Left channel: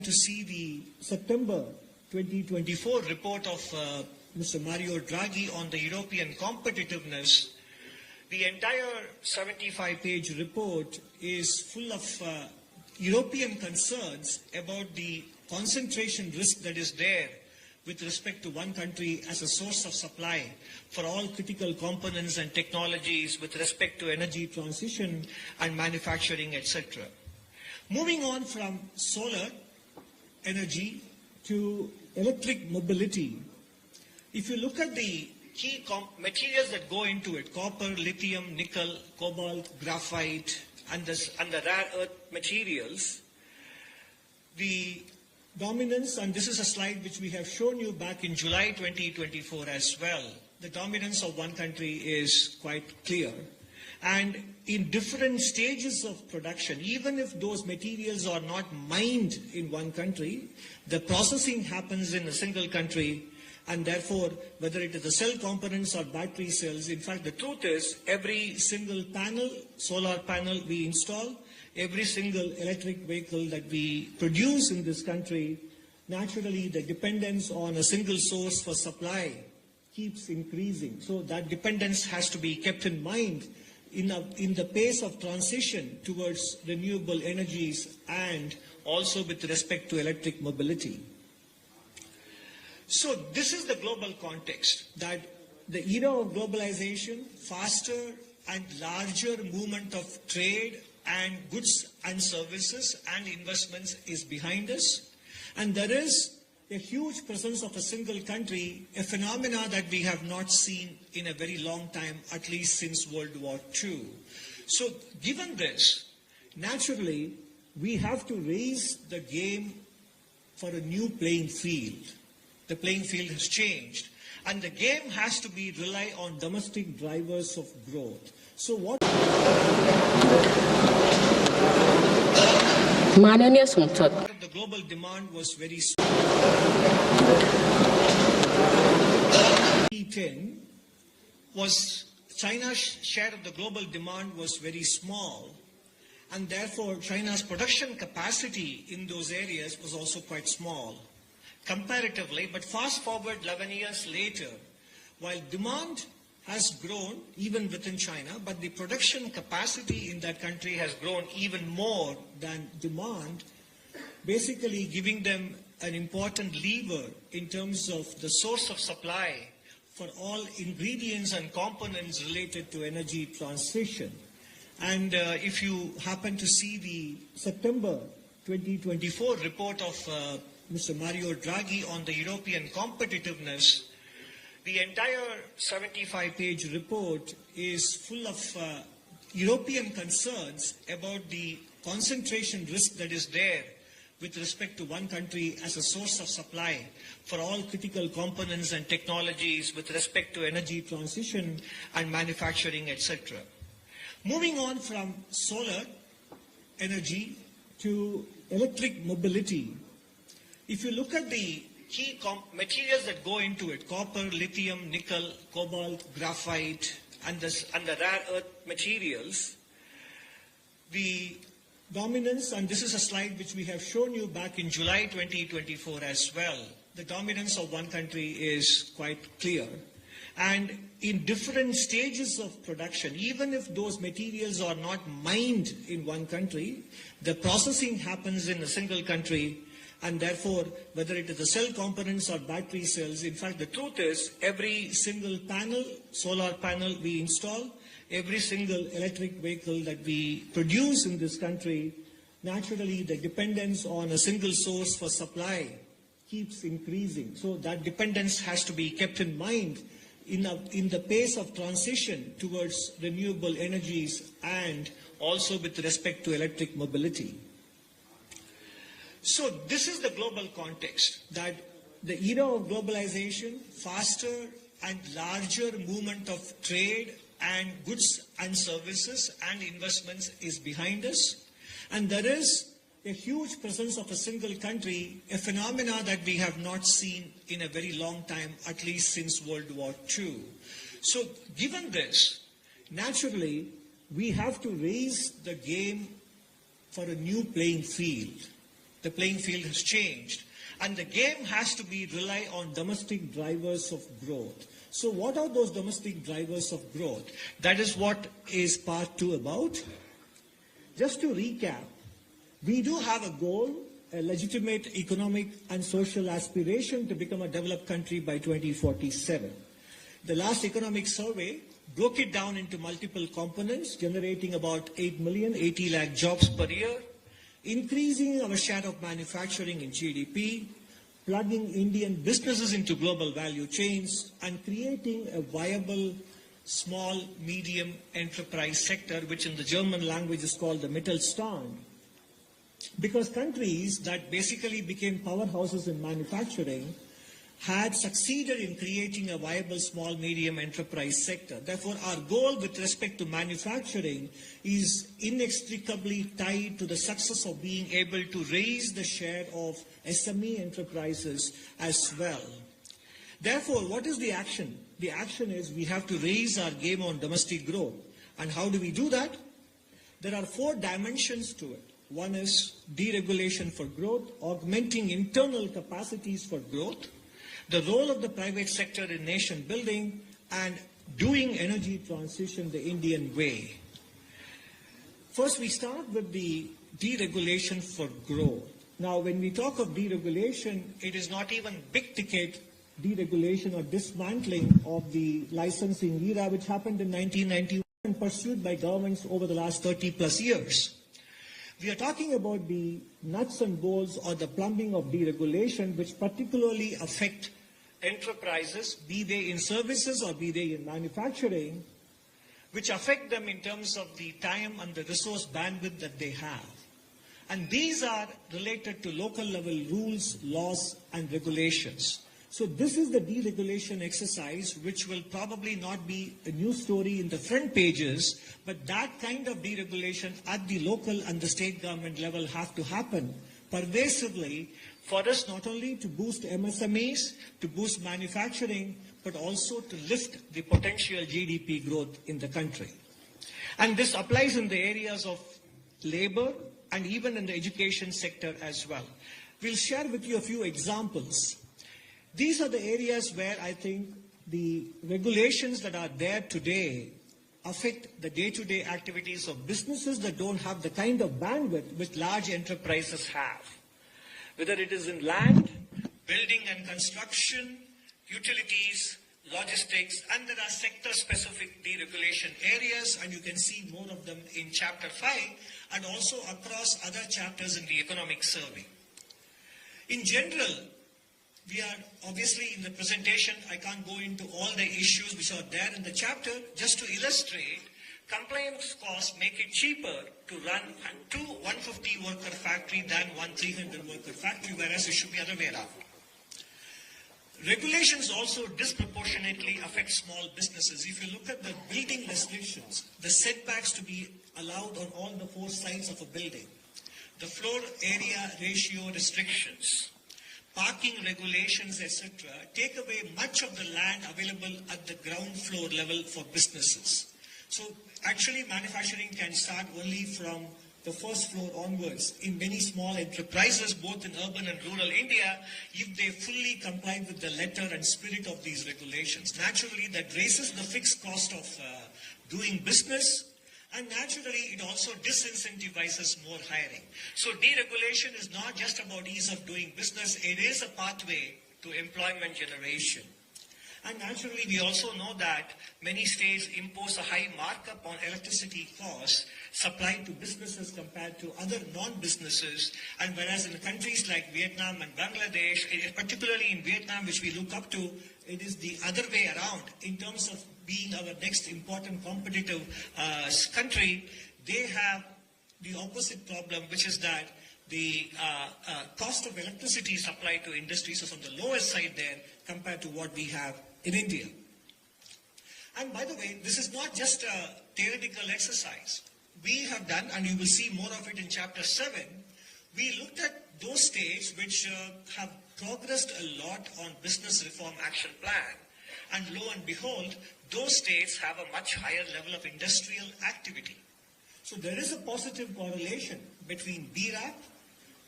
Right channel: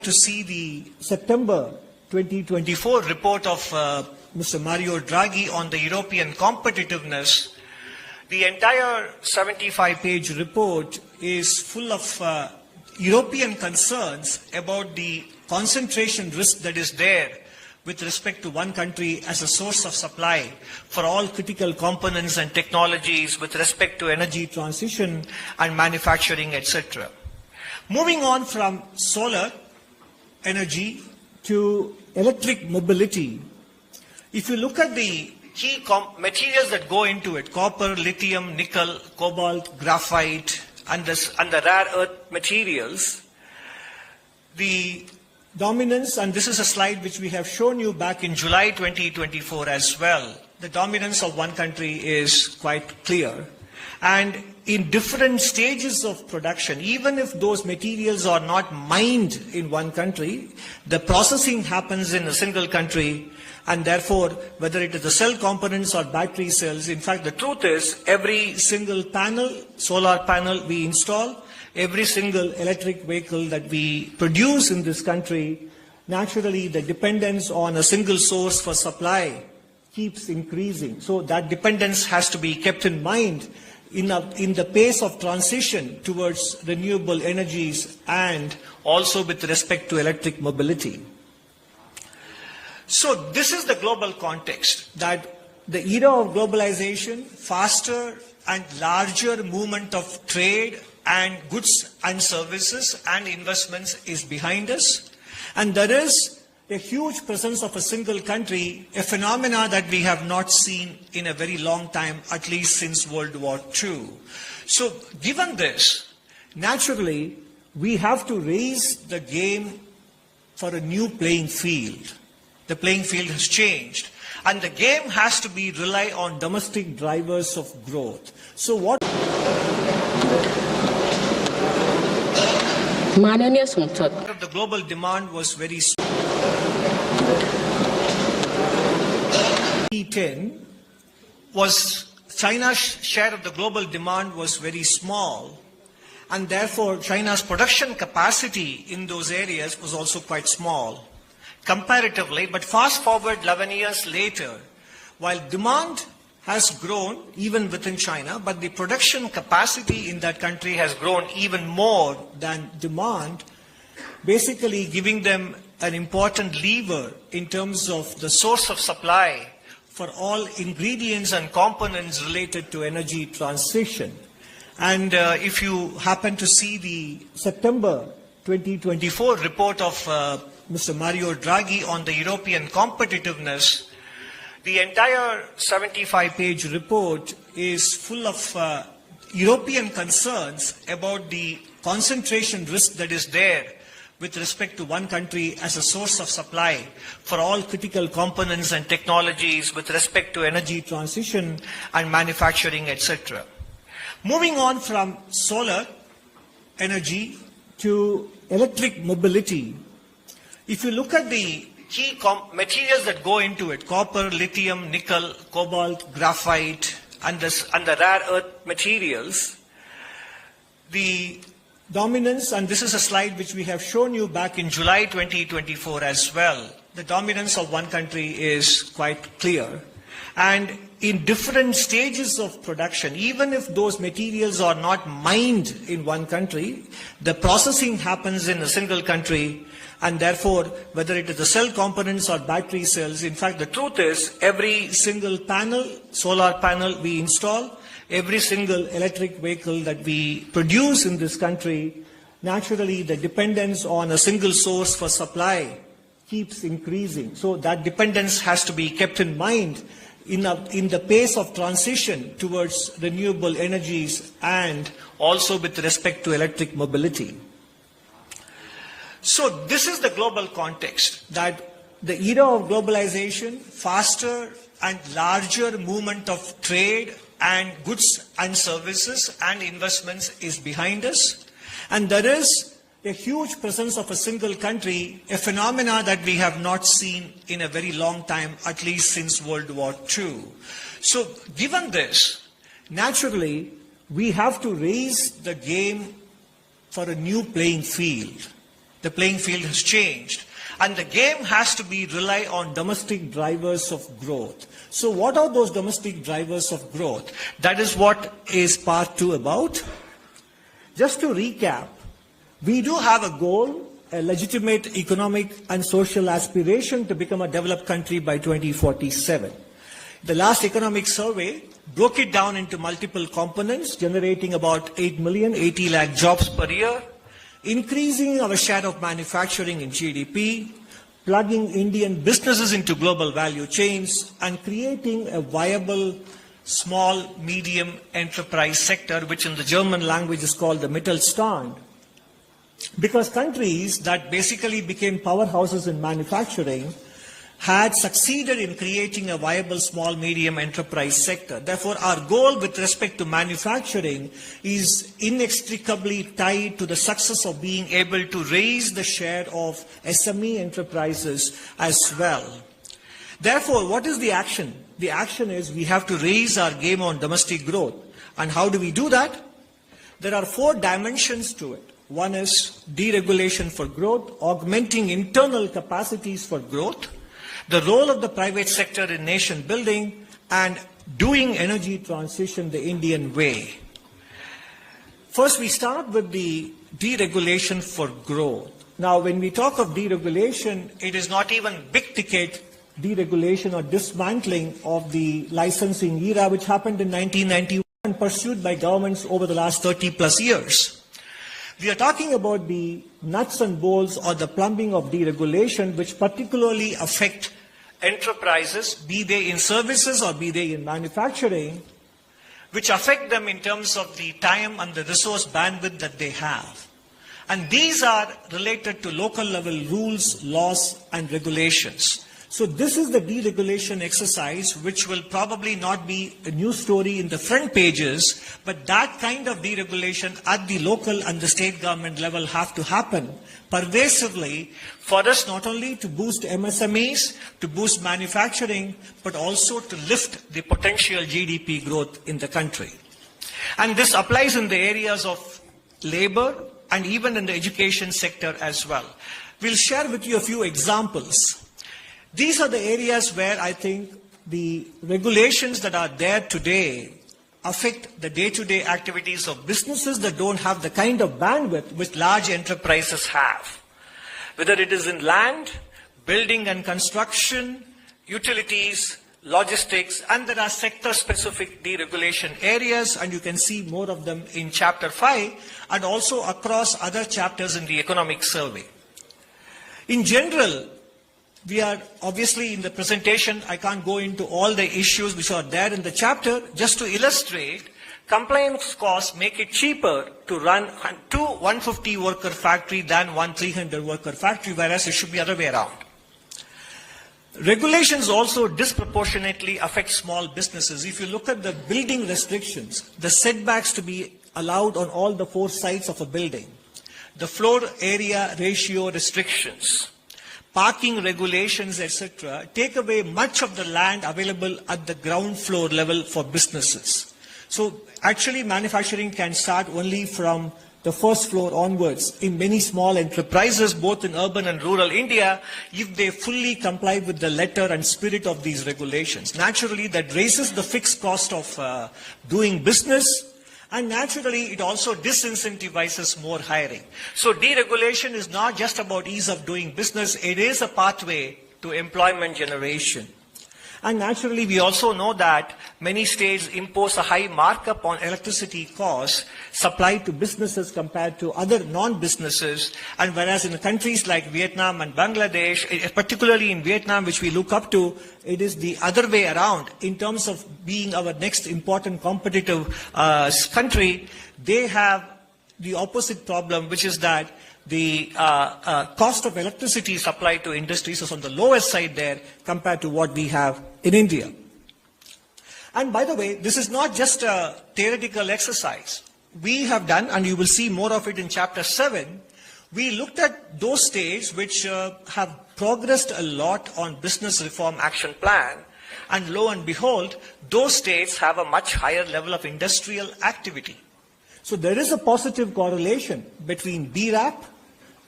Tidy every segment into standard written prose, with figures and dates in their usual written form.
to see the September 2024 report of Mr. Mario Draghi on the European competitiveness. The entire 75-page report is full of European concerns about the concentration risk that is there with respect to one country as a source of supply for all critical components and technologies with respect to energy transition and manufacturing, etc. Moving on from solar energy to electric mobility, if you look at the key materials that go into it, copper, lithium, nickel, cobalt, graphite, and the rare earth materials, the dominance, and this is a slide which we have shown you back in July 2024 as well, the dominance of one country is quite clear. And in different stages of production, even if those materials are not mined in one country, the processing happens in a single country, and therefore, whether it is the cell components or battery cells, in fact, the truth is every single panel, solar panel we install, every single electric vehicle that we produce in this country, naturally the dependence on a single source for supply keeps increasing. So that dependence has to be kept in mind in the pace of transition towards renewable energies and also with respect to electric mobility. So this is the global context, that the era of globalization, faster and larger movement of trade and goods and services and investments is behind us. And there is a huge presence of a single country, a phenomena that we have not seen in a very long time, at least since World War II. So given this, naturally, we have to raise the game for a new playing field. The playing field has changed, and the game has to be rely on domestic drivers of growth. So what? The global demand was very small. 2010 was China's share of the global demand was very small, and therefore China's production capacity in those areas was also quite small comparatively. But fast forward 11 years later, while demand has grown even within China, but the production capacity in that country has grown even more than demand, basically giving them an important lever in terms of the source of supply for all ingredients and components related to energy transition. And if you happen to see the September 2024 report of Mr. Mario Draghi on the European competitiveness, the entire 75-page report is full of European concerns about the concentration risk that is there with respect to one country as a source of supply for all critical components and technologies with respect to energy transition and manufacturing, etc. Moving on from solar energy to electric mobility, if you look at the key materials that go into it, copper, lithium, nickel, cobalt, graphite, and the rare earth materials, the dominance, and this is a slide which we have shown you back in July 2024 as well, the dominance of one country is quite clear. And in different stages of production, even if those materials are not mined in one country, the processing happens in a single country, and therefore, whether it is the cell components or battery cells, in fact, the truth is every single panel, solar panel we install, every single electric vehicle that we produce in this country, naturally the dependence on a single source for supply keeps increasing. So that dependence has to be kept in mind in the pace of transition towards renewable energies and also with respect to electric mobility. So this is the global context, that the era of globalization, faster and larger movement of trade and goods and services and investments is behind us. And there is a huge presence of a single country, a phenomena that we have not seen in a very long time, at least since World War II. So given this, naturally, we have to raise the game for a new playing field. The playing field has changed. And the game has to rely on domestic drivers of growth. So what are those domestic drivers of growth? That is what is part 2 about. Just to recap, we do have a goal, a legitimate economic and social aspiration to become a developed country by 2047. The last economic survey broke it down into multiple components, generating about 80 lakh jobs per year, increasing our share of manufacturing in GDP, plugging Indian businesses into global value chains, and creating a viable small, medium enterprise sector, which in the German language is called the Mittelstand. Because countries that basically became powerhouses in manufacturing had succeeded in creating a viable small, medium enterprise sector. Therefore, our goal with respect to manufacturing is inextricably tied to the success of being able to raise the share of SME enterprises as well. Therefore, what is the action? The action is we have to raise our game on domestic growth. And how do we do that? There are 4 dimensions to it. One is deregulation for growth, augmenting internal capacities for growth, the role of the private sector in nation building, and doing energy transition the Indian way. First, we start with the deregulation for growth. Now, when we talk of deregulation, it is not even big ticket deregulation or dismantling of the licensing era, which happened in 1991 and pursued by governments over the last 30 plus years. We are talking about the nuts and bolts or the plumbing of deregulation, which particularly affect enterprises, be they in services or be they in manufacturing, which affect them in terms of the time and the resource bandwidth that they have. And these are related to local level rules, laws, and regulations. So this is the deregulation exercise, which will probably not be a news story in the front pages, but that kind of deregulation at the local and the state government level have to happen pervasively for us not only to boost MSMEs, to boost manufacturing, but also to lift the potential GDP growth in the country. And this applies in the areas of labor and even in the education sector as well. We'll share with you a few examples. These are the areas where I think the regulations that are there today affect the day-to-day activities of businesses that don't have the kind of bandwidth which large enterprises have. Whether it is in land, building and construction, utilities, logistics, and there are sector-specific deregulation areas, and you can see more of them in Chapter 5 and also across other chapters in the economic survey. In general, we are obviously in the presentation, I can't go into all the issues which are there in the chapter. Just to illustrate, compliance costs make it cheaper to run 2 150 worker factory than 1 300 worker factory, whereas it should be the other way around. Regulations also disproportionately affect small businesses. If you look at the building restrictions, the setbacks to be allowed on all the 4 sides of a building, the floor area ratio restrictions, parking regulations, etc., take away much of the land available at the ground floor level for businesses. So actually manufacturing can start only from the first floor onwards in many small enterprises, both in urban and rural India, if they fully comply with the letter and spirit of these regulations. Naturally, that raises the fixed cost of doing business, and naturally, it also disincentivizes more hiring. So deregulation is not just about ease of doing business, it is a pathway to employment generation. And naturally, we also know that many states impose a high markup on electricity costs supplied to businesses compared to other non-businesses. And whereas in countries like Vietnam and Bangladesh, particularly in Vietnam, which we look up to, it is the other way around. In terms of being our next important competitive country, they have the opposite problem, which is that the cost of electricity supplied to industries is on the lowest side there compared to what we have in India. And by the way, this is not just a theoretical exercise. We have done, and you will see more of it in Chapter 7, we looked at those states which have progressed a lot on business reform action plan, and lo and behold, those states have a much higher level of industrial activity. So there is a positive correlation between BRAP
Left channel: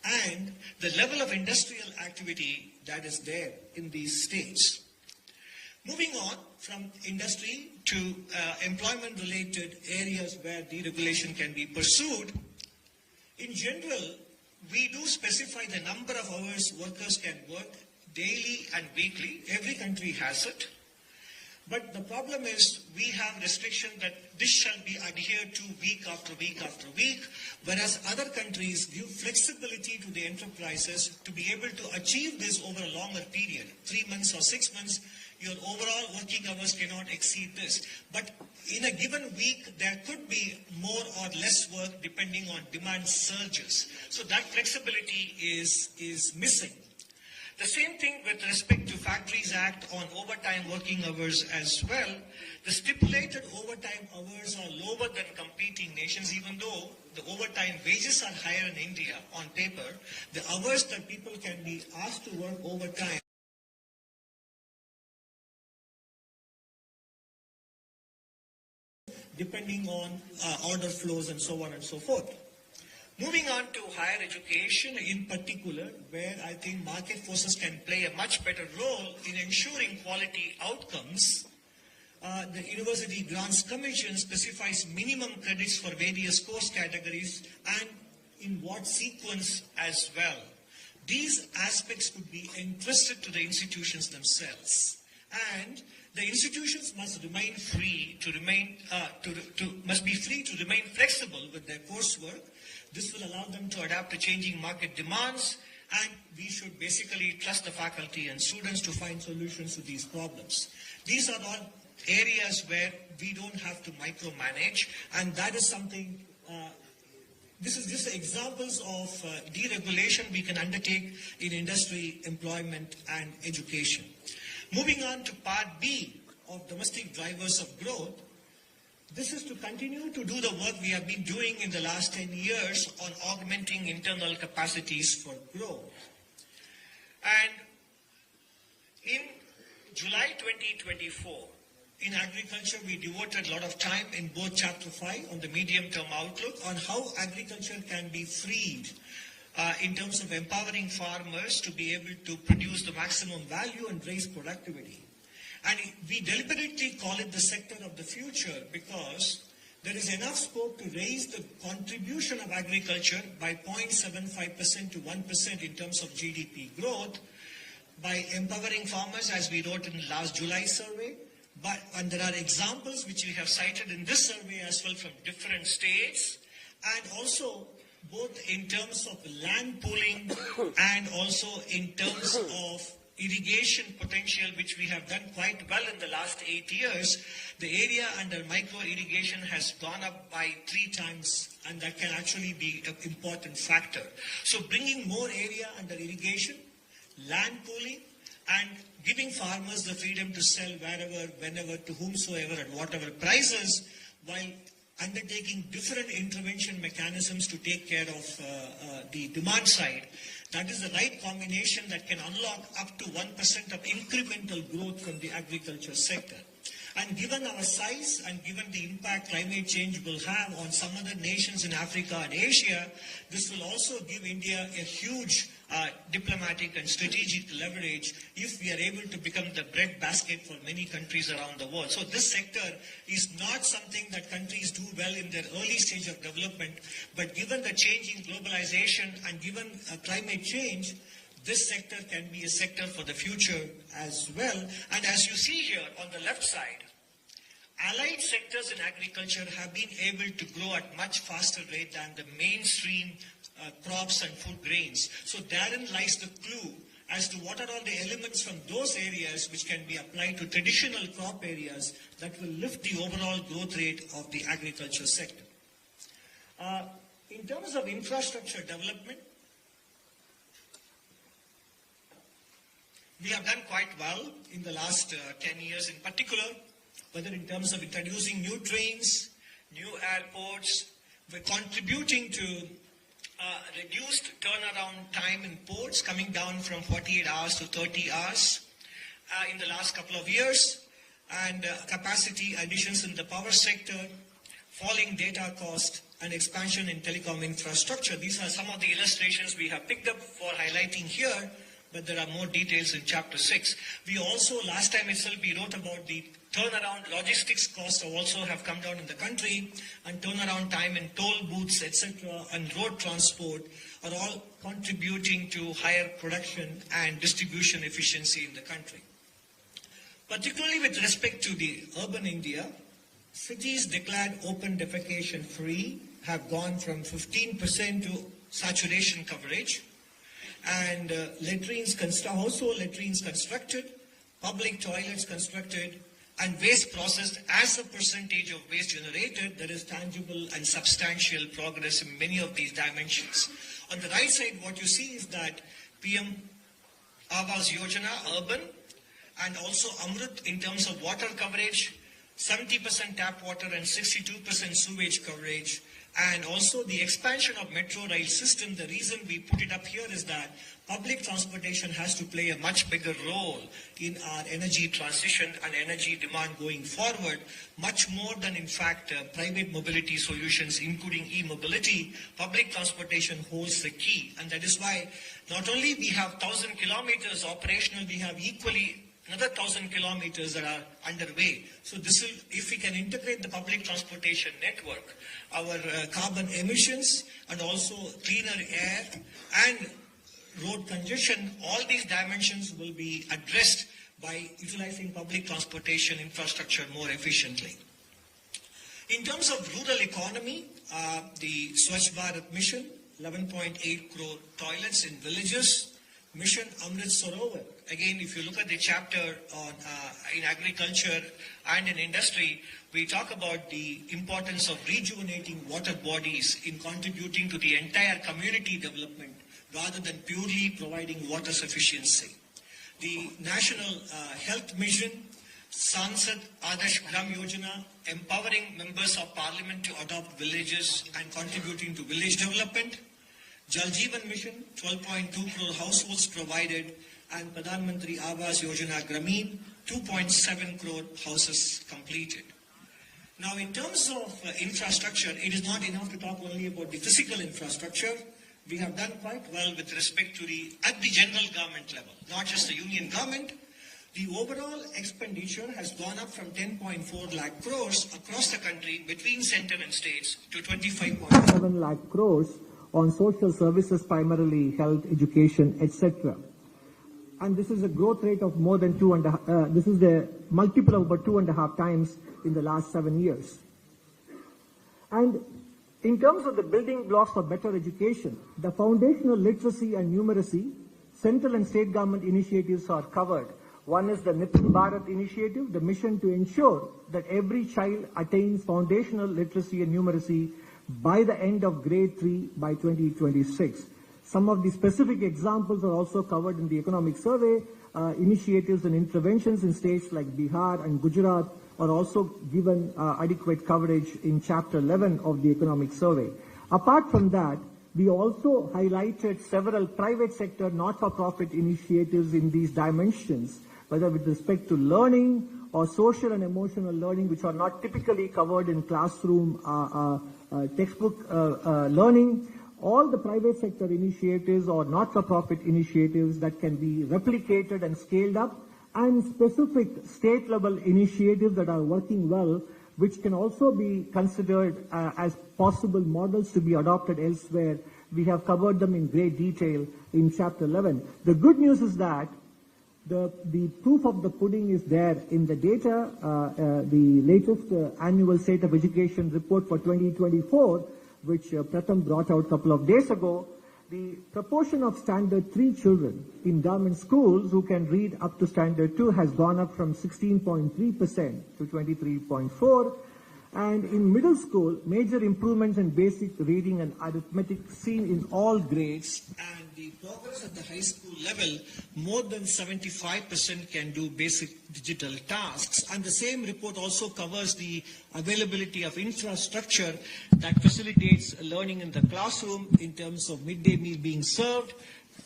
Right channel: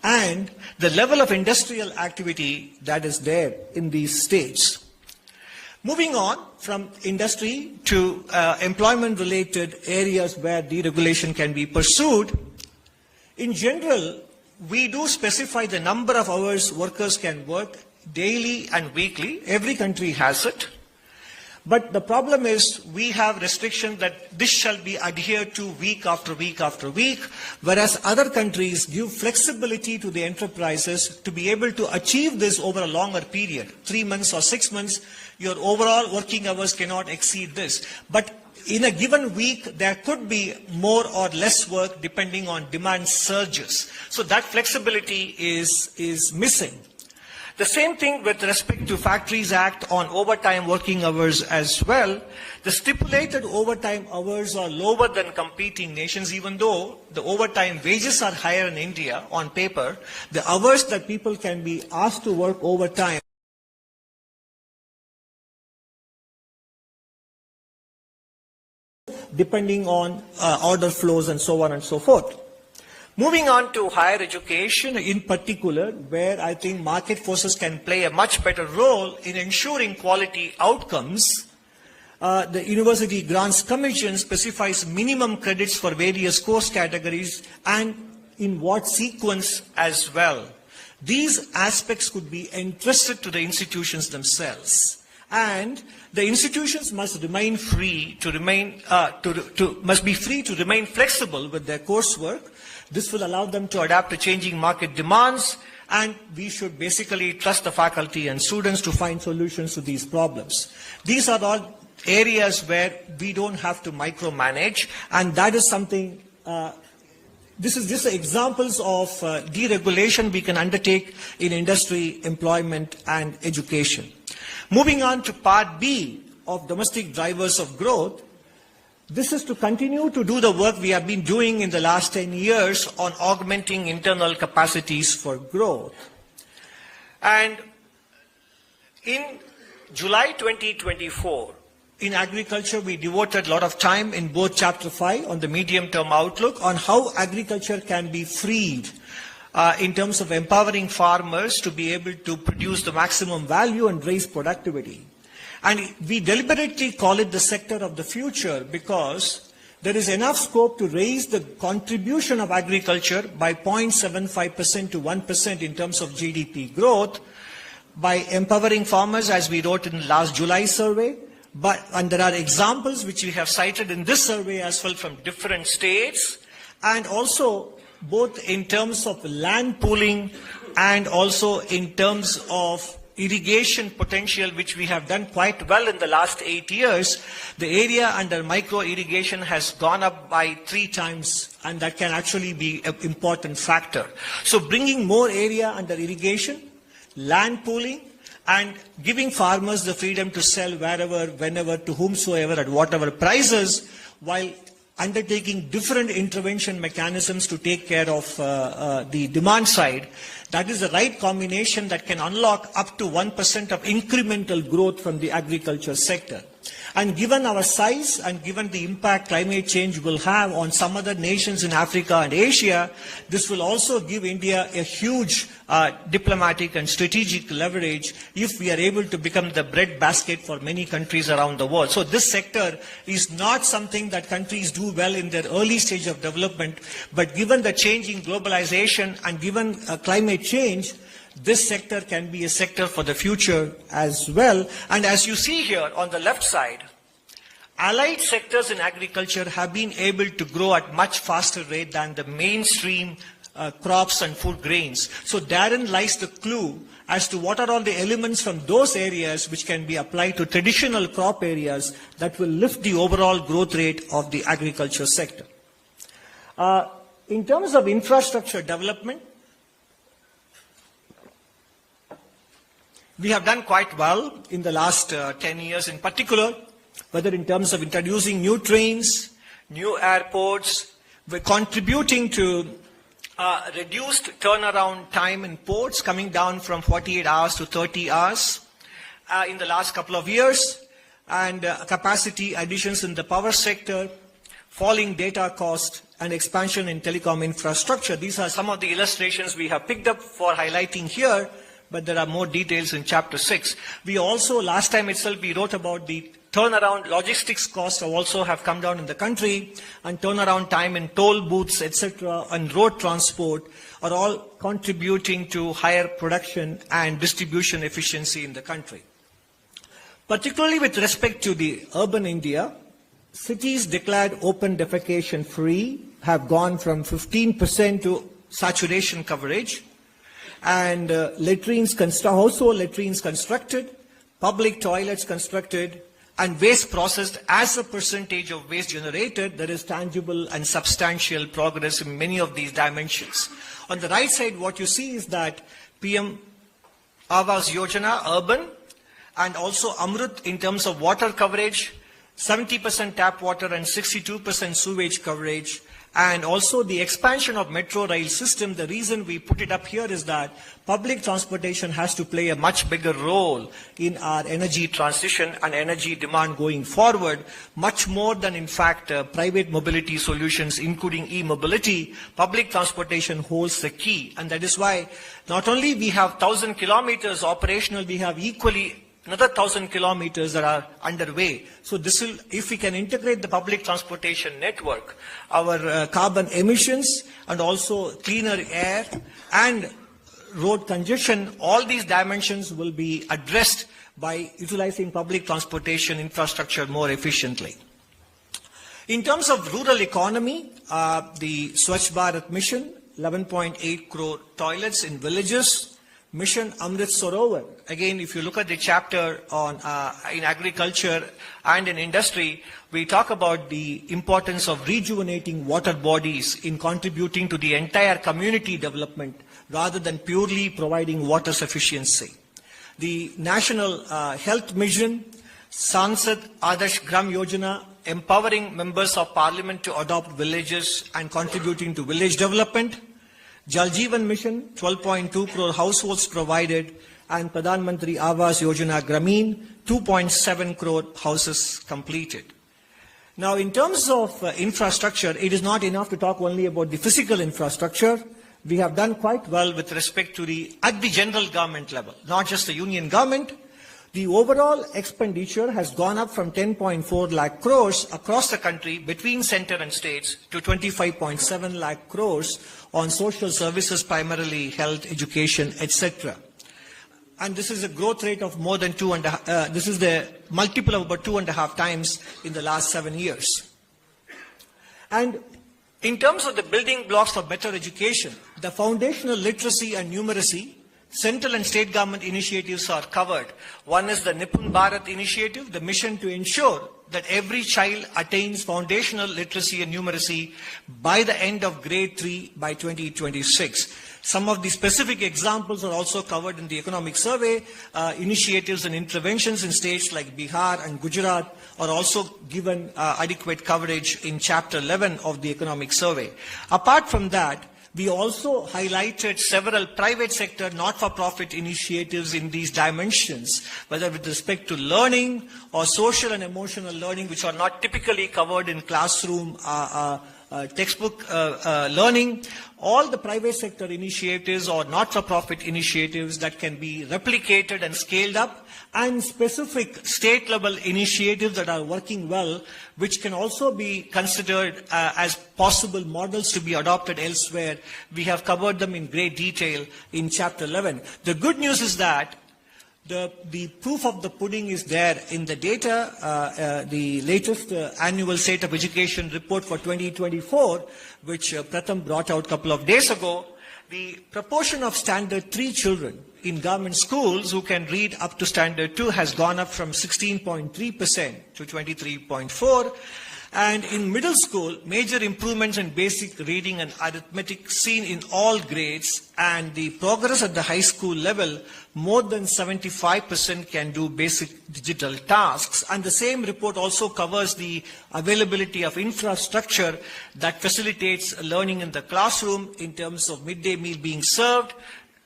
and the level of industrial activity that is there in these states. Moving on from industry to employment-related areas where deregulation can be pursued, in general, we do specify the number of hours workers can work daily and weekly. Every country has it. But the problem is we have restrictions that this shall be adhered to week after week after week, whereas other countries give flexibility to the enterprises to be able to achieve this over a longer period, 3 months or 6 months. Your overall working hours cannot exceed this. But in a given week, there could be more or less work depending on demand surges. So that flexibility is missing. The same thing with respect to Factories Act on overtime working hours as well. The stipulated overtime hours are lower than competing nations, even though the overtime wages are higher in India on paper. The hours that people can be asked to work overtime depending on order flows and so on and so forth. Moving on to higher education in particular, where I think market forces can play a much better role in ensuring quality outcomes. The University Grants Commission specifies minimum credits for various course categories and in what sequence as well. These aspects could be entrusted to the institutions themselves, and the institutions must remain free to remain flexible with their coursework. This will allow them to adapt to changing market demands, and we should basically trust the faculty and students to find solutions to these problems. These are all areas where we don't have to micromanage, and that is something, this is just examples of deregulation we can undertake in industry, employment, and education. Moving on to part B of domestic drivers of growth, this is to continue to do the work we have been doing in the last 10 years on augmenting internal capacities for growth. And in July 2024, in agriculture, we devoted a lot of time in both Chapter 5 on the medium-term outlook on how agriculture can be freed in terms of empowering farmers to be able to produce the maximum value and raise productivity. And we deliberately call it the sector of the future because there is enough scope to raise the contribution of agriculture by 0.75% to 1% in terms of GDP growth by empowering farmers, as we wrote in the last July survey. And there are examples which we have cited in this survey as well from different states, and also both in terms of land pooling and also in terms of irrigation potential, which we have done quite well in the last 8 years. The area under micro irrigation has gone up by 3 times, and that can actually be an important factor. So bringing more area under irrigation, land pooling, and giving farmers the freedom to sell wherever, whenever, to whomsoever, at whatever prices, while undertaking different intervention mechanisms to take care of the demand side. That is the right combination that can unlock up to 1% of incremental growth from the agriculture sector. And given our size and given the impact climate change will have on some other nations in Africa and Asia, this will also give India a huge diplomatic and strategic leverage if we are able to become the breadbasket for many countries around the world. So this sector is not something that countries do well in their early stage of development, but given the change in globalization and given climate change, this sector can be a sector for the future as well. And as you see here on the left side, allied sectors in agriculture have been able to grow at much faster rate than the mainstream crops and food grains. So therein lies the clue as to what are all the elements from those areas which can be applied to traditional crop areas that will lift the overall growth rate of the agriculture sector. In terms of infrastructure development, we have done quite well in the last 10 years in particular, whether in terms of introducing new trains, new airports. We're contributing to reduced turnaround time in ports, coming down from 48 hours to 30 hours in the last couple of years, and capacity additions in the power sector, falling data cost, and expansion in telecom infrastructure. These are some of the illustrations we have picked up for highlighting here, but there are more details in Chapter 6. We also, last time itself, we wrote about the turnaround logistics costs also have come down in the country, and turnaround time in toll booths, etc., and road transport are all contributing to higher production and distribution efficiency in the country. Particularly with respect to the urban India, cities declared open defecation free have gone from 15% to saturation coverage, and household latrines constructed, public toilets constructed, and waste processed as a percentage of waste generated. There is tangible and substantial progress in many of these dimensions. On the right side, what you see is that PM Awas Yojana, urban, and also Amrut in terms of water coverage, 70% tap water and 62% sewage coverage, and also the expansion of metro rail system. The reason we put it up here is that public transportation has to play a much bigger role in our energy transition and energy demand going forward, much more than, in fact, private mobility solutions, including e-mobility. Public transportation holds the key, and that is why not only we have 1,000 kilometers operational, we have equally another 1,000 kilometers that are underway. So this will, if we can integrate the public transportation network, our carbon emissions and also cleaner air and road congestion, all these dimensions will be addressed by utilizing public transportation infrastructure more efficiently. In terms of rural economy, the Swachh Bharat mission, 11.8 crore toilets in villages. Mission Amrit Sarovar. Again, if you look at the chapter on in agriculture and in industry, we talk about the importance of rejuvenating water bodies in contributing to the entire community development rather than purely providing water sufficiency. The National Health Mission, Sansad Adarsh Gram Yojana, empowering members of parliament to adopt villages and contributing to village development. Jal Jeevan Mission, 12.2 crore households provided, and Pradhan Mantri Awas Yojana Grameen, 2.7 crore houses completed. Now, in terms of infrastructure, it is not enough to talk only about the physical infrastructure. We have done quite well with respect to at the general government level, not just the union government. The overall expenditure has gone up from 10.4 lakh crores across the country between centre and states to 25.7 lakh crores on social services, primarily health, education, etc. And this is a growth rate of more than this is the multiple of about 2.5 times in the last 7 years. And in terms of the building blocks for better education, the foundational literacy and numeracy, central and state government initiatives are covered. One is the Nipun Bharat initiative, the mission to ensure that every child attains foundational literacy and numeracy by the end of grade 3 by 2026. Some of the specific examples are also covered in the economic survey. Initiatives and interventions in states like Bihar and Gujarat are also given adequate coverage in Chapter 11 of the economic survey. Apart from that, we also highlighted several private sector not-for-profit initiatives in these dimensions, whether with respect to learning or social and emotional learning, which are not typically covered in classroom textbook learning. All the private sector initiatives or not-for-profit initiatives that can be replicated and scaled up, and specific state-level initiatives that are working well, which can also be considered as possible models to be adopted elsewhere. We have covered them in great detail in Chapter 11. The good news is that the proof of the pudding is there in the data. The latest annual State of Education report for 2024, which Pratham brought out a couple of days ago, the proportion of Standard 3 children in government schools who can read up to Standard 2 has gone up from 16.3% to 23.4%. And in middle school, major improvements in basic reading and arithmetic seen in all grades, and the progress at the high school level, more than 75% can do basic digital tasks. And the same report also covers the availability of infrastructure that facilitates learning in the classroom in terms of midday meal being served,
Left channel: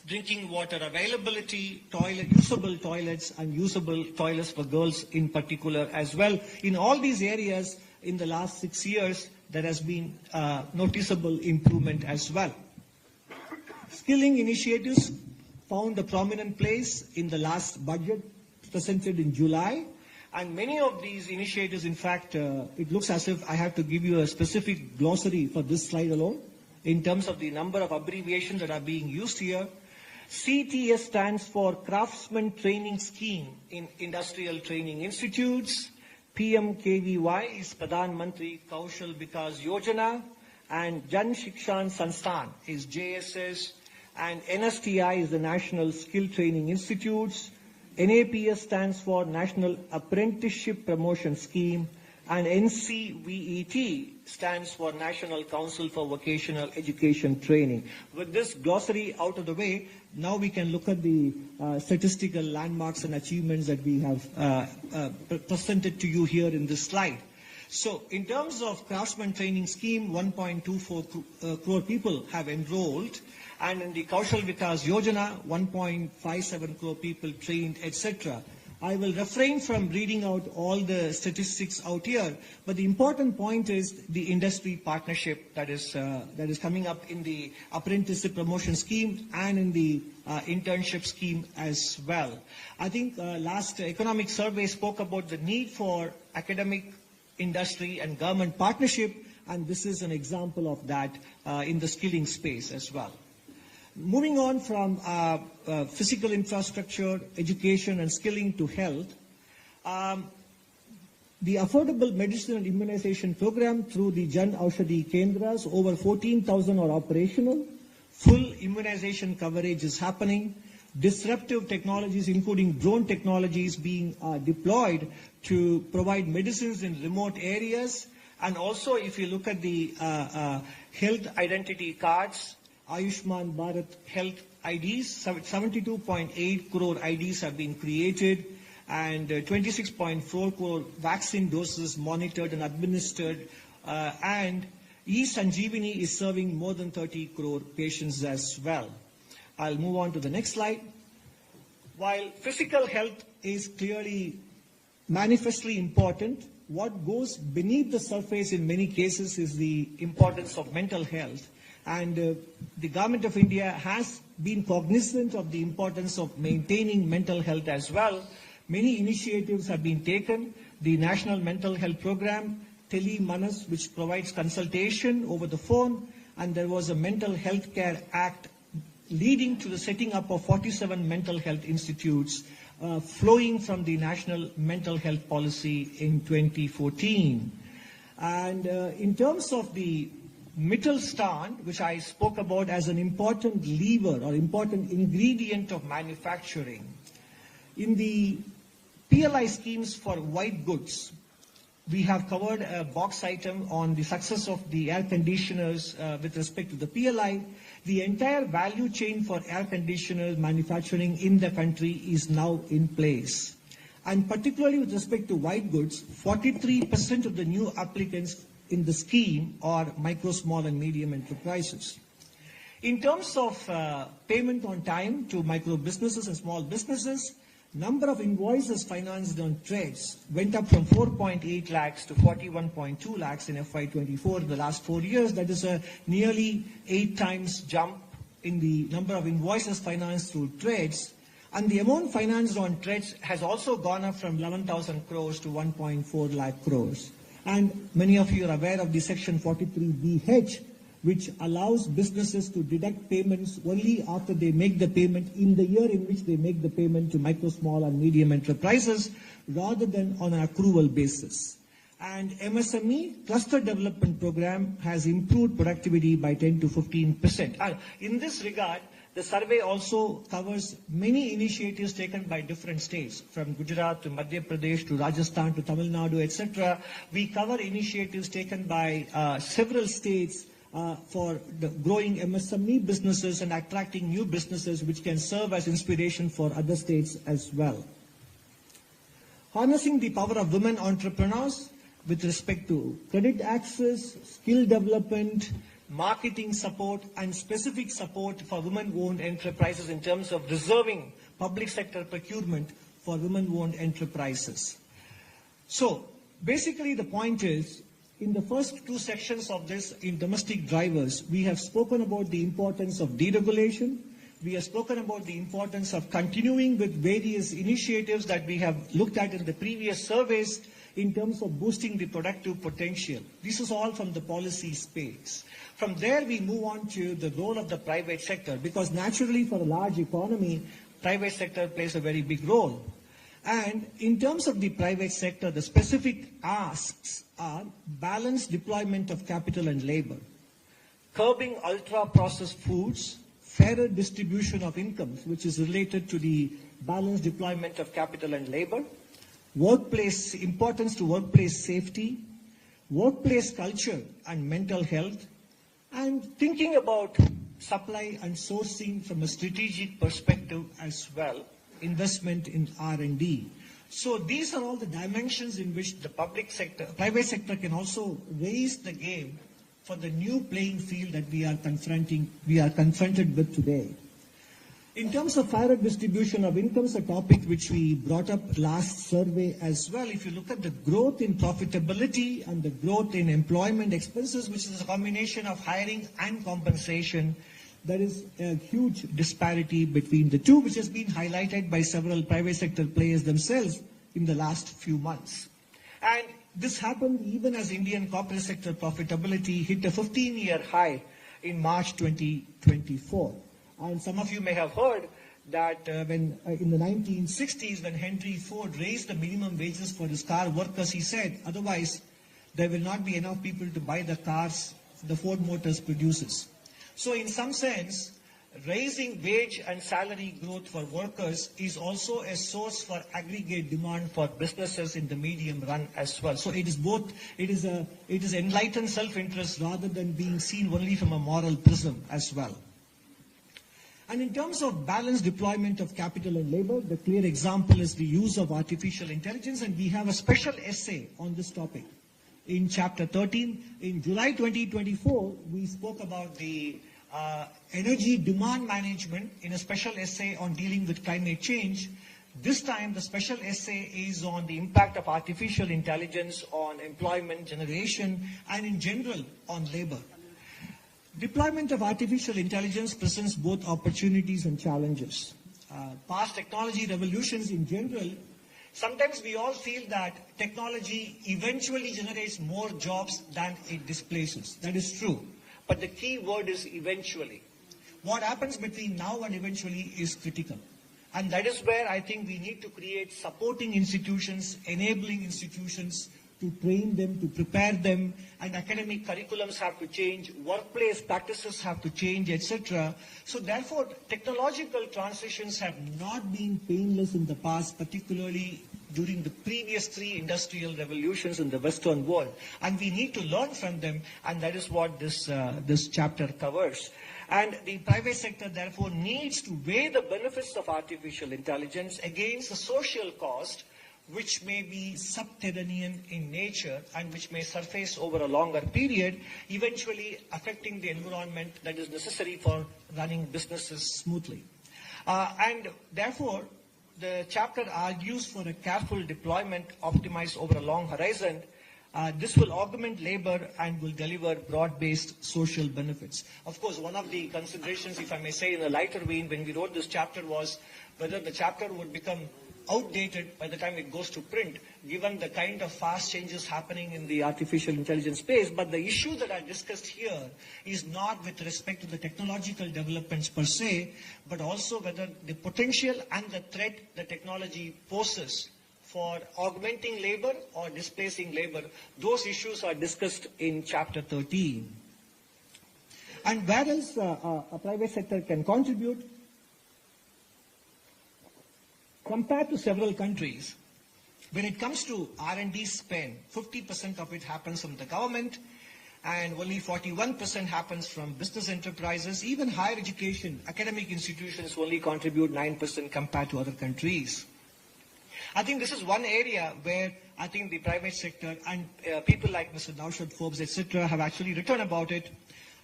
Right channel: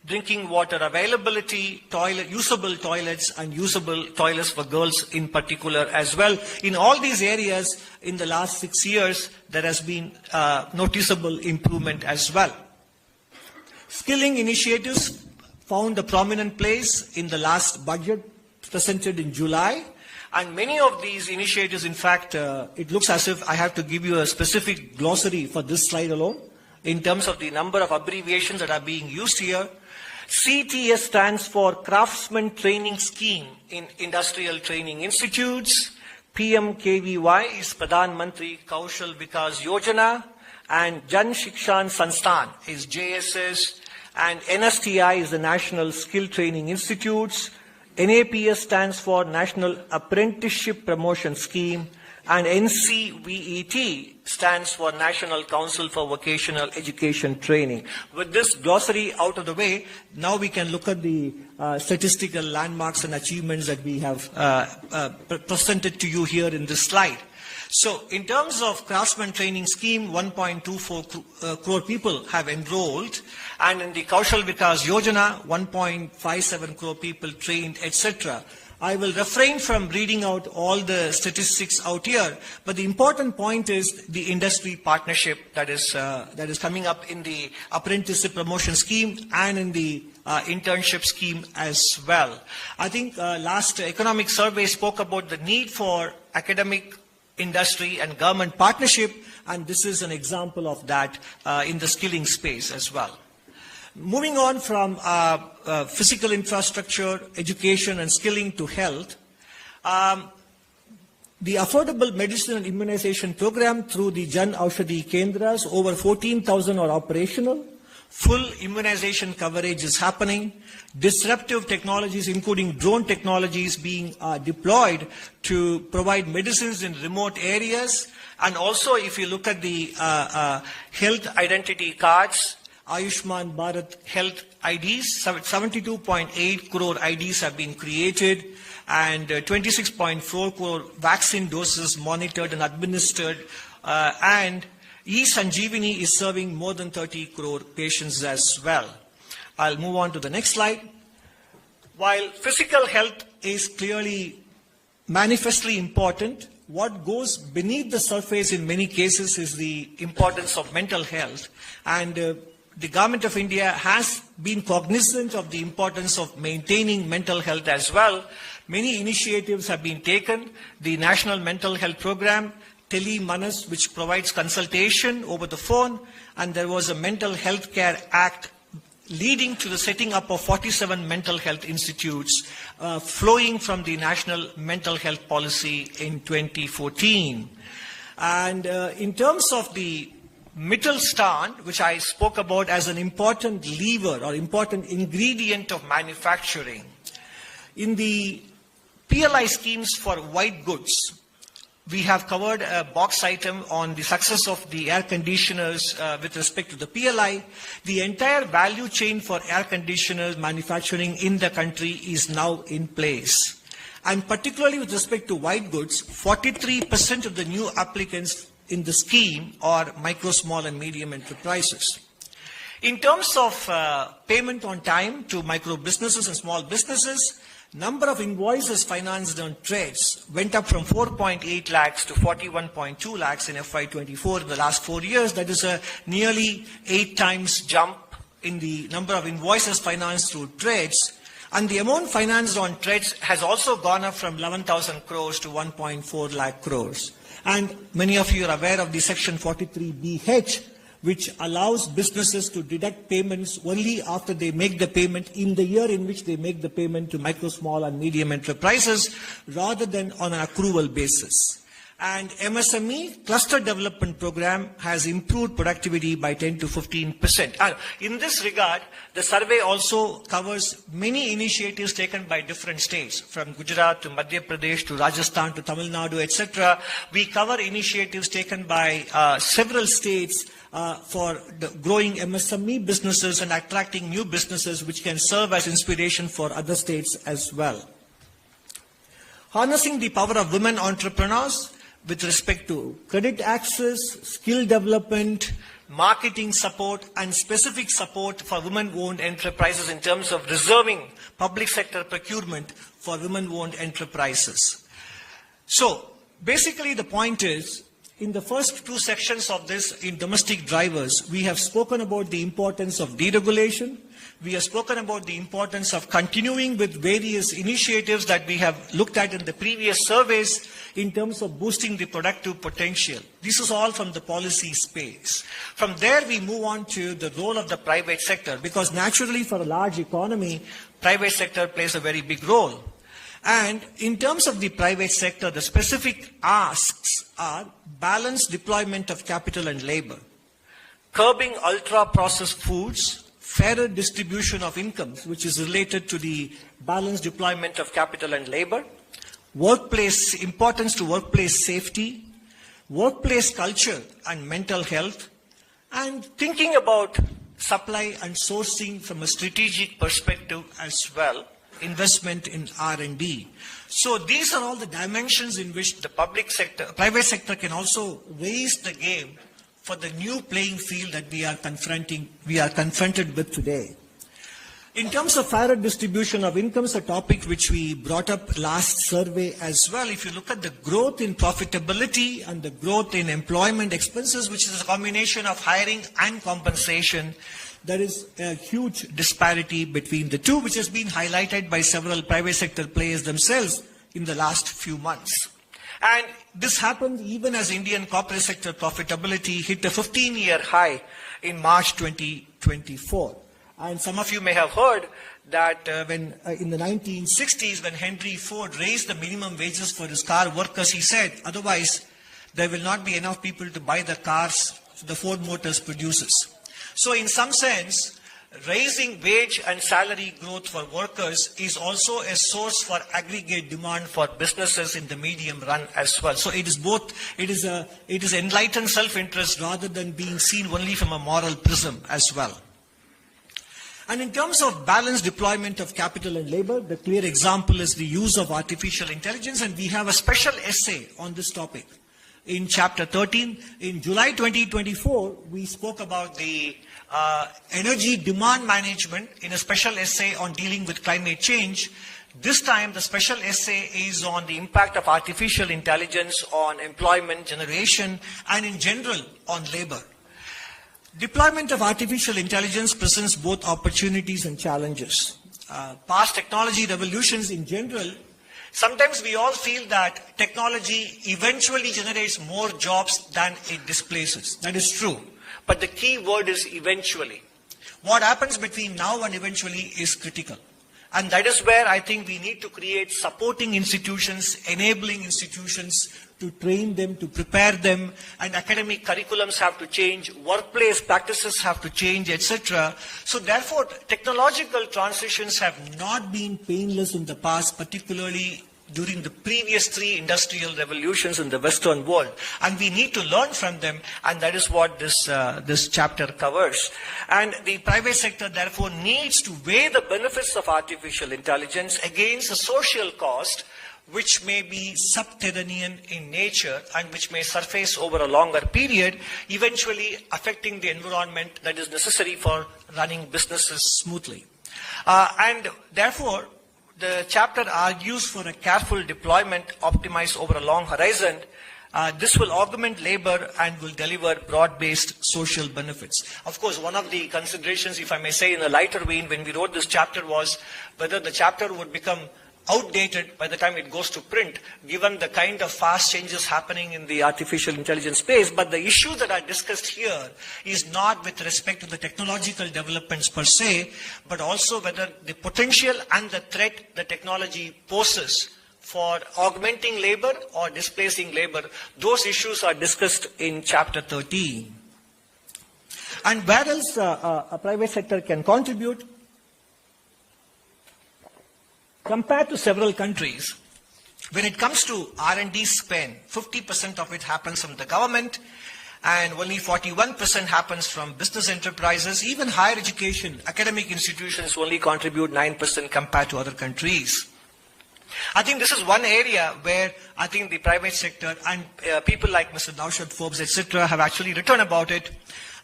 drinking water availability, usable toilets, and usable toilets for girls in particular as well. In all these areas, in the last 6 years, there has been noticeable improvement as well. Skilling initiatives found a prominent place in the last budget presented in July. And many of these initiatives, in fact, it looks as if I have to give you a specific glossary for this slide alone in terms of the number of abbreviations that are being used here. CTS stands for Craftsman Training Scheme in Industrial Training Institutes. PMKVY is Pradhan Mantri Kaushal Vikas Yojana. And Jan Shikshan Sansthan is JSS. And NSTI is the National Skill Training Institutes. NAPS stands for National Apprenticeship Promotion Scheme, and NCVET stands for National Council for Vocational Education Training. With this glossary out of the way, now we can look at the statistical landmarks and achievements that we have presented to you here in this slide. So, in terms of Craftsman Training Scheme, 1.24 crore people have enrolled, and in the Kaushal Vikas Yojana, 1.57 crore people trained, etc. I will refrain from reading out all the statistics out here, but the important point is the industry partnership that is coming up in the apprenticeship promotion scheme and in the internship scheme as well. I think last economic survey spoke about the need for academic, industry and government partnership, and this is an example of that in the skilling space as well. Moving on from physical infrastructure, education and skilling to health, the Affordable Medicine and Immunization Program through the Jan Aushadhi Kendras, over 14,000 are operational. Full immunization coverage is happening. Disruptive technologies, including drone technologies, being deployed to provide medicines in remote areas. And also, if you look at the health identity cards, Ayushman Bharat Health IDs, 72.8 crore IDs have been created, and 26.4 crore vaccine doses monitored and administered, and E-Sanjeevani is serving more than 30 crore patients as well. I'll move on to the next slide. While physical health is clearly manifestly important, what goes beneath the surface in many cases is the importance of mental health. And the government of India has been cognizant of the importance of maintaining mental health as well. Many initiatives have been taken. The National Mental Health Program, Tele Manas, which provides consultation over the phone, and there was a Mental Health Care Act leading to the setting up of 47 mental health institutes flowing from the National Mental Health Policy in 2014. And in terms of the Mittelstand, which I spoke about as an important lever or important ingredient of manufacturing, in the PLI schemes for white goods, we have covered a box item on the success of the air conditioners with respect to the PLI. The entire value chain for air conditioners manufacturing in the country is now in place. And particularly with respect to white goods, 43% of the new applicants in the scheme are micro, small and medium enterprises. In terms of payment on time to micro businesses and small businesses, number of invoices financed on trades went up from 4.8 lakhs to 41.2 lakhs in FY24 in the last 4 years. That is a nearly 8 times jump in the number of invoices financed through trades. And the amount financed on trades has also gone up from 11,000 crores to 1.4 lakh crores. And many of you are aware of the Section 43BH, which allows businesses to deduct payments only after they make the payment in the year in which they make the payment to micro, small and medium enterprises, rather than on an accrual basis. And MSME Cluster Development Program has improved productivity by 10 to 15%. And in this regard, the survey also covers many initiatives taken by different states, from Gujarat to Madhya Pradesh to Rajasthan to Tamil Nadu, etc. We cover initiatives taken by several states for the growing MSME businesses and attracting new businesses, which can serve as inspiration for other states as well. Harnessing the power of women entrepreneurs with respect to credit access, skill development, marketing support, and specific support for women-owned enterprises in terms of reserving public sector procurement for women-owned enterprises. So, basically the point is, in the first two sections of this, in domestic drivers, we have spoken about the importance of deregulation. We have spoken about the importance of continuing with various initiatives that we have looked at in the previous surveys in terms of boosting the productive potential. This is all from the policy space. From there, we move on to the role of the private sector, because naturally for a large economy, private sector plays a very big role. And in terms of the private sector, the specific asks are balanced deployment of capital and labor, curbing ultra-processed foods, fairer distribution of incomes, which is related to the balanced deployment of capital and labor, importance to workplace safety, workplace culture and mental health, and thinking about supply and sourcing from a strategic perspective as well, investment in R&D. So these are all the dimensions in which the private sector can also raise the game for the new playing field that we are confronted with today. In terms of fairer distribution of incomes, a topic which we brought up last survey as well, if you look at the growth in profitability and the growth in employment expenses, which is a combination of hiring and compensation, there is a huge disparity between the two, which has been highlighted by several private sector players themselves in the last few months. And this happened even as Indian corporate sector profitability hit a 15-year high in March 2024. And some of you may have heard that in the 1960s, when Henry Ford raised the minimum wages for his car workers, he said, otherwise there will not be enough people to buy the cars the Ford Motors produces. So in some sense, raising wage and salary growth for workers is also a source for aggregate demand for businesses in the medium run as well. So it is both, it is enlightened self-interest rather than being seen only from a moral prism as well. And in terms of balanced deployment of capital and labor, the clear example is the use of artificial intelligence, and we have a special essay on this topic. In chapter 13, in July 2024, we spoke about the energy demand management in a special essay on dealing with climate change. This time, the special essay is on the impact of artificial intelligence on employment generation and in general on labor. Deployment of artificial intelligence presents both opportunities and challenges. Past technology revolutions in general, sometimes we all feel that technology eventually generates more jobs than it displaces. That is true. But the key word is eventually. What happens between now and eventually is critical. And that is where I think we need to create supporting institutions, enabling institutions to train them, to prepare them, and academic curriculums have to change, workplace practices have to change, etc. So therefore, technological transitions have not been painless in the past, particularly during the previous three industrial revolutions in the Western world. And we need to learn from them, and that is what this chapter covers. And the private sector, therefore, needs to weigh the benefits of artificial intelligence against the social cost, which may be subterranean in nature and which may surface over a longer period, eventually affecting the environment that is necessary for running businesses smoothly. And therefore, the chapter argues for a careful deployment optimized over a long horizon. This will augment labor and will deliver broad-based social benefits. Of course, one of the considerations, if I may say in a lighter vein, when we wrote this chapter was whether the chapter would become outdated by the time it goes to print, given the kind of fast changes happening in the artificial intelligence space. But the issue that I discussed here is not with respect to the technological developments per se, but also whether the potential and the threat the technology poses for augmenting labor or displacing labor. Those issues are discussed in chapter 13. And where else a private sector can contribute? Compared to several countries, when it comes to R&D spend, 50% of it happens from the government and only 41% happens from business enterprises. Even higher education, academic institutions only contribute 9% compared to other countries. I think this is one area where I think the private sector and people like Mr. Naushad Forbes, etc., have actually written about it.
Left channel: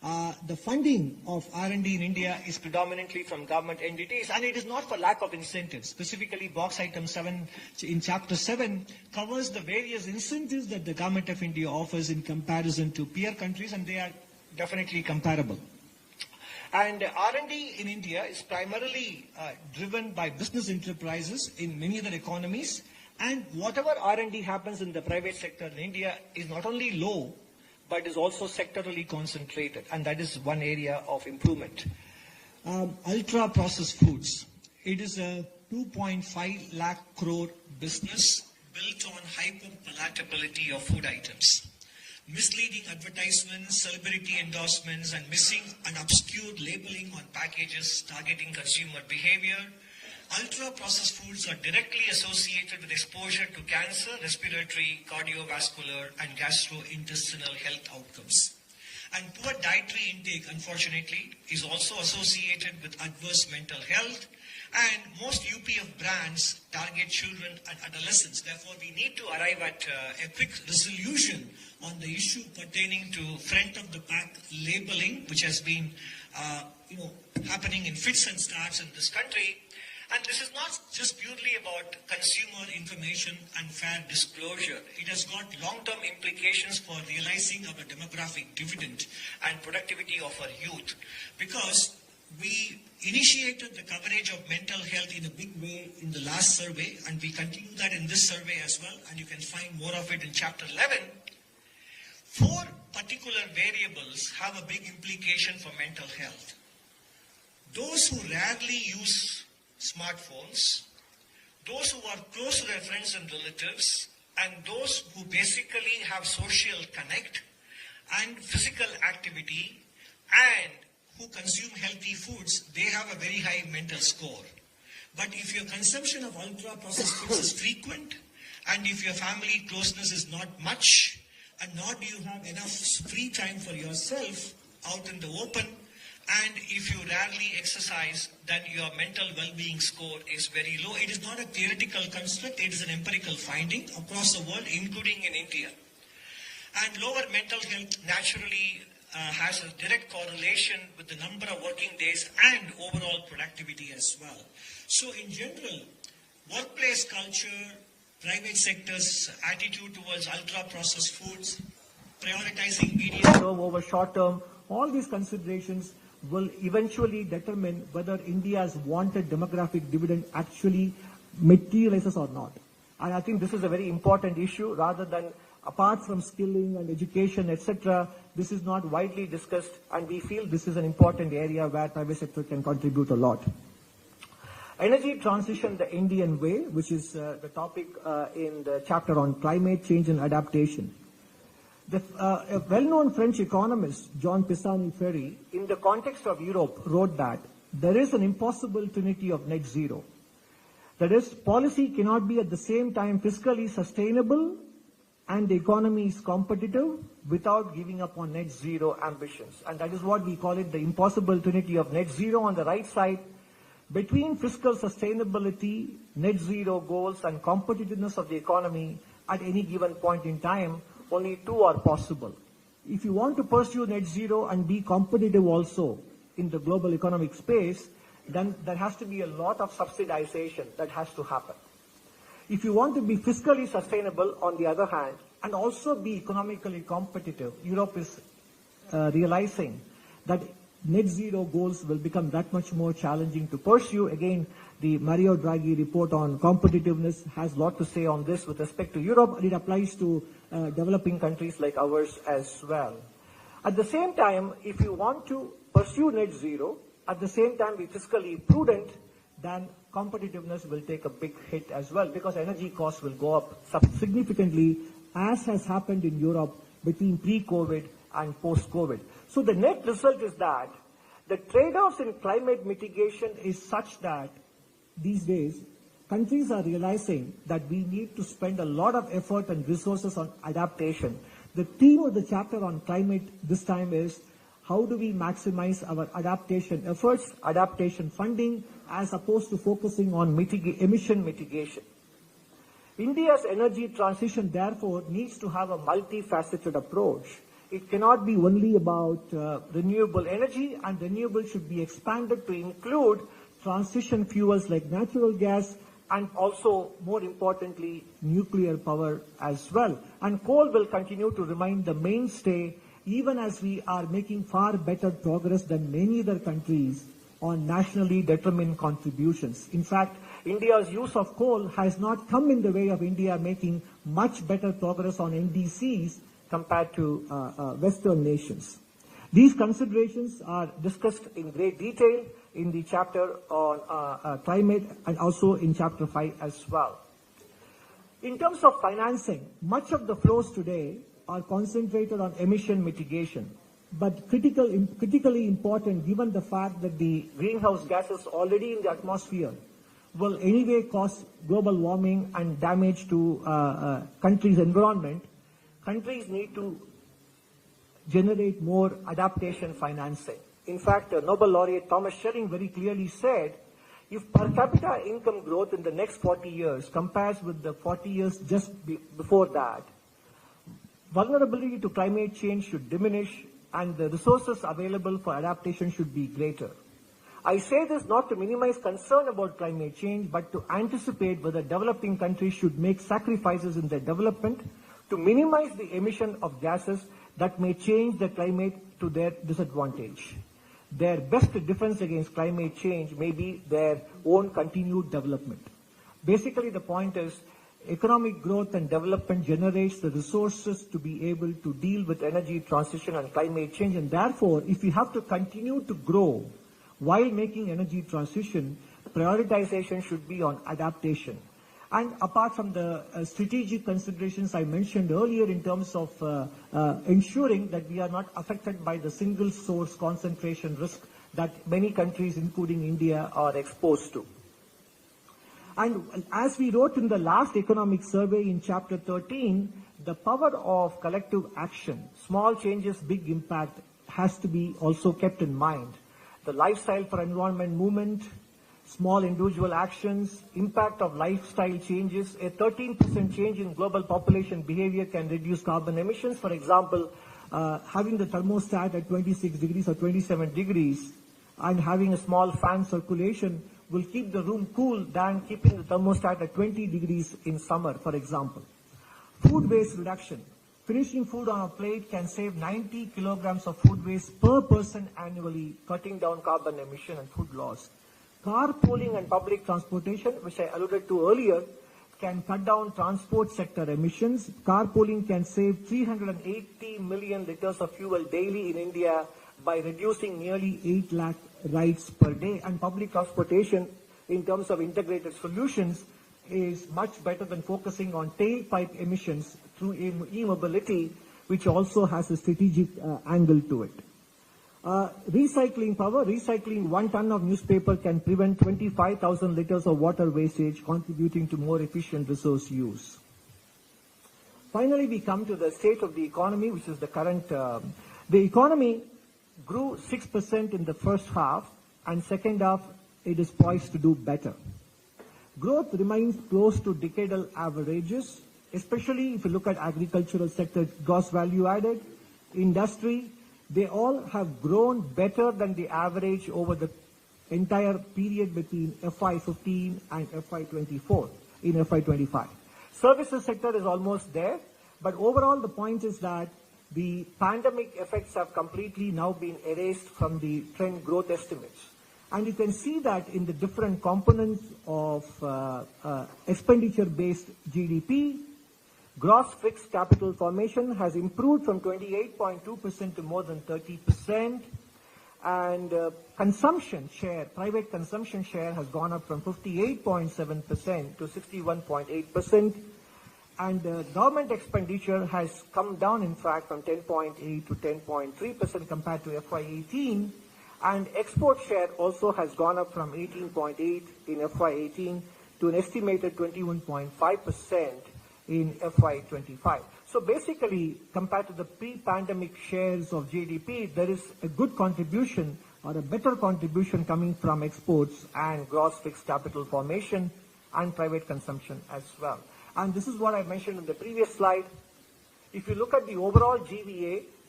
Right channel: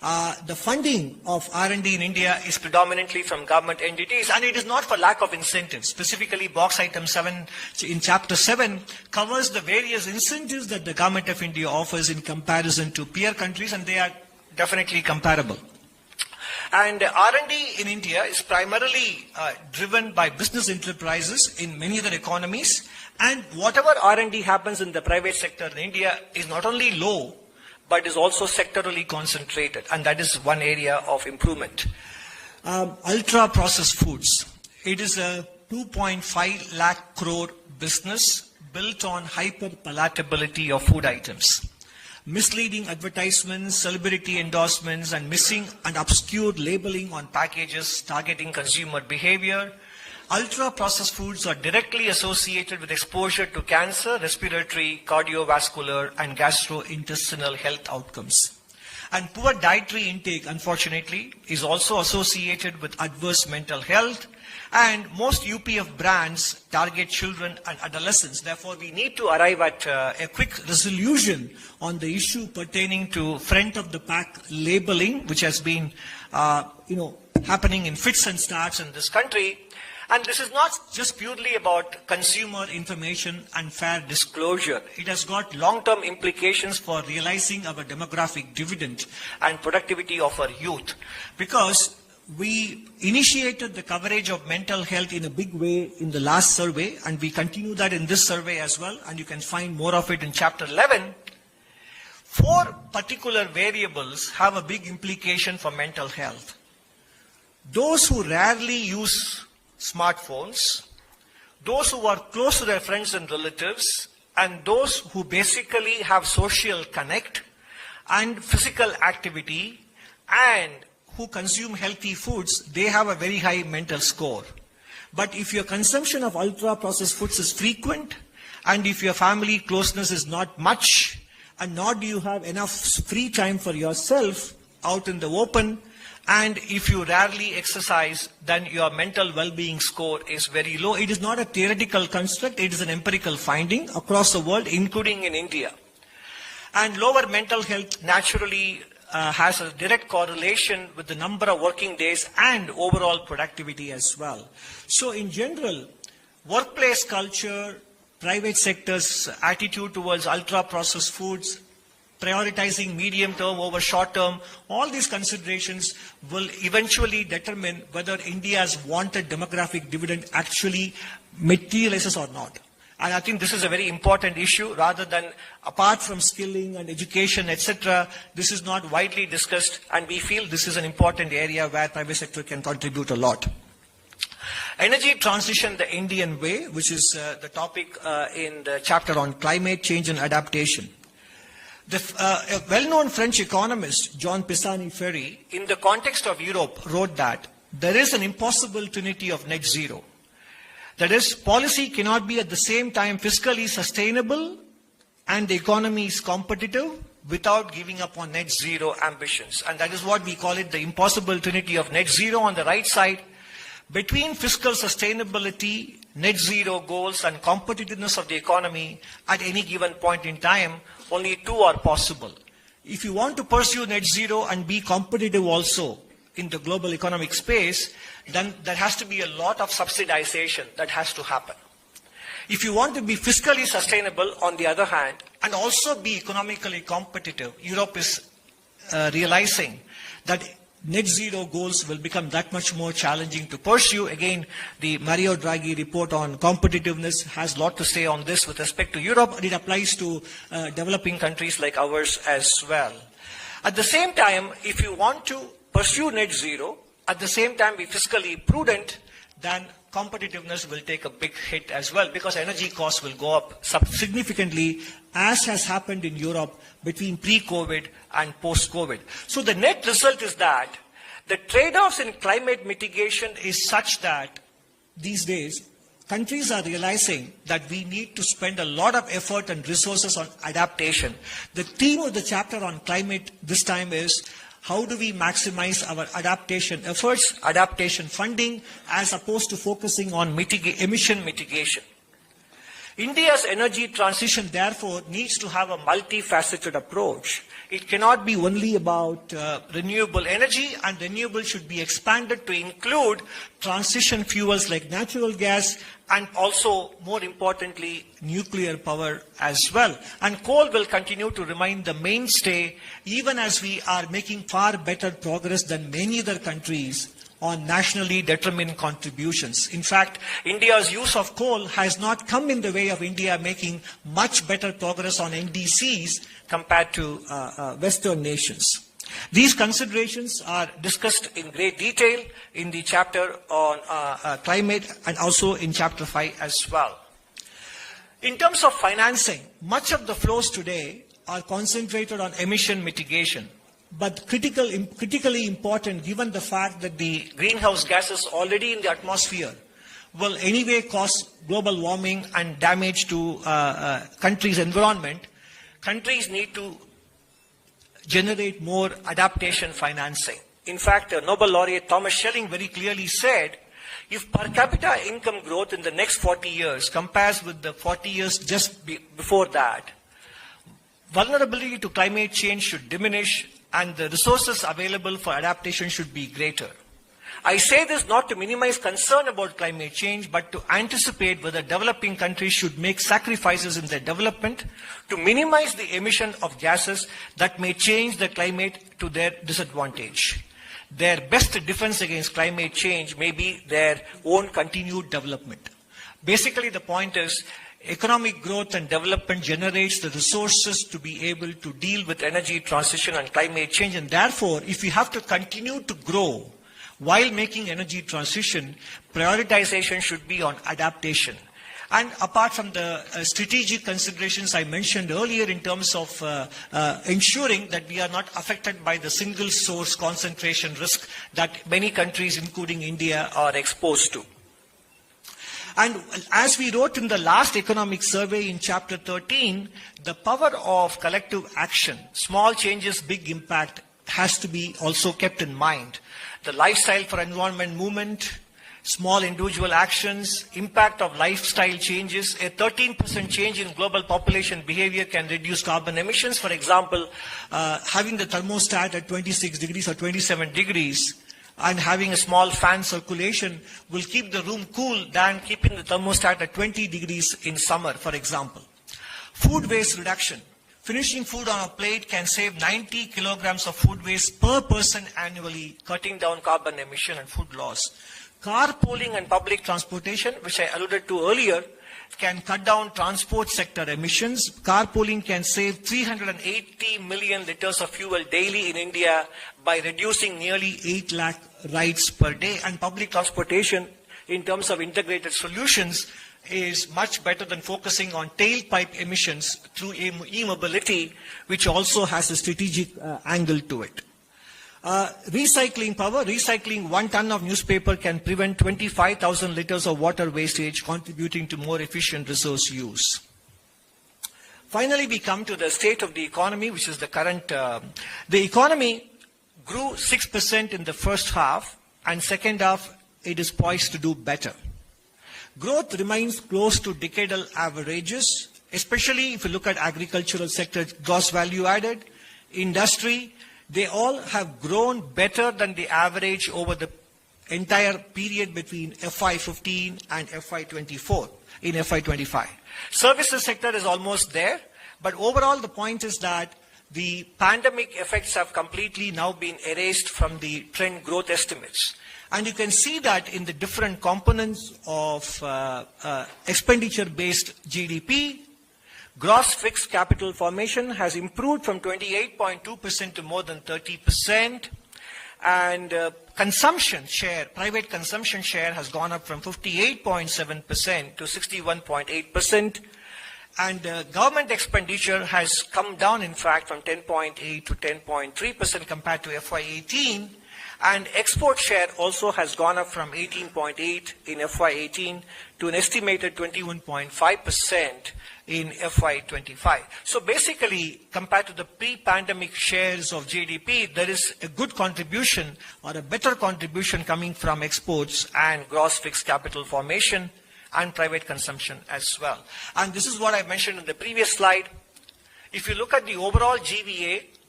The funding of R&D in India is predominantly from government entities, and it is not for lack of incentives. Specifically, box item 7 in chapter 7 covers the various incentives that the government of India offers in comparison to peer countries, and they are definitely comparable. And R&D in India is primarily driven by business enterprises in many other economies, and whatever R&D happens in the private sector in India is not only low, but is also sectorally concentrated, and that is one area of improvement. Ultra-processed foods. It is a 2.5 lakh crore business built on hyper-palatability of food items. Misleading advertisements, celebrity endorsements, and missing and obscure labeling on packages targeting consumer behavior. Ultra-processed foods are directly associated with exposure to cancer, respiratory, cardiovascular, and gastrointestinal health outcomes. And poor dietary intake, unfortunately, is also associated with adverse mental health. And most UPF brands target children and adolescents. Therefore, we need to arrive at a quick resolution on the issue pertaining to front-of-the-pack labeling, which has been, happening in fits and starts in this country. And this is not just purely about consumer information and fair disclosure. It has got long-term implications for realizing our demographic dividend and productivity of our youth. Because we initiated the coverage of mental health in a big way in the last survey, and we continue that in this survey as well, and you can find more of it in chapter 11. 4 particular variables have a big implication for mental health. Those who rarely use smartphones, those who are close to their friends and relatives, and those who basically have social connect and physical activity and who consume healthy foods, they have a very high mental score. But if your consumption of ultra-processed foods is frequent, and if your family closeness is not much, and nor do you have enough free time for yourself out in the open, and if you rarely exercise, then your mental well-being score is very low. It is not a theoretical construct, it is an empirical finding across the world, including in India. And lower mental health naturally has a direct correlation with the number of working days and overall productivity as well. So in general, workplace culture, private sector's attitude towards ultra-processed foods, prioritizing medium term over short term, all these considerations will eventually determine whether India's wanted demographic dividend actually materializes or not. And I think this is a very important issue. Rather than, apart from skilling and education, etc., this is not widely discussed, and we feel this is an important area where private sector can contribute a lot. Energy transition the Indian way, which is the topic in the chapter on climate change and adaptation. A well-known French economist, Jean Pisani-Ferry, in the context of Europe, wrote that there is an impossible trinity of net zero. That is, policy cannot be at the same time fiscally sustainable and the economy is competitive without giving up on net zero ambitions. And that is what we call it, the impossible trinity of net zero. On the right side, between fiscal sustainability, net zero goals, and competitiveness of the economy at any given point in time, only 2 are possible. If you want to pursue net zero and be competitive also in the global economic space, then there has to be a lot of subsidization that has to happen. If you want to be fiscally sustainable, on the other hand, and also be economically competitive, Europe is realizing that net zero goals will become that much more challenging to pursue. Again, the Mario Draghi report on competitiveness has a lot to say on this with respect to Europe, and it applies to developing countries like ours as well. At the same time, if you want to pursue net zero, at the same time be fiscally prudent, then competitiveness will take a big hit as well, because energy costs will go up significantly, as has happened in Europe between pre-COVID and post-COVID. So the net result is that the trade-offs in climate mitigation is such that these days countries are realizing that we need to spend a lot of effort and resources on adaptation. The theme of the chapter on climate this time is how do we maximize our adaptation efforts, adaptation funding, as opposed to focusing on emission mitigation. India's energy transition, therefore, needs to have a multifaceted approach. It cannot be only about renewable energy, and renewable should be expanded to include transition fuels like natural gas and also, more importantly, nuclear power as well. And coal will continue to remain the mainstay even as we are making far better progress than many other countries on nationally determined contributions. In fact, India's use of coal has not come in the way of India making much better progress on NDCs compared to Western nations. These considerations are discussed in great detail in the chapter on climate and also in chapter 5 as well. In terms of financing, much of the flows today are concentrated on emission mitigation. But critically important, given the fact that the greenhouse gases already in the atmosphere will anyway cause global warming and damage to countries' environment, countries need to generate more adaptation financing. In fact, Nobel laureate Thomas Schelling very clearly said, if per capita income growth in the next 40 years compares with the 40 years just before that, vulnerability to climate change should diminish and the resources available for adaptation should be greater. I say this not to minimize concern about climate change, but to anticipate whether developing countries should make sacrifices in their development to minimize the emission of gases that may change the climate to their disadvantage. Their best defense against climate change may be their own continued development. Basically, the point is, economic growth and development generates the resources to be able to deal with energy transition and climate change. And therefore, if we have to continue to grow while making energy transition, prioritization should be on adaptation. And apart from the strategic considerations I mentioned earlier in terms of ensuring that we are not affected by the single source concentration risk that many countries, including India, are exposed to. And as we wrote in the last economic survey in chapter 13, the power of collective action, small changes, big impact, has to be also kept in mind. The lifestyle for environment movement, small individual actions, impact of lifestyle changes. A 13% change in global population behavior can reduce carbon emissions. For example, having the thermostat at 26 degrees or 27 degrees and having a small fan circulation will keep the room cool than keeping the thermostat at 20 degrees in summer, for example. Food waste reduction. Finishing food on a plate can save 90 kilograms of food waste per person annually, cutting down carbon emission and food loss. Carpooling and public transportation, which I alluded to earlier, can cut down transport sector emissions. Carpooling can save 380 million liters of fuel daily in India by reducing nearly 8 lakh rides per day. And public transportation, in terms of integrated solutions, is much better than focusing on tailpipe emissions through e-mobility, which also has a strategic angle to it. Recycling power. Recycling 1 ton of newspaper can prevent 25,000 liters of water wastage, contributing to more efficient resource use. Finally, we come to the state of the economy, which is the current. The economy grew 6% in the first half, and second half it is poised to do better. Growth remains close to decadal averages, especially if you look at agricultural sector, gross value added, industry. They all have grown better than the average over the entire period between FY15 and FY24 in FY25. Services sector is almost there, but overall the point is that the pandemic effects have completely now been erased from the trend growth estimates. And you can see that in the different components of expenditure-based GDP. Gross fixed capital formation has improved from 28.2% to more than 30%. And consumption share, private consumption share has gone up from 58.7% to 61.8%. And government expenditure has come down, in fact, from 10.8 to 10.3% compared to FY18. And export share also has gone up from 18.8 in FY18 to an estimated 21.5% in FY25. So basically, compared to the pre-pandemic shares of GDP, there is a good contribution or a better contribution coming from exports and gross fixed capital formation and private consumption as well. And this is what I mentioned in the previous slide. If you look at the overall GVA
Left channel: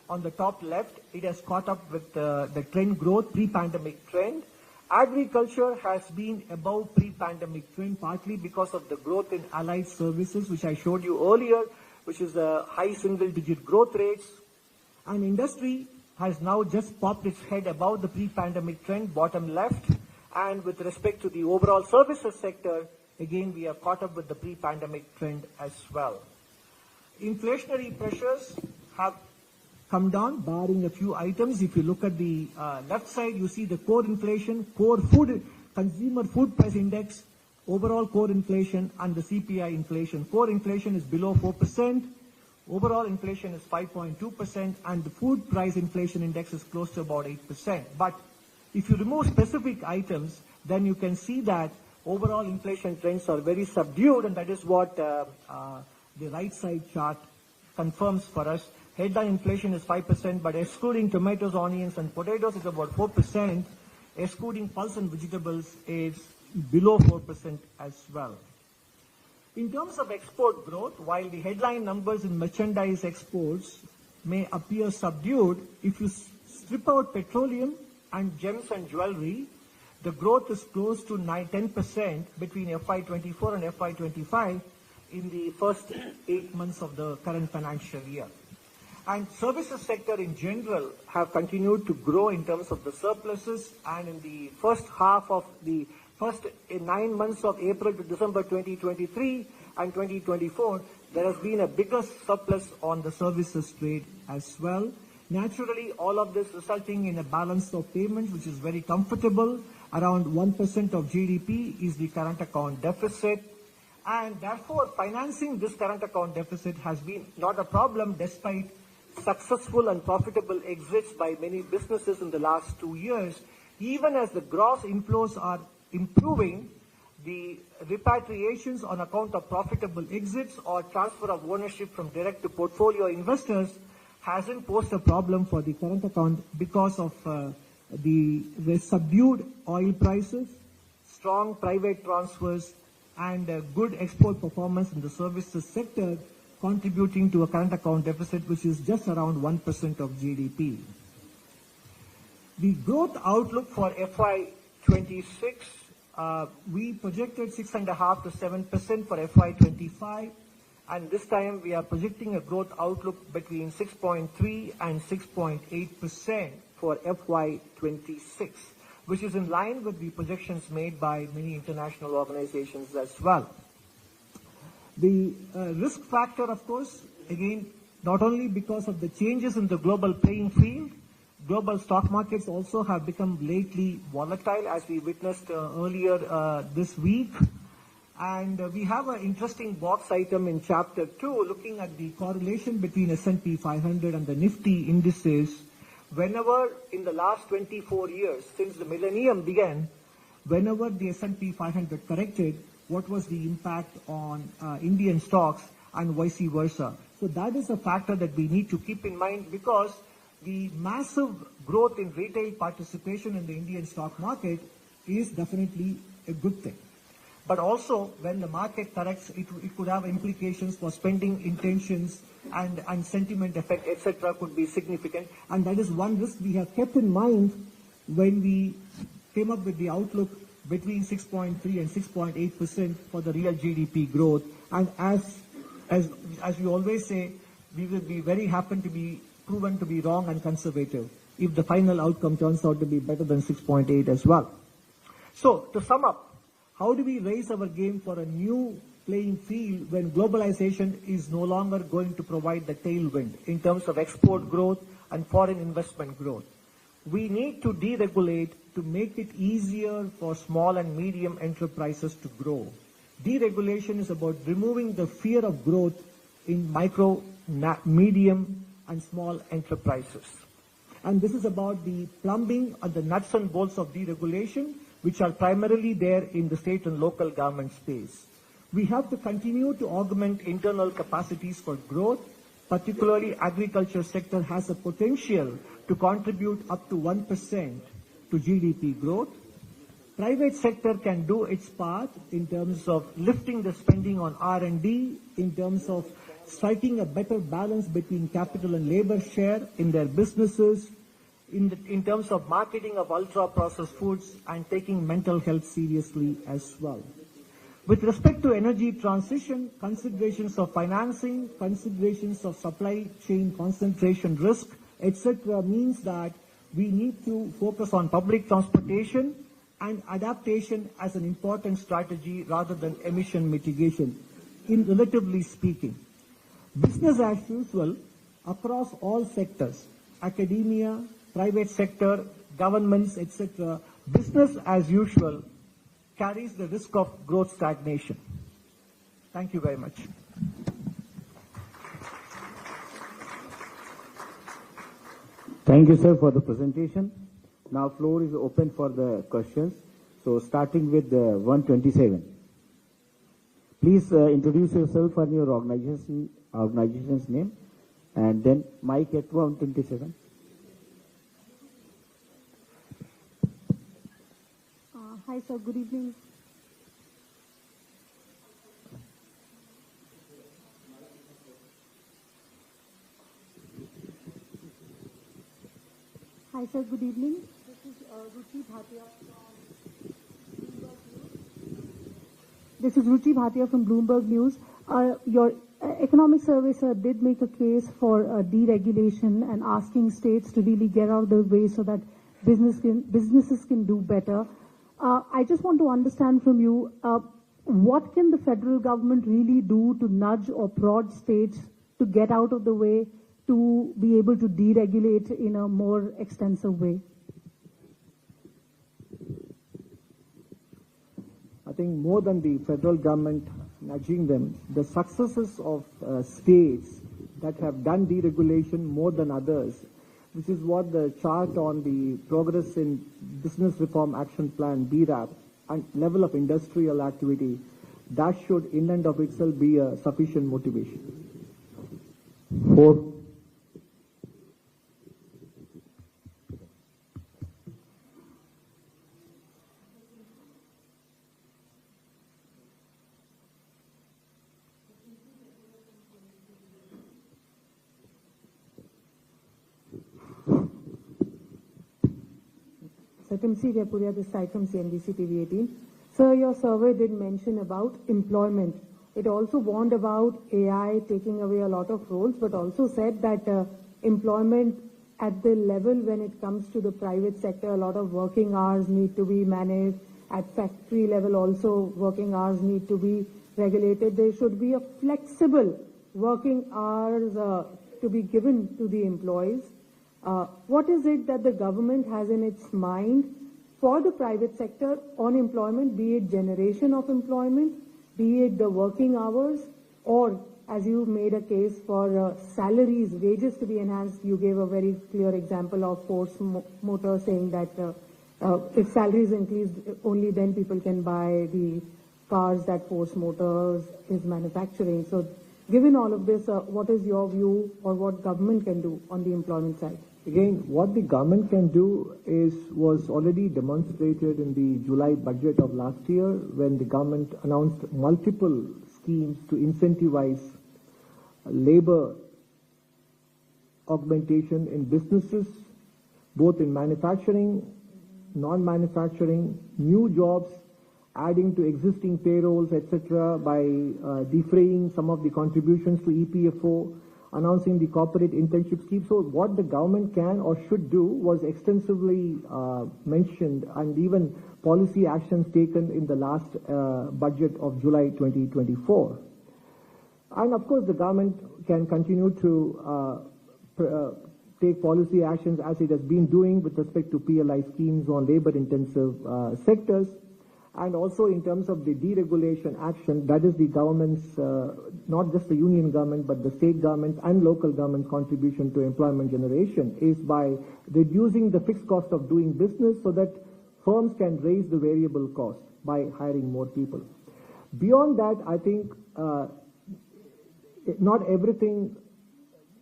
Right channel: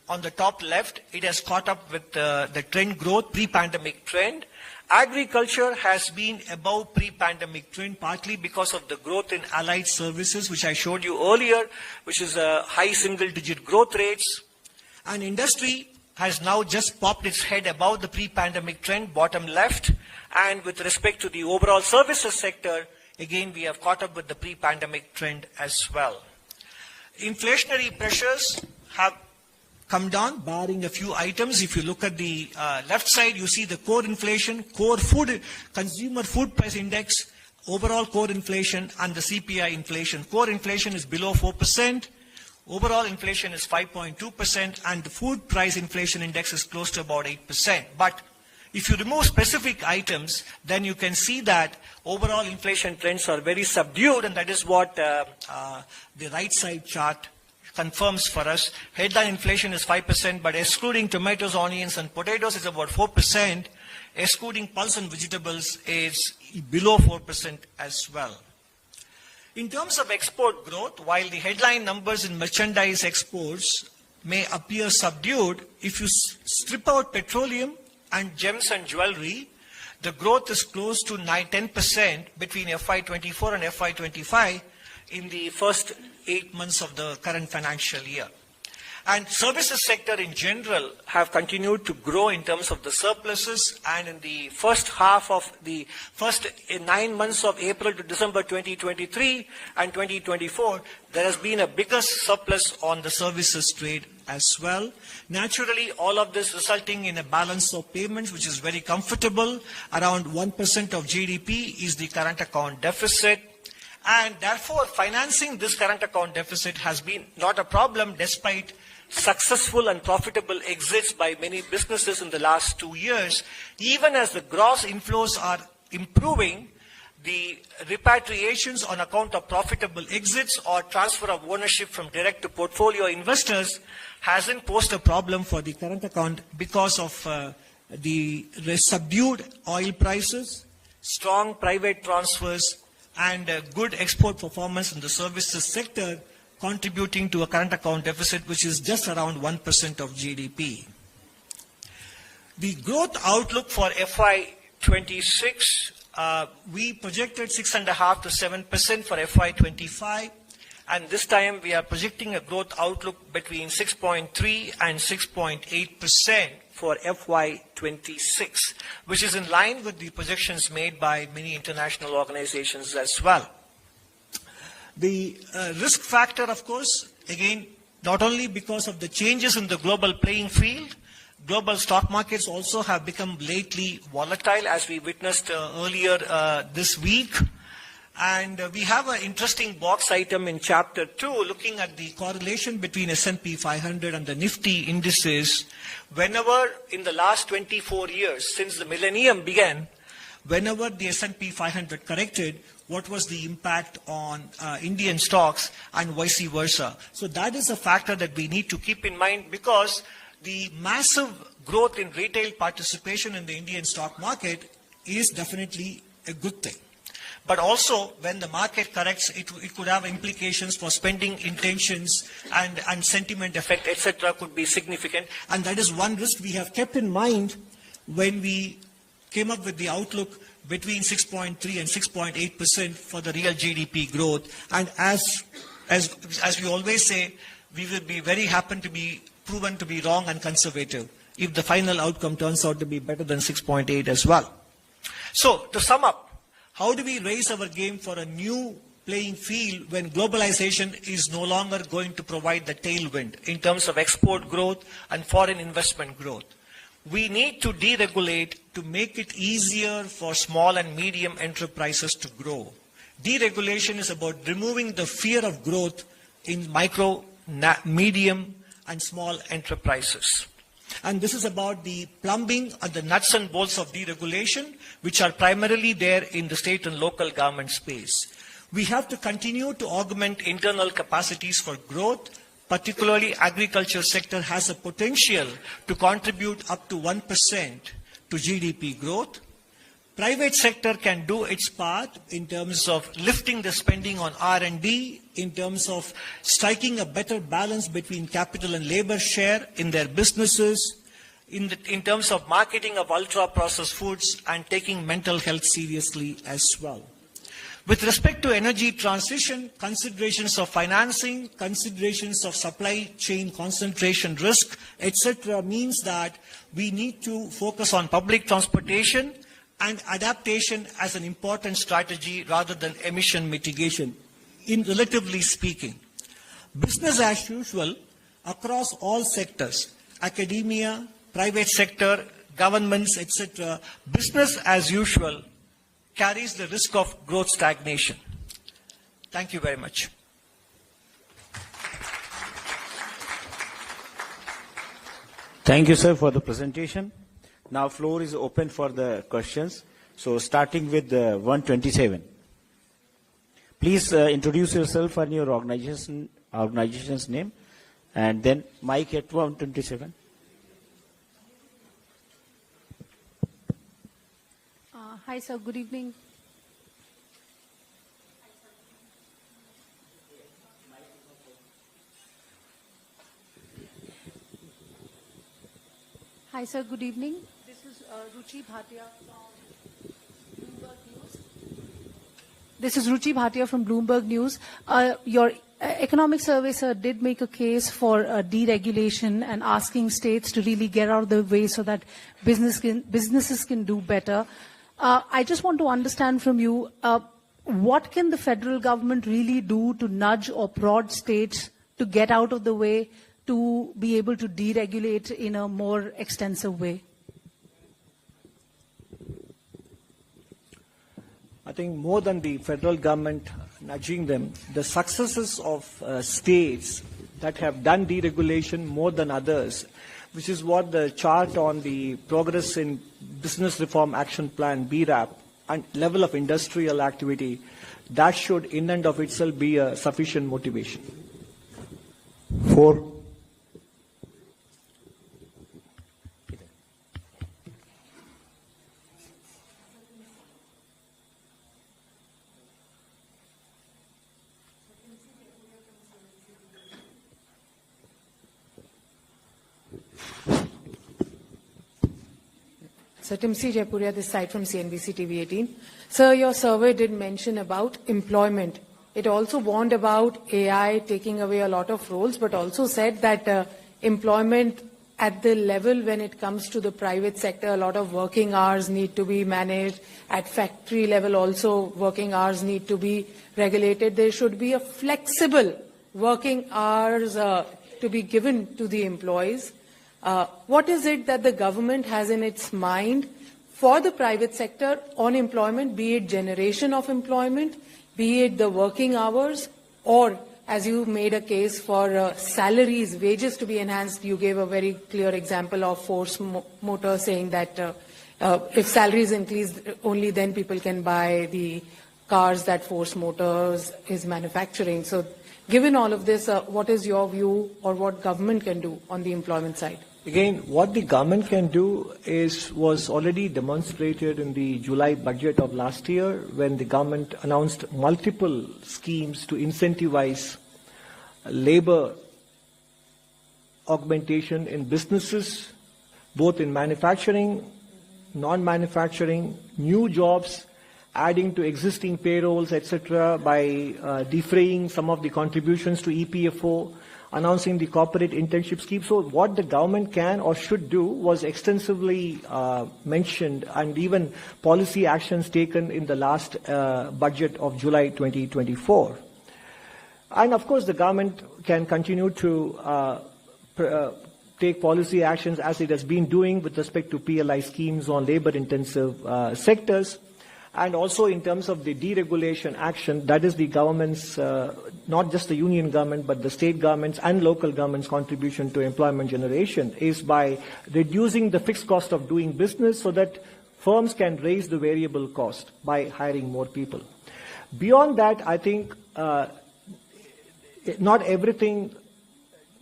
on the top left, it has caught up with the trend growth, pre-pandemic trend. Agriculture has been above pre-pandemic trend, partly because of the growth in allied services, which I showed you earlier, which is high single-digit growth rates. And industry has now just popped its head above the pre-pandemic trend, bottom left. And with respect to the overall services sector, again, we have caught up with the pre-pandemic trend as well. Inflationary pressures have come down, barring a few items. If you look at the left side, you see the core inflation, core food, consumer food price index, overall core inflation, and the CPI inflation. Core inflation is below 4%. Overall inflation is 5.2%, and the food price inflation index is close to about 8%. But if you remove specific items, then you can see that overall inflation trends are very subdued, and that is what the right side chart confirms for us. Headline inflation is 5%, but excluding tomatoes, onions, and potatoes is about 4%. Excluding pulse and vegetables is below 4% as well. In terms of export growth, while the headline numbers in merchandise exports may appear subdued, if you strip out petroleum and gems and jewelry, the growth is close to 10% between FY24 and FY25 in the first 8 months of the current financial year. And services sector in general have continued to grow in terms of the surpluses, and in the first half of the first 9 months of April to December 2023 and 2024, there has been a bigger surplus on the services trade as well. Naturally, all of this resulting in a balance of payments which is very comfortable. Around 1% of GDP is the current account deficit. And therefore, financing this current account deficit has been not a problem despite successful and profitable exits by many businesses in the last 2 years. Even as the gross inflows are improving, the repatriations on account of profitable exits or transfer of ownership from direct to portfolio investors hasn't posed a problem for the current account because of the subdued oil prices, strong private transfers, and good export performance in the services sector, contributing to a current account deficit which is just around 1% of GDP. The growth outlook for FY26, we projected 6.5% to 7% for FY25, and this time we are projecting a growth outlook between 6.3 and 6.8% for FY26, which is in line with the projections made by many international organizations as well. The risk factor, of course, again, not only because of the changes in the global playing field, global stock markets also have become lately volatile, as we witnessed earlier this week. And we have an interesting box item in Chapter 2 looking at the correlation between S&P 500 and the Nifty indices. Whenever in the last 24 years, since the millennium began, whenever the S&P 500 corrected, what was the impact on Indian stocks and vice versa. So that is a factor that we need to keep in mind, because the massive growth in retail participation in the Indian stock market is definitely a good thing. But also, when the market corrects, it could have implications for spending intentions, and sentiment effect, etc. could be significant. And that is one risk we have kept in mind when we came up with the outlook between 6.3 and 6.8% for the real GDP growth. And as we always say, we will be very happy to be proven to be wrong and conservative if the final outcome turns out to be better than 6.8 as well. So, to sum up, how do we raise our game for a new playing field when globalization is no longer going to provide the tailwind in terms of export growth and foreign investment growth? We need to deregulate to make it easier for small and medium enterprises to grow. Deregulation is about removing the fear of growth in micro, medium, and small enterprises. And this is about the plumbing and the nuts and bolts of deregulation, which are primarily there in the state and local government space. We have to continue to augment internal capacities for growth. Particularly, agriculture sector has a potential to contribute up to 1% to GDP growth. Private sector can do its part in terms of lifting the spending on R&D, in terms of striking a better balance between capital and labor share in their businesses, in terms of marketing of ultra-processed foods and taking mental health seriously as well. With respect to energy transition, considerations of financing, considerations of supply chain concentration risk, etc. means that we need to focus on public transportation and adaptation as an important strategy rather than emission mitigation, relatively speaking. Business as usual across all sectors, academia, private sector, governments, etc., business as usual carries the risk of growth stagnation. Thank you very much. Thank you, sir, for the presentation. Now, floor is open for the questions. So, starting with 127. Please introduce yourself and your organization's name, and then mic at 127. Hi, sir. Good evening. Hi, sir. Good evening. This is Ruchi Bhatia from Bloomberg News. This is Ruchi Bhatia from Bloomberg News. Your economic survey, sir, did make a case for deregulation and asking states to really get out of the way so that businesses can do better. I just want to understand from you, what can the federal government really do to nudge or prod states to get out of the way to be able to deregulate in a more extensive way? I think more than the federal government nudging them, the successes of states that have done deregulation more than others, which is what the chart on the progress in Business Reform Action Plan, BRAP, and level of industrial activity, that should in and of itself be a sufficient motivation. 4. Satimsi Jaipuria, this side from CNBC TV 18. Sir, your survey did mention about employment. It also warned about AI taking away a lot of roles, but also said that employment at the level when it comes to the private sector, a lot of working hours need to be managed. At factory level also, working hours need to be regulated. There should be a flexible working hours to be given to the employees. What is it that the government has in its mind for the private sector on employment, be it generation of employment, be it the working hours, or as you made a case for salaries, wages to be enhanced? You gave a very clear example of Force Motor saying that if salaries increase, only then people can buy the cars that Force Motors is manufacturing. So given all of this, what is your view or what government can do on the employment side? Again, what the government can do was already demonstrated in the July budget of last year when the government announced multiple schemes to incentivize labor augmentation in businesses, both in manufacturing, non-manufacturing, new jobs, adding to existing payrolls, etc., by defraying some of the contributions to EPFO, announcing the corporate internship scheme. So what the government can or should do was extensively mentioned, and even policy actions taken in the last budget of July 2024. And of course, the government can continue to take policy actions as it has been doing with respect to PLI schemes on labor-intensive sectors. And also in terms of the deregulation action, that is the government's, not just the union government, but the state governments and local governments' contribution to employment generation is by reducing the fixed cost of doing business so that firms can raise the variable cost by hiring more people. Beyond that, I think not everything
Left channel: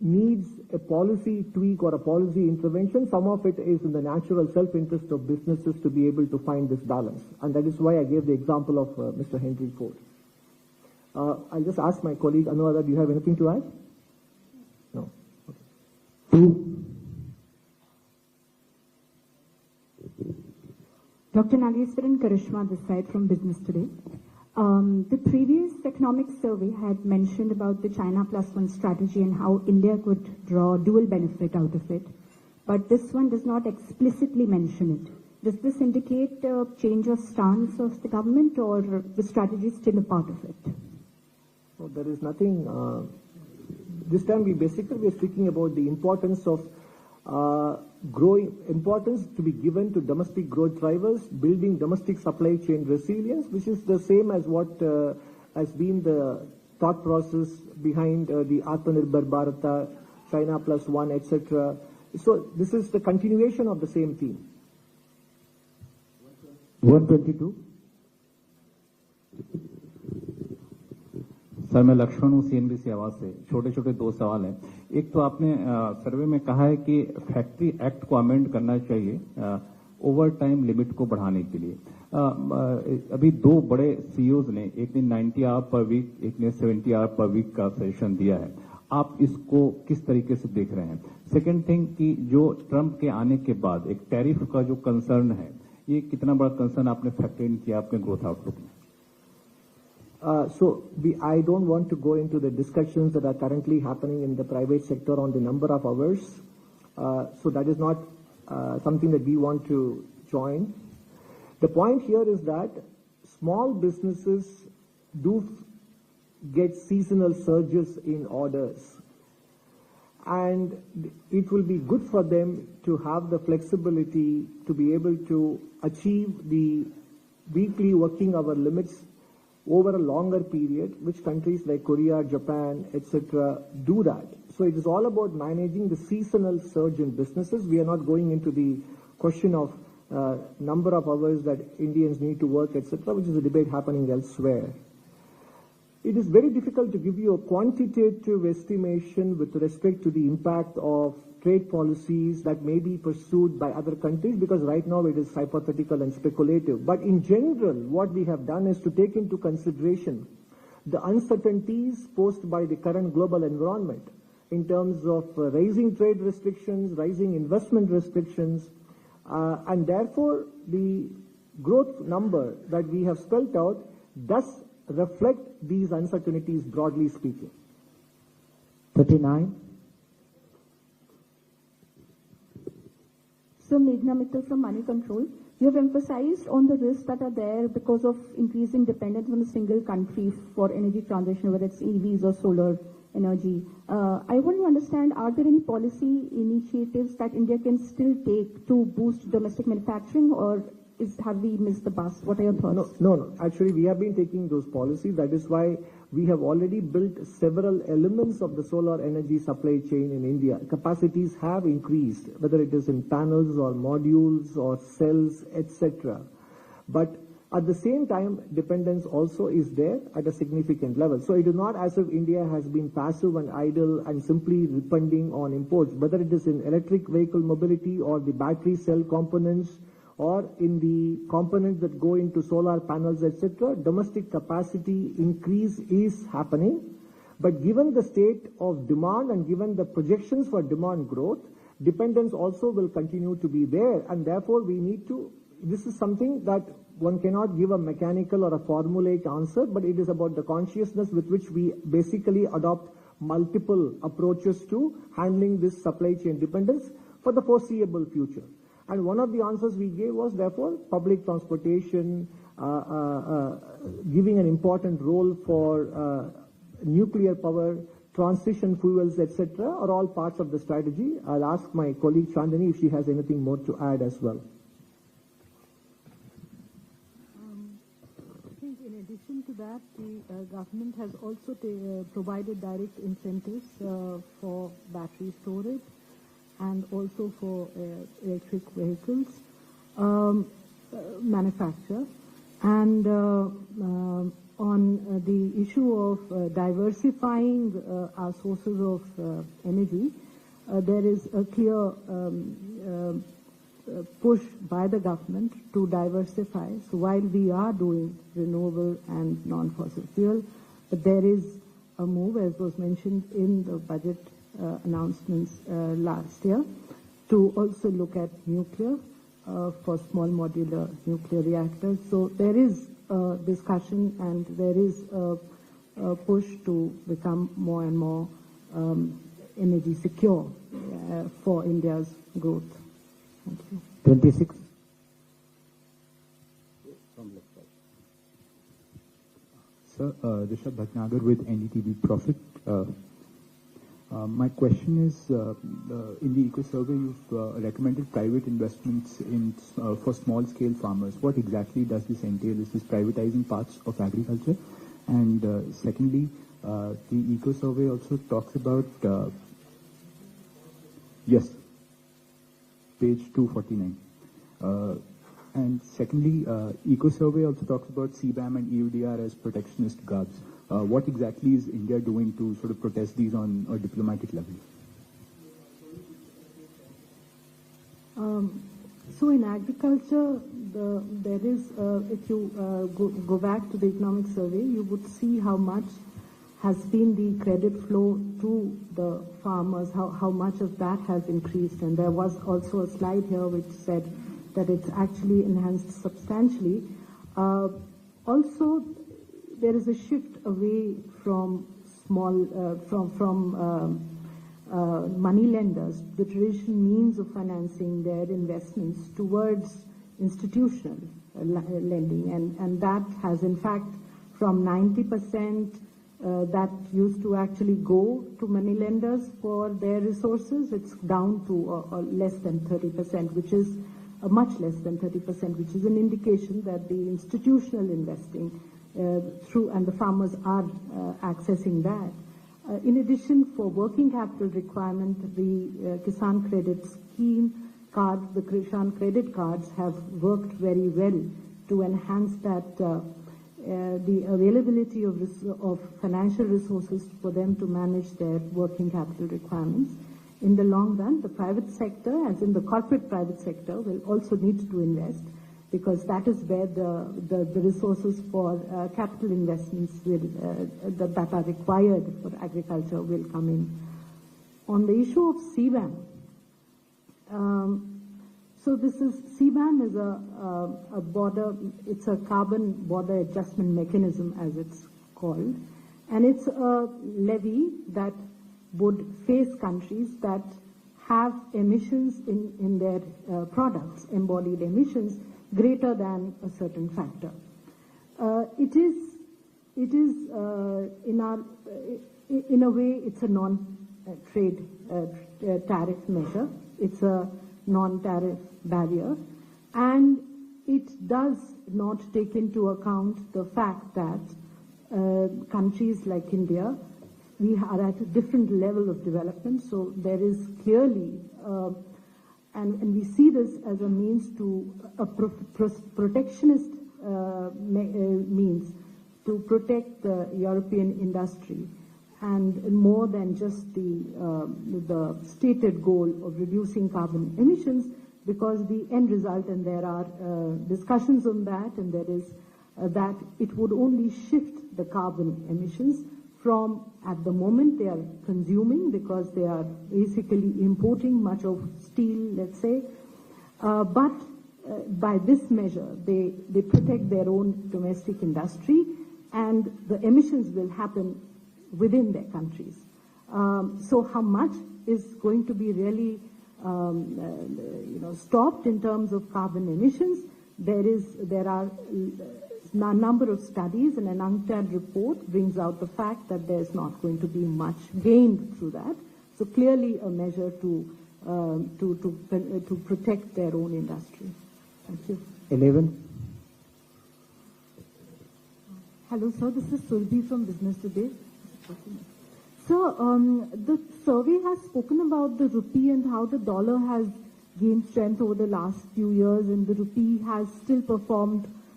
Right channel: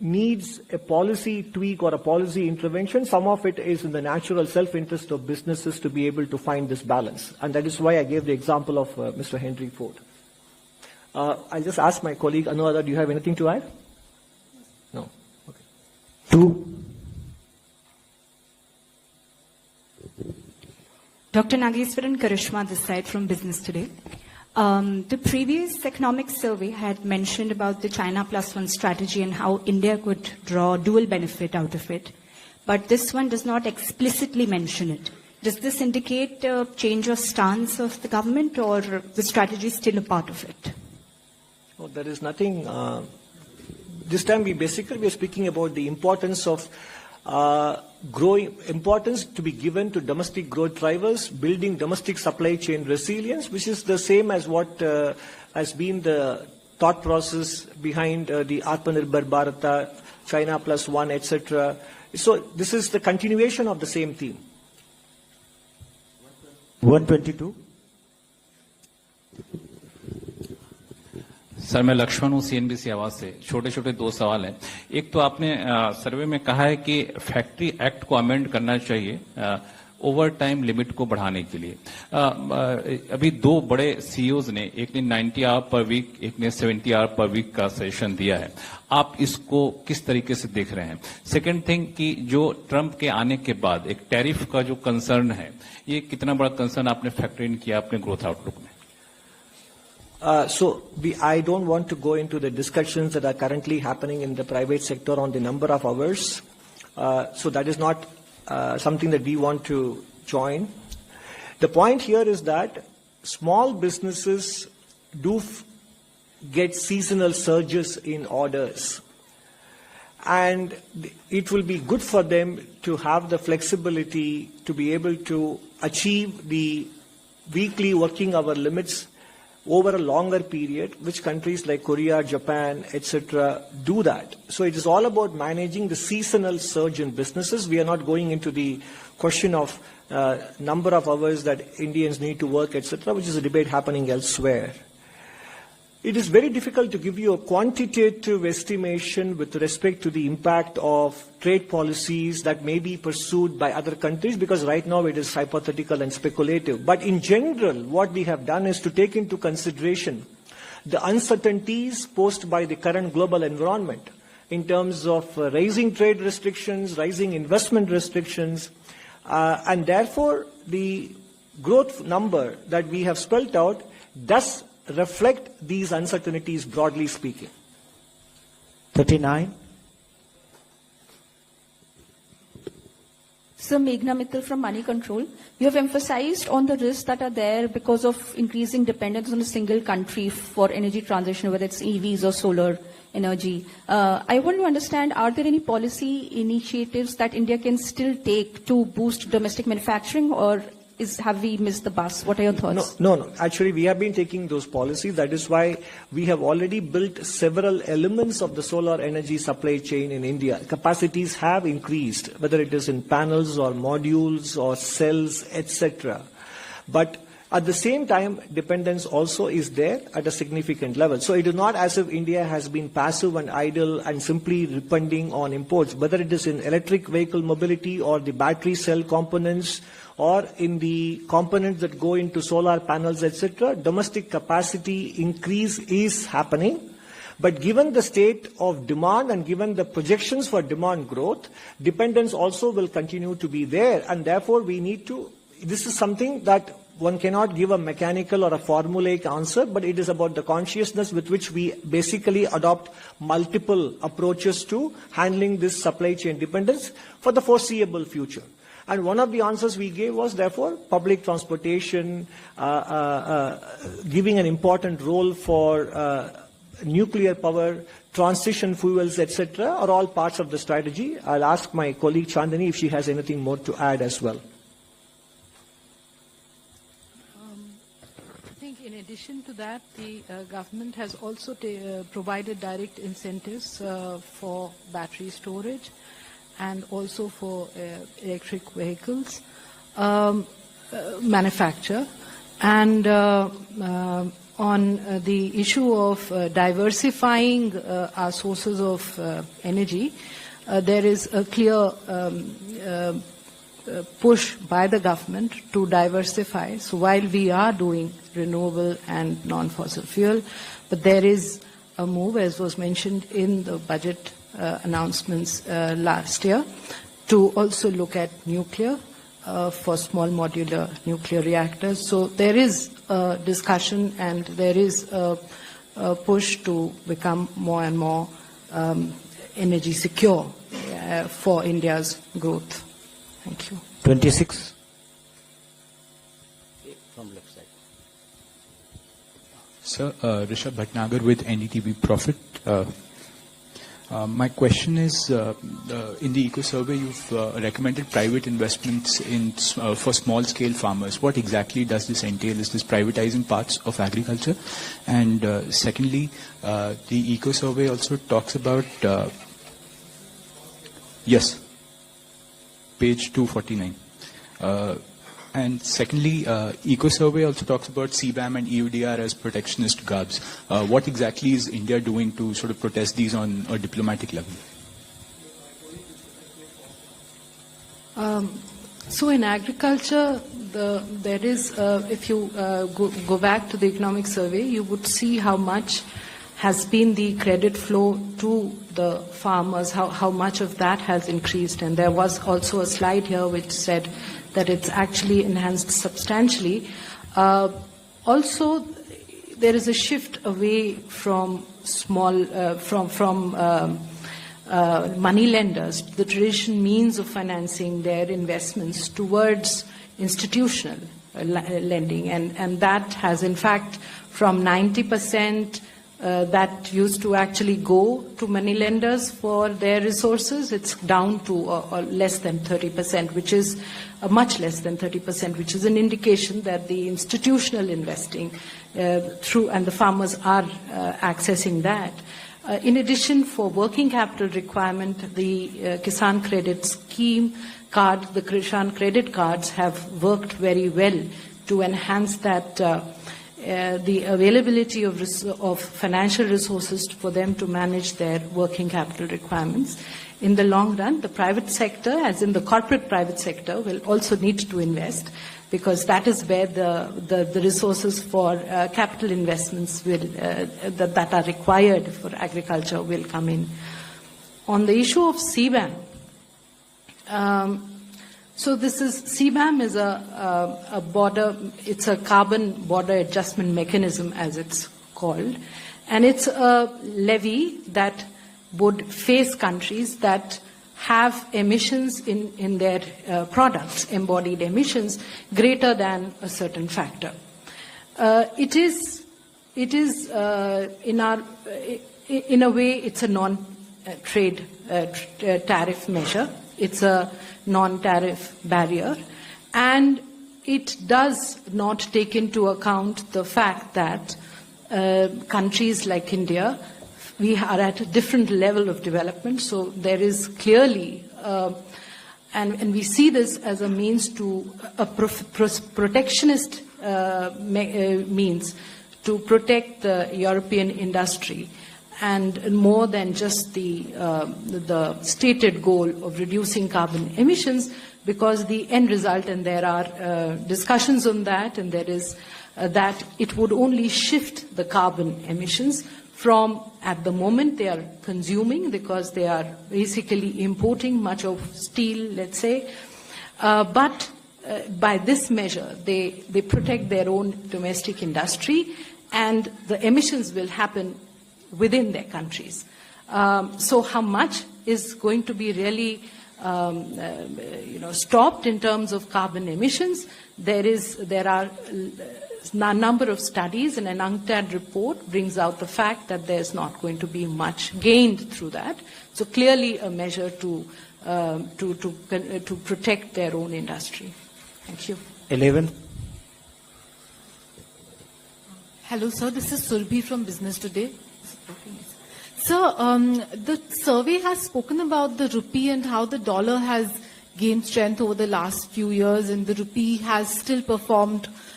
needs a policy tweak or a policy intervention. Some of it is in the natural self-interest of businesses to be able to find this balance. And that is why I gave the example of Mr. Henry Ford. I'll just ask my colleague, Anuradha, do you have anything to add? No. Okay. 2. Dr. Nageswaran Karishma this side from Business Today. The previous economic survey had mentioned about the China Plus One strategy and how India could draw dual benefit out of it. But this one does not explicitly mention it. Does this indicate a change of stance of the government, or the strategy is still a part of it? Well, there is nothing. This time we are speaking about the importance of importance to be given to domestic growth drivers, building domestic supply chain resilience, which is the same as what has been the thought process behind the Atmanirbhar Bharata, China Plus One, etc. So this is the continuation of the same theme. 122. Sir, मैं लक्ष्मण हूँ CNBC आवाज से। छोटे छोटे 2 सवाल हैं। एक तो आपने सर्वे में कहा है कि फैक्ट्री एक्ट को अमेंड करना चाहिए ओवर टाइम लिमिट को बढ़ाने के लिए। अभी 2 बड़े सीईओज ने, एक ने 90 आवर पर वीक, एक ने 70 आवर पर वीक का सजेशन दिया है। आप इसको किस तरीके से देख रहे हैं? सेकेंड थिंग कि जो ट्रंप के आने के बाद एक टैरिफ का जो कंसर्न है, ये कितना बड़ा कंसर्न आपने फैक्टर इन किया अपने ग्रोथ आउटलुक में? I don't want to go into the discussions that are currently happening in the private sector on the number of hours. So that is not something that we want to join. The point here is that small businesses do get seasonal surges in orders. And it will be good for them to have the flexibility to be able to achieve the weekly working hour limits over a longer period, which countries like Korea, Japan, etc. do that. So it is all about managing the seasonal surge in businesses. We are not going into the question of number of hours that Indians need to work, etc., which is a debate happening elsewhere. It is very difficult to give you a quantitative estimation with respect to the impact of trade policies that may be pursued by other countries, because right now it is hypothetical and speculative. But in general, what we have done is to take into consideration the uncertainties posed by the current global environment in terms of rising trade restrictions, rising investment restrictions, and therefore the growth number that we have spelled out does reflect these uncertainties, broadly speaking. 39. Sir, Meghna Mittal from Money Control. You have emphasized on the risks that are there because of increasing dependence on a single country for energy transition, whether it's EVs or solar energy. I want to understand, are there any policy initiatives that India can still take to boost domestic manufacturing, or have we missed the bus? What are your thoughts? No. Actually, we have been taking those policies. That is why we have already built several elements of the solar energy supply chain in India. Capacities have increased, whether it is in panels or modules or cells, etc. But at the same time, dependence also is there at a significant level. So it is not as if India has been passive and idle and simply depending on imports, whether it is in electric vehicle mobility or the battery cell components, or in the components that go into solar panels, etc., domestic capacity increase is happening. But given the state of demand and given the projections for demand growth, dependence also will continue to be there. And therefore, we need to, this is something that one cannot give a mechanical or a formulaic answer, but it is about the consciousness with which we basically adopt multiple approaches to handling this supply chain dependence for the foreseeable future. And one of the answers we gave was, therefore, public transportation, giving an important role for nuclear power, transition fuels, etc., are all parts of the strategy. I'll ask my colleague Chandani if she has anything more to add as well. I think in addition to that, the government has also provided direct incentives for battery storage and also for electric vehicles manufacture. And on on the issue of diversifying our sources of energy. There is a clear push by the government to diversify. So while we are doing renewable and non-fossil fuel, but there is a move, as was mentioned in the budget announcements last year, to also look at nuclear for small modular nuclear reactors. So there is a discussion and there is a push to become more and more energy secure for India's growth. Thank you. 26. From left side. Sir, Rishabh Bhatnagar with NDTV Profit. My question is, in the Eco Survey, you've recommended private investments for small-scale farmers. What exactly does this entail? Is this privatizing parts of agriculture? And secondly, the Eco Survey also talks about... yes, page 249. And secondly, Eco Survey also talks about CBAM and EUDR as protectionist garbs. What exactly is India doing to sort of protest these on a diplomatic level? So in agriculture, there is, if you go back to the economic survey, you would see how much has been the credit flow to the farmers, how much of that has increased. And there was also a slide here which said that it's actually enhanced substantially. Also, there is a shift away from money lenders, the traditional means of financing their investments, towards institutional lending. And that has, in fact, from 90% that used to actually go to money lenders for their resources, it's down to less than 30%, which is much less than 30%, which is an indication that the institutional investing through, and the farmers are accessing that. In addition, for working capital requirement, the Kisan Credit Scheme card, the Kisan credit cards have worked very well to enhance that the availability of financial resources for them to manage their working capital requirements. In the long run, the private sector, as in the corporate private sector, will also need to invest, because that is where the resources for capital investments will, that are required for agriculture will come in. On the issue of CBAM, so this is, CBAM is a border, it's a carbon border adjustment mechanism, as it's called, and it's a levy that would face countries that have emissions in their products, embodied emissions, greater than a certain factor. It is in a way, it's a non-trade tariff measure. It's a non-tariff barrier, and it does not take into account the fact that countries like India, we are at a different level of development, so there is clearly, and we see this as a means to a protectionist means to protect the European industry, and more than just the stated goal of reducing carbon emissions, because the end result, and there are discussions on that, and there is that it would only shift the carbon emissions from, at the moment they are consuming, because they are basically importing much of steel, let's say, but by this measure they protect their own domestic industry, and the emissions will happen within their countries. So how much is going to be really stopped in terms of carbon emissions? There are a number of studies, and an UNCTAD report brings out the fact that there's not going to be much gained through that. So clearly a measure to protect their own industry. Thank you. 11. Hello, sir. This is Surbhi from Business Today. Sir, the survey has spoken about the rupee and how the dollar has gained strength over the last few years, and the rupee has still performed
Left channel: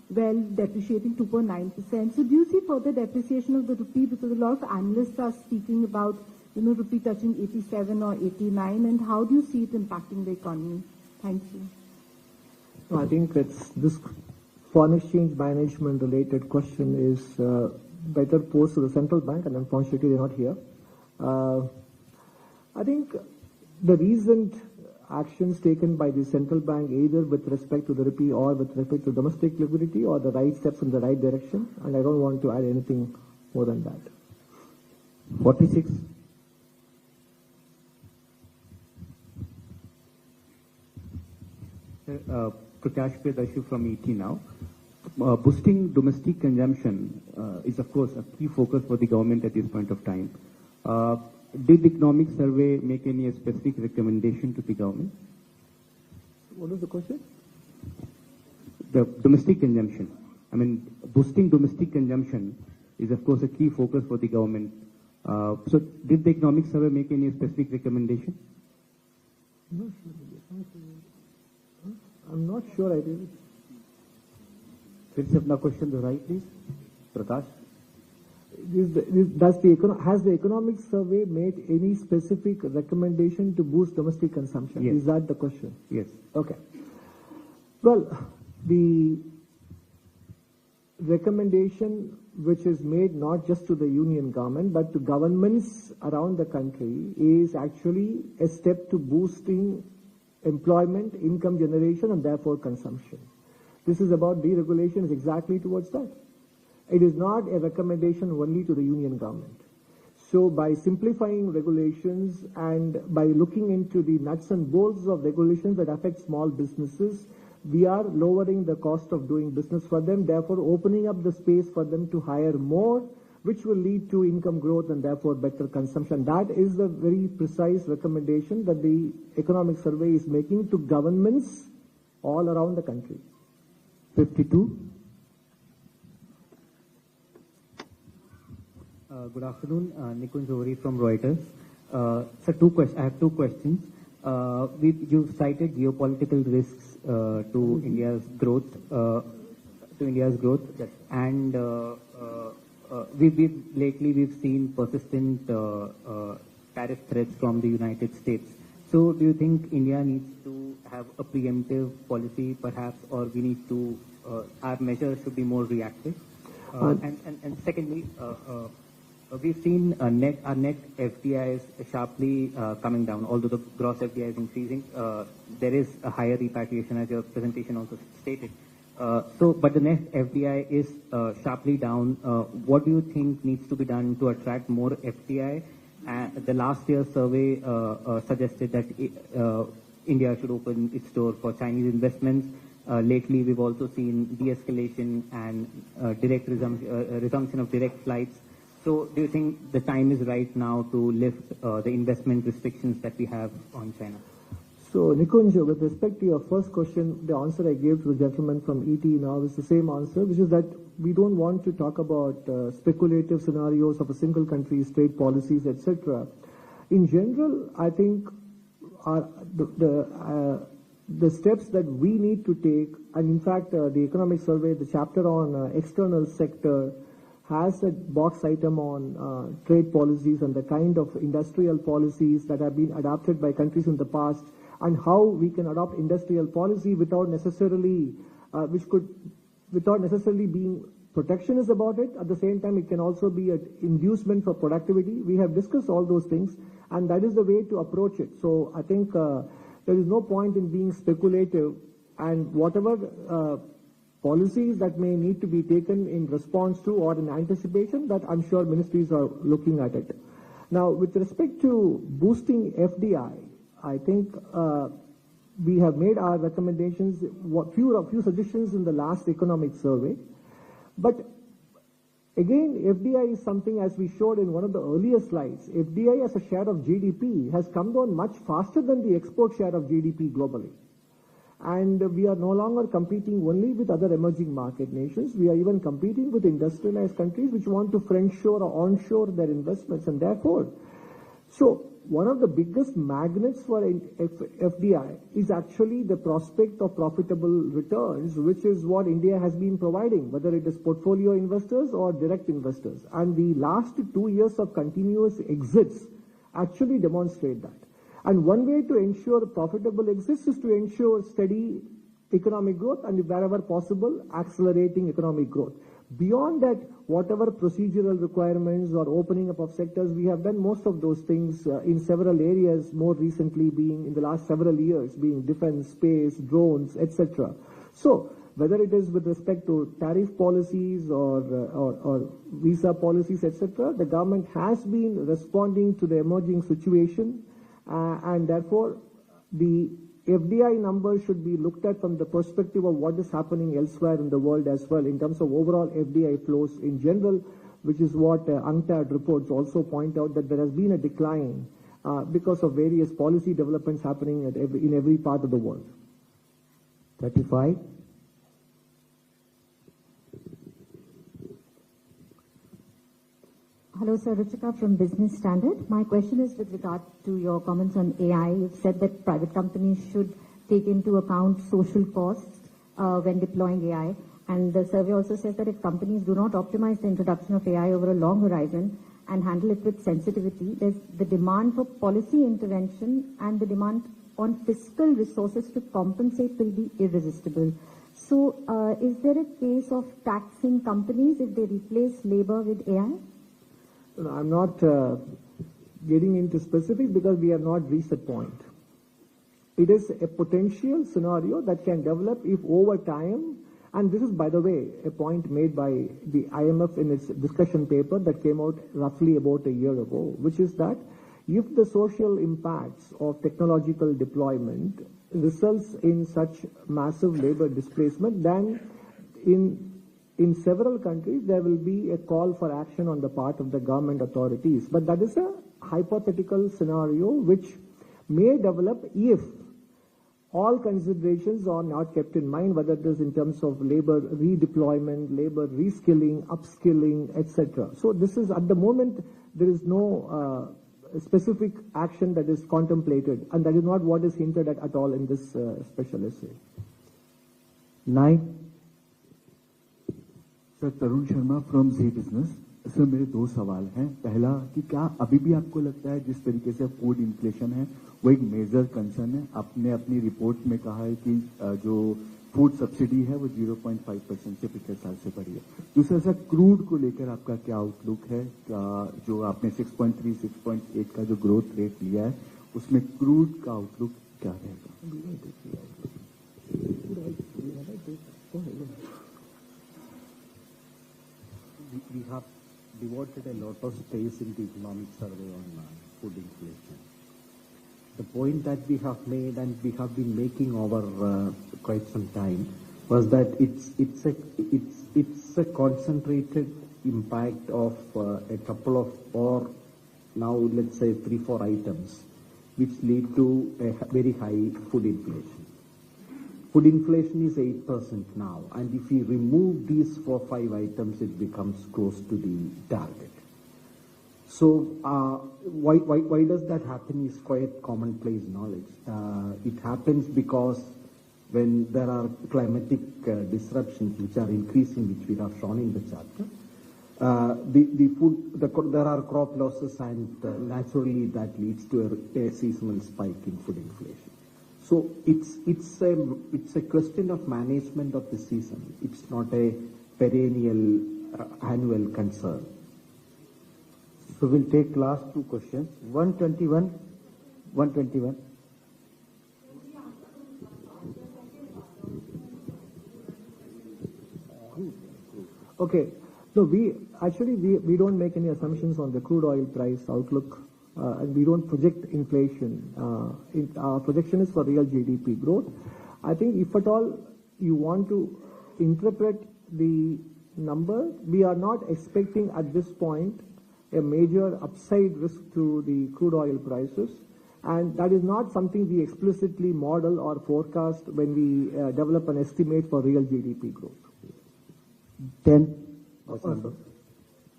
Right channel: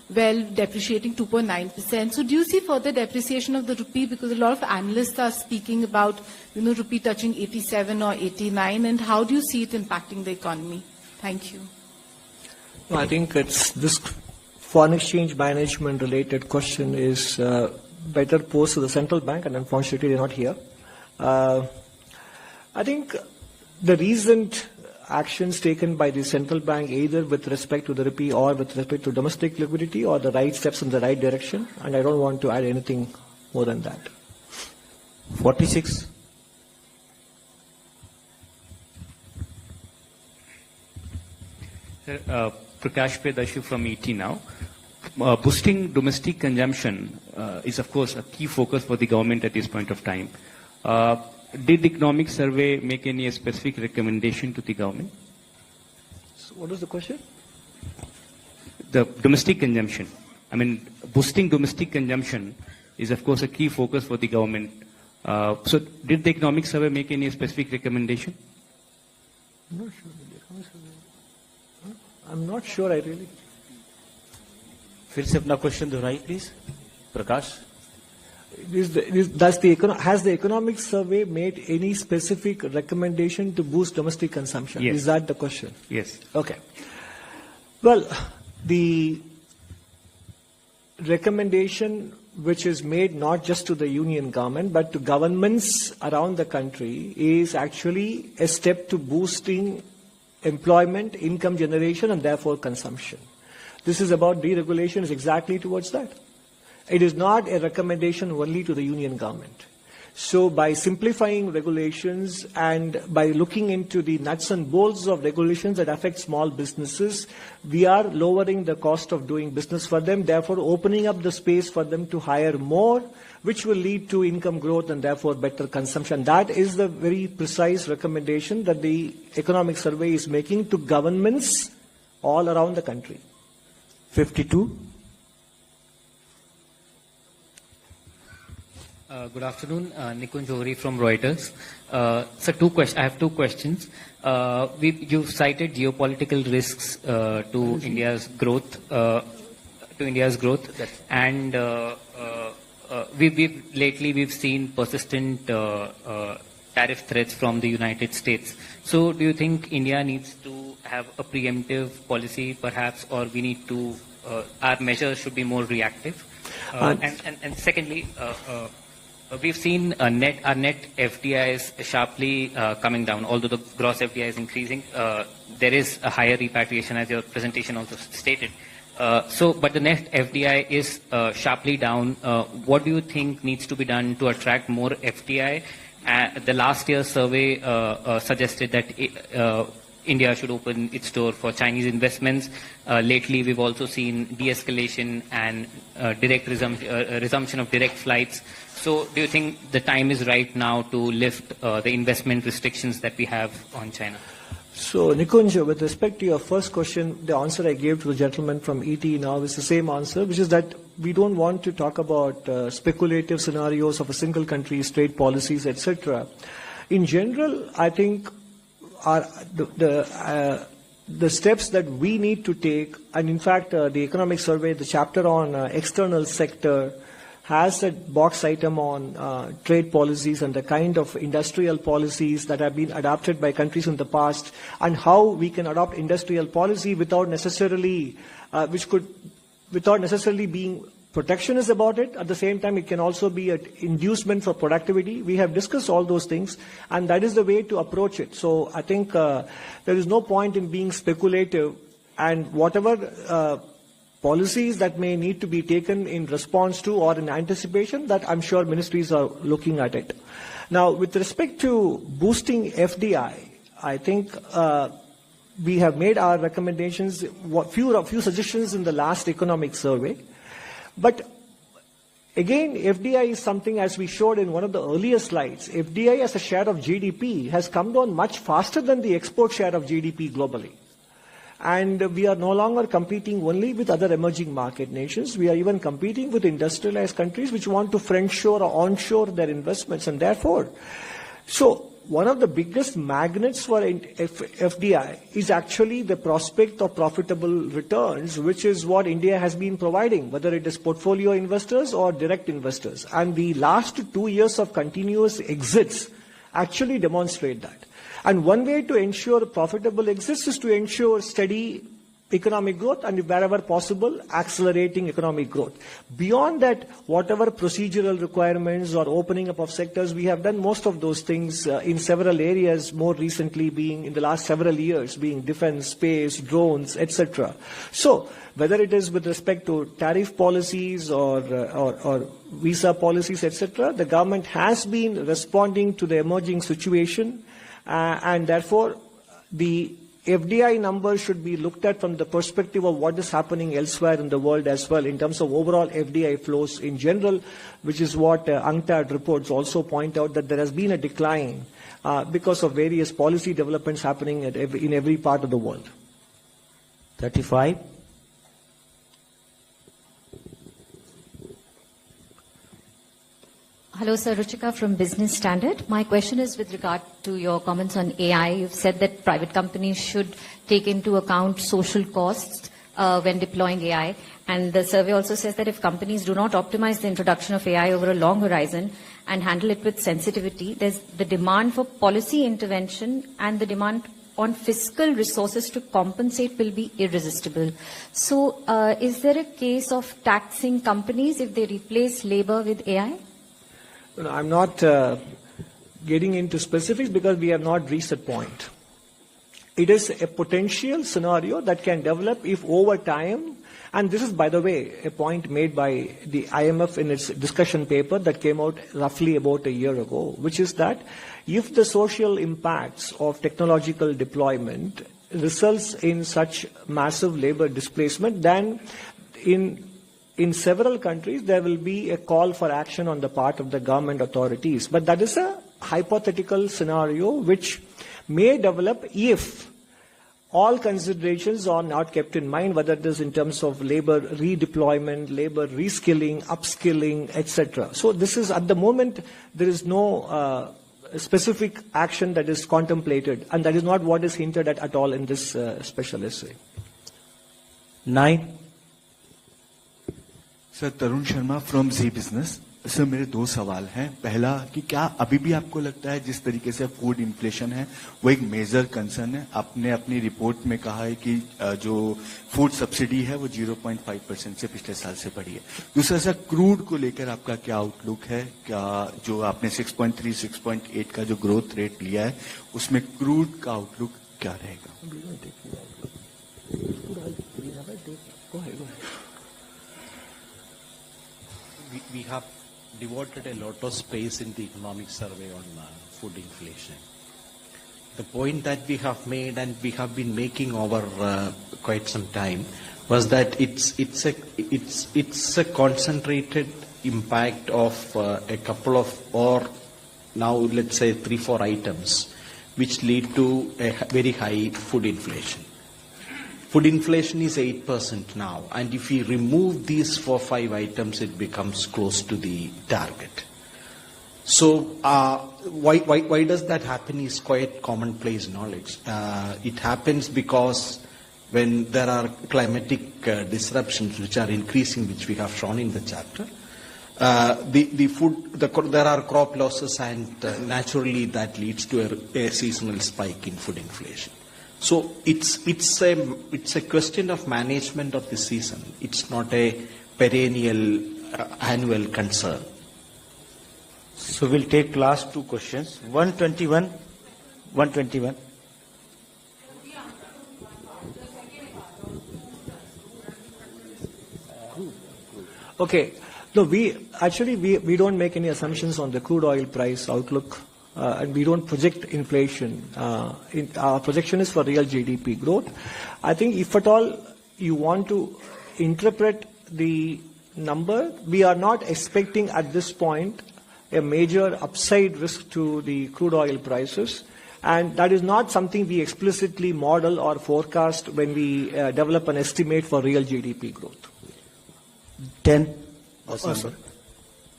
well, depreciating 2.9%. So do you see further depreciation of the rupee? Because a lot of analysts are speaking about, rupee touching 87 or 89. And how do you see it impacting the economy? Thank you. No, I think it's this foreign exchange management related question is better posed to the central bank, and unfortunately they're not here. I think the recent actions taken by the central bank, either with respect to the rupee or with respect to domestic liquidity, are the right steps in the right direction, and I don't want to add anything more than that. 46. Prakash Pedashu from ET now. Boosting domestic consumption is, of course, a key focus for the government at this point of time. Did the economic survey make any specific recommendation to the government? So what was the question? The domestic consumption. I mean, boosting domestic consumption is, of course, a key focus for the government. So did the economic survey make any specific recommendation? I'm not sure. I'm not sure, I really. फिर से अपना question दोहराइए please Prakash. Has the economic survey made any specific recommendation to boost domestic consumption? Yes. Is that the question? Yes. Okay. Well, the recommendation which is made not just to the union government but to governments around the country is actually a step to boosting employment, income generation, and therefore consumption. This is about deregulation, is exactly towards that. It is not a recommendation only to the union government. So by simplifying regulations and by looking into the nuts and bolts of regulations that affect small businesses, we are lowering the cost of doing business for them, therefore opening up the space for them to hire more, which will lead to income growth and therefore better consumption. That is the very precise recommendation that the economic survey is making to governments all around the country. 52. Good afternoon, Nikunj Johri from Reuters. I have two questions. You've cited geopolitical risks to India's growth, and lately we've seen persistent tariff threats from the United States. So, do you think India needs to have a preemptive policy, perhaps, or we need to our measures should be more reactive? And secondly. We've seen our net FDIs sharply coming down. Although the gross FDI is increasing, there is a higher repatriation, as your presentation also stated. But the net FDI is sharply down. What do you think needs to be done to attract more FDI? The last year's survey suggested that India should open its door for Chinese investments. Lately, we've also seen de-escalation and resumption of direct flights. So do you think the time is right now to lift the investment restrictions that we have on China? So, Nikunj, with respect to your first question, the answer I gave to the gentleman from ET now is the same answer, which is that we don't want to talk about speculative scenarios of a single country's trade policies, etc. In general, I think the steps that we need to take, and in fact, the economic survey, the chapter on external sector, has a box item on trade policies and the kind of industrial policies that have been adopted by countries in the past, and how we can adopt industrial policy without necessarily being protectionist about it. At the same time, it can also be an inducement for productivity. We have discussed all those things, and that is the way to approach it. So I think there is no point in being speculative, and whatever policies that may need to be taken in response to or in anticipation, that I'm sure ministries are looking at it. Now, with respect to boosting FDI, I think we have made our recommendations, a few suggestions in the last economic survey. But again, FDI is something, as we showed in one of the earlier slides, FDI as a share of GDP has come down much faster than the export share of GDP globally. And we are no longer competing only with other emerging market nations. We are even competing with industrialized countries which want to friendshore or onshore their investments. And therefore, so one of the biggest magnets for FDI is actually the prospect of profitable returns, which is what India has been providing, whether it is portfolio investors or direct investors. And the last 2 years of continuous exits actually demonstrate that. And one way to ensure profitable exits is to ensure steady economic growth and, wherever possible, accelerating economic growth. Beyond that, whatever procedural requirements or opening up of sectors, we have done most of those things in several areas, more recently being in the last several years, being defense, space, drones, etc. So, whether it is with respect to tariff policies or visa policies, etc., the government has been responding to the emerging situation, and therefore the FDI numbers should be looked at from the perspective of what is happening elsewhere in the world as well, in terms of overall FDI flows in general, which is what UNCTAD reports also point out, that there has been a decline because of various policy developments happening in every part of the world. 35. Hello, sir. Ruchika from Business Standard. My question is with regard to your comments on AI. You've said that private companies should take into account social costs when deploying AI. And the survey also says that if companies do not optimize the introduction of AI over a long horizon and handle it with sensitivity, there's the demand for policy intervention and the demand on fiscal resources to compensate will be irresistible. So is there a case of taxing companies if they replace labor with AI? I'm not getting into specifics because we have not reached that point. It is a potential scenario that can develop if over time, and this is, by the way, a point made by the IMF in its discussion paper that came out roughly about a year ago, which is that if the social impacts of technological deployment results in such massive labor displacement, then in several countries, there will be a call for action on the part of the government authorities. But that is a hypothetical scenario which may develop if all considerations are not kept in mind, whether it is in terms of labor redeployment, labor reskilling, upskilling, etc. So this is, at the moment, there is no specific action that is contemplated, and that is not what is hinted at all in this special essay. 9. Sir Tarun Sharma from ji business. Sir मेरे 2 सवाल हैं। पहला कि क्या अभी भी आपको लगता है जिस तरीके से फूड इन्फ्लेशन है वो एक मेजर कंसर्न है? आपने अपनी रिपोर्ट में कहा है कि जो फूड सब्सिडी है वो 0.5% से पिछले साल से बढ़ी है। दूसरा सर, क्रूड को लेकर आपका क्या आउटलुक है? क्या जो आपने 6.3, 6.8 का जो ग्रोथ रेट लिया है उसमें क्रूड का आउटलुक क्या रहेगा? We have devoted a lot of space in the economic survey on food inflation. The point that we have made and we have been making over quite some time was that it's a concentrated impact of a couple of, or now let's say 3-4 items which lead to a very high food inflation. Food inflation is 8% now, and if we remove these 4-5 items, it becomes close to the target. So why does that happen is quite commonplace knowledge. It happens because when there are climatic disruptions which are increasing, which we have shown in the chapter, there are crop losses, and naturally that leads to a seasonal spike in food inflation. So it's a question of management of the season. It's not a perennial annual concern. So we'll take last 2 questions. 121. Okay. No, we don't make any assumptions on the crude oil price outlook. And we don't project inflation. Our projection is for real GDP growth. I think if at all you want to interpret the number, we are not expecting at this point a major upside risk to the crude oil prices. And that is not something we explicitly model or forecast when we develop an estimate for real GDP growth. 10. Sorry.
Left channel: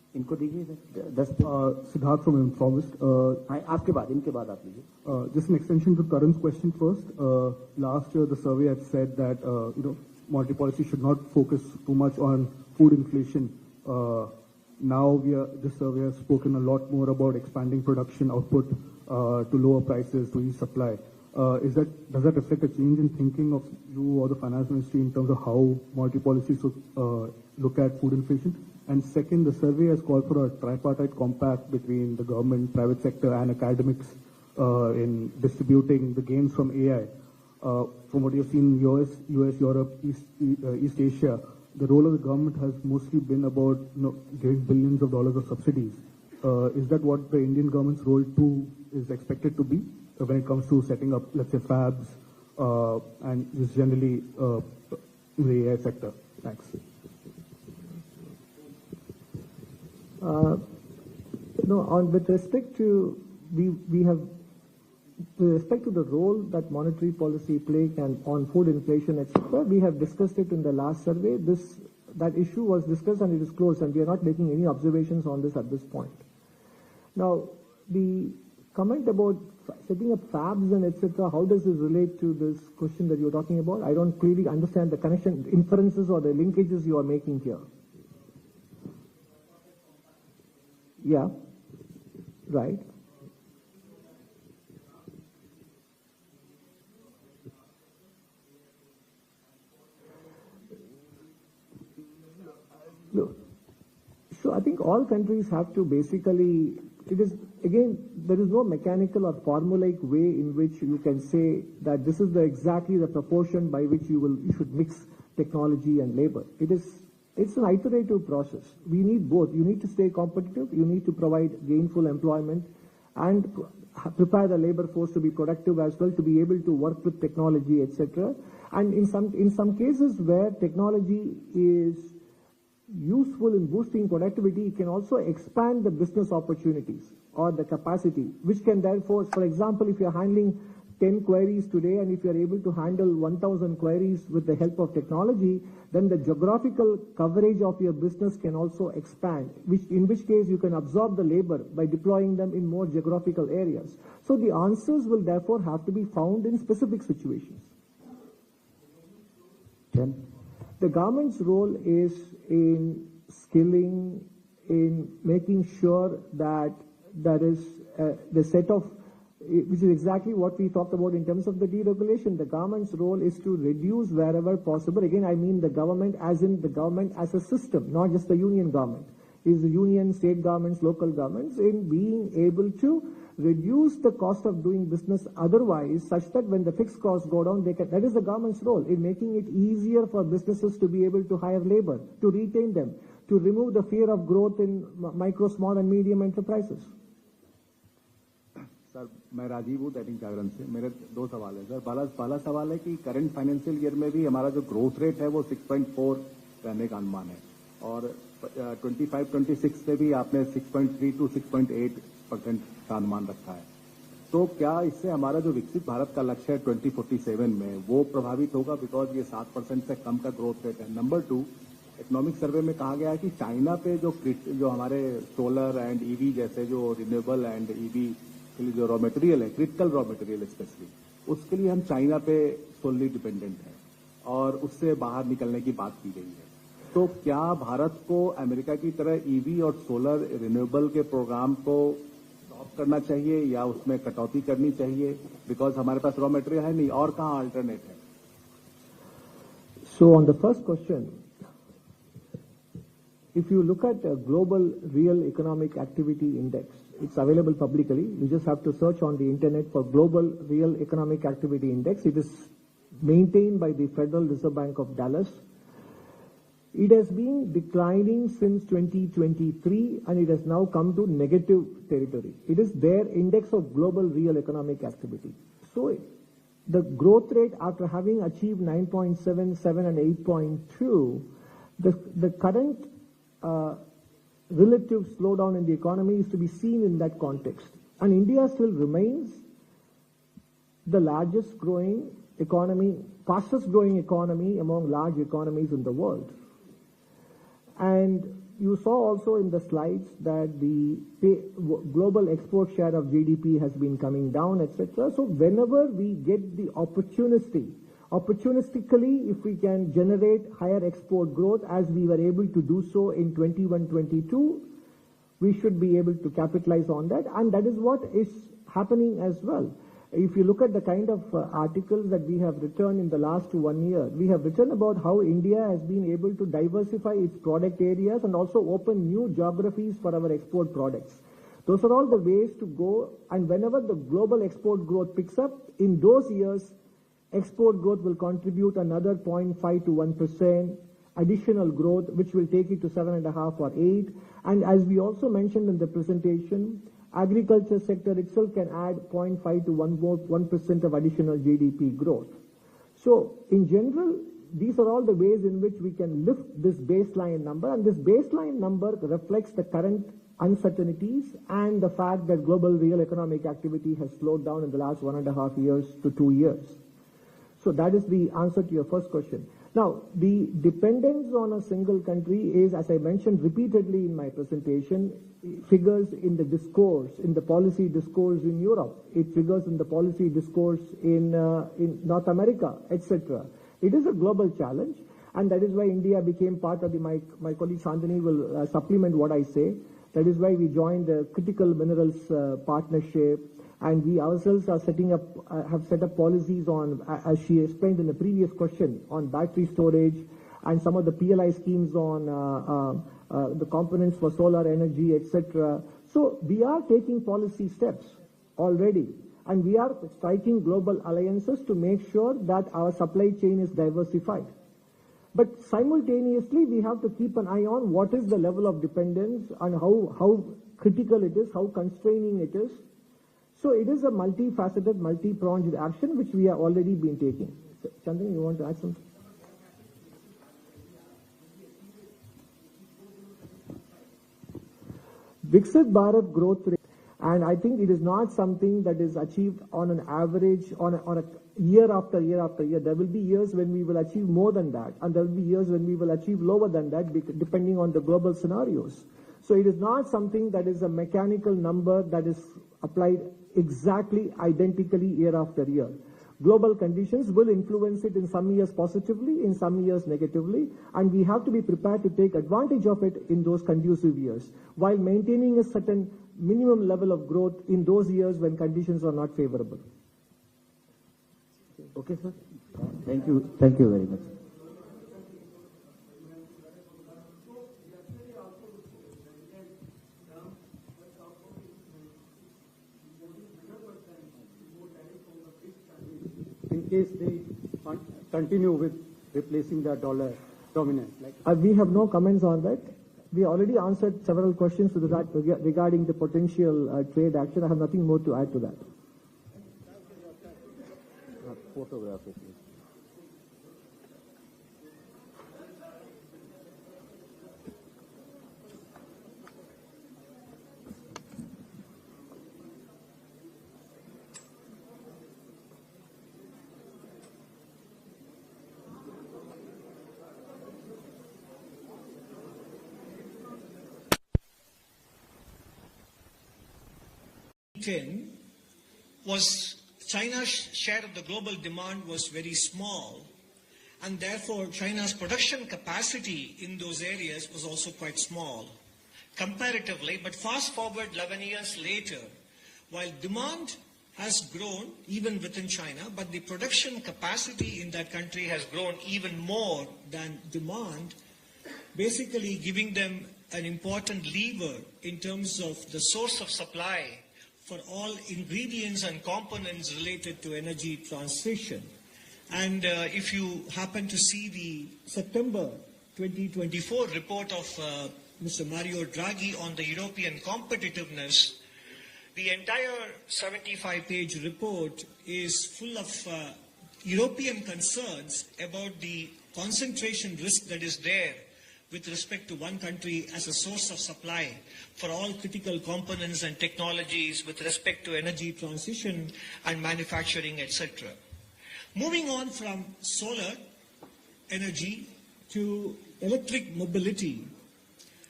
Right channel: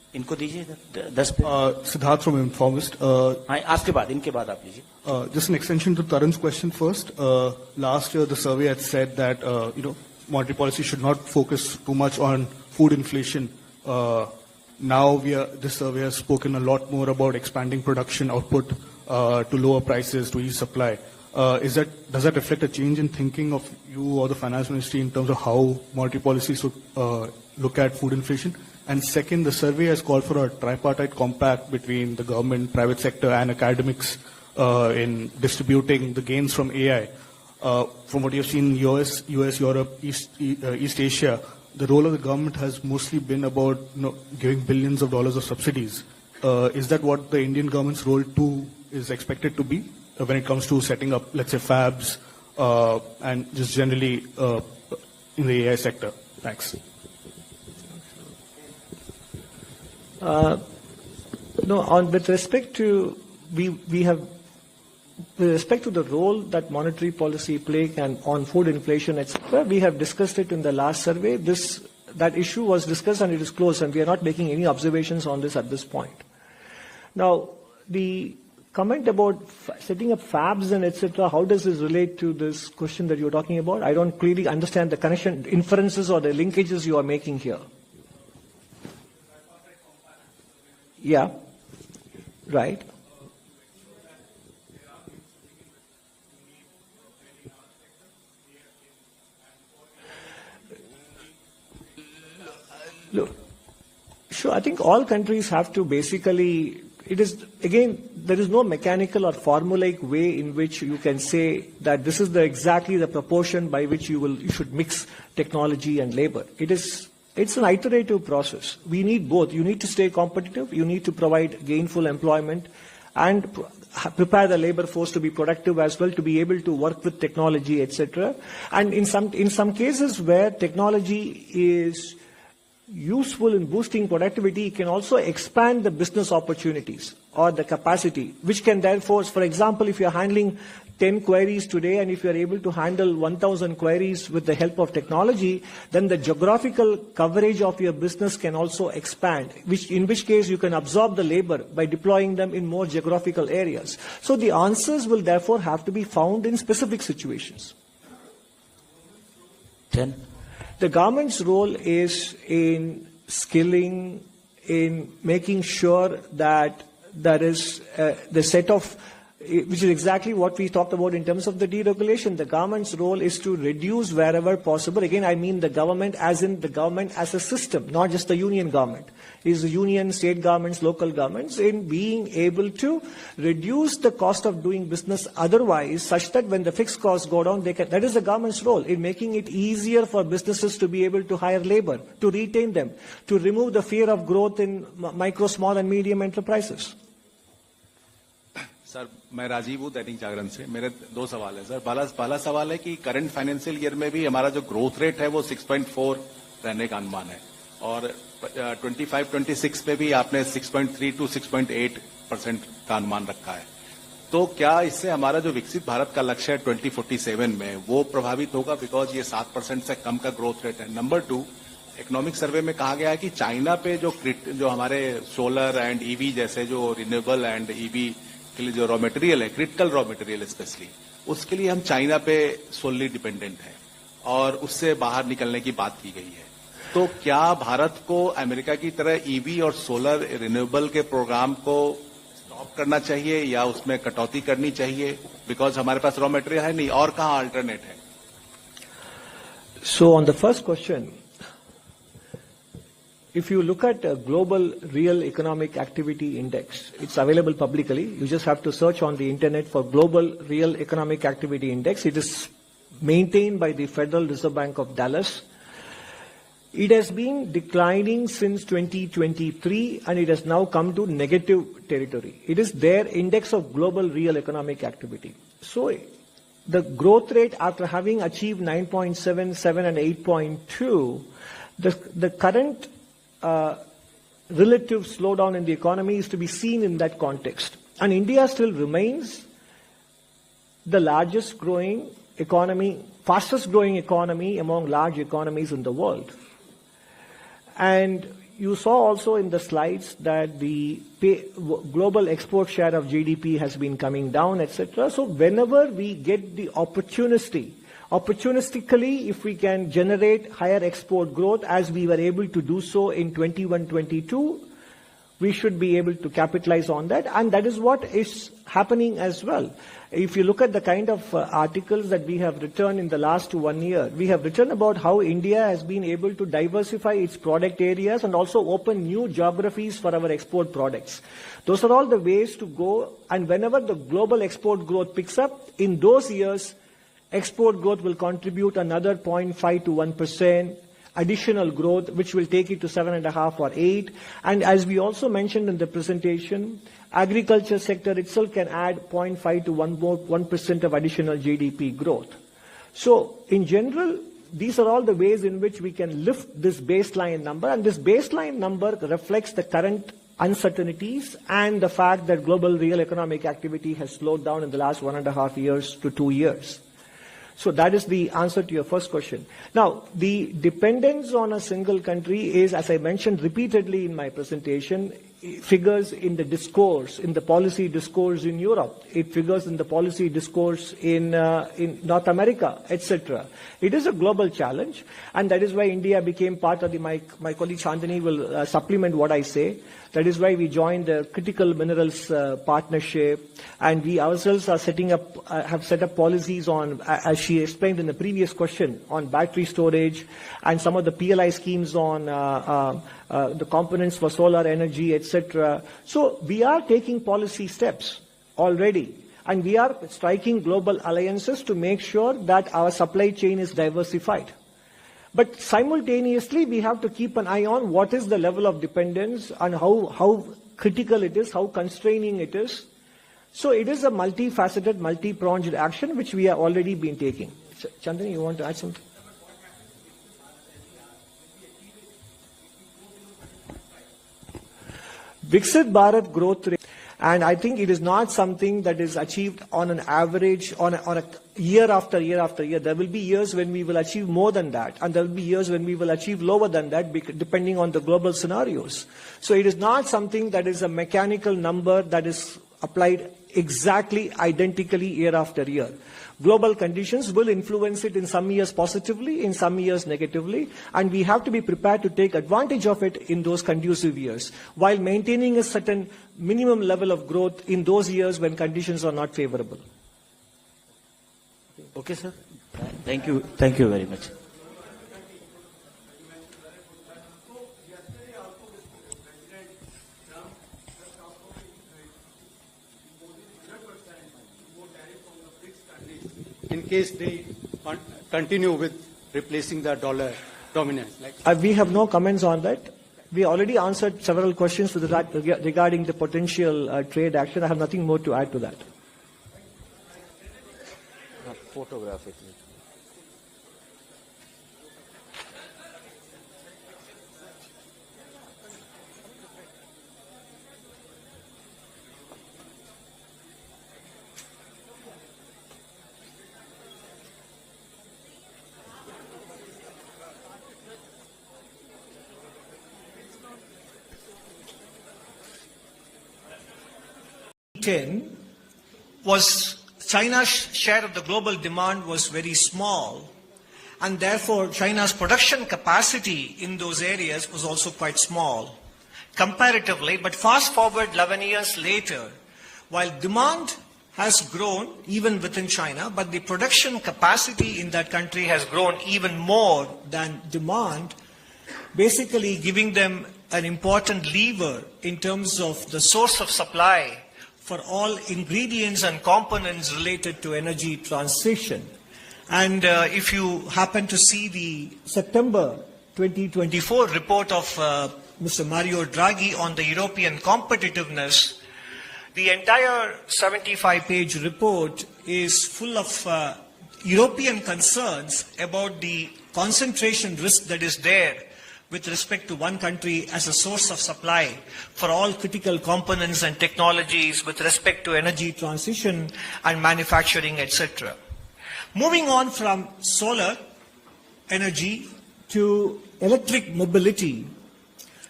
इनको दीजिए 10 Siddharth from Informist. हाँ, आपके बाद इनके बाद आप लीजिए. Just an extension to Tarun's question first. Last year, the survey had said that monetary policy should not focus too much on food inflation. Now this survey has spoken a lot more about expanding production output to lower prices to ease supply. Does that reflect a change in thinking of you or the finance ministry in terms of how monetary policy should look at food inflation? And second, the survey has called for a tripartite compact between the government, private sector, and academics in distributing the gains from AI. From what you've seen in US, Europe, East Asia, the role of the government has mostly been about giving billions of dollars of subsidies. Is that what the Indian government's role too is expected to be when it comes to setting up, let's say, fabs and just generally in the AI sector? Thanks. With respect to with respect to the role that monetary policy play can on food inflation, etc., we have discussed it in the last survey. That issue was discussed and it is closed, and we are not making any observations on this at this point. Now, the comment about setting up fabs and etc., how does this relate to this question that you're talking about? I don't clearly understand the connection, inferences or the linkages you are making here. Yeah, right. Look, sure, I think all countries have to basically, there is no mechanical or formulaic way in which you can say that this is exactly the proportion by which you should mix technology and labor. It's an iterative process. We need both. You need to stay competitive. You need to provide gainful employment and prepare the labor force to be productive as well, to be able to work with technology, etc. And in some cases where technology is useful in boosting productivity, it can also expand the business opportunities or the capacity, which can therefore, for example, if you're handling 10 queries today, and if you're able to handle 1,000 queries with the help of technology, then the geographical coverage of your business can also expand, in which case you can absorb the labor by deploying them in more geographical areas. So the answers will therefore have to be found in specific situations. 10. The government's role is in skilling, in making sure that there is the set of, which is exactly what we talked about in terms of the deregulation. The government's role is to reduce wherever possible. Again, I mean the government as in the government as a system, not just the union government. It is the union, state governments, local governments, in being able to reduce the cost of doing business otherwise, such that when the fixed costs go down, that is the government's role in making it easier for businesses to be able to hire labor, to retain them, to remove the fear of growth in micro, small and medium enterprises. Sir मैं राजीव हूँ दैनिक जागरण से. मेरे दो सवाल है sir. पहला सवाल है कि करंट फाइनेंशियल ईयर में भी हमारा जो ग्रोथ रेट है वो 6.4 रहने का अनुमान है, और 25-26 पे भी आपने 6.3 to 6.8% का अनुमान रखा है. तो क्या इससे हमारा जो विकसित भारत का लक्ष्य है 2047 में वो प्रभावित होगा, बिकॉज ये 7% से कम का ग्रोथ रेट है. नंबर 2, इकोनॉमिक सर्वे में कहा गया है कि चाइना पे जो हमारे सोलर एंड ईवी जैसे जो रिन्यूएबल एंड ईवी के लिए जो रॉ मटेरियल है, क्रिटिकल रॉ मटेरियल स्पेशली, उसके लिए हम चाइना पे सोलली डिपेंडेंट हैं और उससे बाहर निकलने की बात की गई है. तो क्या भारत को अमेरिका की तरह ईवी और सोलर रिन्यूएबल के प्रोग्राम को स्टॉप करना चाहिए या उसमें कटौती करनी चाहिए, बिकॉज हमारे पास रॉ मटेरियल है नहीं, और कहाँ अल्टरनेट है? So on the first question, if you look at a global real economic activity index, it's available publicly. You just have to search on the internet for global real economic activity index. It is maintained by the Federal Reserve Bank of Dallas. It has been declining since 2023 and it has now come to negative territory. It is their index of global real economic activity. So the growth rate, after having achieved 9.7, 7 and 8.2, the current relative slowdown in the economy is to be seen in that context. And India still remains the largest growing economy, fastest growing economy among large economies in the world. And you saw also in the slides that the global export share of GDP has been coming down, etc. So whenever we get the opportunistically, if we can generate higher export growth as we were able to do so in 21-22, we should be able to capitalize on that, and that is what is happening as well. If you look at the kind of articles that we have written in the last 1 year, we have written about how India has been able to diversify its product areas and also open new geographies for our export products. Those are all the ways to go, and whenever the global export growth picks up, in those years, export growth will contribute another 0.5 to 1%. Additional growth, which will take it to 7.5 or 8. And as we also mentioned in the presentation, agriculture sector itself can add 0.5 to 1% of additional GDP growth. So in general, these are all the ways in which we can lift this baseline number, and this baseline number reflects the current uncertainties and the fact that global real economic activity has slowed down in the last 1.5 years to 2 years. So that is the answer to your first question. Now, the dependence on a single country is, as I mentioned repeatedly in my presentation, figures in the discourse, in the policy discourse in Europe. It figures in the policy discourse in North America, etc. It is a global challenge, and that is why India became part of my colleague Chandani will supplement what I say. That is why we joined the Critical Minerals Partnership, and we ourselves are have set up policies on, as she explained in the previous question, on battery storage and some of the PLI schemes on the components for solar energy, etc. So we are taking policy steps already, and we are striking global alliances to make sure that our supply chain is diversified. But simultaneously, we have to keep an eye on what is the level of dependence and how critical it is, how constraining it is. So it is a multifaceted, multi-pronged action which we have already been taking. Chandani, you want to add something? Viksit Bharat growth rate, and I think it is not something that is achieved on an average, on a year after year after year. There will be years when we will achieve more than that, and there will be years when we will achieve lower than that, depending on the global scenarios. So it is not something that is a mechanical number that is applied exactly identically year after year. Global conditions will influence it in some years positively, in some years negatively, and we have to be prepared to take advantage of it in those conducive years, while maintaining a certain minimum level of growth in those years when conditions are not favorable. Okay, sir. Thank you. Thank you very much. In case they continue with replacing the dollar dominance? We have no comments on that. We already answered several questions regarding the potential trade action. I have nothing more to add to that. Photographic. Was China's share of the global demand was very small, and therefore China's production capacity in those areas was also quite small comparatively. But fast forward 11 years later, while demand has grown even within China, but the production capacity in that country has grown even more than demand, basically giving them an important lever in terms of the source of supply for all ingredients and components related to energy transition. And if you happen to see the September 2024 report of Mr. Mario Draghi on the European competitiveness, the entire 75-page report is full of European concerns about the concentration risk that is there with respect to one country as a source of supply for all critical components and technologies with respect to energy transition and manufacturing, etc. Moving on from solar energy to electric mobility,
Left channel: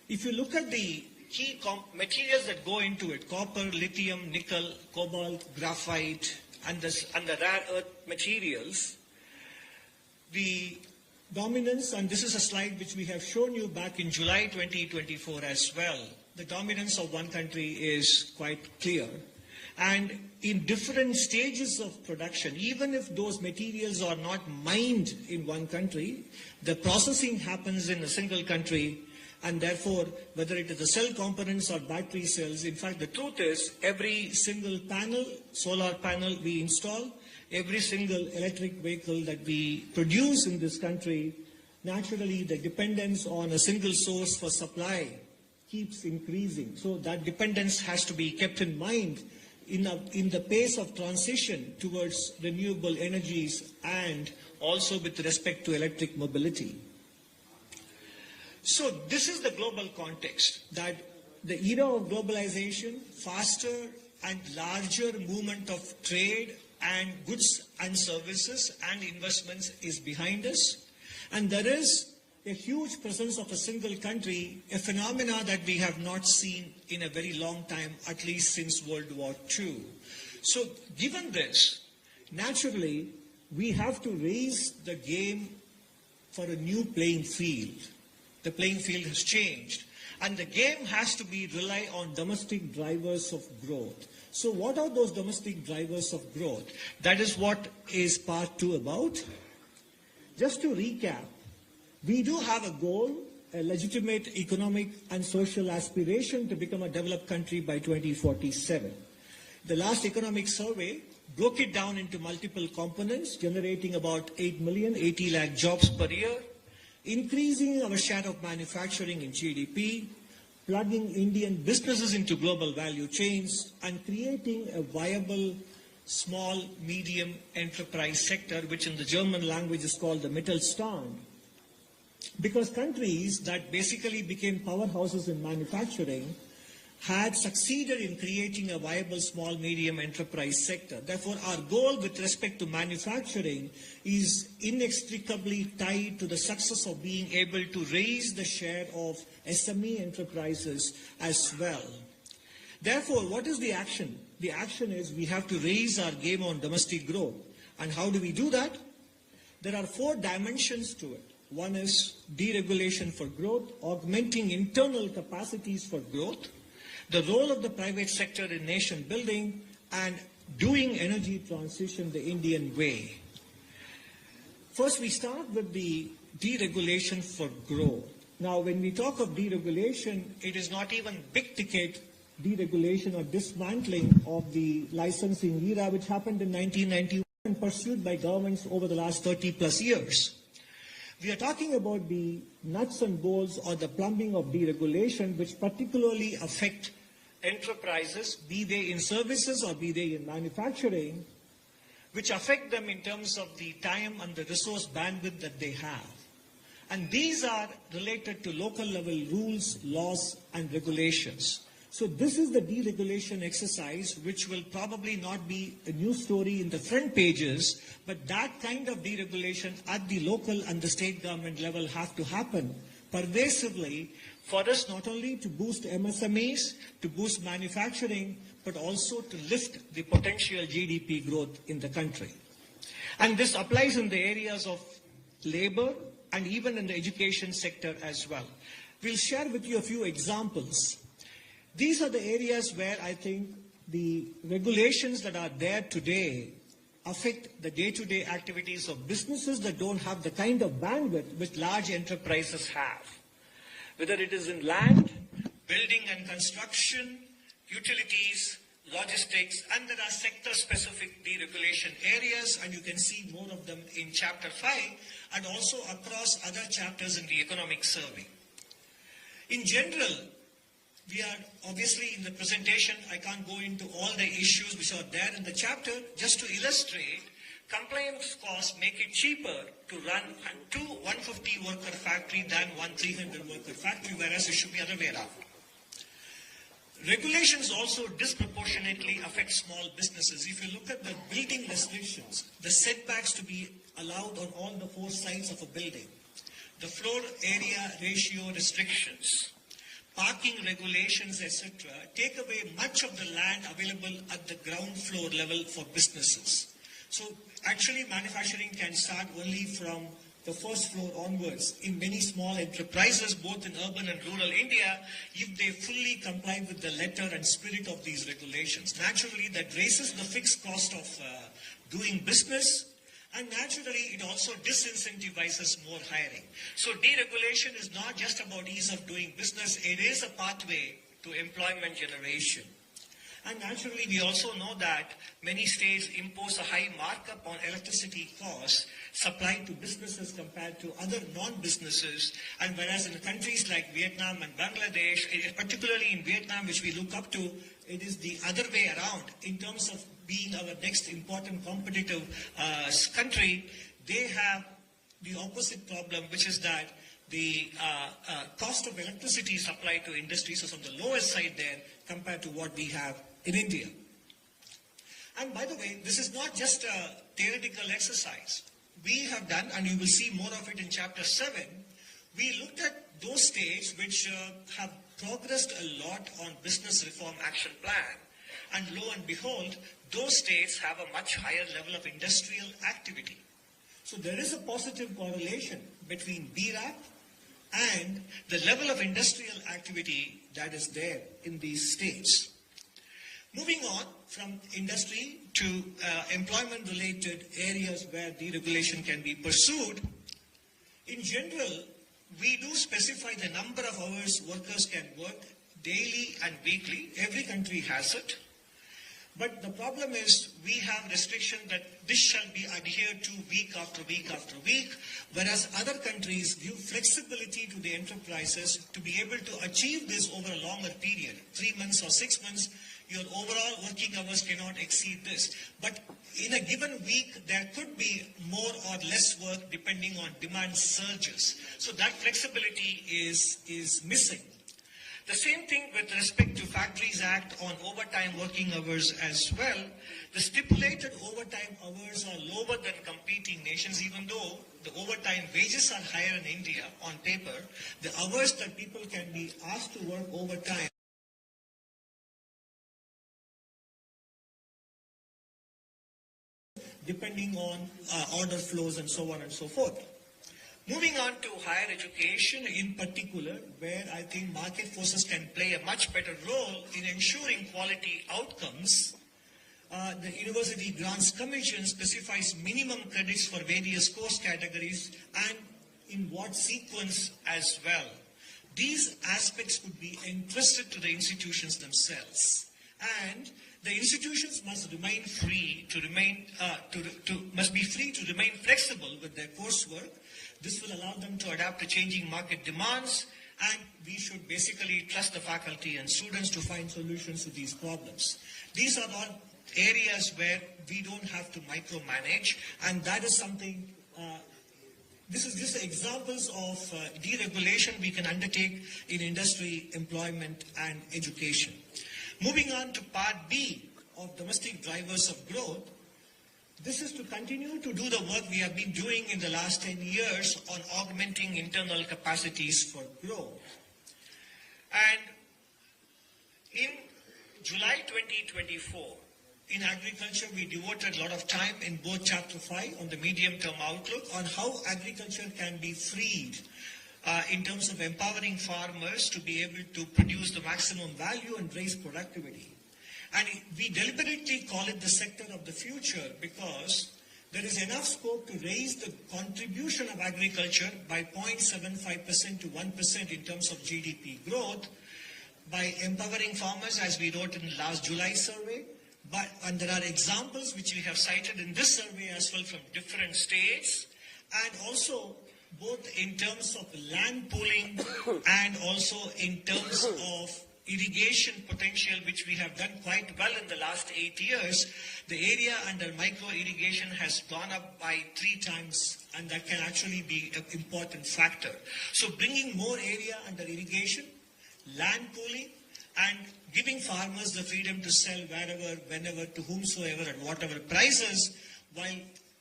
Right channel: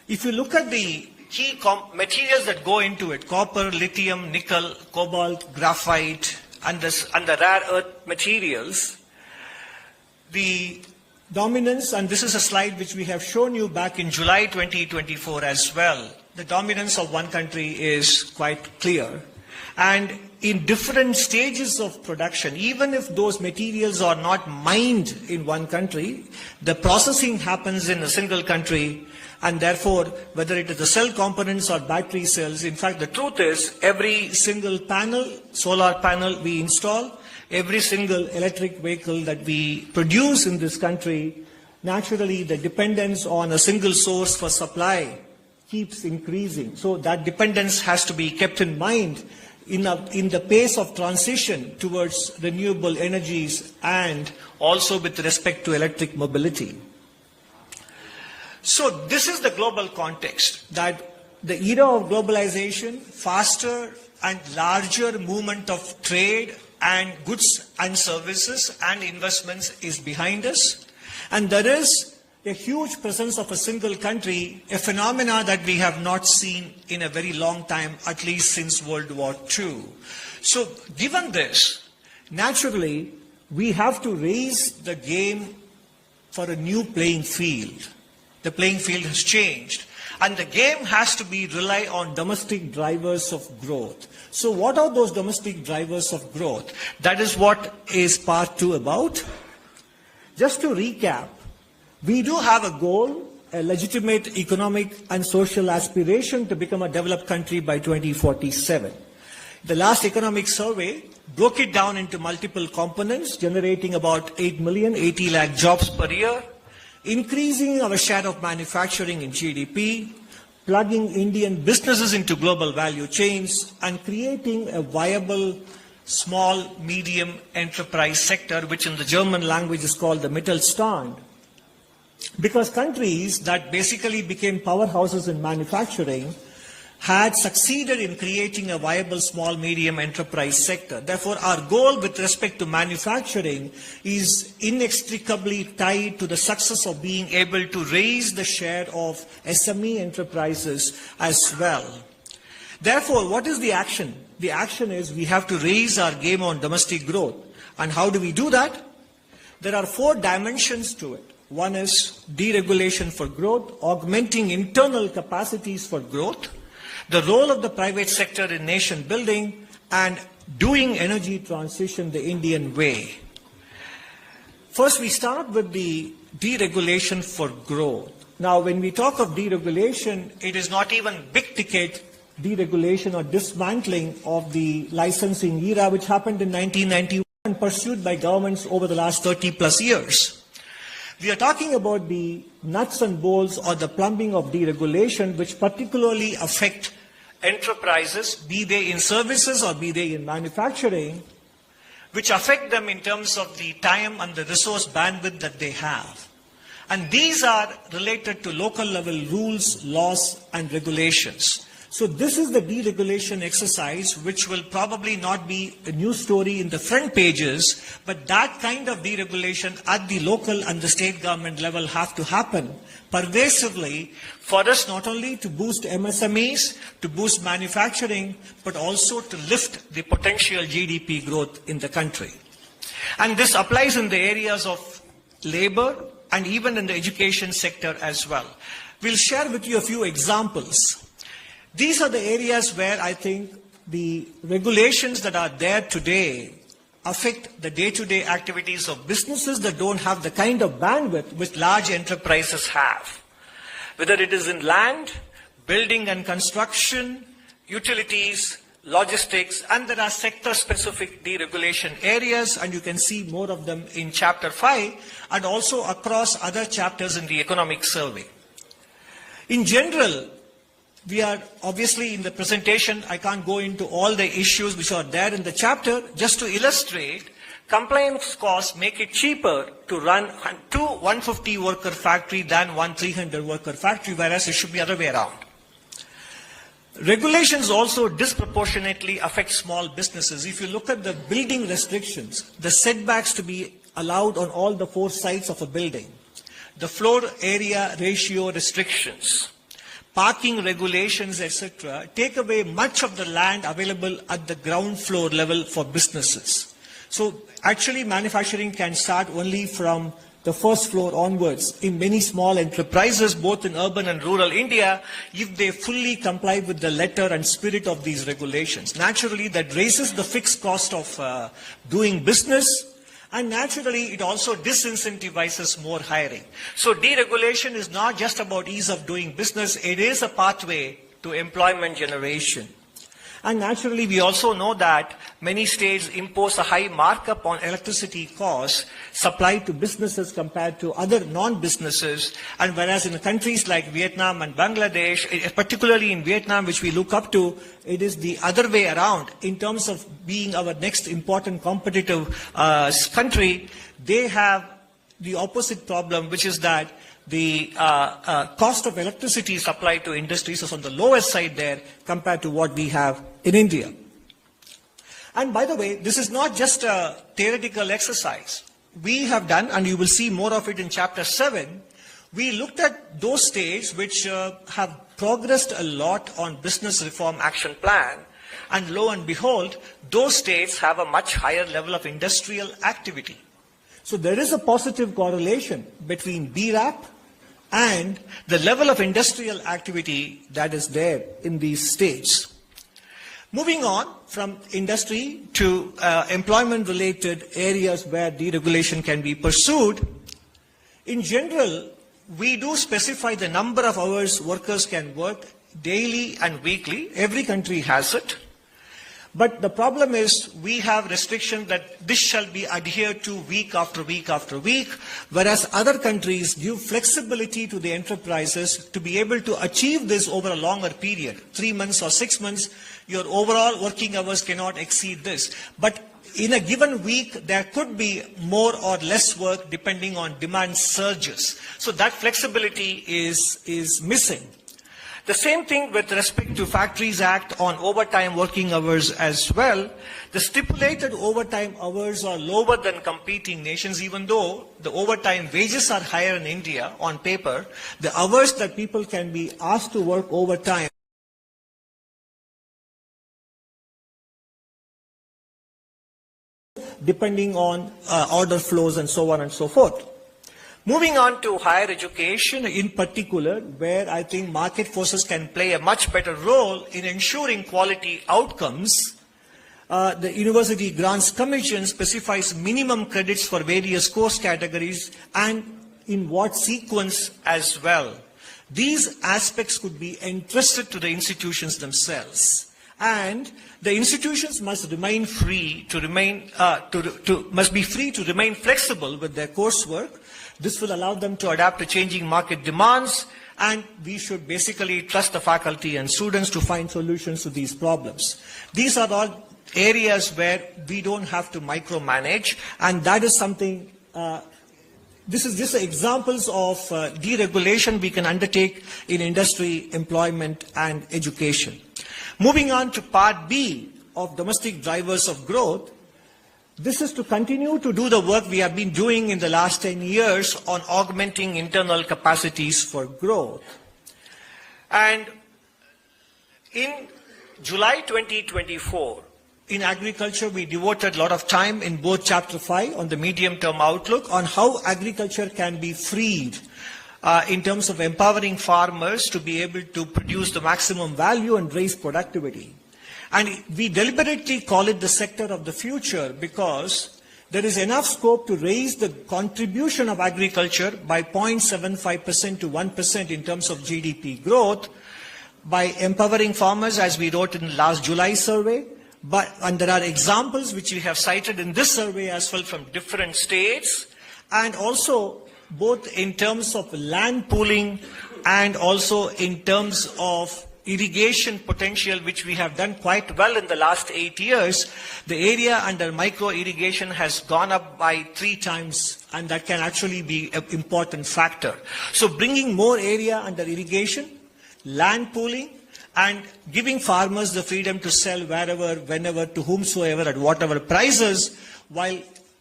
If you look at the key materials that go into it, copper, lithium, nickel, cobalt, graphite, and the rare earth materials, the dominance, and this is a slide which we have shown you back in July 2024 as well, the dominance of one country is quite clear. And in different stages of production, even if those materials are not mined in one country, the processing happens in a single country, and therefore, whether it is the cell components or battery cells, in fact, the truth is, every single panel, solar panel we install, every single electric vehicle that we produce in this country, naturally the dependence on a single source for supply keeps increasing. So that dependence has to be kept in mind in the pace of transition towards renewable energies and also with respect to electric mobility. So this is the global context, that the era of globalization, faster and larger movement of trade and goods and services and investments is behind us. And there is a huge presence of a single country, a phenomena that we have not seen in a very long time, at least since World War II. So given this, naturally, we have to raise the game for a new playing field. The playing field has changed. And the game has to rely on domestic drivers of growth. So what are those domestic drivers of growth? That is what is part 2 about. Just to recap, we do have a goal, a legitimate economic and social aspiration to become a developed country by 2047. The last economic survey broke it down into multiple components, generating about 80 lakh jobs per year, increasing our share of manufacturing in GDP, plugging Indian businesses into global value chains, and creating a viable small, medium enterprise sector, which in the German language is called the Mittelstand. Because countries that basically became powerhouses in manufacturing had succeeded in creating a viable small, medium enterprise sector. Therefore, our goal with respect to manufacturing is inextricably tied to the success of being able to raise the share of SME enterprises as well. Therefore, what is the action? The action is we have to raise our game on domestic growth. And how do we do that? There are 4 dimensions to it. One is deregulation for growth, augmenting internal capacities for growth, the role of the private sector in nation building, and doing energy transition the Indian way. First, we start with the deregulation for growth. Now, when we talk of deregulation, it is not even big ticket deregulation or dismantling of the licensing era, which happened in 1991 and pursued by governments over the last 30 plus years. We are talking about the nuts and bolts or the plumbing of deregulation, which particularly affect enterprises, be they in services or be they in manufacturing, which affect them in terms of the time and the resource bandwidth that they have. And these are related to local level rules, laws, and regulations. So this is the deregulation exercise, which will probably not be a news story in the front pages, but that kind of deregulation at the local and the state government level have to happen pervasively for us not only to boost MSMEs, to boost manufacturing, but also to lift the potential GDP growth in the country. And this applies in the areas of labor and even in the education sector as well. We'll share with you a few examples. These are the areas where I think the regulations that are there today affect the day-to-day activities of businesses that don't have the kind of bandwidth which large enterprises have. Whether it is in land, building and construction, utilities, logistics, and there are sector-specific deregulation areas, and you can see more of them in Chapter 5 and also across other chapters in the economic survey. In general, we are obviously in the presentation, I can't go into all the issues which are there in the chapter. Just to illustrate, compliance costs make it cheaper to run a 150 worker factory than one 300 worker factory, whereas it should be the other way around. Regulations also disproportionately affect small businesses. If you look at the building restrictions, the setbacks to be allowed on all the 4 sides of a building, the floor area ratio restrictions, parking regulations, etc., take away much of the land available at the ground floor level for businesses. So actually manufacturing can start only from the first floor onwards in many small enterprises, both in urban and rural India, if they fully comply with the letter and spirit of these regulations. Naturally, that raises the fixed cost of doing business, and naturally, it also disincentivizes more hiring. So deregulation is not just about ease of doing business, it is a pathway to employment generation. And naturally, we also know that many states impose a high markup on electricity costs supplied to businesses compared to other non-businesses. And whereas in countries like Vietnam and Bangladesh, particularly in Vietnam, which we look up to, it is the other way around in terms of being our next important competitive country. They have the opposite problem, which is that the cost of electricity supplied to industries is on the lowest side there compared to what we have in India. And by the way, this is not just a theoretical exercise. We have done, and you will see more of it in Chapter 7, we looked at those states which have progressed a lot on Business Reform Action Plan, and lo and behold, those states have a much higher level of industrial activity. So there is a positive correlation between BRAP and the level of industrial activity that is there in these states. Moving on from industry to employment-related areas where deregulation can be pursued, in general, we do specify the number of hours workers can work daily and weekly. Every country has it. But the problem is we have restriction that this shall be adhered to week after week after week, whereas other countries give flexibility to the enterprises to be able to achieve this over a longer period, 3 months or 6 months. Your overall working hours cannot exceed this. But in a given week, there could be more or less work depending on demand surges. So that flexibility is missing. The same thing with respect to Factories Act on overtime working hours as well. The stipulated overtime hours are lower than competing nations, even though the overtime wages are higher in India on paper. The hours that people can be asked to work overtime depending on order flows and so on and so forth. Moving on to higher education in particular, where I think market forces can play a much better role in ensuring quality outcomes. The University Grants Commission specifies minimum credits for various course categories and in what sequence as well. These aspects could be entrusted to the institutions themselves, and the institutions must remain free to remain flexible with their coursework. This will allow them to adapt to changing market demands, and we should basically trust the faculty and students to find solutions to these problems. These are all areas where we don't have to micromanage, and that is something, this is just examples of deregulation we can undertake in industry, employment, and education. Moving on to part B of domestic drivers of growth, this is to continue to do the work we have been doing in the last 10 years on augmenting internal capacities for growth. And in July 2024, in agriculture, we devoted a lot of time in both Chapter 5 on the medium-term outlook on how agriculture can be freed in terms of empowering farmers to be able to produce the maximum value and raise productivity. And we deliberately call it the sector of the future because there is enough scope to raise the contribution of agriculture by 0.75% to 1% in terms of GDP growth by empowering farmers, as we wrote in the last July survey. And there are examples which we have cited in this survey as well from different states, and also both in terms of land pooling and also in terms of irrigation potential, which we have done quite well in the last 8 years. The area under micro irrigation has gone up by 3 times, and that can actually be an important factor. So bringing more area under irrigation, land pooling, and giving farmers the freedom to sell wherever, whenever, to whomsoever, at whatever prices, while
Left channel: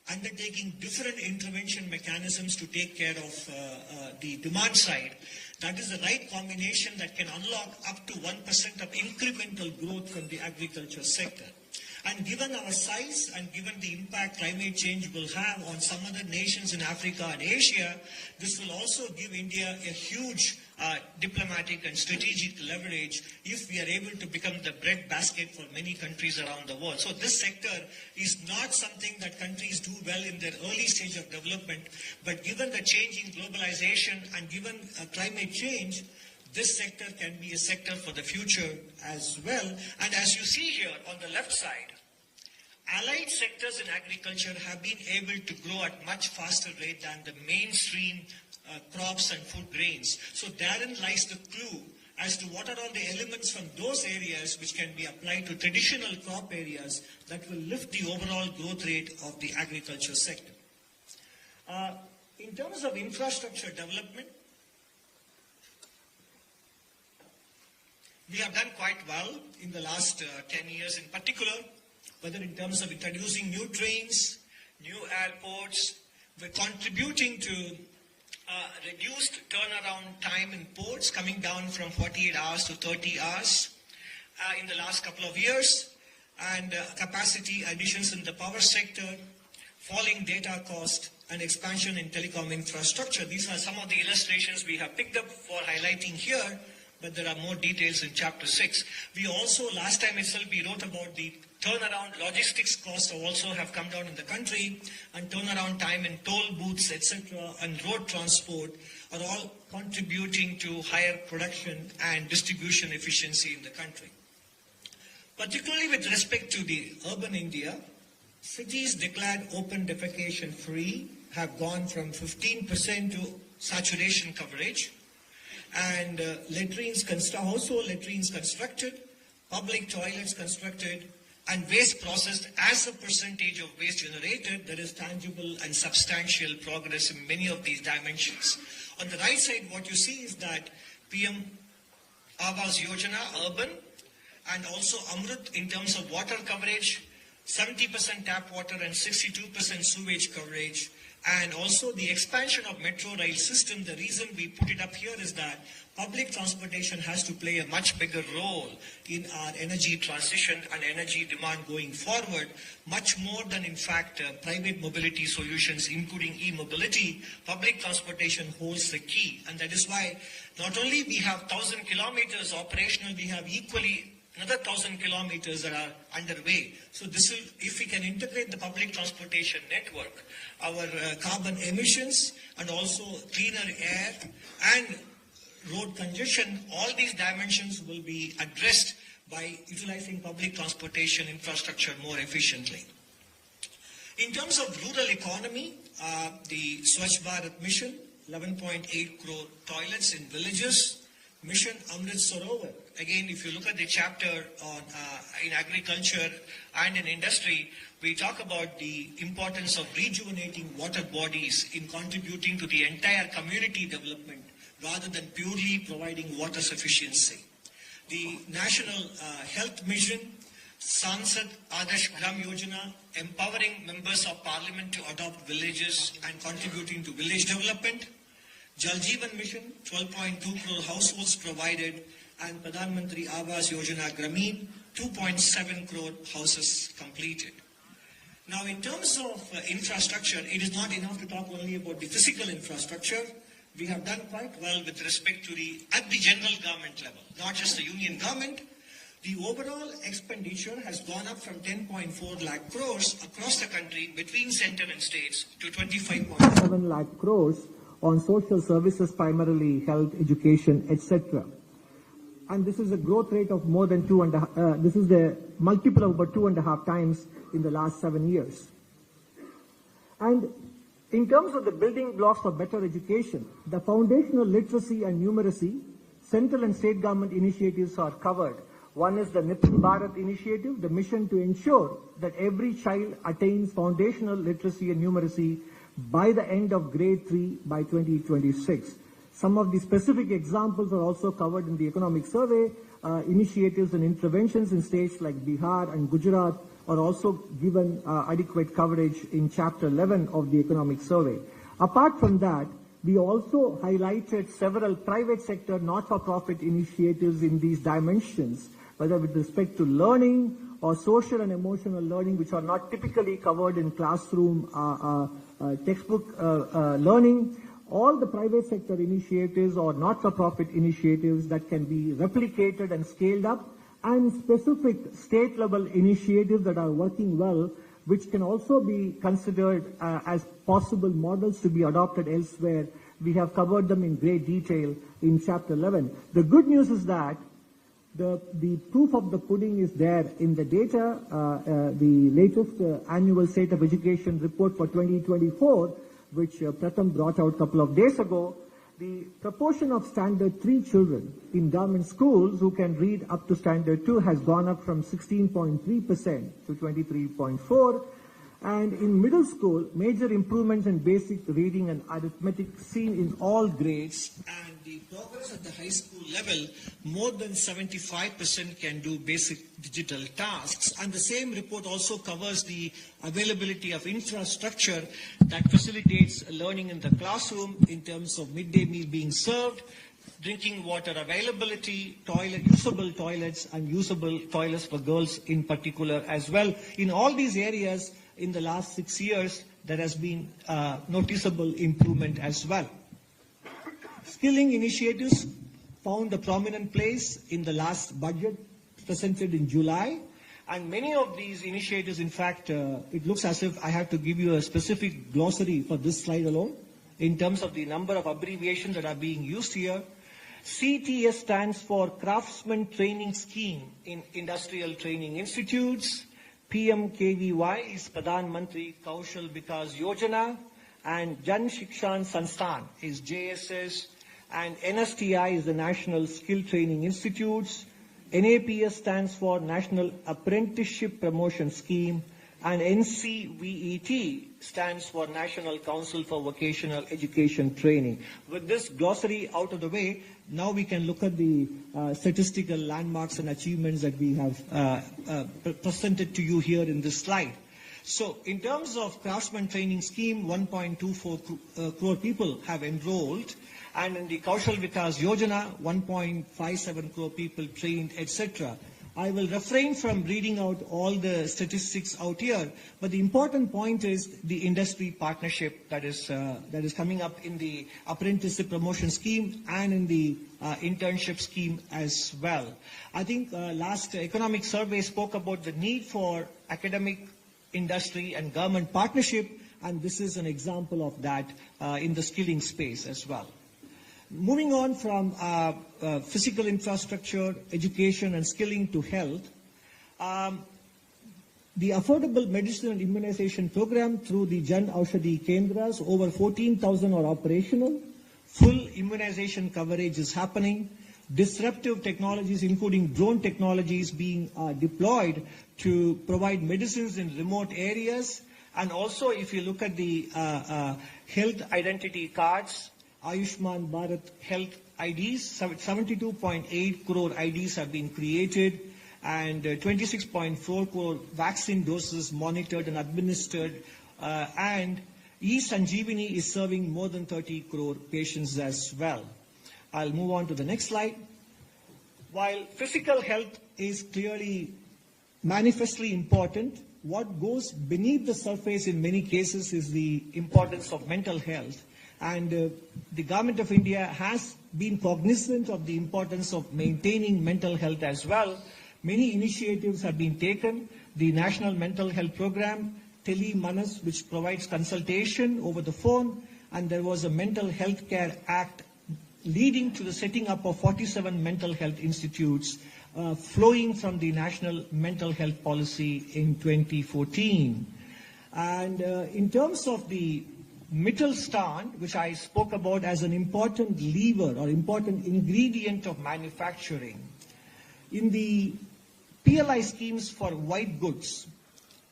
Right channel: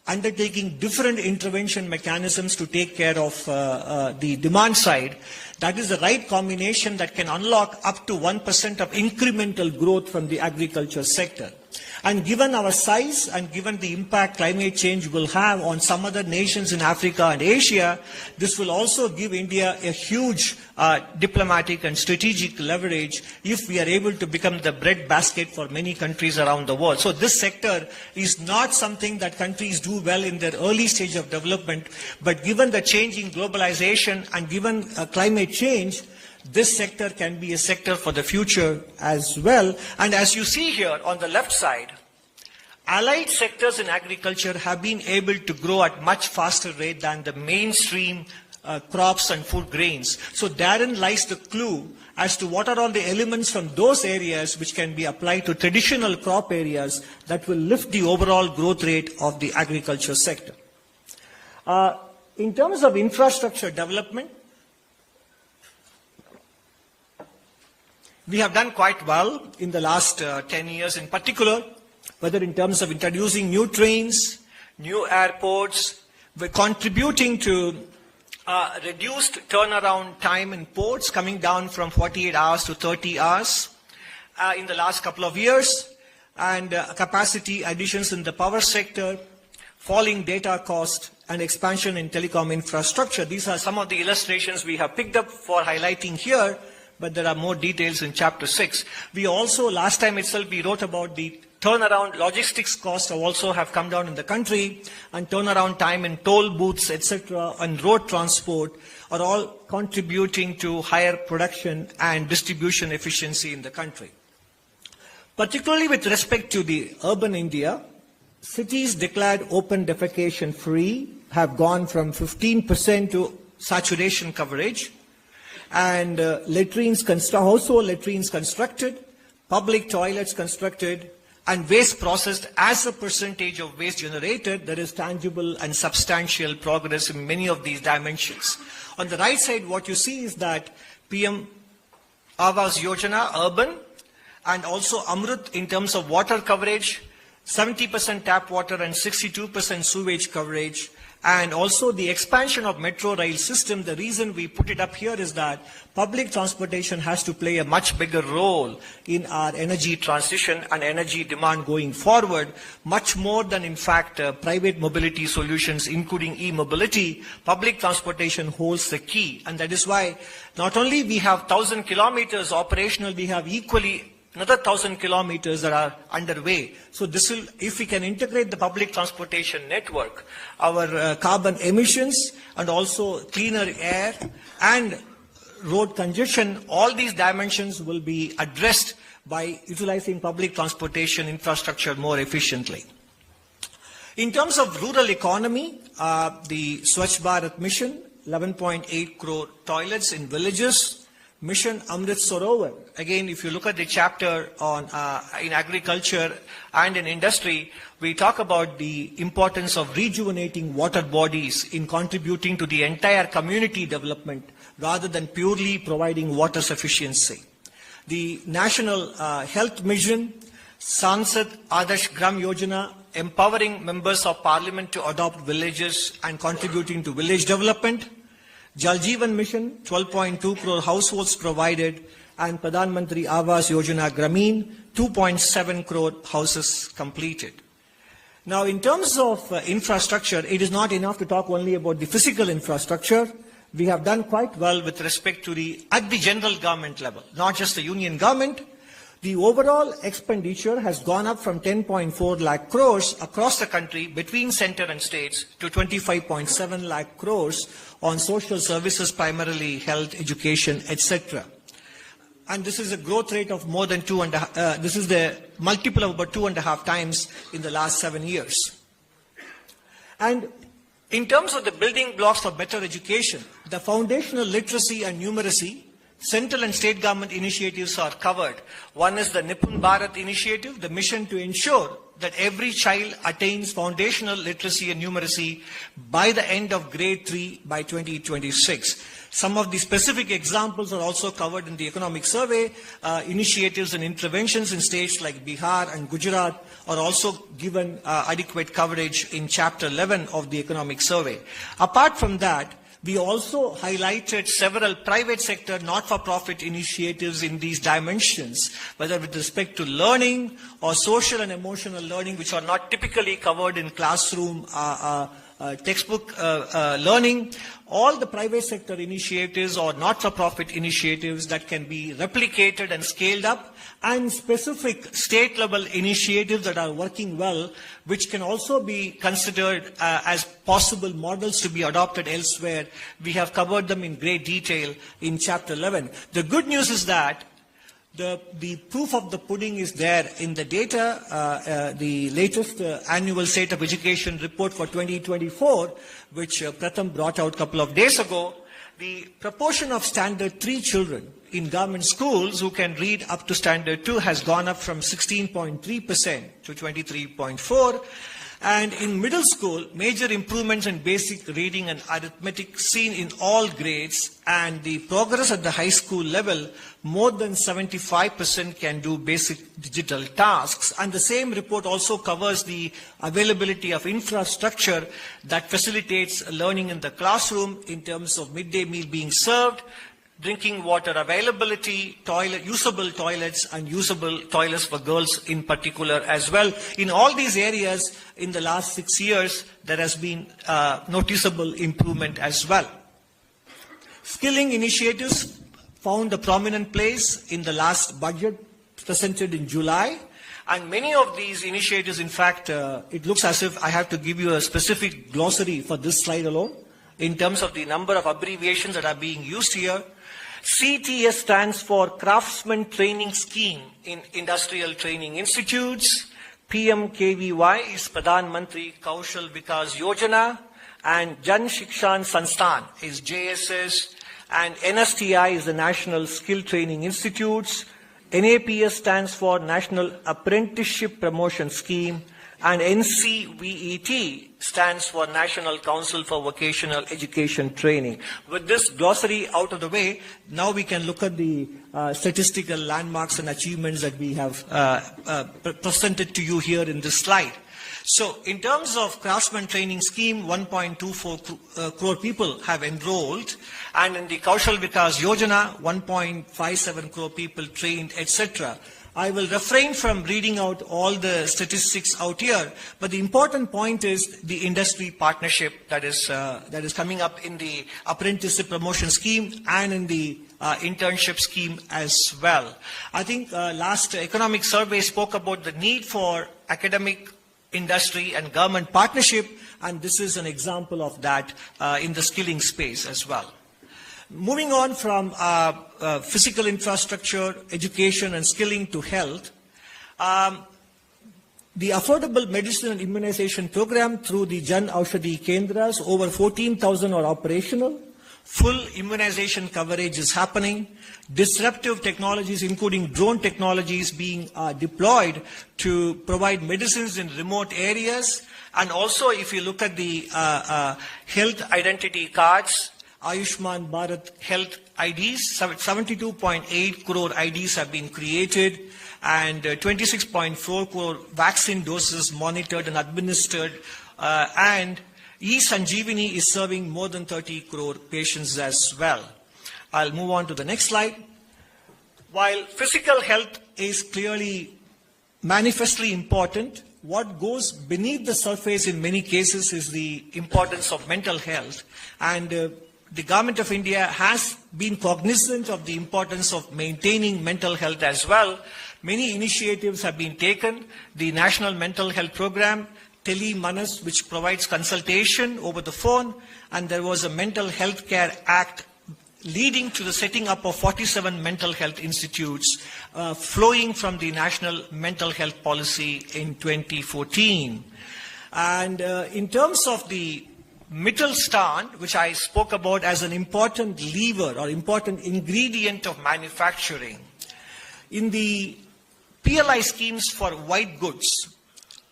undertaking different intervention mechanisms to take care of the demand side, that is the right combination that can unlock up to 1% of incremental growth from the agriculture sector. And given our size and given the impact climate change will have on some other nations in Africa and Asia, this will also give India a huge diplomatic and strategic leverage if we are able to become the breadbasket for many countries around the world. So this sector is not something that countries do well in their early stage of development, but given the change in globalization and given climate change, this sector can be a sector for the future as well. And as you see here on the left side, allied sectors in agriculture have been able to grow at much faster rate than the mainstream crops and food grains. So therein lies the clue as to what are all the elements from those areas which can be applied to traditional crop areas that will lift the overall growth rate of the agriculture sector. In terms of infrastructure development, we have done quite well in the last 10 years in particular, whether in terms of introducing new trains, new airports. We're contributing to reduced turnaround time in ports, coming down from 48 hours to 30 hours in the last couple of years, and capacity additions in the power sector, falling data cost, and expansion in telecom infrastructure. These are some of the illustrations we have picked up for highlighting here, but there are more details in Chapter 6. We also, last time itself, we wrote about the turnaround logistics costs also have come down in the country, and turnaround time in toll booths, etc., and road transport are all contributing to higher production and distribution efficiency in the country. Particularly with respect to the urban India, cities declared open defecation free have gone from 15% to saturation coverage, and household latrines constructed, public toilets constructed, and waste processed as a percentage of waste generated. There is tangible and substantial progress in many of these dimensions. On the right side, what you see is that PM Awas Yojana, urban, and also Amrut in terms of water coverage, 70% tap water and 62% sewage coverage, and also the expansion of metro rail system. The reason we put it up here is that public transportation has to play a much bigger role in our energy transition and energy demand going forward, much more than, in fact, private mobility solutions, including e-mobility. Public transportation holds the key, and that is why not only we have 1,000 kilometers operational, we have equally another 1,000 kilometers that are underway. So this will, if we can integrate the public transportation network, our carbon emissions and also cleaner air and road congestion, all these dimensions will be addressed by utilizing public transportation infrastructure more efficiently. In terms of rural economy, the Swachh Bharat mission, 11.8 crore toilets in villages, Mission Amrit Sarovar. Again, if you look at the chapter on in agriculture and in industry, we talk about the importance of rejuvenating water bodies in contributing to the entire community development rather than purely providing water sufficiency. The National Health Mission, Sansad Adarsh Gram Yojana, empowering members of parliament to adopt villages and contributing to village development. Jal Jeevan Mission, 12.2 crore households provided, and Pradhan Mantri Awas Yojana Grameen, 2.7 crore houses completed. Now, in terms of infrastructure, it is not enough to talk only about the physical infrastructure. We have done quite well with respect to at the general government level, not just the union government. The overall expenditure has gone up from 10.4 lakh crores across the country between center and states to 25.7 lakh crores on social services, primarily health, education, etc. And this is a growth rate of more than this is the multiple of about 2.5 times in the last 7 years. And in terms of the building blocks for better education, the foundational literacy and numeracy, central and state government initiatives are covered. One is the Nipun Bharat initiative, the mission to ensure that every child attains foundational literacy and numeracy by the end of grade 3 by 2026. Some of the specific examples are also covered in the economic survey. Initiatives and interventions in states like Bihar and Gujarat are also given adequate coverage in Chapter 11 of the economic survey. Apart from that, we also highlighted several private sector not-for-profit initiatives in these dimensions, whether with respect to learning or social and emotional learning, which are not typically covered in classroom textbook learning. All the private sector initiatives or not-for-profit initiatives that can be replicated and scaled up, and specific state-level initiatives that are working well, which can also be considered as possible models to be adopted elsewhere. We have covered them in great detail in Chapter 11. The good news is that the proof of the pudding is there in the data. The latest annual State of Education report for 2024, which Pratham brought out a couple of days ago, the proportion of Standard 3 children in government schools who can read up to Standard 2 has gone up from 16.3% to 23.4%. And in middle school, major improvements in basic reading and arithmetic seen in all grades, and the progress at the high school level, more than 75% can do basic digital tasks. And the same report also covers the availability of infrastructure that facilitates learning in the classroom in terms of midday meal being served, drinking water availability, usable toilets, and usable toilets for girls in particular as well. In all these areas, in the last 6 years, there has been noticeable improvement as well. Skilling initiatives found a prominent place in the last budget presented in July. And many of these initiatives, in fact, it looks as if I have to give you a specific glossary for this slide alone in terms of the number of abbreviations that are being used here. CTS stands for Craftsman Training Scheme in Industrial Training Institutes. PMKVY is Pradhan Mantri Kaushal Vikas Yojana, and Jan Shikshan Sansthan is JSS, and NSTI is the National Skill Training Institutes. NAPS stands for National Apprenticeship Promotion Scheme, and NCVET stands for National Council for Vocational Education Training. With this glossary out of the way, now we can look at the statistical landmarks and achievements that we have presented to you here in this slide. So in terms of Craftsman Training Scheme, 1.24 crore people have enrolled, and in the Kaushal Vikas Yojana, 1.57 crore people trained, etc. I will refrain from reading out all the statistics out here, but the important point is the industry partnership that is coming up in the apprenticeship promotion scheme and in the internship scheme as well. I think last economic survey spoke about the need for academic, industry and government partnership, and this is an example of that in the skilling space as well. Moving on from physical infrastructure, education and skilling to health, the affordable medicine and immunization program through the Jan Aushadhi Kendras, over 14,000 are operational. Full immunization coverage is happening. Disruptive technologies, including drone technologies, being deployed to provide medicines in remote areas. And also, if you look at the health identity cards, Ayushman Bharat Health IDs, 72.8 crore IDs have been created, and 26.4 crore vaccine doses monitored and administered, and E-Sanjeevani is serving more than 30 crore patients as well. I'll move on to the next slide. While physical health is clearly manifestly important, what goes beneath the surface in many cases is the importance of mental health. And the Government of India has been cognizant of the importance of maintaining mental health as well. Many initiatives have been taken. The National Mental Health Program, Tele Manas, which provides consultation over the phone, and there was a Mental Health Care Act leading to the setting up of 47 mental health institutes flowing from the National Mental Health Policy in 2014. And in terms of the Mittelstand, which I spoke about as an important lever or important ingredient of manufacturing, in the PLI schemes for white goods,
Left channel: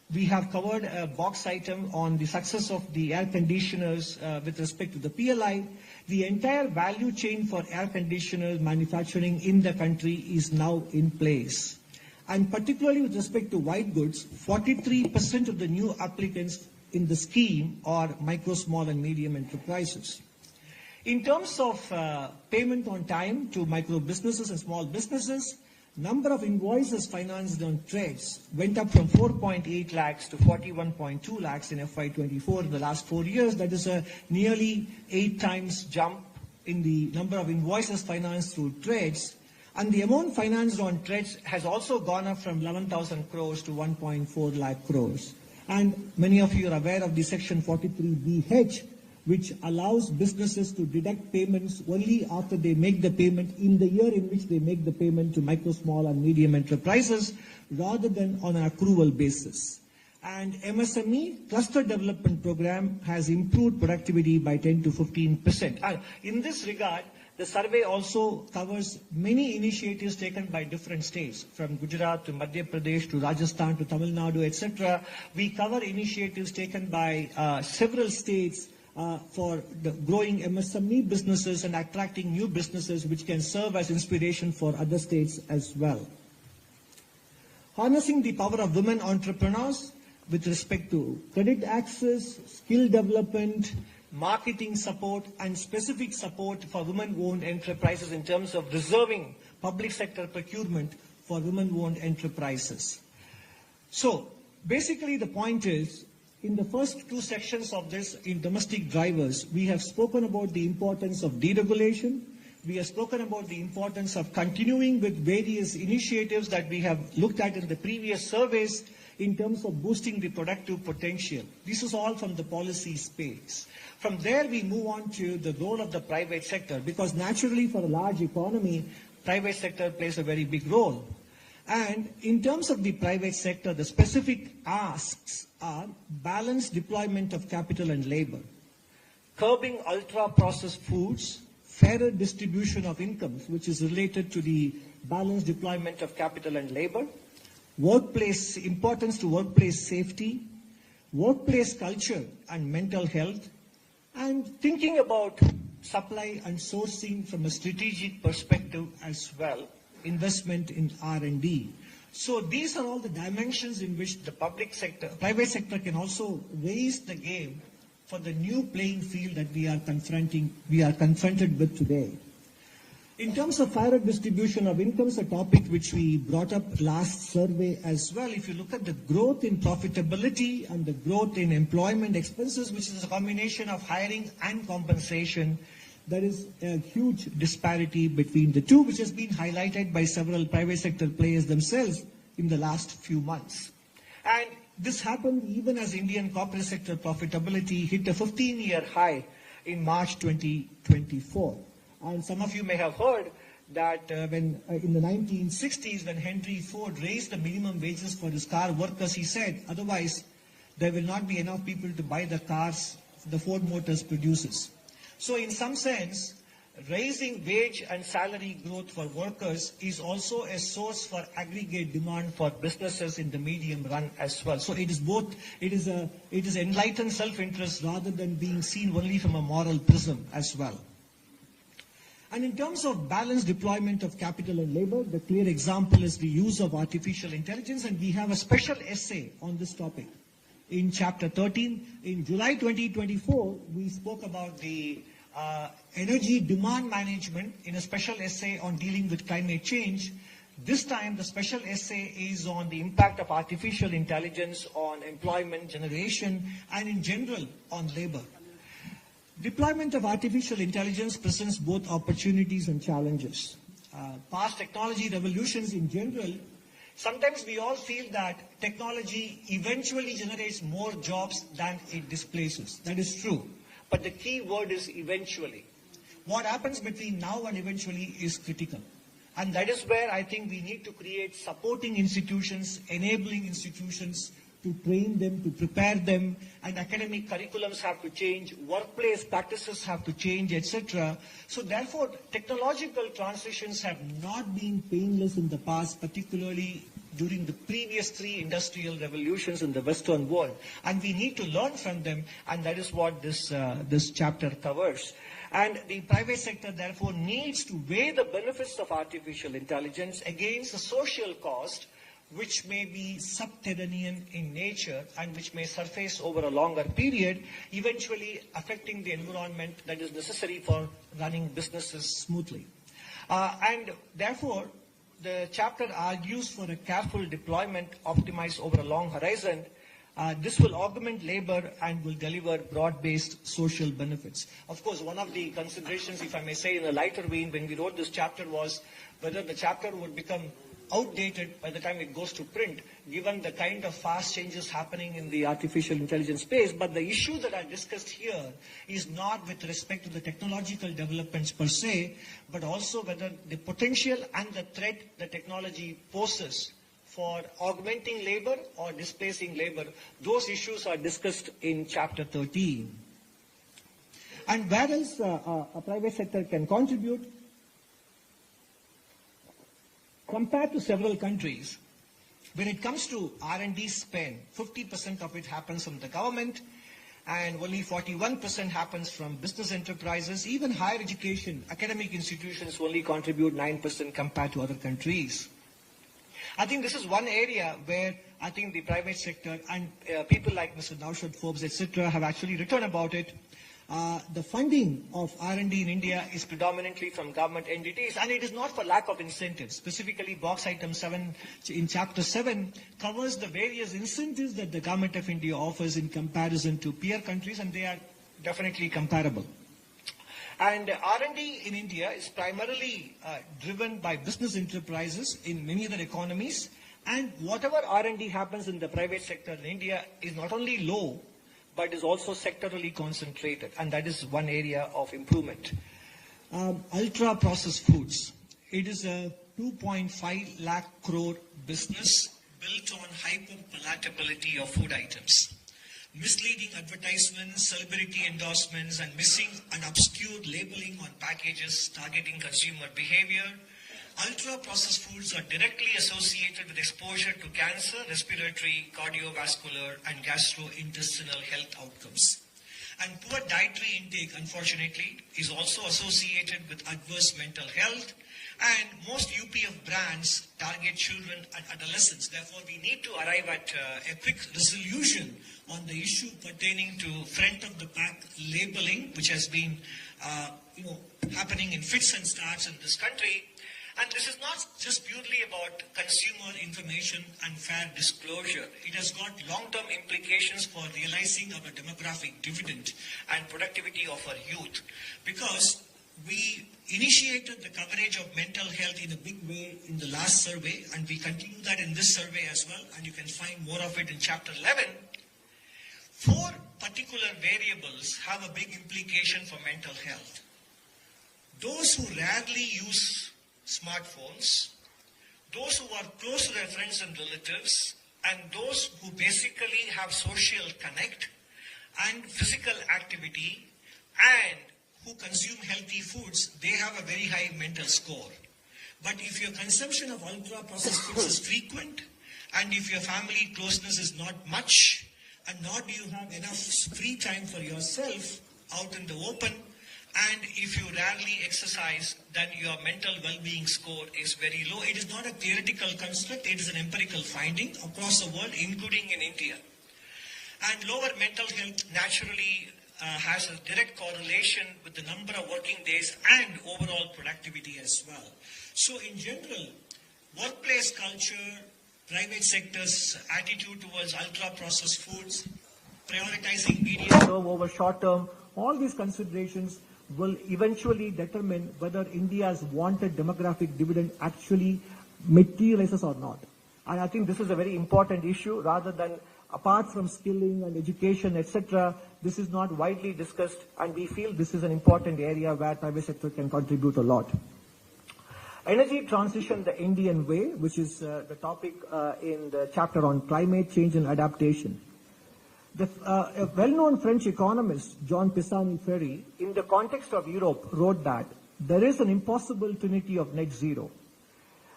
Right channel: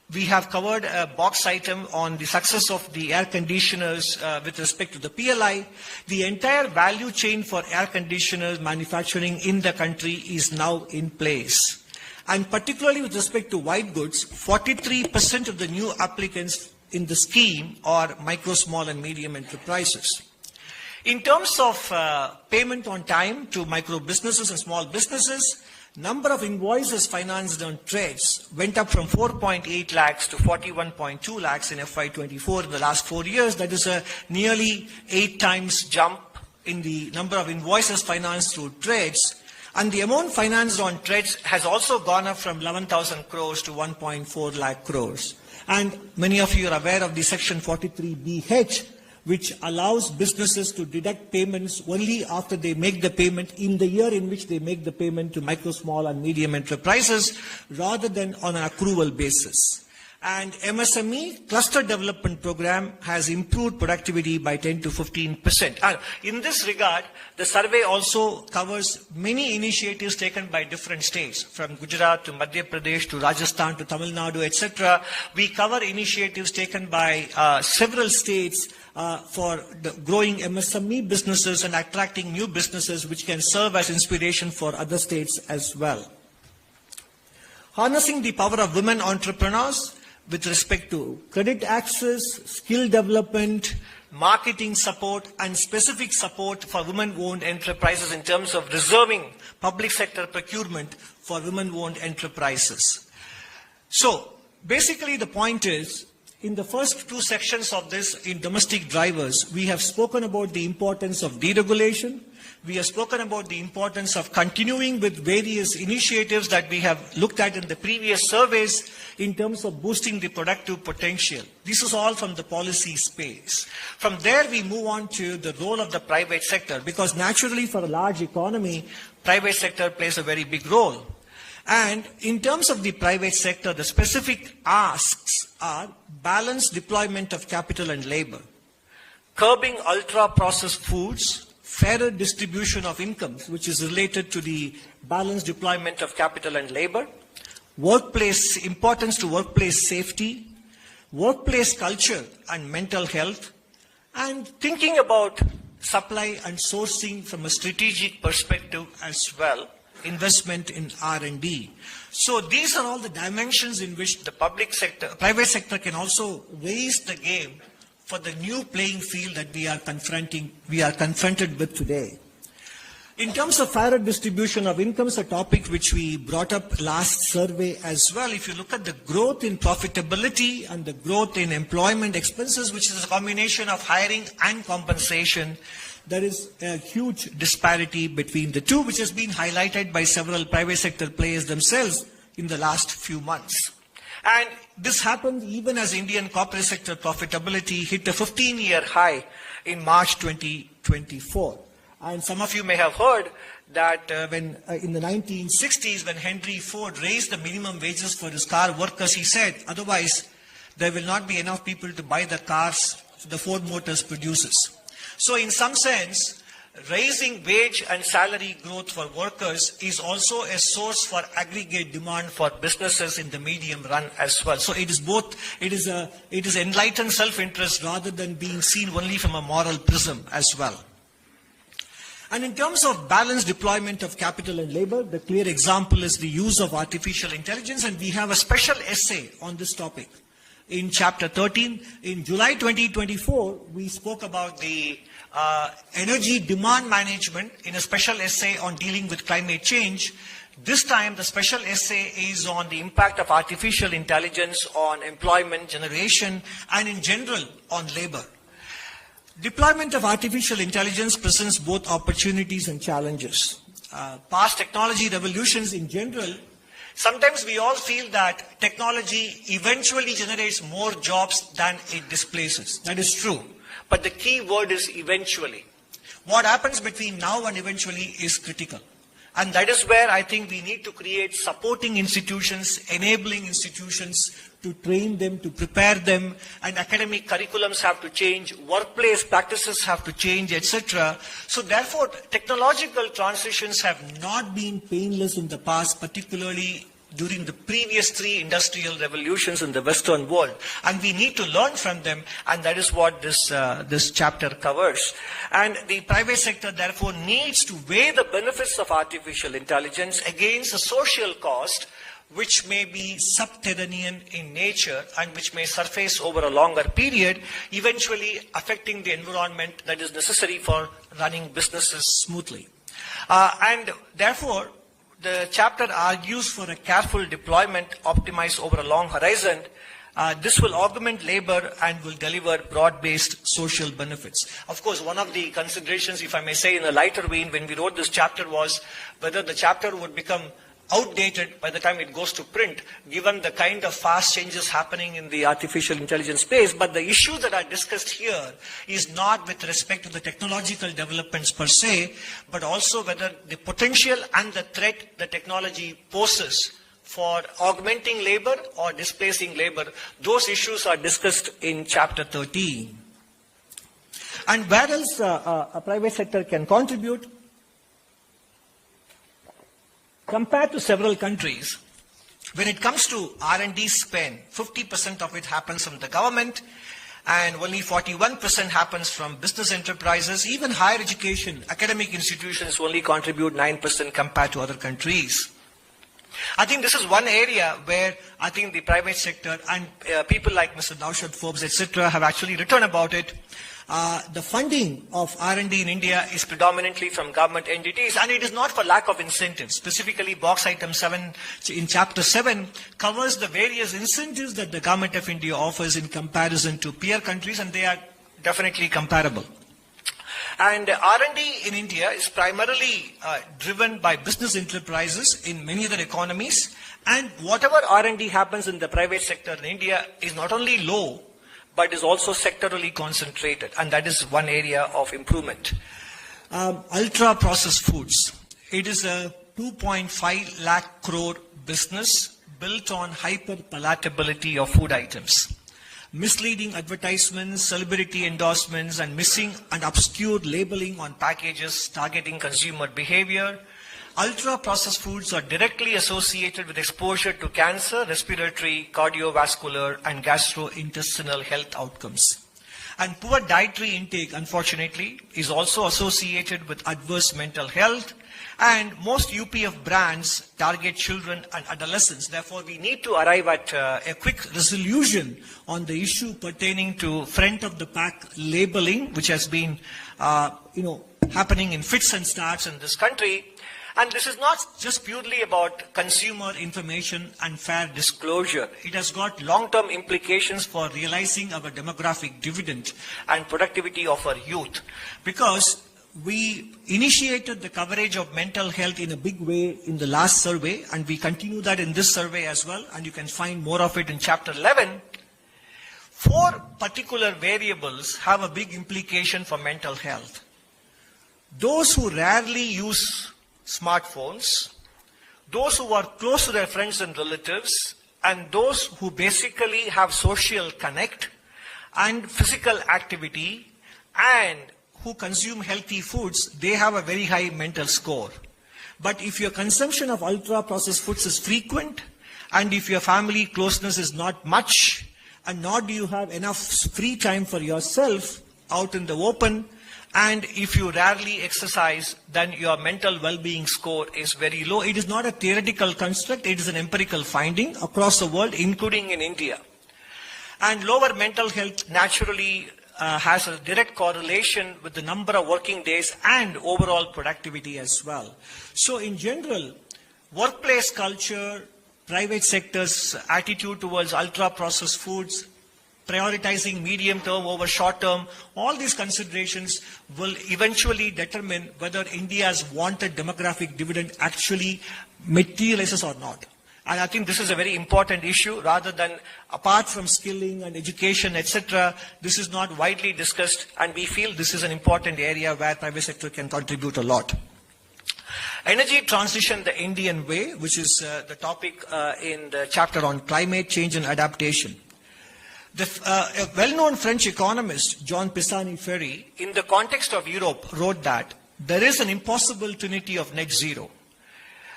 we have covered a box item on the success of the air conditioners with respect to the PLI. The entire value chain for air conditioners manufacturing in the country is now in place. And particularly with respect to white goods, 43% of the new applicants in the scheme are micro, small and medium enterprises. In terms of payment on time to micro businesses and small businesses, number of invoices financed on trades went up from 4.8 lakhs to 41.2 lakhs in FY24 in the last 4 years. That is a nearly 8 times jump in the number of invoices financed through trades. And the amount financed on trades has also gone up from 11,000 crores to 1.4 lakh crores. And many of you are aware of the Section 43BH, which allows businesses to deduct payments only after they make the payment in the year in which they make the payment to micro, small and medium enterprises, rather than on an accrual basis. And MSME cluster development program has improved productivity by 10 to 15%. And in this regard, the survey also covers many initiatives taken by different states, from Gujarat to Madhya Pradesh to Rajasthan to Tamil Nadu, etc. We cover initiatives taken by several states for the growing MSME businesses and attracting new businesses, which can serve as inspiration for other states as well. Harnessing the power of women entrepreneurs with respect to credit access, skill development, marketing support, and specific support for women-owned enterprises in terms of reserving public sector procurement for women-owned enterprises. So, basically the point is, in the first 2 sections of this, in domestic drivers, we have spoken about the importance of deregulation. We have spoken about the importance of continuing with various initiatives that we have looked at in the previous surveys in terms of boosting the productive potential. This is all from the policy space. From there, we move on to the role of the private sector, because naturally for a large economy, private sector plays a very big role. And in terms of the private sector, the specific asks are balanced deployment of capital and labor, curbing ultra-processed foods, fairer distribution of incomes, which is related to the balanced deployment of capital and labor, importance to workplace safety, workplace culture and mental health, and thinking about supply and sourcing from a strategic perspective as well, investment in R&D. So these are all the dimensions in which the private sector can also raise the game for the new playing field that we are confronted with today. In terms of fairer distribution of incomes, a topic which we brought up last survey as well, if you look at the growth in profitability and the growth in employment expenses, which is a combination of hiring and compensation, there is a huge disparity between the two, which has been highlighted by several private sector players themselves in the last few months. And this happened even as Indian corporate sector profitability hit a 15-year high in March 2024. And some of you may have heard that when in the 1960s, when Henry Ford raised the minimum wages for his car workers, he said, otherwise there will not be enough people to buy the cars the Ford Motors produces. So in some sense, raising wage and salary growth for workers is also a source for aggregate demand for businesses in the medium run as well. So it is both, it is enlightened self-interest rather than being seen only from a moral prism as well. And in terms of balanced deployment of capital and labor, the clear example is the use of artificial intelligence, and we have a special essay on this topic. In chapter 13, in July 2024, we spoke about the energy demand management in a special essay on dealing with climate change. This time, the special essay is on the impact of artificial intelligence on employment generation and in general on labor. Deployment of artificial intelligence presents both opportunities and challenges. Past technology revolutions in general, sometimes we all feel that technology eventually generates more jobs than it displaces. That is true. But the key word is eventually. What happens between now and eventually is critical. And that is where I think we need to create supporting institutions, enabling institutions to train them, to prepare them, and academic curriculums have to change, workplace practices have to change, etc. So therefore, technological transitions have not been painless in the past, particularly during the previous 3 industrial revolutions in the Western world. And we need to learn from them, and that is what this chapter covers. And the private sector, therefore, needs to weigh the benefits of artificial intelligence against the social cost, which may be subterranean in nature and which may surface over a longer period, eventually affecting the environment that is necessary for running businesses smoothly. And therefore, the chapter argues for a careful deployment optimized over a long horizon. This will augment labor and will deliver broad-based social benefits. Of course, one of the considerations, if I may say in a lighter vein, when we wrote this chapter was whether the chapter would become outdated by the time it goes to print, given the kind of fast changes happening in the artificial intelligence space. But the issue that I discussed here is not with respect to the technological developments per se, but also whether the potential and the threat the technology poses for augmenting labor or displacing labor. Those issues are discussed in chapter 13. And where else a private sector can contribute? Compared to several countries, when it comes to R&D spend, 50% of it happens from the government and only 41% happens from business enterprises. Even higher education, academic institutions only contribute 9% compared to other countries. I think this is one area where I think the private sector and people like Mr. Naushad Forbes, etc., have actually written about it. The funding of R&D in India is predominantly from government entities, and it is not for lack of incentives. Specifically, box item 7 in chapter 7 covers the various incentives that the government of India offers in comparison to peer countries, and they are definitely comparable. And R&D in India is primarily driven by business enterprises in many other economies, and whatever R&D happens in the private sector in India is not only low, but is also sectorally concentrated, and that is one area of improvement. Ultra-processed foods. It is a 2.5 lakh crore business built on hyper-palatability of food items. Misleading advertisements, celebrity endorsements, and missing and obscure labeling on packages targeting consumer behavior. Ultra-processed foods are directly associated with exposure to cancer, respiratory, cardiovascular, and gastrointestinal health outcomes. And poor dietary intake, unfortunately, is also associated with adverse mental health. And most UPF brands target children and adolescents. Therefore, we need to arrive at a quick resolution on the issue pertaining to front-of-the-pack labeling, which has been, happening in fits and starts in this country. And this is not just purely about consumer information and fair disclosure. It has got long-term implications for realizing our demographic dividend and productivity of our youth. Because we initiated the coverage of mental health in a big way in the last survey, and we continue that in this survey as well, and you can find more of it in chapter 11. 4 particular variables have a big implication for mental health. Those who rarely use smartphones, those who are close to their friends and relatives, and those who basically have social connect and physical activity and who consume healthy foods, they have a very high mental score. But if your consumption of ultra-processed foods is frequent, and if your family closeness is not much, and nor do you have enough free time for yourself out in the open, and if you rarely exercise, then your mental well-being score is very low. It is not a theoretical construct, it is an empirical finding across the world, including in India. And lower mental health naturally has a direct correlation with the number of working days and overall productivity as well. So in general, workplace culture, private sector's attitude towards ultra-processed foods, prioritizing medium term over short term, all these considerations will eventually determine whether India's wanted demographic dividend actually materializes or not. And I think this is a very important issue. Rather than, apart from skilling and education, etc., this is not widely discussed, and we feel this is an important area where private sector can contribute a lot. Energy transition the Indian way, which is the topic in the chapter on climate change and adaptation. A well-known French economist, Jean Pisani-Ferry, in the context of Europe, wrote that there is an impossible trinity of net zero.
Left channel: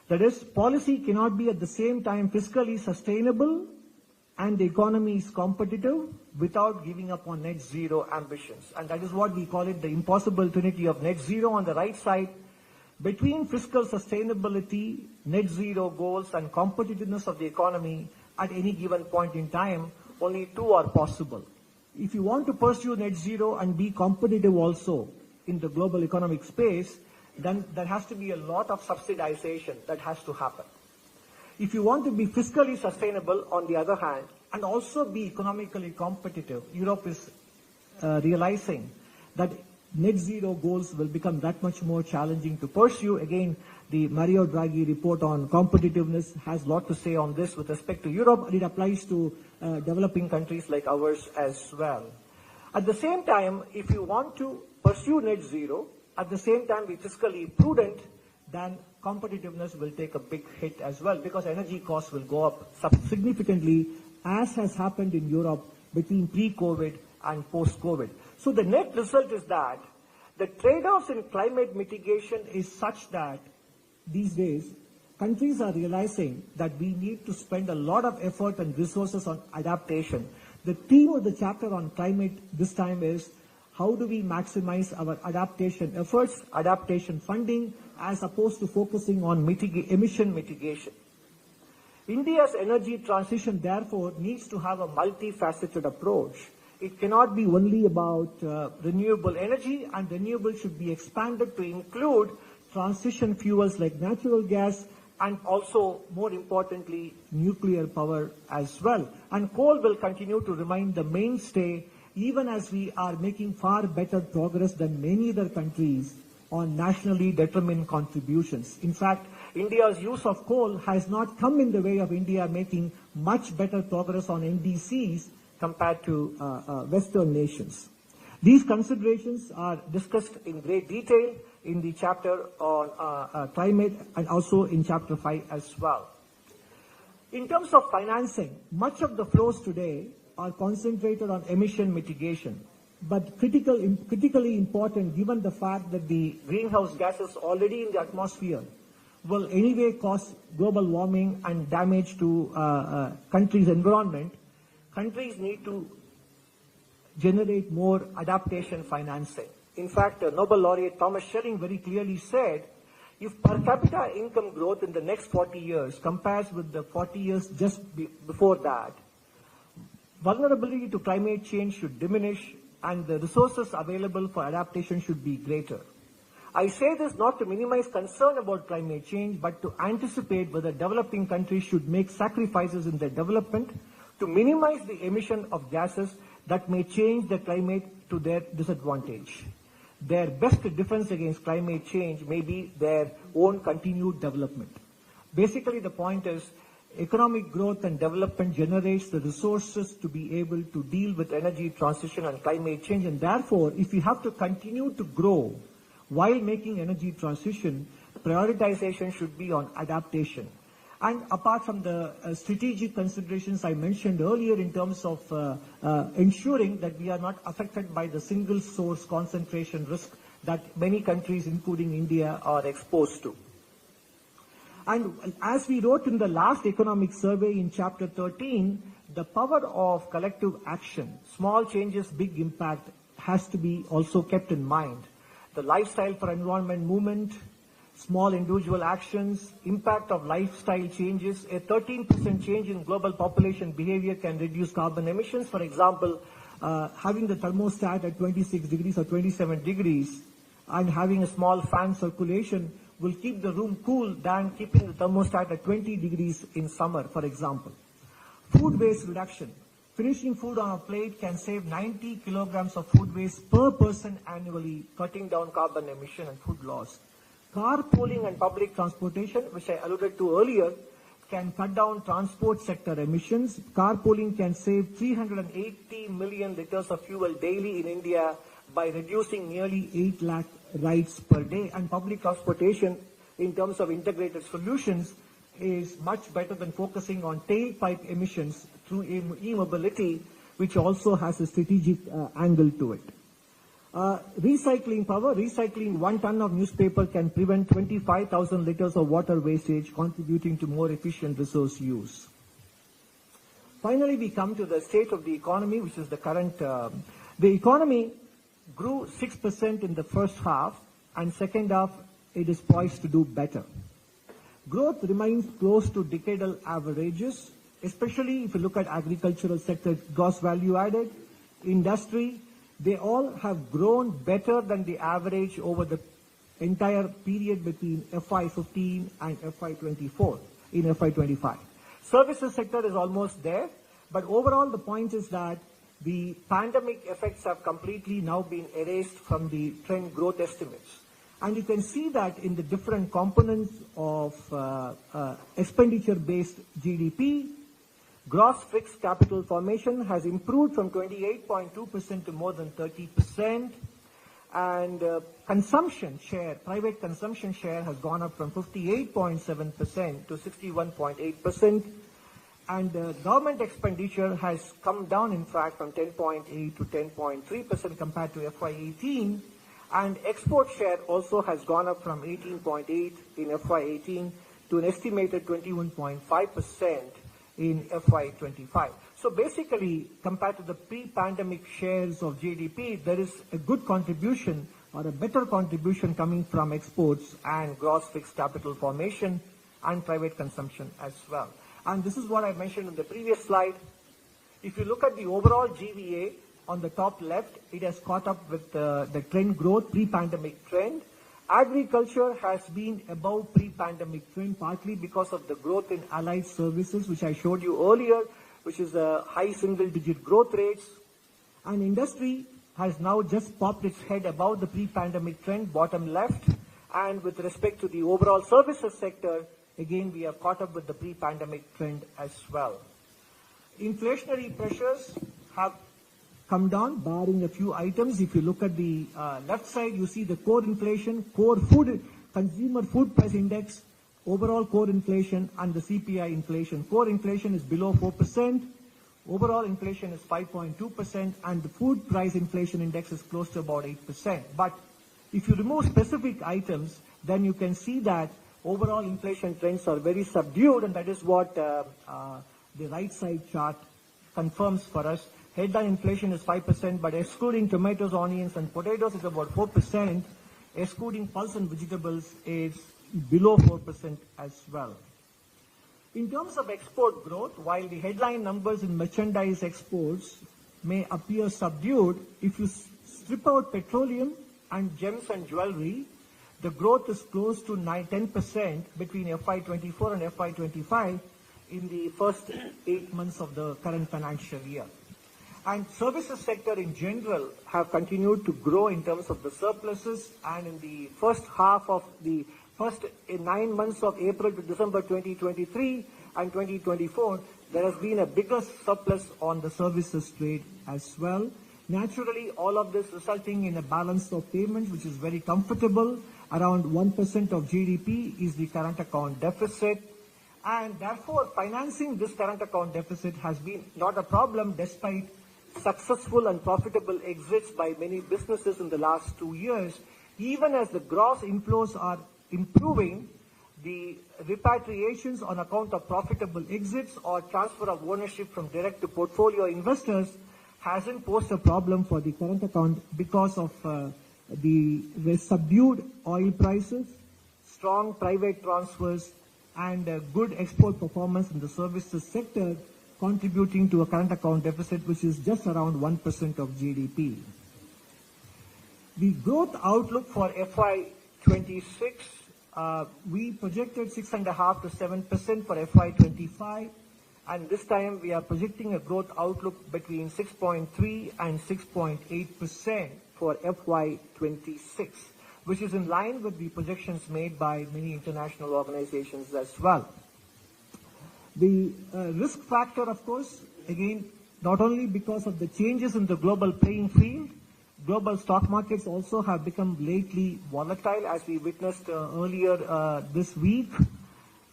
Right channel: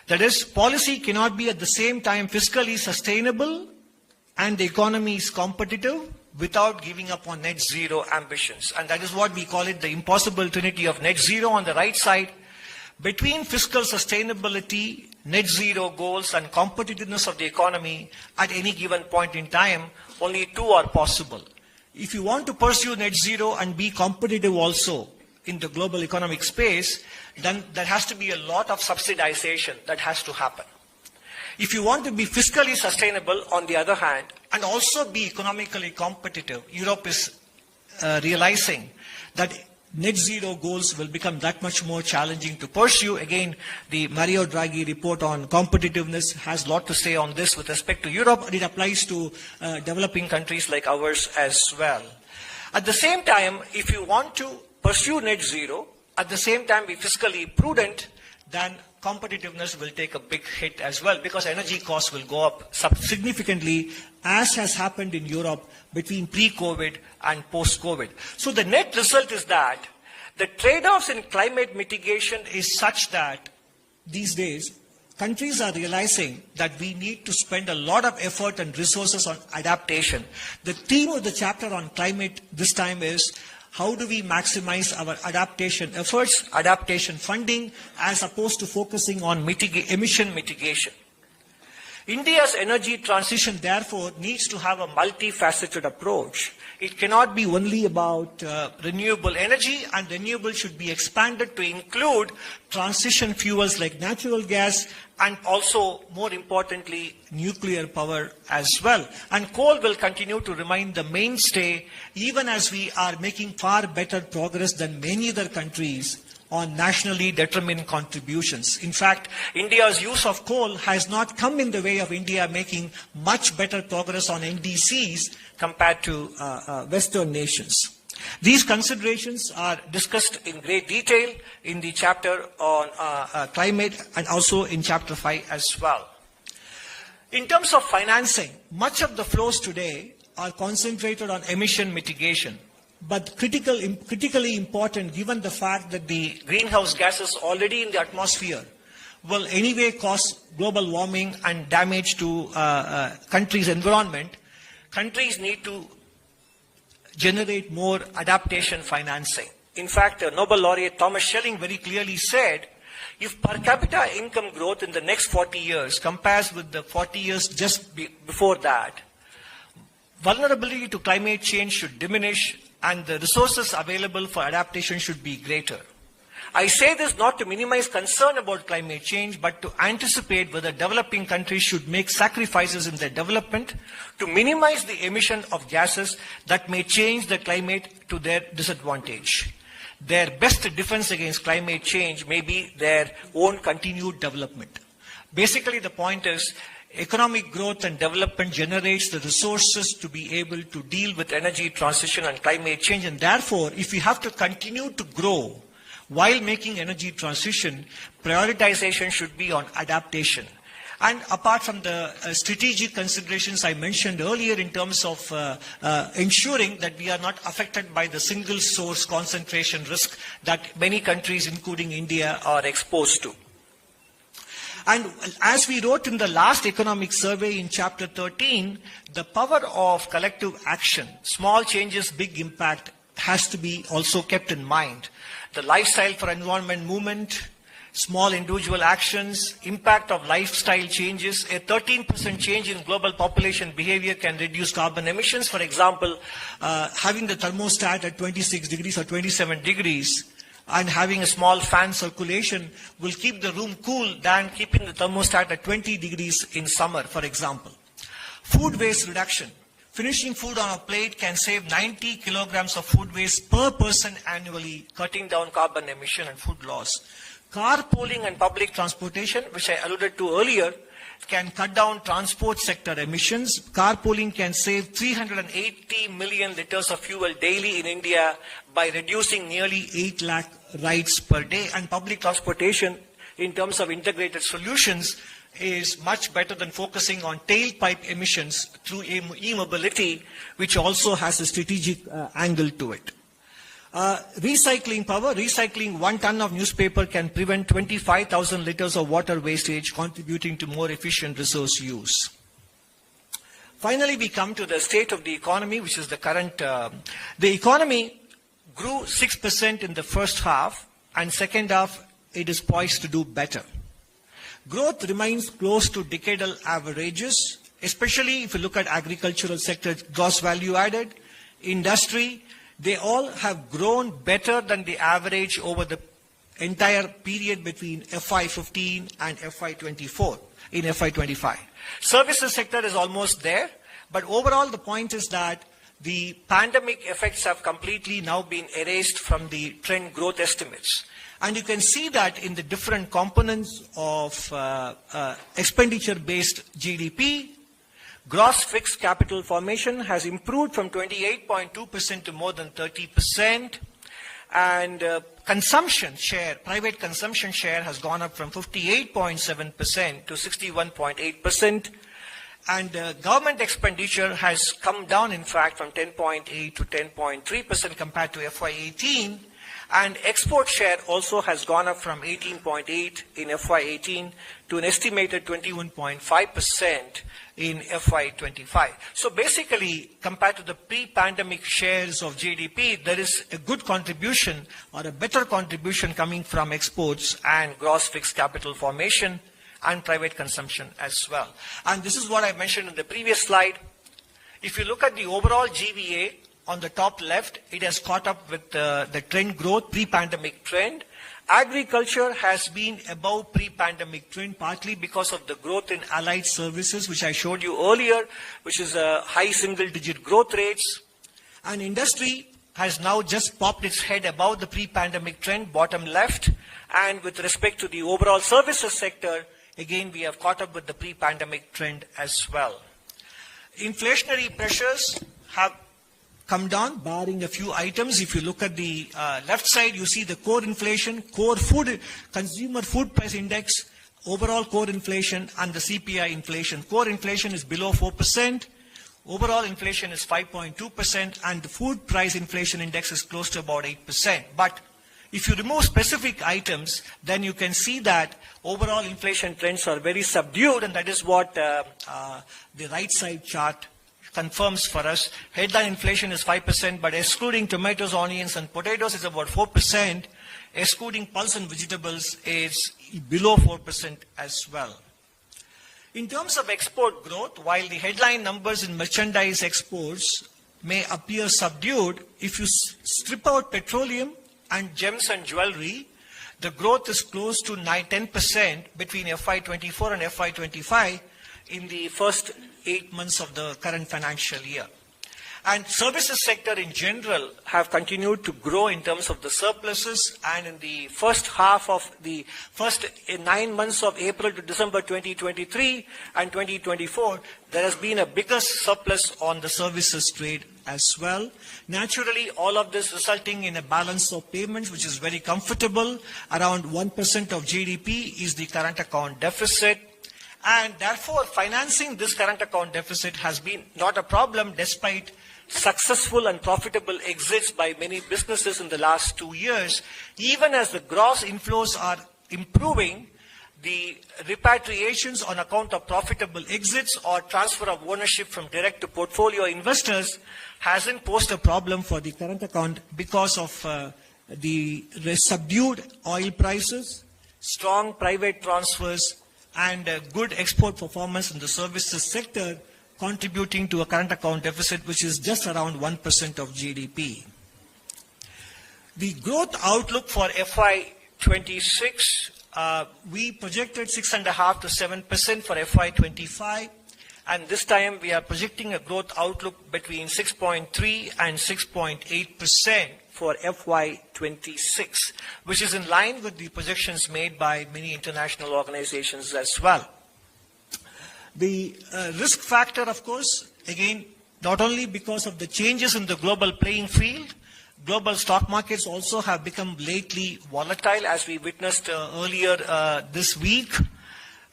That is, policy cannot be at the same time fiscally sustainable and the economy is competitive without giving up on net zero ambitions. And that is what we call it, the impossible trinity of net zero on the right side. Between fiscal sustainability, net zero goals, and competitiveness of the economy at any given point in time, only two are possible. If you want to pursue net zero and be competitive also in the global economic space, then there has to be a lot of subsidization that has to happen. If you want to be fiscally sustainable, on the other hand, and also be economically competitive, Europe is realizing that net zero goals will become that much more challenging to pursue. Again, the Mario Draghi report on competitiveness has a lot to say on this with respect to Europe, and it applies to developing countries like ours as well. At the same time, if you want to pursue net zero, at the same time be fiscally prudent, then competitiveness will take a big hit as well, because energy costs will go up significantly, as has happened in Europe between pre-COVID and post-COVID. So the net result is that the trade-offs in climate mitigation is such that these days countries are realizing that we need to spend a lot of effort and resources on adaptation. The theme of the chapter on climate this time is how do we maximize our adaptation efforts, adaptation funding, as opposed to focusing on emission mitigation. India's energy transition, therefore, needs to have a multifaceted approach. It cannot be only about renewable energy, and renewable should be expanded to include transition fuels like natural gas and also, more importantly, nuclear power as well. And coal will continue to remain the mainstay, even as we are making far better progress than many other countries on nationally determined contributions. In fact, India's use of coal has not come in the way of India making much better progress on NDCs compared to Western nations. These considerations are discussed in great detail in the chapter on climate and also in chapter 5 as well. In terms of financing, much of the flows today are concentrated on emission mitigation, but critically important given the fact that the greenhouse gases already in the atmosphere will anyway cause global warming and damage to countries' environment. Countries need to generate more adaptation financing. In fact, Nobel laureate Thomas Schelling very clearly said, if per capita income growth in the next 40 years compares with the 40 years just before that, vulnerability to climate change should diminish and the resources available for adaptation should be greater. I say this not to minimize concern about climate change, but to anticipate whether developing countries should make sacrifices in their development to minimize the emission of gases that may change the climate to their disadvantage. Their best defense against climate change may be their own continued development. Basically, the point is, economic growth and development generates the resources to be able to deal with energy transition and climate change, and therefore, if we have to continue to grow while making energy transition, prioritization should be on adaptation. And apart from the strategic considerations I mentioned earlier in terms of ensuring that we are not affected by the single source concentration risk that many countries, including India, are exposed to. And as we wrote in the last economic survey in chapter 13, the power of collective action, small changes, big impact, has to be also kept in mind. The lifestyle for environment movement, small individual actions, impact of lifestyle changes. A 13% change in global population behavior can reduce carbon emissions. For example, having the thermostat at 26 degrees or 27 degrees and having a small fan circulation will keep the room cool than keeping the thermostat at 20 degrees in summer, for example. Food waste reduction. Finishing food on a plate can save 90 kilograms of food waste per person annually, cutting down carbon emission and food loss. Carpooling and public transportation, which I alluded to earlier, can cut down transport sector emissions. Carpooling can save 380 million liters of fuel daily in India by reducing nearly 8 lakh rides per day. And public transportation, in terms of integrated solutions, is much better than focusing on tailpipe emissions through e-mobility, which also has a strategic angle to it. Recycling power. Recycling 1 ton of newspaper can prevent 25,000 liters of water wastage, contributing to more efficient resource use. Finally, we come to the state of the economy, which is the current. The economy grew 6% in the first half, and second half it is poised to do better. Growth remains close to decadal averages, especially if you look at agricultural sector, gross value added, industry. They all have grown better than the average over the entire period between FY15 and FY24 in FY25. Services sector is almost there, but overall the point is that the pandemic effects have completely now been erased from the trend growth estimates. And you can see that in the different components of expenditure-based GDP. Gross fixed capital formation has improved from 28.2% to more than 30%. And consumption share, private consumption share has gone up from 58.7% to 61.8%. And government expenditure has come down, in fact, from 10.8 to 10.3% compared to FY18. And export share also has gone up from 18.8 in FY18 to an estimated 21.5% in FY25. So basically, compared to the pre-pandemic shares of GDP, there is a good contribution or a better contribution coming from exports and gross fixed capital formation and private consumption as well. And this is what I mentioned in the previous slide. If you look at the overall GVA on the top left, it has caught up with the trend growth, pre-pandemic trend. Agriculture has been above pre-pandemic trend, partly because of the growth in allied services, which I showed you earlier, which is a high single-digit growth rates. And industry has now just popped its head above the pre-pandemic trend, bottom left. And with respect to the overall services sector, again, we have caught up with the pre-pandemic trend as well. Inflationary pressures have come down, barring a few items. If you look at the left side, you see the core inflation, core food, consumer food price index, overall core inflation, and the CPI inflation. Core inflation is below 4%. Overall inflation is 5.2%, and the food price inflation index is close to about 8%. But if you remove specific items, then you can see that overall inflation trends are very subdued, and that is what the right side chart confirms for us. Headline inflation is 5%, but excluding tomatoes, onions, and potatoes is about 4%. Excluding pulse and vegetables is below 4% as well. In terms of export growth, while the headline numbers in merchandise exports may appear subdued, if you strip out petroleum and gems and jewelry, the growth is close to 10% between FY24 and FY25 in the first 8 months of the current financial year. And services sector in general have continued to grow in terms of the surpluses, and in the first half of the first 9 months of April to December 2023 and 2024, there has been a bigger surplus on the services trade as well. Naturally, all of this resulting in a balance of payments which is very comfortable. Around 1% of GDP is the current account deficit. And therefore, financing this current account deficit has been not a problem despite successful and profitable exits by many businesses in the last 2 years. Even as the gross inflows are improving, the repatriations on account of profitable exits or transfer of ownership from direct to portfolio investors hasn't posed a problem for the current account because of the subdued oil prices, strong private transfers, and good export performance in the services sector, contributing to a current account deficit which is just around 1% of GDP. The growth outlook for FY26, we projected 6.5% to 7% for FY25, and this time we are projecting a growth outlook between 6.3 and 6.8% for FY26, which is in line with the projections made by many international organizations as well. The risk factor, of course, again, not only because of the changes in the global playing field, global stock markets also have become lately volatile, as we witnessed earlier this week.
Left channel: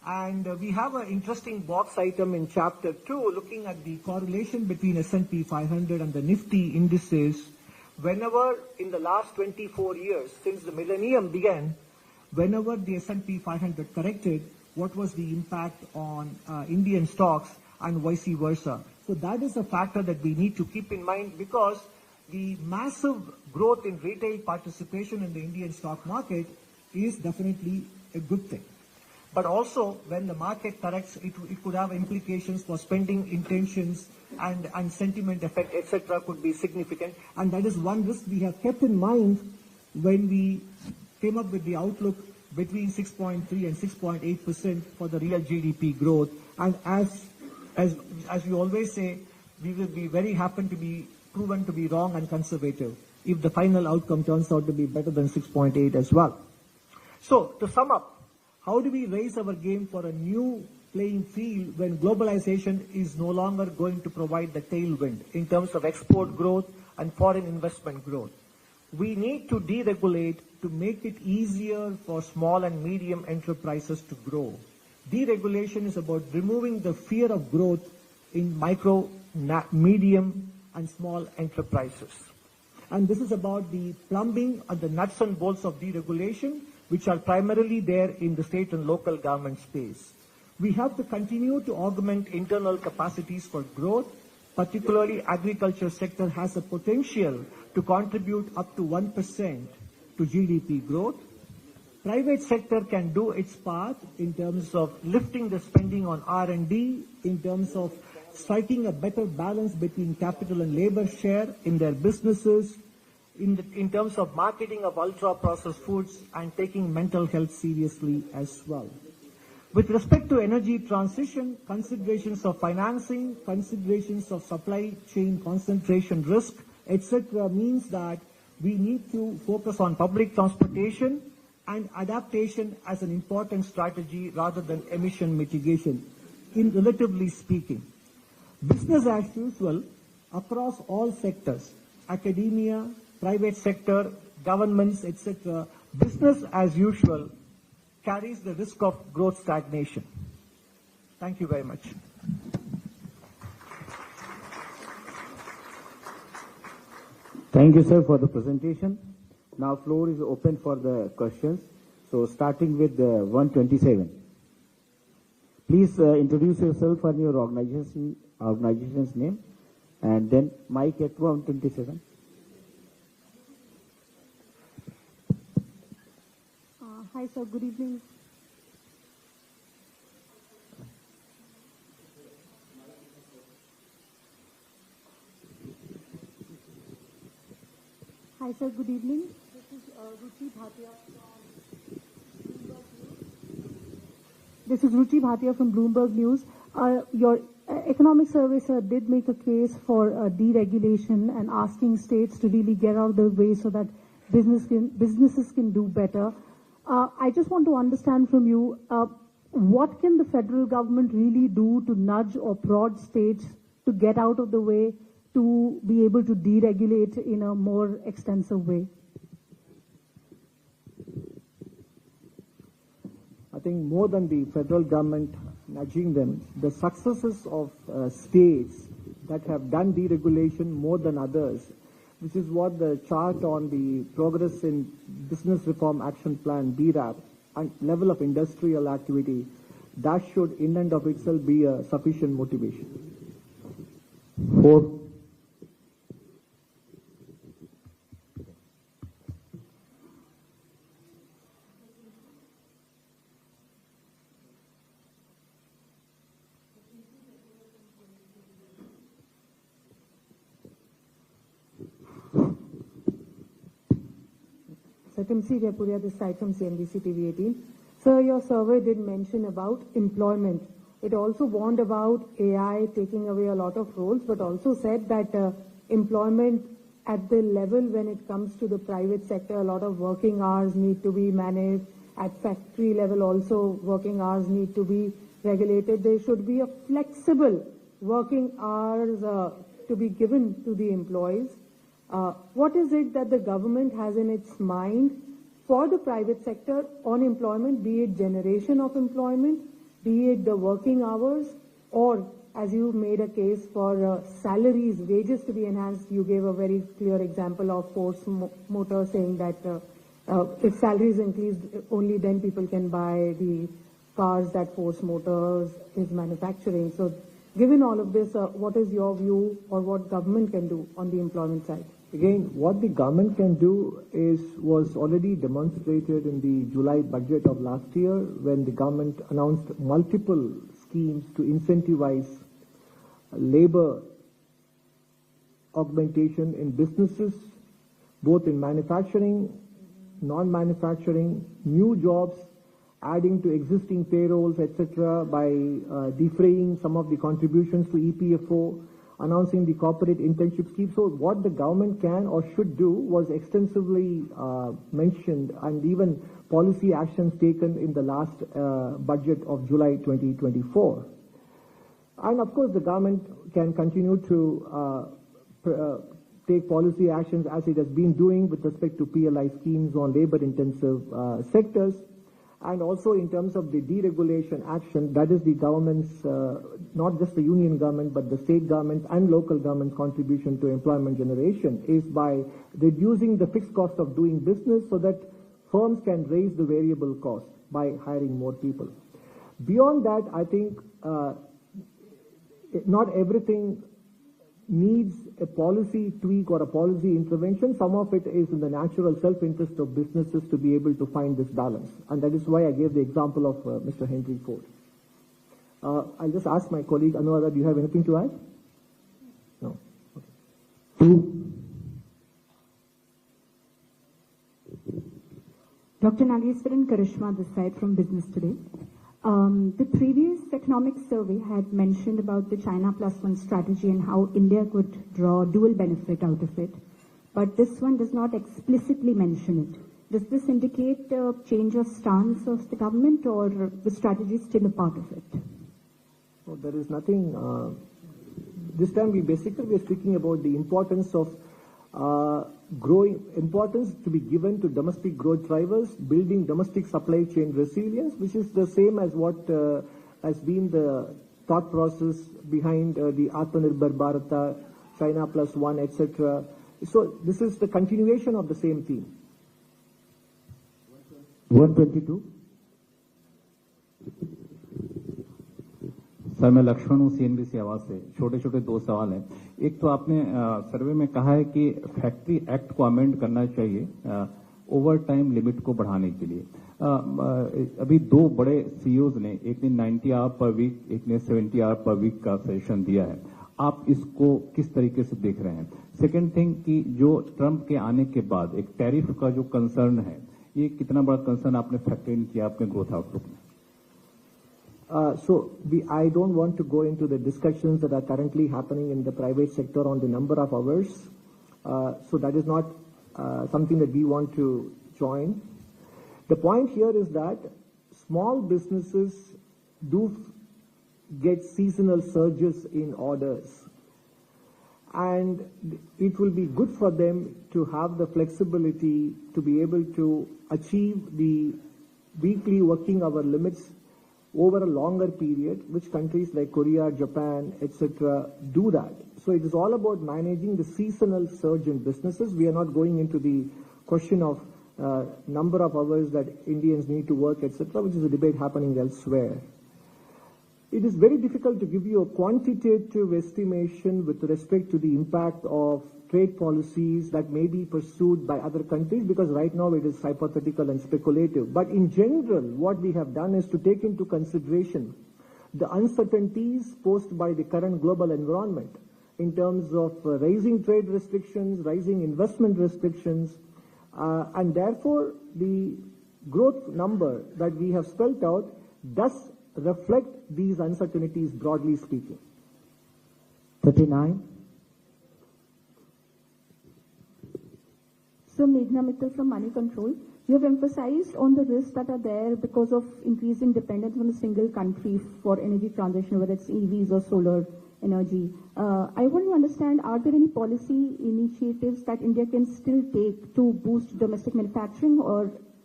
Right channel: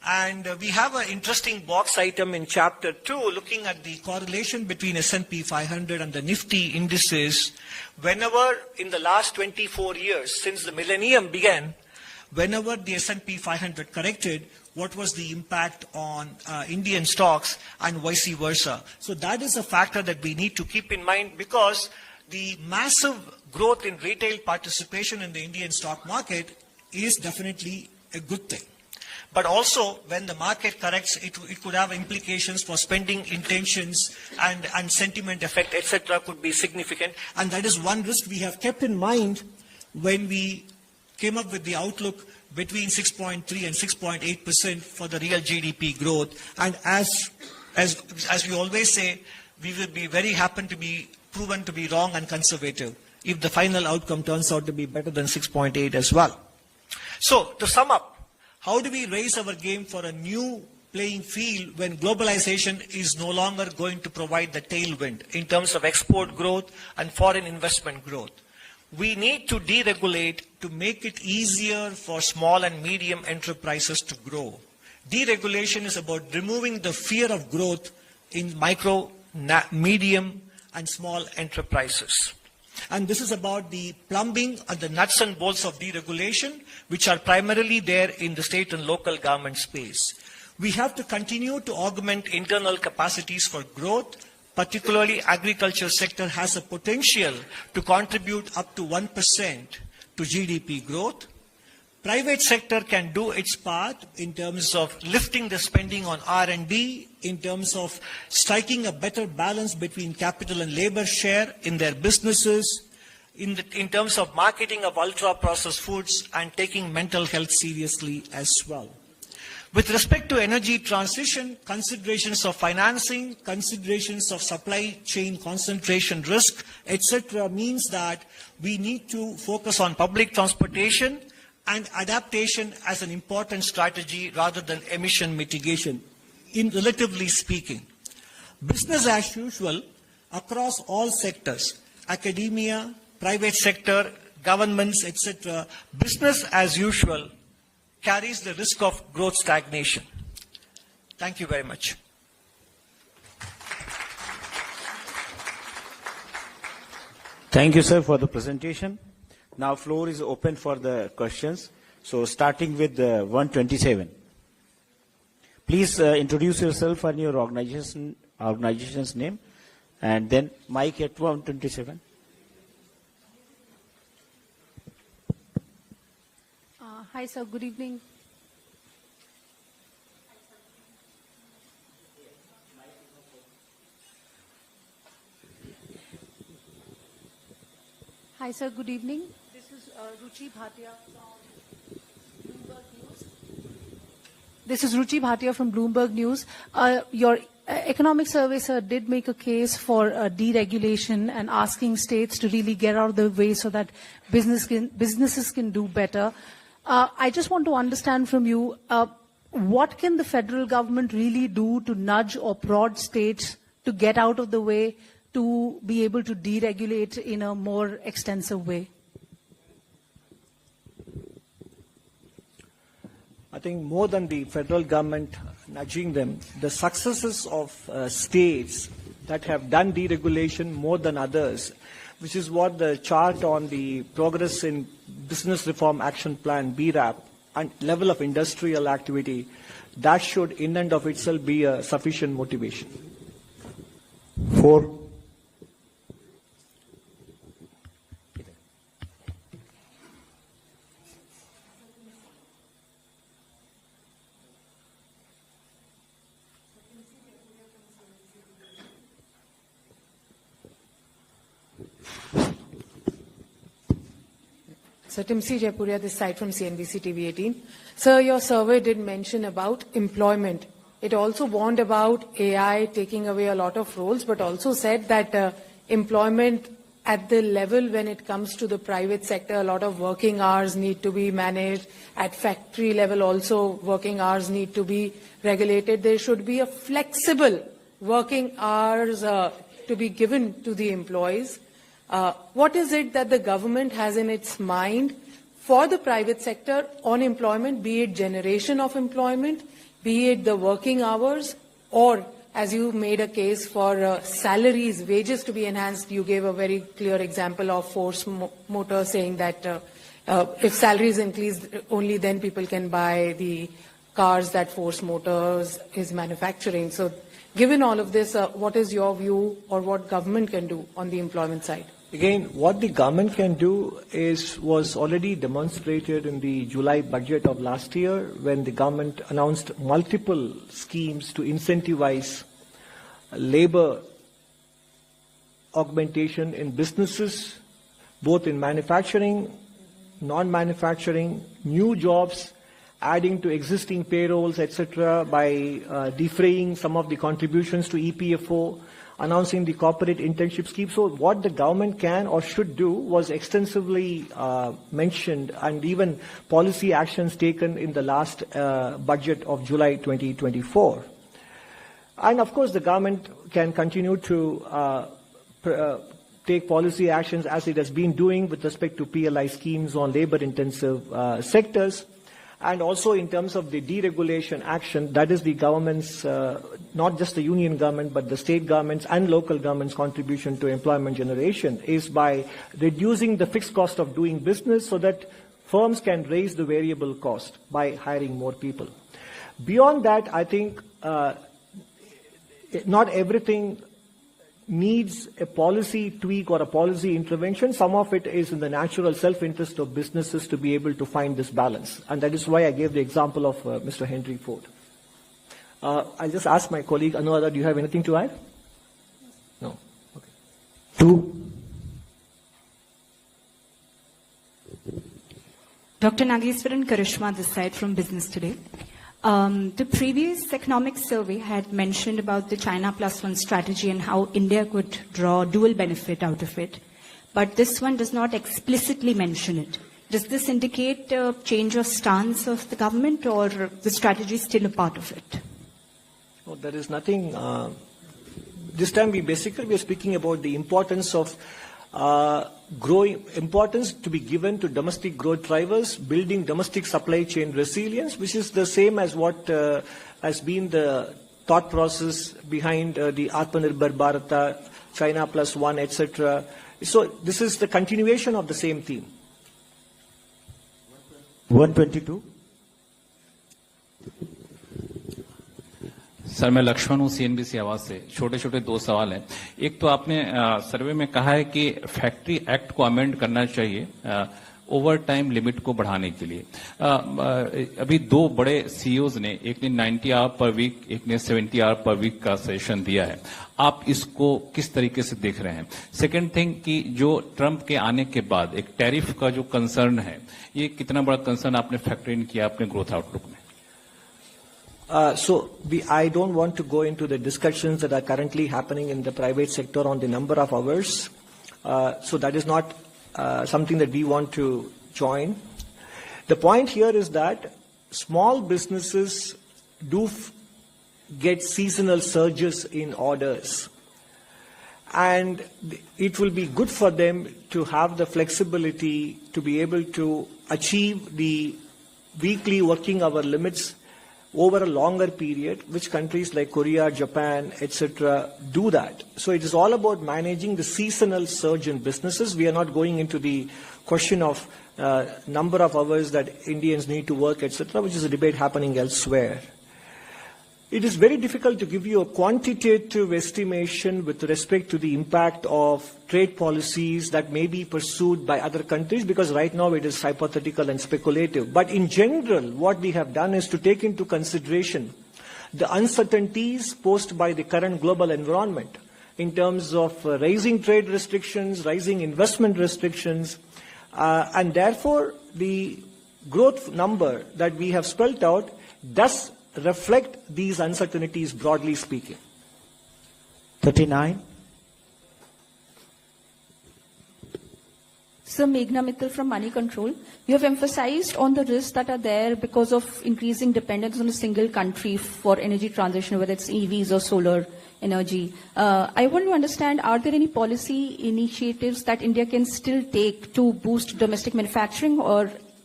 And we have an interesting box item in chapter 2 looking at the correlation between S&P 500 and the Nifty indices. Whenever in the last 24 years, since the millennium began, whenever the S&P 500 corrected, what was the impact on Indian stocks and vice versa. So that is a factor that we need to keep in mind, because the massive growth in retail participation in the Indian stock market is definitely a good thing. But also, when the market corrects, it could have implications for spending intentions, and sentiment effect, etc. could be significant. And that is one risk we have kept in mind when we came up with the outlook between 6.3 and 6.8% for the real GDP growth. And as we always say, we will be very happy to be proven to be wrong and conservative if the final outcome turns out to be better than 6.8 as well. So, to sum up, how do we raise our game for a new playing field when globalization is no longer going to provide the tailwind in terms of export growth and foreign investment growth? We need to deregulate to make it easier for small and medium enterprises to grow. Deregulation is about removing the fear of growth in micro, medium, and small enterprises. And this is about the plumbing and the nuts and bolts of deregulation, which are primarily there in the state and local government space. We have to continue to augment internal capacities for growth. Particularly, agriculture sector has a potential to contribute up to 1% to GDP growth. Private sector can do its part in terms of lifting the spending on R&D, in terms of striking a better balance between capital and labor share in their businesses, in terms of marketing of ultra-processed foods, and taking mental health seriously as well. With respect to energy transition, considerations of financing, considerations of supply chain concentration risk, etc. means that we need to focus on public transportation and adaptation as an important strategy rather than emission mitigation, in relatively speaking. Business as usual across all sectors, academia, private sector, governments, etc., business as usual carries the risk of growth stagnation. Thank you very much. Thank you, sir, for the presentation. Now, floor is open for the questions. So, starting with 127. Please introduce yourself and your organization's name, and then mic at 127. Hi, sir. Good evening. Hi, sir. Good evening. This is Ruchi Bhatia from Bloomberg News. This is Ruchi Bhatia from Bloomberg News. Your economic survey, sir, did make a case for deregulation and asking states to really get out of the way so that businesses can do better. I just want to understand from you, what can the federal government really do to nudge or prod states to get out of the way, to be able to deregulate in a more extensive way? I think more than the federal government nudging them, the successes of states that have done deregulation more than others, which is what the chart on the Progress in Business Reform Action Plan, BRAP, and level of industrial activity, that should in and of itself be a sufficient motivation. 4. So Timsi Jaipuria, this side from CNBC TV 18. Sir, your survey did mention about employment. It also warned about AI taking away a lot of roles, but also said that employment at the level when it comes to the private sector, a lot of working hours need to be managed. At factory level also, working hours need to be regulated. There should be a flexible working hours to be given to the employees. What is it that the government has in its mind for the private sector on employment, be it generation of employment, be it the working hours or, as you made a case for salaries, wages to be enhanced. You gave a very clear example of Force Motor saying that if salaries increase, only then people can buy the cars that Force Motors is manufacturing. So given all of this, what is your view or what government can do on the employment side? Again, what the government can do was already demonstrated in the July budget of last year when the government announced multiple schemes to incentivize labor augmentation in businesses, both in manufacturing, non-manufacturing, new jobs, adding to existing payrolls, etc., by defraying some of the contributions to EPFO, announcing the corporate internship scheme. So what the government can or should do was extensively mentioned, and even policy actions taken in the last budget of July 2024. And of course, the government can continue to take policy actions as it has been doing with respect to PLI schemes on labor-intensive sectors. And also in terms of the deregulation action, that is the government's, not just the union government, but the state governments and local governments' contribution to employment generation is by reducing the fixed cost of doing business so that firms can raise the variable cost by hiring more people. Beyond that, I think not everything needs a policy tweak or a policy intervention. Some of it is in the natural self-interest of businesses to be able to find this balance. And that is why I gave the example of Mr. Henry Ford. I just asked my colleague, Anuradha, do you have anything to add? No? Okay. Dr. Nageswaran Karishma this side from Business Today. The previous economic survey had mentioned about the China +1 strategy and how India could draw dual benefit out of it. But this one does not explicitly mention it. Does this indicate a change of stance of the government, or the strategy is still a part of it? Well, there is nothing. This time we are speaking about the importance of importance to be given to domestic growth drivers, building domestic supply chain resilience, which is the same as what has been the thought process behind the Atmanirbhar Bharata, China +1, etc. So this is the continuation of the same theme. 122. Sir मैं लक्ष्मण हूँ CNBC आवाज से। छोटे छोटे दो सवाल हैं। एक तो आपने सर्वे में कहा है कि फैक्ट्री एक्ट को अमेंड करना चाहिए ओवर टाइम लिमिट को बढ़ाने के लिए। अभी दो बड़े CEOs ने, एक ने 90 आवर पर वीक, एक ने 70 आवर पर वीक का सेशन दिया है। आप इसको किस तरीके से देख रहे हैं? सेकंड थिंग कि जो ट्रंप के आने के बाद एक टैरिफ का जो कंसर्न है, ये कितना बड़ा कंसर्न आपने फैक्टर इन किया अपने ग्रोथ आउटलुक में? I don't want to go into the discussions that are currently happening in the private sector on the number of hours. So that is not something that we want to join. The point here is that small businesses do get seasonal surges in orders. And it will be good for them to have the flexibility to be able to achieve the weekly working hour limits over a longer period, which countries like Korea, Japan, etc. do that. So it is all about managing the seasonal surge in businesses. We are not going into the question of number of hours that Indians need to work, etc., which is a debate happening elsewhere. It is very difficult to give you a quantitative estimation with respect to the impact of trade policies that may be pursued by other countries, because right now it is hypothetical and speculative. But in general, what we have done is to take into consideration the uncertainties posed by the current global environment in terms of rising trade restrictions, rising investment restrictions, and therefore the growth number that we have spelled out does reflect these uncertainties, broadly speaking. 39. Sir, Meghna Mittal from Money Control. You have emphasized on the risks that are there because of increasing dependence on a single country for energy transition, whether it's EVs or solar energy. I want to understand, are there any policy initiatives that India can still take to boost domestic manufacturing, or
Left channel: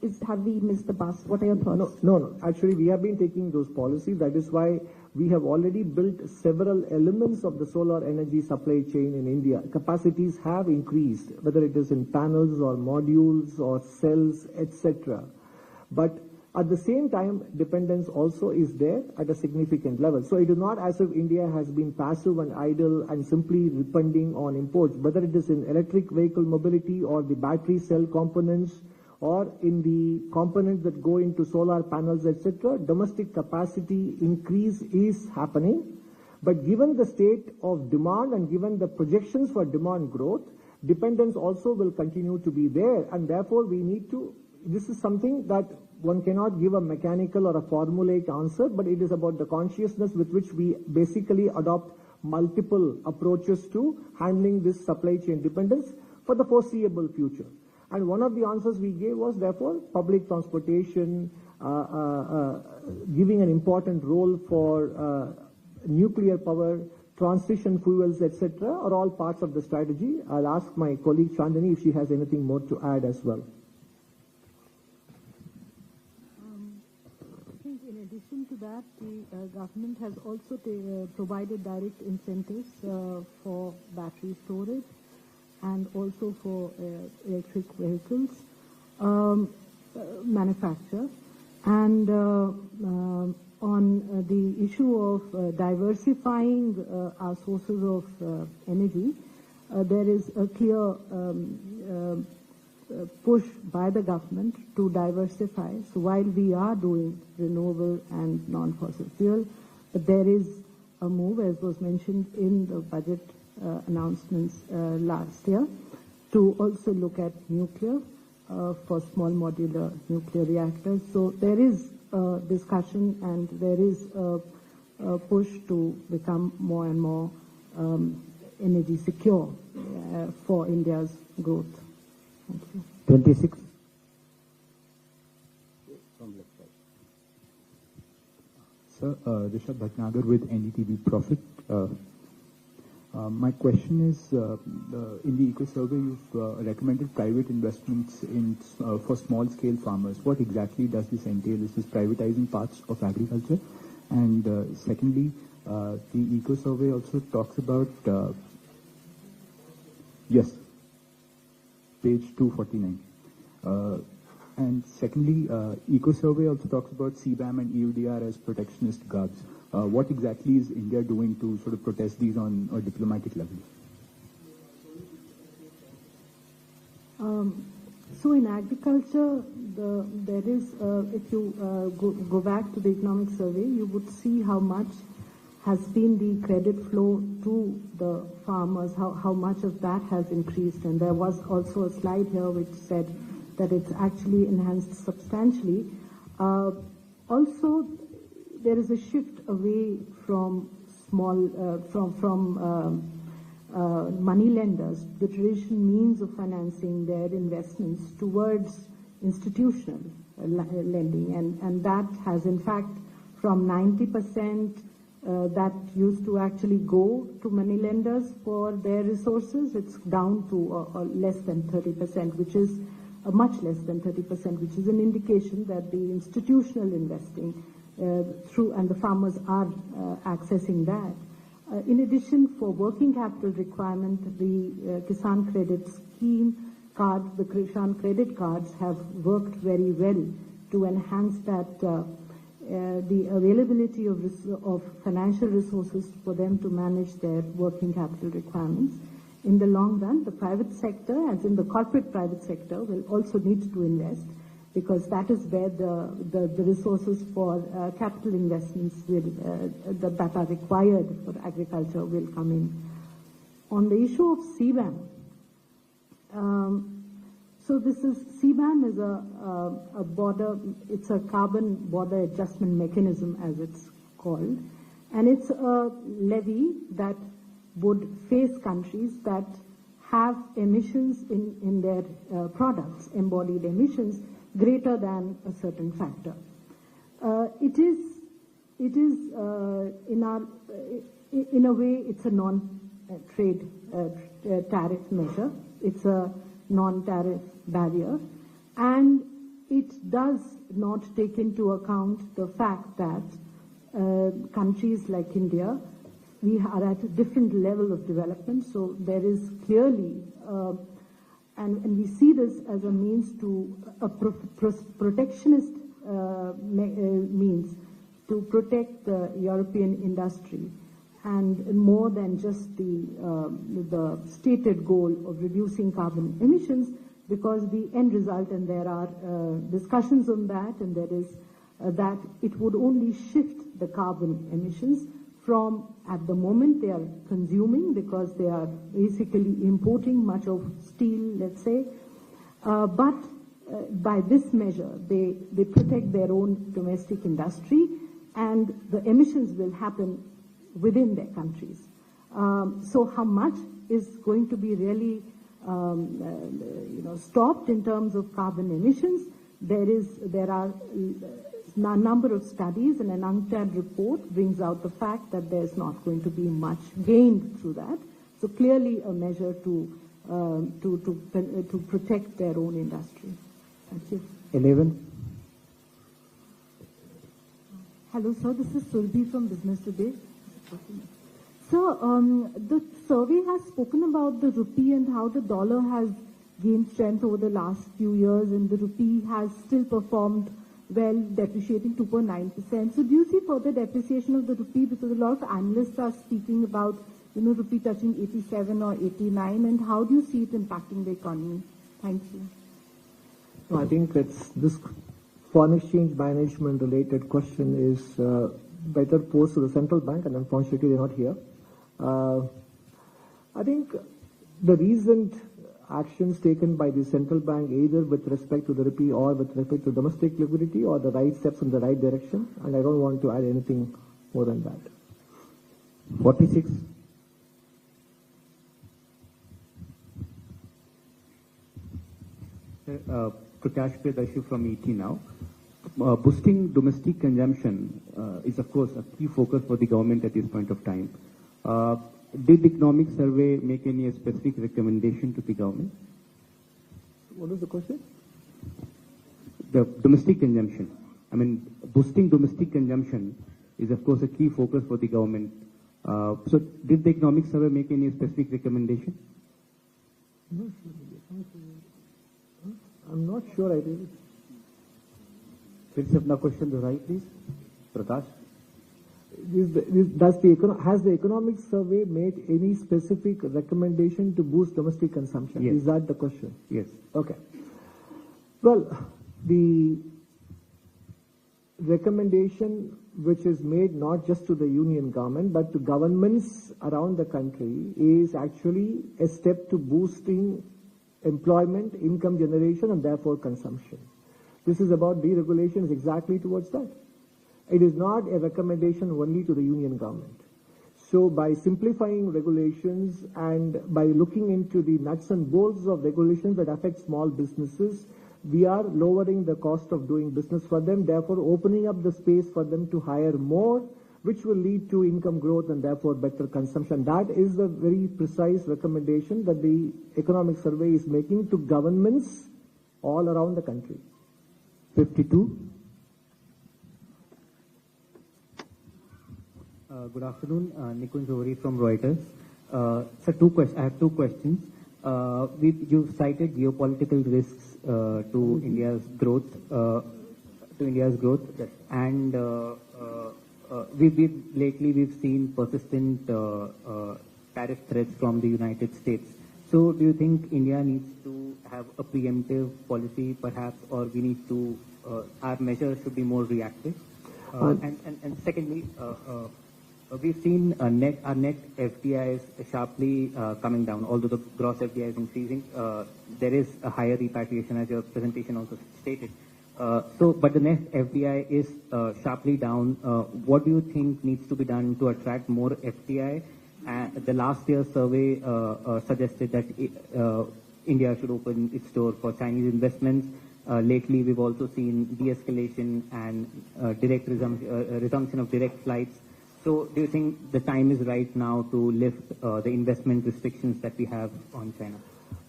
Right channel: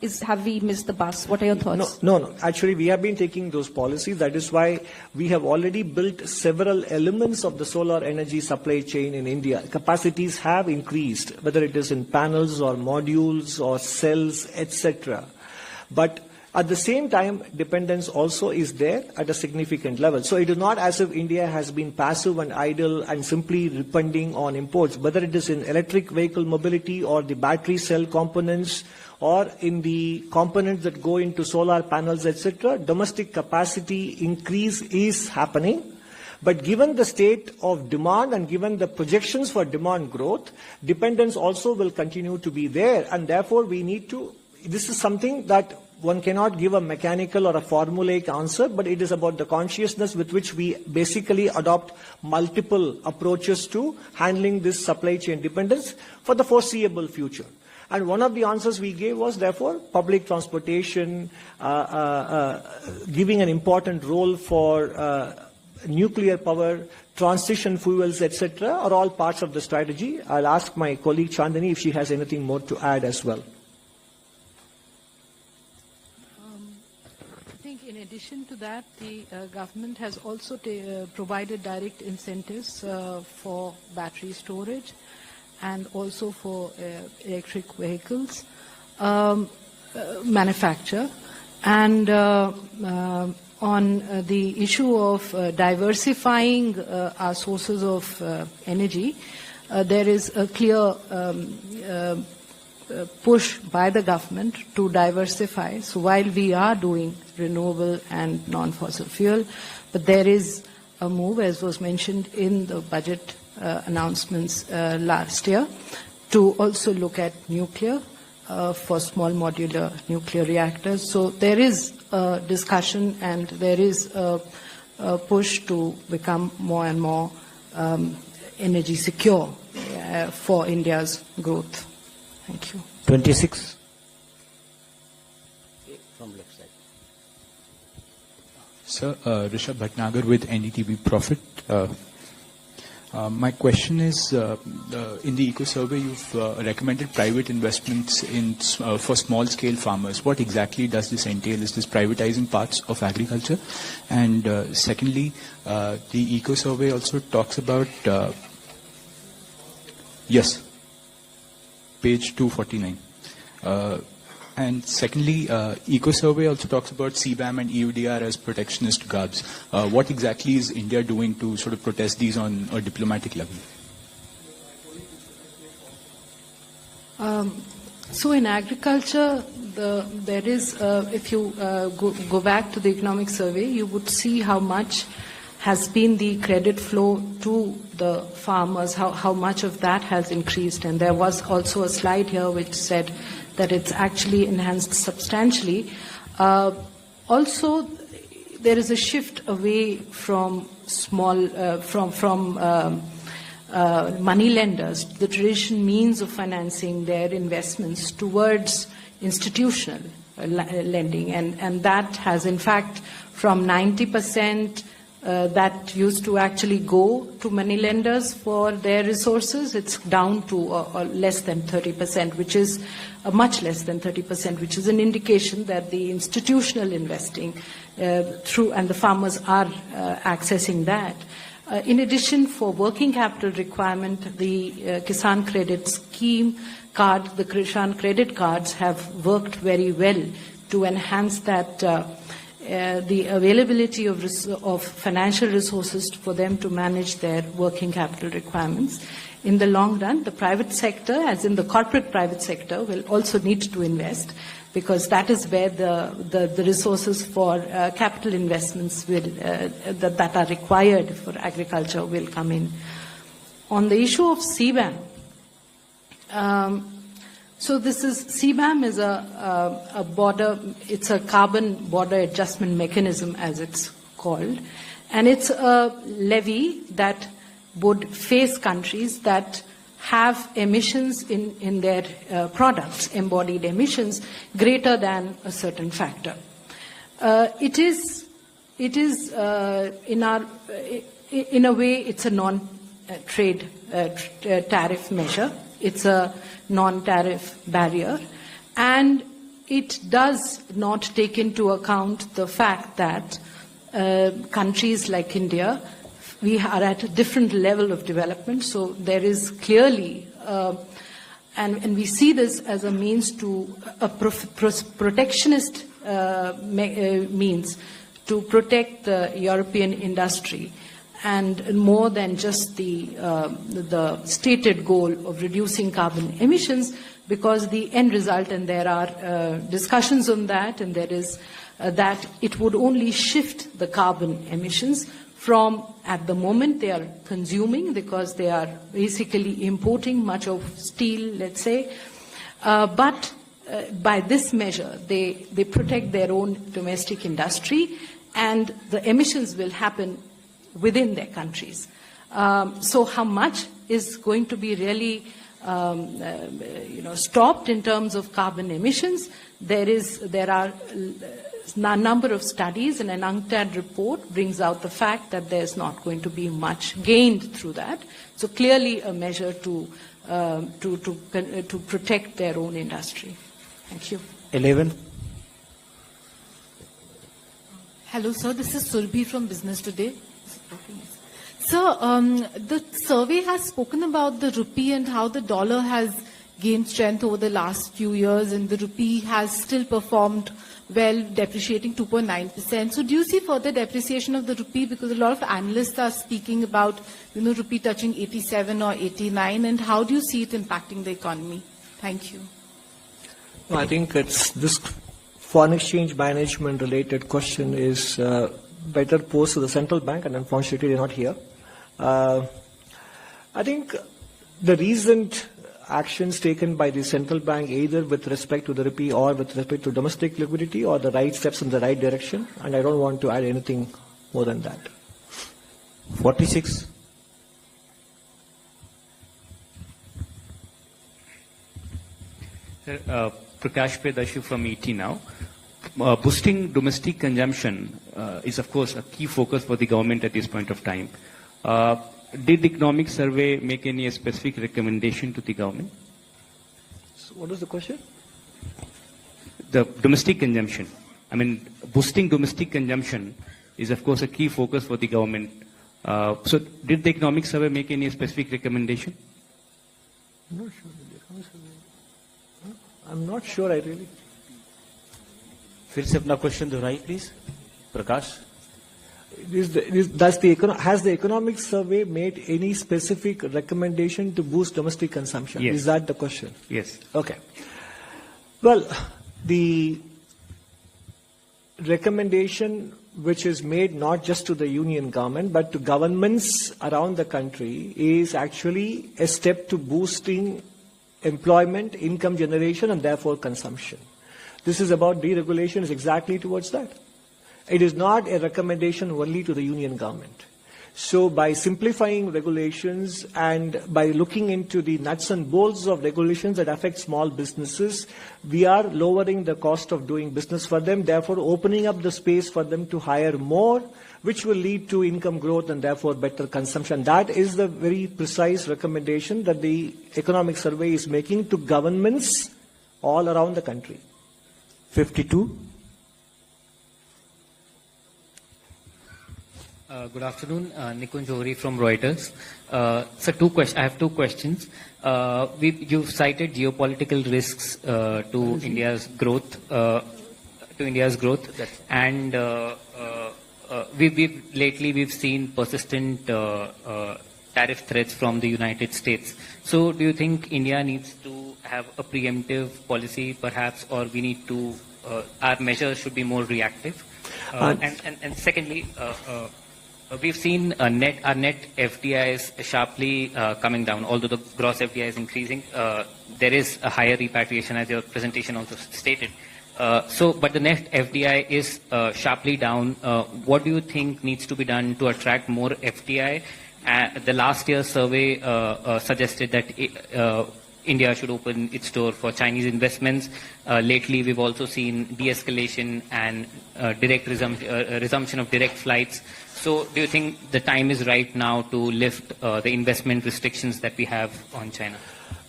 have we missed the bus? What are your thoughts? No. Actually, we have been taking those policies. That is why we have already built several elements of the solar energy supply chain in India. Capacities have increased, whether it is in panels or modules or cells, etc. But at the same time, dependence also is there at a significant level. So it is not as if India has been passive and idle and simply depending on imports, whether it is in electric vehicle mobility or the battery cell components or in the components that go into solar panels, etc. Domestic capacity increase is happening. But given the state of demand and given the projections for demand growth, dependence also will continue to be there. And therefore, we need to, this is something that one cannot give a mechanical or a formulaic answer, but it is about the consciousness with which we basically adopt multiple approaches to handling this supply chain dependence for the foreseeable future. And one of the answers we gave was, therefore, public transportation, giving an important role for nuclear power, transition fuels, etc., are all parts of the strategy. I'll ask my colleague Chandani if she has anything more to add as well. I think in addition to that, the government has also provided direct incentives for battery storage and also for electric vehicles manufacture. And on the issue of diversifying our sources of energy, there is a clear push by the government to diversify. So while we are doing renewable and non-fossil fuel, but there is a move, as was mentioned in the budget announcements last year, to also look at nuclear for small modular nuclear reactors. So there is a discussion and there is a push to become more and more energy secure for India's growth. Thank you. 26. From left side. Sir, Rishabh Bhatnagar with NDTV Profit. My question is, in the Eco Survey, you've recommended private investments for small-scale farmers. What exactly does this entail? Is this privatizing parts of agriculture? And secondly, the Eco Survey also talks about, yes, page 249. And secondly, Eco Survey also talks about CBAM and EUDR as protectionist guards. What exactly is India doing to sort of protest these on a diplomatic level? So in agriculture, there is, if you go back to the economic survey, you would see how much has been the credit flow to the farmers, how much of that has increased. And there was also a slide here which said that it's actually enhanced substantially. Also, there is a shift away from money lenders, the traditional means of financing their investments, towards institutional lending. And that has, in fact, from 90% that used to actually go to money lenders for their resources, it's down to less than 30%, which is much less than 30%, which is an indication that the institutional investing and the farmers are accessing that. In addition, for working capital requirement, the Kisan Credit Scheme card, the Kisan Credit Cards have worked very well to enhance that the availability of financial resources for them to manage their working capital requirements. In the long run, the private sector, as in the corporate private sector, will also need to invest, because that is where the resources for capital investments that are required for agriculture will come in. On the issue of CBAM, so CBAM is a border, it's a carbon border adjustment mechanism, as it's called, and it's a levy that would face countries that have emissions in their products, embodied emissions, greater than a certain factor. It is in a way, it's a non-trade tariff measure. It's a non-tariff barrier, and it does not take into account the fact that countries like India, we are at a different level of development. So there is clearly, and we see this as a means to a protectionist means to protect the European industry, and more than just the stated goal of reducing carbon emissions, because the end result, and there are discussions on that, and there is that it would only shift the carbon emissions from, at the moment they are consuming, because they are basically importing much of steel, let's say, but by this measure, they protect their own domestic industry, and the emissions will happen within their countries. So how much is going to be really stopped in terms of carbon emissions? There are a number of studies, and an UNCTAD report brings out the fact that there's not going to be much gained through that. So clearly a measure to protect their own industry. Thank you. 11. Hello, sir. This is Surbhi from Business Today. Sir, the survey has spoken about the rupee and how the dollar has gained strength over the last few years, and the rupee has still performed well, depreciating 2.9%. So do you see further depreciation of the rupee? Because a lot of analysts are speaking about, rupee touching 87 or 89, and how do you see it impacting the economy? Thank you. No, I think this foreign exchange management related question is better posed to the central bank, and unfortunately they're not here. I think the recent actions taken by the central bank, either with respect to the rupee or with respect to domestic liquidity, are the right steps in the right direction, and I don't want to add anything more than that. 46. Prakash Pedashu from ET now. Boosting domestic consumption is, of course, a key focus for the government at this point of time. Did the economic survey make any specific recommendation to the government? So what is the question? The domestic consumption. I mean, boosting domestic consumption is, of course, a key focus for the government. So did the economic survey make any specific recommendation? I'm not sure, I really. फिर से अपना question दोहराइए please Prakash. Has the economic survey made any specific recommendation to boost domestic consumption? Yes. Is that the question? Yes. Okay. Well, the recommendation which is made not just to the union government but to governments around the country is actually a step to boosting employment, income generation, and therefore consumption. This is about deregulation, is exactly towards that. It is not a recommendation only to the union government. So by simplifying regulations and by looking into the nuts and bolts of regulations that affect small businesses, we are lowering the cost of doing business for them, therefore opening up the space for them to hire more, which will lead to income growth and therefore better consumption. That is the very precise recommendation that the economic survey is making to governments all around the country. 52. Good afternoon, Nikunj Johri from Reuters. So I have two questions. You've cited geopolitical risks to India's growth, and we've seen persistent tariff threats from the United States. So do you think India needs to have a preemptive policy, perhaps, or we need to our measures should be more reactive? And secondly. We've seen our net FDIs sharply coming down. Although the gross FDI is increasing, there is a higher repatriation, as your presentation also stated. But the net FDI is sharply down. What do you think needs to be done to attract more FDI? The last year's survey suggested that India should open its door for Chinese investments. Lately, we've also seen de-escalation and resumption of direct flights. So do you think the time is right now to lift the investment restrictions that we have on China?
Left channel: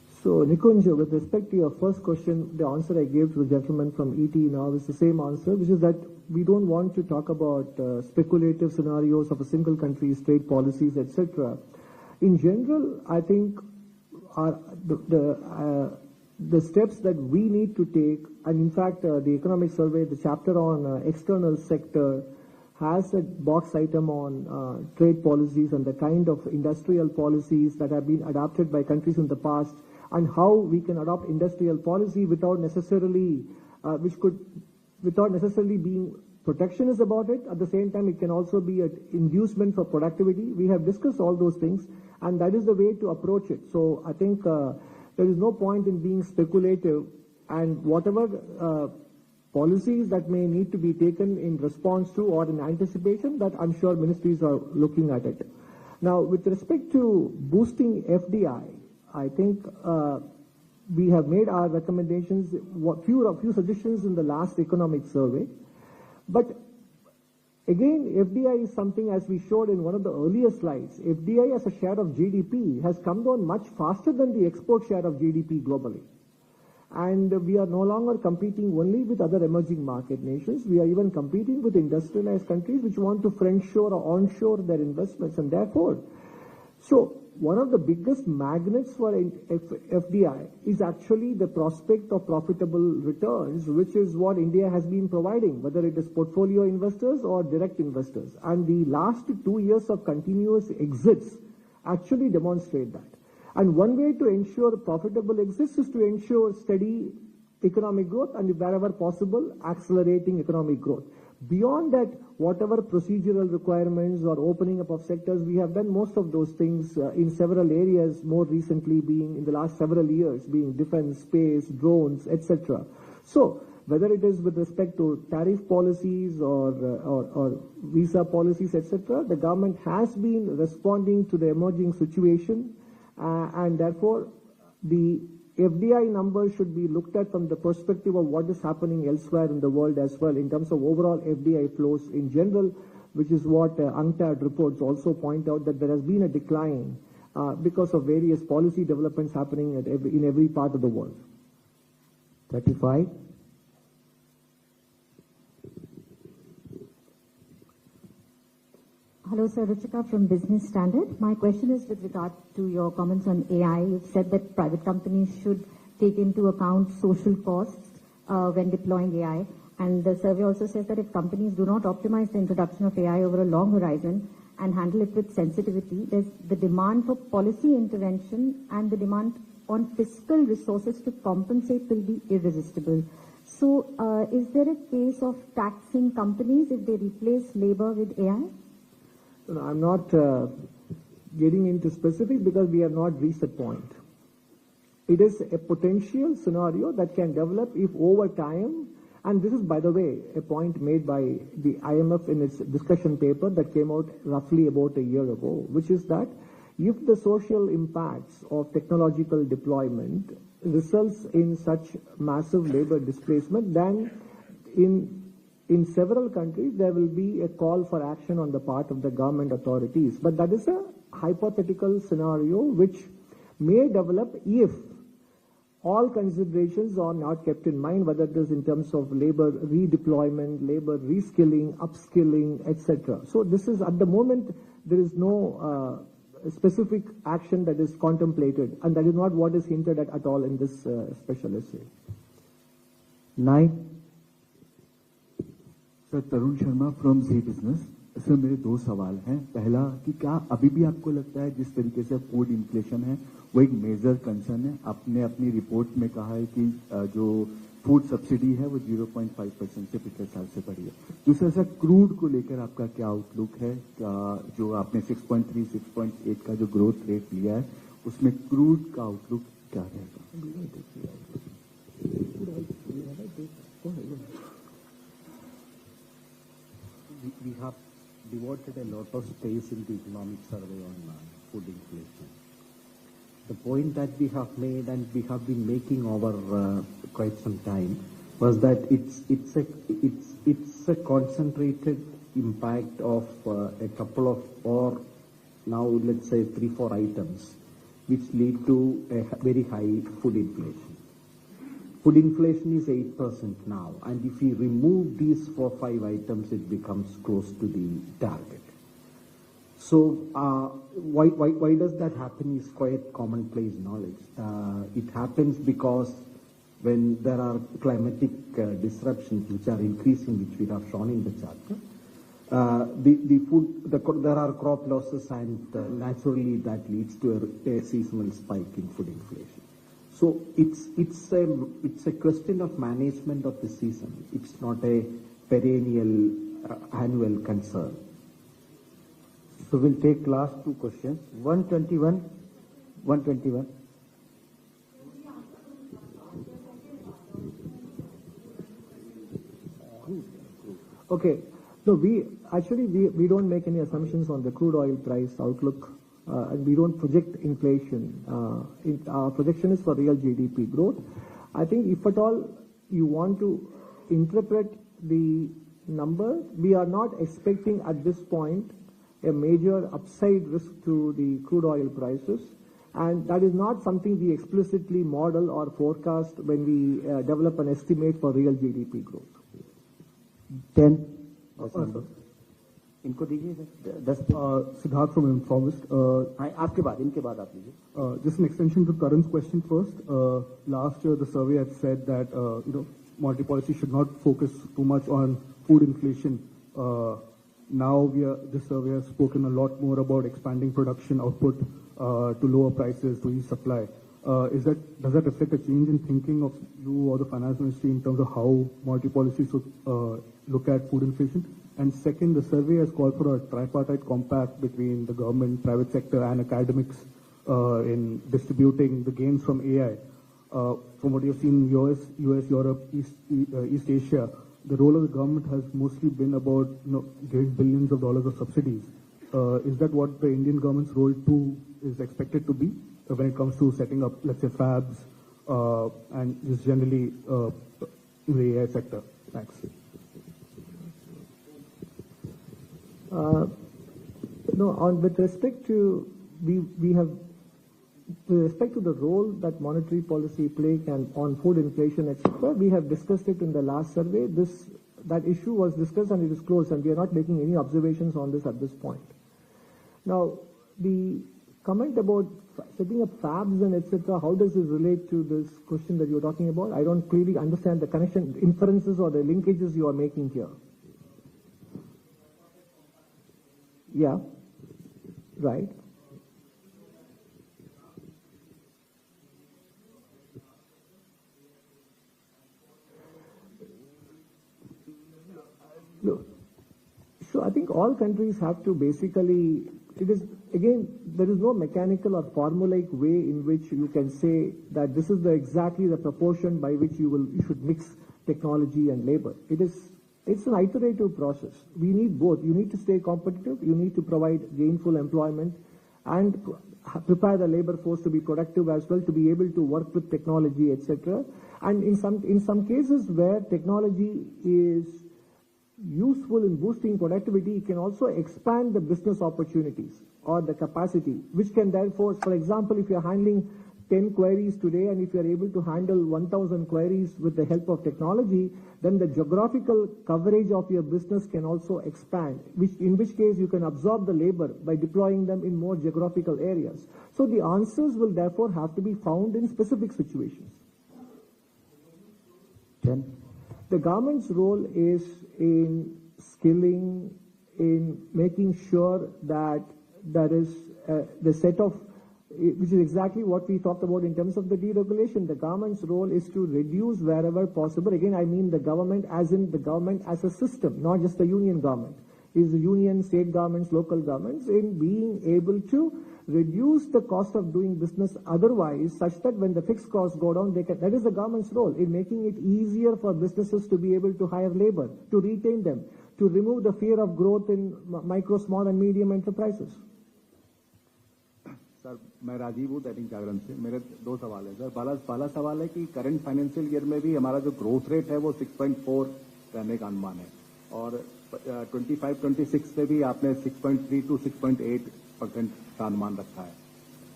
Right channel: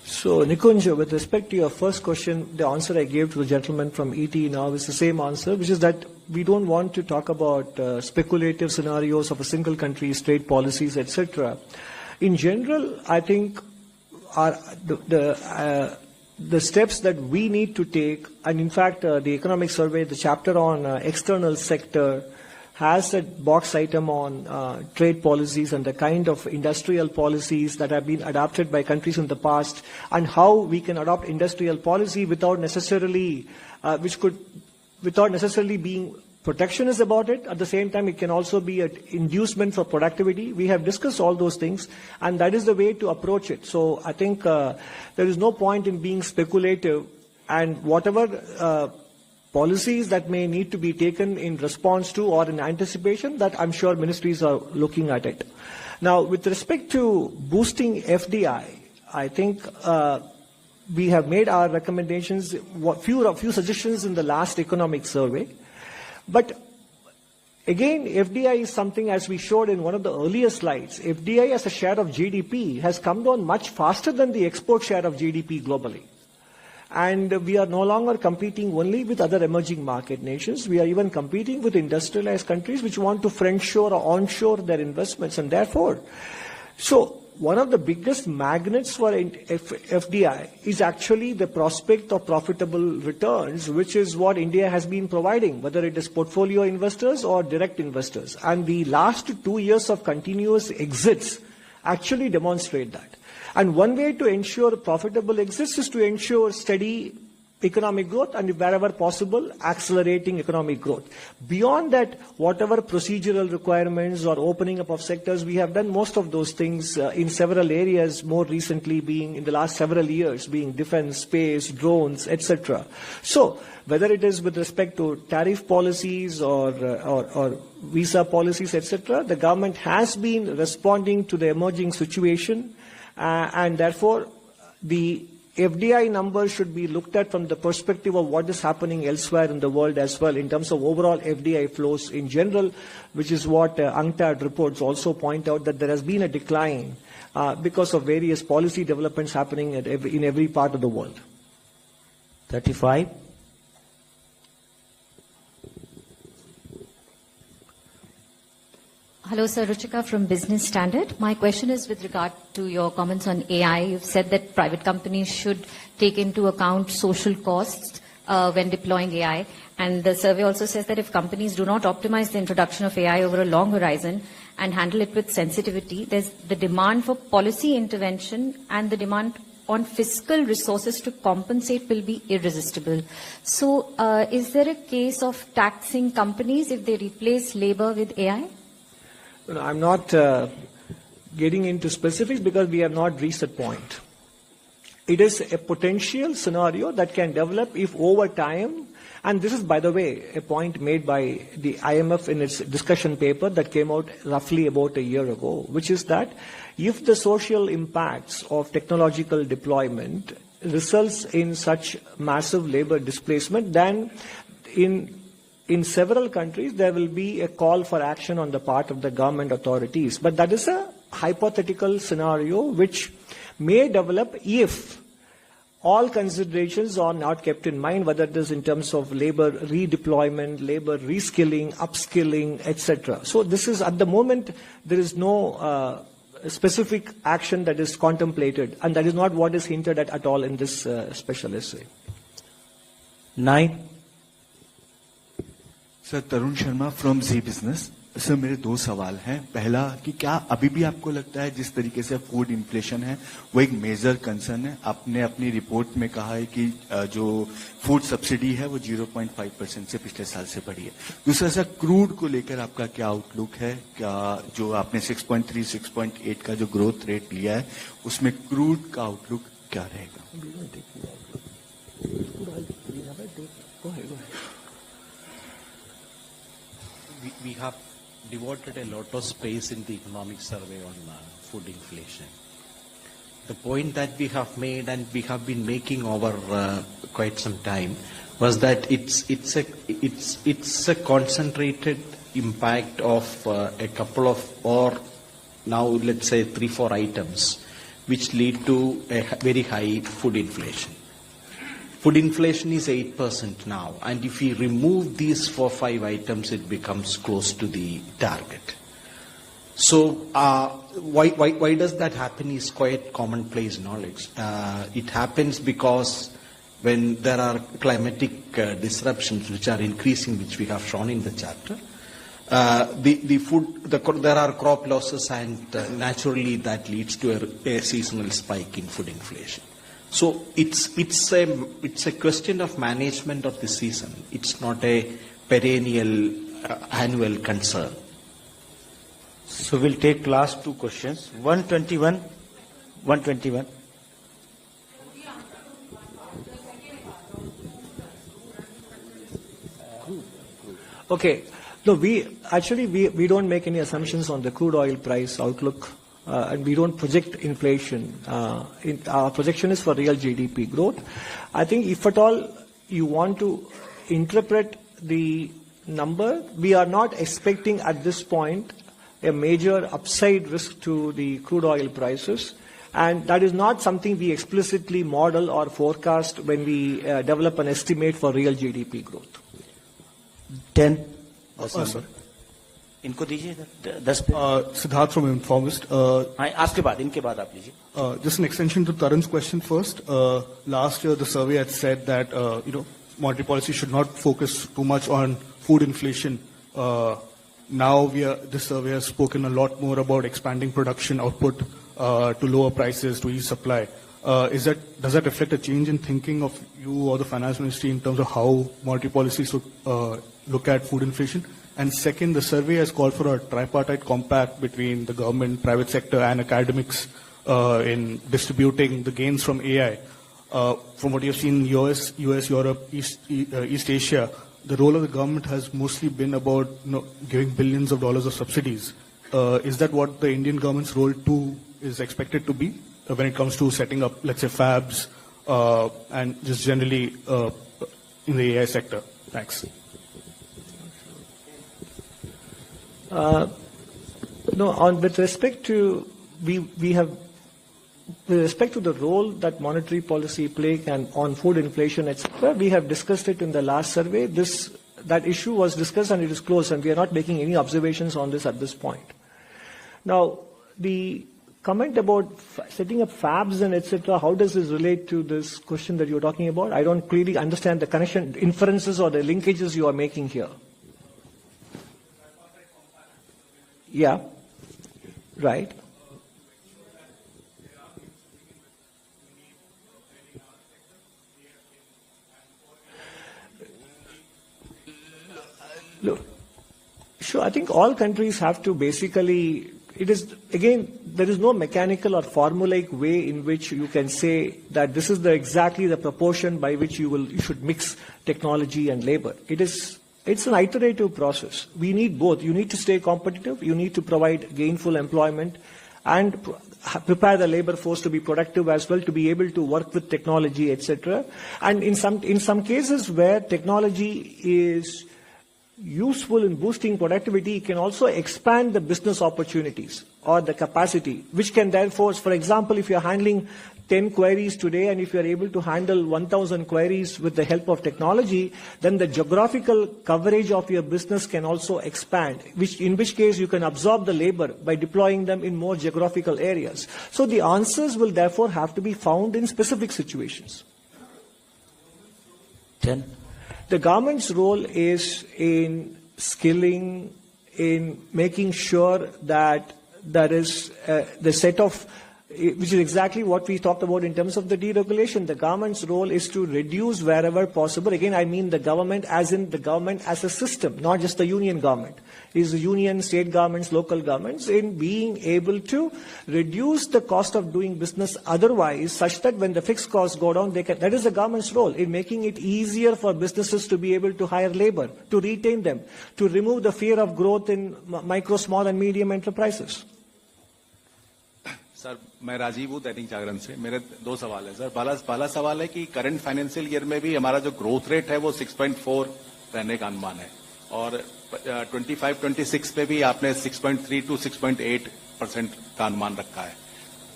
So, Nikunj, with respect to your first question, the answer I gave to the gentleman from ET now is the same answer, which is that we don't want to talk about speculative scenarios of a single country's trade policies, etc. In general, I think the steps that we need to take, and in fact, the economic survey, the chapter on external sector, has a box item on trade policies and the kind of industrial policies that have been adopted by countries in the past, and how we can adopt industrial policy without necessarily being protectionist about it. At the same time, it can also be an inducement for productivity. We have discussed all those things, and that is the way to approach it. So I think there is no point in being speculative, and whatever policies that may need to be taken in response to or in anticipation, that I'm sure ministries are looking at it. Now, with respect to boosting FDI, I think we have made our recommendations, a few suggestions in the last economic survey. But again, FDI is something, as we showed in one of the earlier slides, FDI as a share of GDP has come down much faster than the export share of GDP globally. And we are no longer competing only with other emerging market nations. We are even competing with industrialized countries which want to friendshore or onshore their investments. And therefore, so one of the biggest magnets for FDI is actually the prospect of profitable returns, which is what India has been providing, whether it is portfolio investors or direct investors. And the last 2 years of continuous exits actually demonstrate that. And one way to ensure profitable exits is to ensure steady economic growth and, wherever possible, accelerating economic growth. Beyond that, whatever procedural requirements or opening up of sectors, we have done most of those things in several areas, more recently being in the last several years, being defense, space, drones, etc. So whether it is with respect to tariff policies or visa policies, etc., the government has been responding to the emerging situation. And therefore, the FDI numbers should be looked at from the perspective of what is happening elsewhere in the world as well, in terms of overall FDI flows in general, which is what UNCTAD reports also point out, that there has been a decline because of various policy developments happening in every part of the world. 35. Hello, Sir. Ruchika from Business Standard. My question is with regard to your comments on AI. You've said that private companies should take into account social costs when deploying AI. And the survey also says that if companies do not optimize the introduction of AI over a long horizon and handle it with sensitivity, there's the demand for policy intervention and the demand on fiscal resources to compensate will be irresistible. So is there a case of taxing companies if they replace labor with AI? I'm not getting into specifics because we have not reached that point. It is a potential scenario that can develop if over time, and this is, by the way, a point made by the IMF in its discussion paper that came out roughly about a year ago, which is that if the social impacts of technological deployment results in such massive labor displacement, then in several countries, there will be a call for action on the part of the government authorities. But that is a hypothetical scenario which may develop if all considerations are not kept in mind, whether it is in terms of labor redeployment, labor reskilling, upskilling, etc. So this is, at the moment, there is no specific action that is contemplated, and that is not what is hinted at all in this special essay. 9. Sir Tarun Sharma from ji business. Sir मेरे 2 सवाल हैं। पहला कि क्या अभी भी आपको लगता है जिस तरीके से फूड इन्फ्लेशन है वो एक मेजर कंसर्न है? आपने अपनी रिपोर्ट में कहा है कि जो फूड सब्सिडी है वो 0.5% से पिछले साल से बढ़ी है। दूसरा सर, क्रूड को लेकर आपका क्या आउटलुक है? क्या जो आपने 6.3, 6.8 का जो ग्रोथ रेट लिया है उसमें क्रूड का आउटलुक क्या रहेगा? We have devoted a lot of space in the economic survey on food inflation. The point that we have made and we have been making over quite some time was that it's a concentrated impact of a couple of, or now let's say 3-4 items, which lead to a very high food inflation. Food inflation is 8% now, and if we remove these 4-5 items, it becomes close to the target. So why does that happen is quite commonplace knowledge. It happens because when there are climatic disruptions which are increasing, which we have shown in the chapter, there are crop losses, and naturally that leads to a seasonal spike in food inflation. So it's a question of management of the season. It's not a perennial annual concern. So we'll take last two questions. 121. Okay. No, we don't make any assumptions on the crude oil price outlook, and we don't project inflation. Our projection is for real GDP growth. I think if at all you want to interpret the number, we are not expecting at this point a major upside risk to the crude oil prices. And that is not something we explicitly model or forecast when we develop an estimate for real GDP growth. 10. Sorry. इनको दीजिए 10 Siddharth from Informist. आपके बाद इनके बाद आप लीजिए. Just an extension to Tarun's question first. Last year, the survey had said that monetary policy should not focus too much on food inflation. Now this survey has spoken a lot more about expanding production output to lower prices, to ease supply. Does that reflect a change in thinking of you or the finance ministry in terms of how monetary policy should look at food inflation? And second, the survey has called for a tripartite compact between the government, private sector, and academics in distributing the gains from AI. From what you've seen in US, Europe, East Asia, the role of the government has mostly been about giving billions of dollars of subsidies. Is that what the Indian government's role too is expected to be when it comes to setting up, let's say, fabs and just generally in the AI sector? Thanks. With respect to with respect to the role that monetary policy play can on food inflation, etc., we have discussed it in the last survey. That issue was discussed and it is closed, and we are not making any observations on this at this point. Now, the comment about setting up fabs and etc., how does this relate to this question that you're talking about? I don't clearly understand the connection, inferences or the linkages you are making here. Yeah, right. Look, sure, I think all countries have to basically, there is no mechanical or formulaic way in which you can say that this is exactly the proportion by which you should mix technology and labor. It's an iterative process. We need both. You need to stay competitive. You need to provide gainful employment and prepare the labor force to be productive as well, to be able to work with technology, etc. And in some cases where technology is useful in boosting productivity, it can also expand the business opportunities or the capacity, which can therefore, for example, if you're handling 10 queries today, and if you're able to handle 1,000 queries with the help of technology, then the geographical coverage of your business can also expand, in which case you can absorb the labor by deploying them in more geographical areas. So the answers will therefore have to be found in specific situations. 10. The government's role is in skilling, in making sure that there is the set of, which is exactly what we talked about in terms of the deregulation. The government's role is to reduce wherever possible. Again, I mean the government as in the government as a system, not just the union government. It is the union, state governments, local governments, in being able to reduce the cost of doing business otherwise, such that when the fixed costs go down, that is the government's role in making it easier for businesses to be able to hire labor, to retain them, to remove the fear of growth in micro, small and medium enterprises. Sir मैं राजीव हूँ दैनिक जागरण से. मेरे दो सवाल है sir. पहला सवाल है कि करंट फाइनेंशियल ईयर में भी हमारा जो ग्रोथ रेट है वो 6.4 रहने का अनुमान है, और 25-26 पे भी आपने 6.3 to 6.8% का अनुमान रखा है.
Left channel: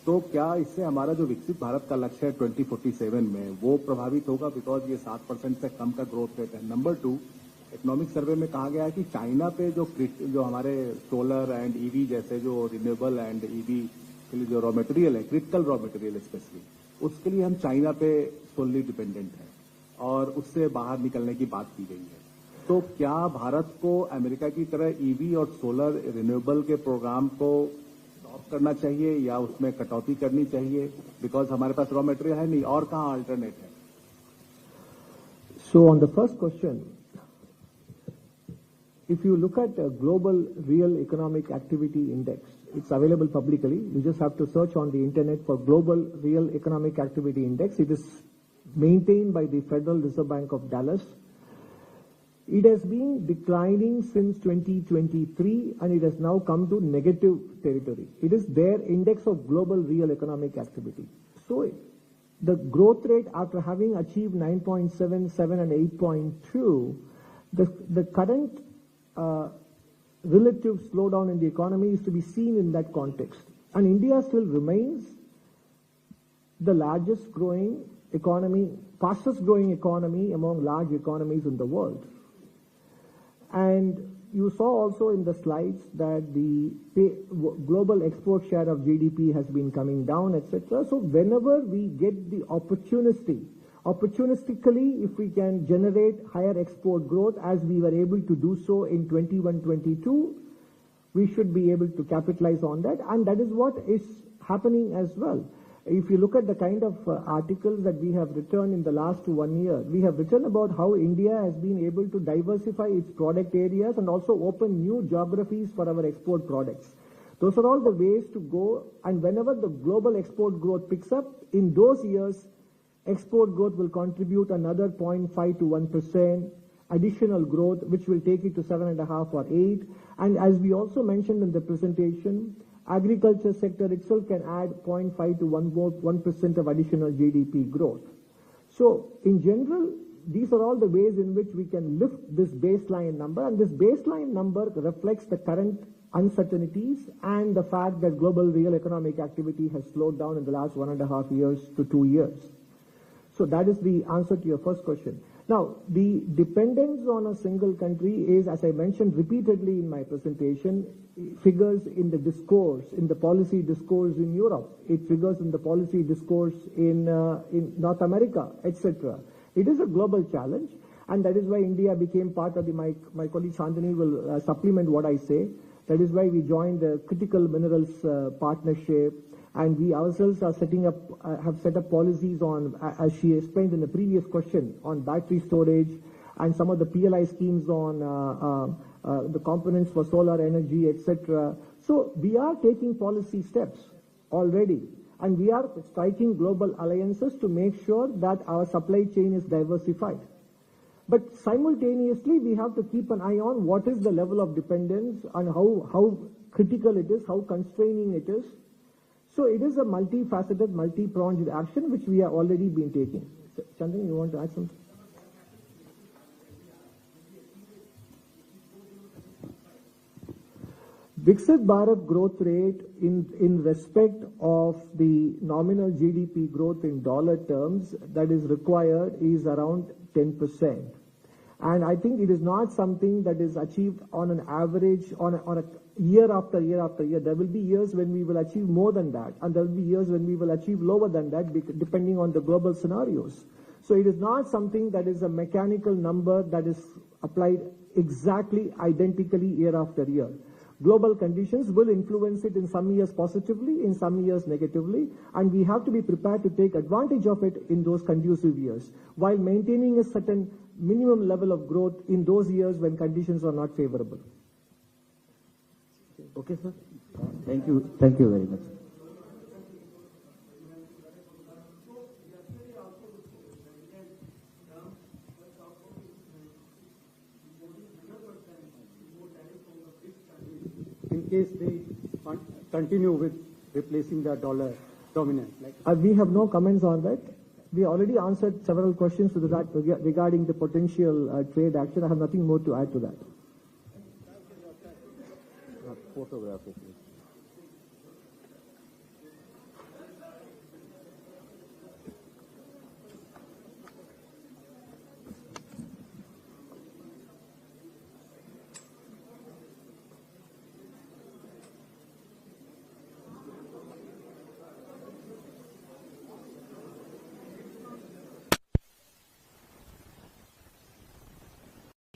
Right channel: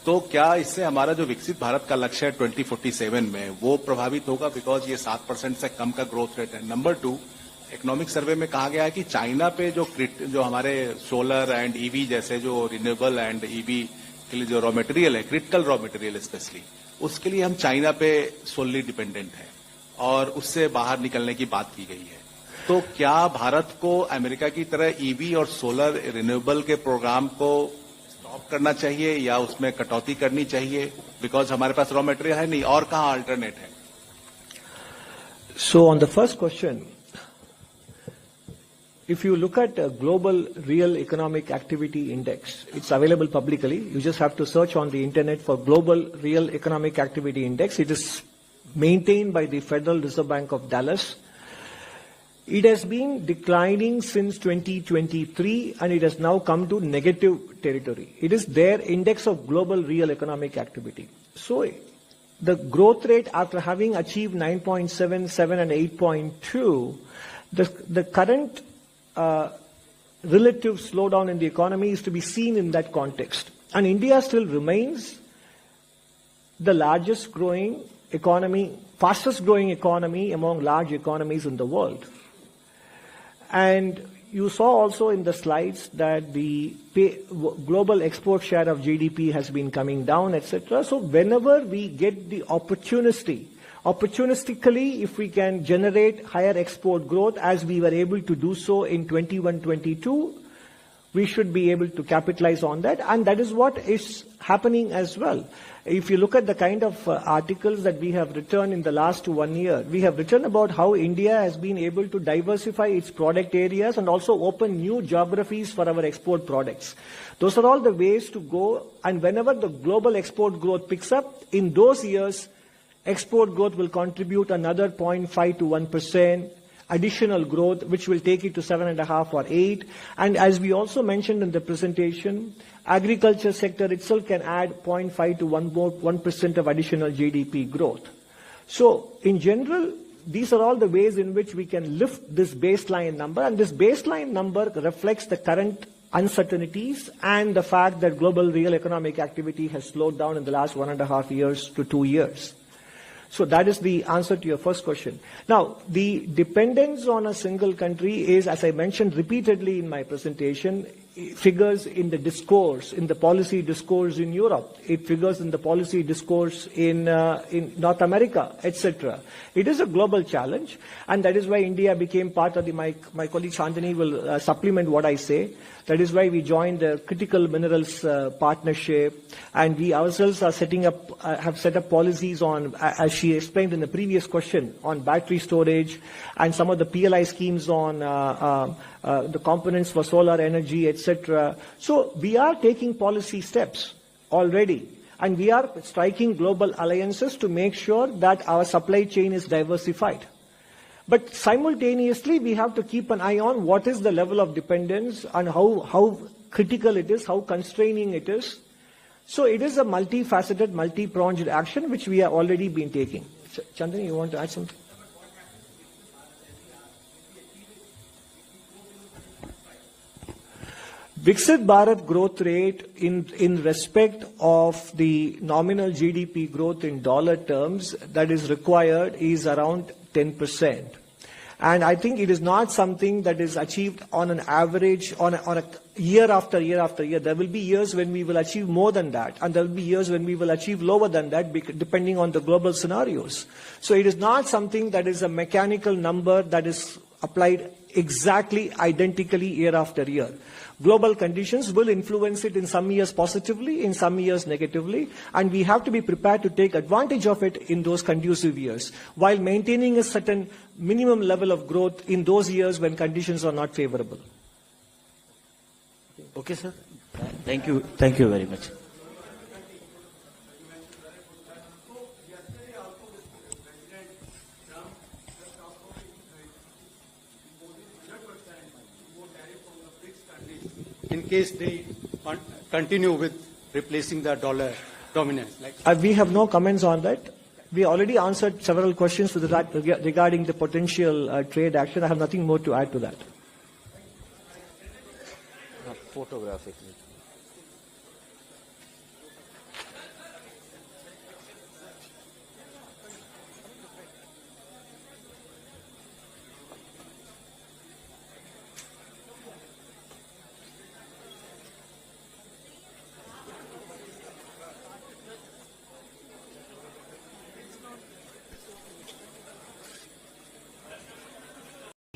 तो क्या इससे हमारा जो विकसित भारत का लक्ष्य है 2047 में वो प्रभावित होगा, बिकॉज ये 7% से कम का ग्रोथ रेट है। नंबर 2, इकोनॉमिक सर्वे में कहा गया है कि चाइना पे जो हमारे सोलर एंड ईवी जैसे जो रिन्यूएबल एंड ईवी के लिए जो रॉ मटेरियल है, क्रिटिकल रॉ मटेरियल स्पेशली, उसके लिए हम चाइना पे सोलली डिपेंडेंट है और उससे बाहर निकलने की बात की गई है। तो क्या भारत को अमेरिका की तरह ईवी और सोलर रिन्यूएबल के प्रोग्राम को स्टॉप करना चाहिए या उसमें कटौती करनी चाहिए, बिकॉज हमारे पास रॉ मटेरियल है नहीं, और कहाँ अल्टरनेट है? So on the first question, if you look at a global real economic activity index, it's available publicly. You just have to search on the internet for global real economic activity index. It is maintained by the Federal Reserve Bank of Dallas. It has been declining since 2023 and it has now come to negative territory. It is their index of global real economic activity. So the growth rate, after having achieved 9.7, 7 and 8.2, the current relative slowdown in the economy is to be seen in that context. And India still remains the largest growing economy, fastest growing economy among large economies in the world. And you saw also in the slides that the global export share of GDP has been coming down, etc. So whenever we get the opportunistically, if we can generate higher export growth as we were able to do so in 21-22, we should be able to capitalize on that. And that is what is happening as well. If you look at the kind of articles that we have written in the last 1 year, we have written about how India has been able to diversify its product areas and also open new geographies for our export products. Those are all the ways to go. And whenever the global export growth picks up, in those years, export growth will contribute another 0.5 to 1% additional growth, which will take it to 7.5 or 8. And as we also mentioned in the presentation, agriculture sector itself can add 0.5 to 1% of additional GDP growth. So in general, these are all the ways in which we can lift this baseline number. And this baseline number reflects the current uncertainties and the fact that global real economic activity has slowed down in the last 1.5 years to 2 years. So that is the answer to your first question. Now, the dependence on a single country is, as I mentioned repeatedly in my presentation, figures in the discourse, in the policy discourse in Europe. It figures in the policy discourse in North America, etc. It is a global challenge, and that is why India became part of the, my colleague Chandani will supplement what I say. That is why we joined the Critical Minerals Partnership, and we ourselves are have set up policies on, as she explained in the previous question, on battery storage and some of the PLI schemes on the components for solar energy, etc. So we are taking policy steps already, and we are striking global alliances to make sure that our supply chain is diversified. But simultaneously, we have to keep an eye on what is the level of dependence and how critical it is, how constraining it is. So it is a multifaceted, multi-pronged action which we have already been taking. Chandani, you want to add something? Viksit Bharat growth rate in respect of the nominal GDP growth in dollar terms that is required is around 10%. And I think it is not something that is achieved on an average, on a year after year after year. There will be years when we will achieve more than that, and there will be years when we will achieve lower than that, depending on the global scenarios. So it is not something that is a mechanical number that is applied exactly identically year after year. Global conditions will influence it in some years positively, in some years negatively, and we have to be prepared to take advantage of it in those conducive years, while maintaining a certain minimum level of growth in those years when conditions are not favorable. Okay, sir. Thank you. Thank you very much. In case they continue with replacing the dollar dominance. We have no comments on that. We already answered several questions with that regarding the potential trade action. I have nothing more to add to that.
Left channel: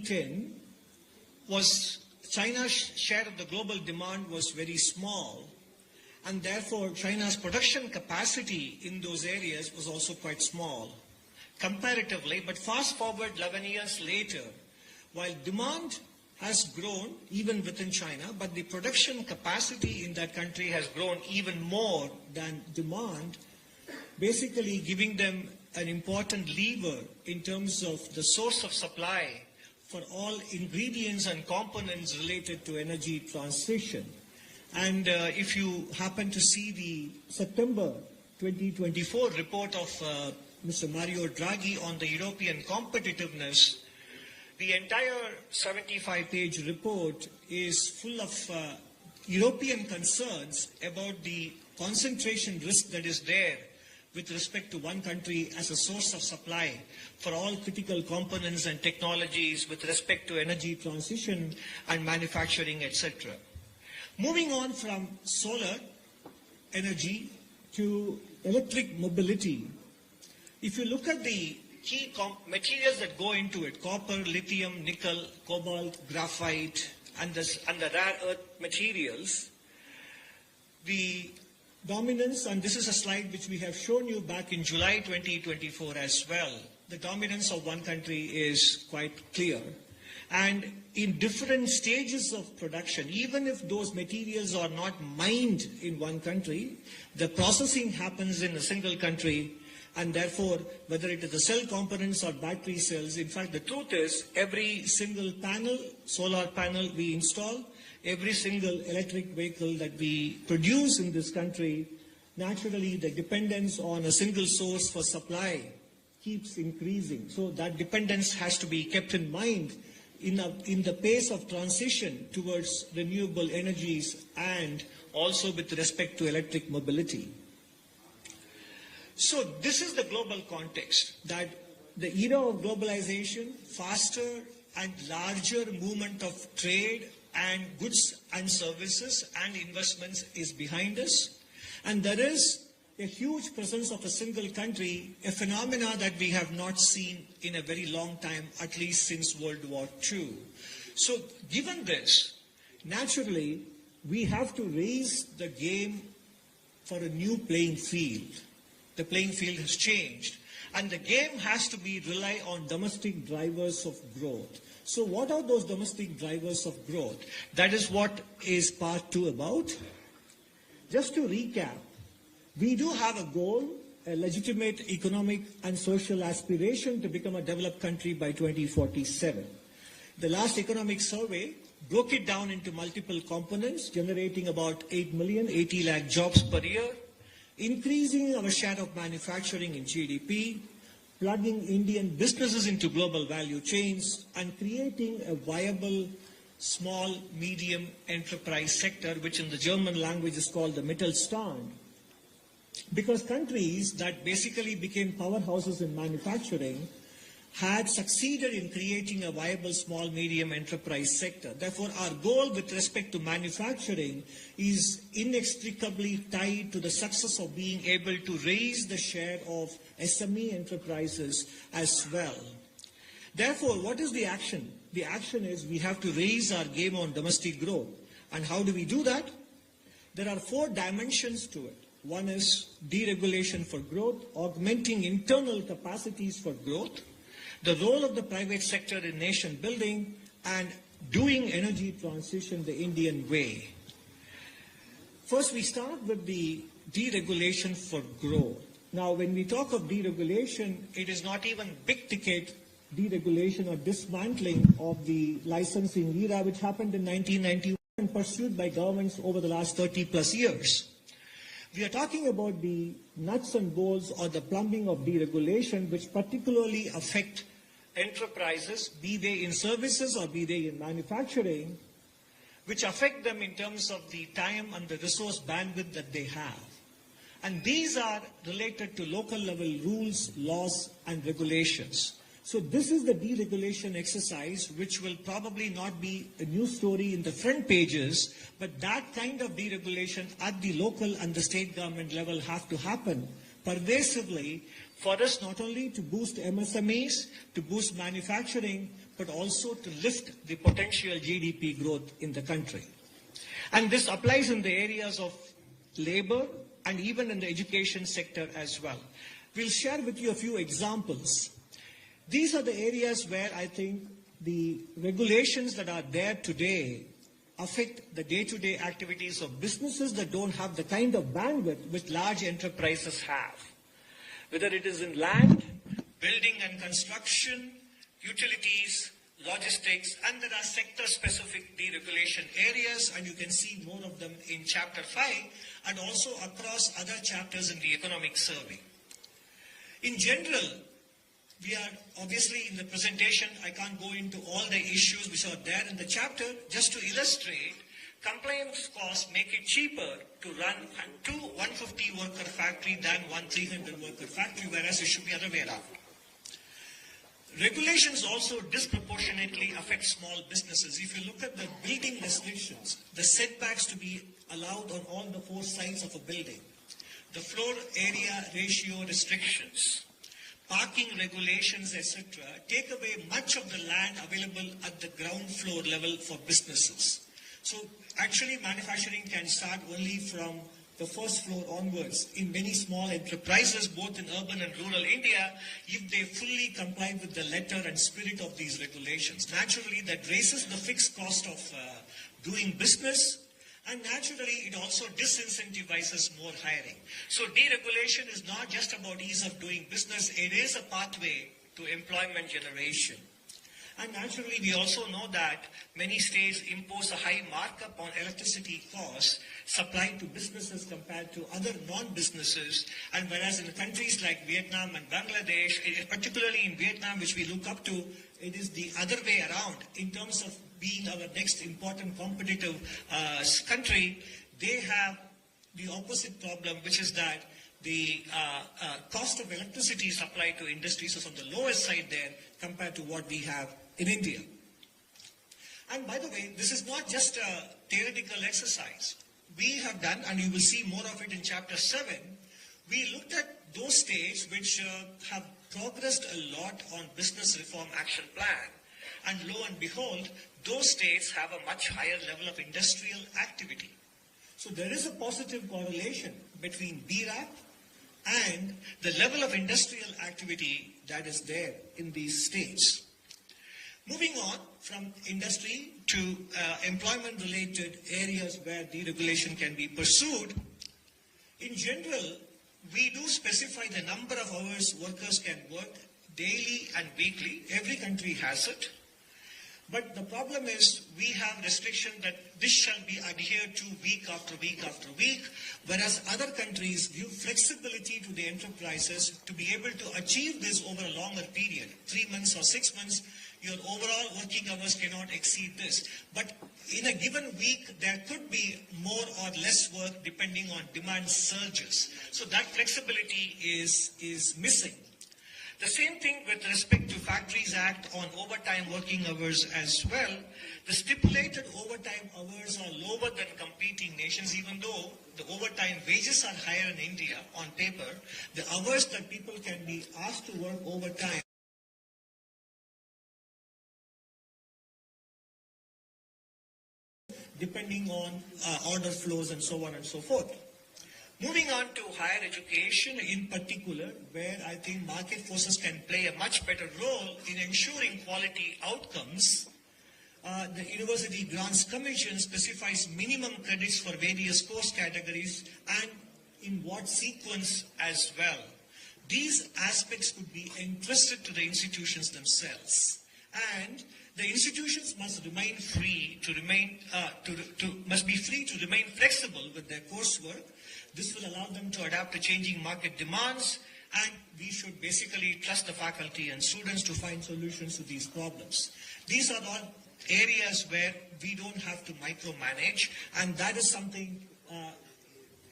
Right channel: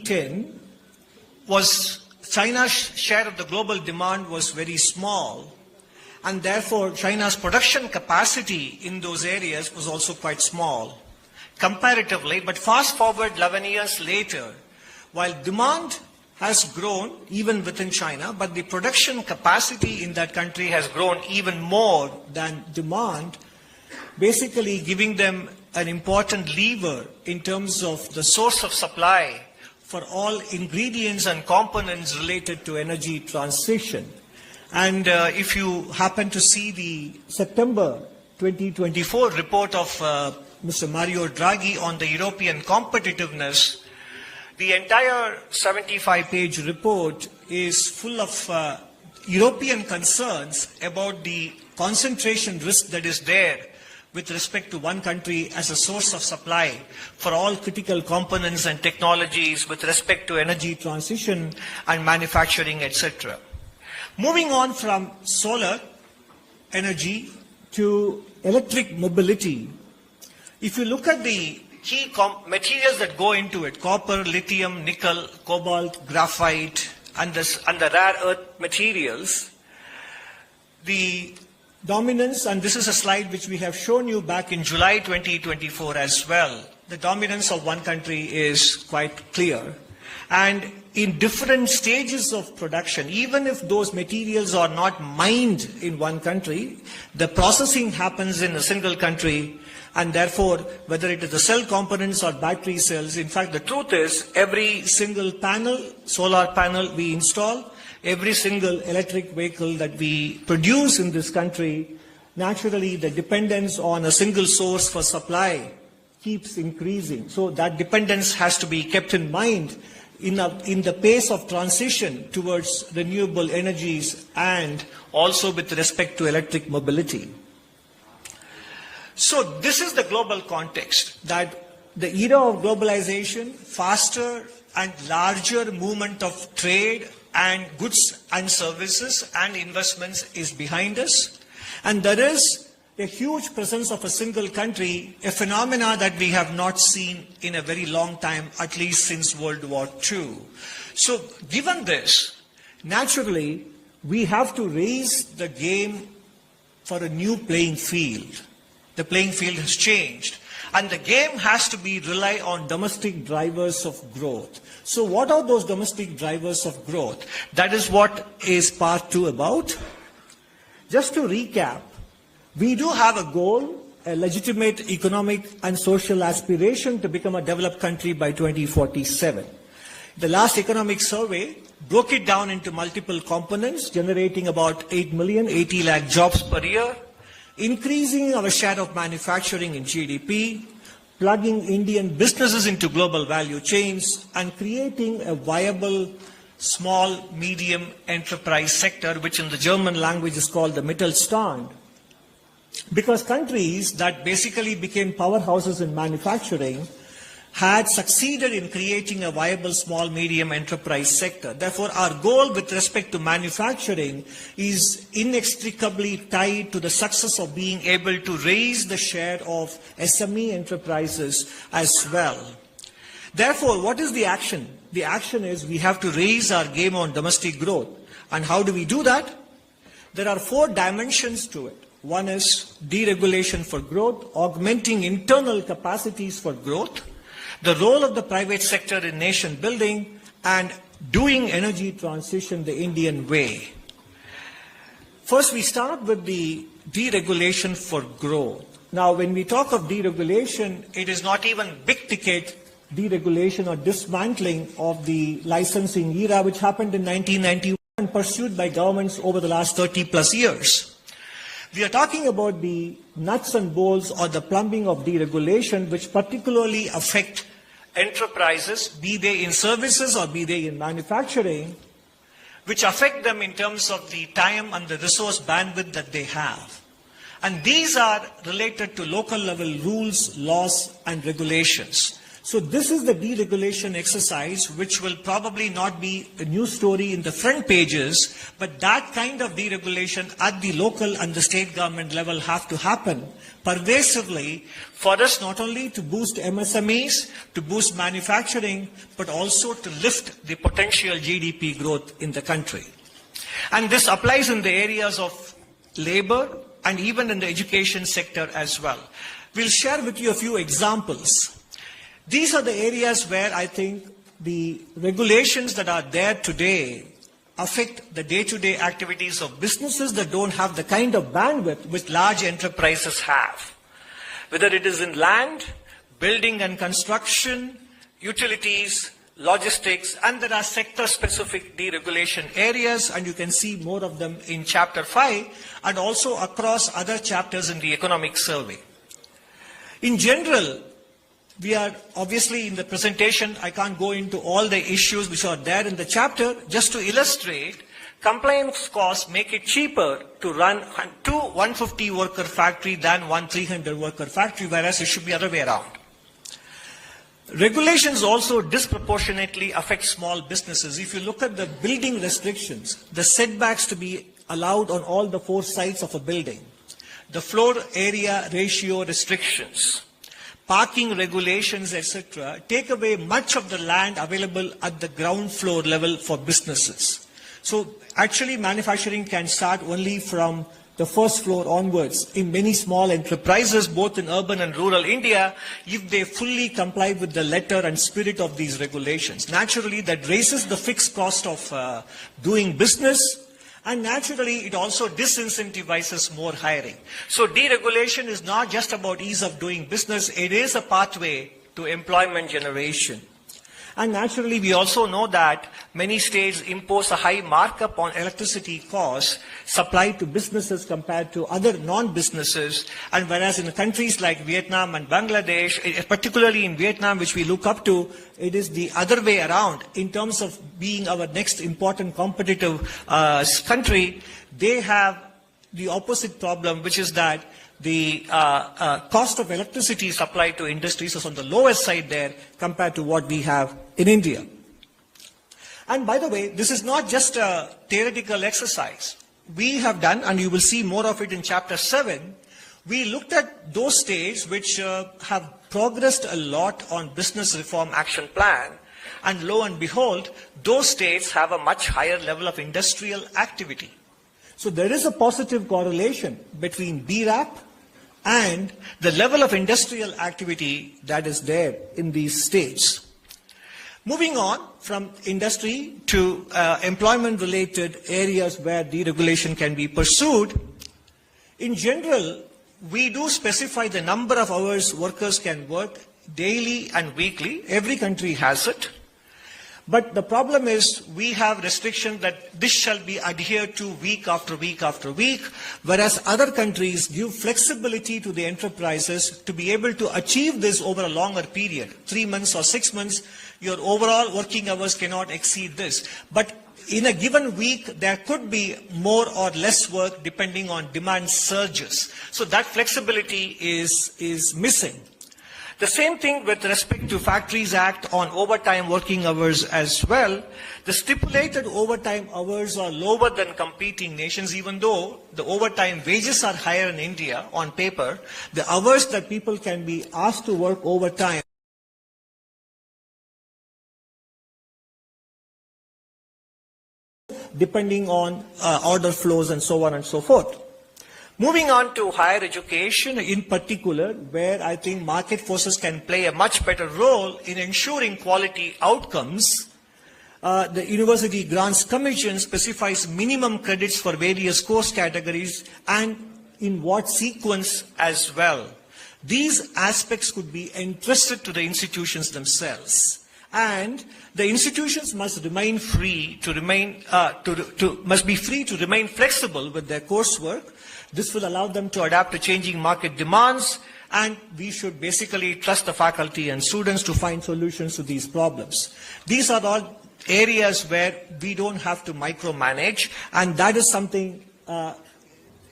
2010 was China's share of the global demand was very small, and therefore China's production capacity in those areas was also quite small comparatively. But fast forward 11 years later, while demand has grown even within China, but the production capacity in that country has grown even more than demand, basically giving them an important lever in terms of the source of supply for all ingredients and components related to energy transition. And if you happen to see the September 2024 report of Mr. Mario Draghi on the European competitiveness, the entire 75-page report is full of European concerns about the concentration risk that is there with respect to one country as a source of supply for all critical components and technologies with respect to energy transition and manufacturing, etc. Moving on from solar energy to electric mobility, if you look at the key materials that go into it, copper, lithium, nickel, cobalt, graphite, and the rare earth materials, the dominance, and this is a slide which we have shown you back in July 2024 as well, the dominance of one country is quite clear. And in different stages of production, even if those materials are not mined in one country, the processing happens in a single country. And therefore, whether it is the cell components or battery cells, in fact, the truth is every single panel, solar panel we install, every single electric vehicle that we produce in this country, naturally the dependence on a single source for supply keeps increasing. So that dependence has to be kept in mind in the pace of transition towards renewable energies and also with respect to electric mobility. So this is the global context, that the era of globalization, faster and larger movement of trade and goods and services and investments is behind us. And there is a huge presence of a single country, a phenomena that we have not seen in a very long time, at least since World War II. So given this, naturally, we have to raise the game for a new playing field. The playing field has changed. And the game has to rely on domestic drivers of growth. So what are those domestic drivers of growth? That is what is part 2 about. Just to recap, we do have a goal, a legitimate economic and social aspiration to become a developed country by 2047. The last economic survey broke it down into multiple components, generating about 80 lakh jobs per year, increasing our share of manufacturing in GDP, plugging Indian businesses into global value chains, and creating a viable small, medium enterprise sector, which in the German language is called the Mittelstand. Because countries that basically became powerhouses in manufacturing had succeeded in creating a viable small, medium enterprise sector. Therefore, our goal with respect to manufacturing is inextricably tied to the success of being able to raise the share of SME enterprises as well. Therefore, what is the action? The action is we have to raise our game on domestic growth. And how do we do that? There are 4 dimensions to it. One is deregulation for growth, augmenting internal capacities for growth, the role of the private sector in nation building, and doing energy transition the Indian way. First, we start with the deregulation for growth. Now, when we talk of deregulation, it is not even big ticket deregulation or dismantling of the licensing era, which happened in 1991 and pursued by governments over the last 30 plus years. We are talking about the nuts and bolts or the plumbing of deregulation, which particularly affect enterprises, be they in services or be they in manufacturing, which affect them in terms of the time and the resource bandwidth that they have. And these are related to local level rules, laws, and regulations. So this is the deregulation exercise, which will probably not be a news story in the front pages, but that kind of deregulation at the local and the state government level have to happen pervasively for us not only to boost MSMEs, to boost manufacturing, but also to lift the potential GDP growth in the country. And this applies in the areas of labor and even in the education sector as well. We'll share with you a few examples. These are the areas where I think the regulations that are there today affect the day-to-day activities of businesses that don't have the kind of bandwidth which large enterprises have. Whether it is in land, building and construction, utilities, logistics, and there are sector-specific deregulation areas, and you can see more of them in Chapter 5 and also across other chapters in the economic survey. In general, we are obviously in the presentation, I can't go into all the issues which are there in the chapter. Just to illustrate, compliance costs make it cheaper to run two 150 worker factory than one 300 worker factory, whereas it should be the other way around. Regulations also disproportionately affect small businesses. If you look at the building restrictions, the setbacks to be allowed on all the 4 sides of a building, the floor area ratio restrictions, parking regulations, etc., take away much of the land available at the ground floor level for businesses. So actually manufacturing can start only from the first floor onwards in many small enterprises, both in urban and rural India, if they fully comply with the letter and spirit of these regulations. Naturally, that raises the fixed cost of doing business, and naturally, it also disincentivizes more hiring. So deregulation is not just about ease of doing business, it is a pathway to employment generation. And naturally, we also know that many states impose a high markup on electricity costs supplied to businesses compared to other non-businesses. And whereas in countries like Vietnam and Bangladesh, particularly in Vietnam, which we look up to, it is the other way around. In terms of being our next important competitive country, they have the opposite problem, which is that the cost of electricity supplied to industries is on the lowest side there compared to what we have in India. And by the way, this is not just a theoretical exercise. We have done, and you will see more of it in Chapter 7, we looked at those states which have progressed a lot on Business Reform Action Plan, and lo and behold, those states have a much higher level of industrial activity. So there is a positive correlation between BRAP and the level of industrial activity that is there in these states. Moving on from industry to employment-related areas where deregulation can be pursued, in general, we do specify the number of hours workers can work daily and weekly. Every country has it. But the problem is we have restriction that this shall be adhered to week after week after week, whereas other countries give flexibility to the enterprises to be able to achieve this over a longer period, 3 months or 6 months. Your overall working hours cannot exceed this. But in a given week, there could be more or less work depending on demand surges. So that flexibility is missing. The same thing with respect to Factories Act on overtime working hours as well. The stipulated overtime hours are lower than competing nations, even though the overtime wages are higher in India on paper. The hours that people can be asked to work overtime depending on order flows and so on and so forth. Moving on to higher education in particular, where I think market forces can play a much better role in ensuring quality outcomes. The University Grants Commission specifies minimum credits for various course categories and in what sequence as well. These aspects could be entrusted to the institutions themselves. And the institutions must remain free to remain flexible with their coursework. This will allow them to adapt to changing market demands, and we should basically trust the faculty and students to find solutions to these problems. These are all areas where we don't have to micromanage, and that is something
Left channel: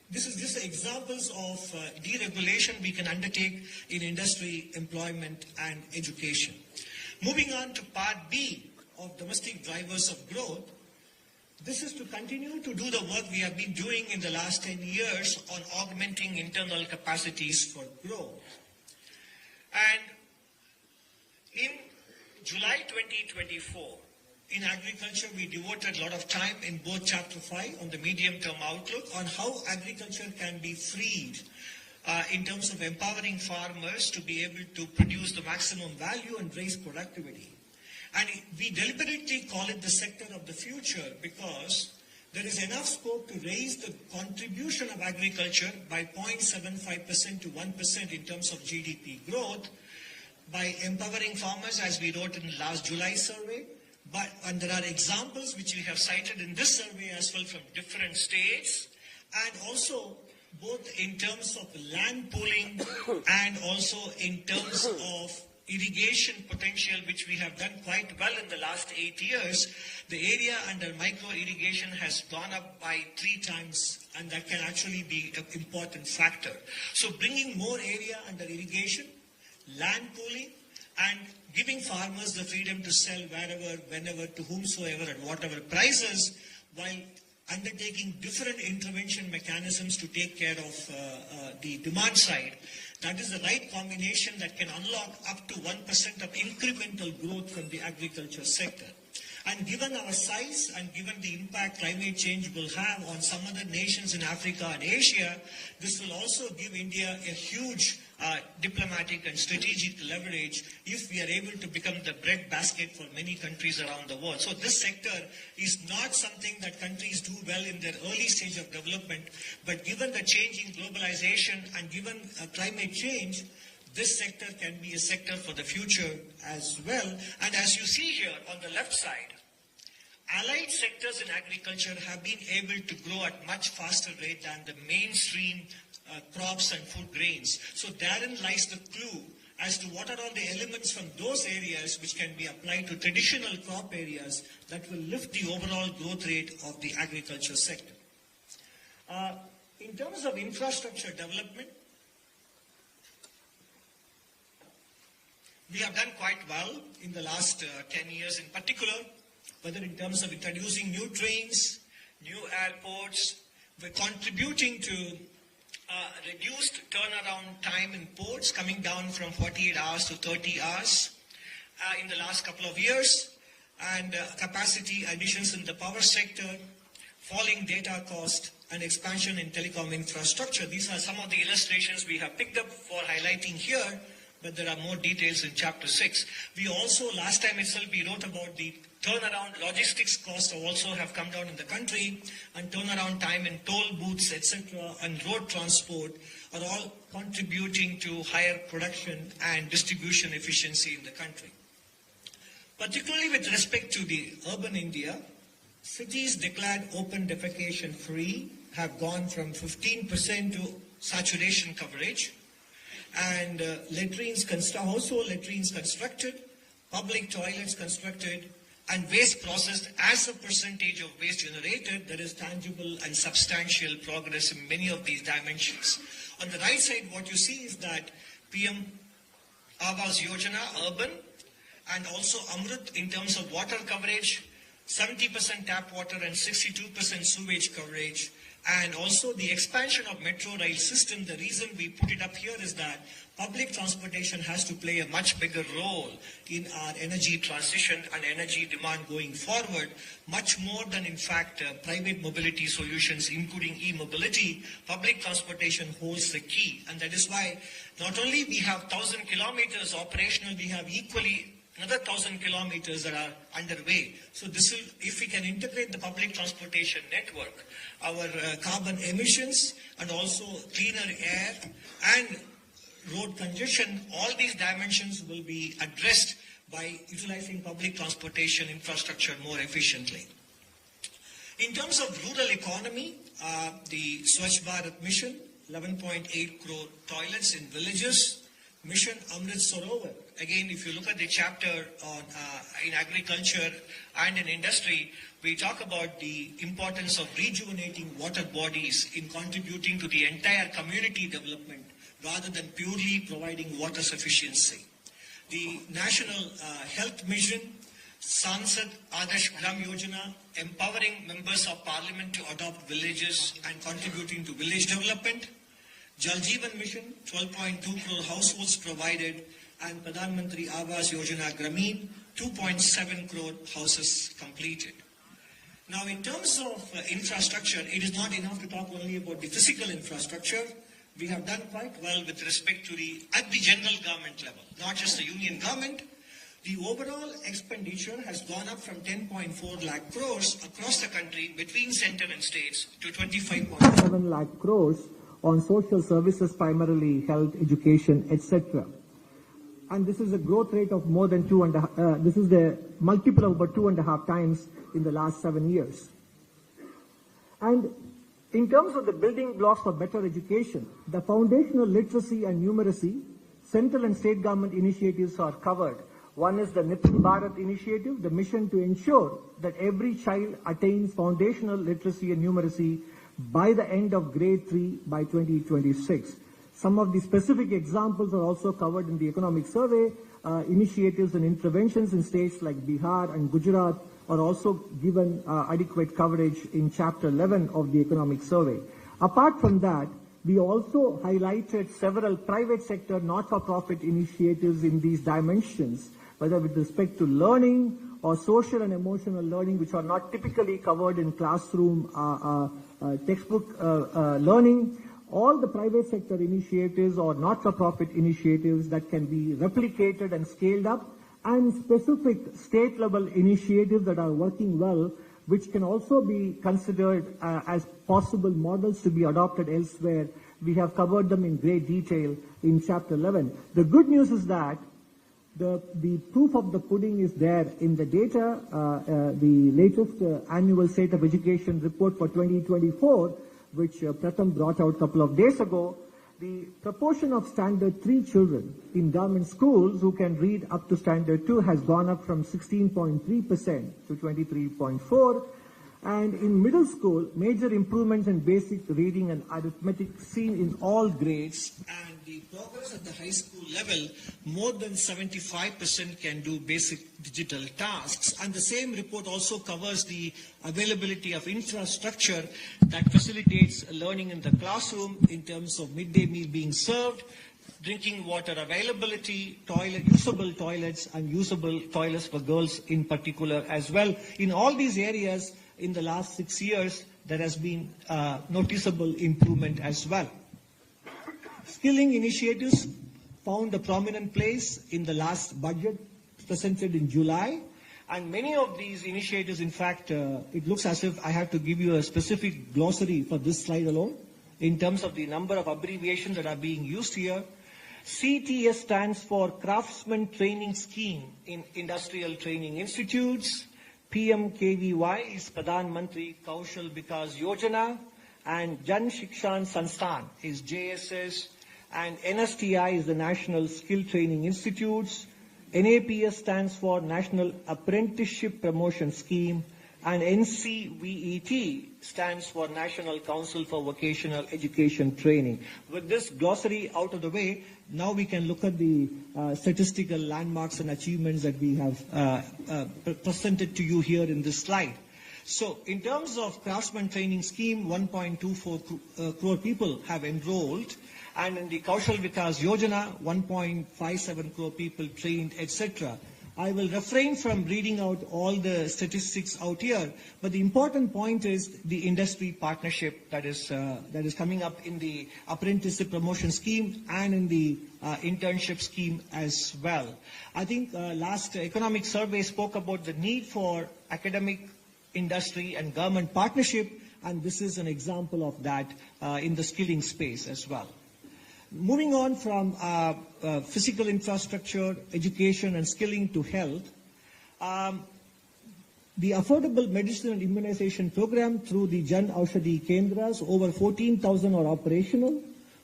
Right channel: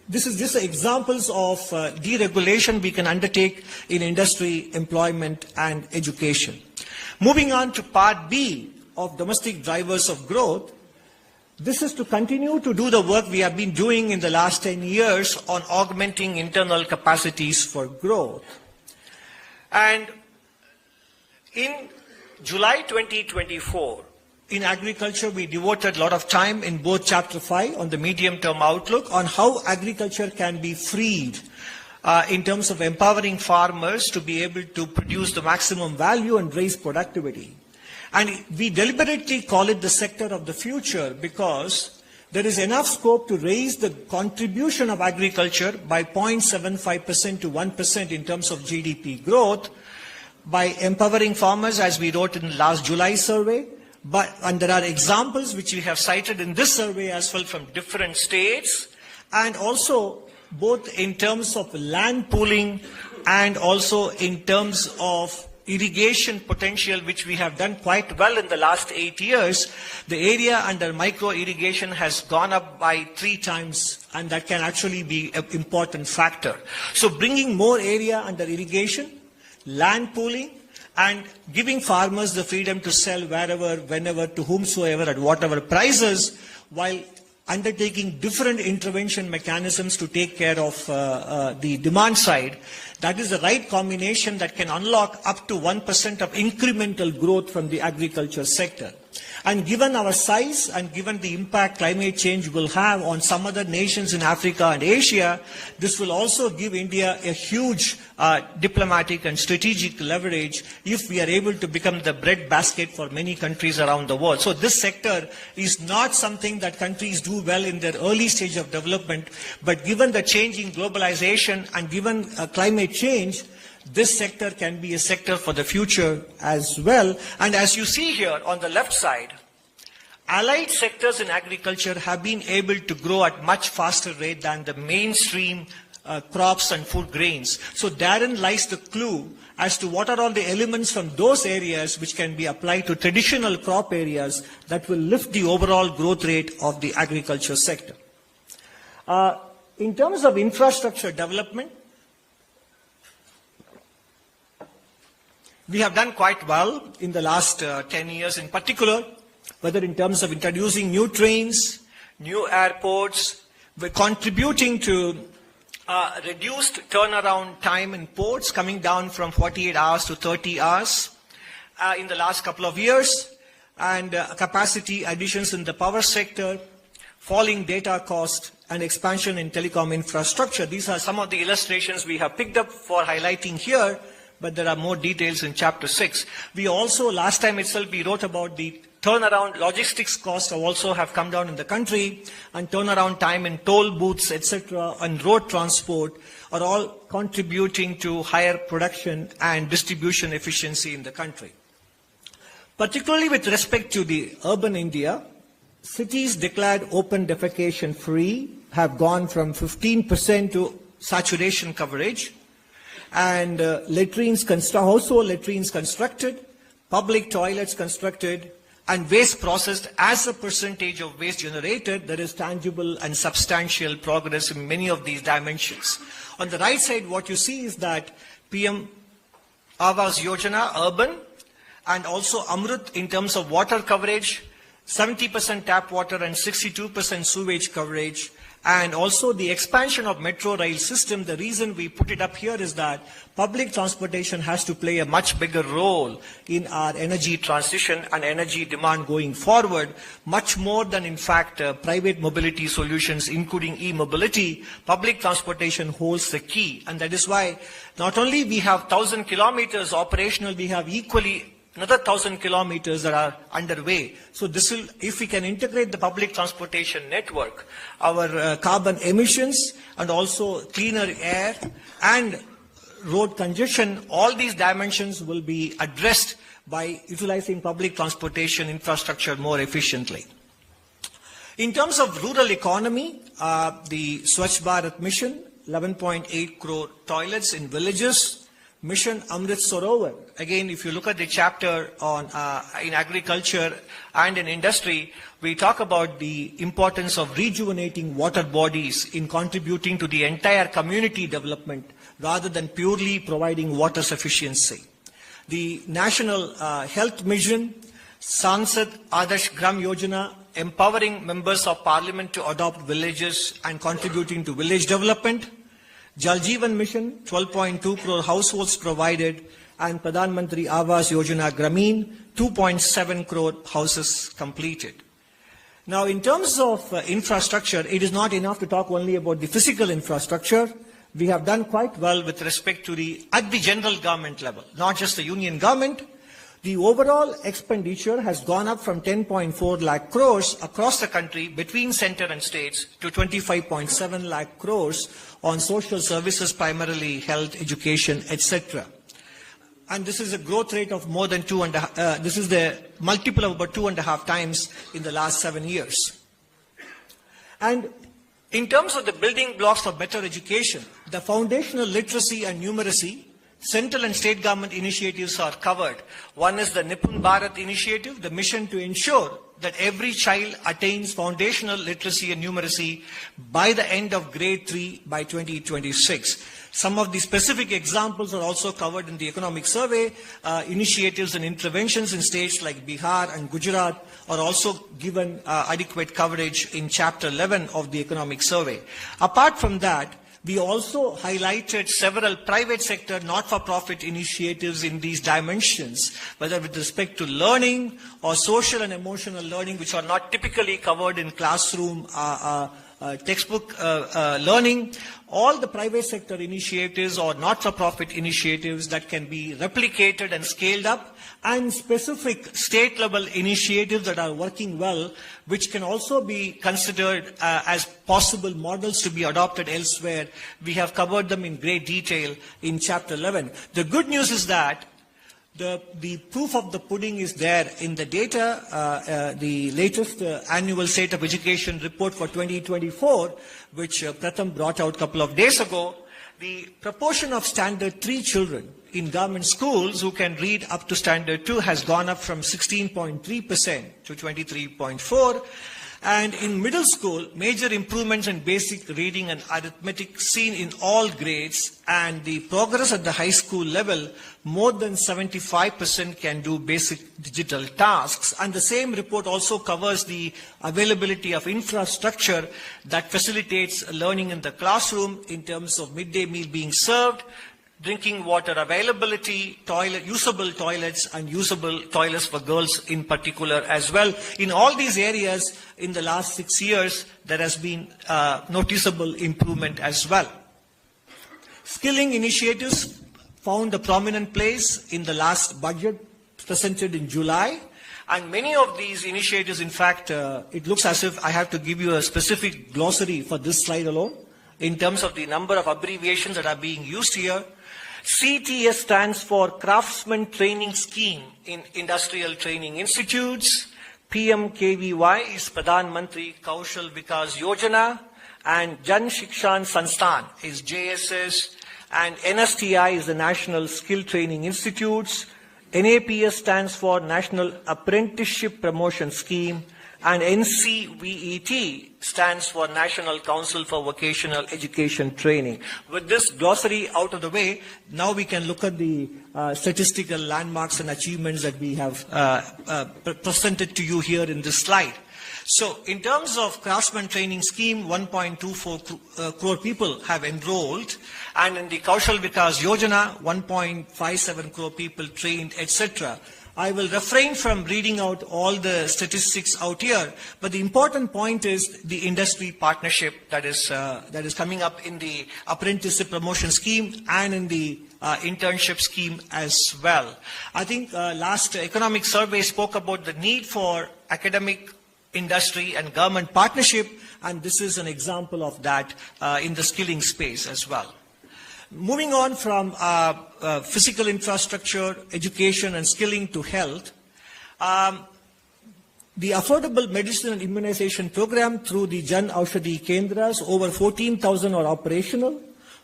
this is just examples of deregulation we can undertake in industry, employment, and education. Moving on to part B of domestic drivers of growth, this is to continue to do the work we have been doing in the last 10 years on augmenting internal capacities for growth. And in July 2024, in agriculture, we devoted a lot of time in both Chapter 5 on the medium-term outlook on how agriculture can be freed in terms of empowering farmers to be able to produce the maximum value and raise productivity. And we deliberately call it the sector of the future because there is enough scope to raise the contribution of agriculture by 0.75% to 1% in terms of GDP growth by empowering farmers, as we wrote in the last July survey. And there are examples which we have cited in this survey as well from different states, and also both in terms of land pooling and also in terms of irrigation potential, which we have done quite well in the last 8 years. The area under micro irrigation has gone up by 3 times, and that can actually be an important factor. So bringing more area under irrigation, land pooling, and giving farmers the freedom to sell wherever, whenever, to whomsoever, at whatever prices, while undertaking different intervention mechanisms to take care of the demand side. That is the right combination that can unlock up to 1% of incremental growth from the agriculture sector. And given our size and given the impact climate change will have on some other nations in Africa and Asia, this will also give India a huge diplomatic and strategic leverage if we are able to become the breadbasket for many countries around the world. So this sector is not something that countries do well in their early stage of development, but given the change in globalization and given climate change, this sector can be a sector for the future as well. And as you see here on the left side, allied sectors in agriculture have been able to grow at much faster rate than the mainstream crops and food grains. So therein lies the clue as to what are all the elements from those areas which can be applied to traditional crop areas that will lift the overall growth rate of the agriculture sector. In terms of infrastructure development, we have done quite well in the last 10 years in particular, whether in terms of introducing new trains, new airports. We're contributing to reduced turnaround time in ports, coming down from 48 hours to 30 hours in the last couple of years, and capacity additions in the power sector, falling data cost, and expansion in telecom infrastructure. These are some of the illustrations we have picked up for highlighting here, but there are more details in Chapter 6. We also, last time itself, we wrote about the turnaround logistics costs also have come down in the country, and turnaround time in toll booths, etc., and road transport are all contributing to higher production and distribution efficiency in the country. Particularly with respect to the urban India, cities declared open defecation free have gone from 15% to saturation coverage, and household latrines constructed, public toilets constructed, and waste processed as a percentage of waste generated. There is tangible and substantial progress in many of these dimensions. On the right side, what you see is that PM Awas Yojana, urban, and also Amrut in terms of water coverage, 70% tap water and 62% sewage coverage, and also the expansion of metro rail system. The reason we put it up here is that public transportation has to play a much bigger role in our energy transition and energy demand going forward, much more than, in fact, private mobility solutions, including e-mobility. Public transportation holds the key, and that is why not only we have 1,000 kilometers operational, we have equally another 1,000 kilometers that are underway. So this will, if we can integrate the public transportation network, our carbon emissions and also cleaner air and road congestion, all these dimensions will be addressed by utilizing public transportation infrastructure more efficiently. In terms of rural economy, the Swachh Bharat mission, 11.8 crore toilets in villages, Mission Amrit Sarovar. Again, if you look at the chapter on in agriculture and in industry, we talk about the importance of rejuvenating water bodies in contributing to the entire community development rather than purely providing water sufficiency. The National Health Mission, Sansad Adarsh Gram Yojana, empowering members of parliament to adopt villages and contributing to village development, Jal Jeevan Mission, 12.2 crore households provided, and Pradhan Mantri Awas Yojana Grameen, 2.7 crore houses completed. Now, in terms of infrastructure, it is not enough to talk only about the physical infrastructure. We have done quite well with respect to at the general government level, not just the union government. The overall expenditure has gone up from 10.4 lakh crores across the country between centre and states to 25.7 lakh crores on social services, primarily health, education, etc. And this is a growth rate of more than this is the multiple of about 2.5 times in the last 7 years. And in terms of the building blocks for better education, the foundational literacy and numeracy, central and state government initiatives are covered. One is the Nipun Bharat initiative, the mission to ensure that every child attains foundational literacy and numeracy by the end of grade 3 by 2026. Some of the specific examples are also covered in the economic survey. Initiatives and interventions in states like Bihar and Gujarat are also given adequate coverage in Chapter 11 of the economic survey. Apart from that, we also highlighted several private sector not-for-profit initiatives in these dimensions, whether with respect to learning or social and emotional learning, which are not typically covered in classroom textbook learning. All the private sector initiatives or not-for-profit initiatives that can be replicated and scaled up, and specific state-level initiatives that are working well, which can also be considered as possible models to be adopted elsewhere. We have covered them in great detail in Chapter 11. The good news is that the proof of the pudding is there in the data. The latest annual State of Education report for 2024, which Pratham brought out a couple of days ago, the proportion of Standard 3 children in government schools who can read up to Standard 2 has gone up from 16.3% to 23.4%. And in middle school, major improvements in basic reading and arithmetic seen in all grades, and the progress at the high school level, more than 75% can do basic digital tasks. And the same report also covers the availability of infrastructure that facilitates learning in the classroom in terms of midday meal being served, drinking water availability, usable toilets, and usable toilets for girls in particular as well. In all these areas, in the last 6 years, there has been noticeable improvement as well. Skilling initiatives found a prominent place in the last budget presented in July. And many of these initiatives, in fact, it looks as if I have to give you a specific glossary for this slide alone, in terms of the number of abbreviations that are being used here. CTS stands for Craftsman Training Scheme in Industrial Training Institutes. PMKVY is Pradhan Mantri Kaushal Vikas Yojana, and Jan Shikshan Sansthan is JSS, and NSTI is the National Skill Training Institutes. NAPS stands for National Apprenticeship Promotion Scheme, and NCVET stands for National Council for Vocational Education Training. With this glossary out of the way, now we can look at the statistical landmarks and achievements that we have presented to you here in this slide. So, in terms of Craftsman Training Scheme, 1.24 crore people have enrolled, and in the Kaushal Vikas Yojana, 1.57 crore people trained, etc. I will refrain from reading out all the statistics out here, but the important point is the industry partnership that is coming up in the apprenticeship promotion scheme and in the internship scheme as well. I think last economic survey spoke about the need for academic, industry and government partnership, and this is an example of that in the skilling space as well. Moving on from physical infrastructure, education and skilling to health, the affordable medicine and immunization program through the Jan Aushadhi Kendras, over 14,000 are operational.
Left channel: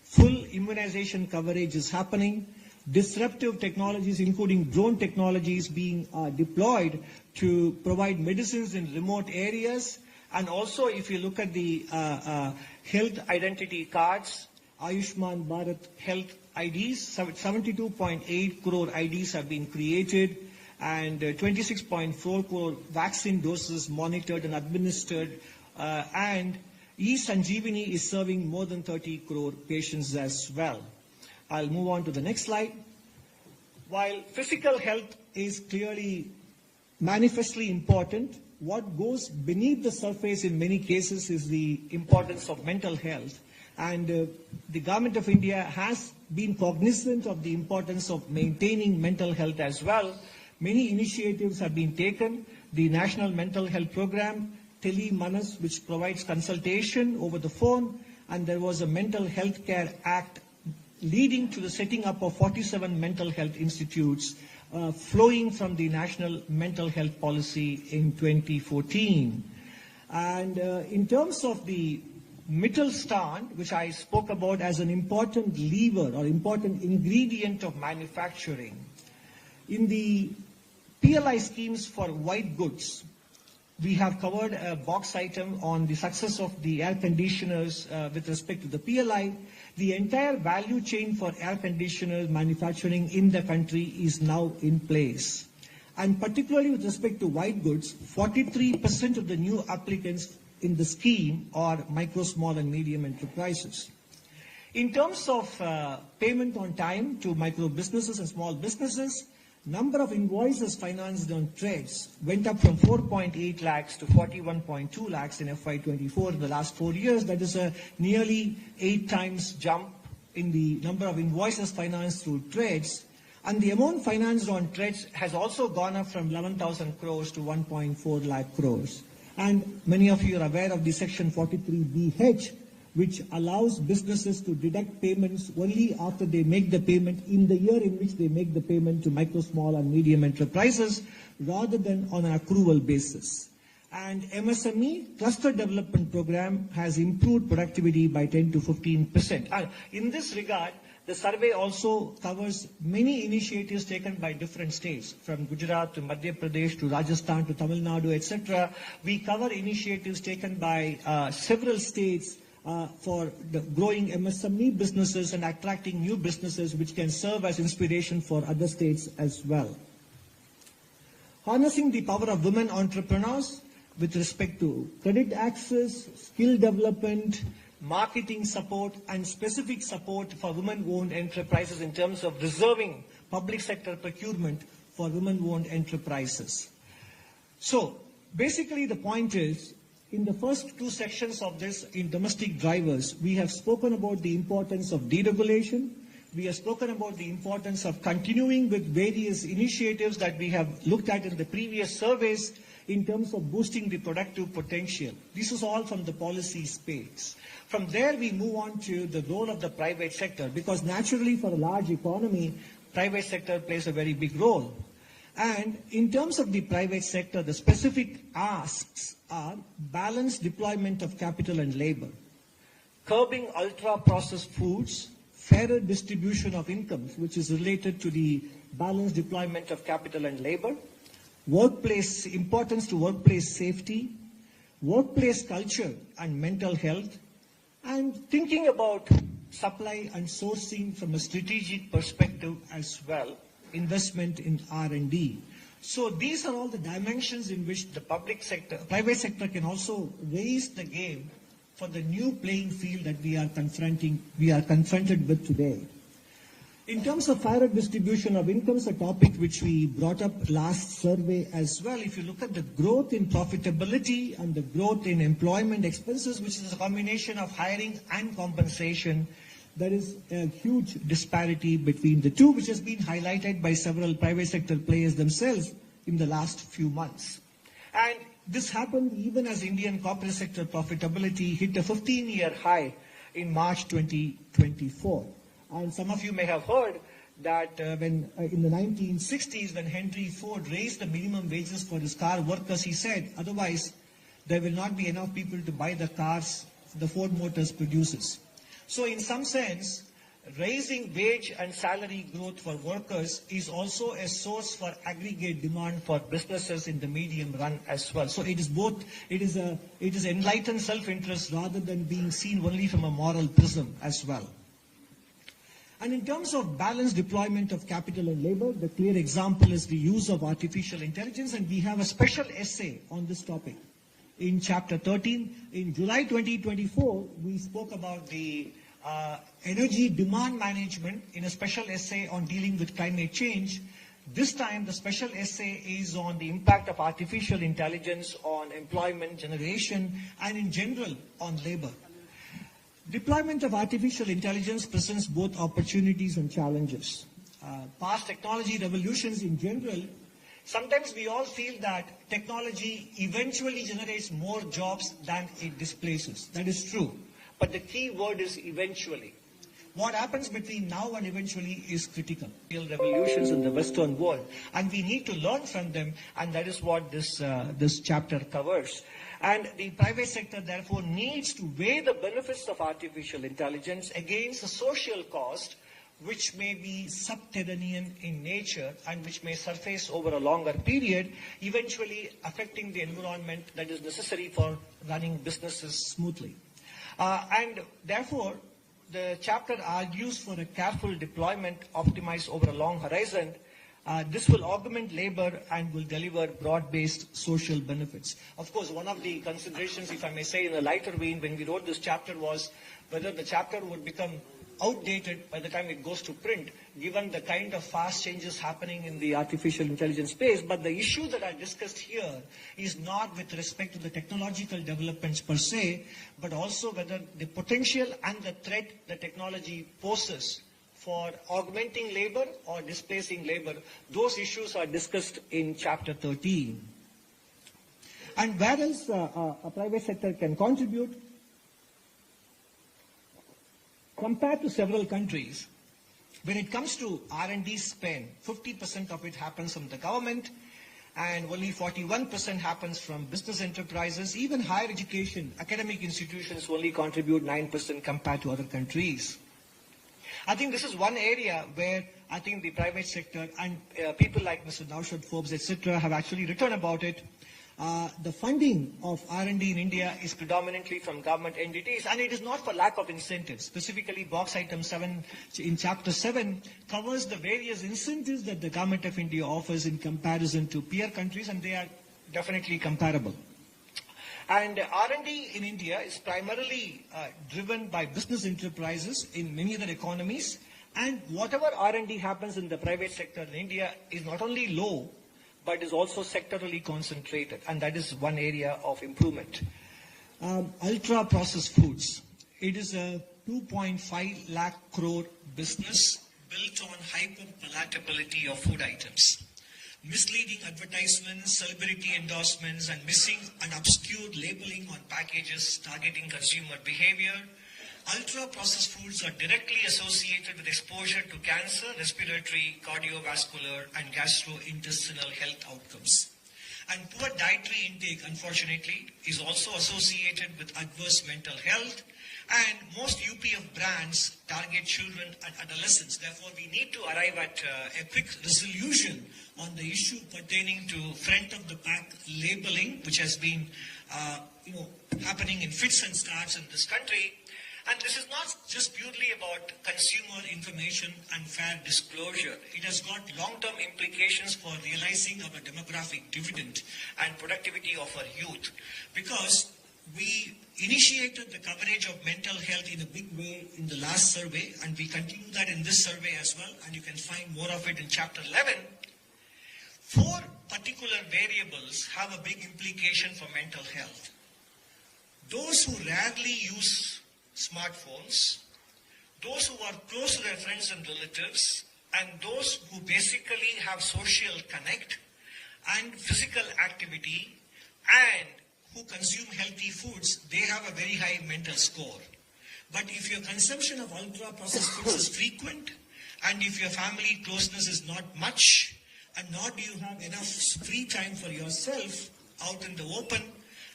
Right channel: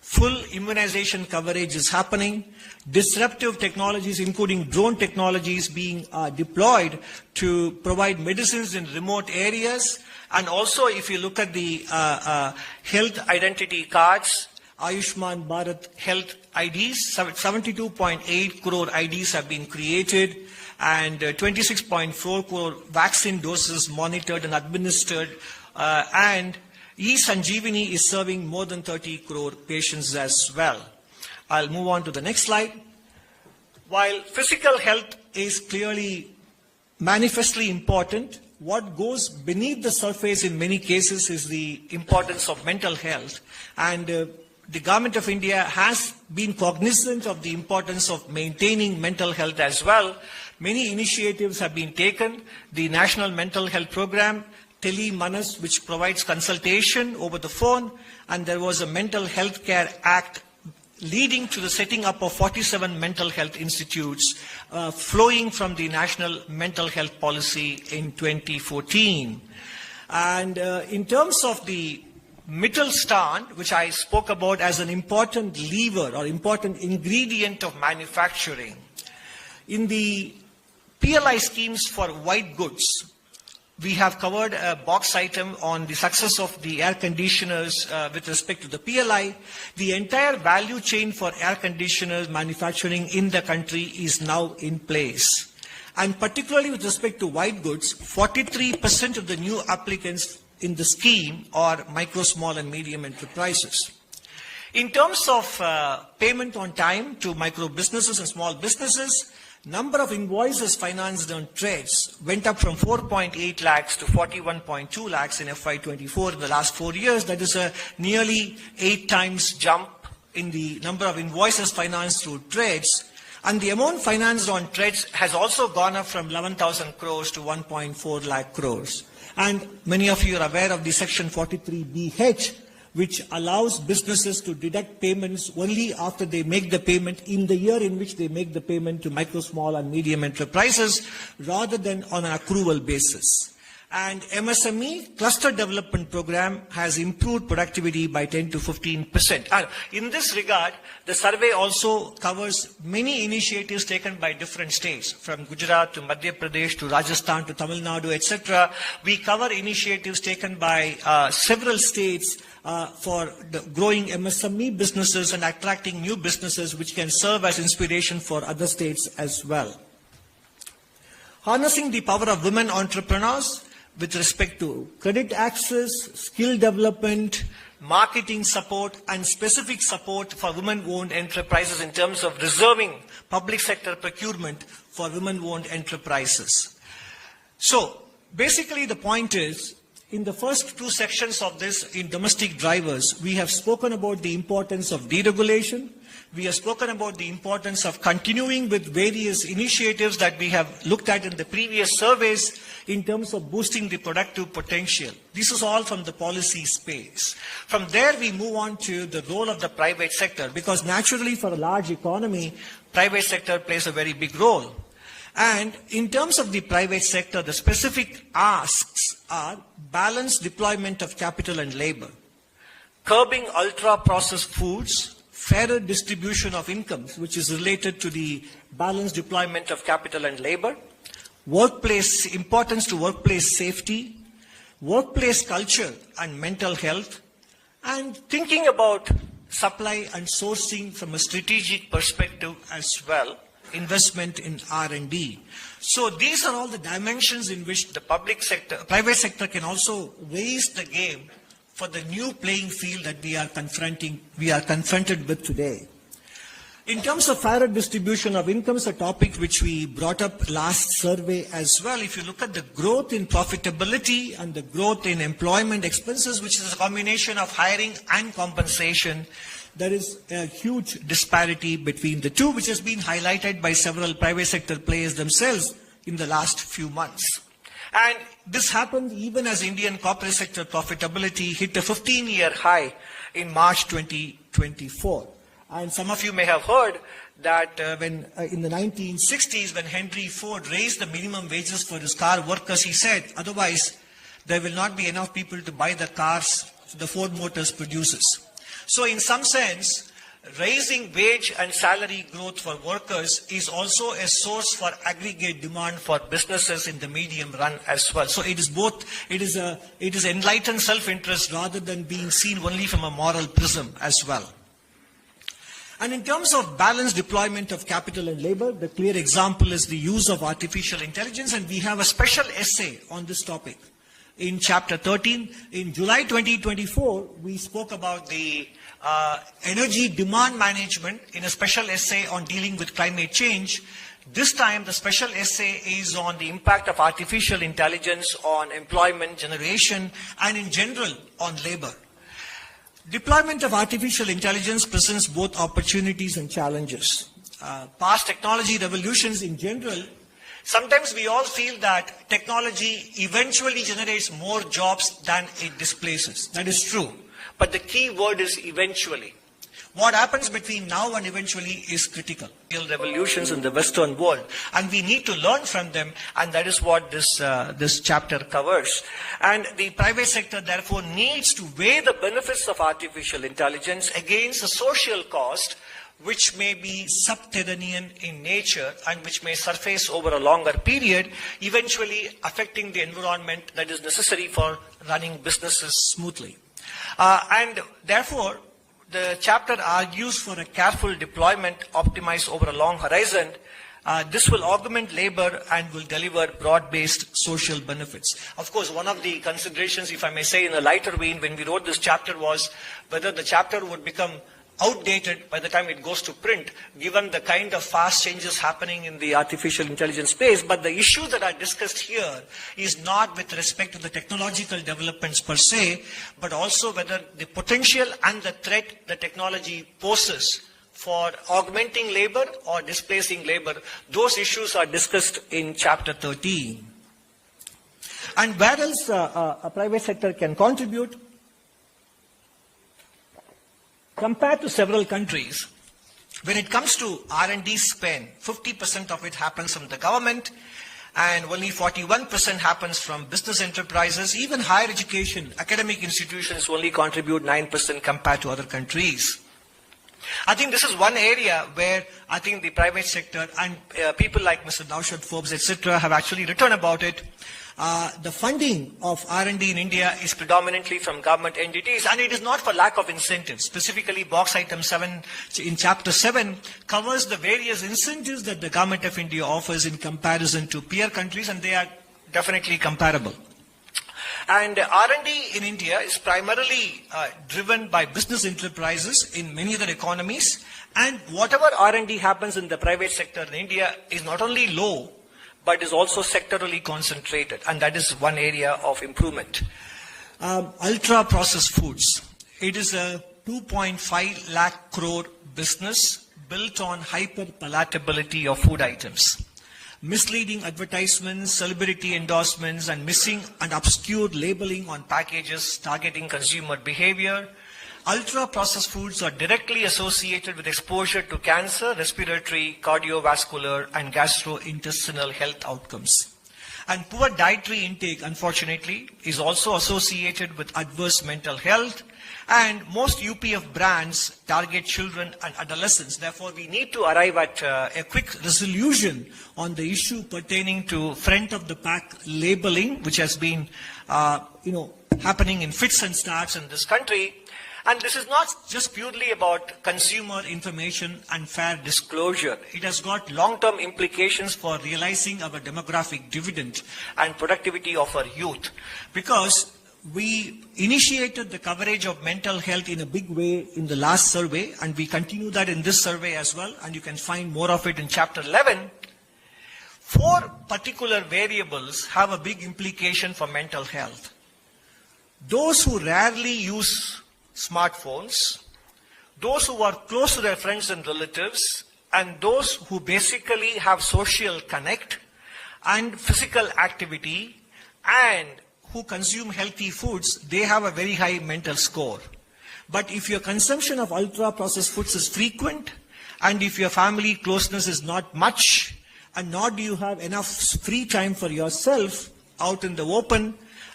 Full immunization coverage is happening. Disruptive technologies, including drone technologies, being deployed to provide medicines in remote areas. And also, if you look at the health identity cards, Ayushman Bharat Health IDs, 72.8 crore IDs have been created, and 26.4 crore vaccine doses monitored and administered, and eSanjeevani is serving more than 30 crore patients as well. I'll move on to the next slide. While physical health is clearly manifestly important, what goes beneath the surface in many cases is the importance of mental health. And the government of India has been cognizant of the importance of maintaining mental health as well. Many initiatives have been taken. The National Mental Health Program, Tele Manas, which provides consultation over the phone, and there was a Mental Health Care Act leading to the setting up of 47 mental health institutes flowing from the National Mental Health Policy in 2014. And in terms of the Mittelstand, which I spoke about as an important lever or important ingredient of manufacturing, in the PLI schemes for white goods, we have covered a box item on the success of the air conditioners with respect to the PLI. The entire value chain for air conditioners manufacturing in the country is now in place. And particularly with respect to white goods, 43% of the new applicants in the scheme are micro, small and medium enterprises. In terms of payment on time to micro businesses and small businesses, number of invoices financed on trades went up from 4.8 lakhs to 41.2 lakhs in FY24 in the last 4 years. That is a nearly 8 times jump in the number of invoices financed through trades. And the amount financed on trades has also gone up from 11,000 crores to 1.4 lakh crores. And many of you are aware of the Section 43BH, which allows businesses to deduct payments only after they make the payment in the year in which they make the payment to micro, small and medium enterprises, rather than on an accrual basis. And MSME Cluster Development Program has improved productivity by 10 to 15%. And in this regard, the survey also covers many initiatives taken by different states, from Gujarat to Madhya Pradesh to Rajasthan to Tamil Nadu, etc. We cover initiatives taken by several states for the growing MSME businesses and attracting new businesses, which can serve as inspiration for other states as well. Harnessing the power of women entrepreneurs with respect to credit access, skill development, marketing support, and specific support for women-owned enterprises in terms of reserving public sector procurement for women-owned enterprises. So, basically the point is, in the first 2 sections of this, in domestic drivers, we have spoken about the importance of deregulation. We have spoken about the importance of continuing with various initiatives that we have looked at in the previous surveys in terms of boosting the productive potential. This is all from the policy space. From there, we move on to the role of the private sector, because naturally for a large economy, private sector plays a very big role. And in terms of the private sector, the specific asks are balanced deployment of capital and labor, curbing ultra-processed foods, fairer distribution of incomes, which is related to the balanced deployment of capital and labor, importance to workplace safety, workplace culture and mental health, and thinking about supply and sourcing from a strategic perspective as well, investment in R&D. So these are all the dimensions in which the private sector can also raise the game for the new playing field that we are confronted with today. In terms of fairer distribution of incomes, a topic which we brought up last survey as well, if you look at the growth in profitability and the growth in employment expenses, which is a combination of hiring and compensation, there is a huge disparity between the two, which has been highlighted by several private sector players themselves in the last few months. And this happened even as Indian corporate sector profitability hit a 15-year high in March 2024. And some of you may have heard that when in the 1960s, when Henry Ford raised the minimum wages for his car workers, he said, otherwise there will not be enough people to buy the cars the Ford Motors produces. So in some sense, raising wage and salary growth for workers is also a source for aggregate demand for businesses in the medium run as well. So it is both, it is enlightened self-interest rather than being seen only from a moral prism as well. And in terms of balanced deployment of capital and labor, the clear example is the use of artificial intelligence, and we have a special essay on this topic in chapter 13. In July 2024, we spoke about the energy demand management in a special essay on dealing with climate change. This time, the special essay is on the impact of artificial intelligence on employment generation and in general on labor. Deployment of artificial intelligence presents both opportunities and challenges. Past technology revolutions in general, sometimes we all feel that technology eventually generates more jobs than it displaces. That is true. But the key word is eventually. What happens between now and eventually is critical. Real revolutions in the Western world, and we need to learn from them, and that is what this chapter covers. And the private sector, therefore, needs to weigh the benefits of artificial intelligence against the social cost, which may be subterranean in nature and which may surface over a longer period, eventually affecting the environment that is necessary for running businesses smoothly. And therefore, the chapter argues for a careful deployment optimized over a long horizon. This will augment labor and will deliver broad-based social benefits. Of course, one of the considerations, if I may say in a lighter vein, when we wrote this chapter was whether the chapter would become outdated by the time it goes to print, given the kind of fast changes happening in the artificial intelligence space. But the issue that I discussed here is not with respect to the technological developments per se, but also whether the potential and the threat the technology poses for augmenting labor or displacing labor. Those issues are discussed in chapter 13. And where else a private sector can contribute? Compared to several countries, when it comes to R&D spend, 50% of it happens from the government and only 41% happens from business enterprises. Even higher education, academic institutions only contribute 9% compared to other countries. I think this is one area where I think the private sector and people like Mr. Naushad Forbes, etc., have actually written about it. The funding of R&D in India is predominantly from government entities, and it is not for lack of incentives. Specifically, box item 7 in chapter 7 covers the various incentives that the government of India offers in comparison to peer countries, and they are definitely comparable. And R&D in India is primarily driven by business enterprises in many other economies, and whatever R&D happens in the private sector in India is not only low, but is also sectorally concentrated, and that is one area of improvement. Ultra-processed foods. It is a 2.5 lakh crore business built on hyper-palatability of food items. Misleading advertisements, celebrity endorsements, and missing and obscure labeling on packages targeting consumer behavior. Ultra-processed foods are directly associated with exposure to cancer, respiratory, cardiovascular, and gastrointestinal health outcomes. And poor dietary intake, unfortunately, is also associated with adverse mental health. And most UPF brands target children and adolescents. Therefore, we need to arrive at a quick resolution on the issue pertaining to front-of-the-pack labeling, which has been, happening in fits and starts in this country. And this is not just purely about consumer information and fair disclosure. It has got long-term implications for realizing our demographic dividend and productivity of our youth. Because we initiated the coverage of mental health in a big way in the last survey, and we continue that in this survey as well, and you can find more of it in chapter 11. 4 particular variables have a big implication for mental health. Those who rarely use smartphones, those who are close to their friends and relatives, and those who basically have social connect and physical activity and who consume healthy foods, they have a very high mental score. But if your consumption of ultra-processed foods is frequent, and if your family closeness is not much, and nor do you have enough free time for yourself out in the open,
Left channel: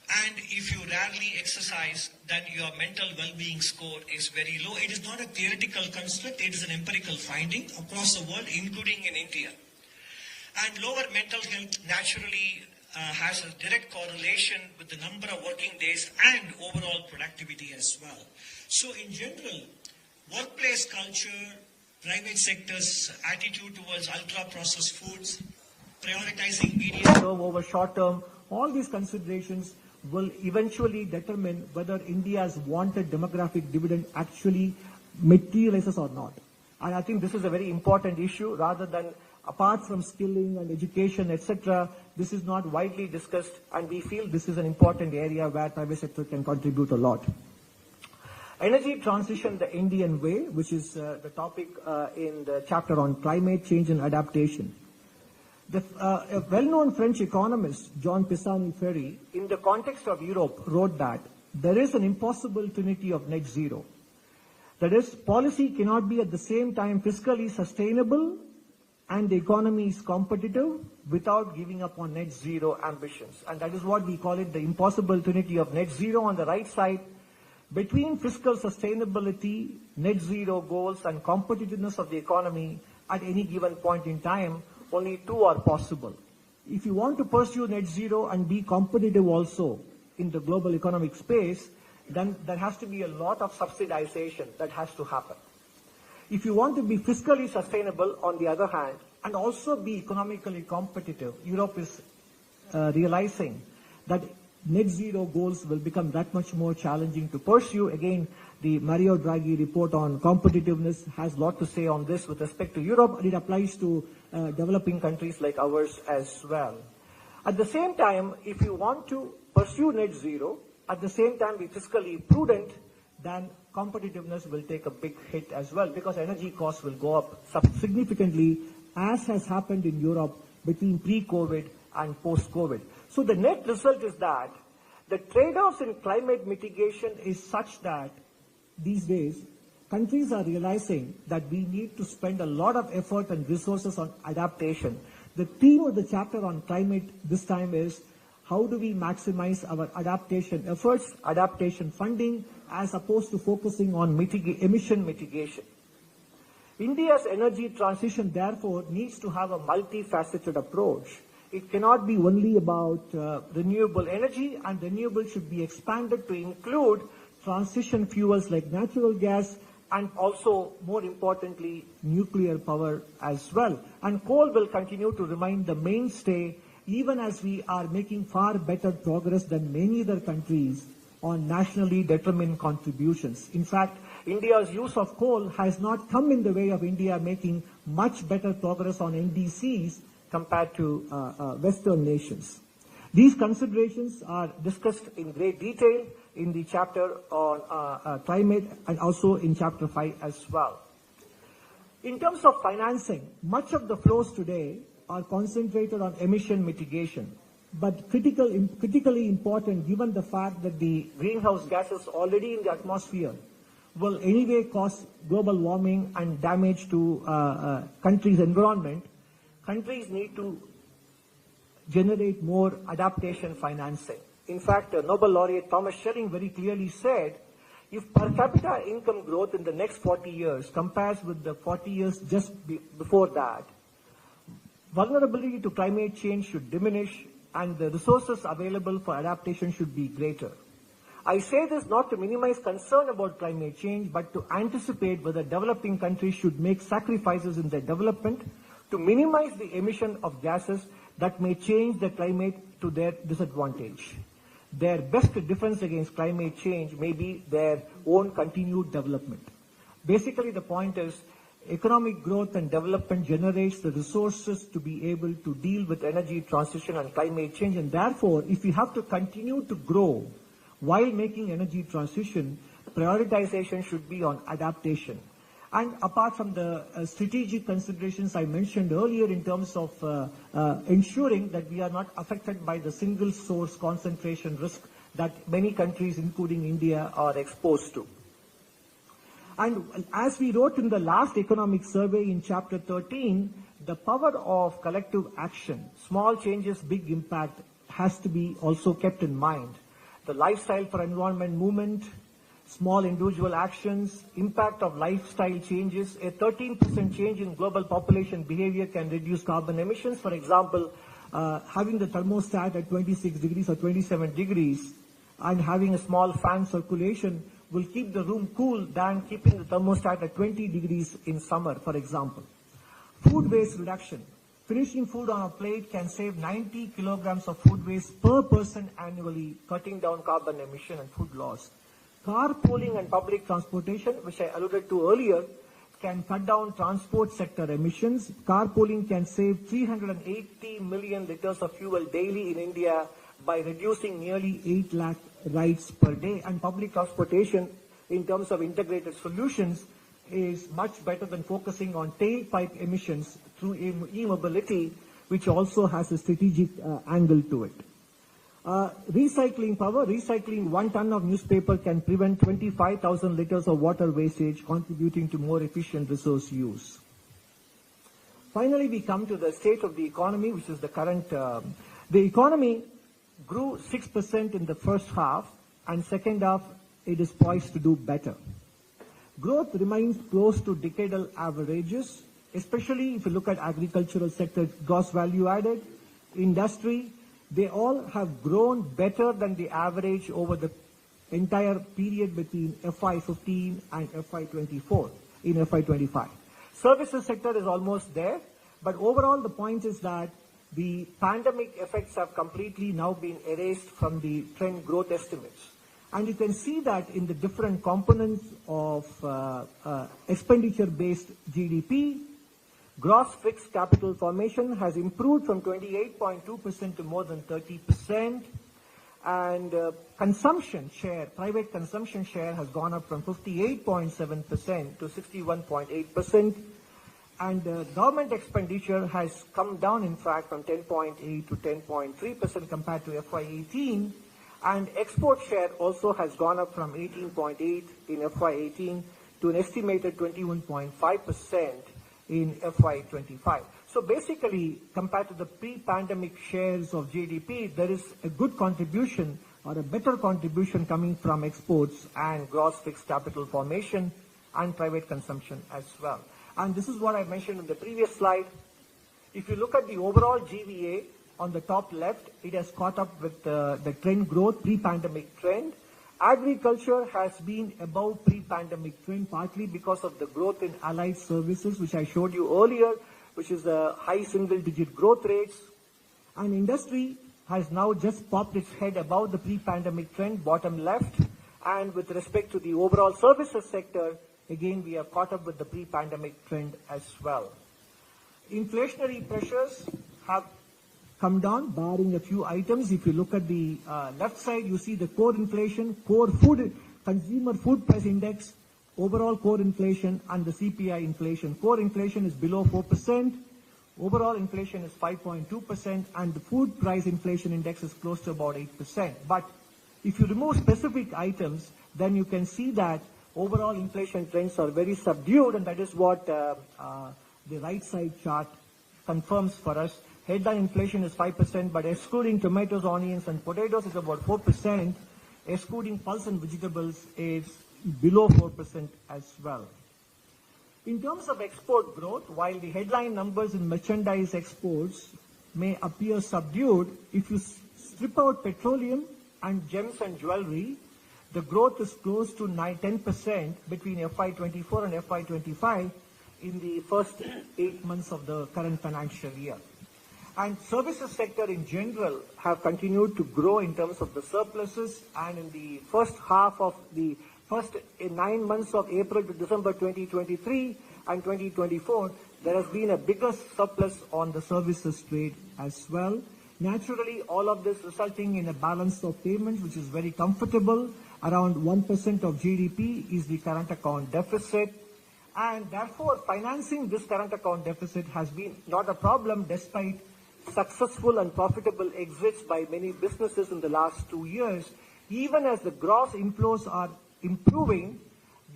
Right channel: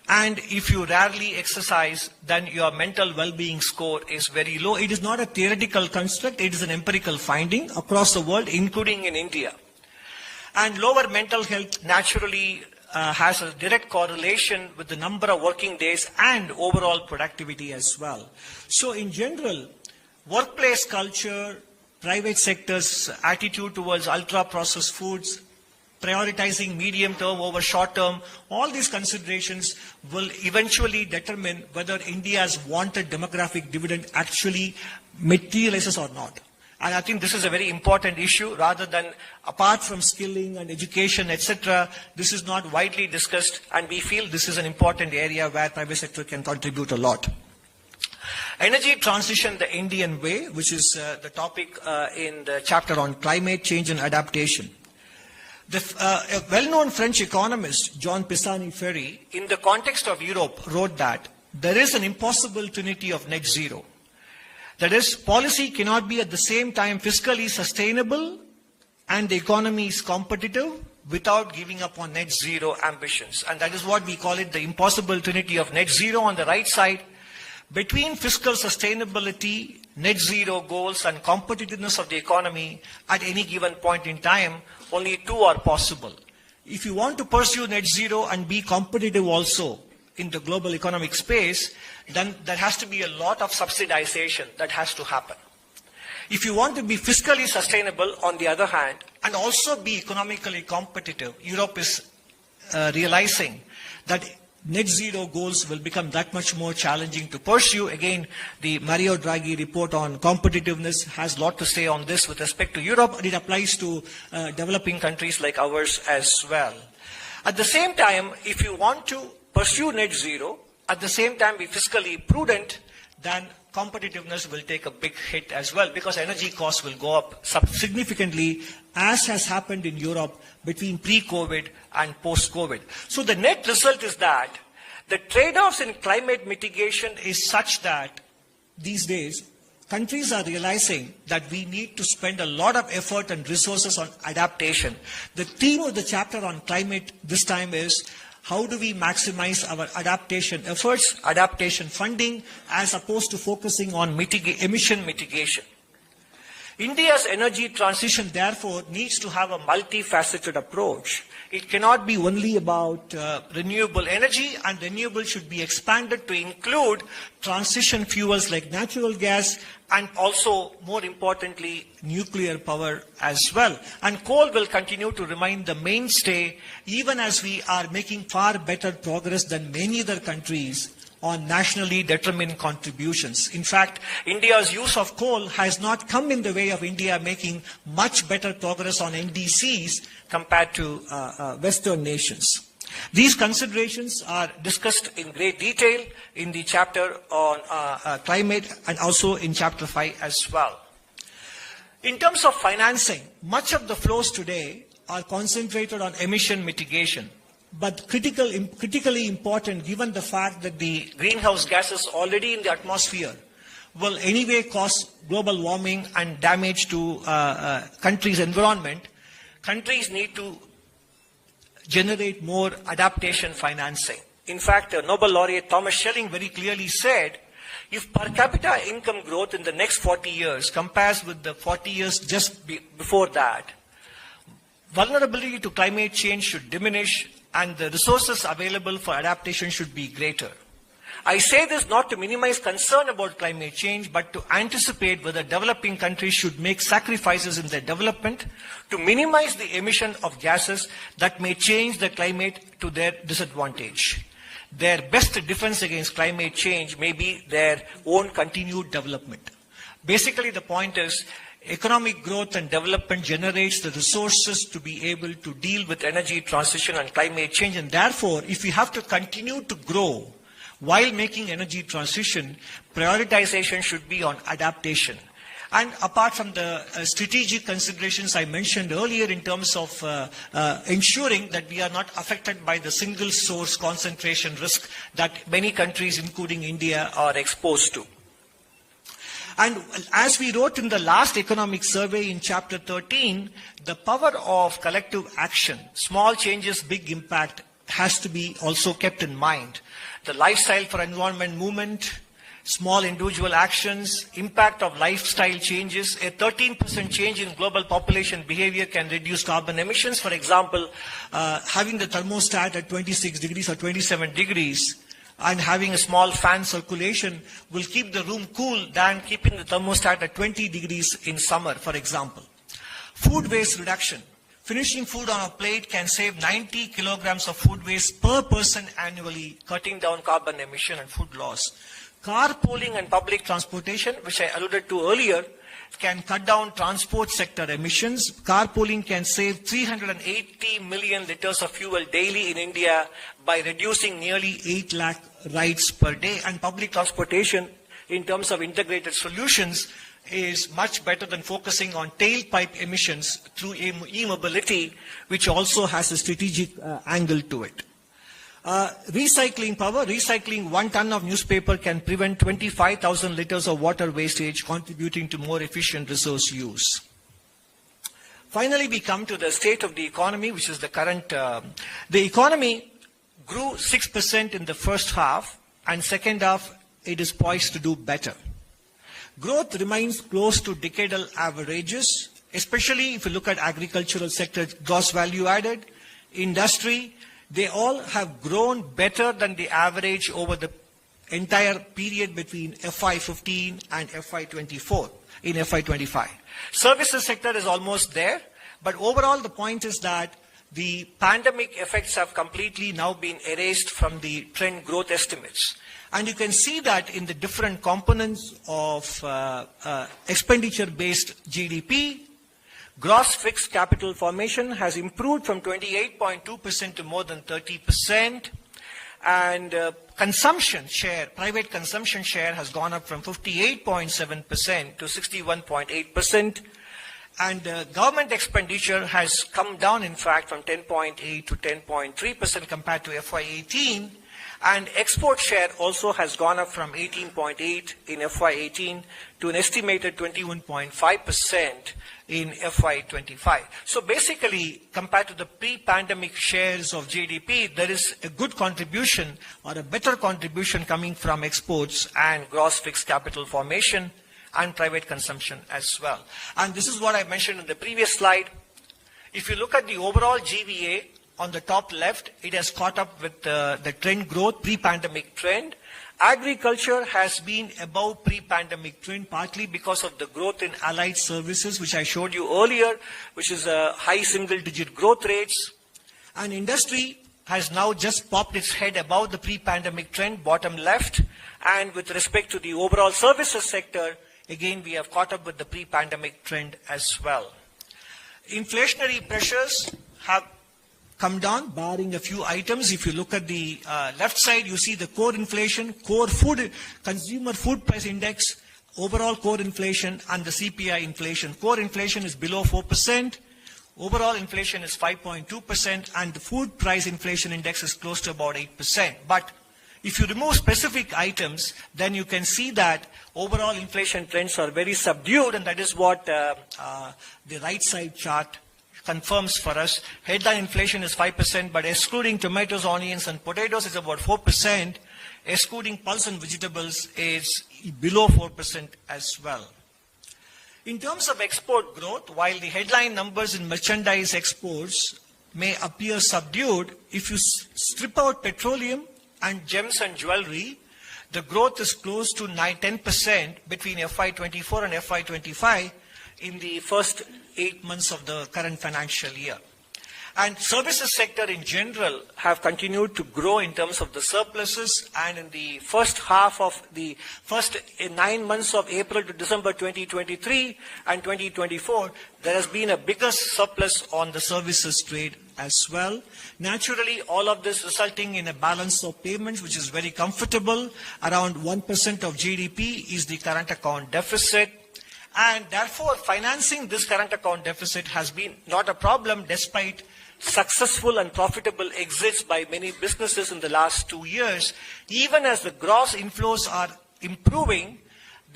And if you rarely exercise, then your mental well-being score is very low. It is not a theoretical construct, it is an empirical finding across the world, including in India. And lower mental health naturally has a direct correlation with the number of working days and overall productivity as well. So in general, workplace culture, private sector's attitude towards ultra-processed foods, prioritizing medium term over short term, all these considerations will eventually determine whether India's wanted demographic dividend actually materializes or not. And I think this is a very important issue. Rather than, apart from skilling and education, etc., this is not widely discussed, and we feel this is an important area where private sector can contribute a lot. Energy transition the Indian way, which is the topic in the chapter on climate change and adaptation. A well-known French economist, Jean Pisani-Ferry, in the context of Europe, wrote that there is an impossible trinity of net zero. That is, policy cannot be at the same time fiscally sustainable and the economy is competitive without giving up on net zero ambitions. And that is what we call it, the impossible trinity of net zero on the right side. Between fiscal sustainability, net zero goals, and competitiveness of the economy at any given point in time, only two are possible. If you want to pursue net zero and be competitive also in the global economic space, then there has to be a lot of subsidization that has to happen. If you want to be fiscally sustainable, on the other hand, and also be economically competitive, Europe is realizing that net zero goals will become that much more challenging to pursue. Again, the Mario Draghi report on competitiveness has a lot to say on this with respect to Europe, and it applies to developing countries like ours as well. At the same time, if you want to pursue net zero, at the same time be fiscally prudent, then competitiveness will take a big hit as well, because energy costs will go up significantly, as has happened in Europe between pre-COVID and post-COVID. So the net result is that the trade-offs in climate mitigation is such that these days countries are realizing that we need to spend a lot of effort and resources on adaptation. The theme of the chapter on climate this time is how do we maximize our adaptation efforts, adaptation funding, as opposed to focusing on emission mitigation. India's energy transition, therefore, needs to have a multifaceted approach. It cannot be only about renewable energy, and renewable should be expanded to include transition fuels like natural gas and also, more importantly, nuclear power as well. And coal will continue to remain the mainstay, even as we are making far better progress than many other countries on nationally determined contributions. In fact, India's use of coal has not come in the way of India making much better progress on NDCs compared to Western nations. These considerations are discussed in great detail in the chapter on climate and also in chapter 5 as well. In terms of financing, much of the flows today are concentrated on emission mitigation, but critically important given the fact that the greenhouse gases already in the atmosphere will anyway cause global warming and damage to countries' environment. Countries need to generate more adaptation financing. In fact, Nobel laureate Thomas Schelling very clearly said, if per capita income growth in the next 40 years compares with the 40 years just before that, vulnerability to climate change should diminish and the resources available for adaptation should be greater. I say this not to minimize concern about climate change, but to anticipate whether developing countries should make sacrifices in their development to minimize the emission of gases that may change the climate to their disadvantage. Their best defense against climate change may be their own continued development. Basically, the point is, economic growth and development generates the resources to be able to deal with energy transition and climate change, and therefore, if we have to continue to grow while making energy transition, prioritization should be on adaptation. And apart from the strategic considerations I mentioned earlier in terms of ensuring that we are not affected by the single source concentration risk that many countries, including India, are exposed to. And as we wrote in the last economic survey in chapter 13, the power of collective action, small changes, big impact, has to be also kept in mind. The lifestyle for environment movement, small individual actions, impact of lifestyle changes. A 13% change in global population behavior can reduce carbon emissions. For example, having the thermostat at 26 degrees or 27 degrees and having a small fan circulation will keep the room cool than keeping the thermostat at 20 degrees in summer, for example. Food waste reduction. Finishing food on a plate can save 90 kilograms of food waste per person annually, cutting down carbon emission and food loss. Carpooling and public transportation, which I alluded to earlier, can cut down transport sector emissions. Carpooling can save 380 million liters of fuel daily in India by reducing nearly 8 lakh rides per day. And public transportation, in terms of integrated solutions, is much better than focusing on tailpipe emissions through e-mobility, which also has a strategic angle to it. Recycling power. Recycling 1 ton of newspaper can prevent 25,000 liters of water wastage, contributing to more efficient resource use. Finally, we come to the state of the economy, which is the current. The economy grew 6% in the first half, and second half it is poised to do better. Growth remains close to decadal averages, especially if you look at agricultural sector, gross value added, industry. They all have grown better than the average over the entire period between FY15 and FY24 in FY25. Services sector is almost there, but overall the point is that the pandemic effects have completely now been erased from the trend growth estimates. And you can see that in the different components of expenditure-based GDP. Gross fixed capital formation has improved from 28.2% to more than 30%. And consumption share, private consumption share has gone up from 58.7% to 61.8%. And government expenditure has come down, in fact, from 10.8 to 10.3% compared to FY18. And export share also has gone up from 18.8 in FY18 to an estimated 21.5% in FY25. So basically, compared to the pre-pandemic shares of GDP, there is a good contribution or a better contribution coming from exports and gross fixed capital formation and private consumption as well. And this is what I mentioned in the previous slide. If you look at the overall GVA, on the top left, it has caught up with the trend growth, pre-pandemic trend. Agriculture has been above pre-pandemic trend, partly because of the growth in allied services, which I showed you earlier, which is a high single-digit growth rates. And industry has now just popped its head above the pre-pandemic trend, bottom left. And with respect to the overall services sector, again, we have caught up with the pre-pandemic trend as well. Inflationary pressures have come down, barring a few items. If you look at the left side, you see the core inflation, core food, consumer food price index, overall core inflation, and the CPI inflation. Core inflation is below 4%. Overall inflation is 5.2%, and the food price inflation index is close to about 8%. But if you remove specific items, then you can see that overall inflation trends are very subdued, and that is what the right side chart confirms for us. Headline inflation is 5%, but excluding tomatoes, onions, and potatoes is about 4%. Excluding pulse and vegetables is below 4% as well. In terms of export growth, while the headline numbers in merchandise exports may appear subdued, if you strip out petroleum and gems and jewelry, the growth is close to 10% between FY24 and FY25 in the first 8 months of the current financial year. And services sector in general have continued to grow in terms of the surpluses, and in the first half of the first 9 months of April to December 2023 and 2024, there has been a bigger surplus on the services trade as well. Naturally, all of this resulting in a balance of payments which is very comfortable. Around 1% of GDP is the current account deficit. And therefore, financing this current account deficit has been not a problem despite successful and profitable exits by many businesses in the last 2 years. Even as the gross inflows are improving,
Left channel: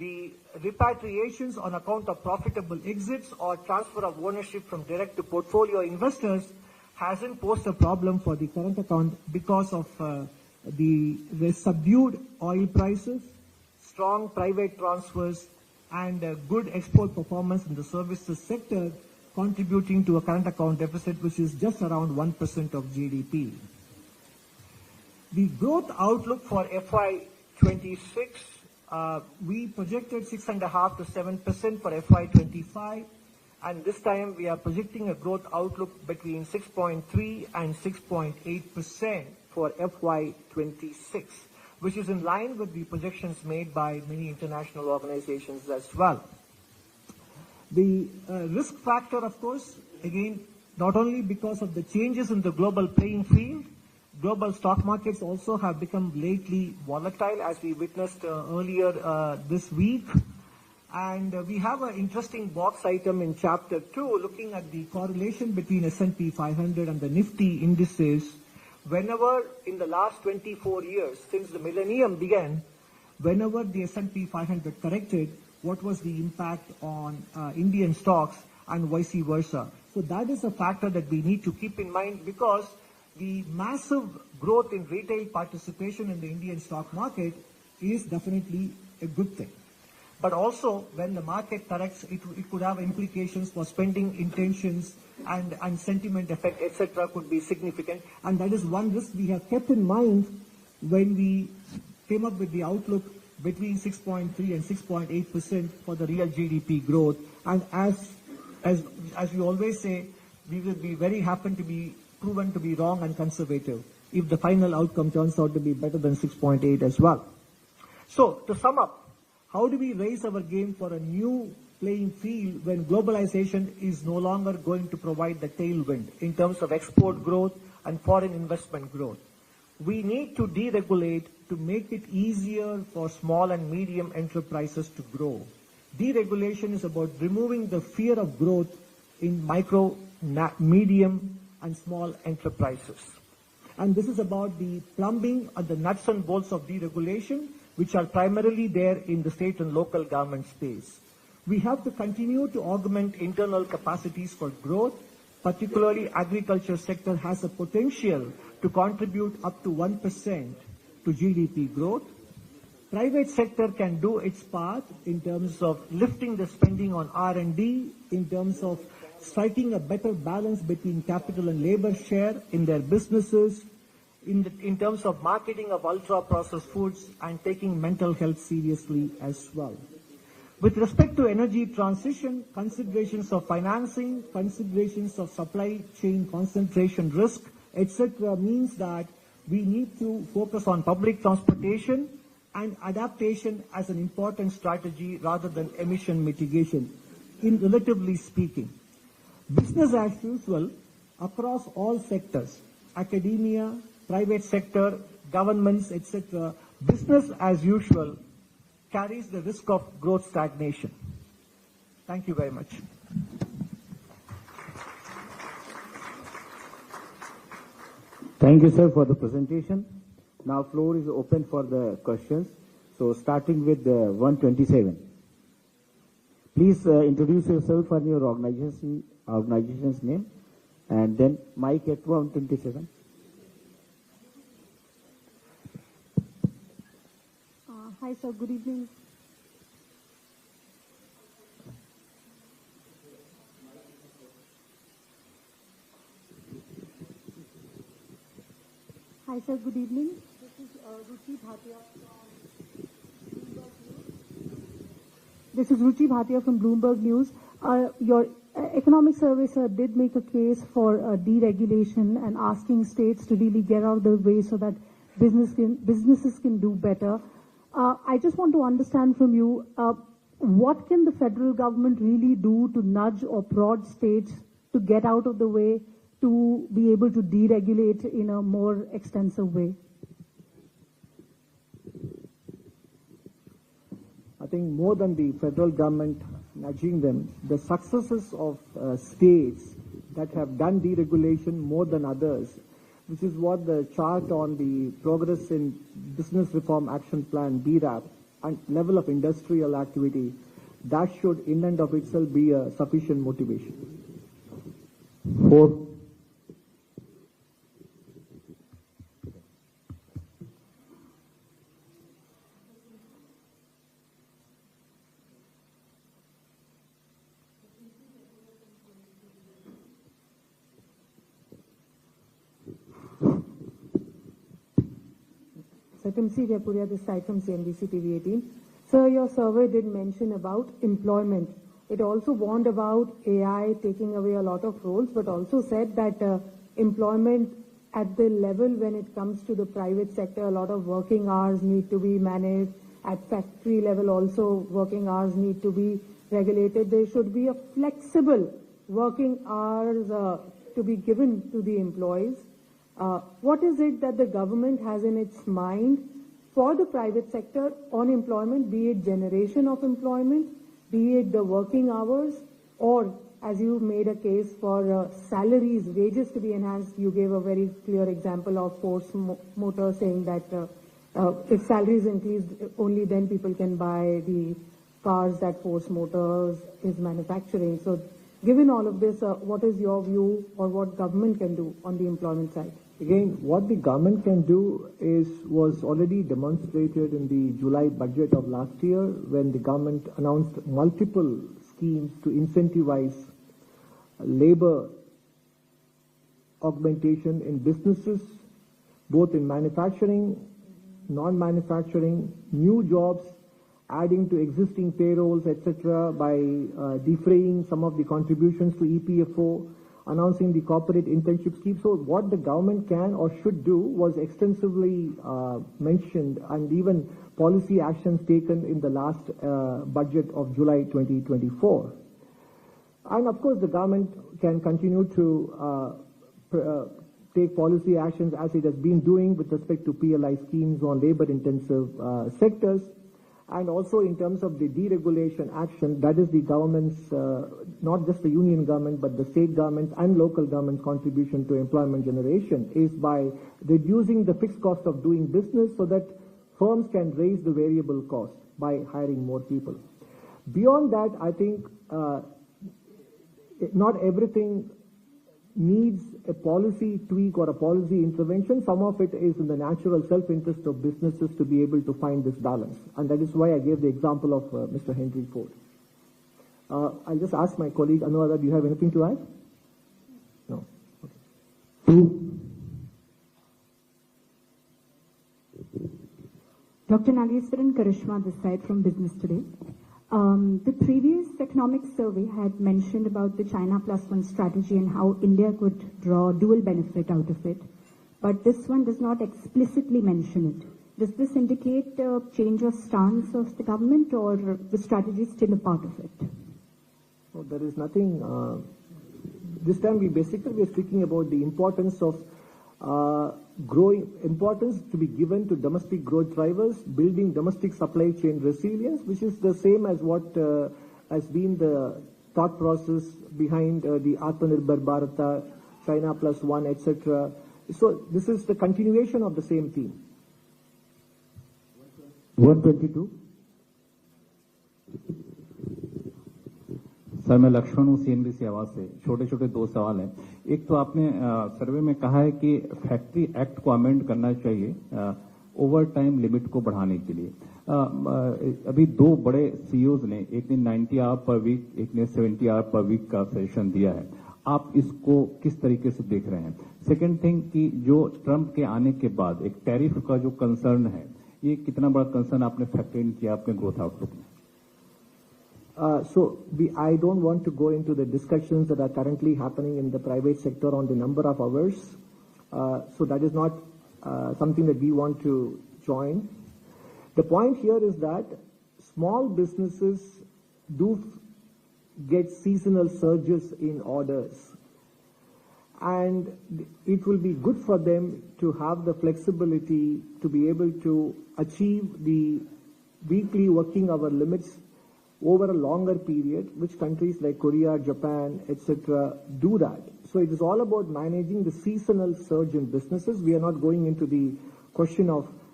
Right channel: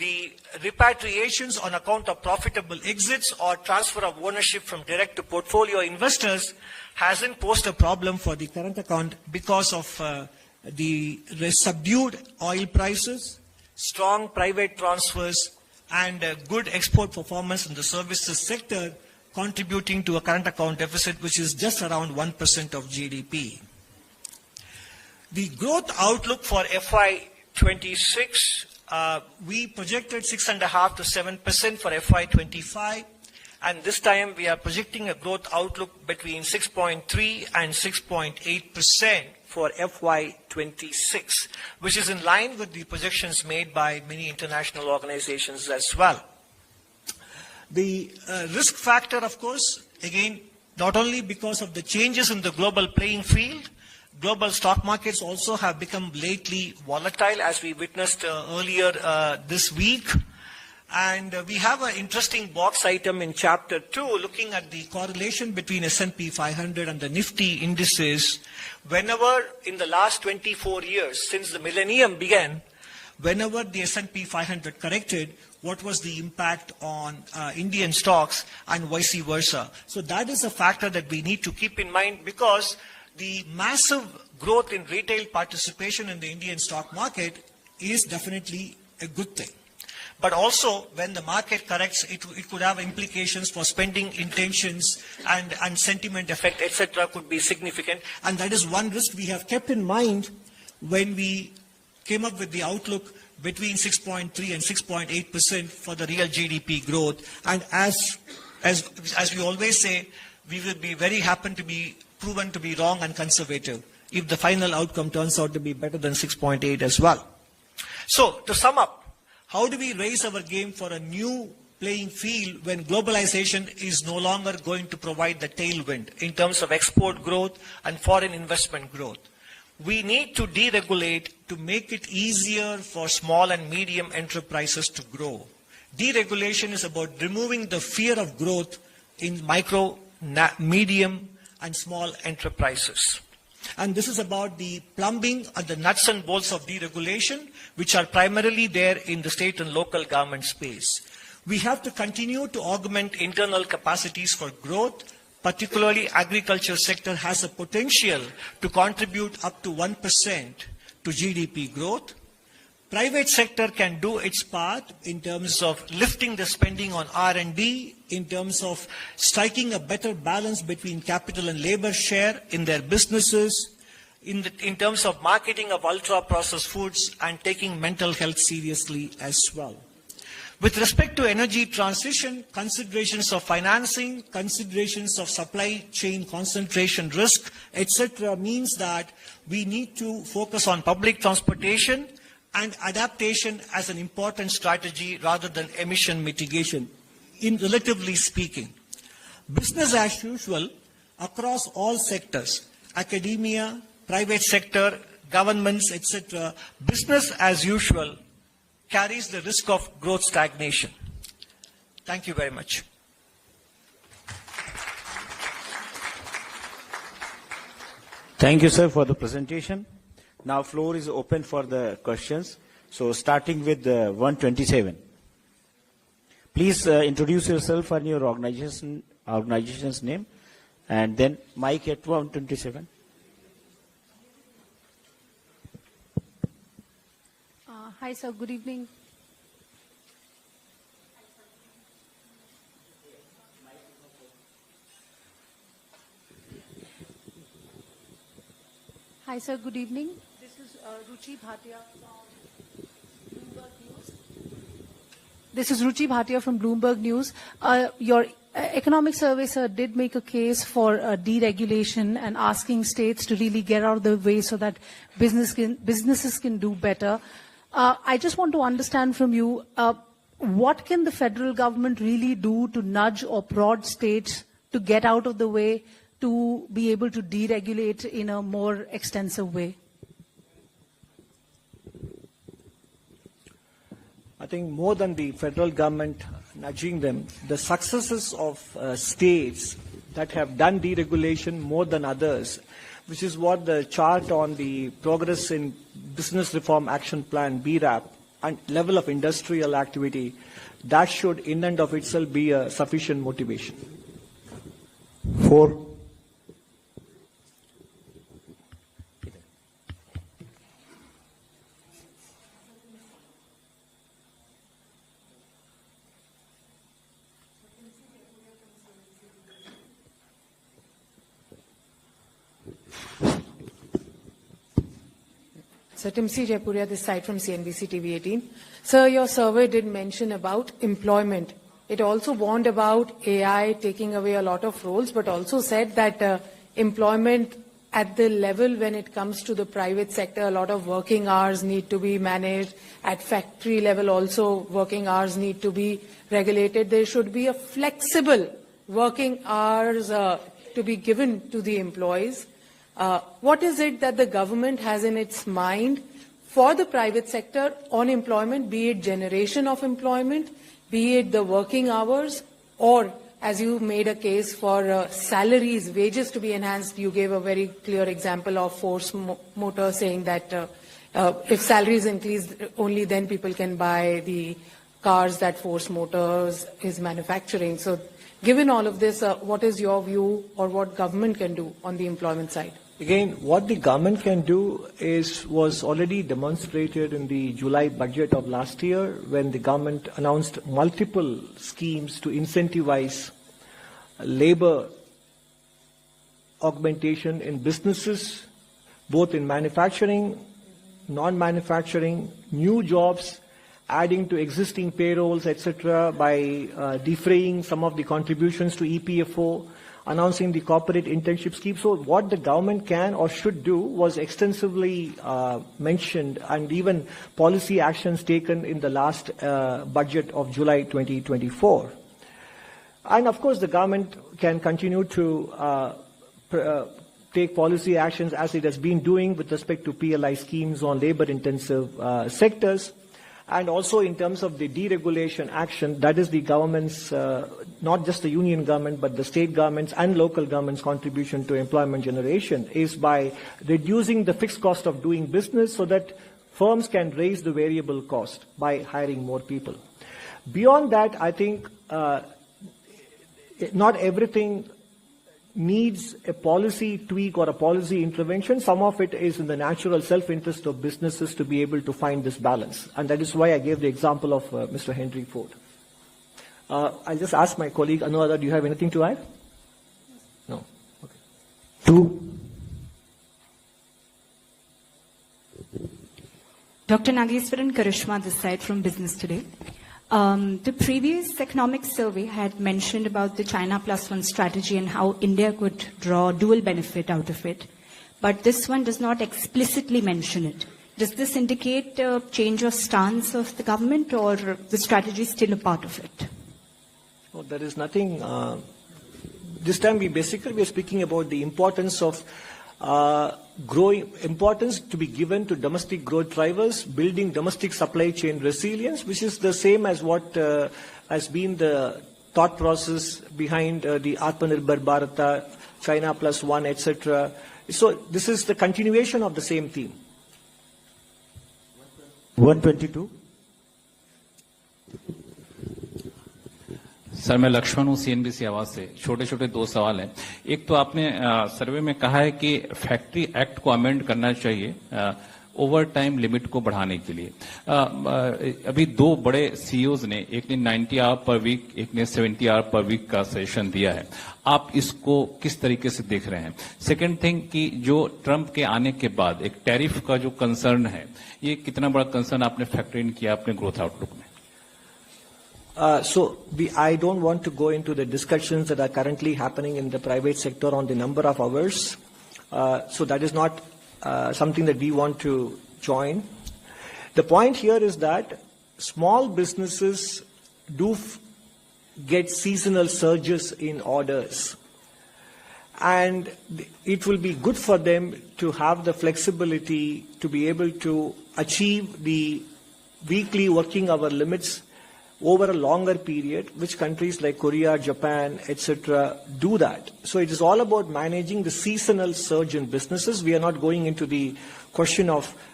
the repatriations on account of profitable exits or transfer of ownership from direct to portfolio investors hasn't posed a problem for the current account because of the subdued oil prices, strong private transfers, and good export performance in the services sector, contributing to a current account deficit which is just around 1% of GDP. The growth outlook for FY26, we projected 6.5% to 7% for FY25, and this time we are projecting a growth outlook between 6.3 and 6.8% for FY26, which is in line with the projections made by many international organizations as well. The risk factor, of course, again, not only because of the changes in the global playing field, global stock markets also have become lately volatile, as we witnessed earlier this week. And we have an interesting box item in Chapter 2 looking at the correlation between S&P 500 and the Nifty indices. Whenever in the last 24 years, since the millennium began, whenever the S&P 500 corrected, what was the impact on Indian stocks and vice versa. So that is a factor that we need to keep in mind, because the massive growth in retail participation in the Indian stock market is definitely a good thing. But also, when the market corrects, it could have implications for spending intentions, and sentiment effect, etc. could be significant. And that is one risk we have kept in mind when we came up with the outlook between 6.3 and 6.8% for the real GDP growth. And as we always say, we will be very happy to be proven to be wrong and conservative if the final outcome turns out to be better than 6.8 as well. So, to sum up, how do we raise our game for a new playing field when globalization is no longer going to provide the tailwind in terms of export growth and foreign investment growth? We need to deregulate to make it easier for small and medium enterprises to grow. Deregulation is about removing the fear of growth in micro, medium, and small enterprises. And this is about the plumbing and the nuts and bolts of deregulation, which are primarily there in the state and local government space. We have to continue to augment internal capacities for growth. Particularly, agriculture sector has a potential to contribute up to 1% to GDP growth. Private sector can do its part in terms of lifting the spending on R&D, in terms of striking a better balance between capital and labor share in their businesses, in terms of marketing of ultra-processed foods, and taking mental health seriously as well. With respect to energy transition, considerations of financing, considerations of supply chain concentration risk, etc. means that we need to focus on public transportation and adaptation as an important strategy rather than emission mitigation, in relatively speaking. Business as usual across all sectors, academia, private sector, governments, etc., business as usual carries the risk of growth stagnation. Thank you very much. Thank you, sir, for the presentation. Now, floor is open for the questions. So, starting with 127. Please introduce yourself and your organization's name, and then mic at 127. Hi, sir. Good evening. Hi, sir. Good evening. This is Ruchi Bhatia from Bloomberg News. This is Ruchi Bhatia from Bloomberg News. Your economic survey, sir, did make a case for deregulation and asking states to really get out of the way so that businesses can do better. I just want to understand from you, what can the federal government really do to nudge or prod states to get out of the way, to be able to deregulate in a more extensive way? I think more than the federal government nudging them, the successes of states that have done deregulation more than others, which is what the chart on the Progress in Business Reform Action Plan, BRAP, and level of industrial activity, that should in and of itself be a sufficient motivation. 4. So Timsi Jaipuria, this side from CNBC TV 18. Sir, your survey did mention about employment. It also warned about AI taking away a lot of roles, but also said that employment at the level when it comes to the private sector, a lot of working hours need to be managed. At factory level also, working hours need to be regulated. There should be a flexible working hours to be given to the employees. What is it that the government has in its mind for the private sector on employment, be it generation of employment, be it the working hours, or as you made a case for salaries, wages to be enhanced? You gave a very clear example of Force Motor saying that if salaries increase, only then people can buy the cars that Force Motors is manufacturing. So given all of this, what is your view or what government can do on the employment side? Again, what the government can do was already demonstrated in the July budget of last year when the government announced multiple schemes to incentivize labor augmentation in businesses, both in manufacturing, non-manufacturing, new jobs, adding to existing payrolls, etc., by defraying some of the contributions to EPFO, announcing the corporate internship scheme. So what the government can or should do was extensively mentioned, and even policy actions taken in the last budget of July 2024. And of course, the government can continue to take policy actions as it has been doing with respect to PLI schemes on labor-intensive sectors. And also in terms of the deregulation action, that is the government's, not just the union government, but the state governments and local governments' contribution to employment generation is by reducing the fixed cost of doing business so that firms can raise the variable cost by hiring more people. Beyond that, I think not everything needs a policy tweak or a policy intervention. Some of it is in the natural self-interest of businesses to be able to find this balance. And that is why I gave the example of Mr. Henry Ford. I'll just ask my colleague, Anuradha, do you have anything to add? No? Okay. 2. Dr. Nageswaran Karishma, this side from Business Today. The previous economic survey had mentioned about the China +1 strategy and how India could draw dual benefit out of it. But this one does not explicitly mention it. Does this indicate a change of stance of the government, or the strategy is still a part of it? No, there is nothing. This time we are speaking about the importance of importance to be given to domestic growth drivers, building domestic supply chain resilience, which is the same as what has been the thought process behind the Atmanirbhar Bharata, China +1, etc. So this is the continuation of the same theme. 122. Sir, मैं लक्ष्मण हूँ CNBC आवाज से। छोटे छोटे 2 सवाल हैं। एक तो आपने सर्वे में कहा है कि फैक्ट्री एक्ट को अमेंड करना चाहिए ओवर टाइम लिमिट को बढ़ाने के लिए। अभी 2 बड़े सीईओज ने, एक ने 90 आवर पर वीक, एक ने 70 आवर पर वीक का सजेशन दिया है। आप इसको किस तरीके से देख रहे हैं? सेकंड थिंग कि जो ट्रंप के आने के बाद एक टैरिफ का जो कंसर्न है, ये कितना बड़ा कंसर्न आपने फैक्टर इन किया अपने ग्रोथ आउटलुक में? I don't want to go into the discussions that are currently happening in the private sector on the number of hours. So that is not something that we want to join. The point here is that small businesses do get seasonal surges in orders. And it will be good for them to have the flexibility to be able to achieve the weekly working hour limits over a longer period, which countries like Korea, Japan, etc. do that. So it is all about managing the seasonal surge in businesses. We are not going into the question of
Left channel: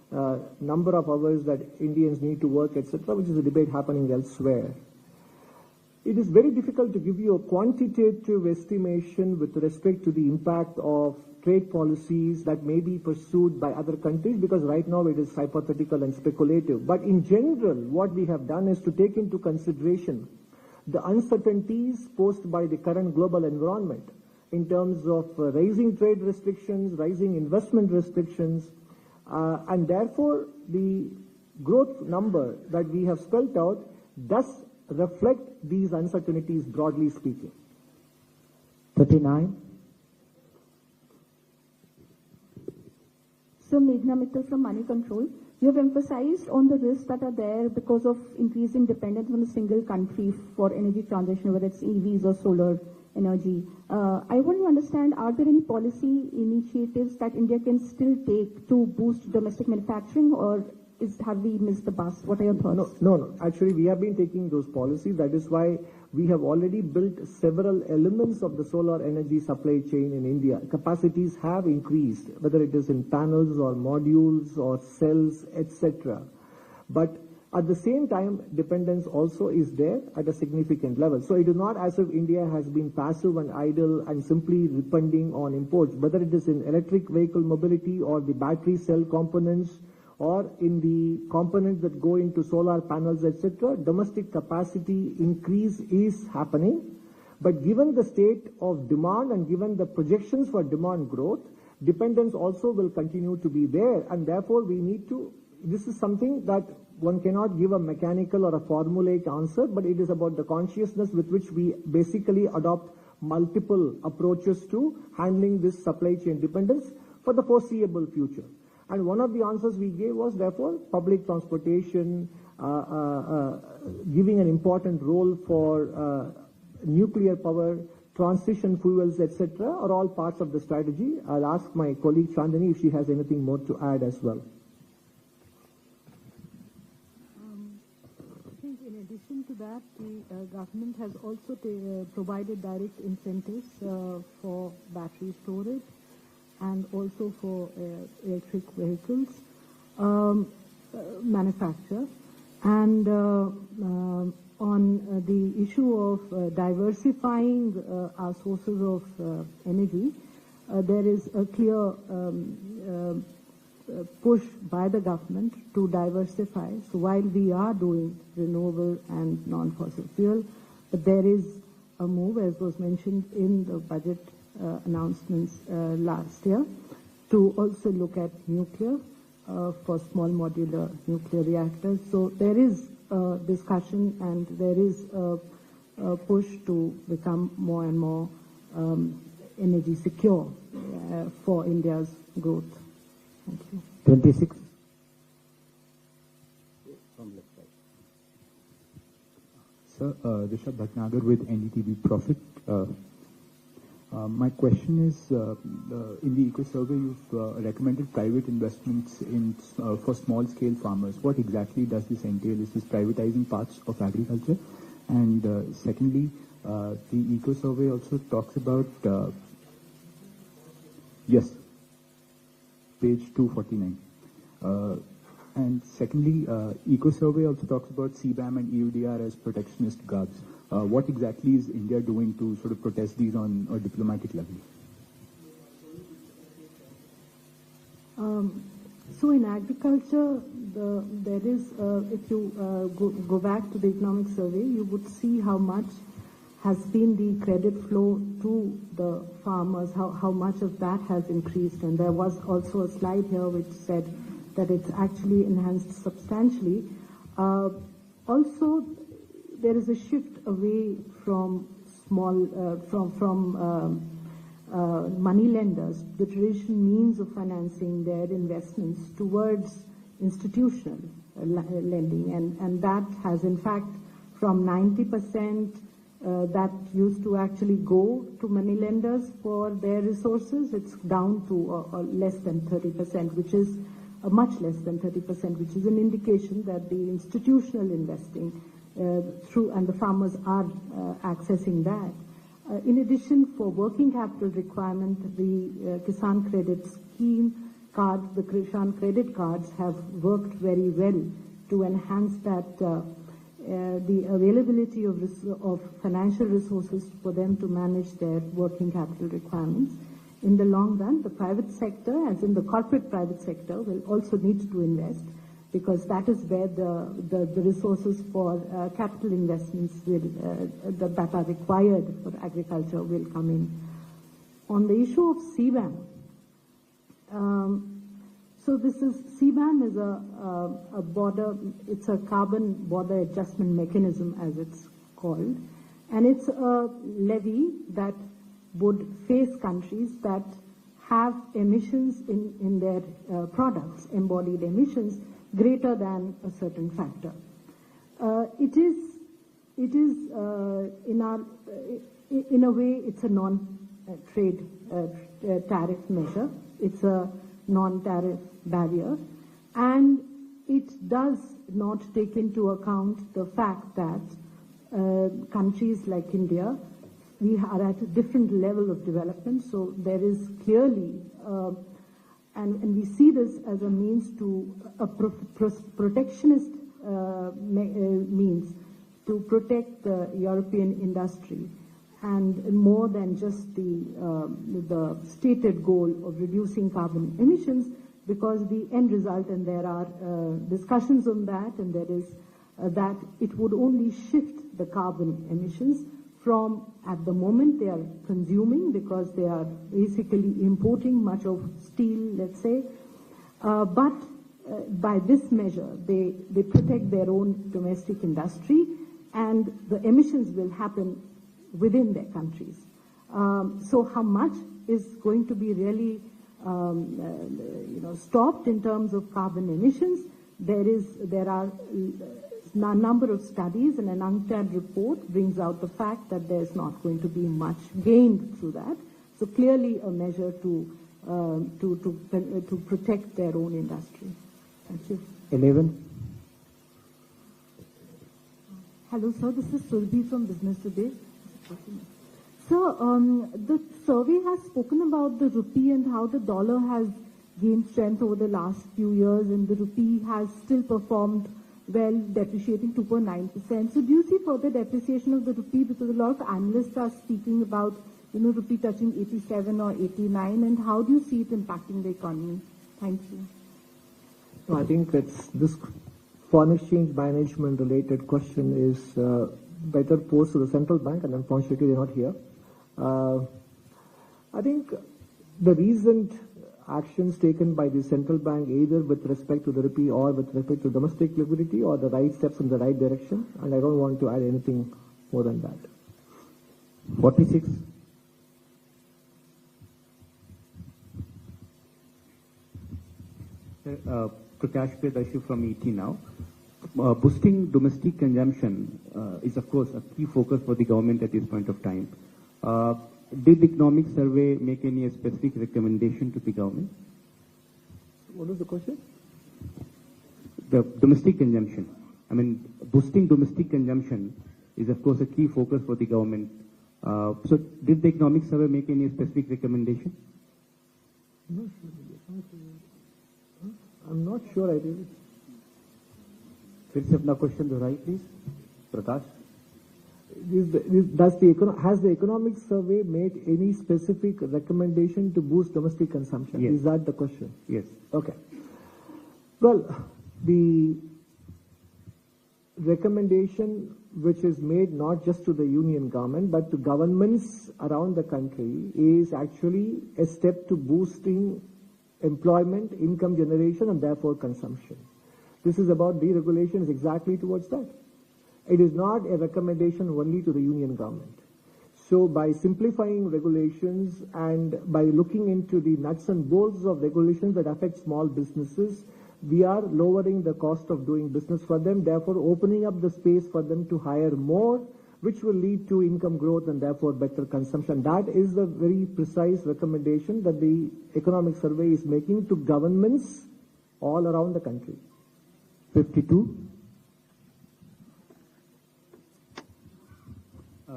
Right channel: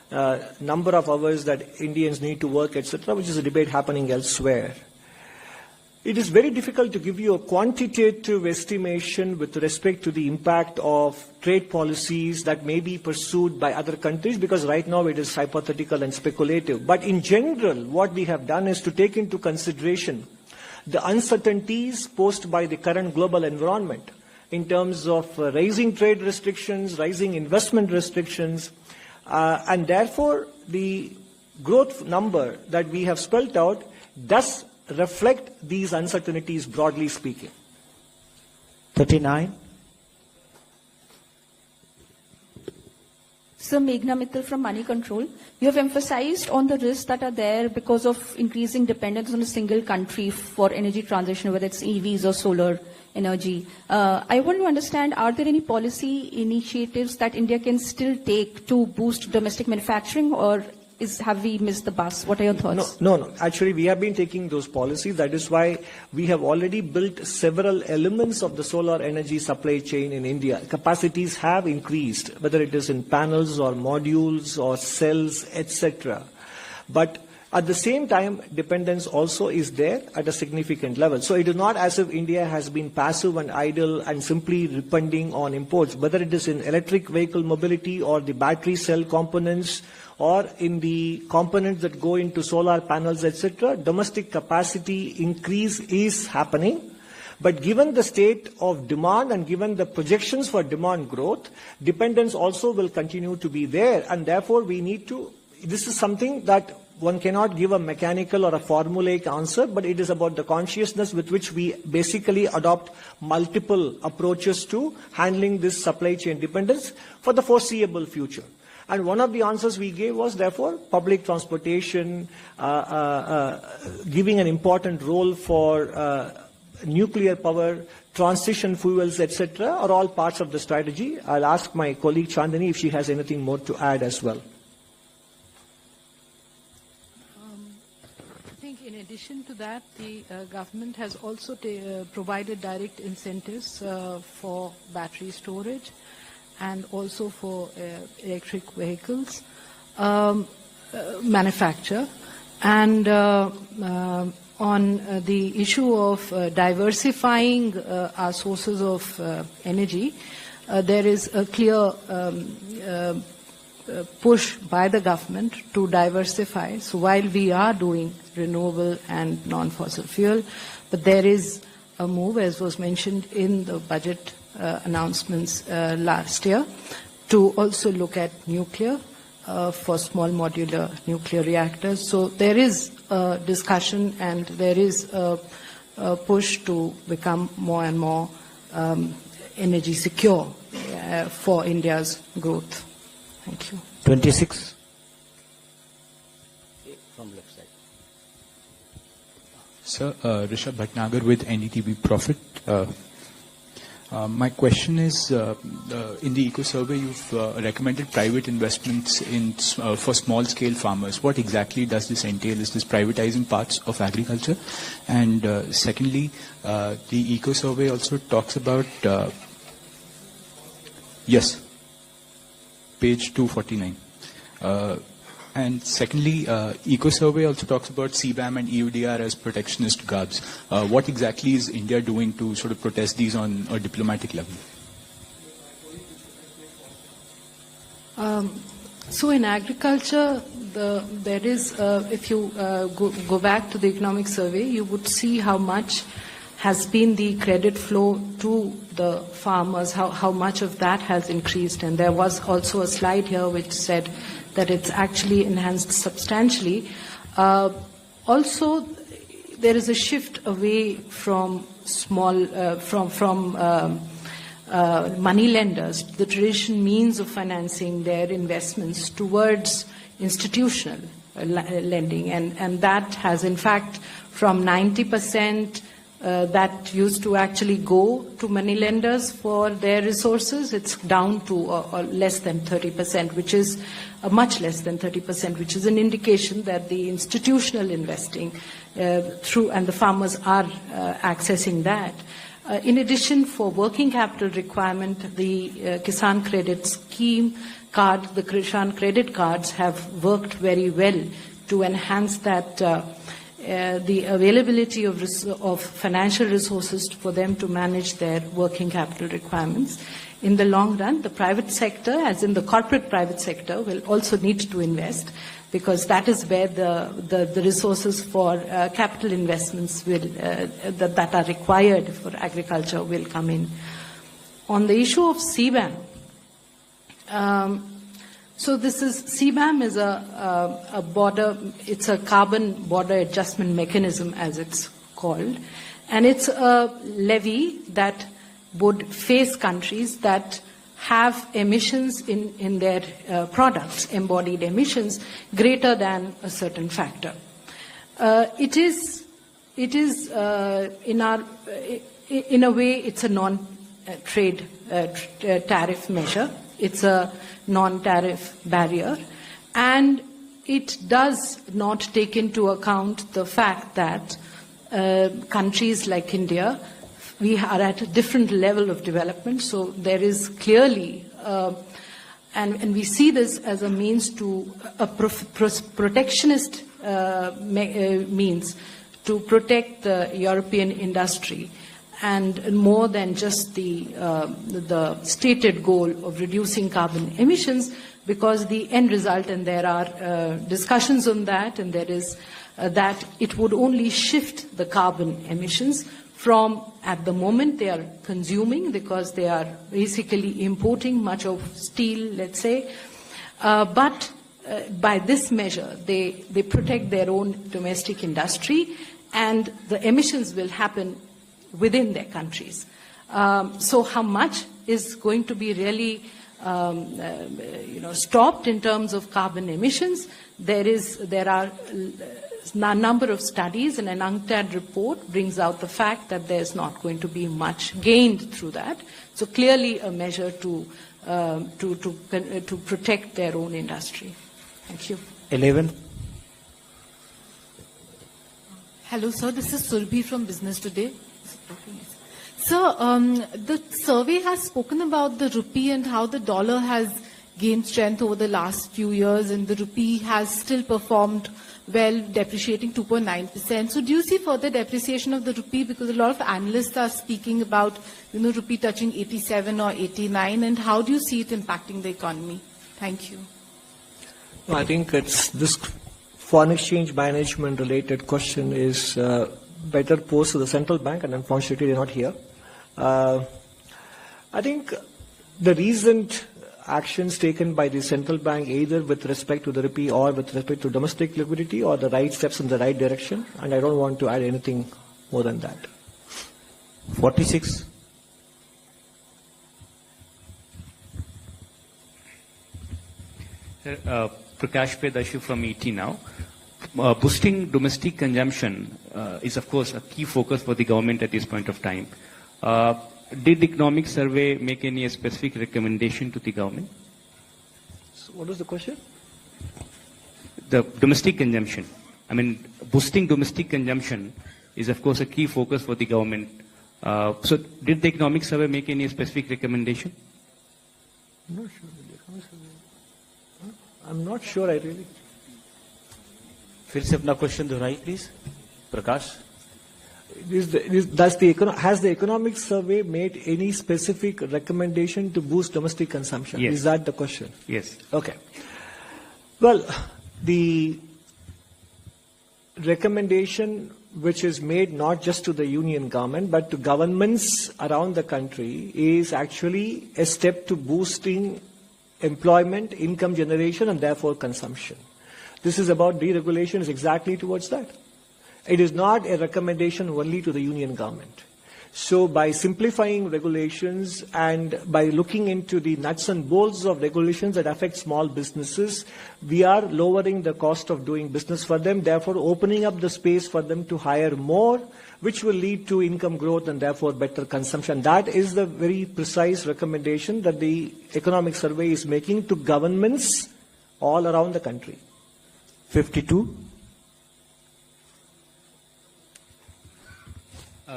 number of hours that Indians need to work, etc., which is a debate happening elsewhere. It is very difficult to give you a quantitative estimation with respect to the impact of trade policies that may be pursued by other countries, because right now it is hypothetical and speculative. But in general, what we have done is to take into consideration the uncertainties posed by the current global environment in terms of raising trade restrictions, rising investment restrictions, and therefore the growth number that we have spelled out does reflect these uncertainties, broadly speaking. 39. Sir, Meghna Mittal from Money Control. You have emphasized on the risks that are there because of increasing dependence on a single country for energy transition, whether it's EVs or solar energy. I want to understand, are there any policy initiatives that India can still take to boost domestic manufacturing, or have we missed the bus? What are your thoughts? No. Actually, we have been taking those policies. That is why we have already built several elements of the solar energy supply chain in India. Capacities have increased, whether it is in panels or modules or cells, etc. But at the same time, dependence also is there at a significant level. So it is not as if India has been passive and idle and simply depending on imports, whether it is in electric vehicle mobility or the battery cell components or in the components that go into solar panels, etc. Domestic capacity increase is happening. But given the state of demand and given the projections for demand growth, dependence also will continue to be there. And therefore, we need to, this is something that one cannot give a mechanical or a formulaic answer, but it is about the consciousness with which we basically adopt multiple approaches to handling this supply chain dependence for the foreseeable future. And one of the answers we gave was, therefore, public transportation, giving an important role for nuclear power, transition fuels, etc., are all parts of the strategy. I'll ask my colleague Chandani if she has anything more to add as well. I think in addition to that, the government has also provided direct incentives for battery storage and also for electric vehicles manufacture. And on the issue of diversifying our sources of energy, there is a clear push by the government to diversify. So while we are doing renewable and non-fossil fuel, but there is a move, as was mentioned in the budget announcements last year, to also look at nuclear for small modular nuclear reactors. So there is a discussion and there is a push to become more and more energy secure for India's growth. Thank you. 26. From left side. Sir, Rishabh Bhatnagar with NDTV Profit. My question is, in the Eco Survey, you've recommended private investments for small-scale farmers. What exactly does this entail? Is this privatizing parts of agriculture? And secondly, the Eco Survey also talks about, yes, page 249. And secondly, Eco Survey also talks about CBAM and EUDR as protectionist guards. What exactly is India doing to sort of protest these on a diplomatic level? So in agriculture, there is, if you go back to the economic survey, you would see how much has been the credit flow to the farmers, how much of that has increased. And there was also a slide here which said that it's actually enhanced substantially. Also, there is a shift away from money lenders, the traditional means of financing their investments, towards institutional lending. And that has, in fact, from 90% that used to actually go to money lenders for their resources, it's down to less than 30%, which is much less than 30%, which is an indication that the institutional investing and the farmers are accessing that. In addition, for working capital requirement, the Kisan Credit Scheme card, the Kisan credit cards have worked very well to enhance that the availability of financial resources for them to manage their working capital requirements. In the long run, the private sector, as in the corporate private sector, will also need to invest, because that is where the resources for capital investments will, that are required for agriculture will come in. On the issue of CBAM, so CBAM is a border, it's a carbon border adjustment mechanism, as it's called, and it's a levy that would face countries that have emissions in their products, embodied emissions, greater than a certain factor. It is in a way, it's a non-trade tariff measure. It's a non-tariff barrier, and it does not take into account the fact that countries like India, we are at a different level of development, so there is clearly, and we see this as a means to a protectionist means to protect the European industry, and more than just the stated goal of reducing carbon emissions, because the end result, and there are discussions on that, and there is that it would only shift the carbon emissions from, at the moment they are consuming, because they are basically importing much of steel, let's say, but by this measure they protect their own domestic industry, and the emissions will happen within their countries. So how much is going to be really stopped in terms of carbon emissions? There are a number of studies, and an UNCTAD report brings out the fact that there's not going to be much gained through that. So clearly a measure to protect their own industry. Thank you. 11. Hello, sir. This is Surbhi from Business Today. Sir, the survey has spoken about the rupee and how the dollar has gained strength over the last few years, and the rupee has still performed well, depreciating 2.9%. So do you see further depreciation of the rupee? Because a lot of analysts are speaking about, rupee touching 87 or 89, and how do you see it impacting the economy? Thank you. No, I think it's this foreign exchange management related question is better posed to the central bank, and unfortunately they're not here. I think the recent actions taken by the central bank, either with respect to the rupee or with respect to domestic liquidity, are the right steps in the right direction, and I don't want to add anything more than that. 46. Prakash Pedashu from ET now. Boosting domestic consumption is, of course, a key focus for the government at this point of time. Did the economic survey make any specific recommendation to the government? So what was the question? The domestic consumption. I mean, boosting domestic consumption is, of course, a key focus for the government. So did the economic survey make any specific recommendation? I'm not sure, I really. फिर से अपना question दोहराइए please Prakash. Has the economic survey made any specific recommendation to boost domestic consumption? Yes. Is that the question? Yes. Okay. Well, the recommendation which is made not just to the union government but to governments around the country is actually a step to boosting employment, income generation, and therefore consumption. This is about deregulation, is exactly towards that. It is not a recommendation only to the union government. So by simplifying regulations and by looking into the nuts and bolts of regulations that affect small businesses, we are lowering the cost of doing business for them, therefore opening up the space for them to hire more, which will lead to income growth and therefore better consumption. That is the very precise recommendation that the economic survey is making to governments all around the country. 52.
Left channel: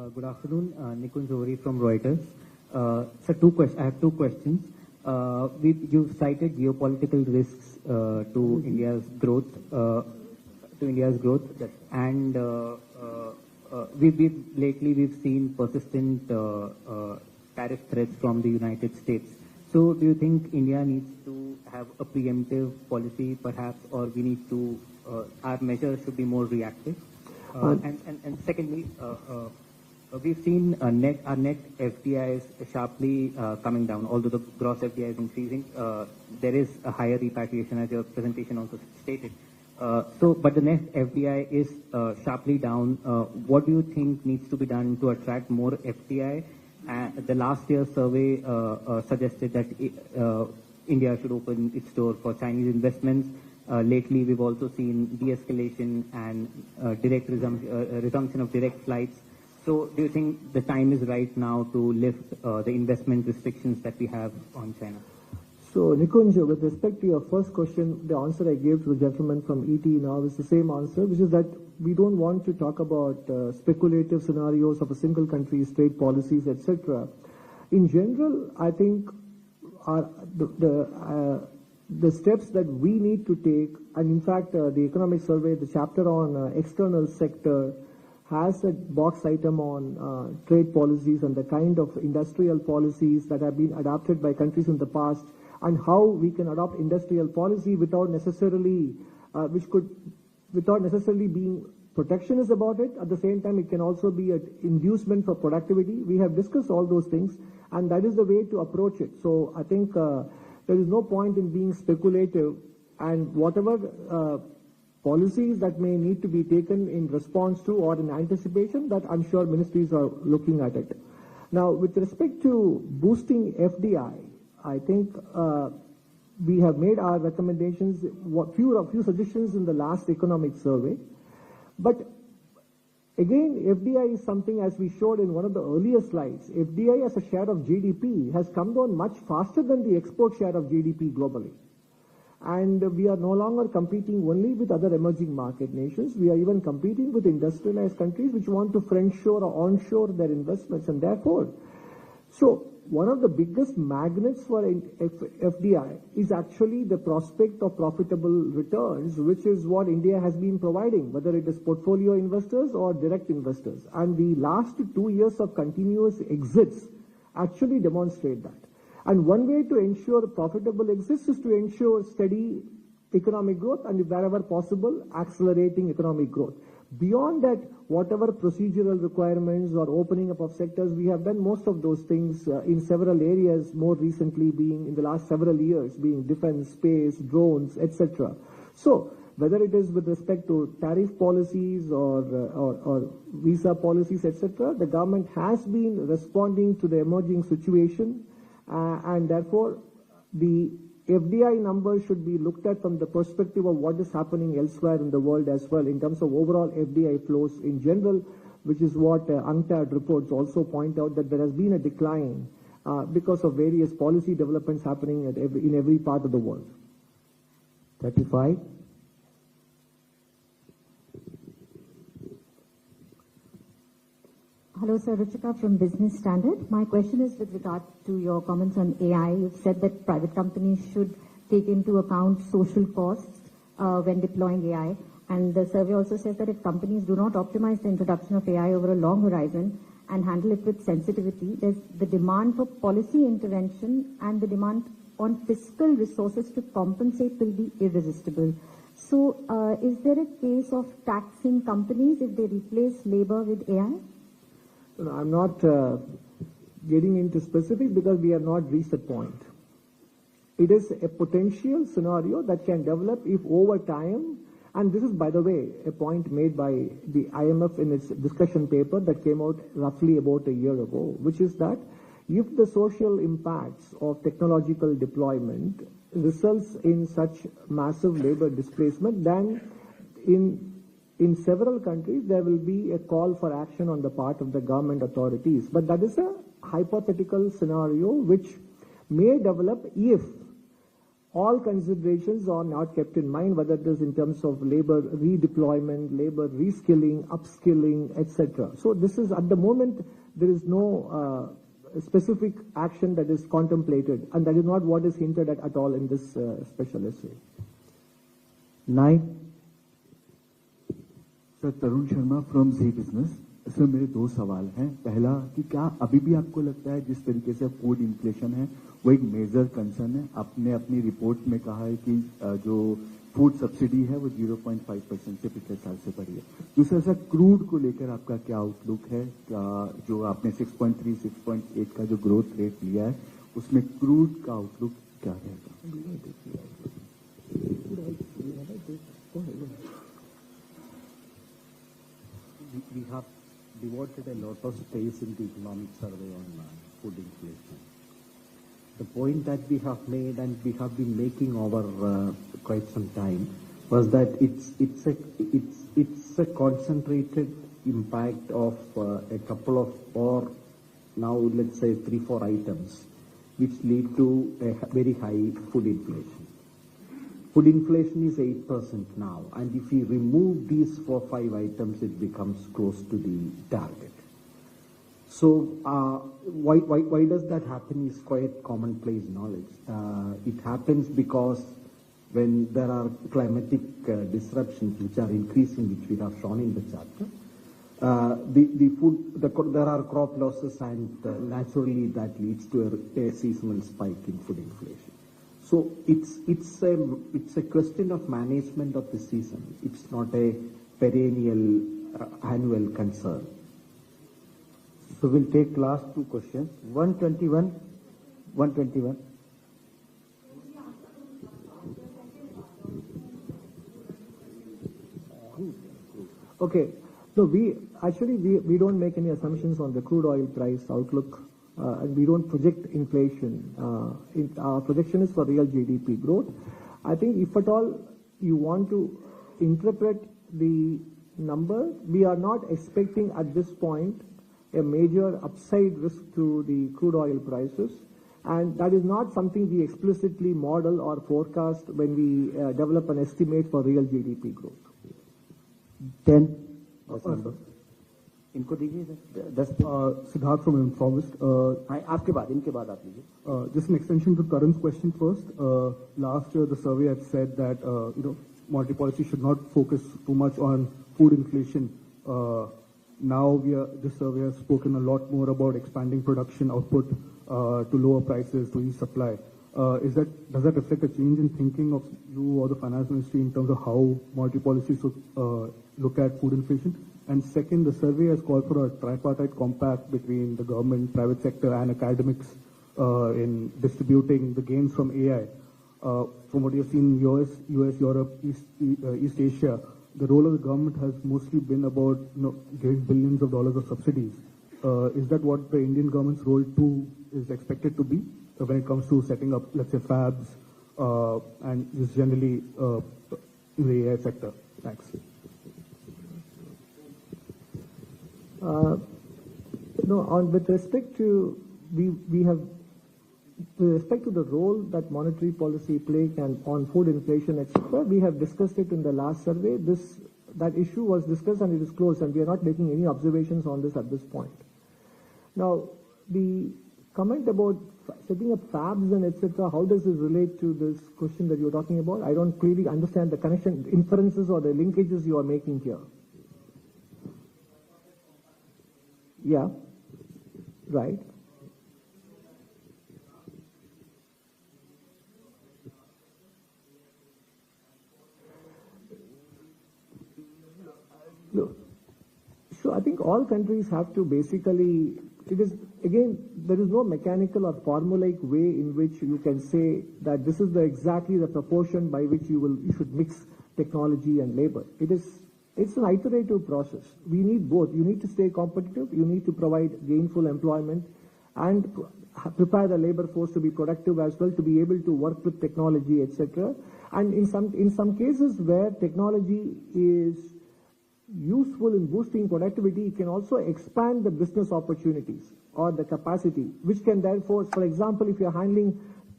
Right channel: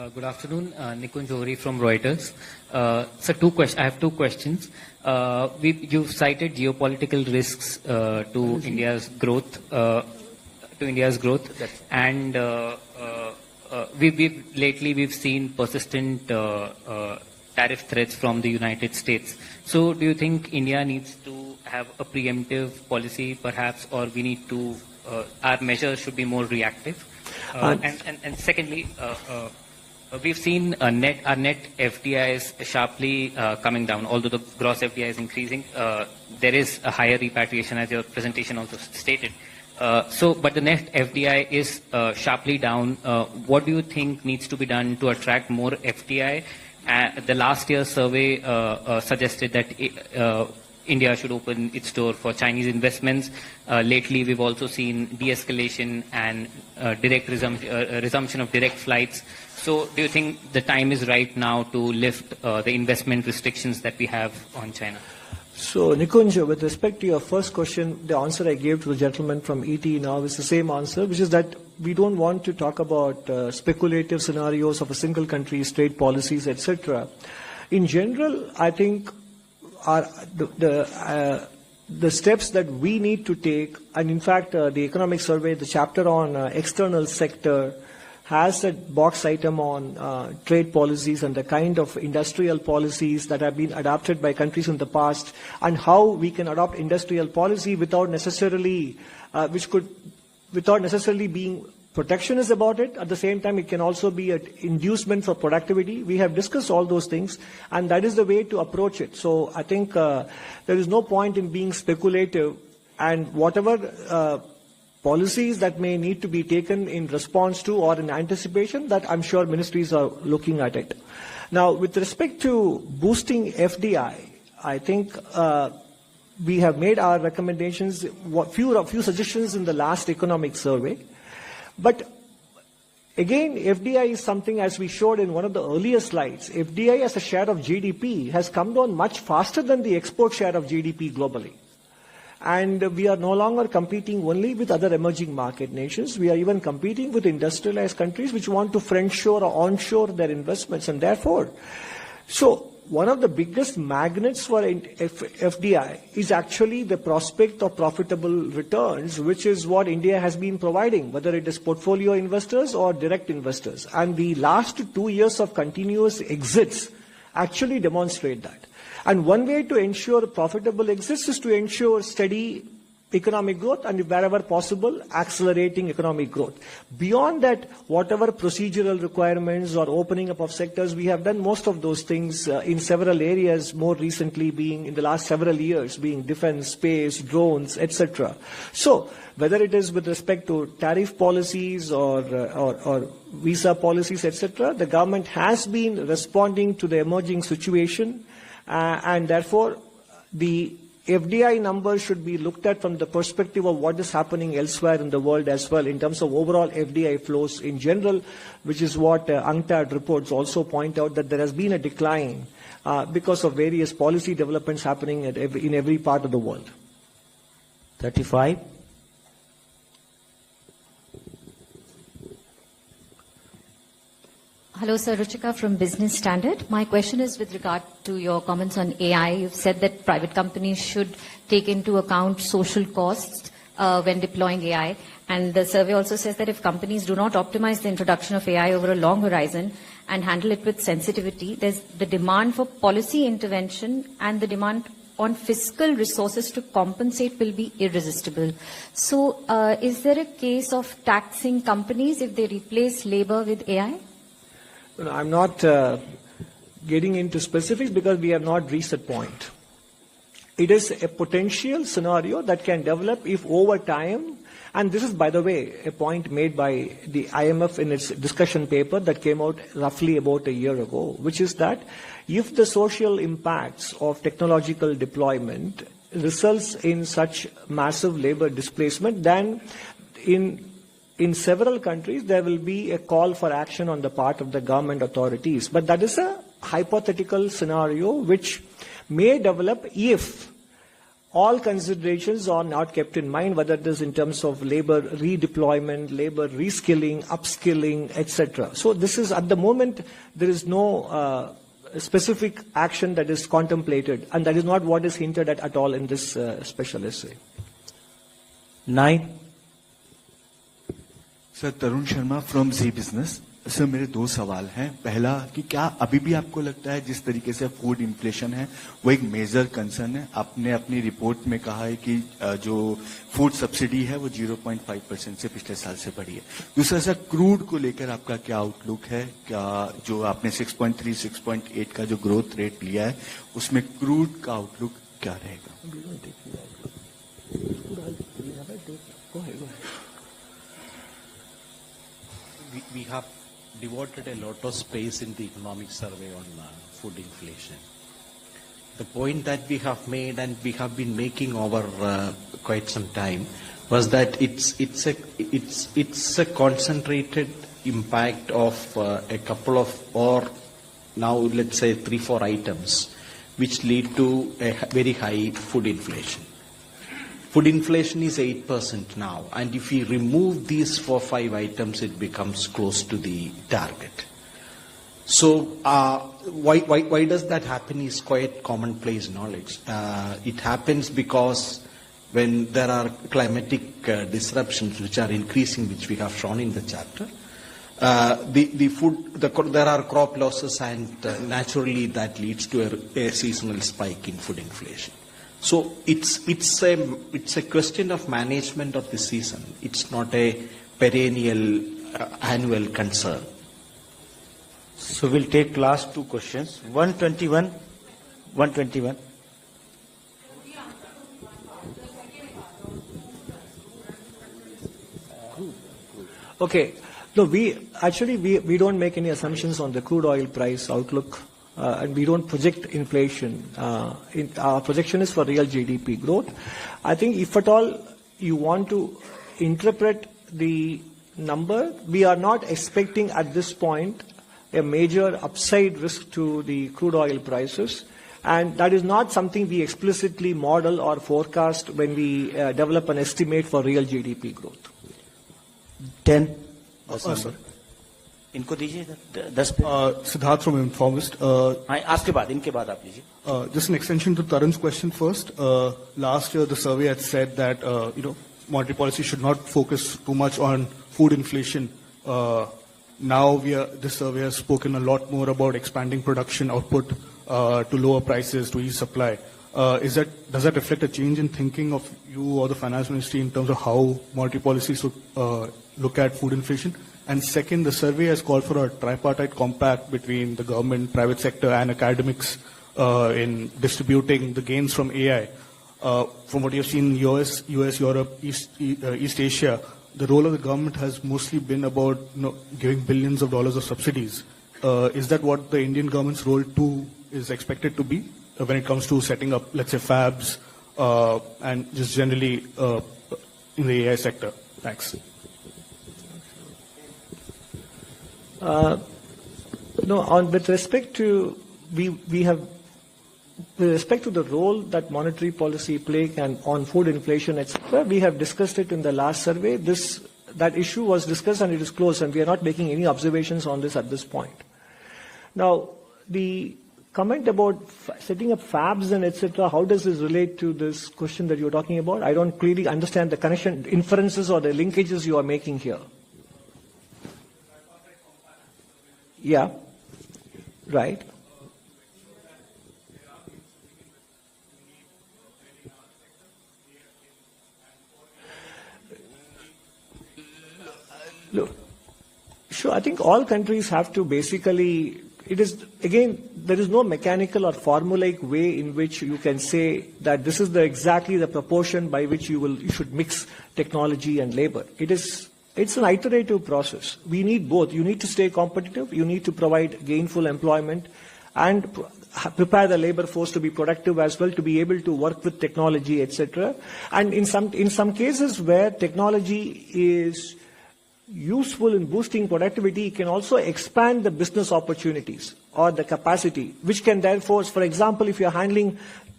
Good afternoon, Nikunj Johri from Reuters. I have two questions. You've cited geopolitical risks to India's growth, and we've seen persistent tariff threats from the United States. So, do you think India needs to have a preemptive policy, perhaps, or we need to our measures should be more reactive? And secondly, we've seen our net FDIs sharply coming down. Although the gross FDI is increasing, there is a higher repatriation, as your presentation also stated. But the net FDI is sharply down. What do you think needs to be done to attract more FDI? The last year's survey suggested that India should open its door for Chinese investments. Lately, we've also seen de-escalation and direct resumption of direct flights. So, do you think the time is right now to lift the investment restrictions that we have on China? So, Nikunj, with respect to your first question, the answer I gave to the gentleman from ET now is the same answer, which is that we don't want to talk about speculative scenarios of a single country's trade policies, etc. In general, I think the steps that we need to take, and in fact, the economic survey, the chapter on external sector, has a box item on trade policies and the kind of industrial policies that have been adopted by countries in the past, and how we can adopt industrial policy without necessarily being protectionist about it. At the same time, it can also be an inducement for productivity. We have discussed all those things, and that is the way to approach it. So I think there is no point in being speculative, and whatever policies that may need to be taken in response to or in anticipation, that I'm sure ministries are looking at it. Now, with respect to boosting FDI, I think we have made our recommendations, a few suggestions in the last economic survey. But again, FDI is something, as we showed in one of the earlier slides, FDI as a share of GDP has come down much faster than the export share of GDP globally. And we are no longer competing only with other emerging market nations. We are even competing with industrialized countries which want to friendshore or onshore their investments. And therefore, so one of the biggest magnets for FDI is actually the prospect of profitable returns, which is what India has been providing, whether it is portfolio investors or direct investors. And the last 2 years of continuous exits actually demonstrate that. And one way to ensure profitable exits is to ensure steady economic growth and, wherever possible, accelerating economic growth. Beyond that, whatever procedural requirements or opening up of sectors, we have done most of those things in several areas, more recently being in the last several years, being defense, space, drones, etc. So, whether it is with respect to tariff policies or visa policies, etc., the government has been responding to the emerging situation. And therefore, the FDI numbers should be looked at from the perspective of what is happening elsewhere in the world as well, in terms of overall FDI flows in general, which is what UNCTAD reports also point out, that there has been a decline because of various policy developments happening in every part of the world. 35. Hello, Sir. Ruchika from Business Standard. My question is with regard to your comments on AI. You've said that private companies should take into account social costs when deploying AI. And the survey also says that if companies do not optimize the introduction of AI over a long horizon and handle it with sensitivity, there's the demand for policy intervention and the demand on fiscal resources to compensate will be irresistible. So is there a case of taxing companies if they replace labor with AI? I'm not getting into specifics because we have not reached that point. It is a potential scenario that can develop if over time, and this is, by the way, a point made by the IMF in its discussion paper that came out roughly about a year ago, which is that if the social impacts of technological deployment results in such massive labor displacement, then in several countries, there will be a call for action on the part of the government authorities. But that is a hypothetical scenario which may develop if all considerations are not kept in mind, whether it is in terms of labor redeployment, labor reskilling, upskilling, etc. So this is, at the moment, there is no specific action that is contemplated, and that is not what is hinted at all in this special essay. 9. Sir Tarun Sharma from ji business. Sir मेरे दो सवाल हैं। पहला कि क्या अभी भी आपको लगता है जिस तरीके से फूड इन्फ्लेशन है वो एक मेजर कंसर्न है? आपने अपनी रिपोर्ट में कहा है कि जो फूड सब्सिडी है वो 0.5% से पिछले साल से बढ़ी है। दूसरा सर क्रूड को लेकर आपका क्या आउटलुक है? क्या जो आपने 6.3 6.8 का जो ग्रोथ रेट लिया है उसमें क्रूड का आउटलुक क्या रहेगा? We have devoted a lot of space in the economic survey on food inflation. The point that we have made and we have been making over quite some time was that it's a concentrated impact of a couple of, or now let's say 3-4 items which lead to a very high food inflation. Food inflation is 8% now, and if we remove these 4-5 items, it becomes close to the target. So why does that happen is quite commonplace knowledge. It happens because when there are climatic disruptions which are increasing, which we have shown in the chapter, there are crop losses, and naturally that leads to a seasonal spike in food inflation. So it's a question of management of the season. It's not a perennial annual concern. So we'll take last two questions. 121. Okay. No, we don't make any assumptions on the crude oil price outlook. And we don't project inflation. Our projection is for real GDP growth. I think if at all you want to interpret the number, we are not expecting at this point a major upside risk to the crude oil prices. And that is not something we explicitly model or forecast when we develop an estimate for real GDP growth. 10. Sorry. इनको दीजिए 10 Siddharth from Informist. आपके बाद इनके बाद आप लीजिए. Just an extension to Tarun's question first. Last year the survey had said that monetary policy should not focus too much on food inflation. Now this survey has spoken a lot more about expanding production output to lower prices, to ease supply. Does that reflect a change in thinking of you or the finance ministry in terms of how monetary policy should look at food inflation? And second, the survey has called for a tripartite compact between the government, private sector, and academics in distributing the gains from AI. From what you've seen in US, Europe, East Asia, the role of the government has mostly been about giving billions of dollars of subsidies. Is that what the Indian government's role too is expected to be when it comes to setting up, let's say, fabs and just generally in the AI sector? Thanks. With respect to the role that monetary policy play can on food inflation, etc., we have discussed it in the last survey. That issue was discussed and it is closed, and we are not making any observations on this at this point. Now, the comment about setting up fabs and etc., how does this relate to this question that you're talking about? I don't clearly understand the connection, inferences or the linkages you are making here. Yeah, right. Look, sure, I think all countries have to basically, there is no mechanical or formulaic way in which you can say that this is exactly the proportion by which you should mix technology and labor. It's an iterative process. We need both. You need to stay competitive. You need to provide gainful employment and prepare the labor force to be productive as well, to be able to work with technology, etc. And in some cases where technology is useful in boosting productivity, it can also expand the business opportunities or the capacity, which can therefore, for example, if you're handling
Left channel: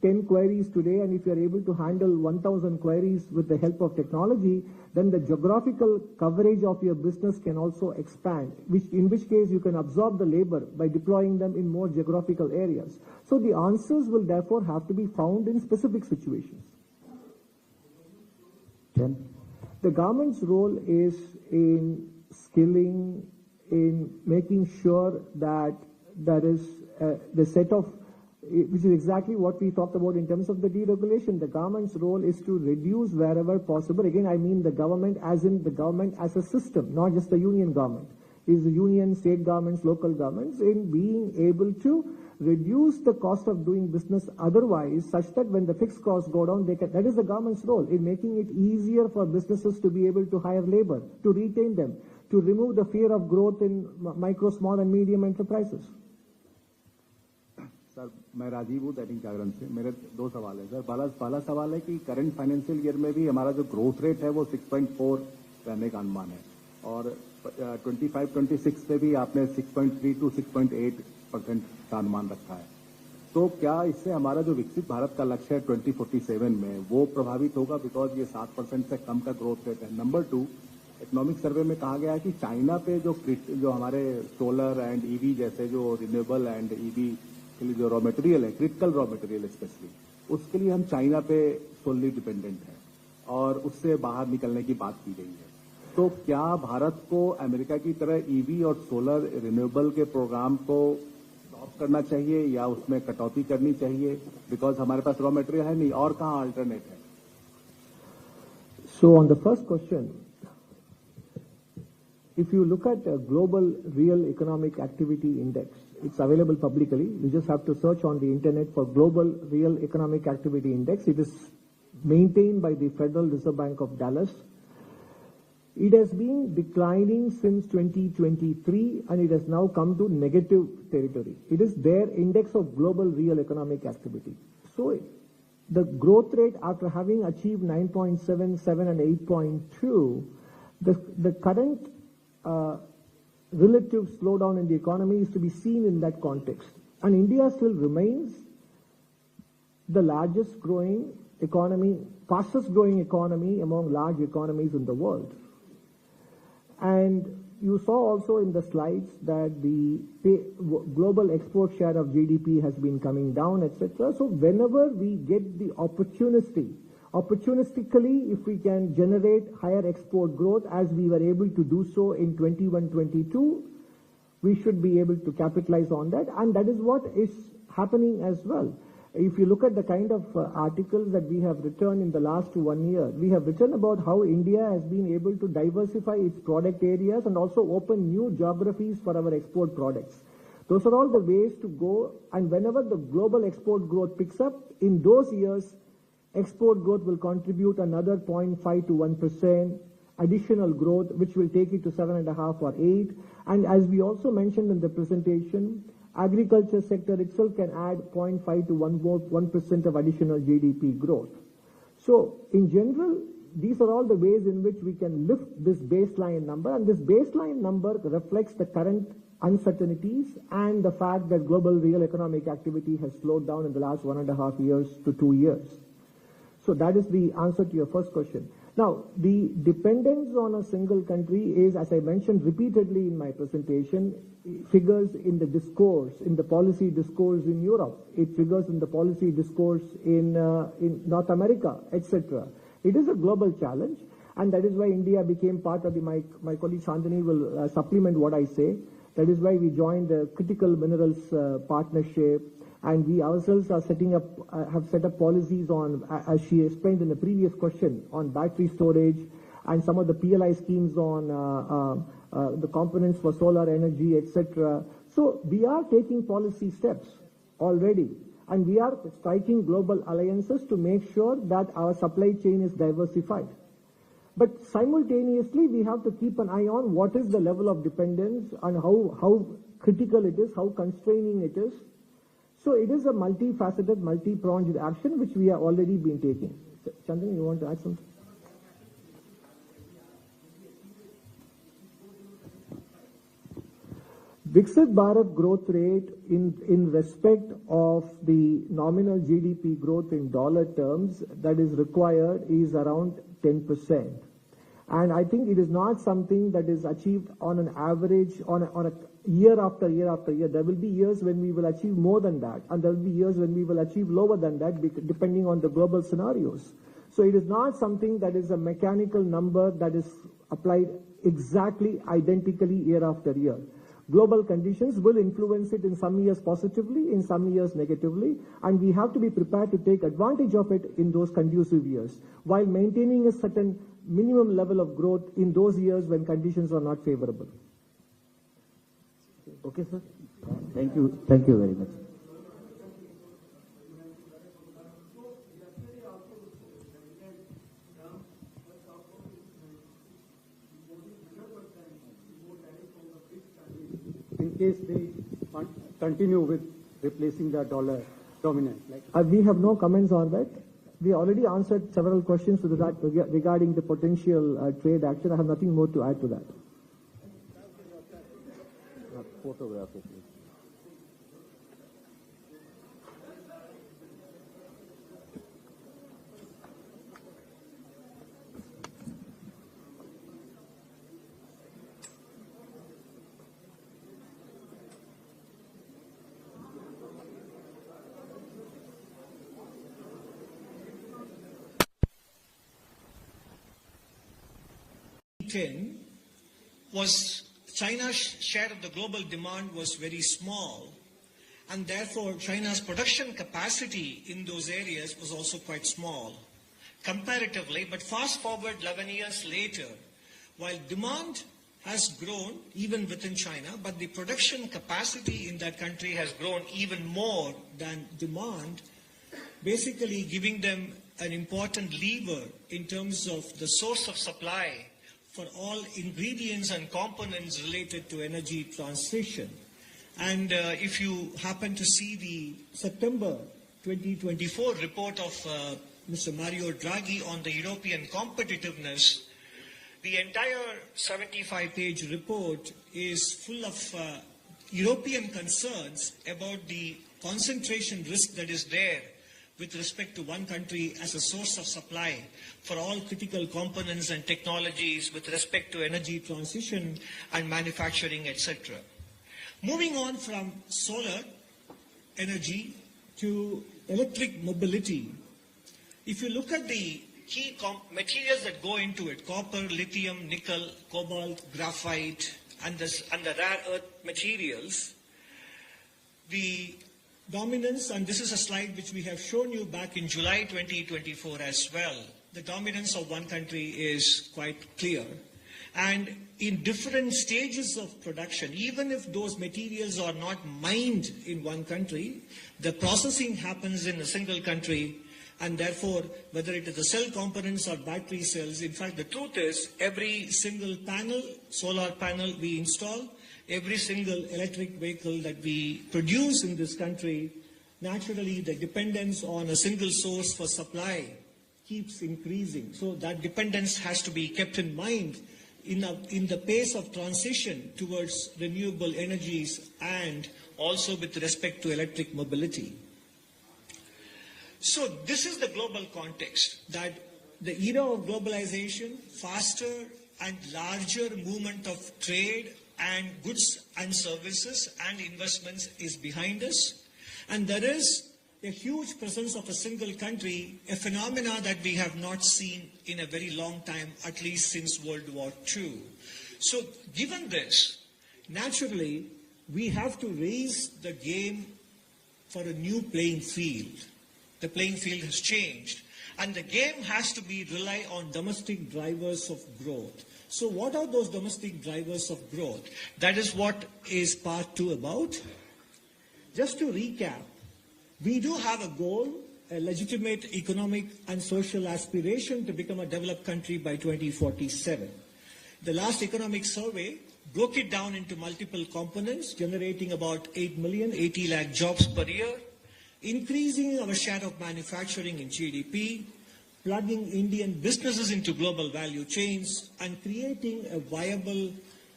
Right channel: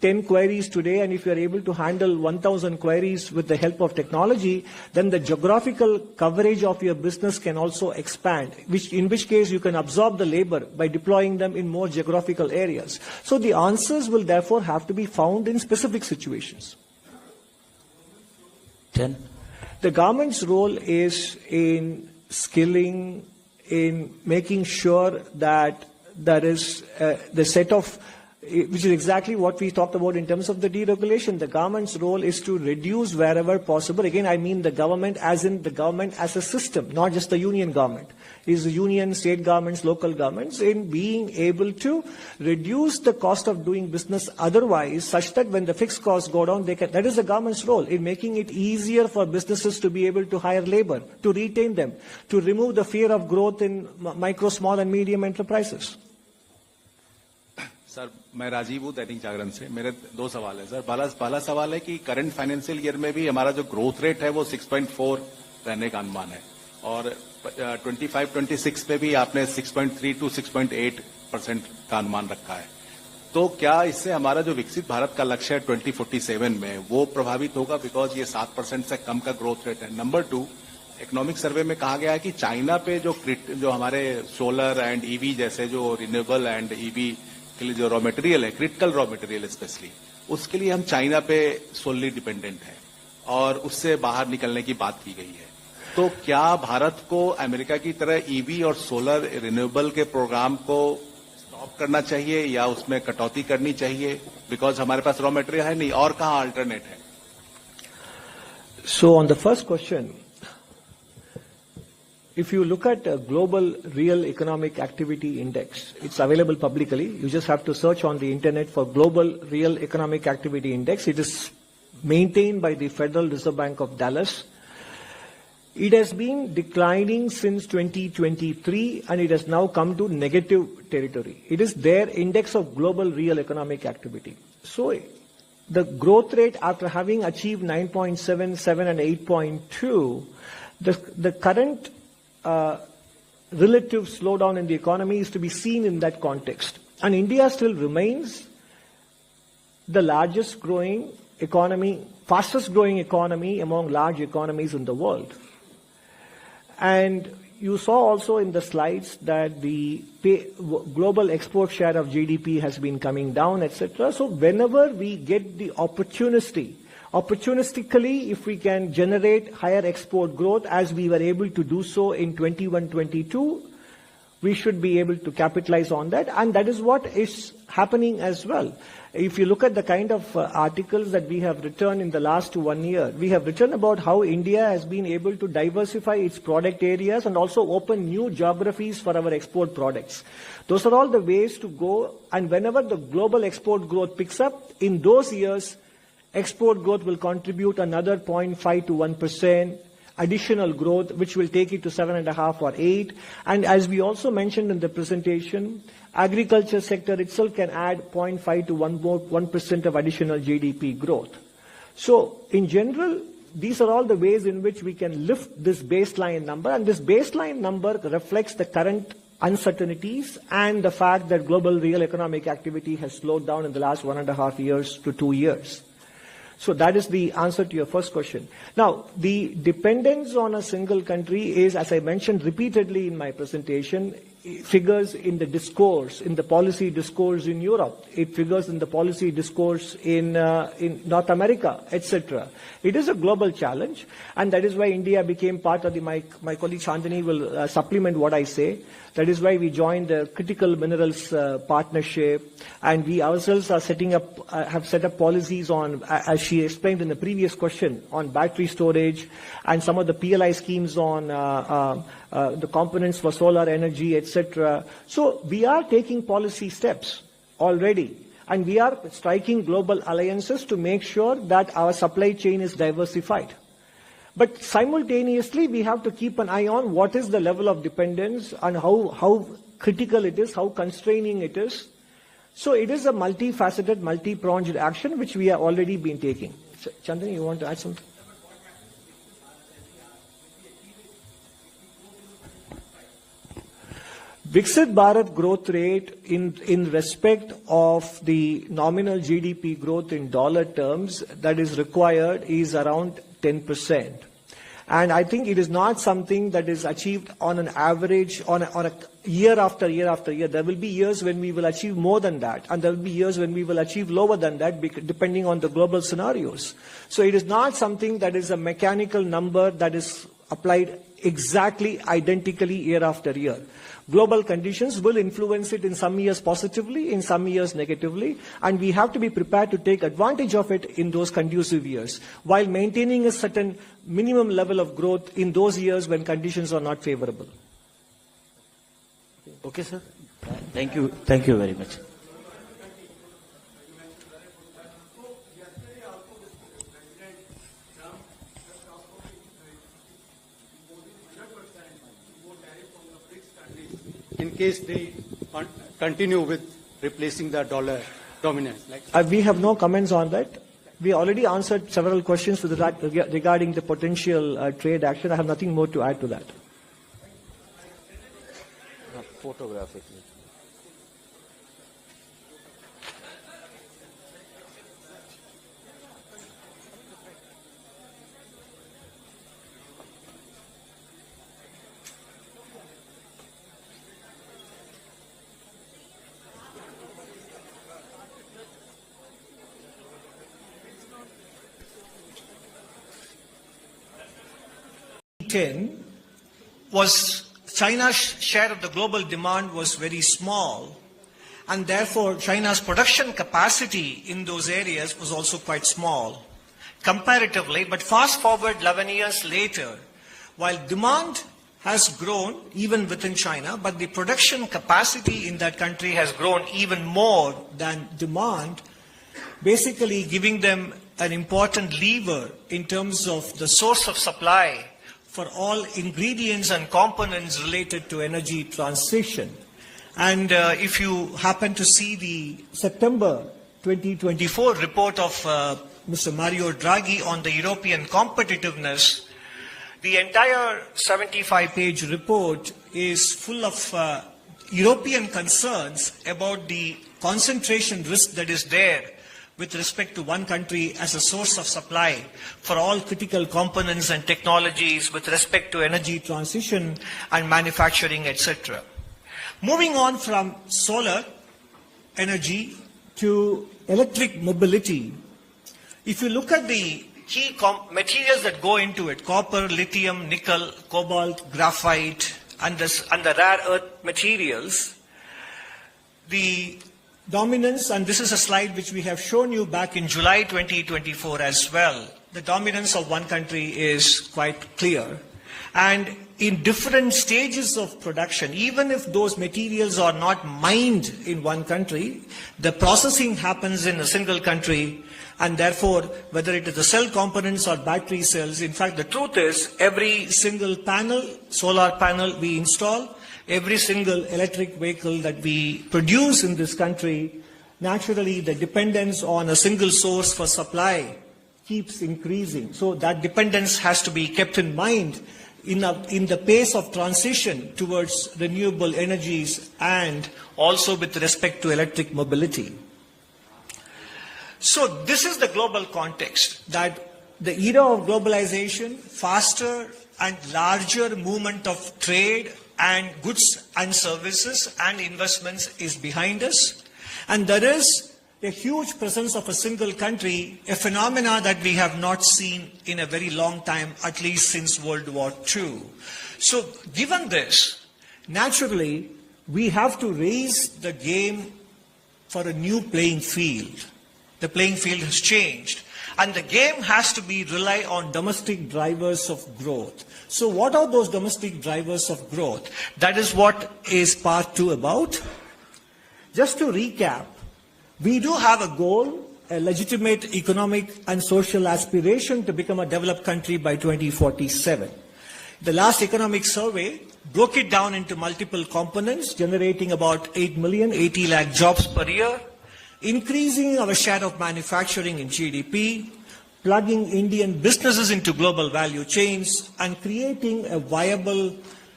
10 queries today, and if you are able to handle 1,000 queries with the help of technology, then the geographical coverage of your business can also expand, in which case you can absorb the labor by deploying them in more geographical areas. So the answers will therefore have to be found in specific situations. 10. The government's role is in skilling, in making sure that there is the set of, which is exactly what we talked about in terms of the deregulation. The government's role is to reduce wherever possible. Again, I mean the government as in the government as a system, not just the union government. It is the union, state governments, local governments in being able to reduce the cost of doing business otherwise, such that when the fixed costs go down, they can. That is the government's role in making it easier for businesses to be able to hire labor, to retain them, to remove the fear of growth in micro, small and medium enterprises. Sir मैं राजीव हूँ दैनिक जागरण से. मेरे दो सवाल है sir. पहला सवाल है कि करंट फाइनेंशियल ईयर में भी हमारा जो ग्रोथ रेट है वो 6.4 रहने का अनुमान है, और 25-26 पे भी आपने 6.3 to 6.8% का अनुमान रखा है. तो क्या इससे हमारा जो विकसित भारत का लक्ष्य है 2047 में वो प्रभावित होगा, बिकॉज ये 7% से कम का ग्रोथ रेट है. नंबर 2, इकोनॉमिक सर्वे में कहा गया है कि चाइना पे जो हमारे सोलर एंड ईवी जैसे जो रिन्यूएबल एंड ईवी के लिए जो रॉ मटेरियल है, क्रिटिकल रॉ मटेरियल स्पेशली, उसके लिए हम चाइना पे सोलली डिपेंडेंट हैं और उससे बाहर निकलने की बात की गई है. तो क्या भारत को अमेरिका की तरह ईवी और सोलर रिन्यूएबल के प्रोग्राम को स्टॉप करना चाहिए या उसमें कटौती करनी चाहिए, बिकॉज हमारे पास रॉ मटेरियल है नहीं, और कहाँ अल्टरनेट है? So on the first question, if you look at a global real economic activity index, it's available publicly. You just have to search on the internet for global real economic activity index. It is maintained by the Federal Reserve Bank of Dallas. It has been declining since 2023 and it has now come to negative territory. It is their index of global real economic activity. So the growth rate after having achieved 9.7, 7 and 8.2, the current relative slowdown in the economy is to be seen in that context. And India still remains the largest growing economy, fastest growing economy among large economies in the world. And you saw also in the slides that the global export share of GDP has been coming down, etc. So whenever we get the opportunistically, if we can generate higher export growth as we were able to do so in 21-22, we should be able to capitalize on that. And that is what is happening as well. If you look at the kind of articles that we have written in the last 1 year, we have written about how India has been able to diversify its product areas and also open new geographies for our export products. Those are all the ways to go. And whenever the global export growth picks up, in those years, export growth will contribute another 0.5 to 1% additional growth, which will take it to 7.5 or 8. And as we also mentioned in the presentation, agriculture sector itself can add 0.5 to 1% of additional GDP growth. So in general, these are all the ways in which we can lift this baseline number. And this baseline number reflects the current uncertainties and the fact that global real economic activity has slowed down in the last 1.5 years to 2 years. So that is the answer to your first question. Now, the dependence on a single country is, as I mentioned repeatedly in my presentation, figures in the discourse, in the policy discourse in Europe. It figures in the policy discourse in North America, etc. It is a global challenge, and that is why India became part of the, my colleague Chandani will supplement what I say. That is why we joined the Critical Minerals Partnership, and we ourselves are have set up policies on, as she explained in the previous question, on battery storage and some of the PLI schemes on the components for solar energy, etc. So we are taking policy steps already, and we are striking global alliances to make sure that our supply chain is diversified. But simultaneously, we have to keep an eye on what is the level of dependence and how critical it is, how constraining it is. So it is a multifaceted, multi-pronged action which we have already been taking. Chandani, you want to add something? Viksit Bharat growth rate in respect of the nominal GDP growth in dollar terms that is required is around 10%. And I think it is not something that is achieved on an average, on a year after year after year. There will be years when we will achieve more than that, and there will be years when we will achieve lower than that, depending on the global scenarios. So it is not something that is a mechanical number that is applied exactly identically year after year. Global conditions will influence it in some years positively, in some years negatively, and we have to be prepared to take advantage of it in those conducive years, while maintaining a certain minimum level of growth in those years when conditions are not favorable. Okay, sir. Thank you. Thank you very much. In case they continue with replacing the dollar dominance. We have no comments on that. We already answered several questions regarding the potential trade action. I have nothing more to add to that. Photographic. Was China's share of the global demand was very small, and therefore China's production capacity in those areas was also quite small comparatively. But fast forward 11 years later, while demand has grown even within China, but the production capacity in that country has grown even more than demand, basically giving them an important lever in terms of the source of supply for all ingredients and components related to energy transition. And if you happen to see the September 2024 report of Mr. Mario Draghi on the European competitiveness, the entire 75-page report is full of European concerns about the concentration risk that is there with respect to one country as a source of supply for all critical components and technologies with respect to energy transition and manufacturing, etc. Moving on from solar energy to electric mobility, if you look at the key materials that go into it, copper, lithium, nickel, cobalt, graphite, and the rare earth materials, the dominance, and this is a slide which we have shown you back in July 2024 as well, the dominance of one country is quite clear. And in different stages of production, even if those materials are not mined in one country, the processing happens in a single country, and therefore, whether it is the cell components or battery cells, in fact, the truth is every single panel, solar panel we install, every single electric vehicle that we produce in this country, naturally the dependence on a single source for supply keeps increasing. So that dependence has to be kept in mind in the pace of transition towards renewable energies and also with respect to electric mobility. So this is the global context, that the era of globalization, faster and larger movement of trade and goods and services and investments is behind us. And there is a huge presence of a single country, a phenomena that we have not seen in a very long time, at least since World War II. So given this, naturally, we have to raise the game for a new playing field. The playing field has changed. And the game has to rely on domestic drivers of growth. So what are those domestic drivers of growth? That is what is part 2 about. Just to recap, we do have a goal, a legitimate economic and social aspiration to become a developed country by 2047. The last economic survey broke it down into multiple components, generating about 80 lakh jobs per year, increasing our share of manufacturing in GDP, plugging Indian businesses into global value chains, and creating a viable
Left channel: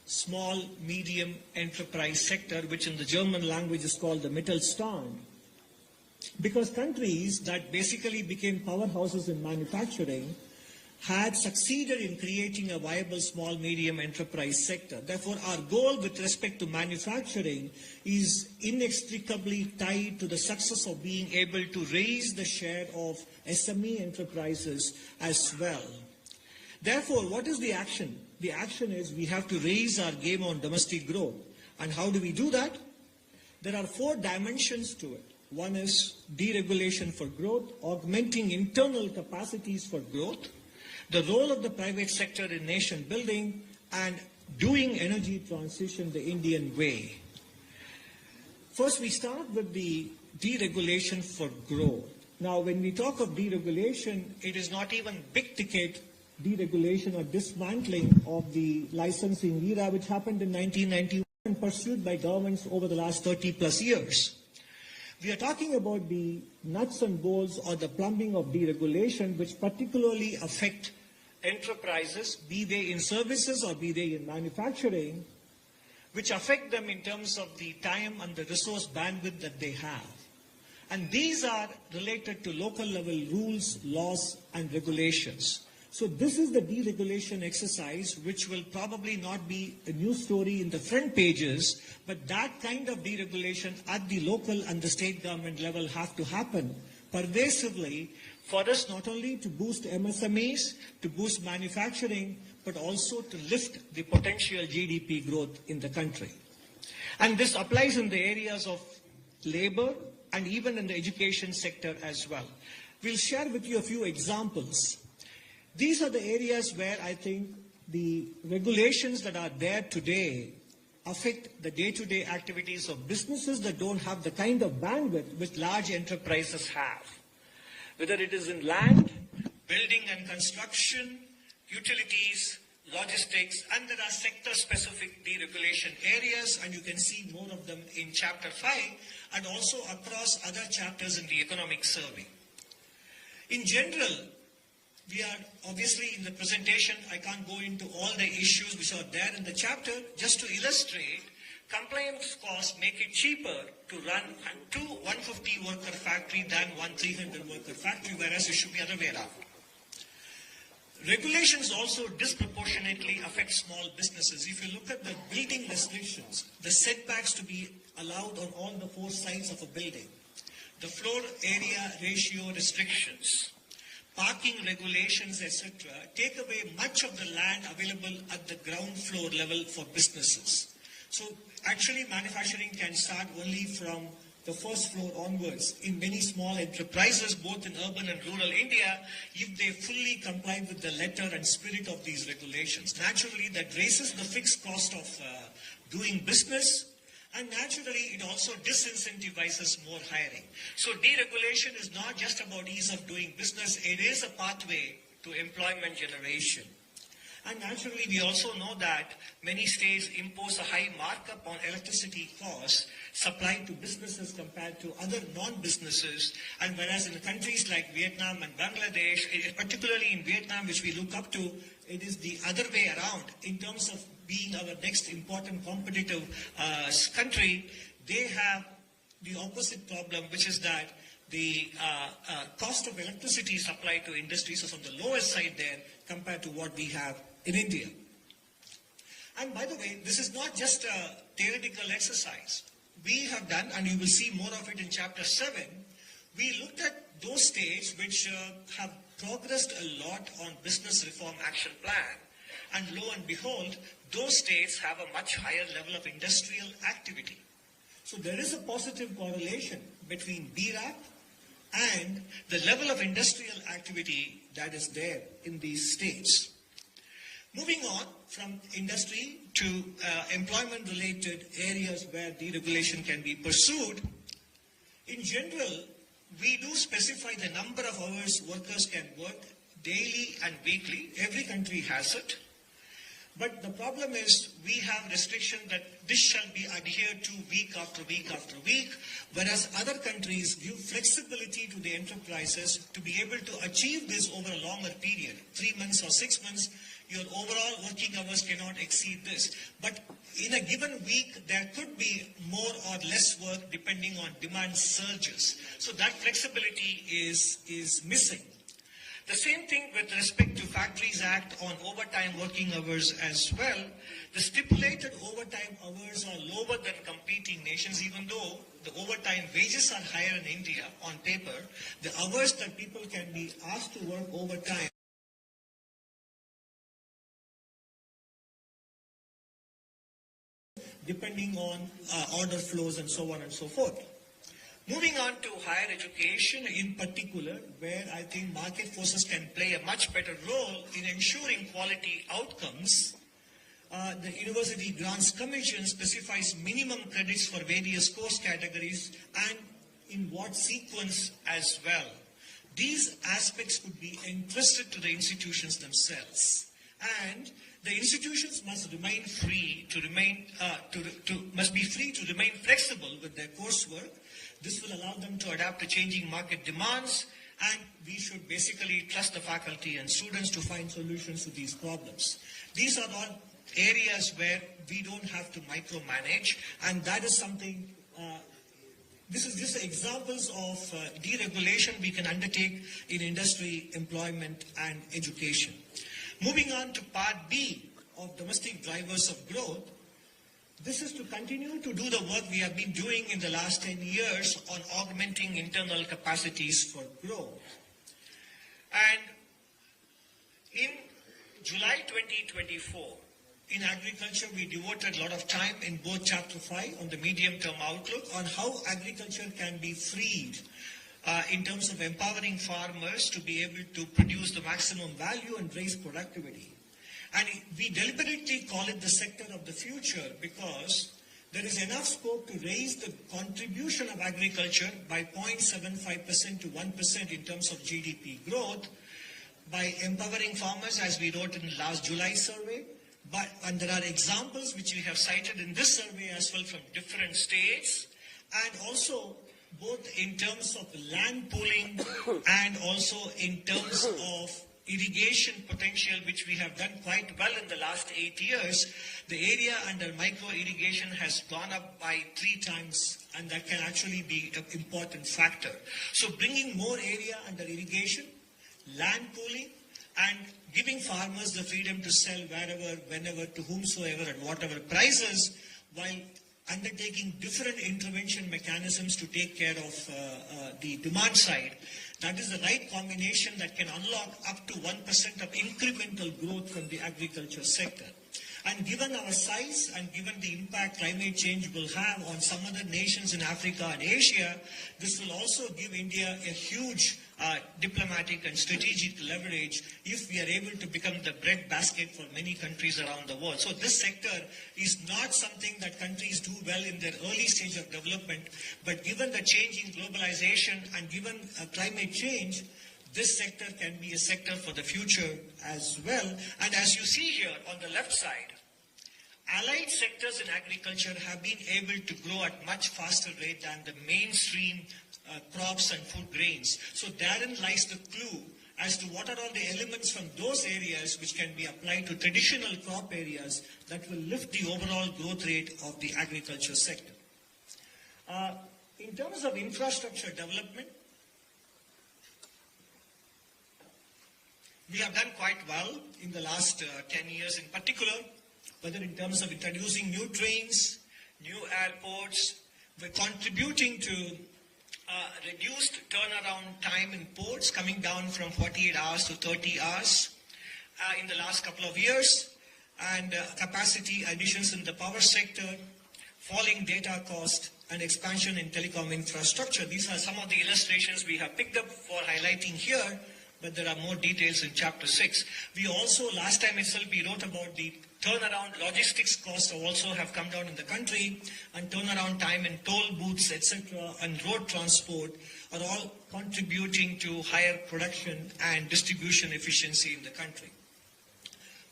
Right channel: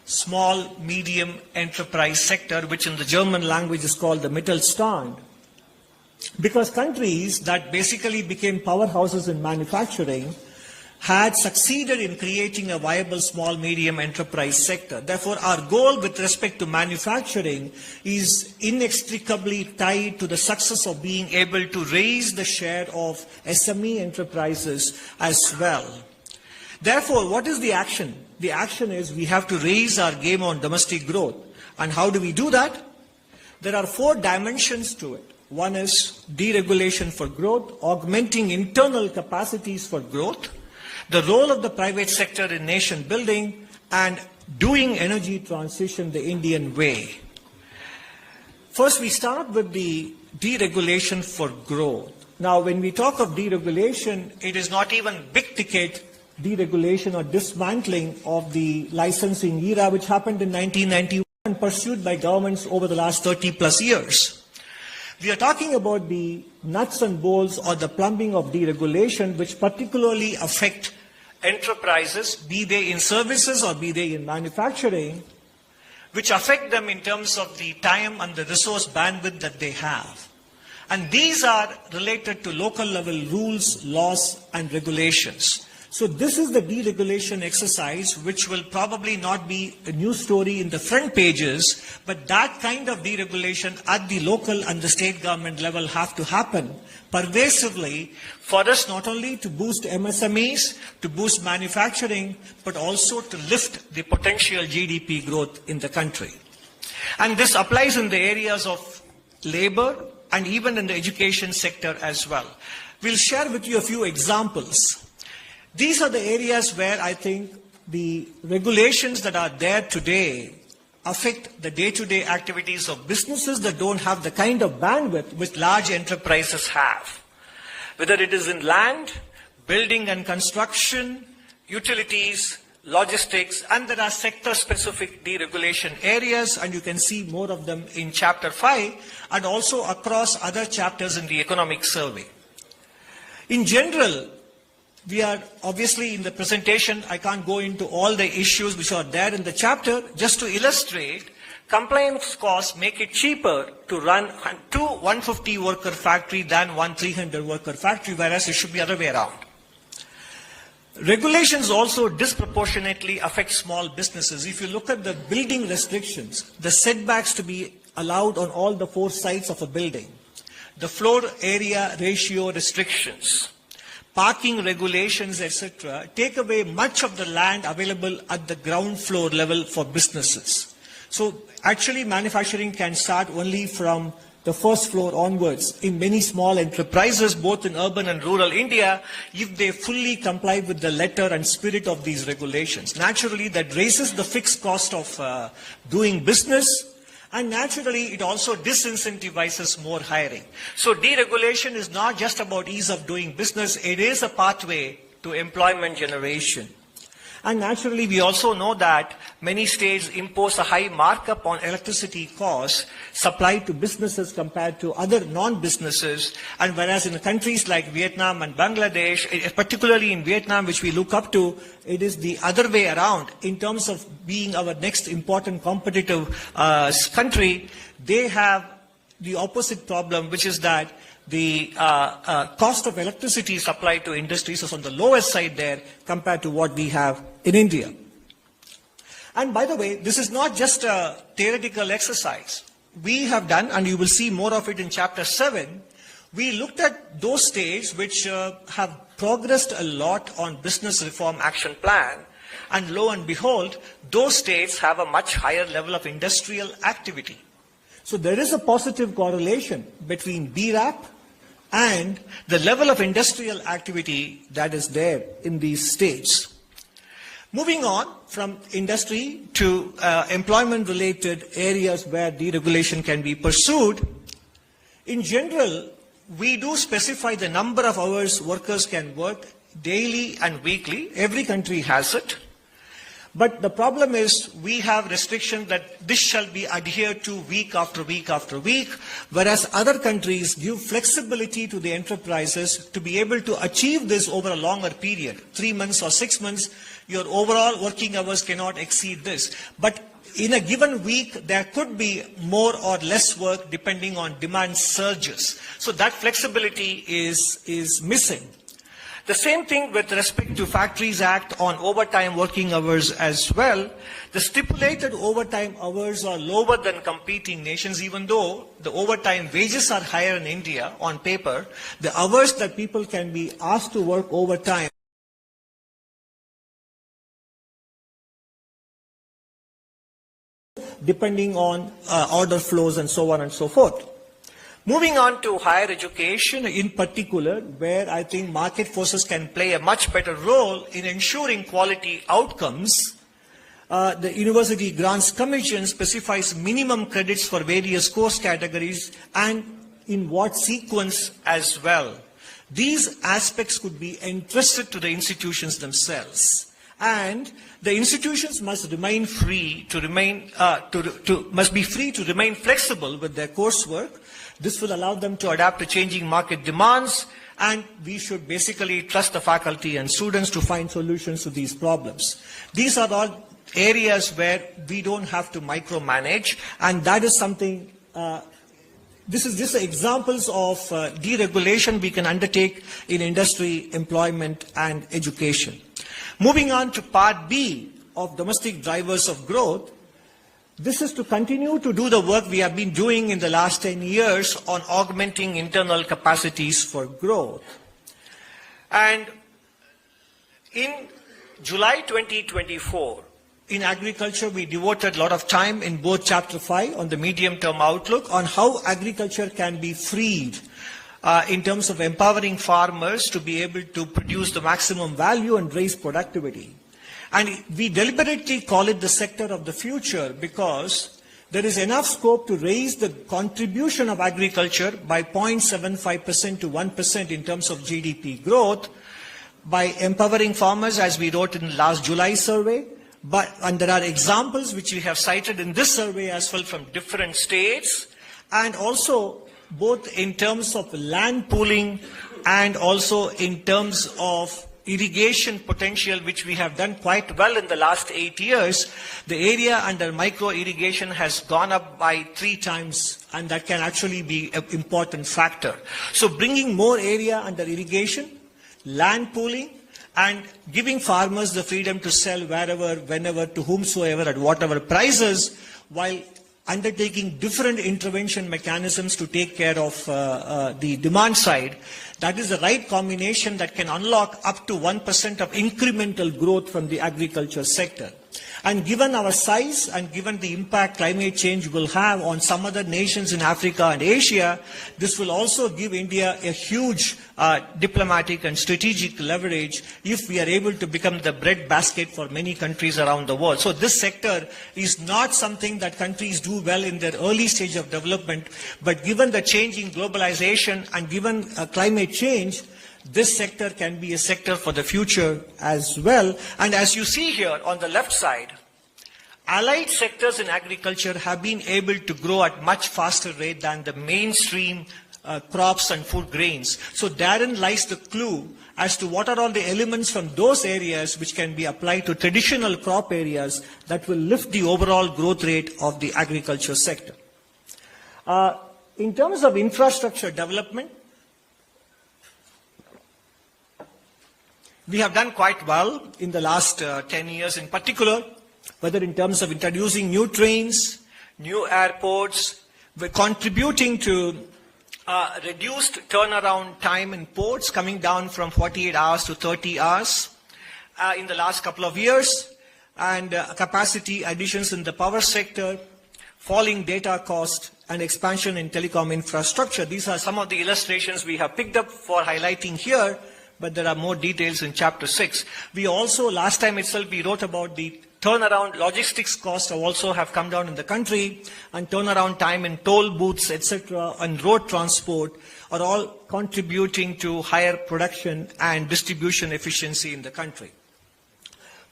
small, medium enterprise sector, which in the German language is called the Mittelstand. Because countries that basically became powerhouses in manufacturing had succeeded in creating a viable small, medium enterprise sector. Therefore, our goal with respect to manufacturing is inextricably tied to the success of being able to raise the share of SME enterprises as well. Therefore, what is the action? The action is we have to raise our game on domestic growth. And how do we do that? There are 4 dimensions to it. One is deregulation for growth, augmenting internal capacities for growth, the role of the private sector in nation building, and doing energy transition the Indian way. First, we start with the deregulation for growth. Now, when we talk of deregulation, it is not even big ticket deregulation or dismantling of the licensing era, which happened in 1991 and pursued by governments over the last 30 plus years. We are talking about the nuts and bolts or the plumbing of deregulation, which particularly affect enterprises, be they in services or be they in manufacturing, which affect them in terms of the time and the resource bandwidth that they have. And these are related to local level rules, laws, and regulations. So this is the deregulation exercise, which will probably not be a news story in the front pages, but that kind of deregulation at the local and the state government level have to happen pervasively for us not only to boost MSMEs, to boost manufacturing, but also to lift the potential GDP growth in the country. And this applies in the areas of labor and even in the education sector as well. We'll share with you a few examples. These are the areas where I think the regulations that are there today affect the day-to-day activities of businesses that don't have the kind of bandwidth which large enterprises have. Whether it is in land, building and construction, utilities, logistics, and there are sector-specific deregulation areas, and you can see more of them in Chapter 5 and also across other chapters in the economic survey. In general, we are obviously in the presentation, I can't go into all the issues which are there in the chapter. Just to illustrate, compliance costs make it cheaper to run 2 150 worker factory than 1 300 worker factory, whereas it should be the other way around. Regulations also disproportionately affect small businesses. If you look at the building restrictions, the setbacks to be allowed on all the 4 sides of a building, the floor area ratio restrictions, parking regulations, etc., take away much of the land available at the ground floor level for businesses. So actually manufacturing can start only from the first floor onwards in many small enterprises, both in urban and rural India, if they fully comply with the letter and spirit of these regulations. Naturally, that raises the fixed cost of doing business, and naturally, it also disincentivizes more hiring. So deregulation is not just about ease of doing business, it is a pathway to employment generation. And naturally, we also know that many states impose a high markup on electricity costs supplied to businesses compared to other non-businesses. And whereas in countries like Vietnam and Bangladesh, particularly in Vietnam, which we look up to, it is the other way around. In terms of being our next important competitive country, they have the opposite problem, which is that the cost of electricity supplied to industries is on the lowest side there compared to what we have in India. And by the way, this is not just a theoretical exercise. We have done, and you will see more of it in Chapter 7, we looked at those states which have progressed a lot on business reform action plan, and lo and behold, those states have a much higher level of industrial activity. So there is a positive correlation between BRAP and the level of industrial activity that is there in these states. Moving on from industry to employment-related areas where deregulation can be pursued, in general, we do specify the number of hours workers can work daily and weekly. Every country has it. But the problem is we have restrictions that this shall be adhered to week after week after week, whereas other countries give flexibility to the enterprises to be able to achieve this over a longer period, 3 months or 6 months. Your overall working hours cannot exceed this. But in a given week, there could be more or less work depending on demand surges. So that flexibility is missing. The same thing with respect to Factories Act on overtime working hours as well. The stipulated overtime hours are lower than competing nations, even though the overtime wages are higher in India on paper. The hours that people can be asked to work overtime depending on order flows and so on and so forth. Moving on to higher education in particular, where I think market forces can play a much better role in ensuring quality outcomes. The University Grants Commission specifies minimum credits for various course categories and in what sequence as well. These aspects could be entrusted to the institutions themselves, and the institutions must remain free to remain flexible with their coursework. This will allow them to adapt to changing market demands, and we should basically trust the faculty and students to find solutions to these problems. These are all areas where we don't have to micromanage, and that is something, this is just examples of deregulation we can undertake in industry, employment, and education. Moving on to part B of domestic drivers of growth, this is to continue to do the work we have been doing in the last 10 years on augmenting internal capacities for growth. And in July 2024, in agriculture, we devoted a lot of time in both Chapter 5 on the medium-term outlook on how agriculture can be freed in terms of empowering farmers to be able to produce the maximum value and raise productivity. And we deliberately call it the sector of the future because there is enough scope to raise the contribution of agriculture by 0.75% to 1% in terms of GDP growth by empowering farmers, as we wrote in the last July survey. And there are examples which we have cited in this survey as well from different states, and also both in terms of land pooling and also in terms of irrigation potential, which we have done quite well in the last 8 years. The area under micro irrigation has gone up by 3 times, and that can actually be an important factor. So bringing more area under irrigation, land pooling, and giving farmers the freedom to sell wherever, whenever, to whomsoever, at whatever prices, while undertaking different intervention mechanisms to take care of the demand side. That is the right combination that can unlock up to 1% of incremental growth from the agriculture sector. And given our size and given the impact climate change will have on some other nations in Africa and Asia, this will also give India a huge diplomatic and strategic leverage if we are able to become the breadbasket for many countries around the world. So this sector is not something that countries do well in their early stage of development, but given the change in globalization and given climate change, this sector can be a sector for the future as well. And as you see here on the left side, allied sectors in agriculture have been able to grow at much faster rate than the mainstream crops and food grains. So therein lies the clue as to what are all the elements from those areas which can be applied to traditional crop areas that will lift the overall growth rate of the agriculture sector. In terms of infrastructure development, we have done quite well in the last 10 years in particular, whether in terms of introducing new trains, new airports, we're contributing to reduced turnaround time in ports, coming down from 48 hours to 30 hours in the last couple of years, and capacity additions in the power sector, falling data cost, and expansion in telecom infrastructure. These are some of the illustrations we have picked up for highlighting here, but there are more details in Chapter 6. We also, last time itself, we wrote about the turnaround logistics costs also have come down in the country, and turnaround time in toll booths, etc., and road transport are all contributing to higher production and distribution efficiency in the country.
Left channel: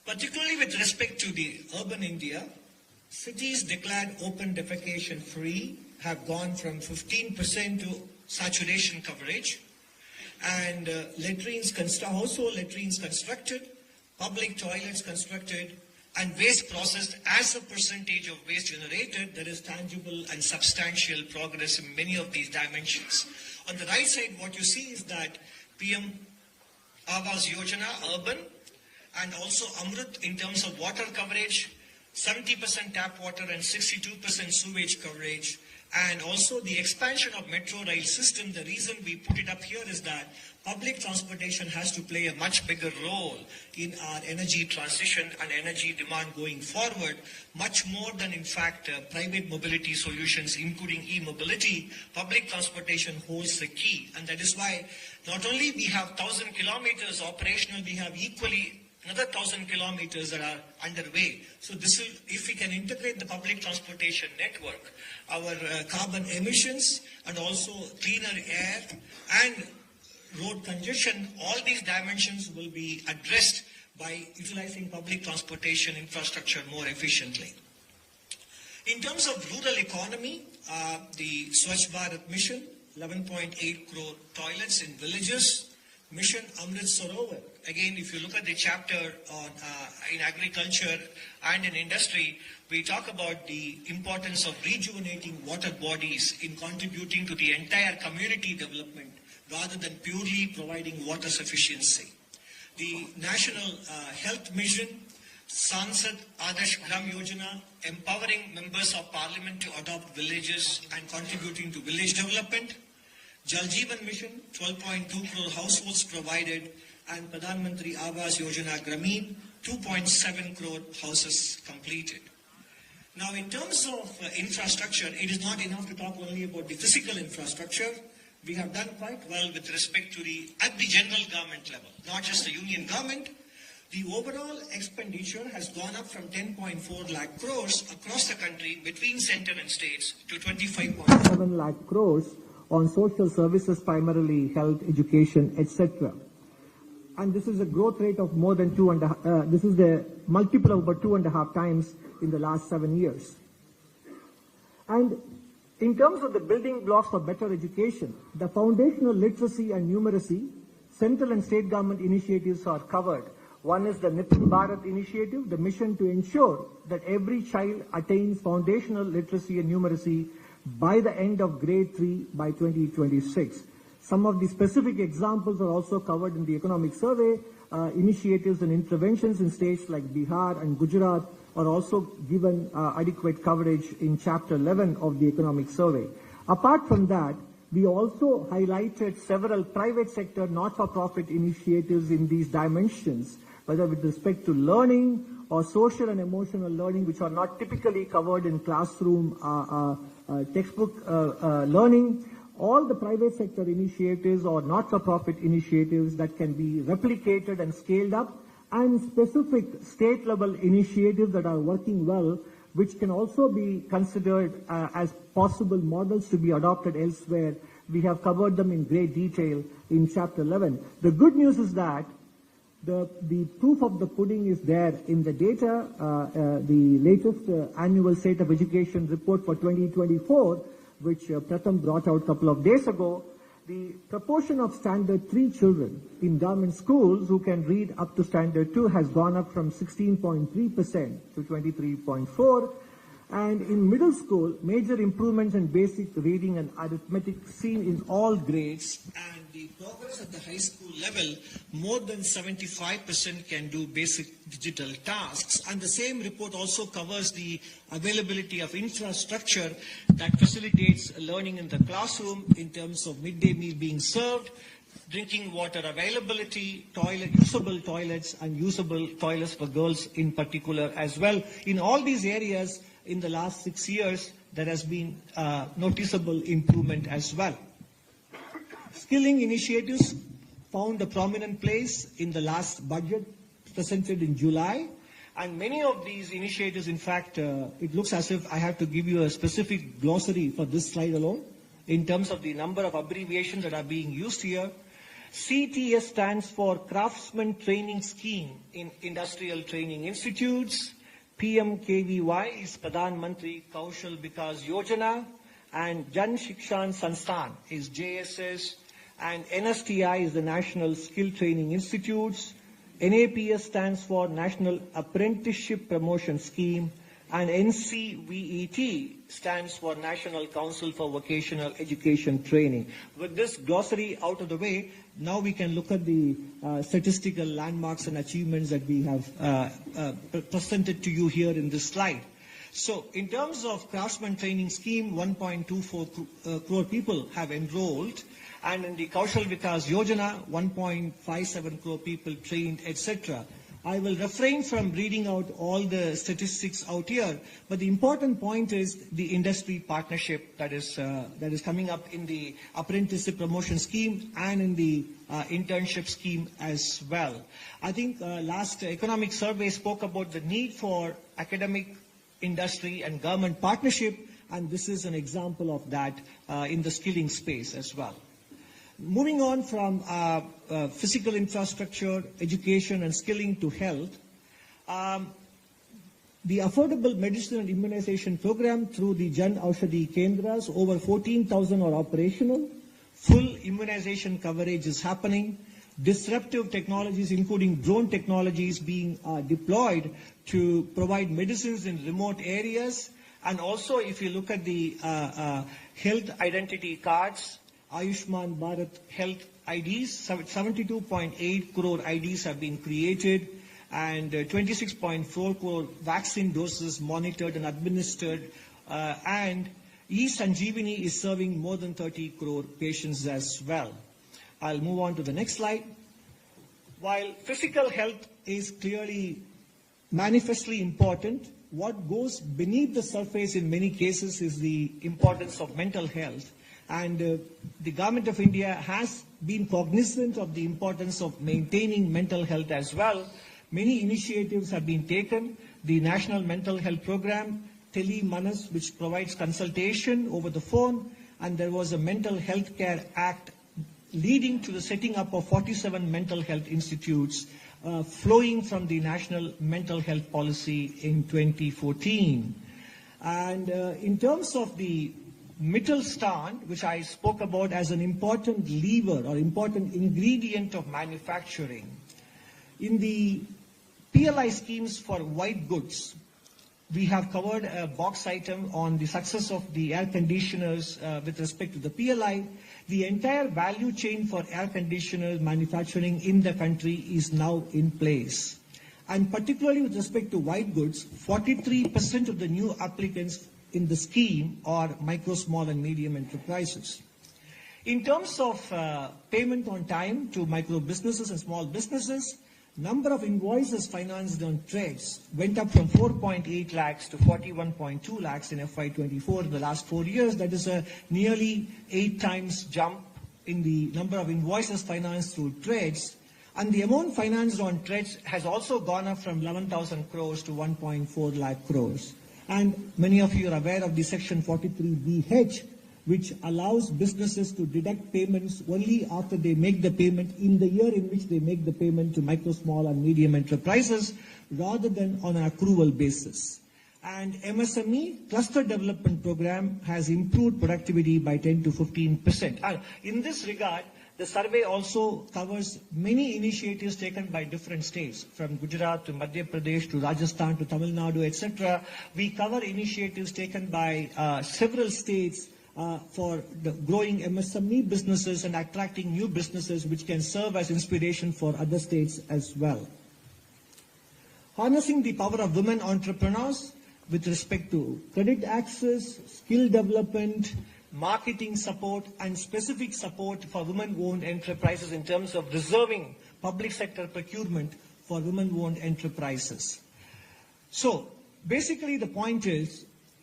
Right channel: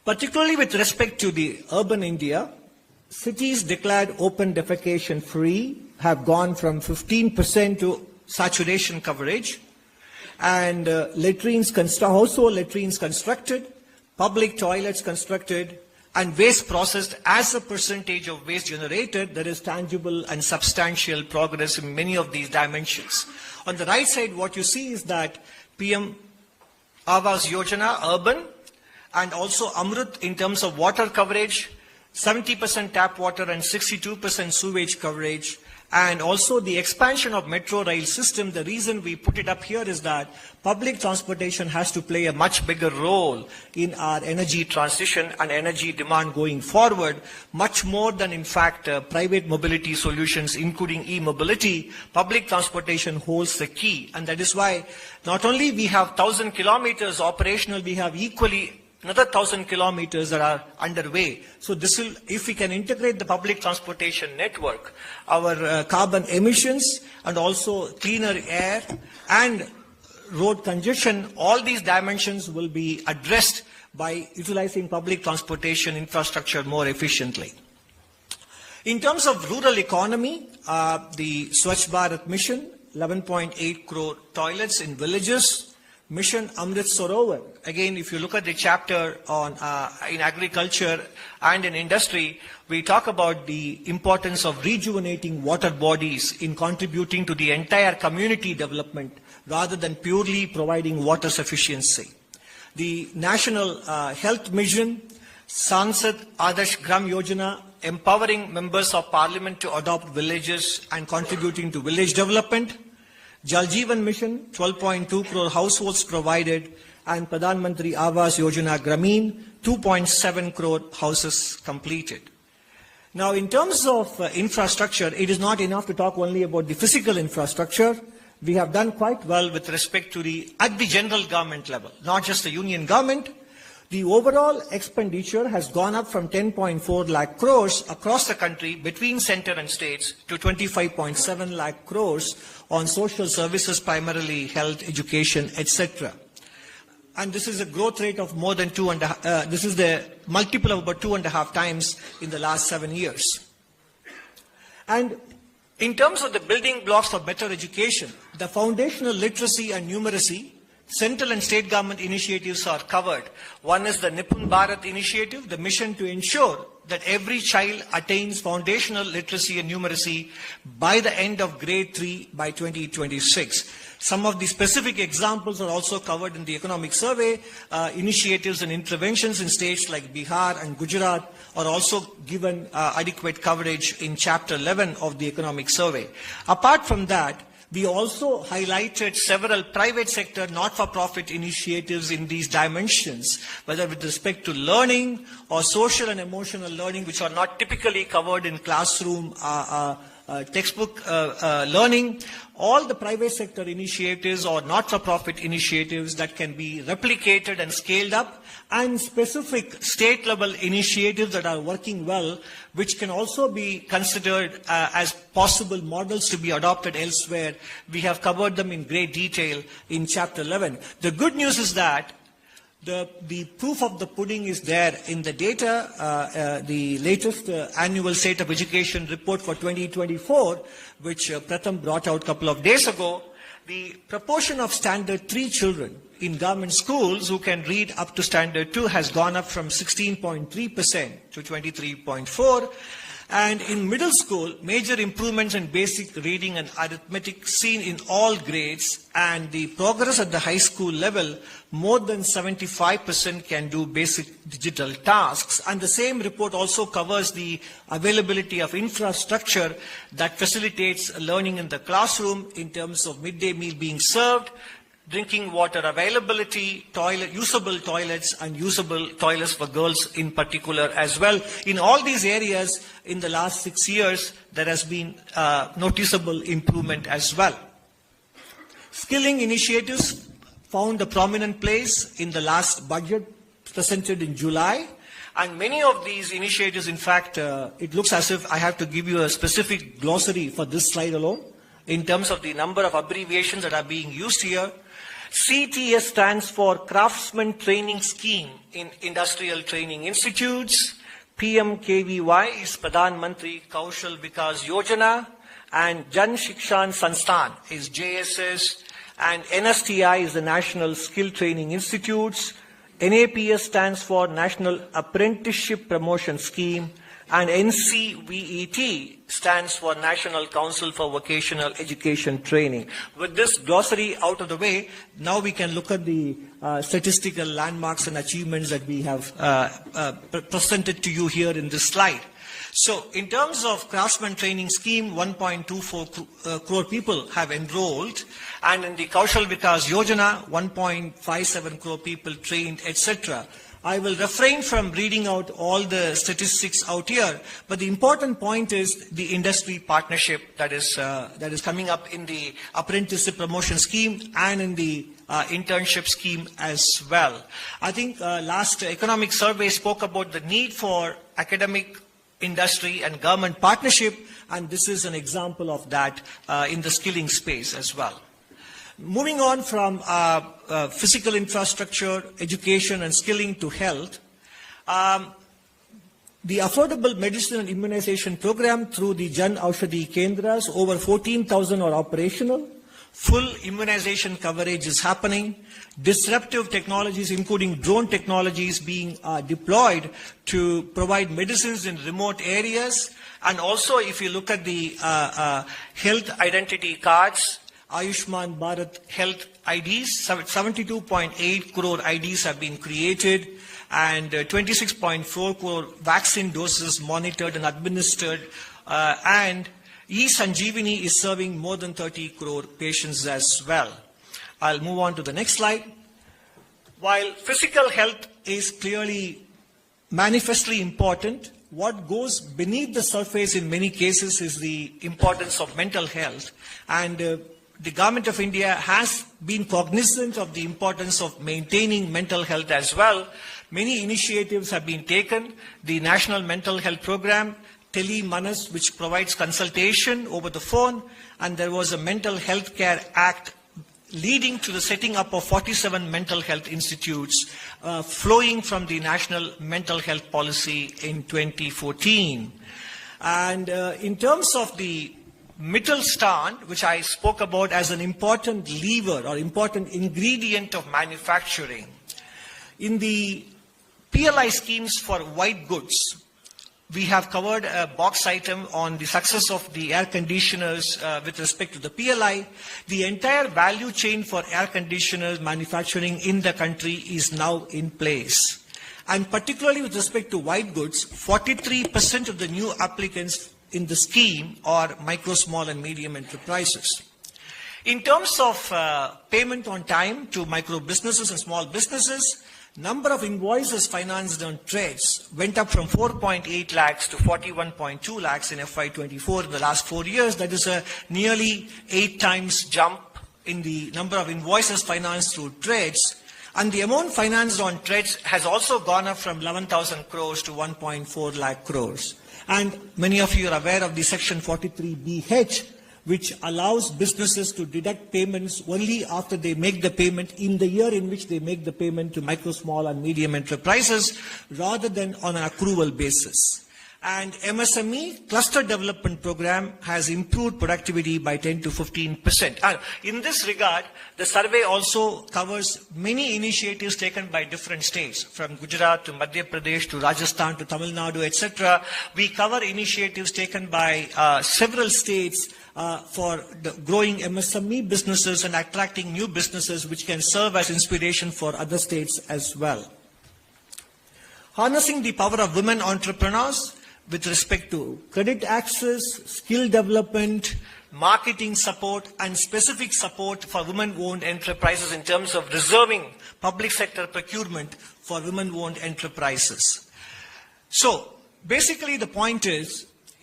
Particularly with respect to the urban India, cities declared open defecation free have gone from 15% to saturation coverage, and household latrines constructed, public toilets constructed, and waste processed as a percentage of waste generated. There is tangible and substantial progress in many of these dimensions. On the right side, what you see is that PM Awas Yojana, urban, and also Amrut in terms of water coverage, 70% tap water and 62% sewage coverage, and also the expansion of metro rail system. The reason we put it up here is that public transportation has to play a much bigger role in our energy transition and energy demand going forward, much more than in fact private mobility solutions, including e-mobility. Public transportation holds the key, and that is why not only we have 1,000 kilometers operational, we have equally another 1,000 kilometers that are underway. So this will, if we can integrate the public transportation network, our carbon emissions and also cleaner air and road congestion, all these dimensions will be addressed by utilizing public transportation infrastructure more efficiently. In terms of rural economy, the Swachh Bharat mission, 11.8 crore toilets in villages, Mission Amrit Sarovar. Again, if you look at the chapter on in agriculture and in industry, we talk about the importance of rejuvenating water bodies in contributing to the entire community development rather than purely providing water sufficiency. The National Health Mission, Sansad Adarsh Gram Yojana, empowering members of parliament to adopt villages and contributing to village development. Jal Jeevan Mission, 12.2 crore households provided, and Pradhan Mantri Awas Yojana Grameen, 2.7 crore houses completed. Now, in terms of infrastructure, it is not enough to talk only about the physical infrastructure. We have done quite well with respect to at the general government level, not just the union government. The overall expenditure has gone up from 10.4 lakh crores across the country between center and states to 25.7 lakh crores on social services, primarily health, education, etc. And this is a growth rate of more than this is the multiple of about 2.5 times in the last 7 years. And in terms of the building blocks for better education, the foundational literacy and numeracy, central and state government initiatives are covered. One is the Nipun Bharat initiative, the mission to ensure that every child attains foundational literacy and numeracy by the end of grade 3 by 2026. Some of the specific examples are also covered in the economic survey. Initiatives and interventions in states like Bihar and Gujarat are also given adequate coverage in Chapter 11 of the economic survey. Apart from that, we also highlighted several private sector not-for-profit initiatives in these dimensions, whether with respect to learning or social and emotional learning, which are not typically covered in classroom textbook learning. All the private sector initiatives or not-for-profit initiatives that can be replicated and scaled up, and specific state-level initiatives that are working well, which can also be considered as possible models to be adopted elsewhere. We have covered them in great detail in Chapter 11. The good news is that the proof of the pudding is there in the data. The latest annual State of Education report for 2024, which Pratham brought out a couple of days ago, the proportion of Standard 3 children in government schools who can read up to Standard 2 has gone up from 16.3% to 23.4%. And in middle school, major improvements in basic reading and arithmetic seen in all grades, and the progress at the high school level, more than 75% can do basic digital tasks. And the same report also covers the availability of infrastructure that facilitates learning in the classroom in terms of midday meal being served, drinking water availability, usable toilets, and usable toilets for girls in particular as well. In all these areas, in the last 6 years, there has been noticeable improvement as well. Skilling initiatives found a prominent place in the last budget presented in July. And many of these initiatives, in fact, it looks as if I have to give you a specific glossary for this slide alone, in terms of the number of abbreviations that are being used here. CTS stands for Craftsman Training Scheme in Industrial Training Institutes. PMKVY is Pradhan Mantri Kaushal Vikas Yojana. And Jan Shikshan Sansthan is JSS. And NSTI is the National Skill Training Institutes. NAPS stands for National Apprenticeship Promotion Scheme. And NCVET stands for National Council for Vocational Education Training. With this glossary out of the way, now we can look at the statistical landmarks and achievements that we have presented to you here in this slide. So in terms of Craftsman Training Scheme, 1.24 crore people have enrolled, and in the Kaushal Vikas Yojana, 1.57 crore people trained, etc. I will refrain from reading out all the statistics out here, but the important point is the industry partnership that is coming up in the apprenticeship promotion scheme and in the internship scheme as well. I think last economic survey spoke about the need for academic, industry and government partnership, and this is an example of that in the skilling space as well. Moving on from physical infrastructure, education and skilling to health, the affordable medicine and immunization program through the Jan Aushadhi Kendras, over 14,000 are operational. Full immunization coverage is happening. Disruptive technologies, including drone technologies, being deployed to provide medicines in remote areas. And also, if you look at the health identity cards, Ayushman Bharat Health IDs, 72.8 crore IDs have been created, and 26.4 crore vaccine doses monitored and administered, and E-Sanjeevani is serving more than 30 crore patients as well. I'll move on to the next slide. While physical health is clearly manifestly important, what goes beneath the surface in many cases is the importance of mental health. And the Government of India has been cognizant of the importance of maintaining mental health as well. Many initiatives have been taken. The National Mental Health Program, Tele Manas, which provides consultation over the phone, and there was a Mental Health Care Act leading to the setting up of 47 mental health institutes flowing from the National Mental Health Policy in 2014. And in terms of the Mittelstand, which I spoke about as an important lever or important ingredient of manufacturing, in the PLI schemes for white goods, we have covered a box item on the success of the air conditioners with respect to the PLI. The entire value chain for air conditioners manufacturing in the country is now in place. And particularly with respect to white goods, 43% of the new applicants in the scheme are micro, small and medium enterprises. In terms of payment on time to micro businesses and small businesses, number of invoices financed on trades went up from 4.8 lakhs to 41.2 lakhs in FY24 in the last 4 years. That is a nearly 8 times jump in the number of invoices financed through trades. And the amount financed on trades has also gone up from 11,000 crores to 1.4 lakh crores. And many of you are aware of the Section 43BH, which allows businesses to deduct payments only after they make the payment in the year in which they make the payment to micro, small and medium enterprises, rather than on an accrual basis. And MSME Cluster Development Program has improved productivity by 10 to 15%. In this regard, the survey also covers many initiatives taken by different states, from Gujarat to Madhya Pradesh to Rajasthan to Tamil Nadu, etc. We cover initiatives taken by several states for the growing MSME businesses and attracting new businesses, which can serve as inspiration for other states as well. Harnessing the power of women entrepreneurs with respect to credit access, skill development, marketing support, and specific support for women-owned enterprises in terms of reserving public sector procurement for women-owned enterprises. So, basically the point is,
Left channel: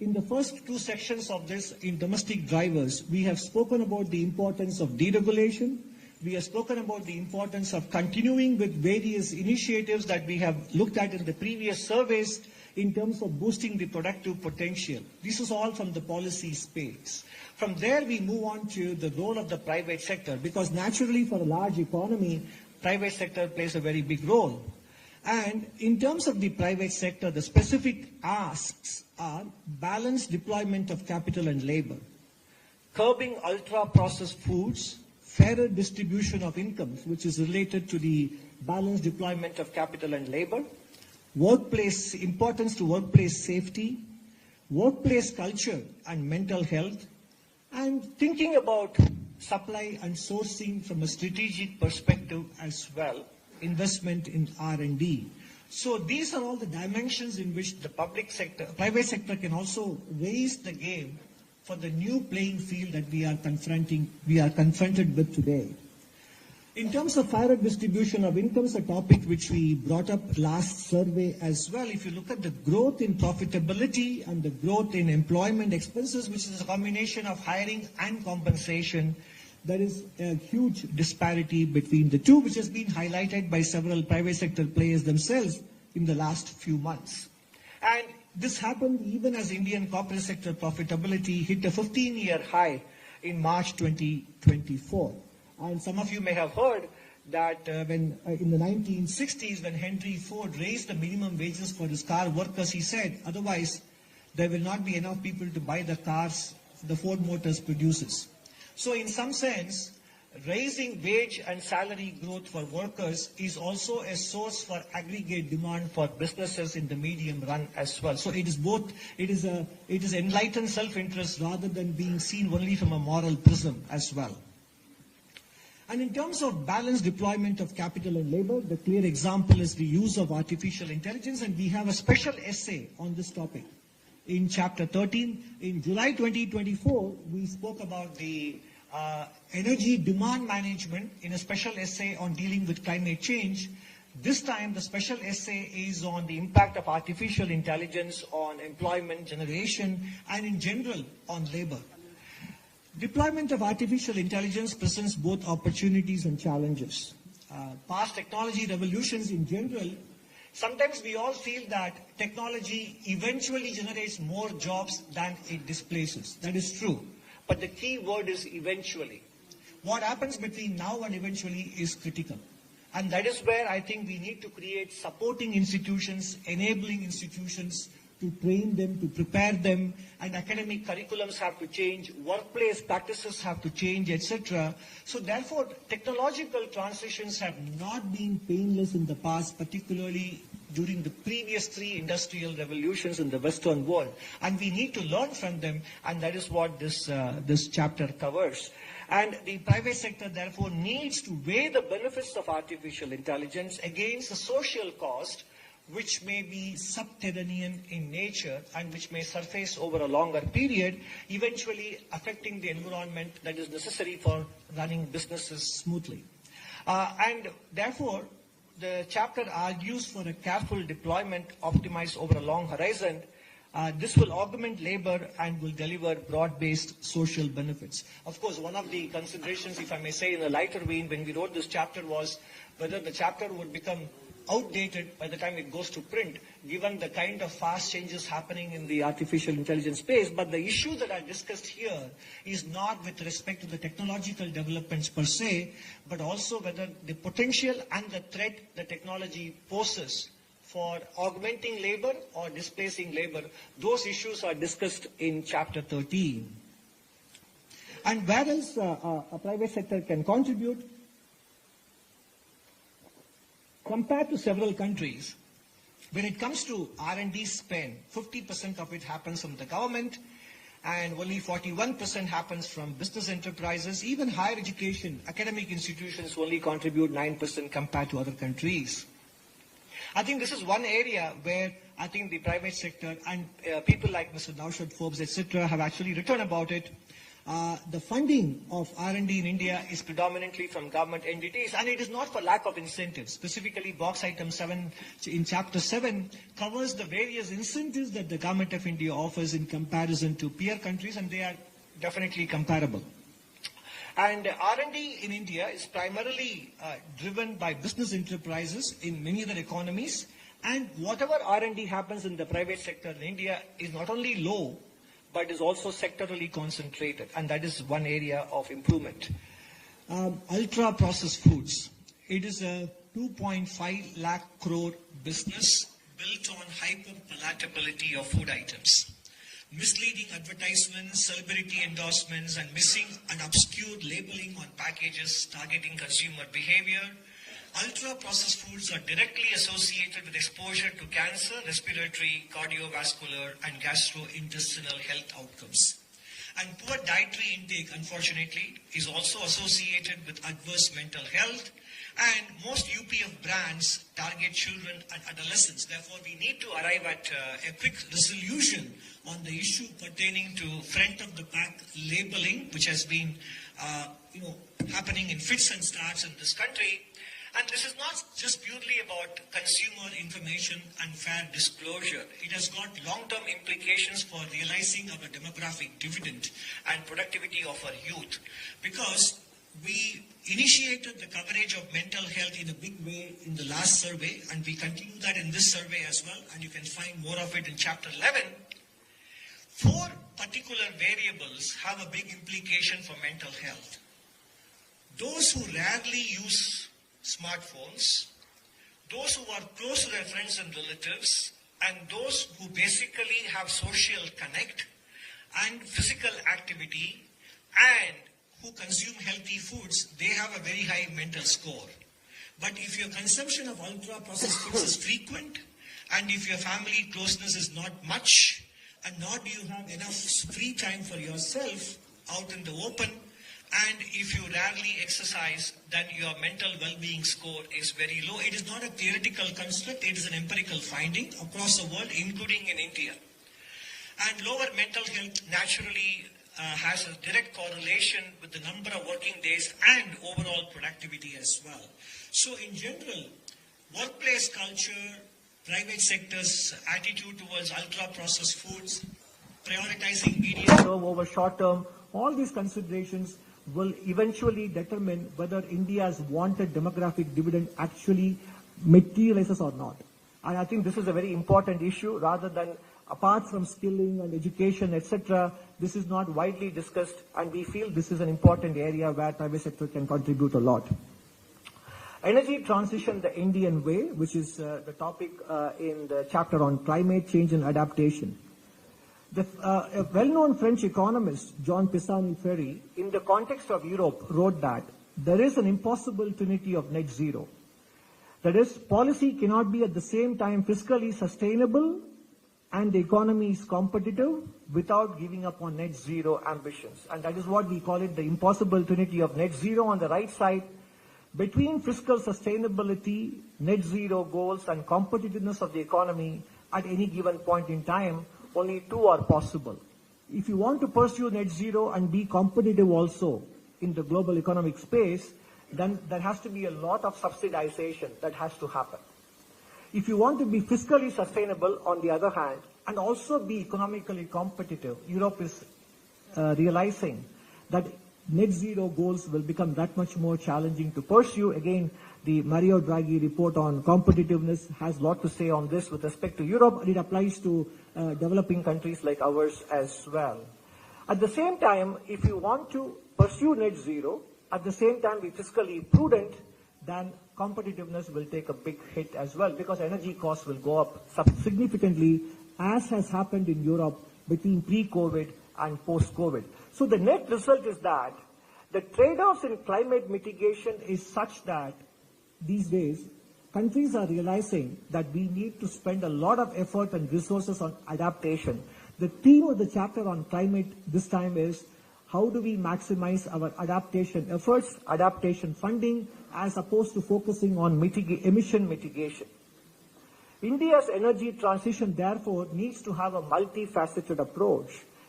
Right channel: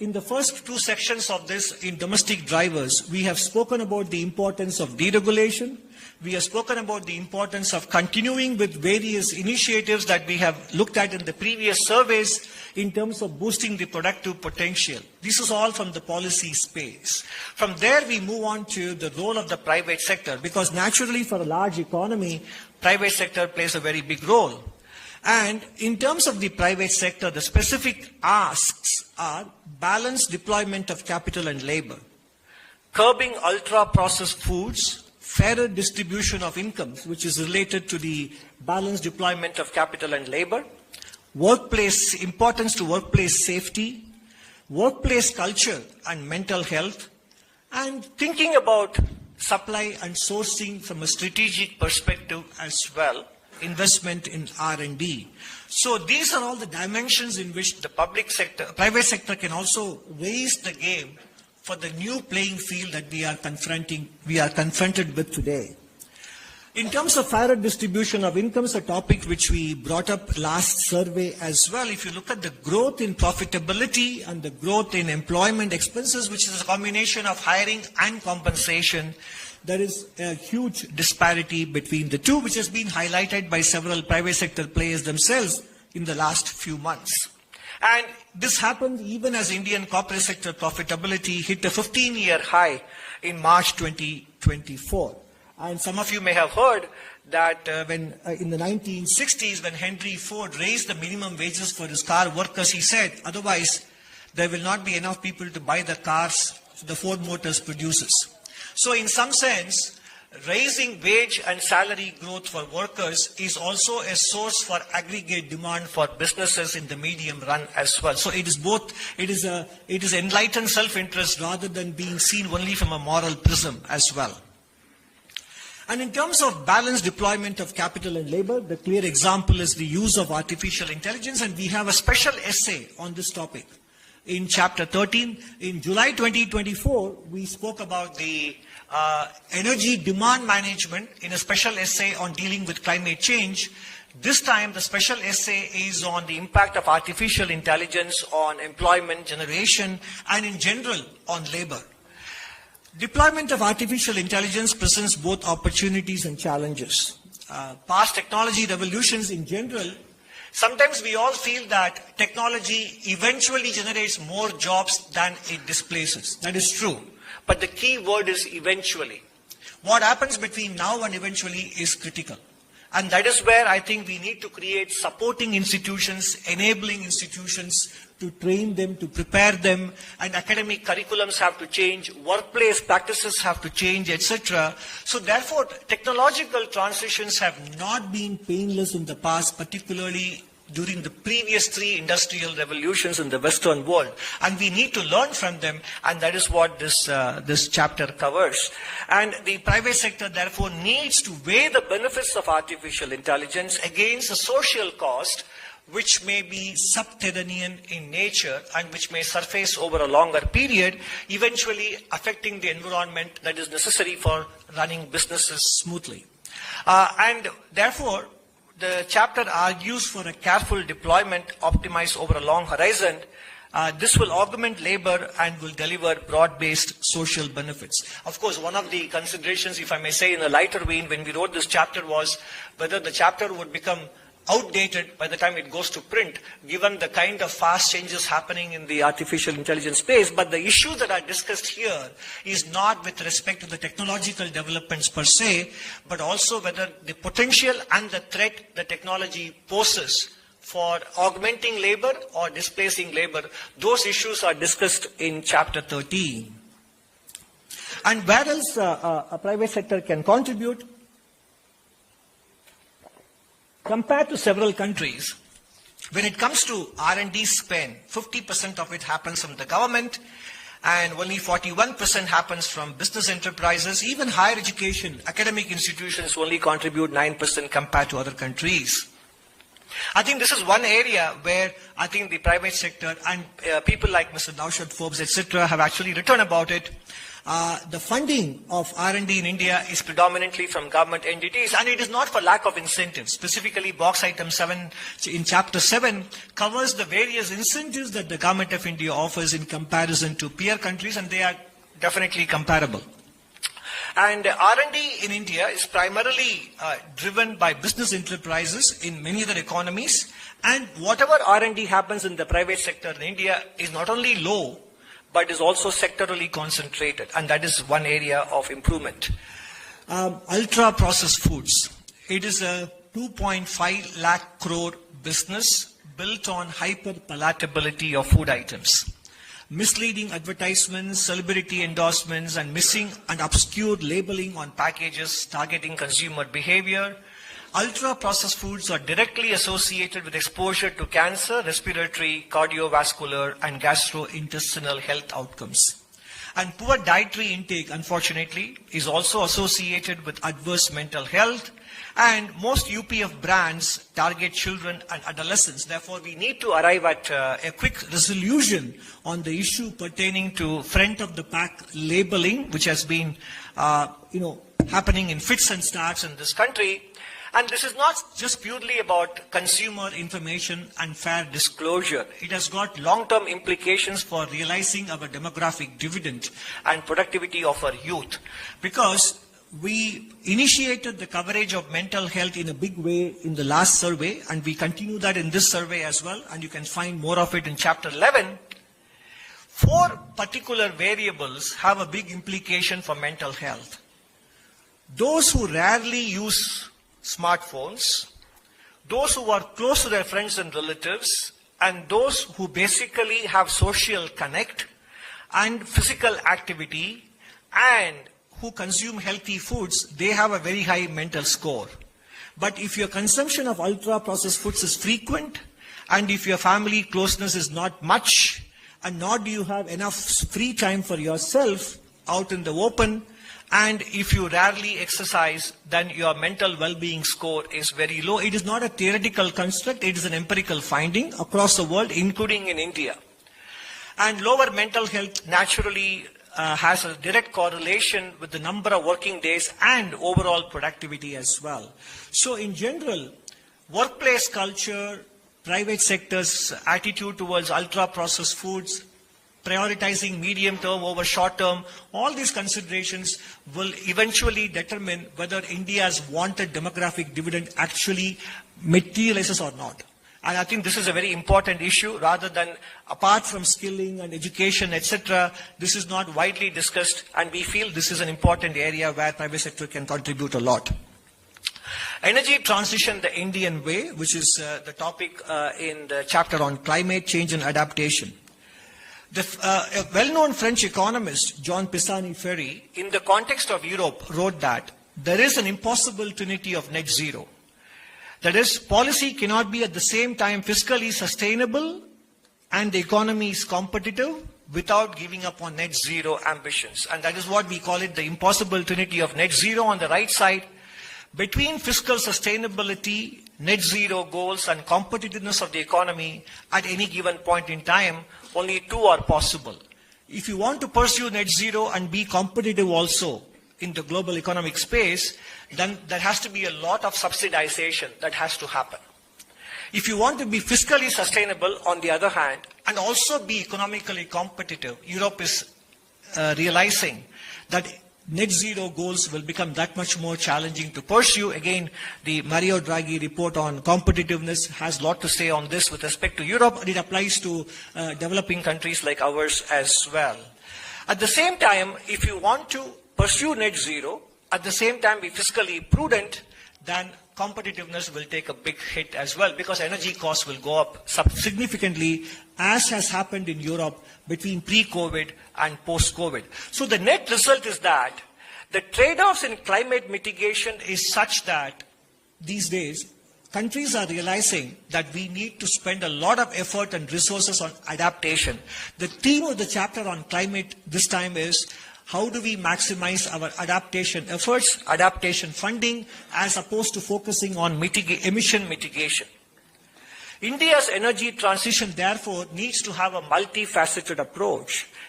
in the first two sections of this, in domestic drivers, we have spoken about the importance of deregulation. We have spoken about the importance of continuing with various initiatives that we have looked at in the previous surveys in terms of boosting the productive potential. This is all from the policy space. From there, we move on to the role of the private sector, because naturally for a large economy, private sector plays a very big role. And in terms of the private sector, the specific asks are balanced deployment of capital and labor, curbing ultra-processed foods, fairer distribution of incomes, which is related to the balanced deployment of capital and labor, importance to workplace safety, workplace culture and mental health, and thinking about supply and sourcing from a strategic perspective as well, investment in R&D. So these are all the dimensions in which the private sector can also raise the game for the new playing field that we are confronted with today. In terms of fairer distribution of incomes, a topic which we brought up last survey as well, if you look at the growth in profitability and the growth in employment expenses, which is a combination of hiring and compensation, there is a huge disparity between the two, which has been highlighted by several private sector players themselves in the last few months. And this happened even as Indian corporate sector profitability hit a 15-year high in March 2024. And some of you may have heard that when in the 1960s, when Henry Ford raised the minimum wages for his car workers, he said, otherwise there will not be enough people to buy the cars the Ford Motors produces. So in some sense, raising wage and salary growth for workers is also a source for aggregate demand for businesses in the medium run as well. So it is both, it is enlightened self-interest rather than being seen only from a moral prism as well. And in terms of balanced deployment of capital and labor, the clear example is the use of artificial intelligence, and we have a special essay on this topic. In chapter 13, in July 2024, we spoke about the energy demand management in a special essay on dealing with climate change. This time, the special essay is on the impact of artificial intelligence on employment generation and in general on labor. Deployment of artificial intelligence presents both opportunities and challenges. Past technology revolutions in general, sometimes we all feel that technology eventually generates more jobs than it displaces. That is true. But the key word is eventually. What happens between now and eventually is critical. And that is where I think we need to create supporting institutions, enabling institutions to train them, to prepare them, and academic curriculums have to change, workplace practices have to change, etc. So therefore, technological transitions have not been painless in the past, particularly during the previous three industrial revolutions in the Western world. And we need to learn from them, and that is what this chapter covers. And the private sector, therefore, needs to weigh the benefits of artificial intelligence against the social cost, which may be subterranean in nature and which may surface over a longer period, eventually affecting the environment that is necessary for running businesses smoothly. And therefore, the chapter argues for a careful deployment optimized over a long horizon. This will augment labor and will deliver broad-based social benefits. Of course, one of the considerations, if I may say in a lighter vein, when we wrote this chapter was whether the chapter would become outdated by the time it goes to print, given the kind of fast changes happening in the artificial intelligence space. But the issue that I discussed here is not with respect to the technological developments per se, but also whether the potential and the threat the technology poses for augmenting labor or displacing labor. Those issues are discussed in chapter 13. And where else a private sector can contribute? Compared to several countries, when it comes to R&D spend, 50% of it happens from the government and only 41% happens from business enterprises. Even higher education, academic institutions only contribute 9% compared to other countries. I think this is one area where I think the private sector and people like Mr. Naushad Forbes, etc., have actually written about it. The funding of R&D in India is predominantly from government entities, and it is not for lack of incentives. Specifically, box item 7 in chapter 7 covers the various incentives that the government of India offers in comparison to peer countries, and they are definitely comparable. And R&D in India is primarily driven by business enterprises in many other economies, and whatever R&D happens in the private sector in India is not only low, but is also sectorally concentrated, and that is one area of improvement. Ultra-processed foods. It is a 2.5 lakh crore business built on hyper-palatability of food items. Misleading advertisements, celebrity endorsements, and missing and obscure labeling on packages targeting consumer behavior. Ultra-processed foods are directly associated with exposure to cancer, respiratory, cardiovascular, and gastrointestinal health outcomes. And poor dietary intake, unfortunately, is also associated with adverse mental health. And most UPF brands target children and adolescents. Therefore, we need to arrive at a quick resolution on the issue pertaining to front-of-the-pack labeling, which has been, happening in fits and starts in this country. And this is not just purely about consumer information and fair disclosure. It has got long-term implications for realizing our demographic dividend and productivity of our youth. Because we initiated the coverage of mental health in a big way in the last survey, and we continue that in this survey as well, and you can find more of it in chapter 11. 4 particular variables have a big implication for mental health. Those who rarely use smartphones, those who are close to their friends and relatives, and those who basically have social connect and physical activity and who consume healthy foods, they have a very high mental score. But if your consumption of ultra-processed foods is frequent, and if your family closeness is not much, and nor do you have enough free time for yourself out in the open, and if you rarely exercise, then your mental well-being score is very low. It is not a theoretical construct, it is an empirical finding across the world, including in India. And lower mental health naturally has a direct correlation with the number of working days and overall productivity as well. So in general, workplace culture, private sector's attitude towards ultra-processed foods, prioritizing medium term over short term, all these considerations will eventually determine whether India's wanted demographic dividend actually materializes or not. And I think this is a very important issue. Rather than, apart from skilling and education, etc., this is not widely discussed, and we feel this is an important area where private sector can contribute a lot. Energy transition the Indian way, which is the topic in the chapter on climate change and adaptation. A well-known French economist, Jean Pisani-Ferry, in the context of Europe, wrote that there is an impossible trinity of net zero. That is, policy cannot be at the same time fiscally sustainable and the economy is competitive without giving up on net zero ambitions. And that is what we call it, the impossible trinity of net zero on the right side. Between fiscal sustainability, net zero goals, and competitiveness of the economy at any given point in time, only 2 are possible. If you want to pursue net zero and be competitive also in the global economic space, then there has to be a lot of subsidization that has to happen. If you want to be fiscally sustainable, on the other hand, and also be economically competitive, Europe is realizing that net zero goals will become that much more challenging to pursue. Again, the Mario Draghi report on competitiveness has a lot to say on this with respect to Europe, and it applies to developing countries like ours as well. At the same time, if you want to pursue net zero, at the same time be fiscally prudent, then competitiveness will take a big hit as well, because energy costs will go up significantly, as has happened in Europe between pre-COVID and post-COVID. So the net result is that the trade-offs in climate mitigation is such that these days countries are realizing that we need to spend a lot of effort and resources on adaptation. The theme of the chapter on climate this time is how do we maximize our adaptation efforts, adaptation funding, as opposed to focusing on emission mitigation. India's energy transition, therefore, needs to have a multifaceted approach.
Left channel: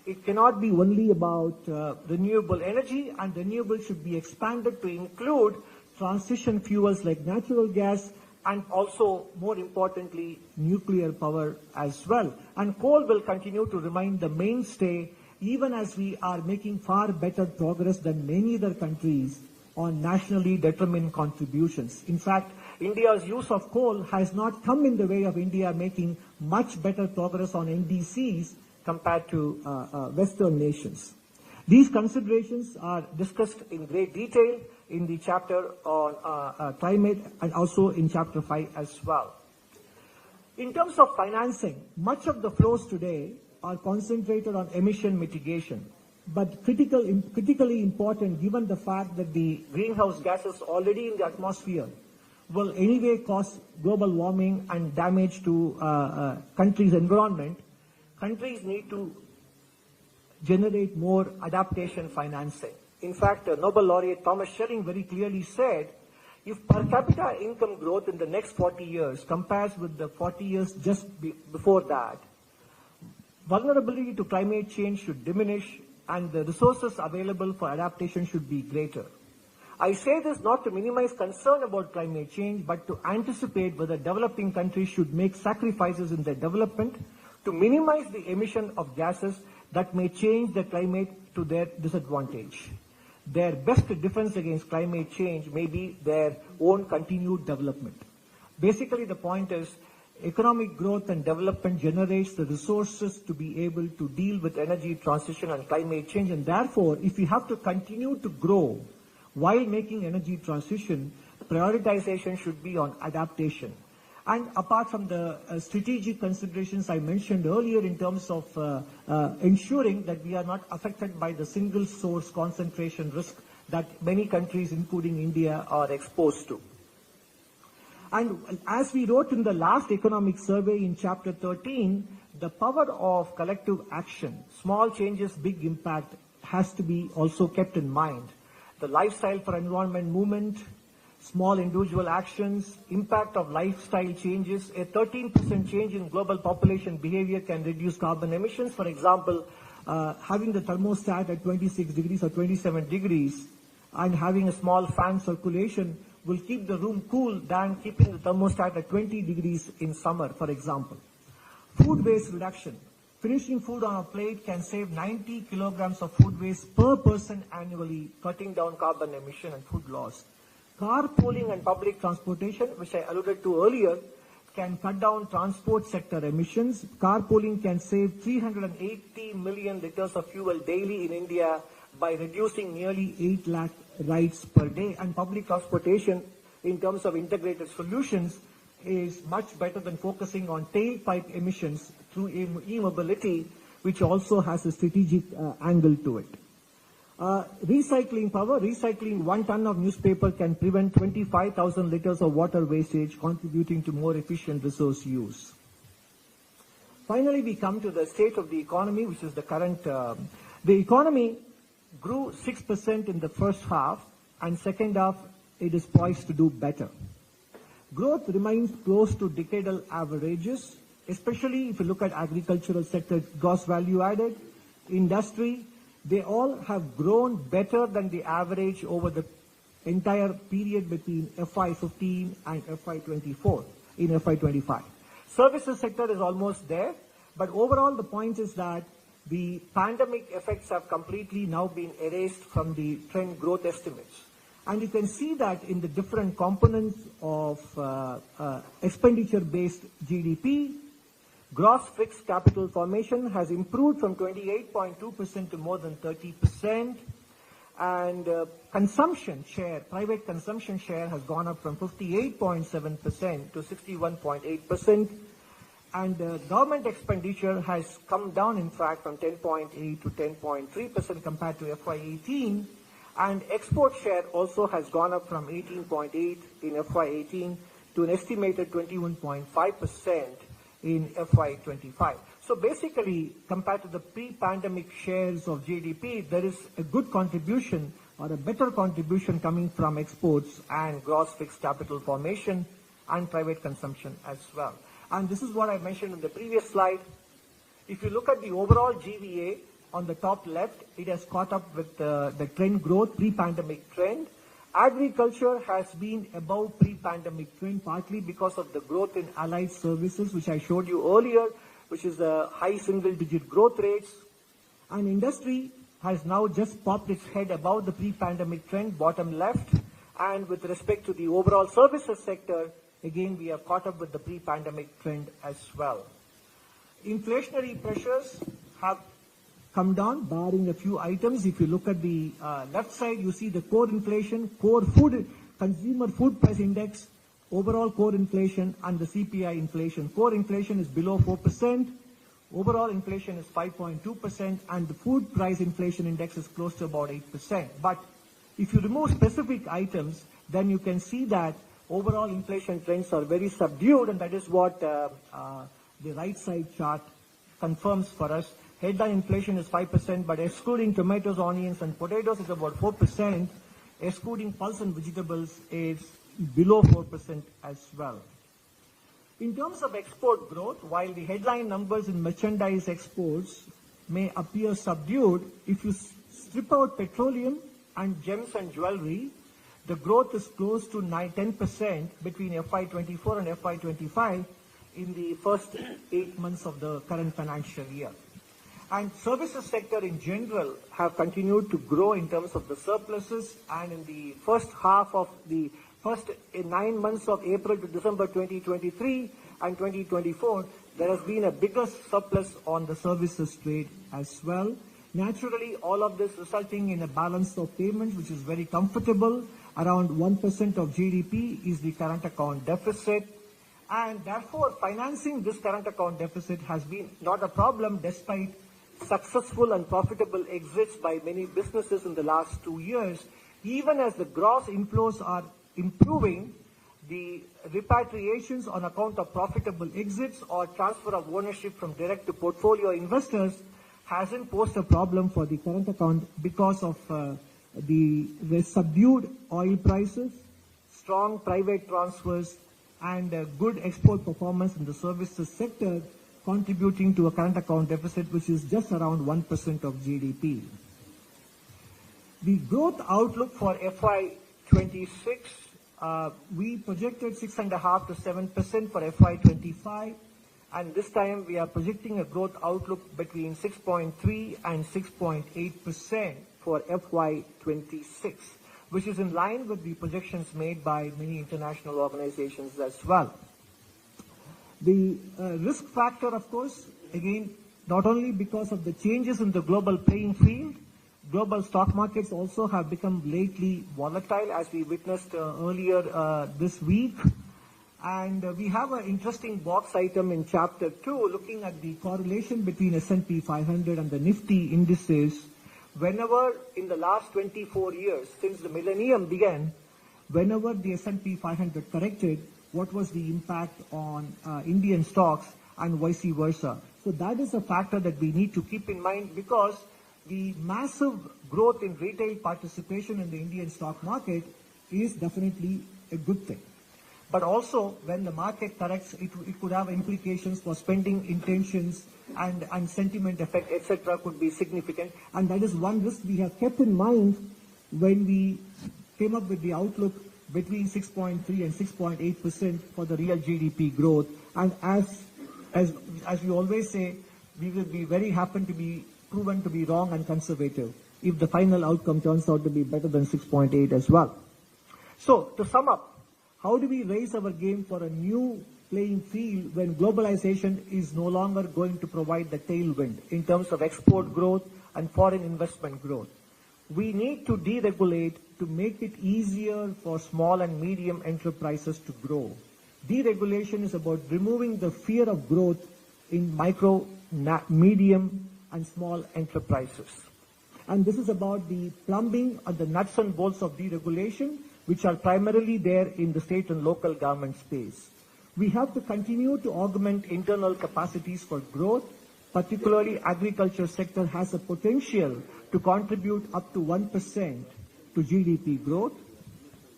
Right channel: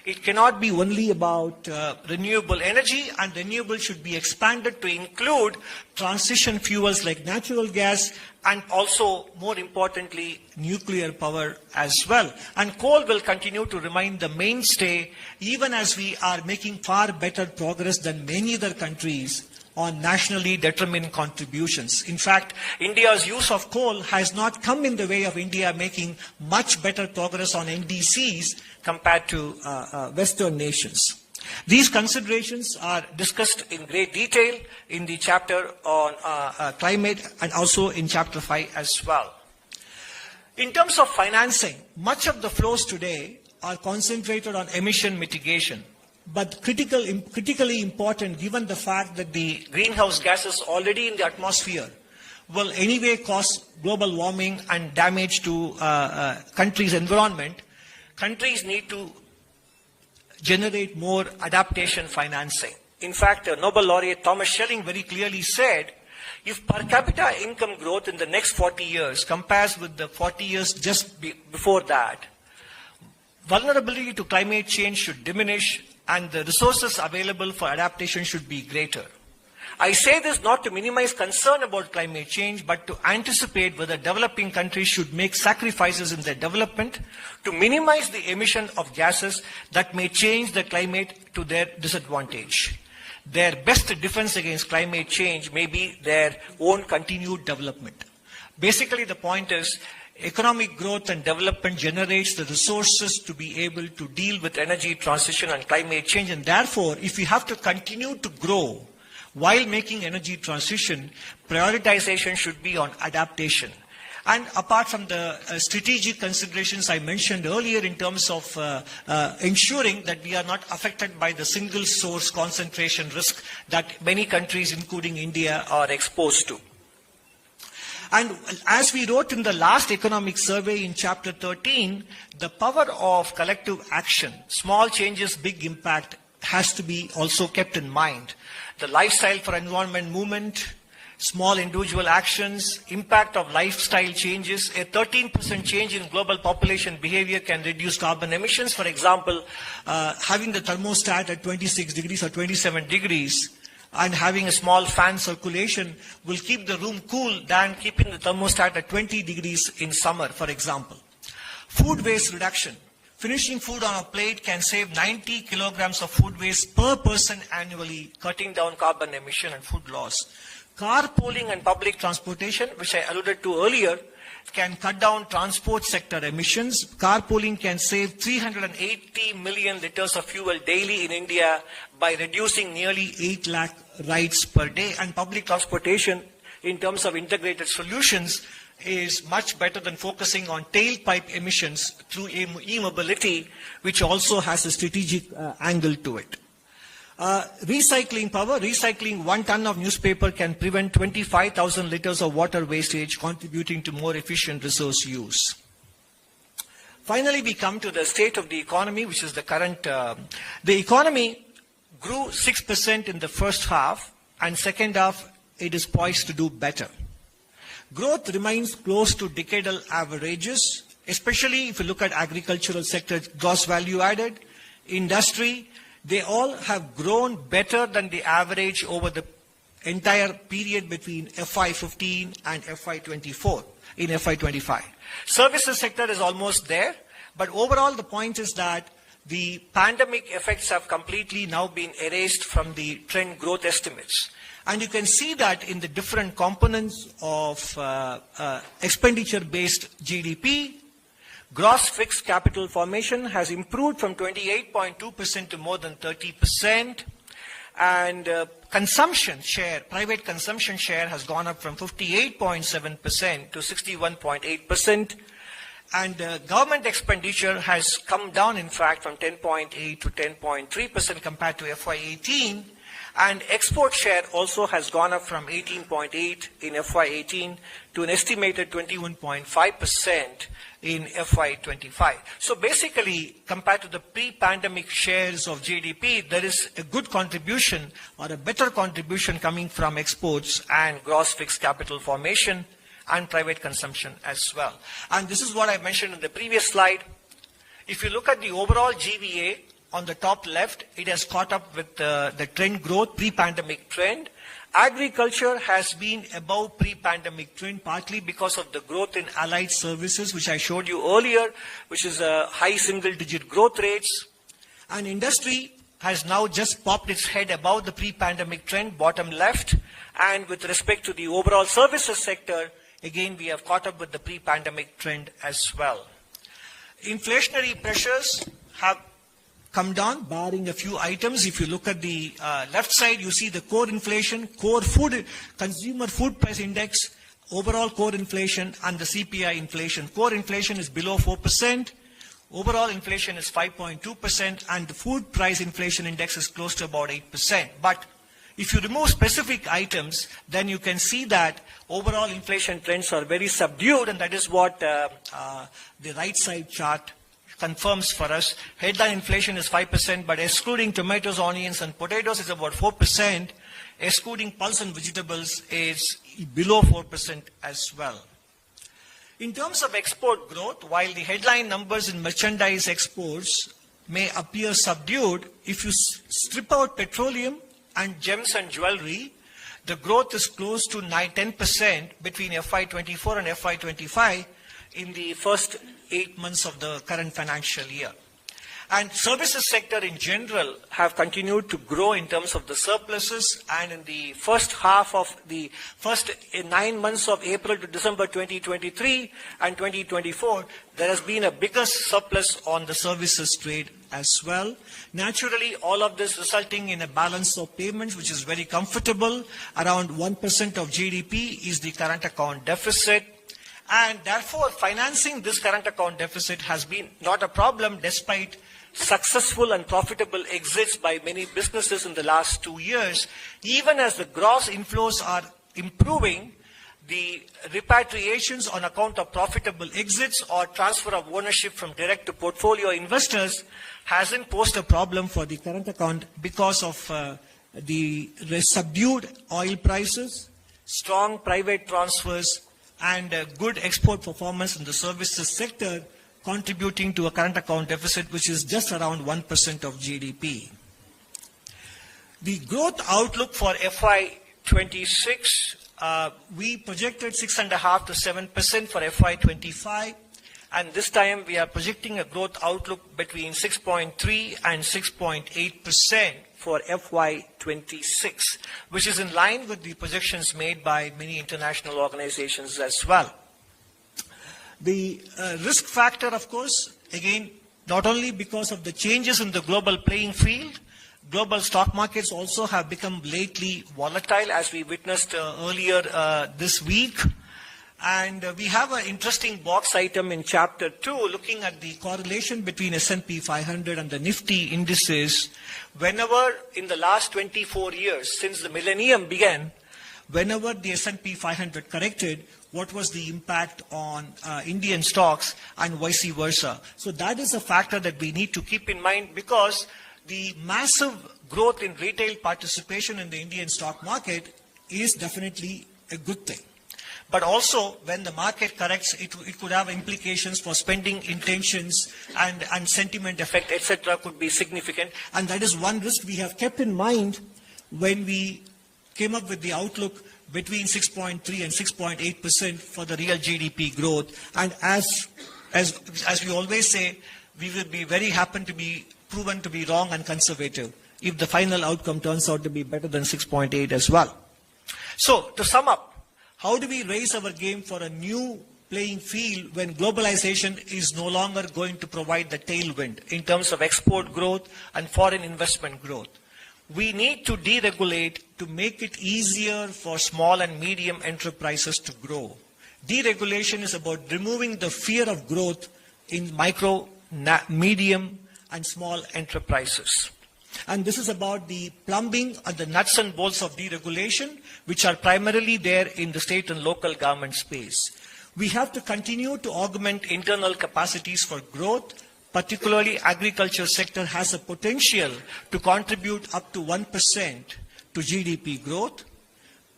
It cannot be only about renewable energy, and renewable should be expanded to include transition fuels like natural gas and also, more importantly, nuclear power as well. And coal will continue to remain the mainstay even as we are making far better progress than many other countries on nationally determined contributions. In fact, India's use of coal has not come in the way of India making much better progress on NDCs compared to Western nations. These considerations are discussed in great detail in the chapter on climate and also in chapter 5 as well. In terms of financing, much of the flows today are concentrated on emission mitigation. But critically important, given the fact that the greenhouse gases already in the atmosphere will anyway cause global warming and damage to countries' environment, countries need to generate more adaptation financing. In fact, Nobel laureate Thomas Schelling very clearly said, if per capita income growth in the next 40 years compares with the 40 years just before that, vulnerability to climate change should diminish and the resources available for adaptation should be greater. I say this not to minimize concern about climate change, but to anticipate whether developing countries should make sacrifices in their development to minimize the emission of gases that may change the climate to their disadvantage. Their best defense against climate change may be their own continued development. Basically, the point is, economic growth and development generates the resources to be able to deal with energy transition and climate change. And therefore, if we have to continue to grow while making energy transition, prioritization should be on adaptation. And apart from the strategic considerations I mentioned earlier in terms of ensuring that we are not affected by the single source concentration risk that many countries, including India, are exposed to. And as we wrote in the last economic survey in chapter 13, the power of collective action, small changes, big impact, has to be also kept in mind. The lifestyle for environment movement, small individual actions, impact of lifestyle changes. A 13% change in global population behavior can reduce carbon emissions. For example, having the thermostat at 26 degrees or 27 degrees and having a small fan circulation will keep the room cool than keeping the thermostat at 20 degrees in summer, for example. Food waste reduction. Finishing food on a plate can save 90 kilograms of food waste per person annually, cutting down carbon emission and food loss. Carpooling and public transportation, which I alluded to earlier, can cut down transport sector emissions. Carpooling can save 380 million liters of fuel daily in India by reducing nearly 8 lakh rides per day. And public transportation, in terms of integrated solutions, is much better than focusing on tailpipe emissions through e-mobility, which also has a strategic angle to it. Recycling power. Recycling 1 ton of newspaper can prevent 25,000 liters of water wastage, contributing to more efficient resource use. Finally, we come to the state of the economy, which is the current. The economy grew 6% in the first half, and second half it is poised to do better. Growth remains close to decadal averages, especially if you look at agricultural sector, gross value added, industry. They all have grown better than the average over the entire period between FY15 and FY24 in FY25. Services sector is almost there, but overall the point is that the pandemic effects have completely now been erased from the trend growth estimates. And you can see that in the different components of expenditure-based GDP. Gross fixed capital formation has improved from 28.2% to more than 30%. And consumption share, private consumption share has gone up from 58.7% to 61.8%. And government expenditure has come down, in fact, from 10.8 to 10.3% compared to FY18. And export share also has gone up from 18.8 in FY18 to an estimated 21.5% in FY25. So basically, compared to the pre-pandemic shares of GDP, there is a good contribution or a better contribution coming from exports and gross fixed capital formation and private consumption as well. And this is what I mentioned in the previous slide. If you look at the overall GVA on the top left, it has caught up with the trend growth, pre-pandemic trend. Agriculture has been above pre-pandemic trend, partly because of the growth in allied services, which I showed you earlier, which is a high single-digit growth rates. And industry has now just popped its head above the pre-pandemic trend, bottom left. And with respect to the overall services sector, again, we have caught up with the pre-pandemic trend as well. Inflationary pressures have come down, barring a few items. If you look at the left side, you see the core inflation, core food, consumer food price index, overall core inflation, and the CPI inflation. Core inflation is below 4%. Overall inflation is 5.2%, and the food price inflation index is close to about 8%. But if you remove specific items, then you can see that overall inflation trends are very subdued, and that is what the right side chart confirms for us. Headline inflation is 5%, but excluding tomatoes, onions, and potatoes is about 4%. Excluding pulse and vegetables is below 4% as well. In terms of export growth, while the headline numbers in merchandise exports may appear subdued, if you strip out petroleum and gems and jewelry, the growth is close to 10% between FY24 and FY25 in the first 8 months of the current financial year. And services sector in general have continued to grow in terms of the surpluses, and in the first half of the first 9 months of April to December 2023 and 2024, there has been a bigger surplus on the services trade as well. Naturally, all of this resulting in a balance of payments which is very comfortable. Around 1% of GDP is the current account deficit. And therefore, financing this current account deficit has been not a problem despite successful and profitable exits by many businesses in the last 2 years. Even as the gross inflows are improving, the repatriations on account of profitable exits or transfer of ownership from direct to portfolio investors hasn't posed a problem for the current account because of the subdued oil prices, strong private transfers, and good export performance in the services sector, contributing to a current account deficit which is just around 1% of GDP. The growth outlook for FY26, we projected 6.5% to 7% for FY25, and this time we are projecting a growth outlook between 6.3 and 6.8% for FY26, which is in line with the projections made by many international organizations as well. The risk factor, of course, again, not only because of the changes in the global playing field, global stock markets also have become lately volatile, as we witnessed earlier this week. And we have an interesting box item in Chapter 2 looking at the correlation between S&P 500 and the Nifty indices. Whenever in the last 24 years, since the millennium began, whenever the S&P 500 corrected, what was the impact on Indian stocks and vice versa. So that is a factor that we need to keep in mind, because the massive growth in retail participation in the Indian stock market is definitely a good thing. But also, when the market corrects, it could have implications for spending intentions, and sentiment effect, etc. could be significant. And that is one risk we have kept in mind when we came up with the outlook between 6.3 and 6.8% for the real GDP growth. And as we always say, we will be very happy to be proven to be wrong and conservative if the final outcome turns out to be better than 6.8 as well. So, to sum up, how do we raise our game for a new playing field when globalization is no longer going to provide the tailwind in terms of export growth and foreign investment growth? We need to deregulate to make it easier for small and medium enterprises to grow. Deregulation is about removing the fear of growth in micro, medium, and small enterprises. And this is about the plumbing and the nuts and bolts of deregulation, which are primarily there in the state and local government space. We have to continue to augment internal capacities for growth. Particularly, agriculture sector has a potential to contribute up to 1% to GDP growth.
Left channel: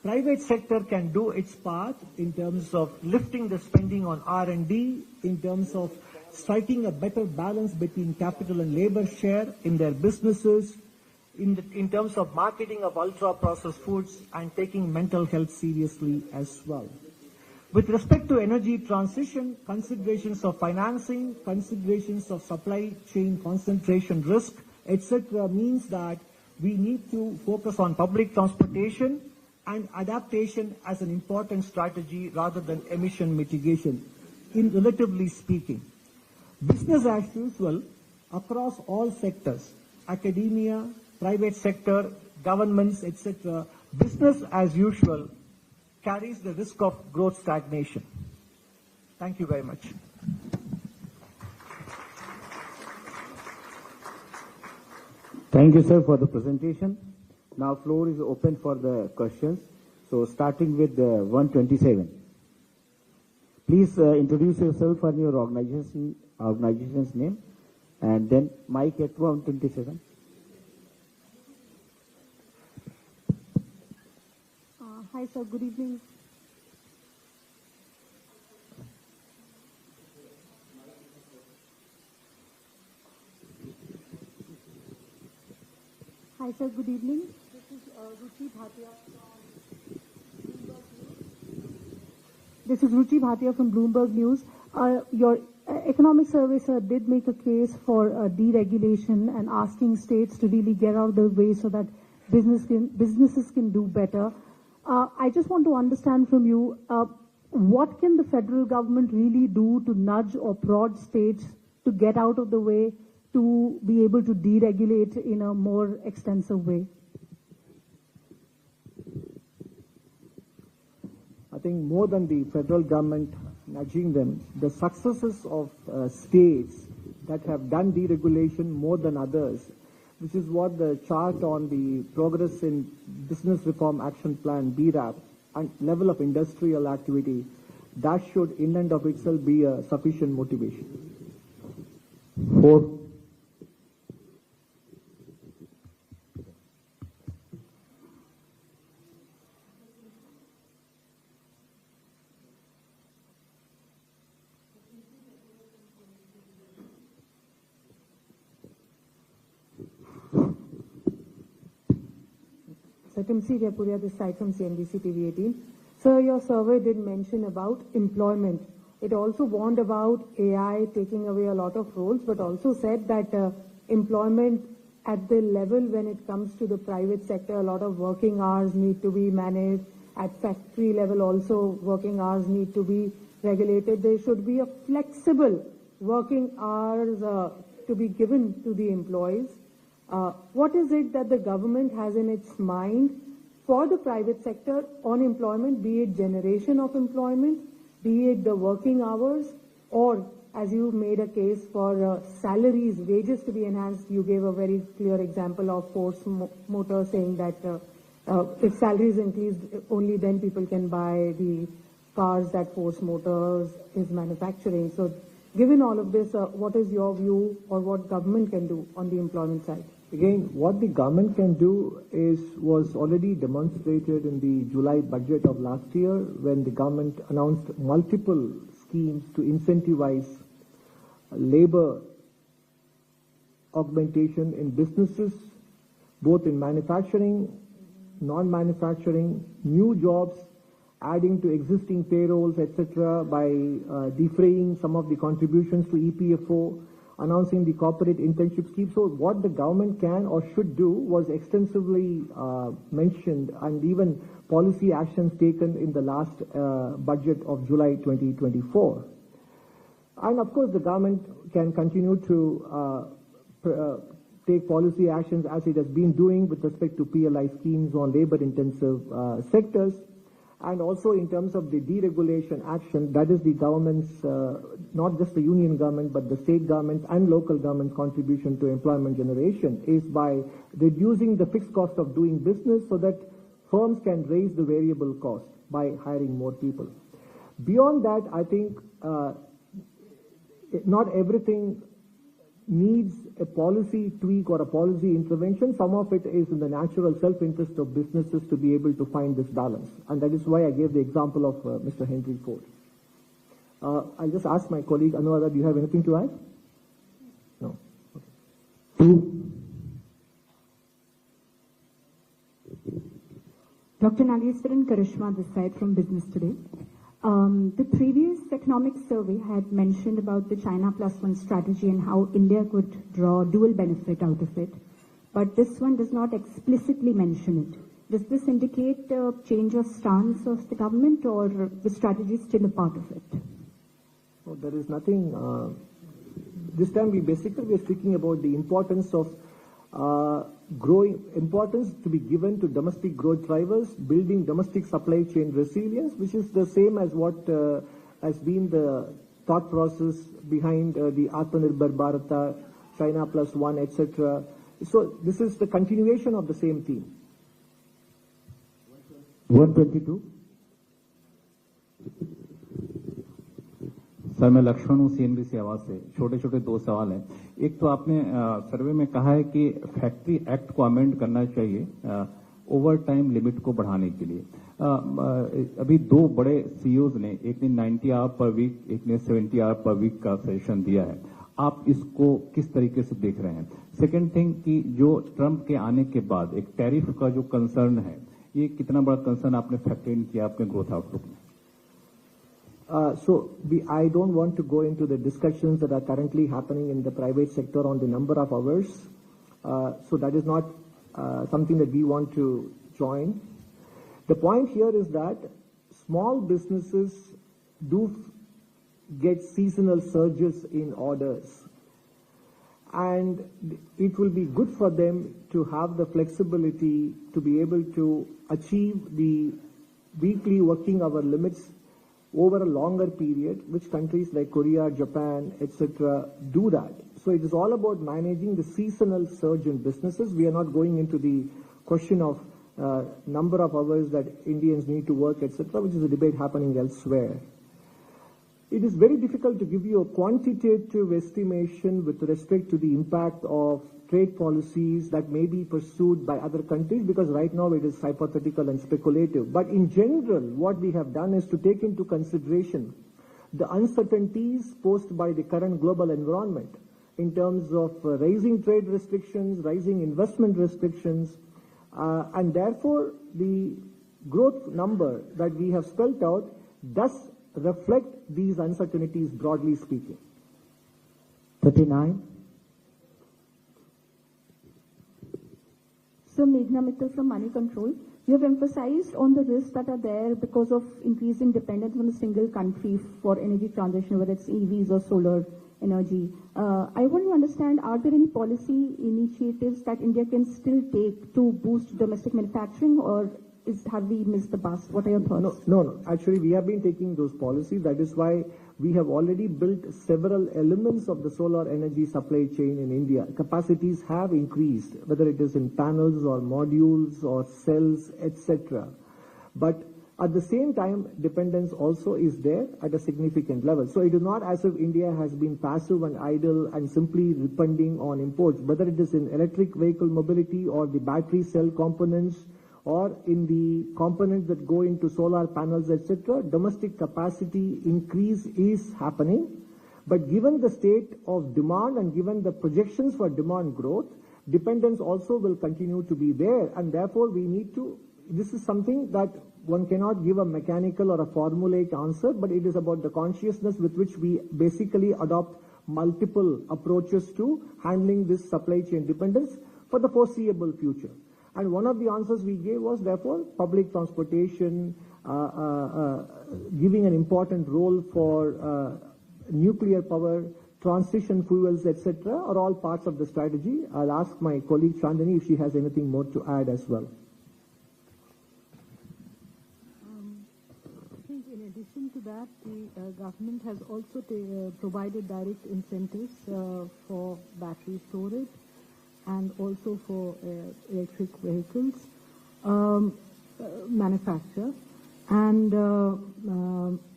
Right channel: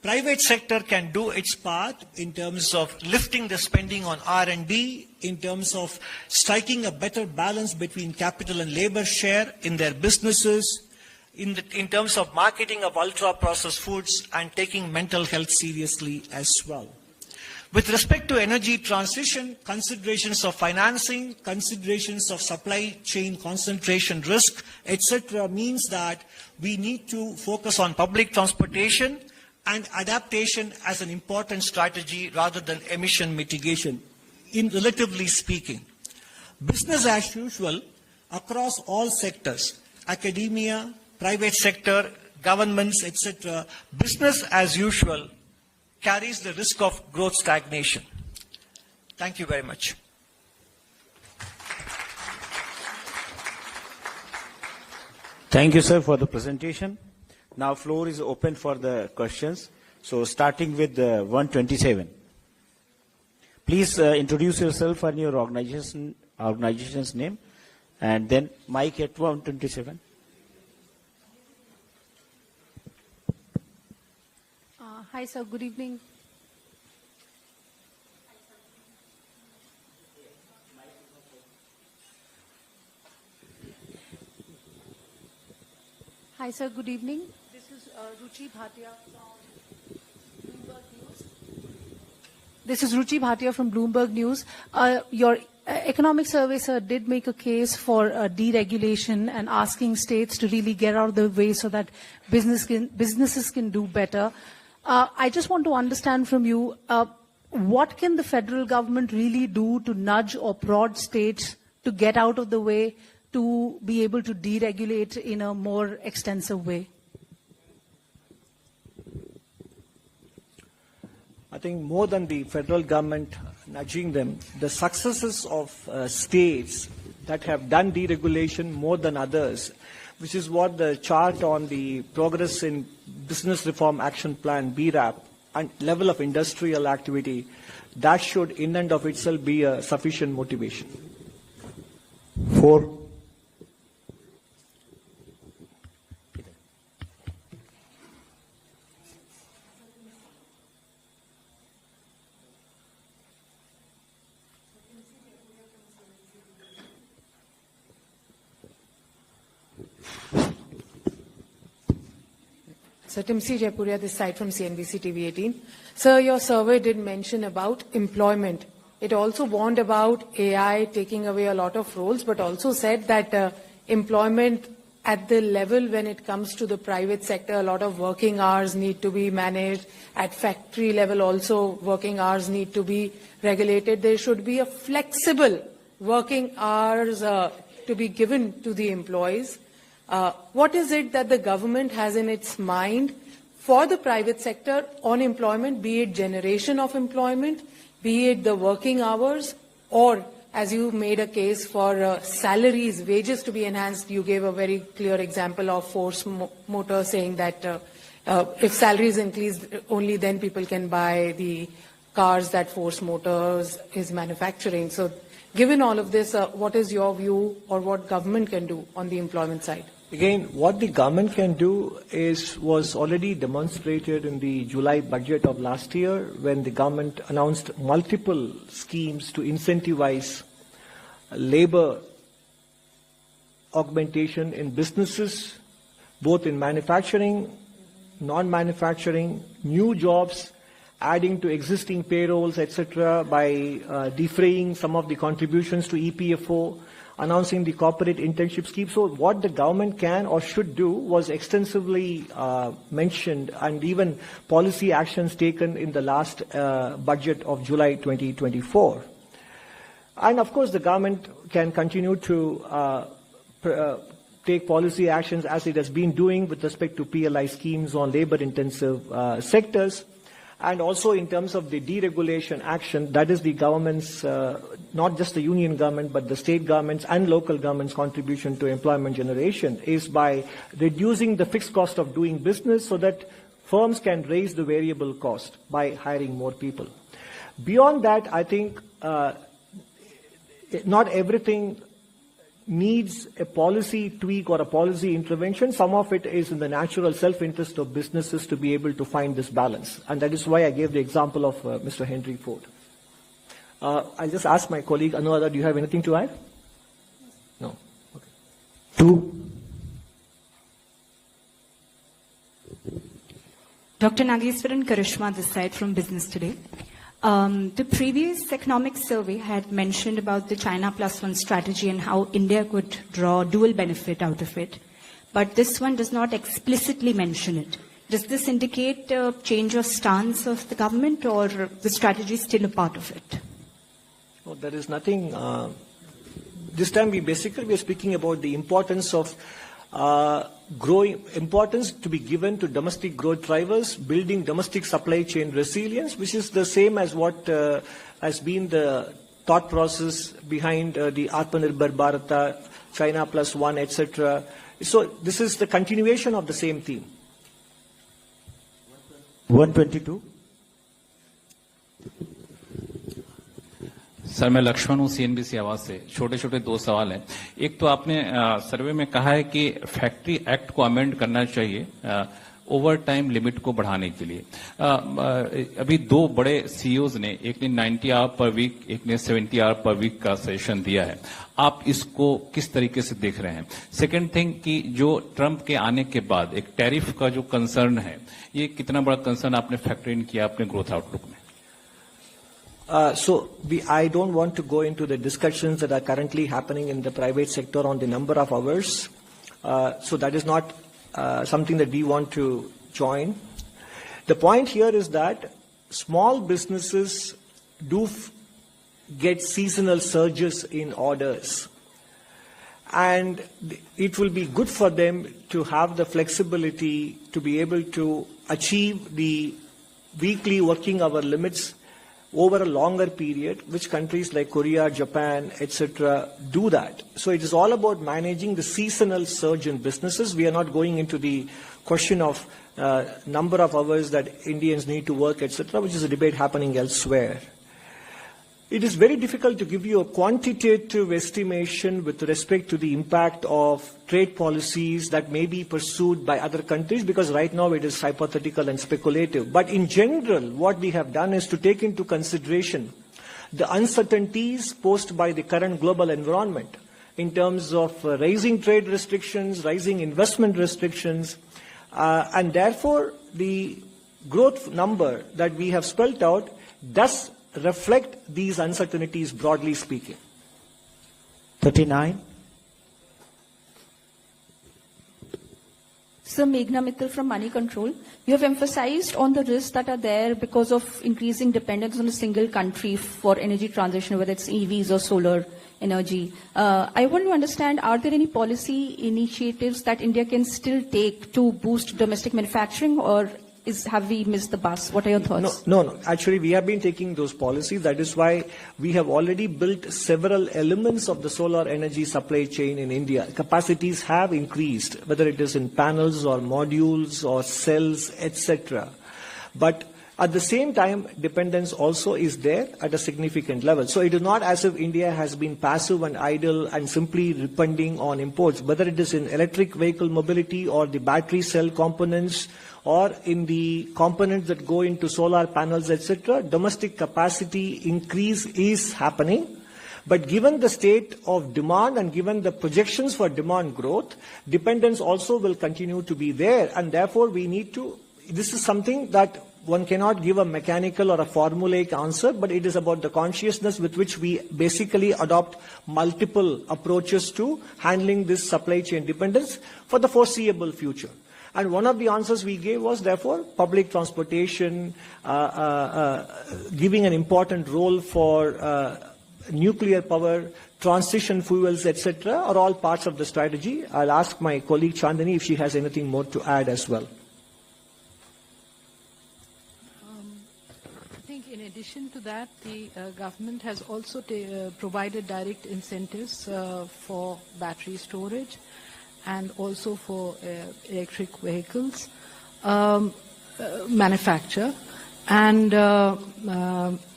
Private sector can do its part in terms of lifting the spending on R&D, in terms of striking a better balance between capital and labor share in their businesses, in terms of marketing of ultra-processed foods and taking mental health seriously as well. With respect to energy transition, considerations of financing, considerations of supply chain concentration risk, etc., means that we need to focus on public transportation and adaptation as an important strategy rather than emission mitigation, in relatively speaking. Business as usual across all sectors, academia, private sector, governments, etc., business as usual carries the risk of growth stagnation. Thank you very much. Thank you, sir, for the presentation. Now, floor is open for the questions. So, starting with 127. Please introduce yourself and your organization's name, and then mic at 127. Hi, sir. Good evening. Hi, sir. Good evening. This is Ruchi Bhatia from Bloomberg News. This is Ruchi Bhatia from Bloomberg News. Your economic survey, sir, did make a case for deregulation and asking states to really get out of the way so that businesses can do better. I just want to understand from you, what can the federal government really do to nudge or prod states to get out of the way, to be able to deregulate in a more extensive way? I think more than the federal government nudging them, the successes of states that have done deregulation more than others, which is what the chart on the Progress in Business Reform Action Plan, BRAP, and level of industrial activity, that should in and of itself be a sufficient motivation. 4. So Timsi Jaipuria, this side from CNBC TV 18. Sir, your survey did mention about employment. It also warned about AI taking away a lot of roles, but also said that employment at the level when it comes to the private sector, a lot of working hours need to be managed. At factory level also, working hours need to be regulated. There should be a flexible working hours to be given to the employees. What is it that the government has in its mind for the private sector on employment, be it generation of employment, be it the working hours, or as you made a case for salaries, wages to be enhanced? You gave a very clear example of Force Motor saying that if salaries increase, only then people can buy the cars that Force Motors is manufacturing. So given all of this, what is your view or what government can do on the employment side? Again, what the government can do was already demonstrated in the July budget of last year, when the government announced multiple schemes to incentivize labor augmentation in businesses, both in manufacturing, non-manufacturing, new jobs, adding to existing payrolls, etc., by defraying some of the contributions to EPFO, announcing the corporate internship scheme. So what the government can or should do was extensively mentioned, and even policy actions taken in the last budget of July 2024. And of course, the government can continue to take policy actions as it has been doing with respect to PLI schemes on labor-intensive sectors. And also in terms of the deregulation action, that is the government's, not just the union government, but the state governments and local governments' contribution to employment generation, is by reducing the fixed cost of doing business so that firms can raise the variable cost by hiring more people. Beyond that, I think not everything needs a policy tweak or a policy intervention. Some of it is in the natural self-interest of businesses to be able to find this balance. And that is why I gave the example of Mr. Henry Ford. I just asked my colleague, Anuradha, do you have anything to add? No. Okay. Two. Dr. Nageswaran Karishma this side from Business Today. The previous economic survey had mentioned about the China +1 strategy and how India could draw dual benefit out of it. But this one does not explicitly mention it. Does this indicate a change of stance of the government, or the strategy is still a part of it? Well, there is nothing. This time we are speaking about the importance of importance to be given to domestic growth drivers, building domestic supply chain resilience, which is the same as what has been the thought process behind the Atmanirbhar Bharata, China +1, etc. So this is the continuation of the same theme. 122. Sir मैं लक्ष्मण हूँ CNBC आवाज से। छोटे छोटे दो सवाल हैं। एक तो आपने सर्वे में कहा है कि फैक्ट्री एक्ट को अमेंड करना चाहिए ओवर टाइम लिमिट को बढ़ाने के लिए। अभी दो बड़े सीईओज ने, एक ने 90 आवर पर वीक, एक ने 70 आवर पर वीक का सेशन दिया है। आप इसको किस तरीके से देख रहे हैं? सेकंड थिंग कि जो ट्रंप के आने के बाद एक टैरिफ का जो कंसर्न है, ये कितना बड़ा कंसर्न आपने फैक्टर इन किया अपने ग्रोथ आउटलुक में? I don't want to go into the discussions that are currently happening in the private sector on the number of hours. So that is not something that we want to join. The point here is that small businesses do get seasonal surges in orders. And it will be good for them to have the flexibility to be able to achieve the weekly working hour limits over a longer period, which countries like Korea, Japan, etc. do that. So it is all about managing the seasonal surge in businesses. We are not going into the question of number of hours that Indians need to work, etc., which is a debate happening elsewhere. It is very difficult to give you a quantitative estimation with respect to the impact of trade policies that may be pursued by other countries, because right now it is hypothetical and speculative. But in general, what we have done is to take into consideration the uncertainties posed by the current global environment in terms of rising trade restrictions, rising investment restrictions, and therefore the growth number that we have spelled out does reflect these uncertainties, broadly speaking. 39. Sir, Meghna Mittal from Money Control. You have emphasized on the risks that are there because of increasing dependence on a single country for energy transition, whether it's EVs or solar energy. I want to understand, are there any policy initiatives that India can still take to boost domestic manufacturing, or have we missed the bus? What are your thoughts? No. Actually, we have been taking those policies. That is why we have already built several elements of the solar energy supply chain in India. Capacities have increased, whether it is in panels or modules or cells, etc. But at the same time, dependence also is there at a significant level. So it is not as if India has been passive and idle and simply depending on imports, whether it is in electric vehicle mobility or the battery cell components, or in the components that go into solar panels, etc., domestic capacity increase is happening. But given the state of demand and given the projections for demand growth, dependence also will continue to be there. And therefore, we need to, this is something that one cannot give a mechanical or a formulaic answer, but it is about the consciousness with which we basically adopt multiple approaches to handling this supply chain dependence for the foreseeable future. And one of the answers we gave was, therefore, public transportation, giving an important role for nuclear power, transition fuels, etc., are all parts of the strategy. I'll ask my colleague Chandani if she has anything more to add as well. I think in addition to that, the government has also provided direct incentives for battery storage and also for electric vehicles manufacture. And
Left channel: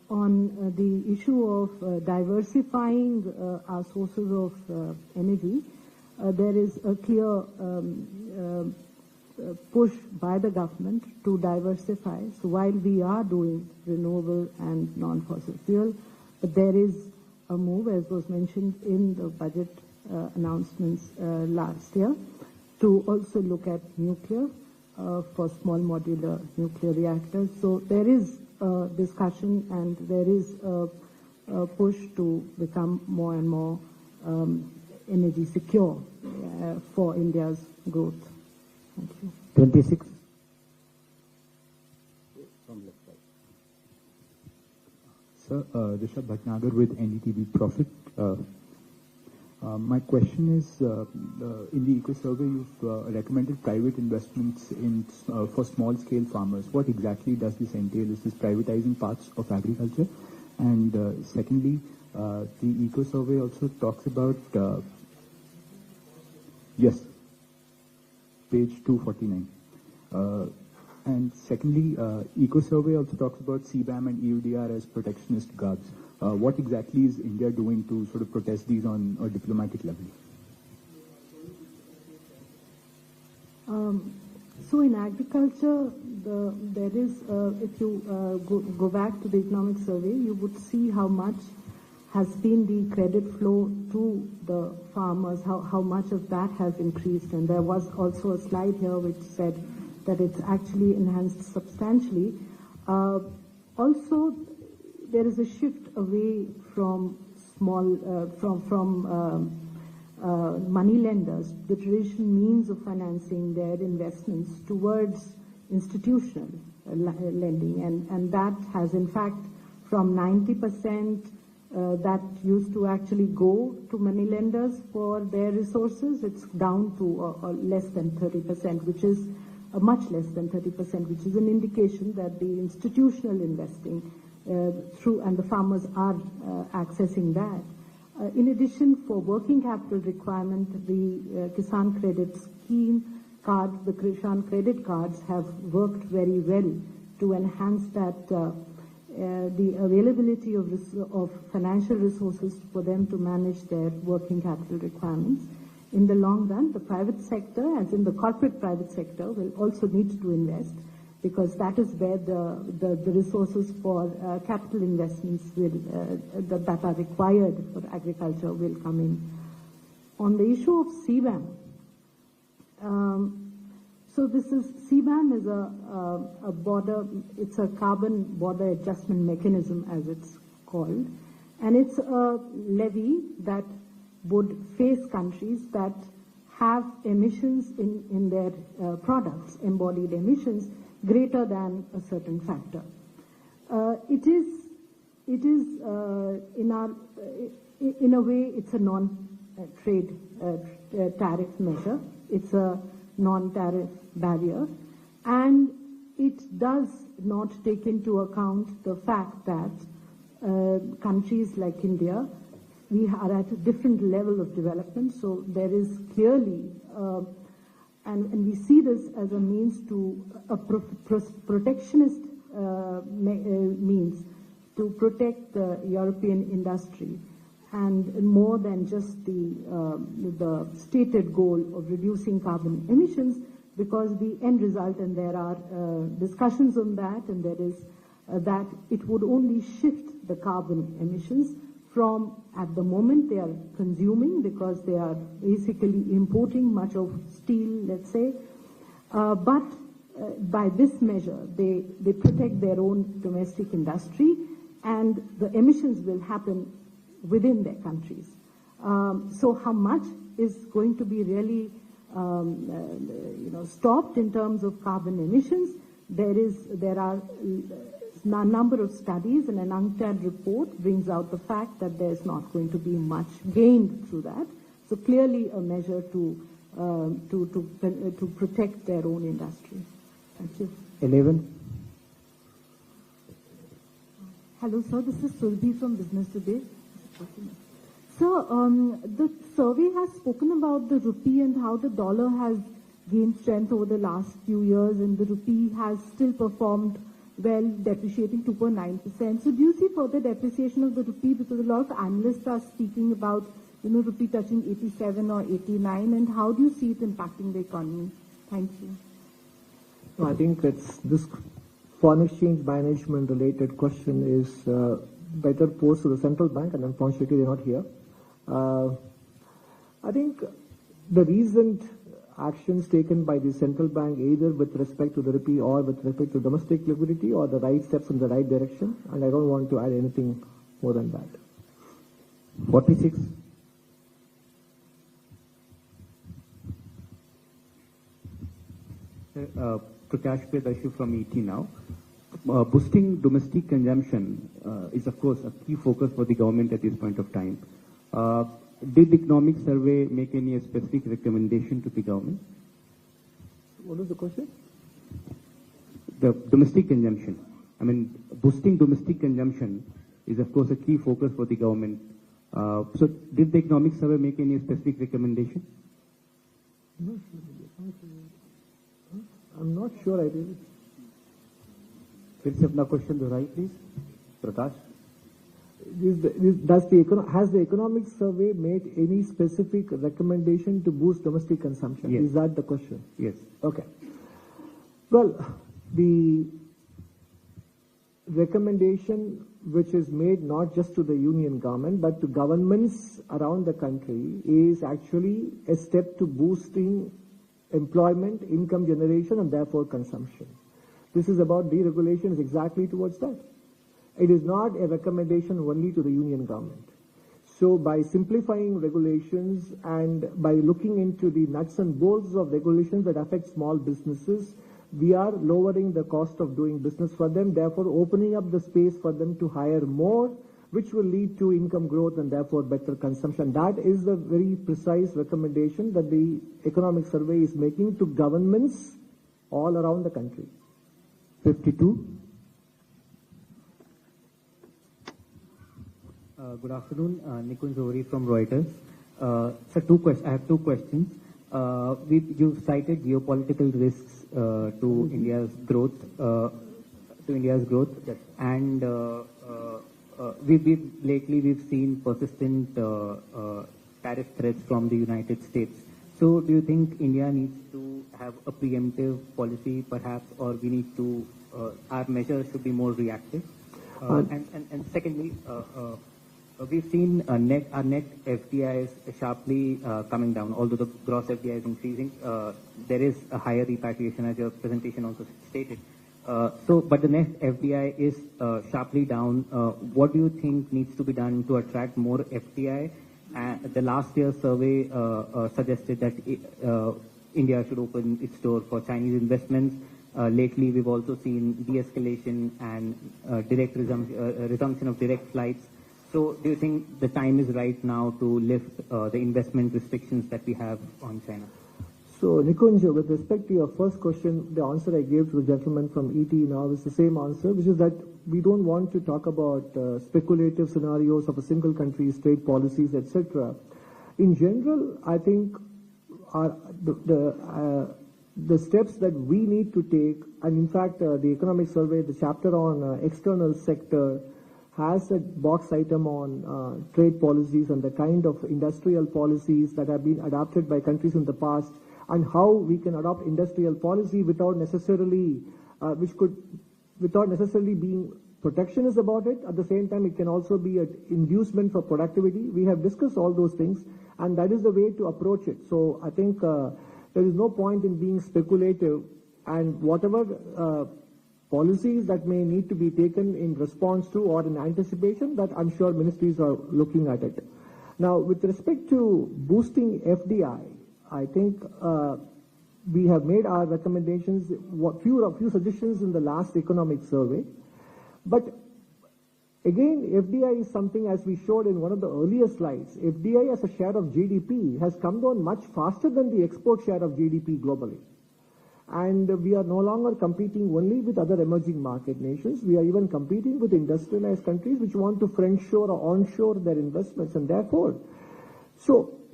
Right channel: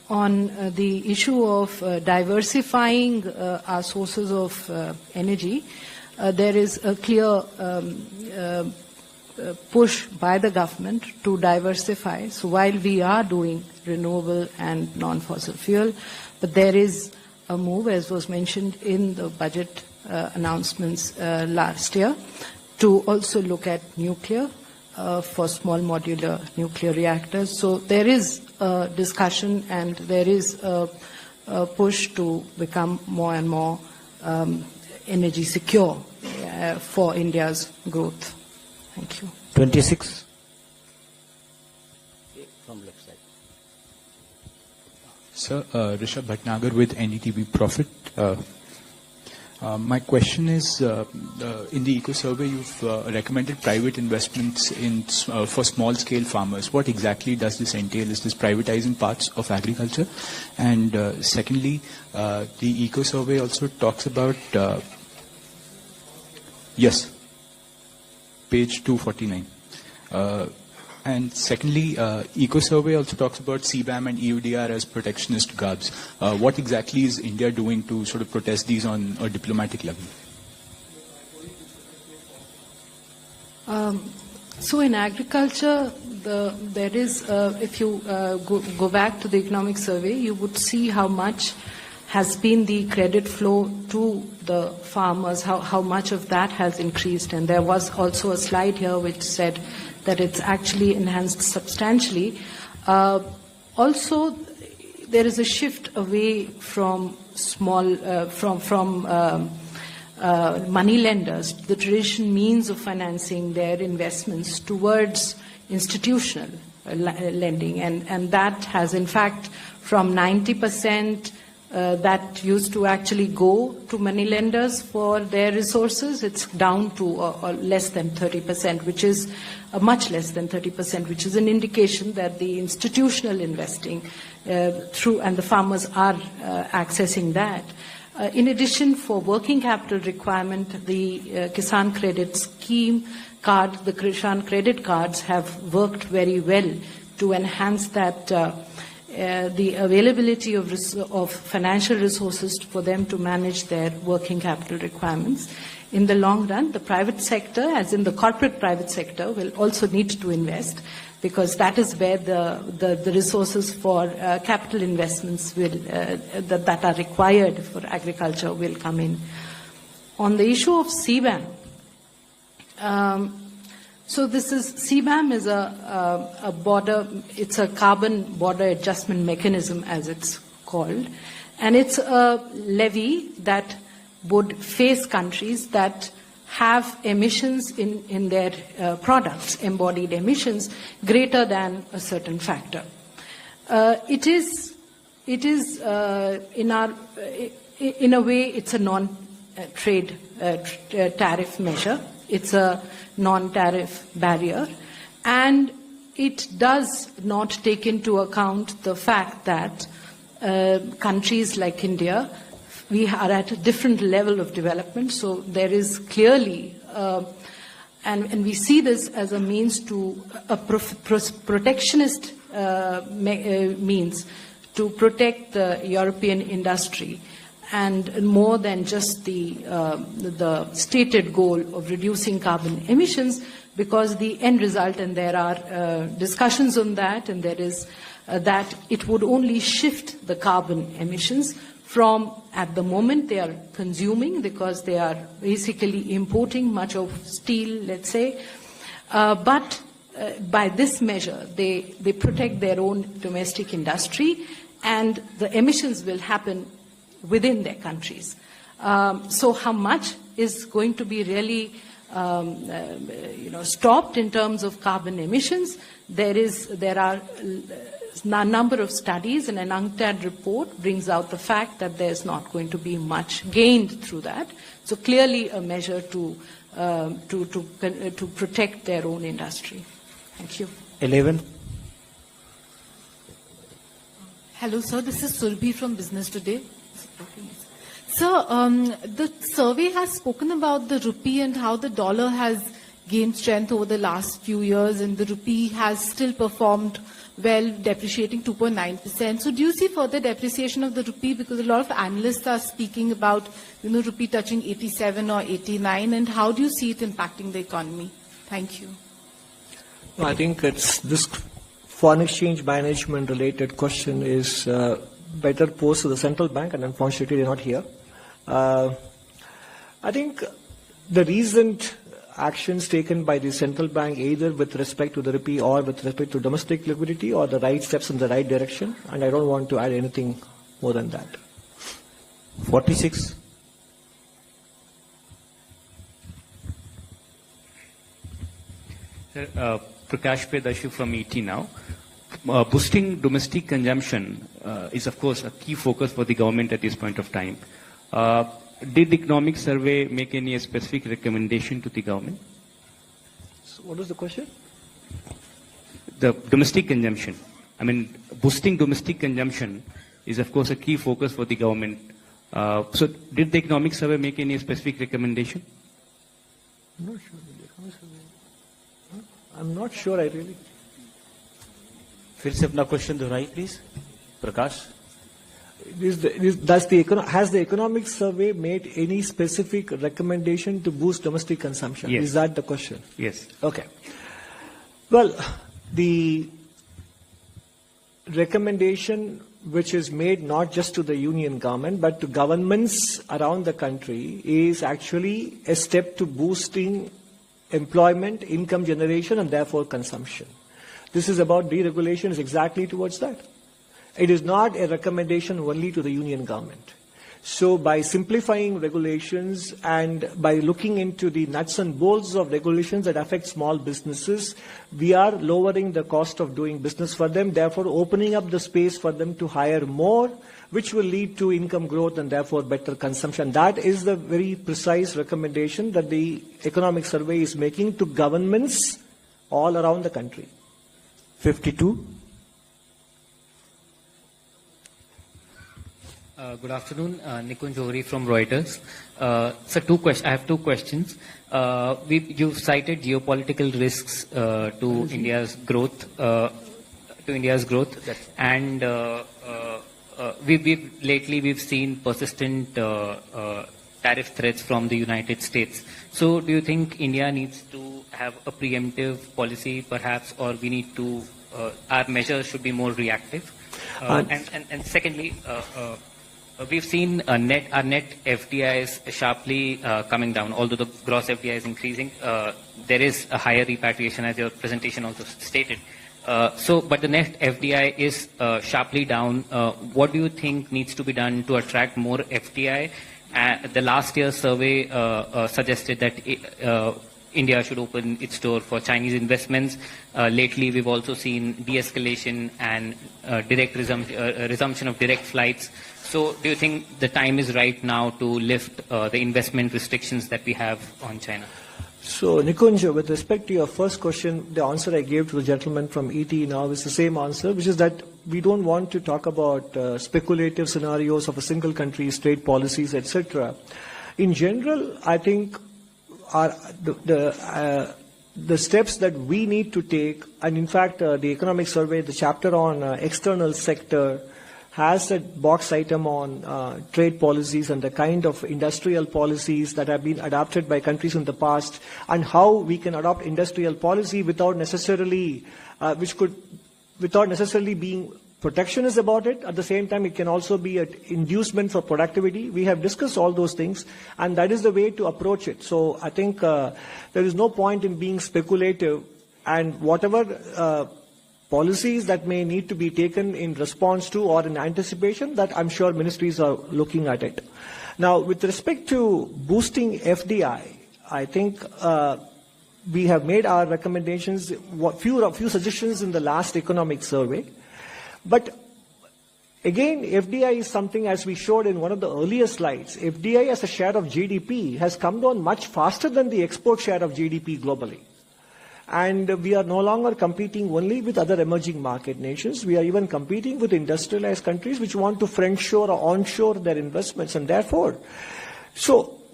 on the issue of diversifying our sources of energy, there is a clear push by the government to diversify. So while we are doing renewable and non-fossil fuel, but there is a move, as was mentioned in the budget announcements last year, to also look at nuclear for small modular nuclear reactors. So there is a discussion and there is a push to become more and more energy secure for India's growth. Thank you. 26. From left side. Sir, Rishabh Bhatnagar with NDTV Profit. My question is, in the Eco Survey, you've recommended private investments for small-scale farmers. What exactly does this entail? Is this privatizing parts of agriculture? And secondly, the Eco Survey also talks about, yes, page 249. And secondly, Eco Survey also talks about CBAM and EUDR as protectionist guards. What exactly is India doing to sort of protest these on a diplomatic level? So in agriculture, there is, if you go back to the economic survey, you would see how much has been the credit flow to the farmers, how much of that has increased. And there was also a slide here which said that it's actually enhanced substantially. Also, there is a shift away from money lenders, the traditional means of financing their investments, towards institutional lending. And that has, in fact, from 90% that used to actually go to money lenders for their resources, it's down to less than 30%, which is much less than 30%, which is an indication that the institutional investing and the farmers are accessing that. In addition, for working capital requirement, the Kisan Credit Scheme card, the Kisan Credit Cards have worked very well to enhance that the availability of financial resources for them to manage their working capital requirements. In the long run, the private sector, as in the corporate private sector, will also need to invest, because that is where the resources for capital investments that are required for agriculture will come in. On the issue of CBAM, so CBAM is a border, it's a carbon border adjustment mechanism, as it's called, and it's a levy that would face countries that have emissions in their products, embodied emissions, greater than a certain factor. It is in a way, it's a non-trade tariff measure. It's a non-tariff barrier, and it does not take into account the fact that countries like India, we are at a different level of development. So there is clearly, and we see this as a means to a protectionist means to protect the European industry, and more than just the stated goal of reducing carbon emissions, because the end result, and there are discussions on that, and there is that it would only shift the carbon emissions from, at the moment they are consuming, because they are basically importing much of steel, let's say, but by this measure they protect their own domestic industry, and the emissions will happen within their countries. So how much is going to be really stopped in terms of carbon emissions? There are a number of studies, and an UNCTAD report brings out the fact that there's not going to be much gained through that. So clearly a measure to protect their own industry. Thank you. 11. Hello, sir. This is Surbhi from Business Today. Sir, the survey has spoken about the rupee and how the dollar has gained strength over the last few years, and the rupee has still performed well, depreciating 2.9%. So do you see further depreciation of the rupee? Because a lot of analysts are speaking about, rupee touching 87 or 89, and how do you see it impacting the economy? Thank you. No, I think it's this foreign exchange management related question is better posed to the central bank, and unfortunately they're not here. I think the recent actions taken by the central bank, either with respect to the rupee or with respect to domestic liquidity, are the right steps in the right direction, and I don't want to add anything more than that. 46. Prakash Pedashu from ET now. Boosting domestic consumption is, of course, a key focus for the government at this point of time. Did the economic survey make any specific recommendation to the government? So what was the question? The domestic consumption. I mean, boosting domestic consumption is, of course, a key focus for the government. So did the economic survey make any specific recommendation? I'm not sure, I really. फिर से अपना question दोहराइए please Prakash. Has the economic survey made any specific recommendation to boost domestic consumption? Yes. Is that the question? Yes. Okay. Well, the recommendation which is made not just to the union government but to governments around the country is actually a step to boosting employment, income generation, and therefore consumption. This is about deregulation, is exactly towards that. It is not a recommendation only to the union government. So by simplifying regulations and by looking into the nuts and bolts of regulations that affect small businesses, we are lowering the cost of doing business for them, therefore opening up the space for them to hire more, which will lead to income growth and therefore better consumption. That is the very precise recommendation that the economic survey is making to governments all around the country. 52. Good afternoon, Nikunj Johri from Reuters. So I have two questions. You've cited geopolitical risks to India's growth, and we've seen persistent tariff threats from the United States. So do you think India needs to have a preemptive policy, perhaps, or we need to our measures should be more reactive? And secondly. We've seen our net FDIs sharply coming down. Although the gross FDI is increasing, there is a higher repatriation, as your presentation also stated. But the net FDI is sharply down. What do you think needs to be done to attract more FDI? The last year's survey suggested that India should open its door for Chinese investments. Lately, we've also seen de-escalation and resumption of direct flights. So do you think the time is right now to lift the investment restrictions that we have on China? So, Nikunj, with respect to your first question, the answer I gave to the gentleman from ET now is the same answer, which is that we don't want to talk about speculative scenarios of a single country's trade policies, etc. In general, I think the steps that we need to take, and in fact, the economic survey, the chapter on external sector, has a box item on trade policies and the kind of industrial policies that have been adopted by countries in the past, and how we can adopt industrial policy without necessarily being protectionist about it. At the same time, it can also be an inducement for productivity. We have discussed all those things, and that is the way to approach it. So I think there is no point in being speculative, and whatever policies that may need to be taken in response to or in anticipation, that I'm sure ministries are looking at it. Now, with respect to boosting FDI, I think we have made our recommendations, few suggestions in the last economic survey. But again, FDI is something, as we showed in one of the earlier slides, FDI as a share of GDP has come down much faster than the export share of GDP globally. And we are no longer competing only with other emerging market nations. We are even competing with industrialized countries which want to friendshore or onshore their investments. And therefore, so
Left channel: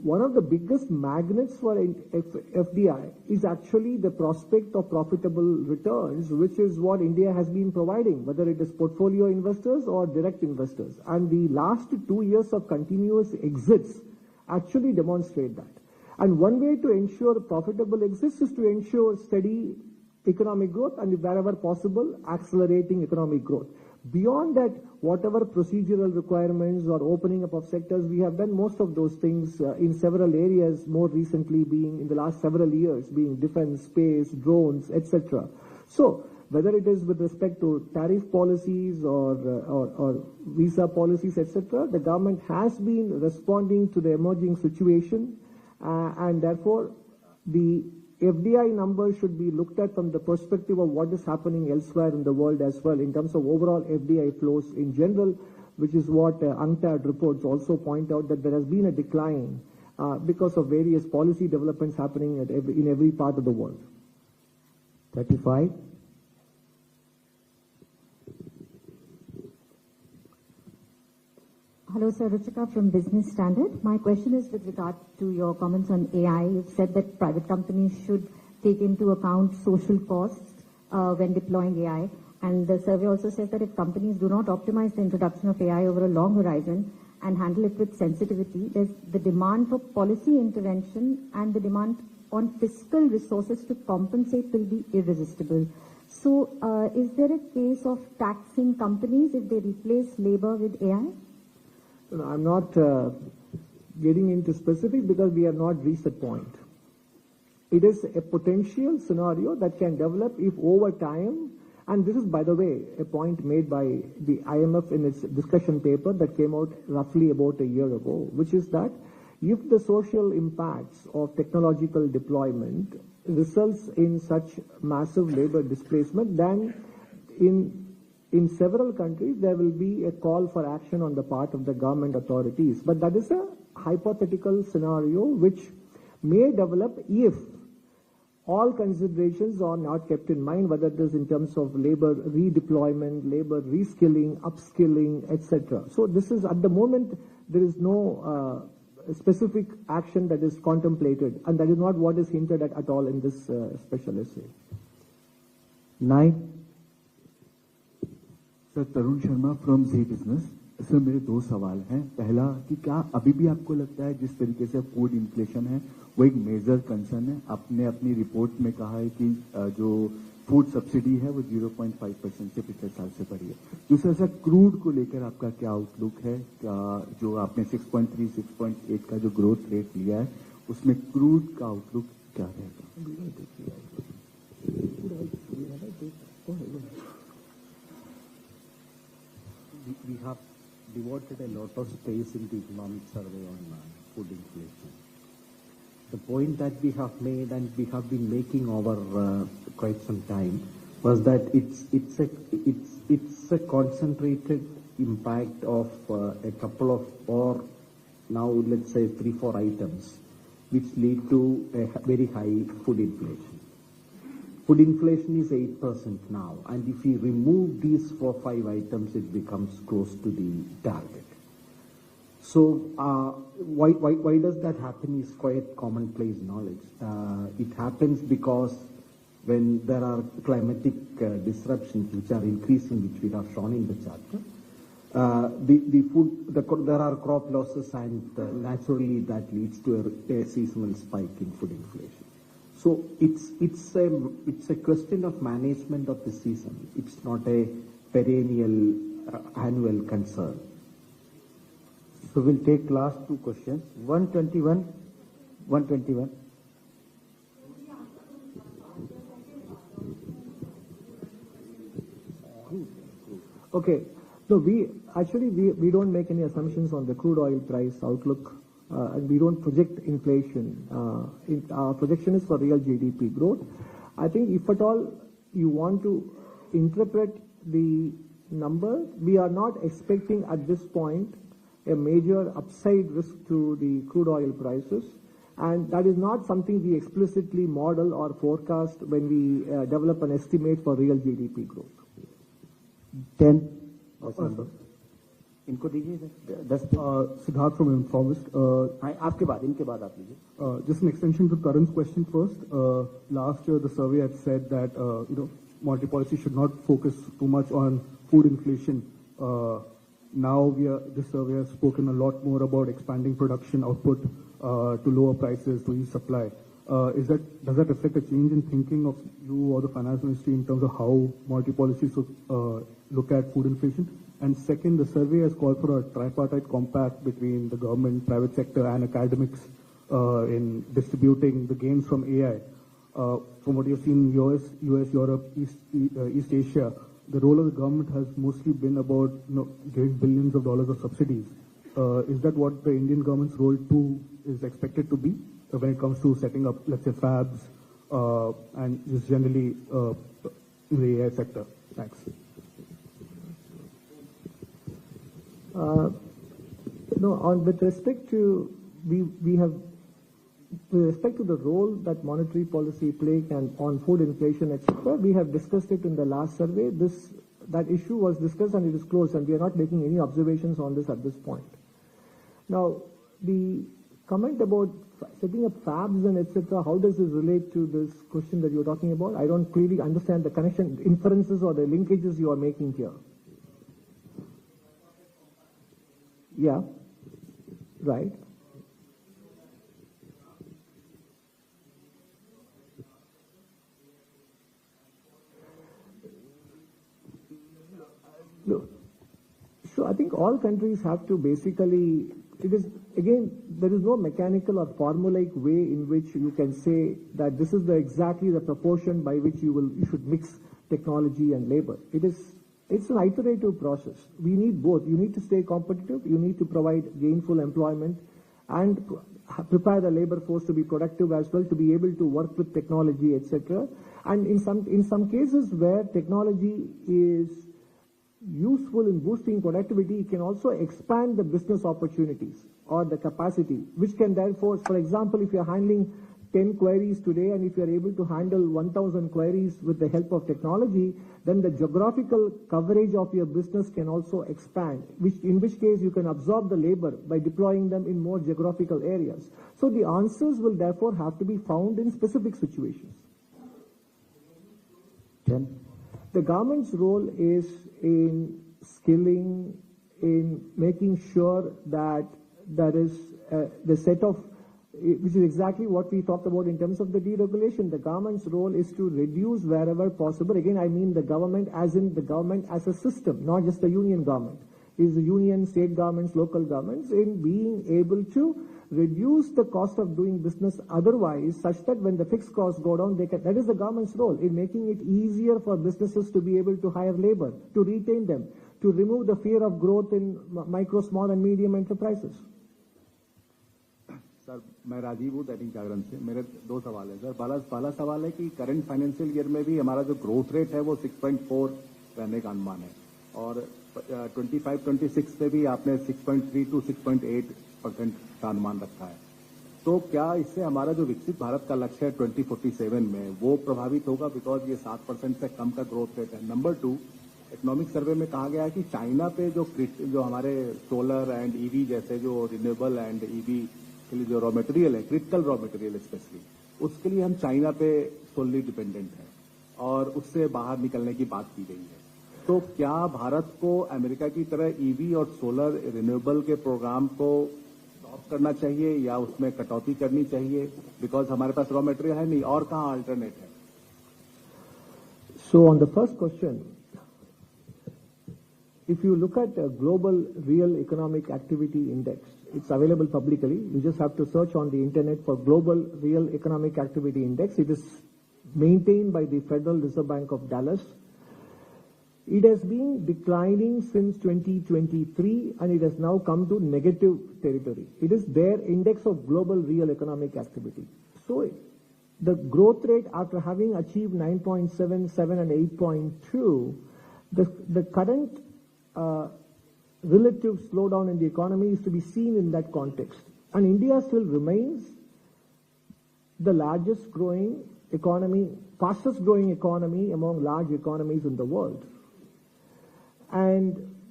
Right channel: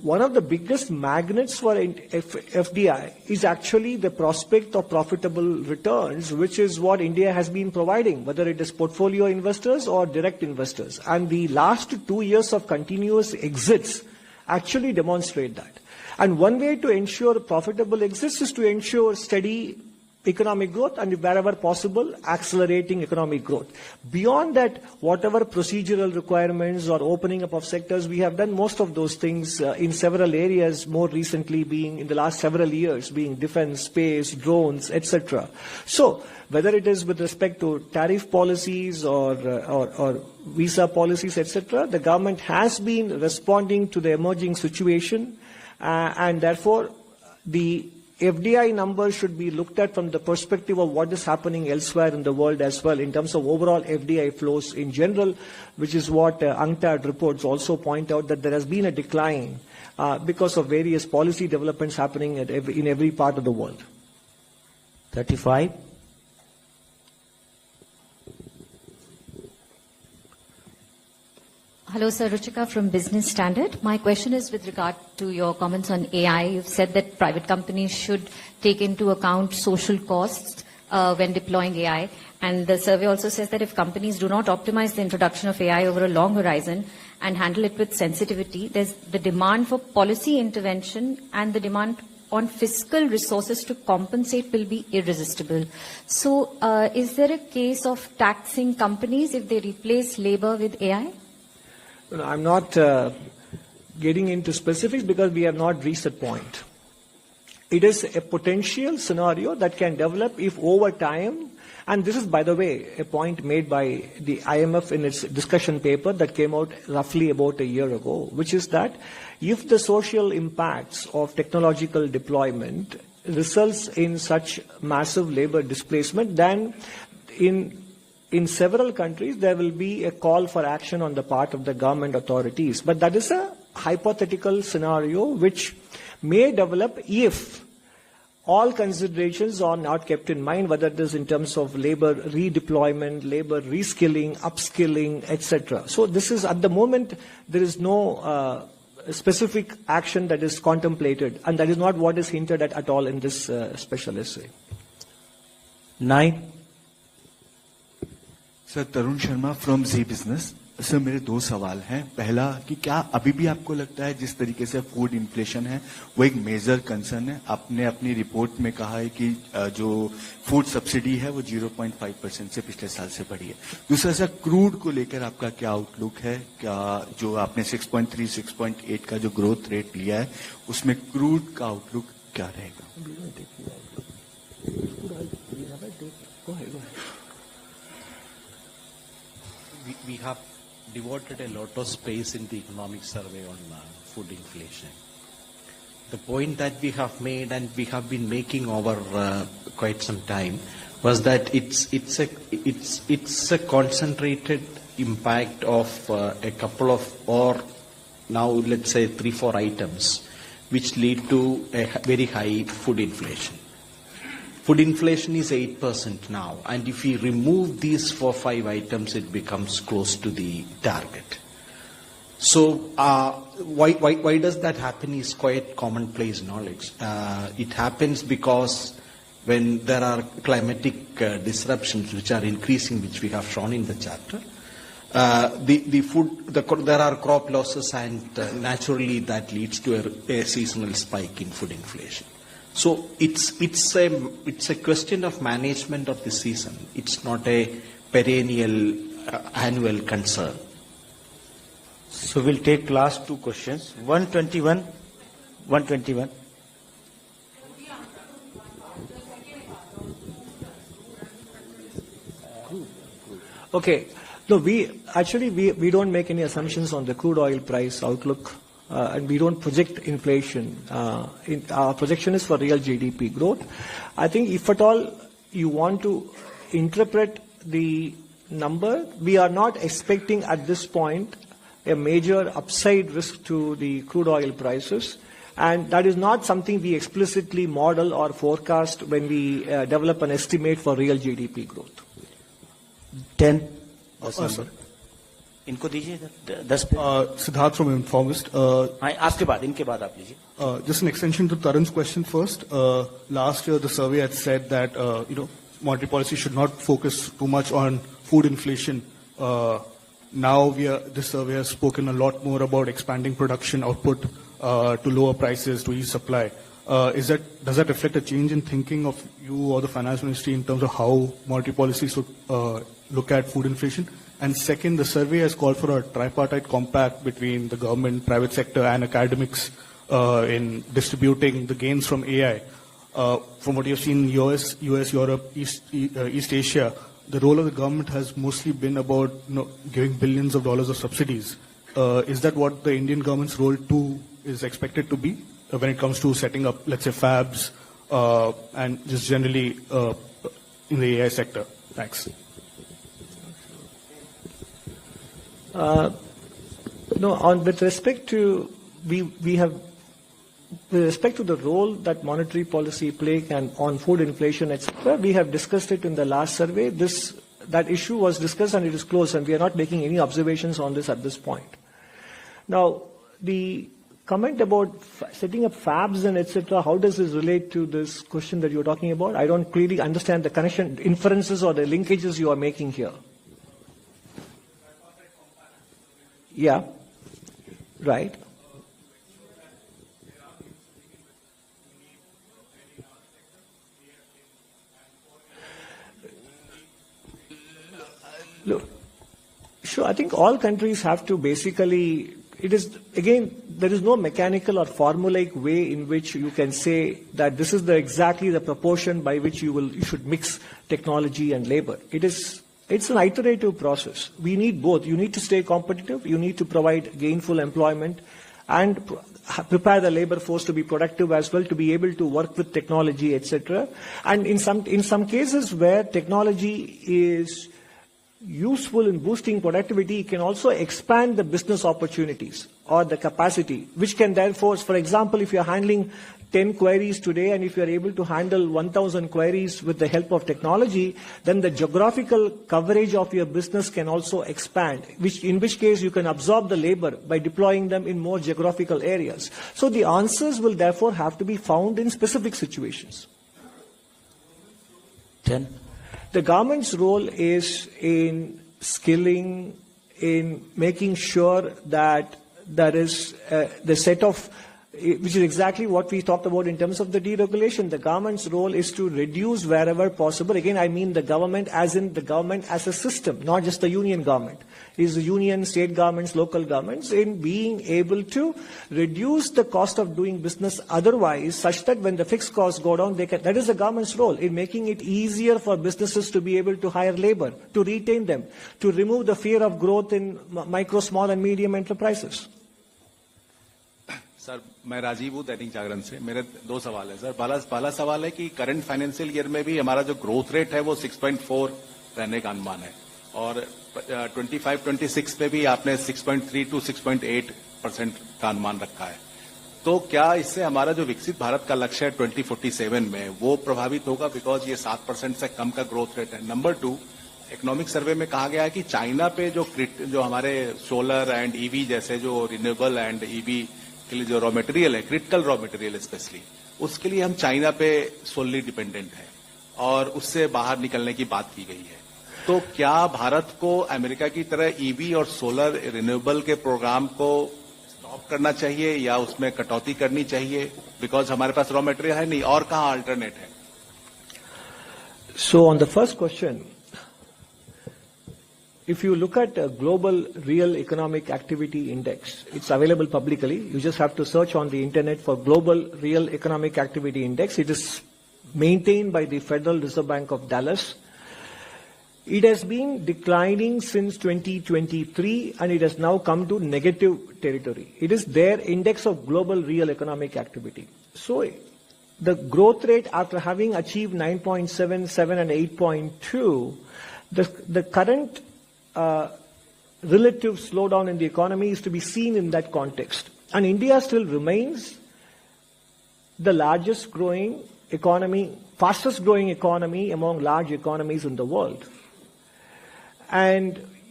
one of the biggest magnets for FDI is actually the prospect of profitable returns, which is what India has been providing, whether it is portfolio investors or direct investors. And the last 2 years of continuous exits actually demonstrate that. And one way to ensure profitable exits is to ensure steady economic growth and, wherever possible, accelerating economic growth. Beyond that, whatever procedural requirements or opening up of sectors, we have done most of those things in several areas, more recently being in the last several years, being defense, space, drones, etc. So, whether it is with respect to tariff policies or visa policies, etc., the government has been responding to the emerging situation, and therefore the FDI numbers should be looked at from the perspective of what is happening elsewhere in the world as well, in terms of overall FDI flows in general, which is what UNCTAD reports also point out, that there has been a decline because of various policy developments happening in every part of the world. 35. Hello, Sir. Ruchika from Business Standard. My question is with regard to your comments on AI. You've said that private companies should take into account social costs when deploying AI. And the survey also says that if companies do not optimize the introduction of AI over a long horizon and handle it with sensitivity, there's the demand for policy intervention and the demand on fiscal resources to compensate will be irresistible. So is there a case of taxing companies if they replace labor with AI? I'm not getting into specifics because we have not reached that point. It is a potential scenario that can develop if over time, and this is, by the way, a point made by the IMF in its discussion paper that came out roughly about a year ago, which is that if the social impacts of technological deployment results in such massive labor displacement, then in several countries, there will be a call for action on the part of the government authorities. But that is a hypothetical scenario which may develop if all considerations are not kept in mind, whether it is in terms of labor redeployment, labor reskilling, upskilling, etc. So this is, at the moment, there is no specific action that is contemplated, and that is not what is hinted at all in this special essay. 9. Sir Tarun Sharma from ji business. Sir मेरे 2 सवाल हैं। पहला कि क्या अभी भी आपको लगता है जिस तरीके से फूड इन्फ्लेशन है वो एक मेजर कंसर्न है? आपने अपनी रिपोर्ट में कहा है कि जो फूड सब्सिडी है वो 0.5% से पिछले साल से बढ़ी है। दूसरा सर, क्रूड को लेकर आपका क्या आउटलुक है? क्या जो आपने 6.3, 6.8 का जो ग्रोथ रेट लिया है उसमें क्रूड का आउटलुक क्या रहेगा? We have devoted a lot of space in the economic survey on food inflation. The point that we have made and we have been making over quite some time was that it's a concentrated impact of a couple of, or now let's say 3-4 items, which lead to a very high food inflation. Food inflation is 8% now, and if we remove these 4-5 items, it becomes close to the target. So why does that happen is quite commonplace knowledge. It happens because when there are climatic disruptions which are increasing, which we have shown in the chapter, there are crop losses, and naturally that leads to a seasonal spike in food inflation. So it's a question of management of the season. It's not a perennial annual concern. So we'll take last 2 questions. 121. Okay. No, we don't make any assumptions on the crude oil price outlook. And we don't project inflation. Our projection is for real GDP growth. I think if at all you want to interpret the number, we are not expecting at this point a major upside risk to the crude oil prices. And that is not something we explicitly model or forecast when we develop an estimate for real GDP growth. 10. Sorry. इनको दीजिए 10 पे। Siddharth from Informist. आपके बाद इनके बाद आप लीजिए। Just an extension to Tarun's question first. Last year, the survey had said that monetary policy should not focus too much on food inflation. Now this survey has spoken a lot more about expanding production output to lower prices, to ease supply. Does that reflect a change in thinking of you or the finance ministry in terms of how monetary policy should look at food inflation? And second, the survey has called for a tripartite compact between the government, private sector, and academics in distributing the gains from AI. From what you've seen in US, Europe, East Asia, the role of the government has mostly been about giving billions of dollars of subsidies. Is that what the Indian government's role too is expected to be when it comes to setting up, let's say, fabs and just generally in the AI sector? Thanks. With respect to with respect to the role that monetary policy play on food inflation, etc., we have discussed it in the last survey. That issue was discussed and it is closed, and we are not making any observations on this at this point. Now, the comment about setting up fabs and etc., how does this relate to this question that you're talking about? I don't clearly understand the connection, inferences or the linkages you are making here. Yeah, right. Look, sure, I think all countries have to basically, there is no mechanical or formulaic way in which you can say that this is exactly the proportion by which you should mix technology and labor. It's an iterative process. We need both. You need to stay competitive. You need to provide gainful employment and prepare the labor force to be productive as well, to be able to work with technology, etc. And in some cases where technology is useful in boosting productivity, it can also expand the business opportunities or the capacity, which can therefore, for example, if you're handling 10 queries today and if you're able to handle 1,000 queries with the help of technology, then the geographical coverage of your business can also expand, in which case you can absorb the labor by deploying them in more geographical areas. So the answers will therefore have to be found in specific situations. 10. The government's role is in skilling, in making sure that there is the set of, which is exactly what we talked about in terms of the deregulation. The government's role is to reduce wherever possible. Again, I mean the government as in the government as a system, not just the union government. It is the union, state governments, local governments in being able to reduce the cost of doing business otherwise, such that when the fixed costs go down, that is the government's role in making it easier for businesses to be able to hire labor, to retain them, to remove the fear of growth in micro, small and medium enterprises. Sir मैं राजीव हूँ दैनिक जागरण से। मेरे दो सवाल है sir. पहला सवाल है कि करंट फाइनेंशियल ईयर में भी हमारा जो ग्रोथ रेट है वो 6.4 रहने का अनुमान है और 25-26 पे भी आपने 6.3 to 6.8% का अनुमान रखा है। तो क्या इससे हमारा जो विकसित भारत का लक्ष्य है 2047 में वो प्रभावित होगा, बिकॉज ये 7% से कम का ग्रोथ रेट है। नंबर 2, इकोनॉमिक सर्वे में कहा गया है कि चाइना पे जो हमारे सोलर एंड ईवी जैसे जो रिन्यूएबल एंड ईवी के लिए जो रॉ मटेरियल है, क्रिटिकल रॉ मटेरियल स्पेशली, उसके लिए हम चाइना पे सोलली डिपेंडेंट है और उससे बाहर निकलने की बात की गई है। तो क्या भारत को अमेरिका की तरह ईवी और सोलर रिन्यूएबल के प्रोग्राम को स्टॉप करना चाहिए या उसमें कटौती करनी चाहिए, बिकॉज हमारे पास रॉ मटेरियल है नहीं और कहाँ अल्टरनेट है? So on the first question, if you look at a global real economic activity index, it's available publicly. You just have to search on the internet for global real economic activity index. It is maintained by the Federal Reserve Bank of Dallas. It has been declining since 2023 and it has now come to negative territory. It is their index of global real economic activity. So the growth rate after having achieved 9.7, 7 and 8.2, the current relative slowdown in the economy is to be seen in that context. And India still remains the largest growing economy, fastest growing economy among large economies in the world. And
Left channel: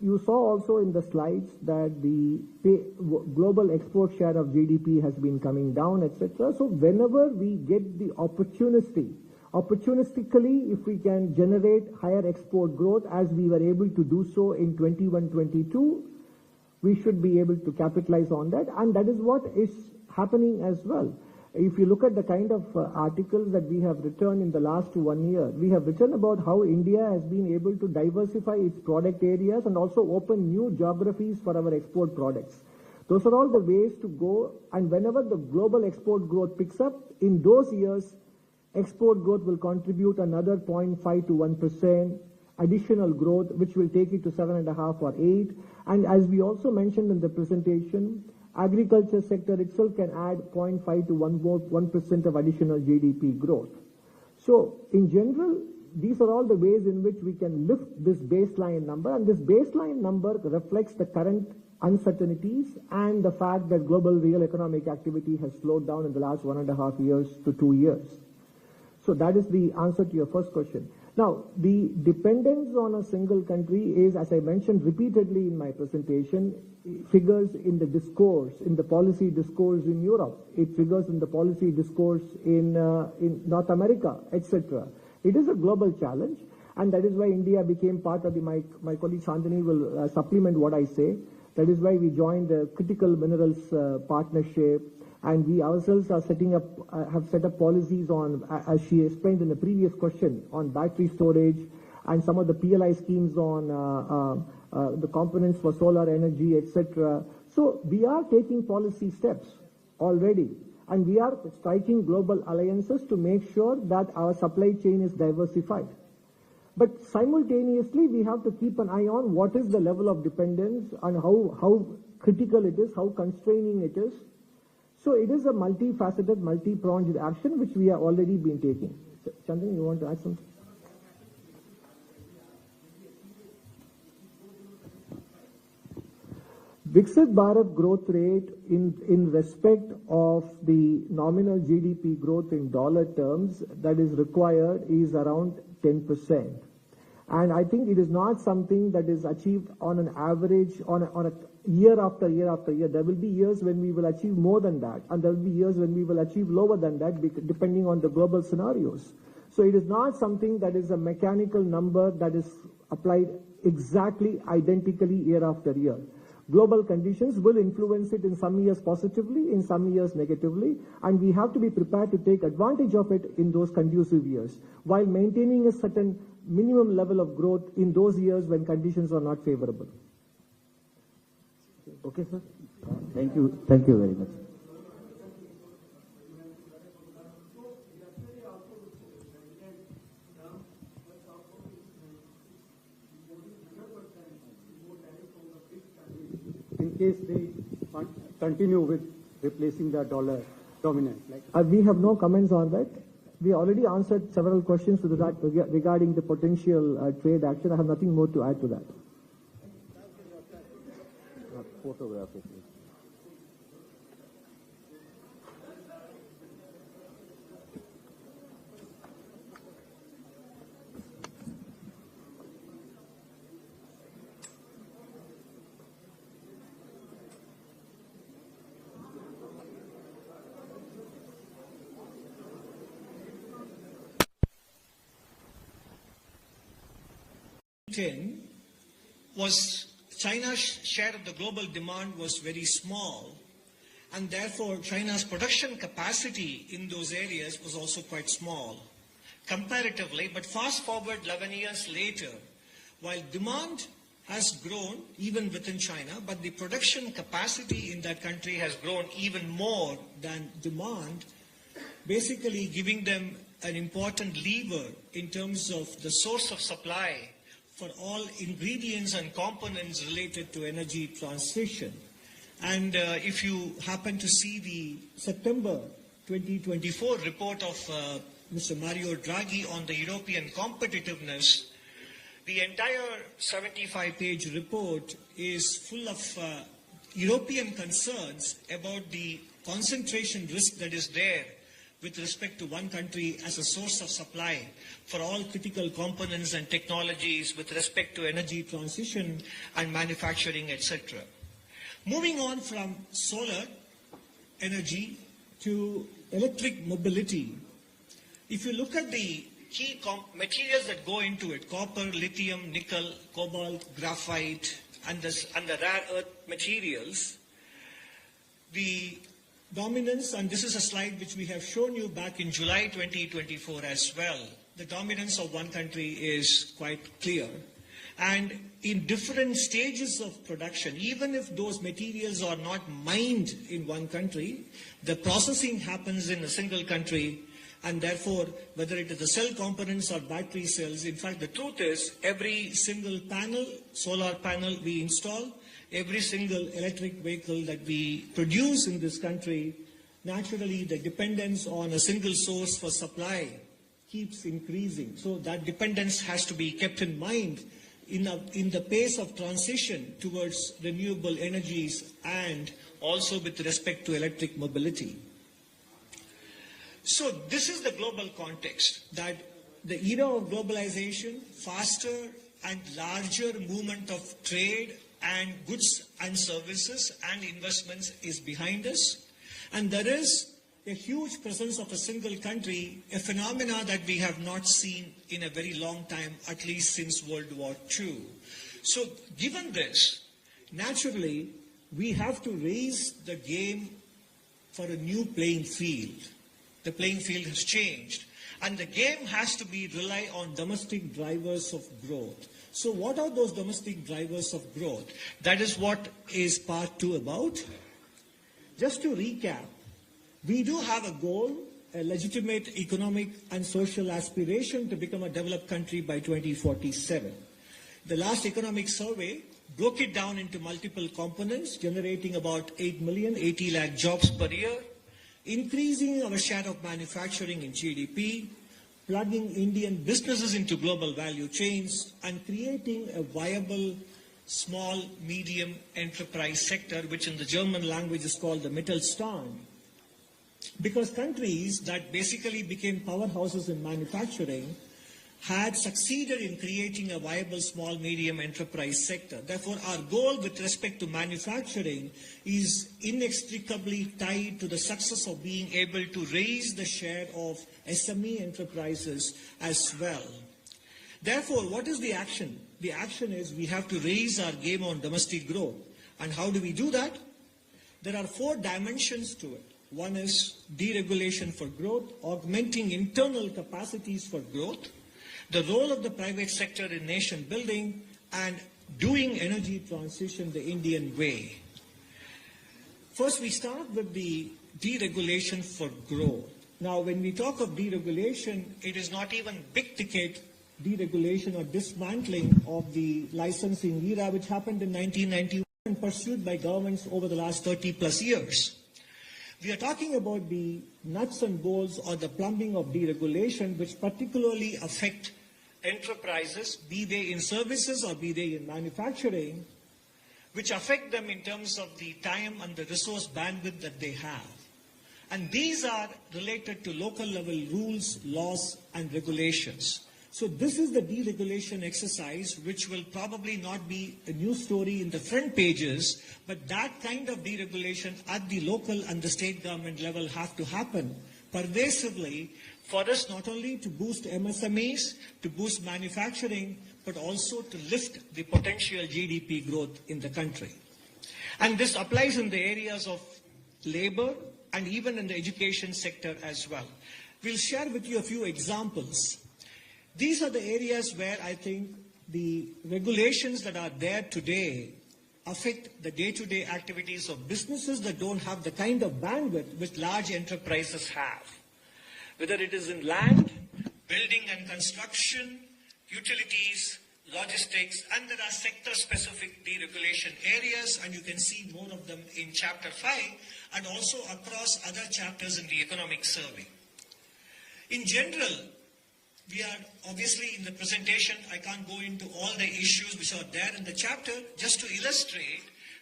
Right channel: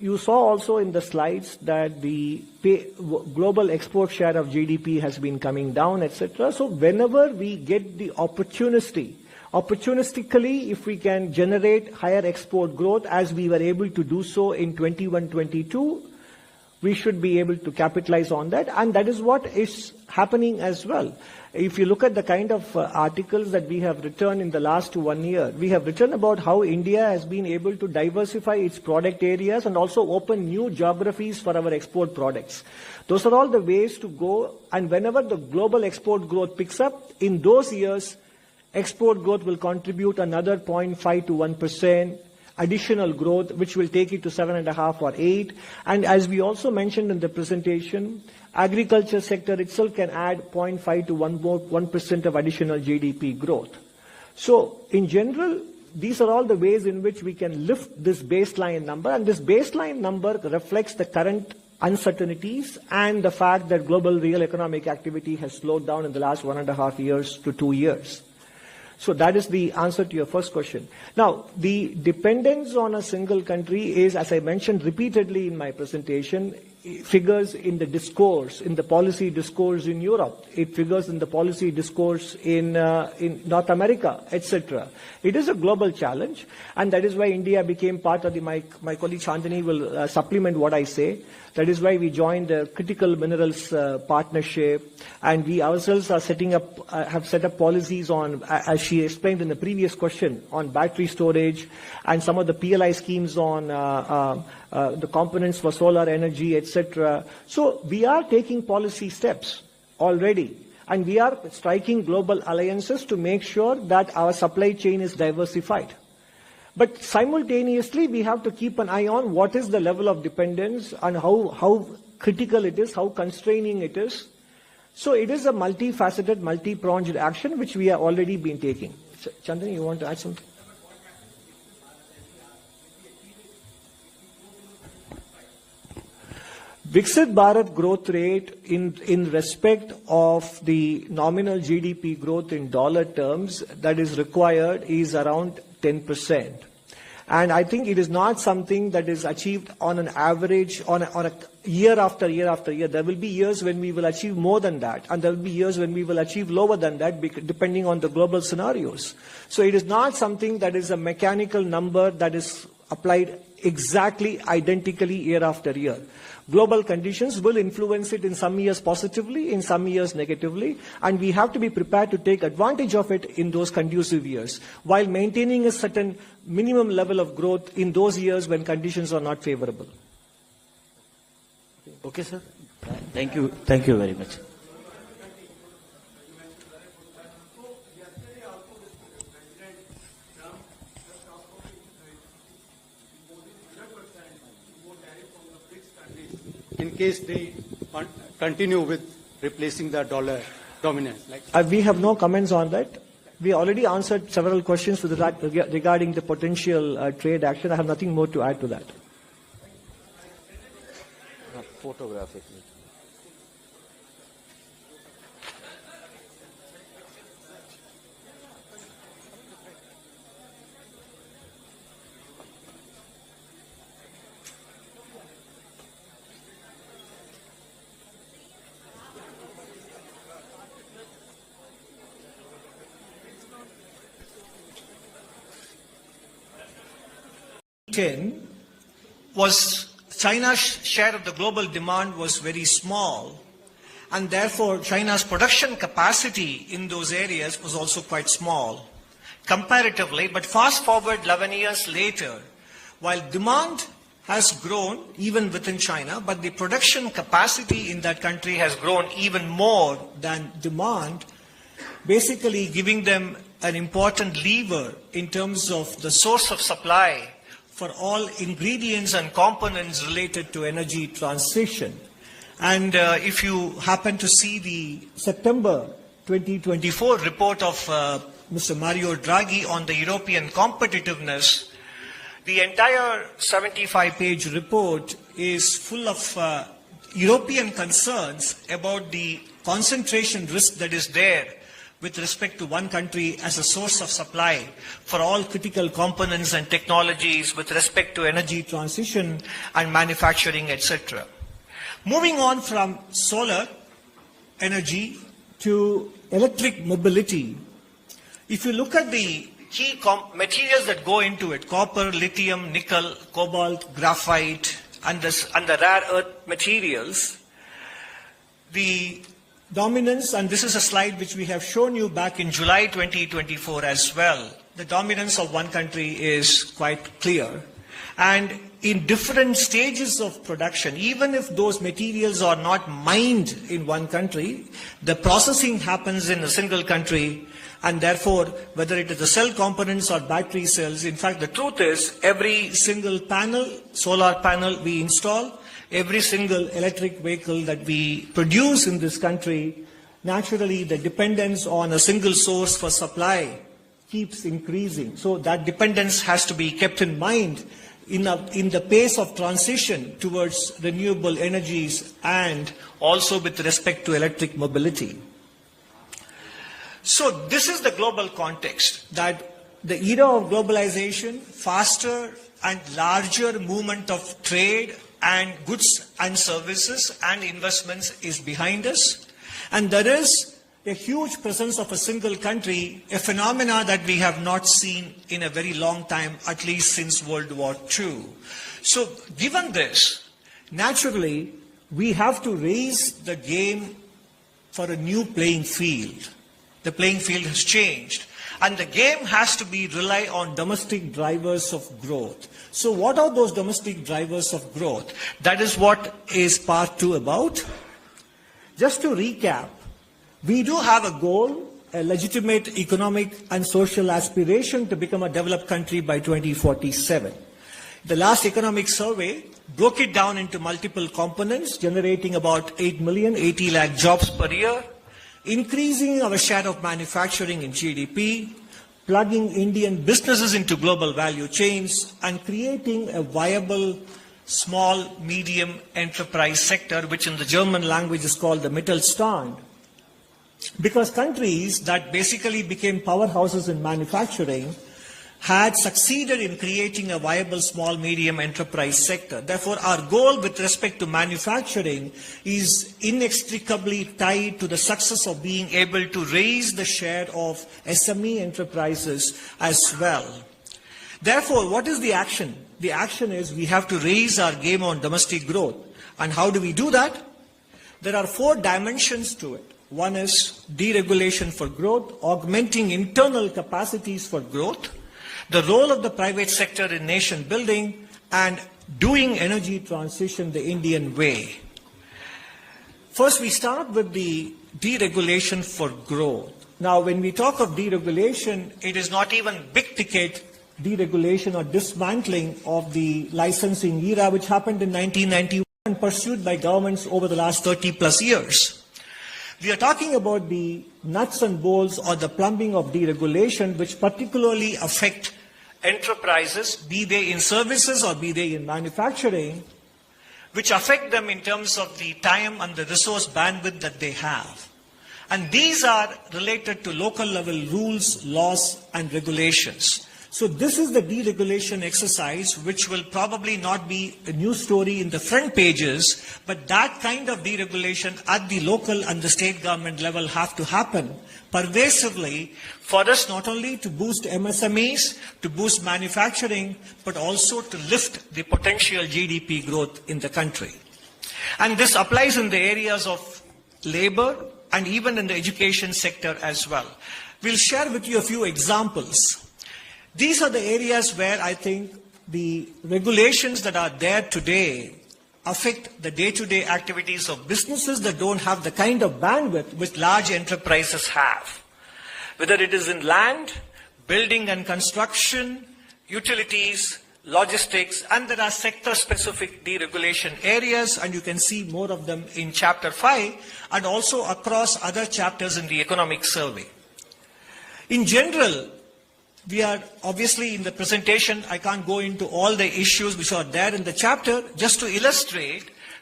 you saw also in the slides that the global export share of GDP has been coming down, etc. So whenever we get the opportunistically, if we can generate higher export growth as we were able to do so in 21-22, we should be able to capitalize on that, and that is what is happening as well. If you look at the kind of articles that we have written in the last 1 year, we have written about how India has been able to diversify its product areas and also open new geographies for our export products. Those are all the ways to go, and whenever the global export growth picks up, in those years, export growth will contribute another 0.5 to 1%. Additional growth, which will take it to 7.5 or 8. And as we also mentioned in the presentation, agriculture sector itself can add 0.5 to 1% of additional GDP growth. So in general, these are all the ways in which we can lift this baseline number, and this baseline number reflects the current uncertainties and the fact that global real economic activity has slowed down in the last 1.5 years to 2 years. So that is the answer to your first question. Now, the dependence on a single country is, as I mentioned repeatedly in my presentation, figures in the discourse, in the policy discourse in Europe. It figures in the policy discourse in North America, etc. It is a global challenge, and that is why India became part of the, my colleague Chandani will supplement what I say. That is why we joined the Critical Minerals Partnership, and we ourselves are have set up policies on, as she explained in the previous question, on battery storage and some of the PLI schemes on the components for solar energy, etc. So we are taking policy steps already, and we are striking global alliances to make sure that our supply chain is diversified. But simultaneously, we have to keep an eye on what is the level of dependence and how critical it is, how constraining it is. So it is a multifaceted, multi-pronged action which we have already been taking. Chandani, you want to add something? Viksit Bharat growth rate in respect of the nominal GDP growth in dollar terms that is required is around 10%. And I think it is not something that is achieved on an average, on a year after year after year. There will be years when we will achieve more than that, and there will be years when we will achieve lower than that, depending on the global scenarios. So it is not something that is a mechanical number that is applied exactly identically year after year. Global conditions will influence it in some years positively, in some years negatively, and we have to be prepared to take advantage of it in those conducive years, while maintaining a certain minimum level of growth in those years when conditions are not favorable. Okay, sir. Thank you. Thank you very much. In case they continue with replacing the dollar dominance. We have no comments on that. We already answered several questions with that regarding the potential trade action. I have nothing more to add to that. Photographic. Was China's share of the global demand was very small, and therefore China's production capacity in those areas was also quite small comparatively. But fast forward 11 years later, while demand has grown even within China, but the production capacity in that country has grown even more than demand, basically giving them an important lever in terms of the source of supply for all ingredients and components related to energy transition. And if you happen to see the September 2024 report of Mr. Mario Draghi on the European competitiveness, the entire 75-page report is full of European concerns about the concentration risk that is there with respect to one country as a source of supply for all critical components and technologies with respect to energy transition and manufacturing, etc. Moving on from solar energy to electric mobility, if you look at the key materials that go into it, copper, lithium, nickel, cobalt, graphite, and the rare earth materials, the dominance, and this is a slide which we have shown you back in July 2024 as well, the dominance of one country is quite clear. And in different stages of production, even if those materials are not mined in one country, the processing happens in a single country, and therefore, whether it is the cell components or battery cells, in fact, the truth is every single panel, solar panel we install, every single electric vehicle that we produce in this country, naturally the dependence on a single source for supply keeps increasing. So that dependence has to be kept in mind in the pace of transition towards renewable energies and also with respect to electric mobility. So this is the global context, that the era of globalization, faster and larger movement of trade and goods and services and investments is behind us. And there is a huge presence of a single country, a phenomena that we have not seen in a very long time, at least since World War II. So given this, naturally, we have to raise the game for a new playing field. The playing field has changed. And the game has to rely on domestic drivers of growth. So what are those domestic drivers of growth? That is what is part 2 about. Just to recap, we do have a goal, a legitimate economic and social aspiration to become a developed country by 2047. The last economic survey broke it down into multiple components, generating about 80 lakh jobs per year, increasing our share of manufacturing in GDP, plugging Indian businesses into global value chains, and creating a viable small, medium enterprise sector, which in the German language is called the Mittelstand. Because countries that basically became powerhouses in manufacturing had succeeded in creating a viable small, medium enterprise sector. Therefore, our goal with respect to manufacturing is inextricably tied to the success of being able to raise the share of SME enterprises as well. Therefore, what is the action? The action is we have to raise our game on domestic growth. And how do we do that? There are 4 dimensions to it. One is deregulation for growth, augmenting internal capacities for growth, the role of the private sector in nation building, and doing energy transition the Indian way. First, we start with the deregulation for growth. Now, when we talk of deregulation, it is not even big ticket deregulation or dismantling of the licensing era, which happened in 1991 and pursued by governments over the last 30 plus years. We are talking about the nuts and bolts or the plumbing of deregulation, which particularly affect enterprises, be they in services or be they in manufacturing, which affect them in terms of the time and the resource bandwidth that they have. And these are related to local level rules, laws, and regulations. So this is the deregulation exercise, which will probably not be a news story in the front pages, but that kind of deregulation at the local and the state government level have to happen pervasively for us not only to boost MSMEs, to boost manufacturing, but also to lift the potential GDP growth in the country. And this applies in the areas of labor and even in the education sector as well. We'll share with you a few examples. These are the areas where I think the regulations that are there today affect the day-to-day activities of businesses that don't have the kind of bandwidth which large enterprises have. Whether it is in land, building and construction, utilities, logistics, and there are sector-specific deregulation areas, and you can see more of them in Chapter 5 and also across other chapters in the economic survey. In general, we are obviously in the presentation, I can't go into all the issues which are there in the chapter. Just to illustrate,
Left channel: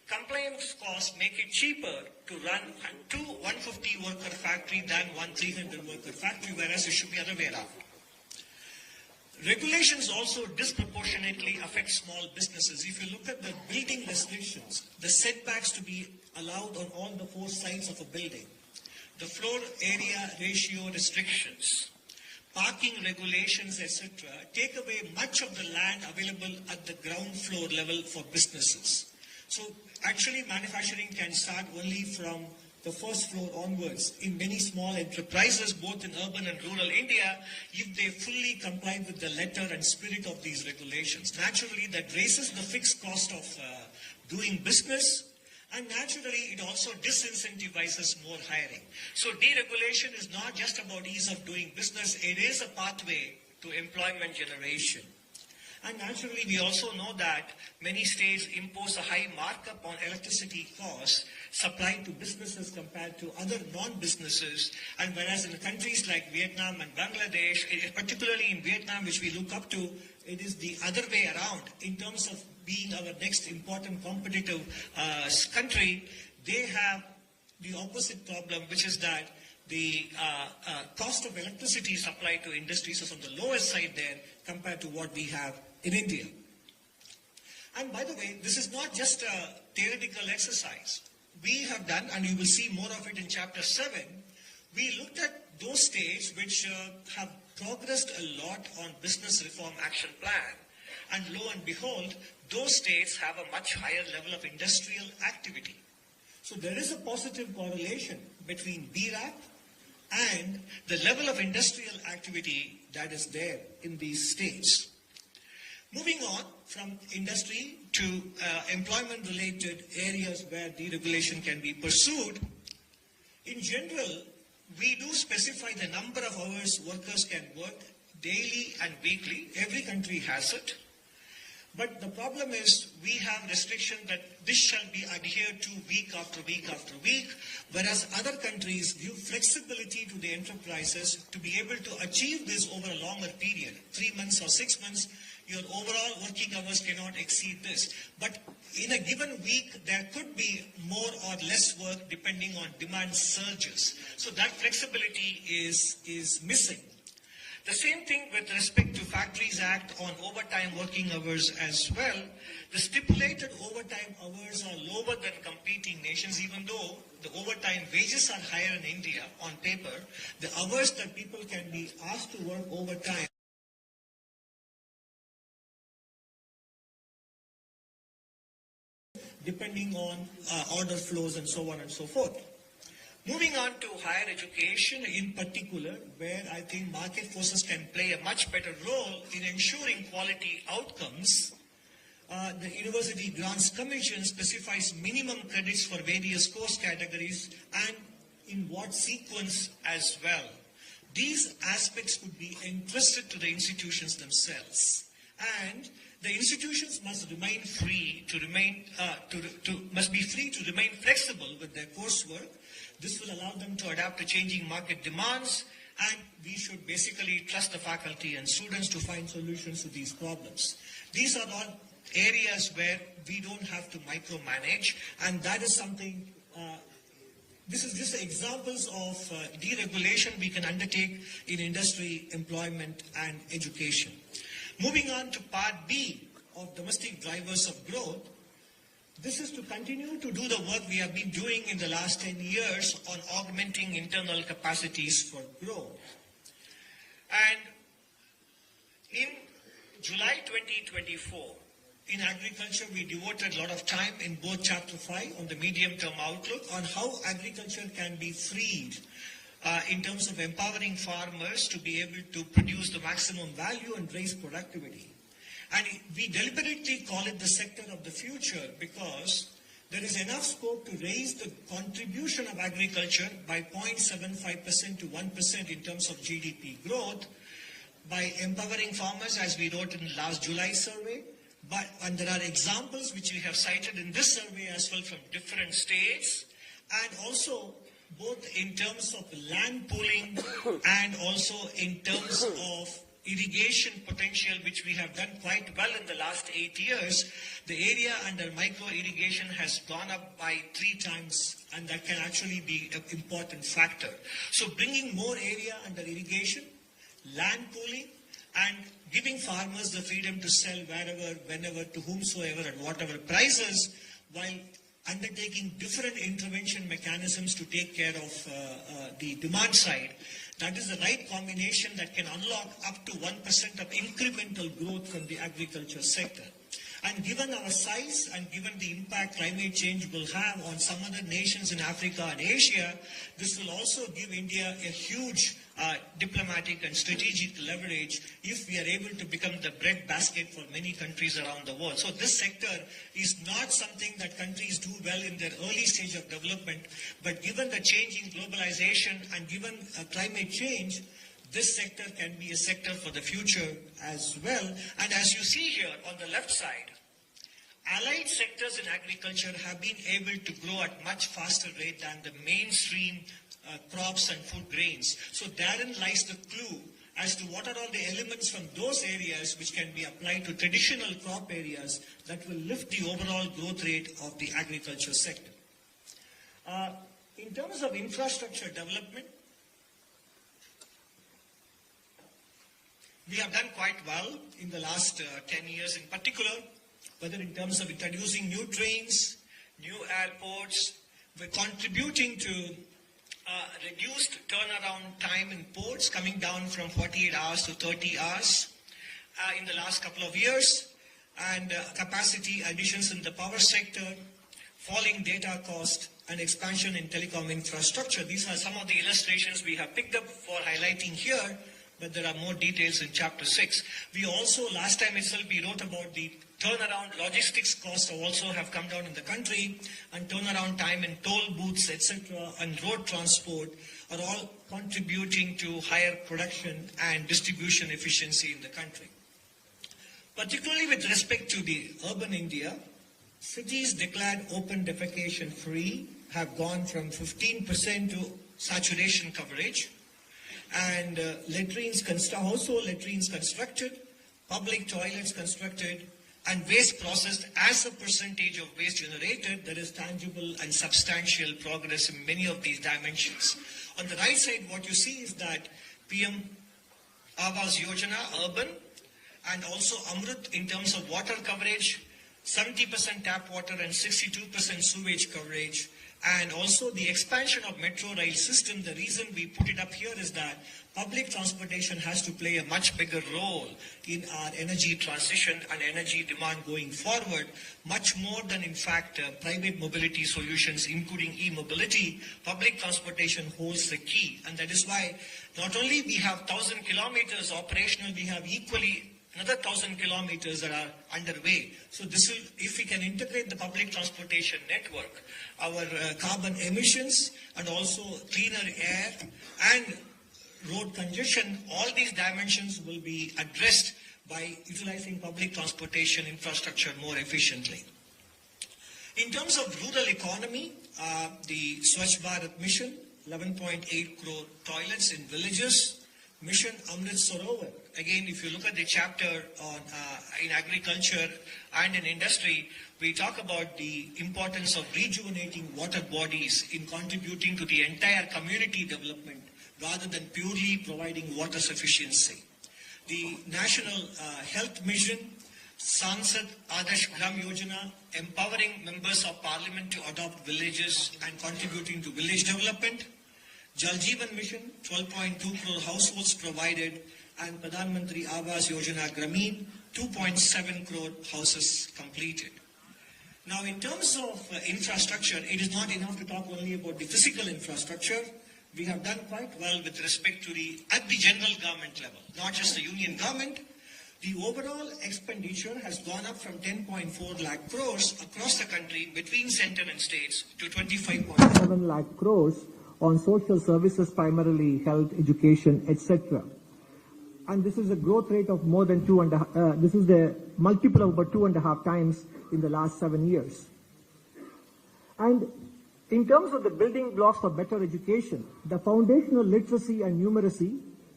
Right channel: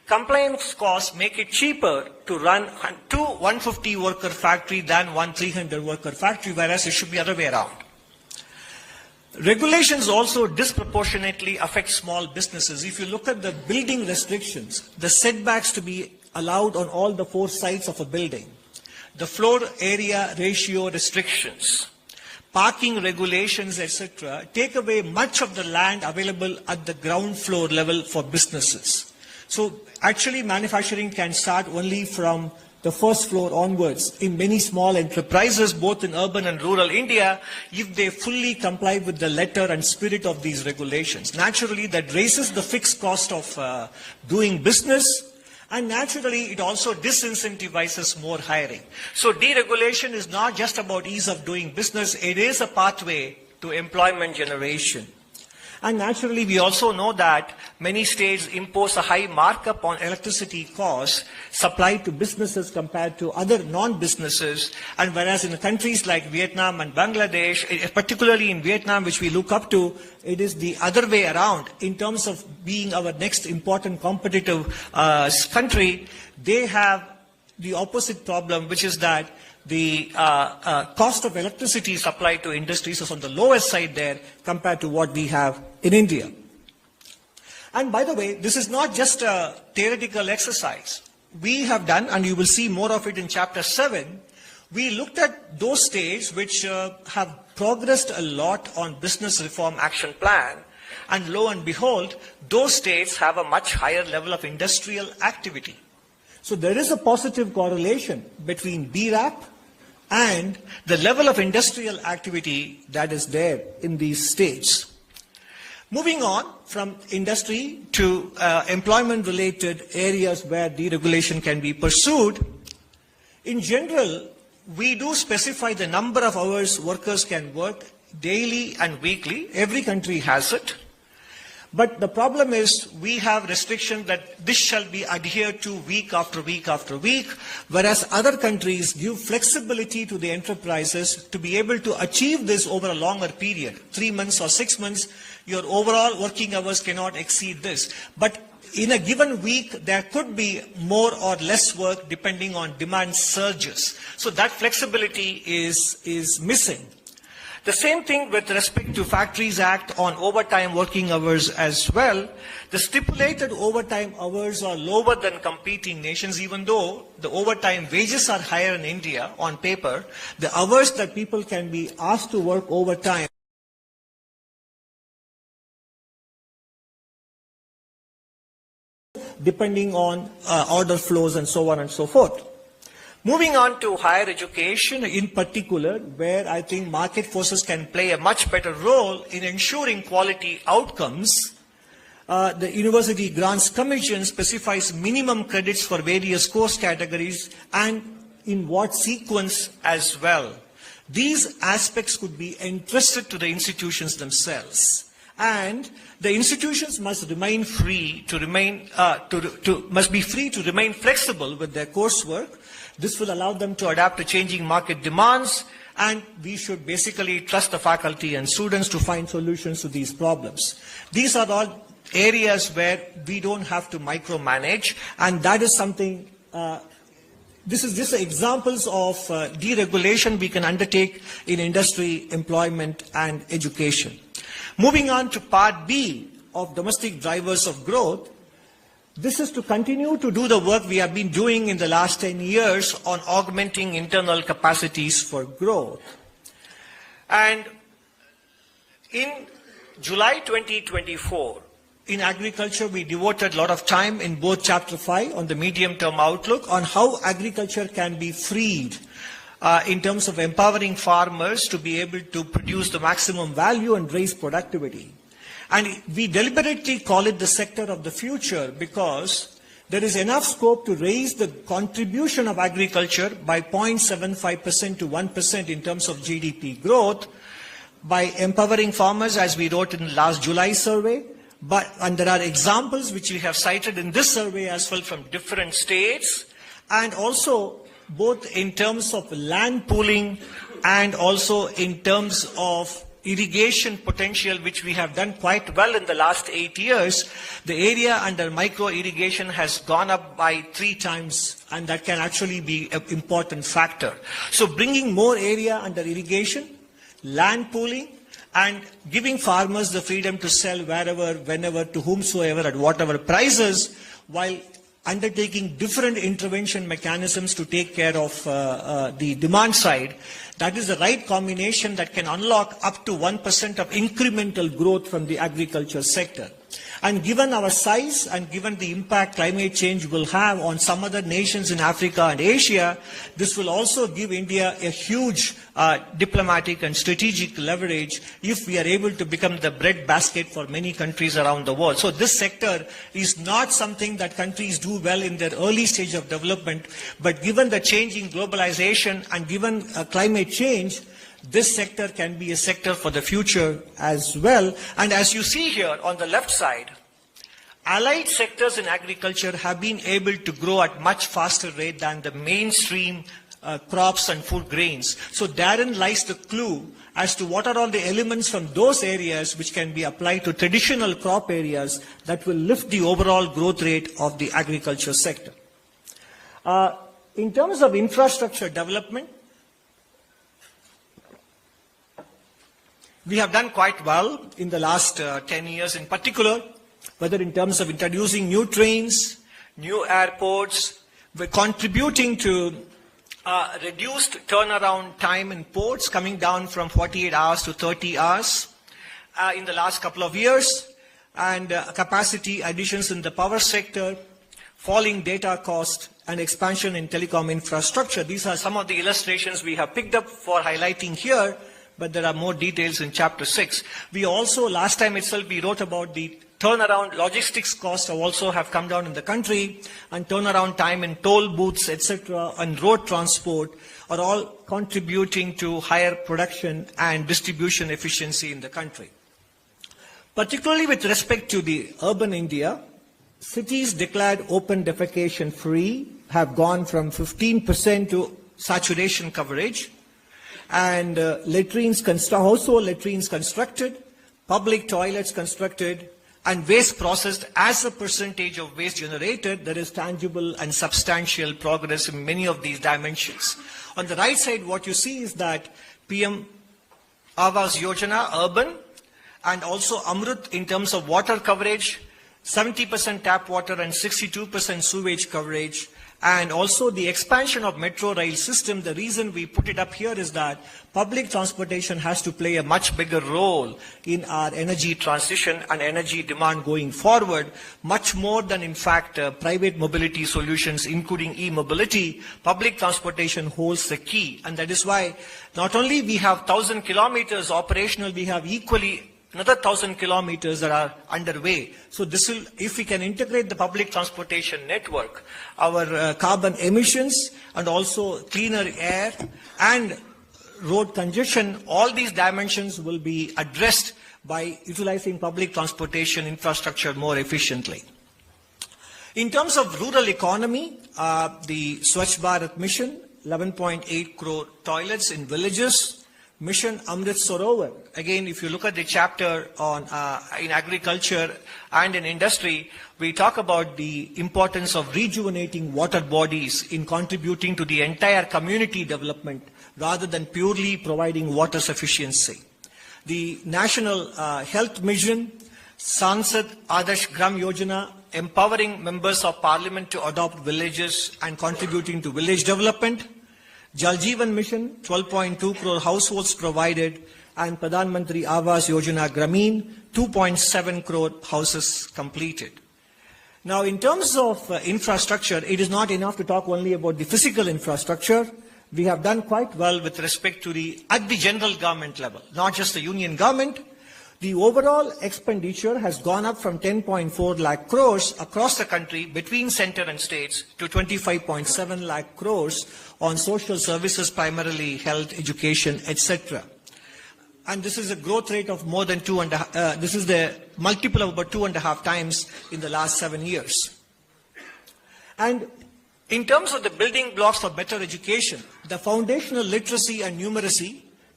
Compliance costs make it cheaper to run two 150 worker factory than one 300 worker factory, whereas it should be the other way around. Regulations also disproportionately affect small businesses. If you look at the building restrictions, the setbacks to be allowed on all the four sides of a building, the floor area ratio restrictions, parking regulations, etc., take away much of the land available at the ground floor level for businesses. So actually manufacturing can start only from the first floor onwards in many small enterprises, both in urban and rural India, if they fully comply with the letter and spirit of these regulations. Naturally, that raises the fixed cost of doing business, and naturally, it also disincentivizes more hiring. So deregulation is not just about ease of doing business, it is a pathway to employment generation. And naturally, we also know that many states impose a high markup on electricity costs supplied to businesses compared to other non-businesses. And whereas in countries like Vietnam and Bangladesh, particularly in Vietnam, which we look up to, it is the other way around. In terms of being our next important competitive country, they have the opposite problem, which is that the cost of electricity supplied to industries is on the lowest side there compared to what we have in India. And by the way, this is not just a theoretical exercise. We have done, and you will see more of it in Chapter 7, we looked at those states which have progressed a lot on Business Reform Action Plan, and lo and behold, those states have a much higher level of industrial activity. So there is a positive correlation between BRAP and the level of industrial activity that is there in these states. Moving on from industry to employment-related areas where deregulation can be pursued, in general, we do specify the number of hours workers can work daily and weekly. Every country has it. But the problem is we have restriction that this shall be adhered to week after week after week, whereas other countries give flexibility to the enterprises to be able to achieve this over a longer period, 3 months or 6 months. Your overall working hours cannot exceed this. But in a given week, there could be more or less work depending on demand surges. So that flexibility is missing. The same thing with respect to Factories Act on overtime working hours as well. The stipulated overtime hours are lower than competing nations, even though the overtime wages are higher in India on paper. The hours that people can be asked to work overtime depending on order flows and so on and so forth. Moving on to higher education in particular, where I think market forces can play a much better role in ensuring quality outcomes. The University Grants Commission specifies minimum credits for various course categories and in what sequence as well. These aspects could be entrusted to the institutions themselves. And the institutions must remain free to remain flexible with their coursework. This will allow them to adapt to changing market demands, and we should basically trust the faculty and students to find solutions to these problems. These are all areas where we don't have to micromanage, and that is something, this is just examples of deregulation we can undertake in industry, employment, and education. Moving on to Part B of domestic drivers of growth, this is to continue to do the work we have been doing in the last 10 years on augmenting internal capacities for growth. And in July 2024, in agriculture, we devoted a lot of time in both Chapter 5 on the medium-term outlook on how agriculture can be freed in terms of empowering farmers to be able to produce the maximum value and raise productivity. And we deliberately call it the sector of the future because there is enough scope to raise the contribution of agriculture by 0.75% to 1% in terms of GDP growth by empowering farmers, as we wrote in the last July survey. And there are examples which we have cited in this survey as well from different states, and also both in terms of land pooling and also in terms of irrigation potential, which we have done quite well in the last 8 years, the area under micro irrigation has gone up by 3 times, and that can actually be an important factor. So bringing more area under irrigation, land pooling, and giving farmers the freedom to sell wherever, whenever, to whomsoever, at whatever prices, while undertaking different intervention mechanisms to take care of the demand side. That is the right combination that can unlock up to 1% of incremental growth from the agriculture sector. And given our size and given the impact climate change will have on some other nations in Africa and Asia, this will also give India a huge diplomatic and strategic leverage if we are able to become the breadbasket for many countries around the world. So this sector is not something that countries do well in their early stage of development, but given the change in globalization and given climate change, this sector can be a sector for the future as well. And as you see here on the left side, allied sectors in agriculture have been able to grow at much faster rate than the mainstream crops and food grains. So therein lies the clue as to what are all the elements from those areas which can be applied to traditional crop areas that will lift the overall growth rate of the agriculture sector. In terms of infrastructure development, we have done quite well in the last 10 years in particular, whether in terms of introducing new trains, new airports. We're contributing to reduced turnaround time in ports, coming down from 48 hours to 30 hours in the last couple of years, and capacity additions in the power sector, falling data cost, and expansion in telecom infrastructure. These are some of the illustrations we have picked up for highlighting here, but there are more details in Chapter 6. We also, last time itself, we wrote about the turnaround logistics costs also have come down in the country, and turnaround time in toll booths, etc., and road transport are all contributing to higher production and distribution efficiency in the country. Particularly with respect to the urban India, cities declared open defecation free have gone from 15% to saturation coverage, and household latrines constructed, public toilets constructed, and waste processed as a percentage of waste generated. There is tangible and substantial progress in many of these dimensions. On the right side, what you see is that PM Awas Yojana, urban, and also Amrut in terms of water coverage, 70% tap water and 62% sewage coverage, and also the expansion of metro rail system. The reason we put it up here is that public transportation has to play a much bigger role in our energy transition and energy demand going forward, much more than, in fact, private mobility solutions, including e-mobility. Public transportation holds the key, and that is why not only we have 1,000 kilometers operational, we have equally another 1,000 kilometers that are underway. So this will, if we can integrate the public transportation network, our carbon emissions and also cleaner air and road congestion, all these dimensions will be addressed by utilizing public transportation infrastructure more efficiently. In terms of rural economy, the Swachh Bharat mission, 11.8 crore toilets in villages, Mission Amrit Sarovar. Again, if you look at the chapter on in agriculture and in industry, we talk about the importance of rejuvenating water bodies in contributing to the entire community development rather than purely providing water sufficiency. The National Health Mission, Sansad Adarsh Gram Yojana, empowering members of parliament to adopt villages and contributing to village development. Jal Jeevan Mission, 12.2 crore households provided, and Pradhan Mantri Awas Yojana Grameen, 2.7 crore houses completed. Now, in terms of infrastructure, it is not enough to talk only about the physical infrastructure. We have done quite well with respect to at the general government level, not just the union government. The overall expenditure has gone up from 10.4 lakh crores across the country between center and states to 25.7 lakh crores on social services, primarily health, education, etc. And this is a growth rate of more than this is the multiple of about 2.5 times in the last 7 years. And in terms of the building blocks for better education, the foundational literacy and numeracy,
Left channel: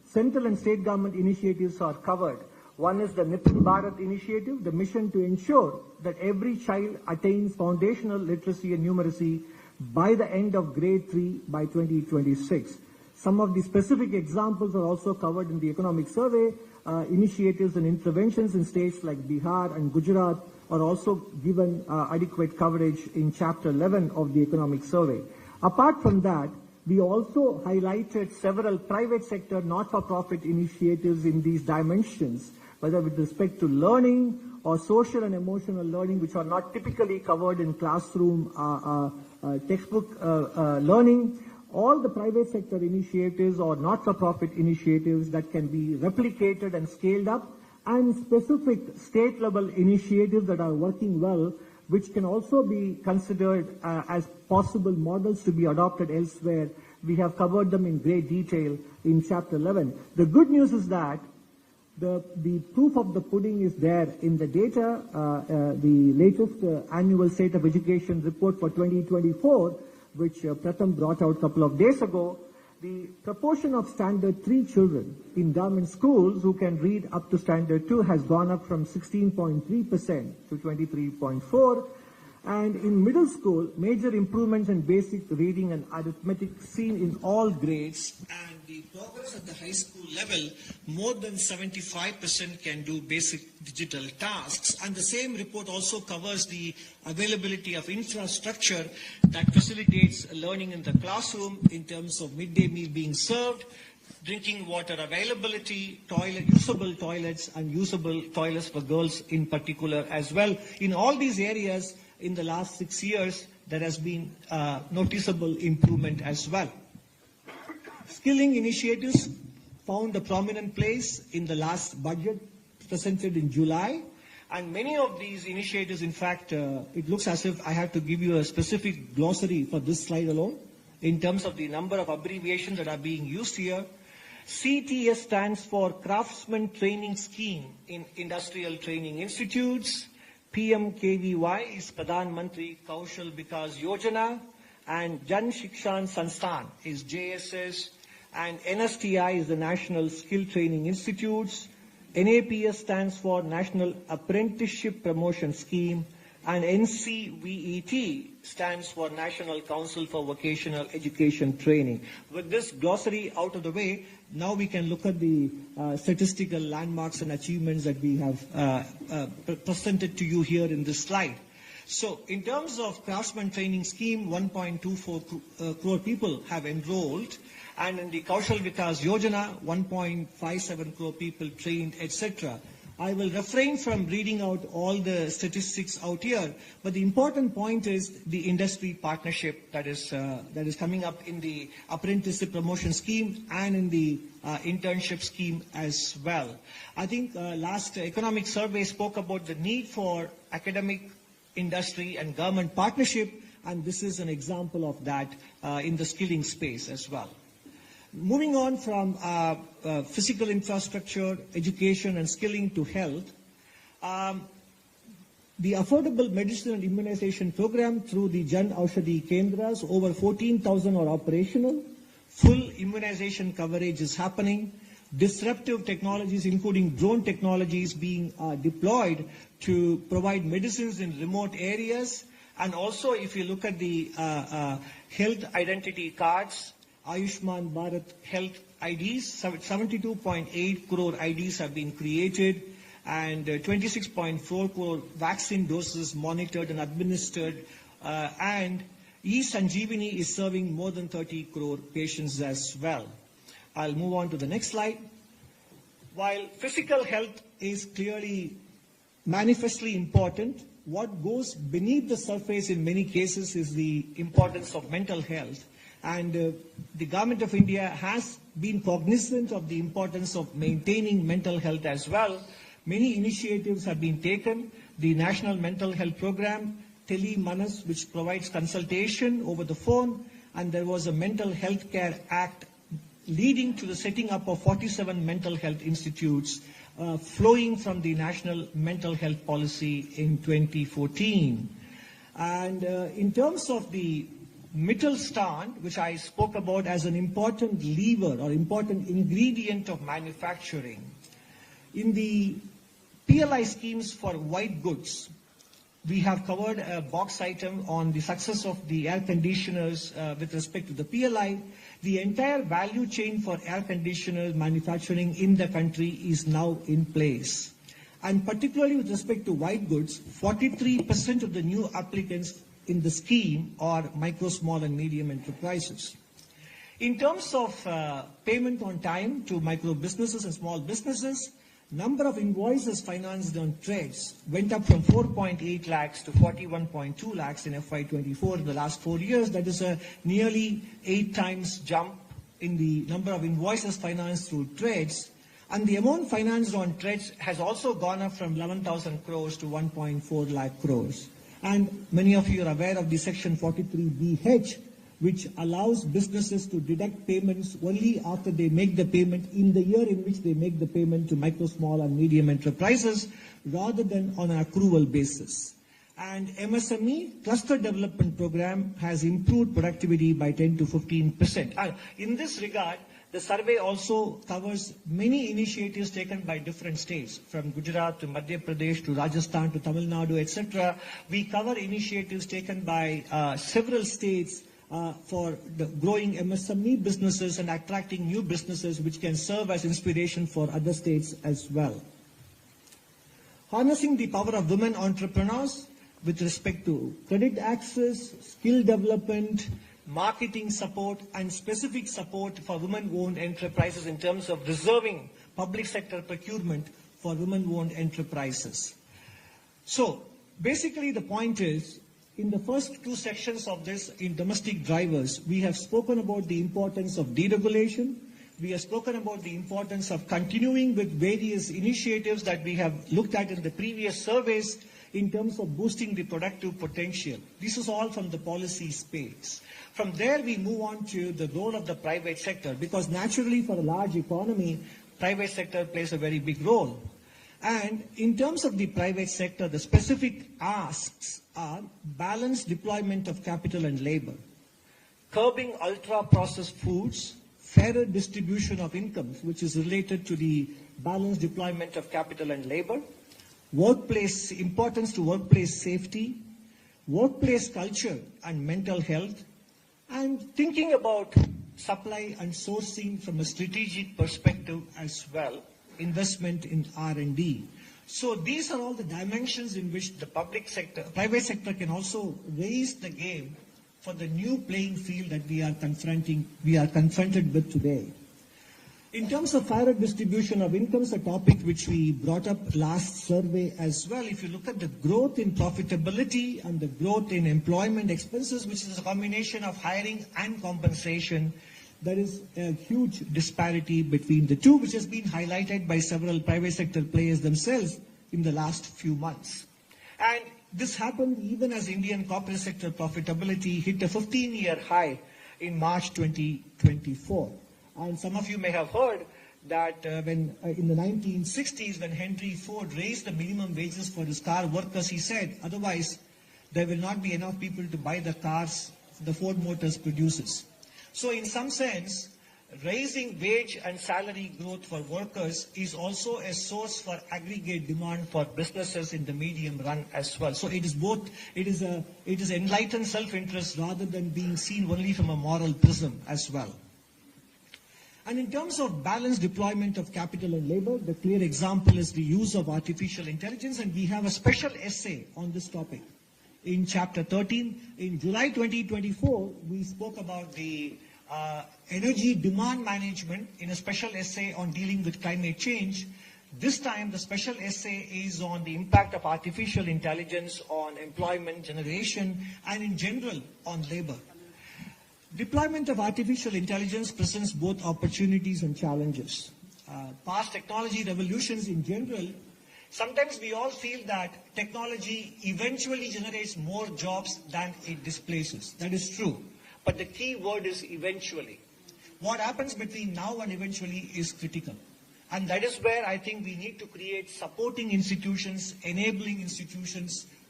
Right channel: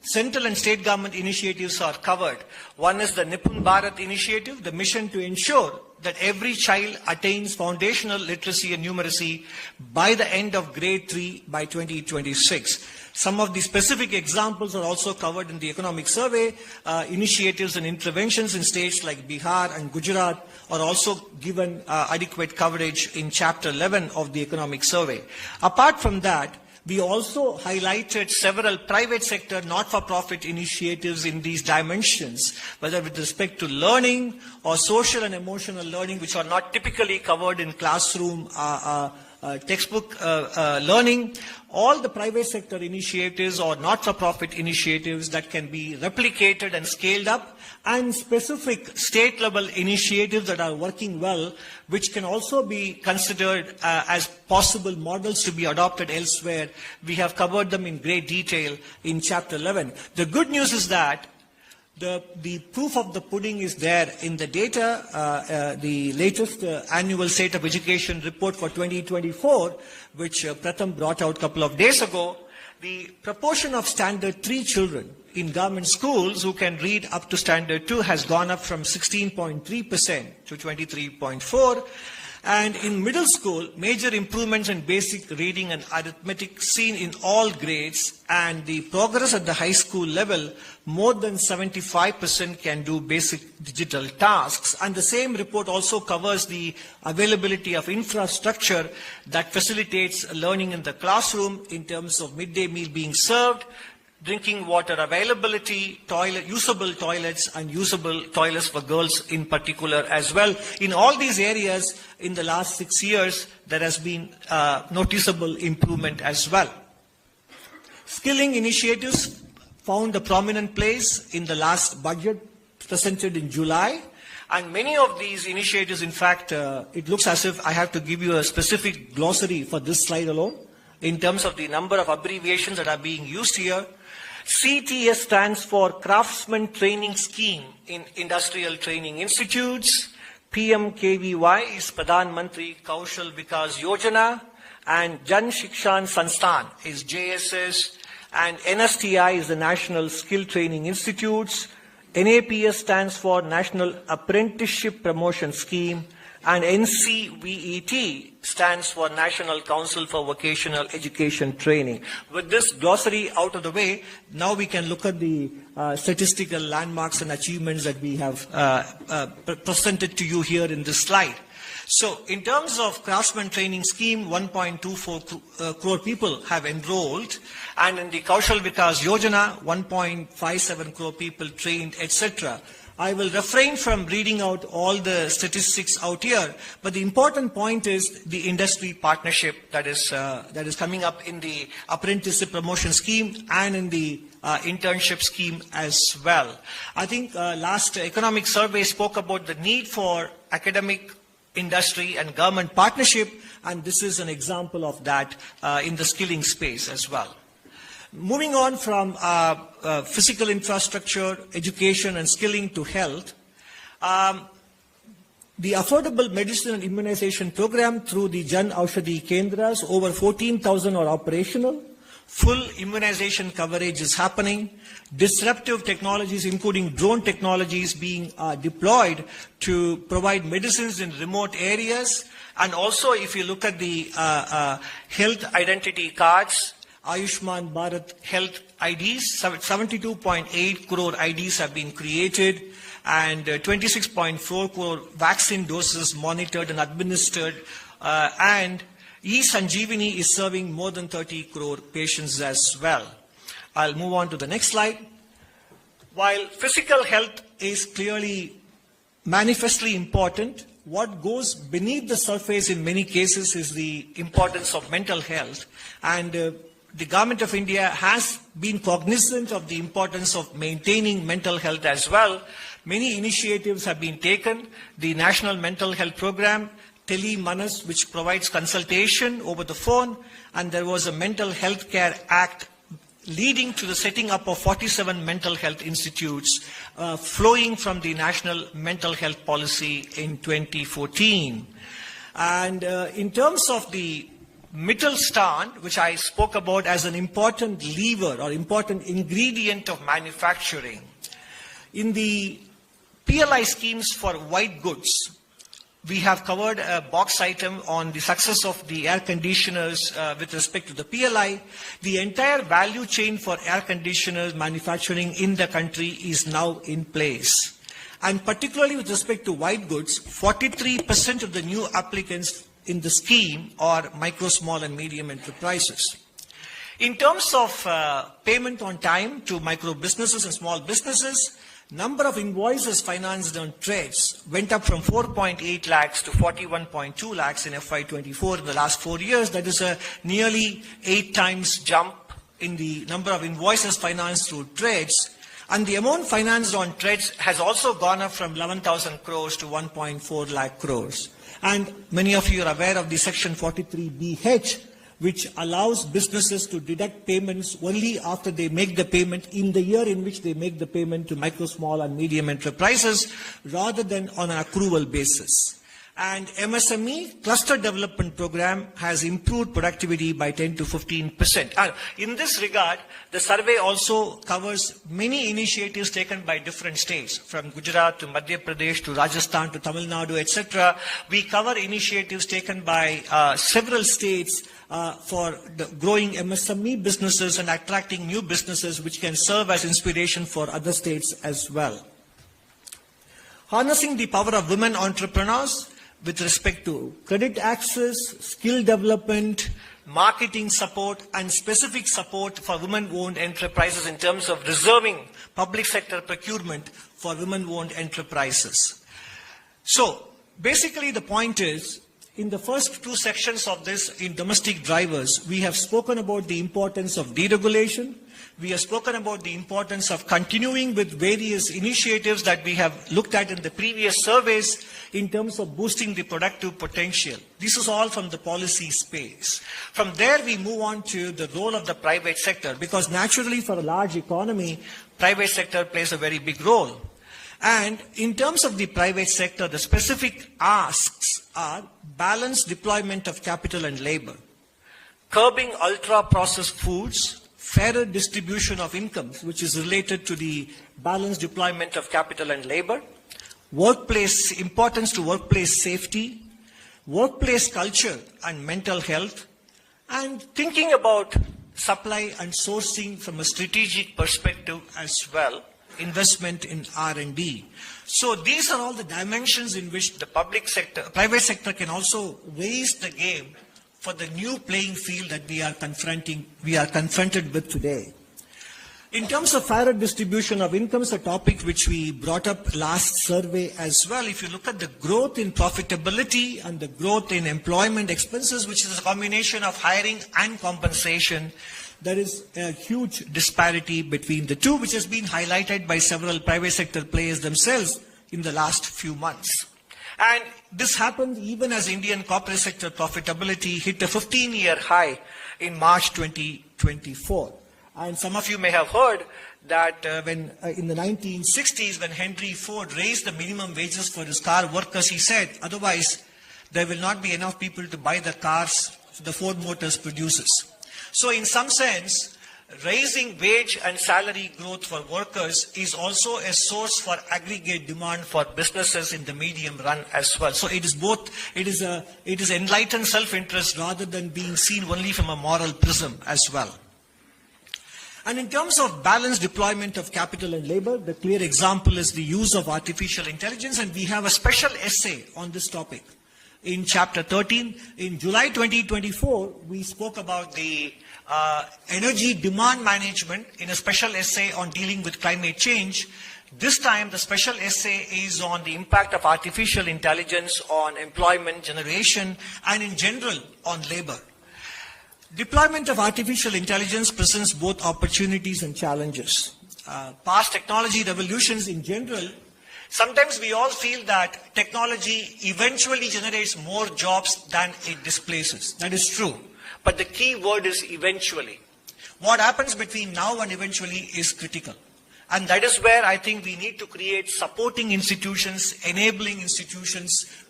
central and state government initiatives are covered. One is the Nipun Bharat initiative, the mission to ensure that every child attains foundational literacy and numeracy by the end of grade 3 by 2026. Some of the specific examples are also covered in the economic survey. Initiatives and interventions in states like Bihar and Gujarat are also given adequate coverage in Chapter 11 of the economic survey. Apart from that, we also highlighted several private sector not-for-profit initiatives in these dimensions, whether with respect to learning or social and emotional learning, which are not typically covered in classroom textbook learning. All the private sector initiatives or not-for-profit initiatives that can be replicated and scaled up, and specific state-level initiatives that are working well, which can also be considered as possible models to be adopted elsewhere. We have covered them in great detail in Chapter 11. The good news is that the proof of the pudding is there in the data. The latest annual State of Education report for 2024, which Pratham brought out a couple of days ago, the proportion of Standard 3 children in government schools who can read up to Standard 2 has gone up from 16.3% to 23.4%. And in middle school, major improvements in basic reading and arithmetic seen in all grades, and the progress at the high school level, more than 75% can do basic digital tasks. And the same report also covers the availability of infrastructure that facilitates learning in the classroom in terms of midday meal being served, drinking water availability, usable toilets, and usable toilets for girls in particular as well. In all these areas, in the last 6 years, there has been noticeable improvement as well. Skilling initiatives found a prominent place in the last budget presented in July. And many of these initiatives, in fact, it looks as if I have to give you a specific glossary for this slide alone, in terms of the number of abbreviations that are being used here. CTS stands for Craftsman Training Scheme in Industrial Training Institutes. PMKVY is Pradhan Mantri Kaushal Vikas Yojana. And Jan Shikshan Sansthan is JSS. And NSTI is the National Skill Training Institutes. NAPS stands for National Apprenticeship Promotion Scheme. And NCVET stands for National Council for Vocational Education Training. With this glossary out of the way, now we can look at the statistical landmarks and achievements that we have presented to you here in this slide. So in terms of Craftsman Training Scheme, 1.24 crore people have enrolled, and in the Kaushal Vikas Yojana, 1.57 crore people trained, etc. I will refrain from reading out all the statistics out here, but the important point is the industry partnership that is coming up in the apprenticeship promotion scheme and in the internship scheme as well. I think last economic survey spoke about the need for academic, industry and government partnership, and this is an example of that in the skilling space as well. Moving on from physical infrastructure, education and skilling to health, the affordable medicine and immunization program through the Jan Aushadhi Kendras, over 14,000 are operational. Full immunization coverage is happening. Disruptive technologies, including drone technologies, being deployed to provide medicines in remote areas. And also, if you look at the health identity cards, Ayushman Bharat Health IDs, 72.8 crore IDs have been created, and 26.4 crore vaccine doses monitored and administered, and eSanjeevani is serving more than 30 crore patients as well. I'll move on to the next slide. While physical health is clearly manifestly important, what goes beneath the surface in many cases is the importance of mental health. And the government of India has been cognizant of the importance of maintaining mental health as well. Many initiatives have been taken. The National Mental Health Program, Tele Manas, which provides consultation over the phone, and there was a Mental Health Care Act leading to the setting up of 47 mental health institutes flowing from the National Mental Health Policy in 2014. And in terms of the Mittelstand, which I spoke about as an important lever or important ingredient of manufacturing. In the PLI schemes for white goods, we have covered a box item on the success of the air conditioners with respect to the PLI. The entire value chain for air conditioners manufacturing in the country is now in place. And particularly with respect to white goods, 43% of the new applicants in the scheme are micro, small and medium enterprises. In terms of payment on time to micro businesses and small businesses, number of invoices financed on trades went up from 4.8 lakhs to 41.2 lakhs in FY24 in the last 4 years. That is a nearly 8 times jump in the number of invoices financed through trades. And the amount financed on trades has also gone up from 11,000 crores to 1.4 lakh crores. And many of you are aware of the Section 43BH, which allows businesses to deduct payments only after they make the payment in the year in which they make the payment to micro, small and medium enterprises, rather than on an accrual basis. And MSME cluster development program has improved productivity by 10 to 15%. In this regard, the survey also covers many initiatives taken by different states, from Gujarat to Madhya Pradesh to Rajasthan to Tamil Nadu, etc. We cover initiatives taken by several states for the growing MSME businesses and attracting new businesses, which can serve as inspiration for other states as well. Harnessing the power of women entrepreneurs with respect to credit access, skill development, marketing support and specific support for women-owned enterprises in terms of reserving public sector procurement for women-owned enterprises. So basically the point is, in the first 2 sections of this, in domestic drivers, we have spoken about the importance of deregulation. We have spoken about the importance of continuing with various initiatives that we have looked at in the previous surveys in terms of boosting the productive potential. This is all from the policy space. From there, we move on to the role of the private sector, because naturally for a large economy, private sector plays a very big role. And in terms of the private sector, the specific asks are balanced deployment of capital and labor, curbing ultra-processed foods, fairer distribution of incomes, which is related to the balanced deployment of capital and labor, importance to workplace safety, workplace culture and mental health, and thinking about supply and sourcing from a strategic perspective as well, investment in R&D. So these are all the dimensions in which the private sector can also raise the game for the new playing field that we are confronted with today. In terms of fairer distribution of incomes, a topic which we brought up last survey as well, if you look at the growth in profitability and the growth in employment expenses, which is a combination of hiring and compensation, there is a huge disparity between the two, which has been highlighted by several private sector players themselves in the last few months. And this happened even as Indian corporate sector profitability hit a 15-year high in March 2024. And some of you may have heard that when in the 1960s, when Henry Ford raised the minimum wages for his car workers, he said, otherwise there will not be enough people to buy the cars the Ford Motors produces. So in some sense, raising wage and salary growth for workers is also a source for aggregate demand for businesses in the medium run as well. So it is both, it is enlightened self-interest rather than being seen only from a moral prism as well. And in terms of balanced deployment of capital and labor, the clear example is the use of artificial intelligence, and we have a special essay on this topic. In chapter 13, in July 2024, we spoke about the energy demand management in a special essay on dealing with climate change. This time, the special essay is on the impact of artificial intelligence on employment generation and in general on labor. Deployment of artificial intelligence presents both opportunities and challenges. Past technology revolutions in general, sometimes we all feel that technology eventually generates more jobs than it displaces. That is true. But the key word is eventually. What happens between now and eventually is critical. And that is where I think we need to create supporting institutions, enabling institutions,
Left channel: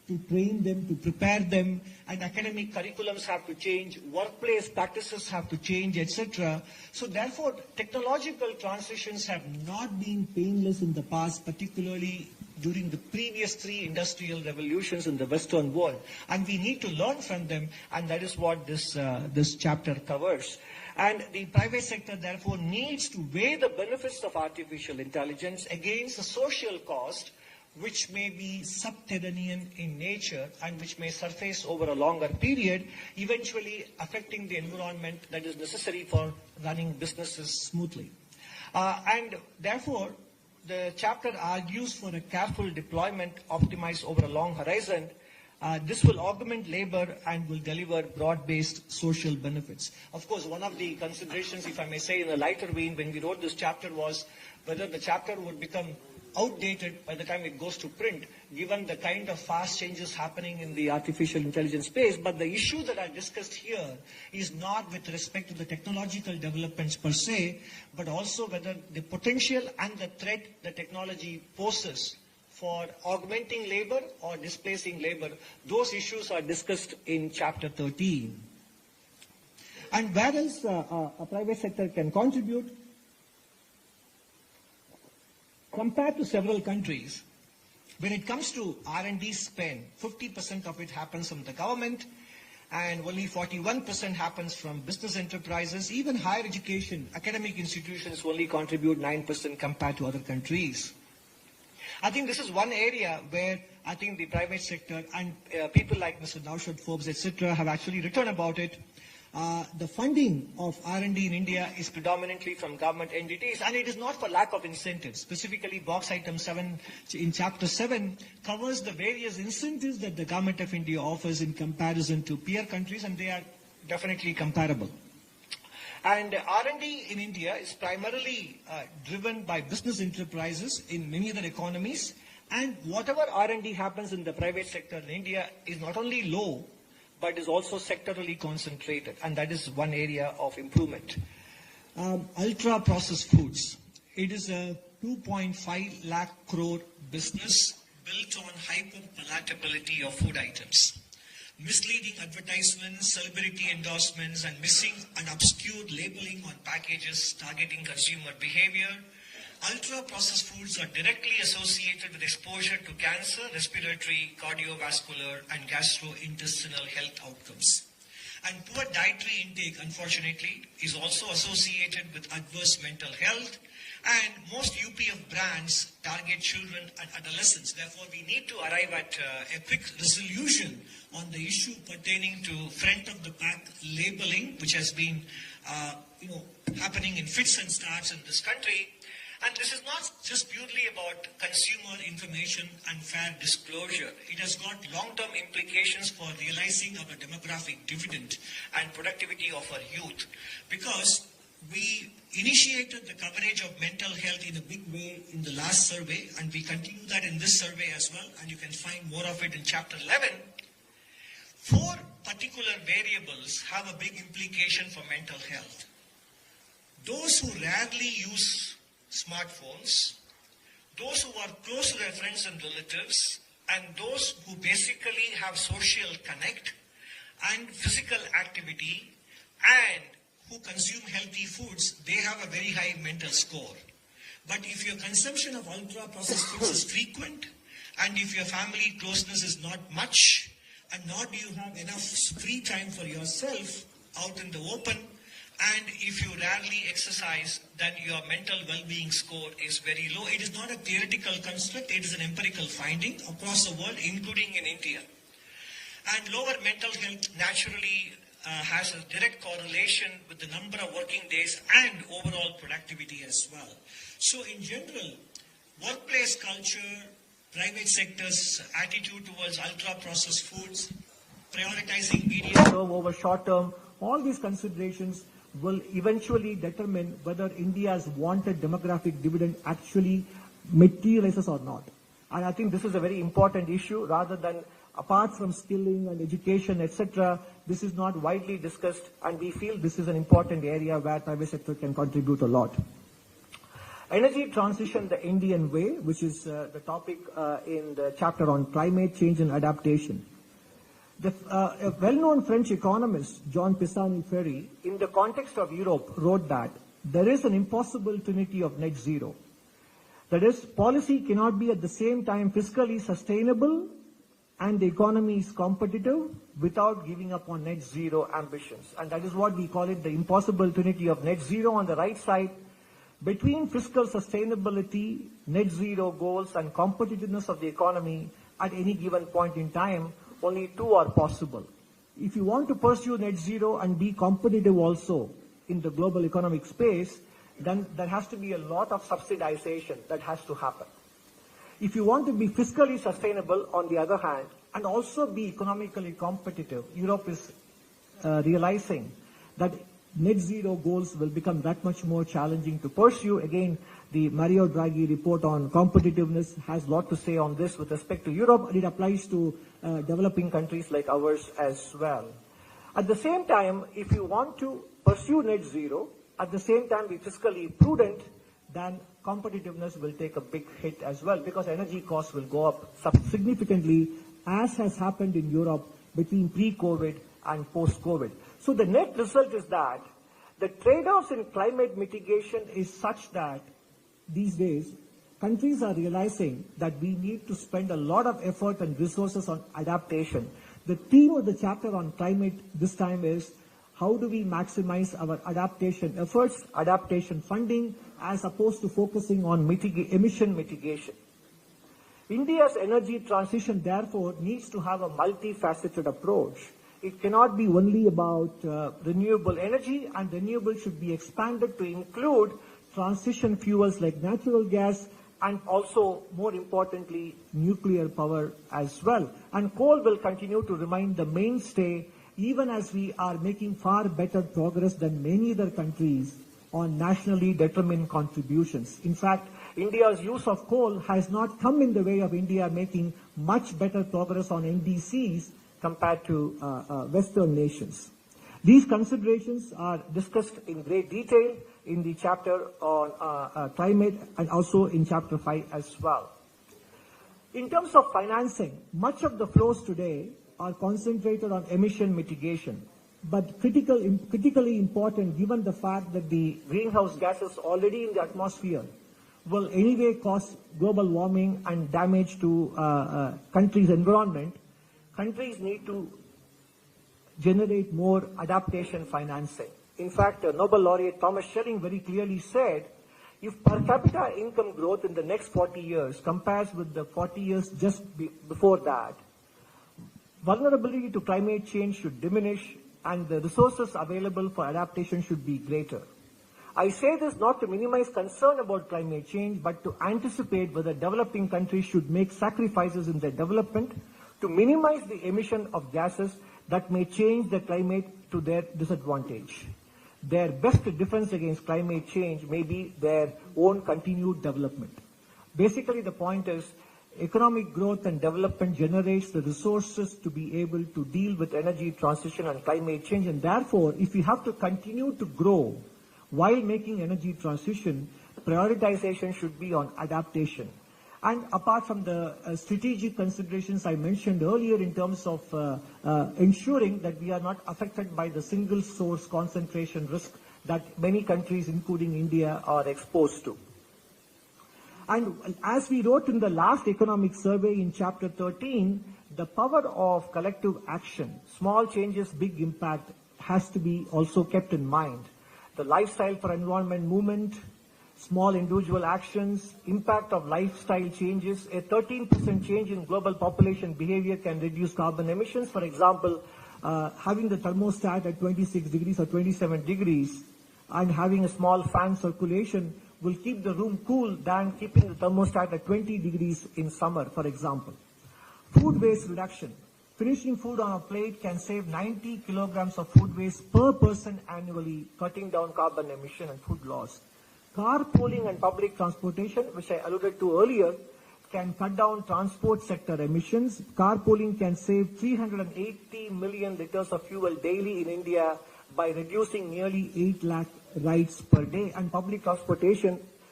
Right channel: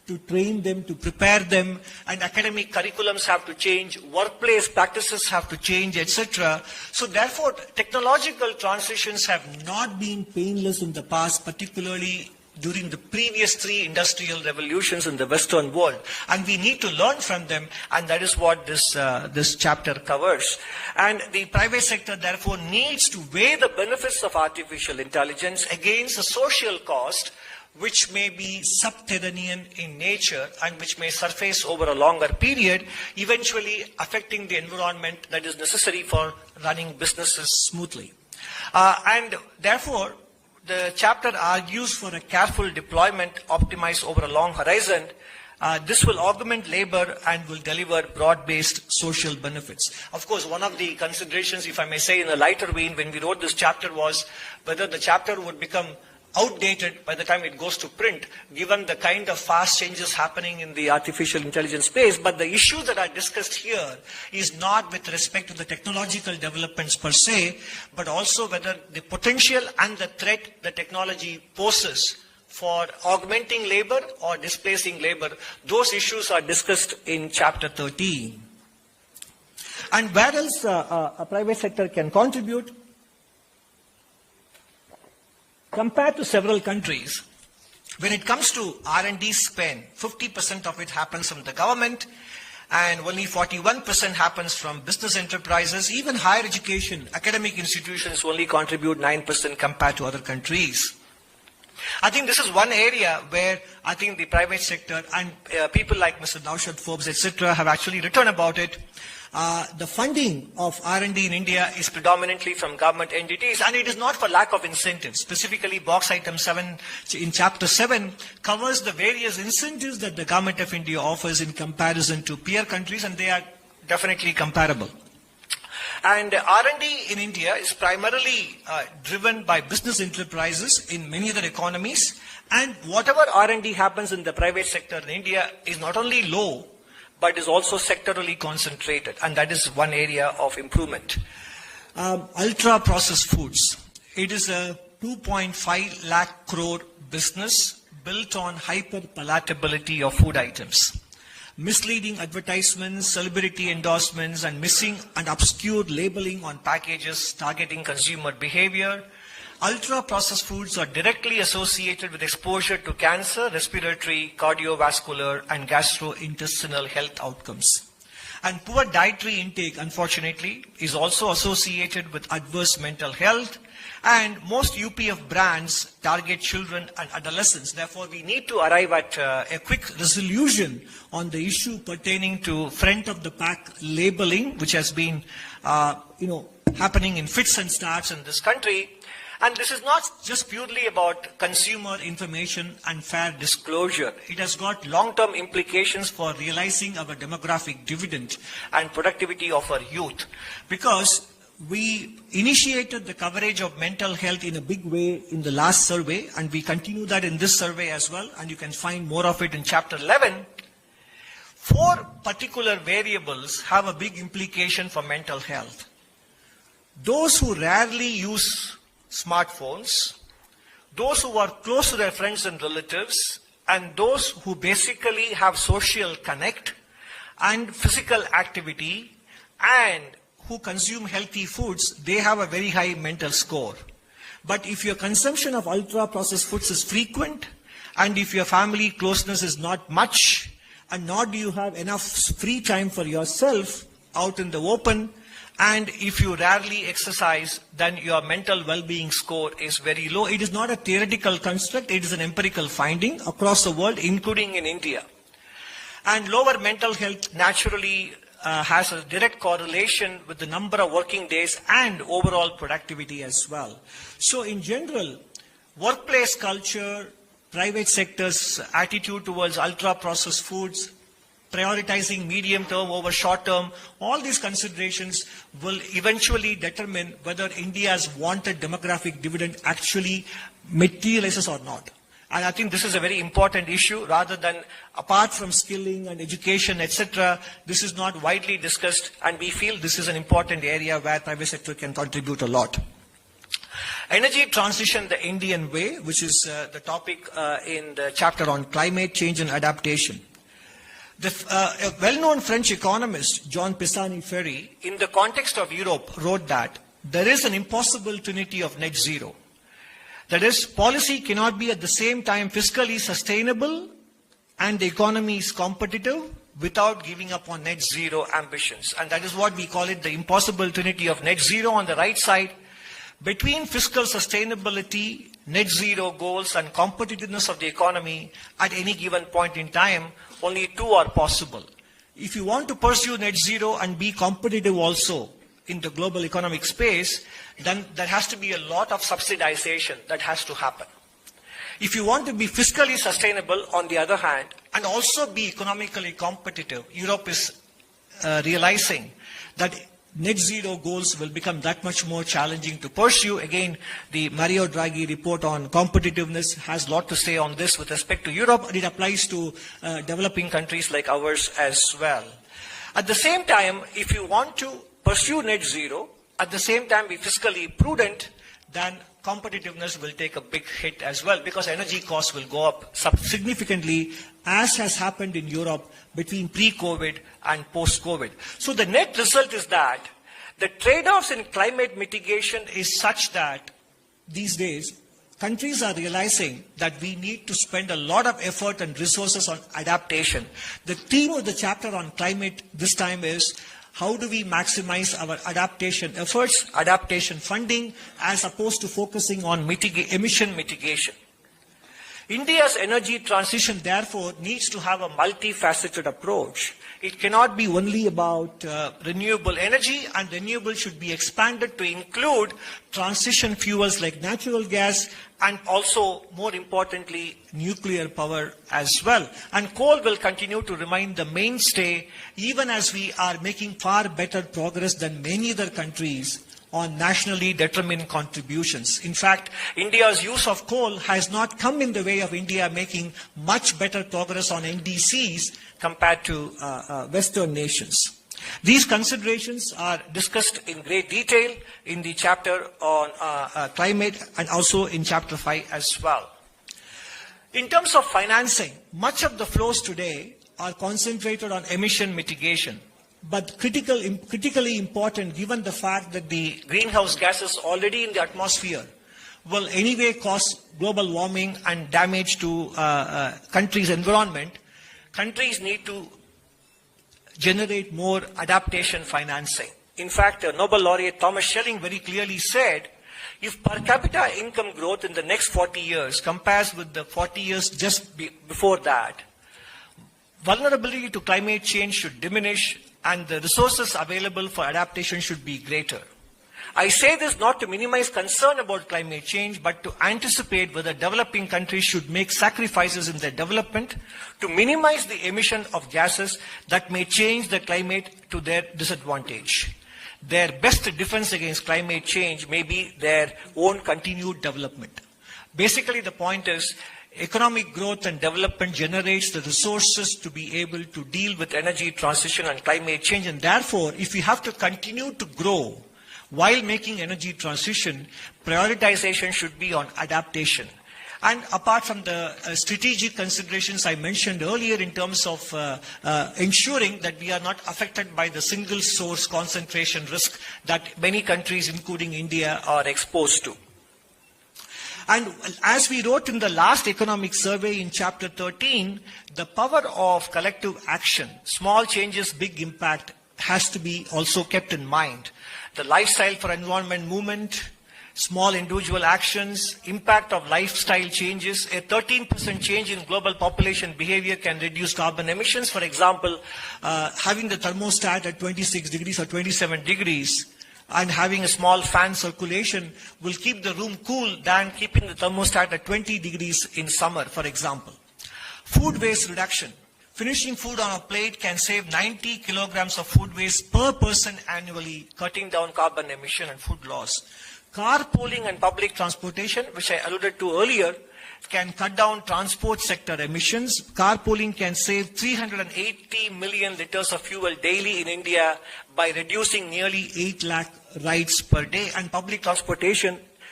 to train them, to prepare them, and academic curriculums have to change, workplace practices have to change, etc. So therefore, technological transitions have not been painless in the past, particularly during the previous 3 industrial revolutions in the Western world. And we need to learn from them, and that is what this chapter covers. And the private sector, therefore, needs to weigh the benefits of artificial intelligence against the social cost, which may be subterranean in nature and which may surface over a longer period, eventually affecting the environment that is necessary for running businesses smoothly. And therefore, the chapter argues for a careful deployment optimized over a long horizon. This will augment labor and will deliver broad-based social benefits. Of course, one of the considerations, if I may say in a lighter vein, when we wrote this chapter was whether the chapter would become outdated by the time it goes to print, given the kind of fast changes happening in the artificial intelligence space. But the issue that I discussed here is not with respect to the technological developments per se, but also whether the potential and the threat the technology poses for augmenting labor or displacing labor. Those issues are discussed in chapter 13. And where else a private sector can contribute? Compared to several countries, when it comes to R&D spend, 50% of it happens from the government and only 41% happens from business enterprises. Even higher education, academic institutions only contribute 9% compared to other countries. I think this is one area where I think the private sector and people like Mr. Naushad Forbes, etc., have actually written about it. The funding of R&D in India is predominantly from government entities, and it is not for lack of incentives. Specifically, box item 7 in chapter 7 covers the various incentives that the government of India offers in comparison to peer countries, and they are definitely comparable. And R&D in India is primarily driven by business enterprises in many other economies, and whatever R&D happens in the private sector in India is not only low, but is also sectorally concentrated, and that is one area of improvement. Ultra-processed foods. It is a 2.5 lakh crore business built on hyper-palatability of food items. Misleading advertisements, celebrity endorsements, and missing and obscure labeling on packages targeting consumer behavior. Ultra-processed foods are directly associated with exposure to cancer, respiratory, cardiovascular, and gastrointestinal health outcomes. And poor dietary intake, unfortunately, is also associated with adverse mental health. And most UPF brands target children and adolescents. Therefore, we need to arrive at a quick resolution on the issue pertaining to front-of-the-pack labeling, which has been, happening in fits and starts in this country. And this is not just purely about consumer information and fair disclosure. It has got long-term implications for realizing our demographic dividend and productivity of our youth. Because we initiated the coverage of mental health in a big way in the last survey, and we continue that in this survey as well, and you can find more of it in chapter 11. 4 particular variables have a big implication for mental health. Those who rarely use smartphones, those who are close to their friends and relatives, and those who basically have social connect and physical activity and who consume healthy foods, they have a very high mental score. But if your consumption of ultra-processed foods is frequent, and if your family closeness is not much, and nor do you have enough free time for yourself out in the open, and if you rarely exercise, then your mental well-being score is very low. It is not a theoretical construct, it is an empirical finding across the world, including in India. And lower mental health naturally has a direct correlation with the number of working days and overall productivity as well. So in general, workplace culture, private sector's attitude towards ultra-processed foods, prioritizing medium term over short term, all these considerations will eventually determine whether India's wanted demographic dividend actually materializes or not. And I think this is a very important issue, rather than apart from skilling and education, etc. This is not widely discussed, and we feel this is an important area where private sector can contribute a lot. Energy transition the Indian way, which is the topic in the chapter on climate change and adaptation. A well-known French economist, Jean Pisani-Ferry, in the context of Europe, wrote that there is an impossible trinity of net zero. That is, policy cannot be at the same time fiscally sustainable and the economy is competitive without giving up on net zero ambitions. And that is what we call it, the impossible trinity of net zero. On the right side, between fiscal sustainability, net zero goals, and competitiveness of the economy at any given point in time, only two are possible. If you want to pursue net zero and be competitive also in the global economic space, then there has to be a lot of subsidization that has to happen. If you want to be fiscally sustainable, on the other hand, and also be economically competitive, Europe is realizing that net zero goals will become that much more challenging to pursue. Again, the Mario Draghi report on competitiveness has a lot to say on this with respect to Europe, and it applies to developing countries like ours as well. At the same time, if you want to pursue net zero, at the same time be fiscally prudent, then competitiveness will take a big hit as well, because energy costs will go up significantly, as has happened in Europe between pre-COVID and post-COVID. So the net result is that the trade-offs in climate mitigation is such that these days countries are realizing that we need to spend a lot of effort and resources on adaptation. The theme of the chapter on climate this time is how do we maximize our adaptation efforts, adaptation funding, as opposed to focusing on emission mitigation. India's energy transition, therefore, needs to have a multifaceted approach. It cannot be only about renewable energy, and renewable should be expanded to include transition fuels like natural gas and also, more importantly, nuclear power as well. And coal will continue to remain the mainstay, even as we are making far better progress than many other countries on nationally determined contributions. In fact, India's use of coal has not come in the way of India making much better progress on NDCs compared to Western nations. These considerations are discussed in great detail in the chapter on climate and also in chapter 5 as well. In terms of financing, much of the flows today are concentrated on emission mitigation, but critically important given the fact that the greenhouse gases already in the atmosphere will anyway cause global warming and damage to countries' environment. Countries need to generate more adaptation financing. In fact, Nobel laureate Thomas Schelling very clearly said, if per capita income growth in the next 40 years compares with the 40 years just before that, vulnerability to climate change should diminish and the resources available for adaptation should be greater. I say this not to minimize concern about climate change, but to anticipate whether developing countries should make sacrifices in their development to minimize the emission of gases that may change the climate to their disadvantage. Their best defense against climate change may be their own continued development. Basically, the point is, economic growth and development generates the resources to be able to deal with energy transition and climate change, and therefore, if we have to continue to grow while making energy transition, prioritization should be on adaptation. And apart from the strategic considerations I mentioned earlier in terms of ensuring that we are not affected by the single source concentration risk that many countries, including India, are exposed to. And as we wrote in the last economic survey in chapter 13, the power of collective action, small changes, big impact, has to be also kept in mind. The lifestyle for environment movement, small individual actions, impact of lifestyle changes. A 13% change in global population behavior can reduce carbon emissions. For example, having the thermostat at 26 degrees or 27 degrees and having a small fan circulation will keep the room cool than keeping the thermostat at 20 degrees in summer, for example. Food waste reduction. Finishing food on a plate can save 90 kilograms of food waste per person annually, cutting down carbon emission and food loss. Carpooling and public transportation, which I alluded to earlier, can cut down transport sector emissions. Carpooling can save 380 million liters of fuel daily in India by reducing nearly 8 lakh rides per day. And public transportation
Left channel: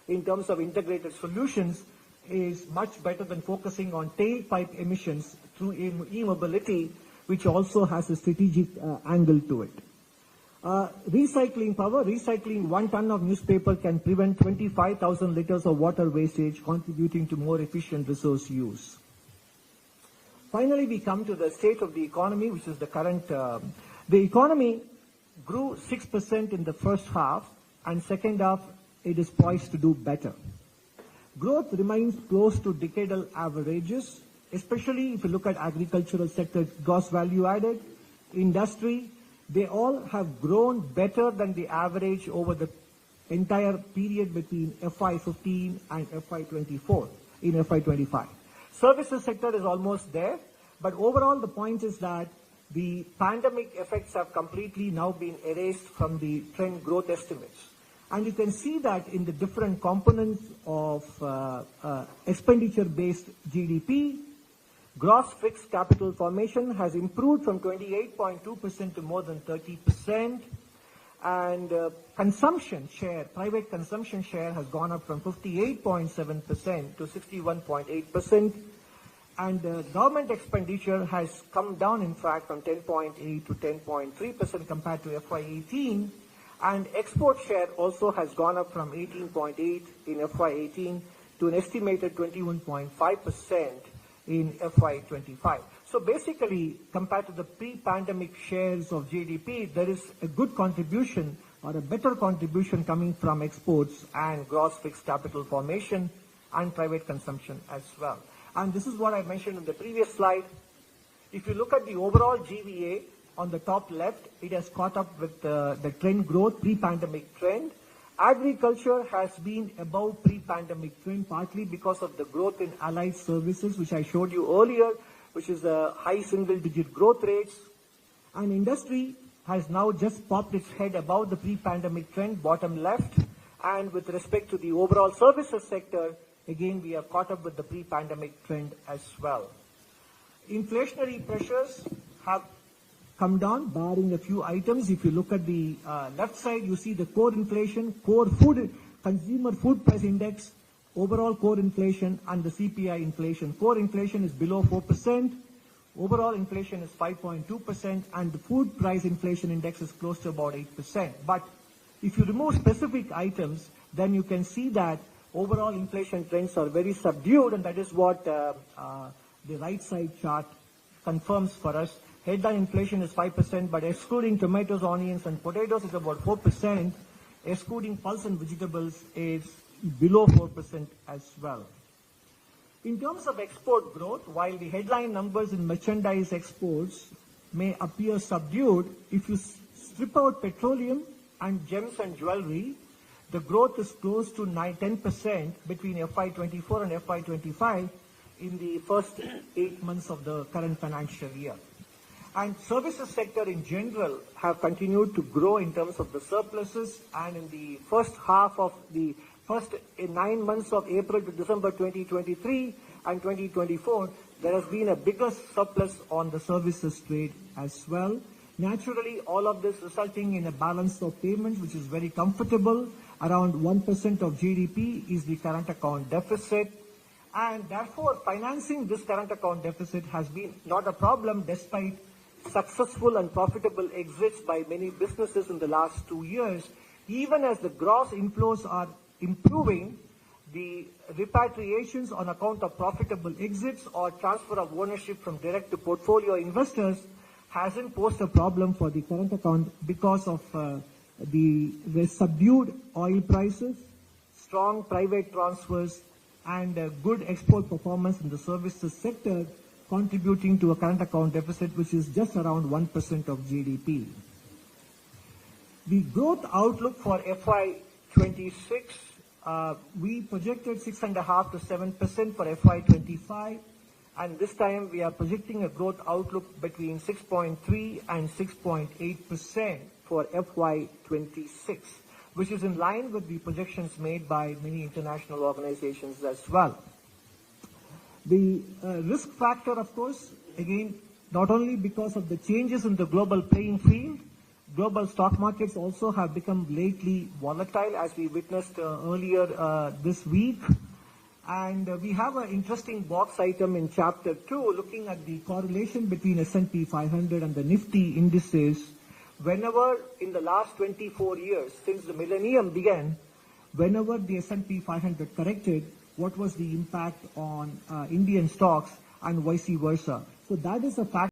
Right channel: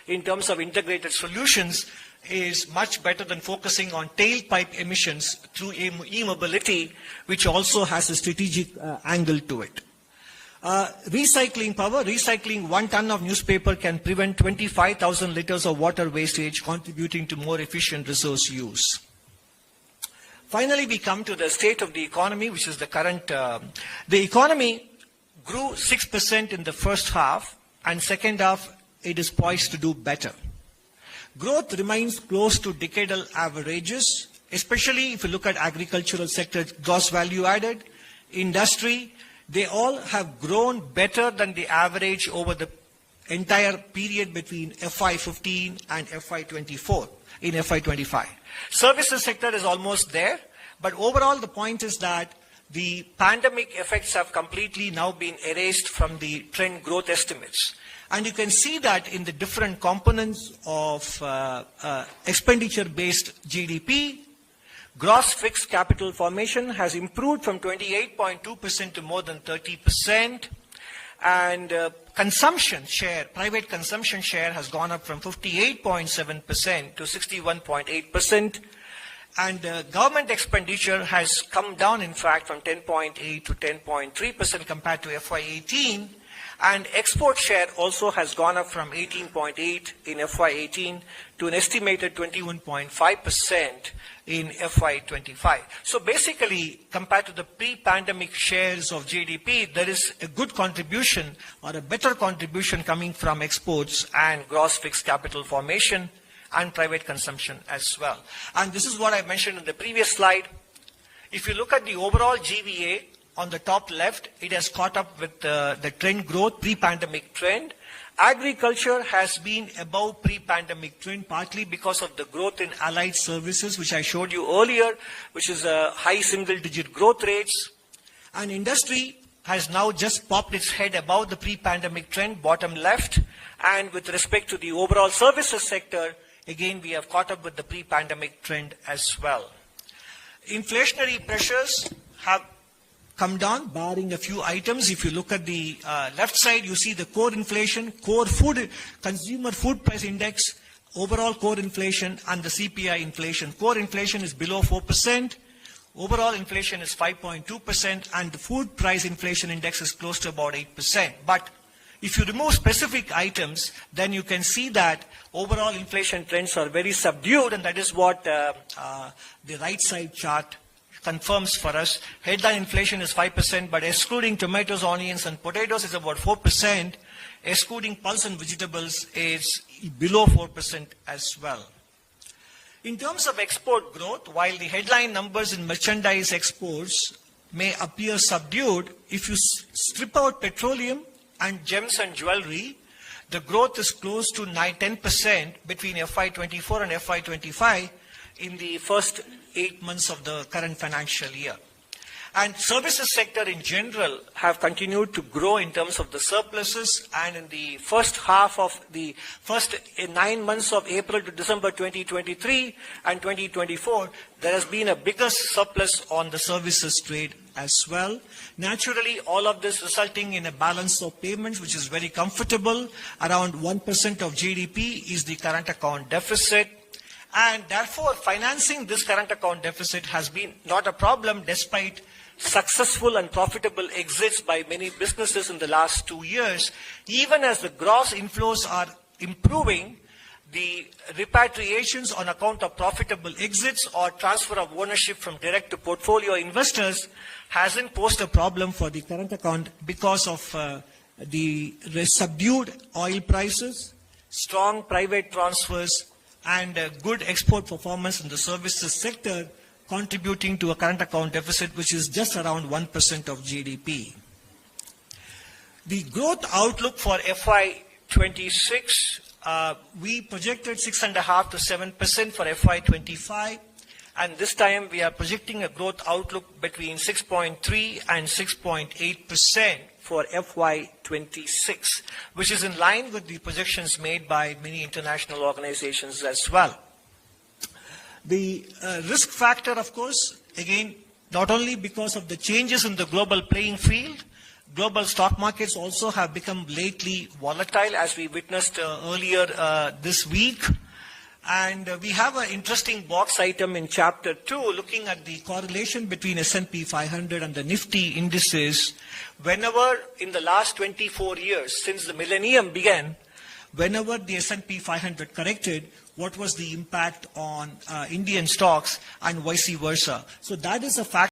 in terms of integrated solutions is much better than focusing on tailpipe emissions through e-mobility, which also has a strategic angle to it. Recycling power. Recycling 1 ton of newspaper can prevent 25,000 liters of water wastage, contributing to more efficient resource use. Finally, we come to the state of the economy, which is the current. The economy grew 6% in the first half, and second half it is poised to do better. Growth remains close to decadal averages, especially if you look at agricultural sector, gross value added, industry. They all have grown better than the average over the entire period between FY15 and FY24 in FY25. Services sector is almost there, but overall the point is that the pandemic effects have completely now been erased from the trend growth estimates. And you can see that in the different components of expenditure-based GDP. Gross fixed capital formation has improved from 28.2% to more than 30%. And consumption share, private consumption share has gone up from 58.7% to 61.8%. And government expenditure has come down, in fact, from 10.8 to 10.3% compared to FY18. And export share also has gone up from 18.8 in FY18 to an estimated 21.5% in FY25. So basically, compared to the pre-pandemic shares of GDP, there is a good contribution or a better contribution coming from exports and gross fixed capital formation and private consumption as well. And this is what I mentioned in the previous slide. If you look at the overall GVA on the top left, it has caught up with the trend growth, pre-pandemic trend. Agriculture has been above pre-pandemic trend, partly because of the growth in allied services, which I showed you earlier, which is a high single-digit growth rates. And industry has now just popped its head above the pre-pandemic trend, bottom left. And with respect to the overall services sector, again, we have caught up with the pre-pandemic trend as well. Inflationary pressures have come down, barring a few items. If you look at the left side, you see the core inflation, core food, consumer food price index, overall core inflation, and the CPI inflation. Core inflation is below 4%. Overall inflation is 5.2%, and the food price inflation index is close to about 8%. But if you remove specific items, then you can see that overall inflation trends are very subdued, and that is what the right side chart confirms for us. Headline inflation is 5%, but excluding tomatoes, onions, and potatoes is about 4%. Excluding pulse and vegetables is below 4% as well. In terms of export growth, while the headline numbers in merchandise exports may appear subdued, if you strip out petroleum and gems and jewelry, the growth is close to 10% between FY24 and FY25 in the first 8 months of the current financial year. And services sector in general have continued to grow in terms of the surpluses, and in the first half of the first 9 months of April to December 2023 and 2024, there has been a bigger surplus on the services trade as well. Naturally, all of this resulting in a balance of payments which is very comfortable. Around 1% of GDP is the current account deficit. And therefore, financing this current account deficit has been not a problem despite successful and profitable exits by many businesses in the last 2 years. Even as the gross inflows are improving, the repatriations on account of profitable exits or transfer of ownership from direct to portfolio investors hasn't posed a problem for the current account because of the subdued oil prices, strong private transfers, and good export performance in the services sector, contributing to a current account deficit which is just around 1% of GDP. The growth outlook for FY26, we projected 6.5% to 7% for FY25, and this time we are projecting a growth outlook between 6.3 and 6.8% for FY26, which is in line with the projections made by many international organizations as well. The risk factor, of course, again, not only because of the changes in the global playing field, global stock markets also have become lately volatile, as we witnessed earlier this week. And we have an interesting box item in Chapter 2 looking at the correlation between S&P 500 and the Nifty indices. Whenever in the last 24 years, since the millennium began, whenever the S&P 500 corrected, what was the impact on Indian stocks and vice versa. So that is a fact.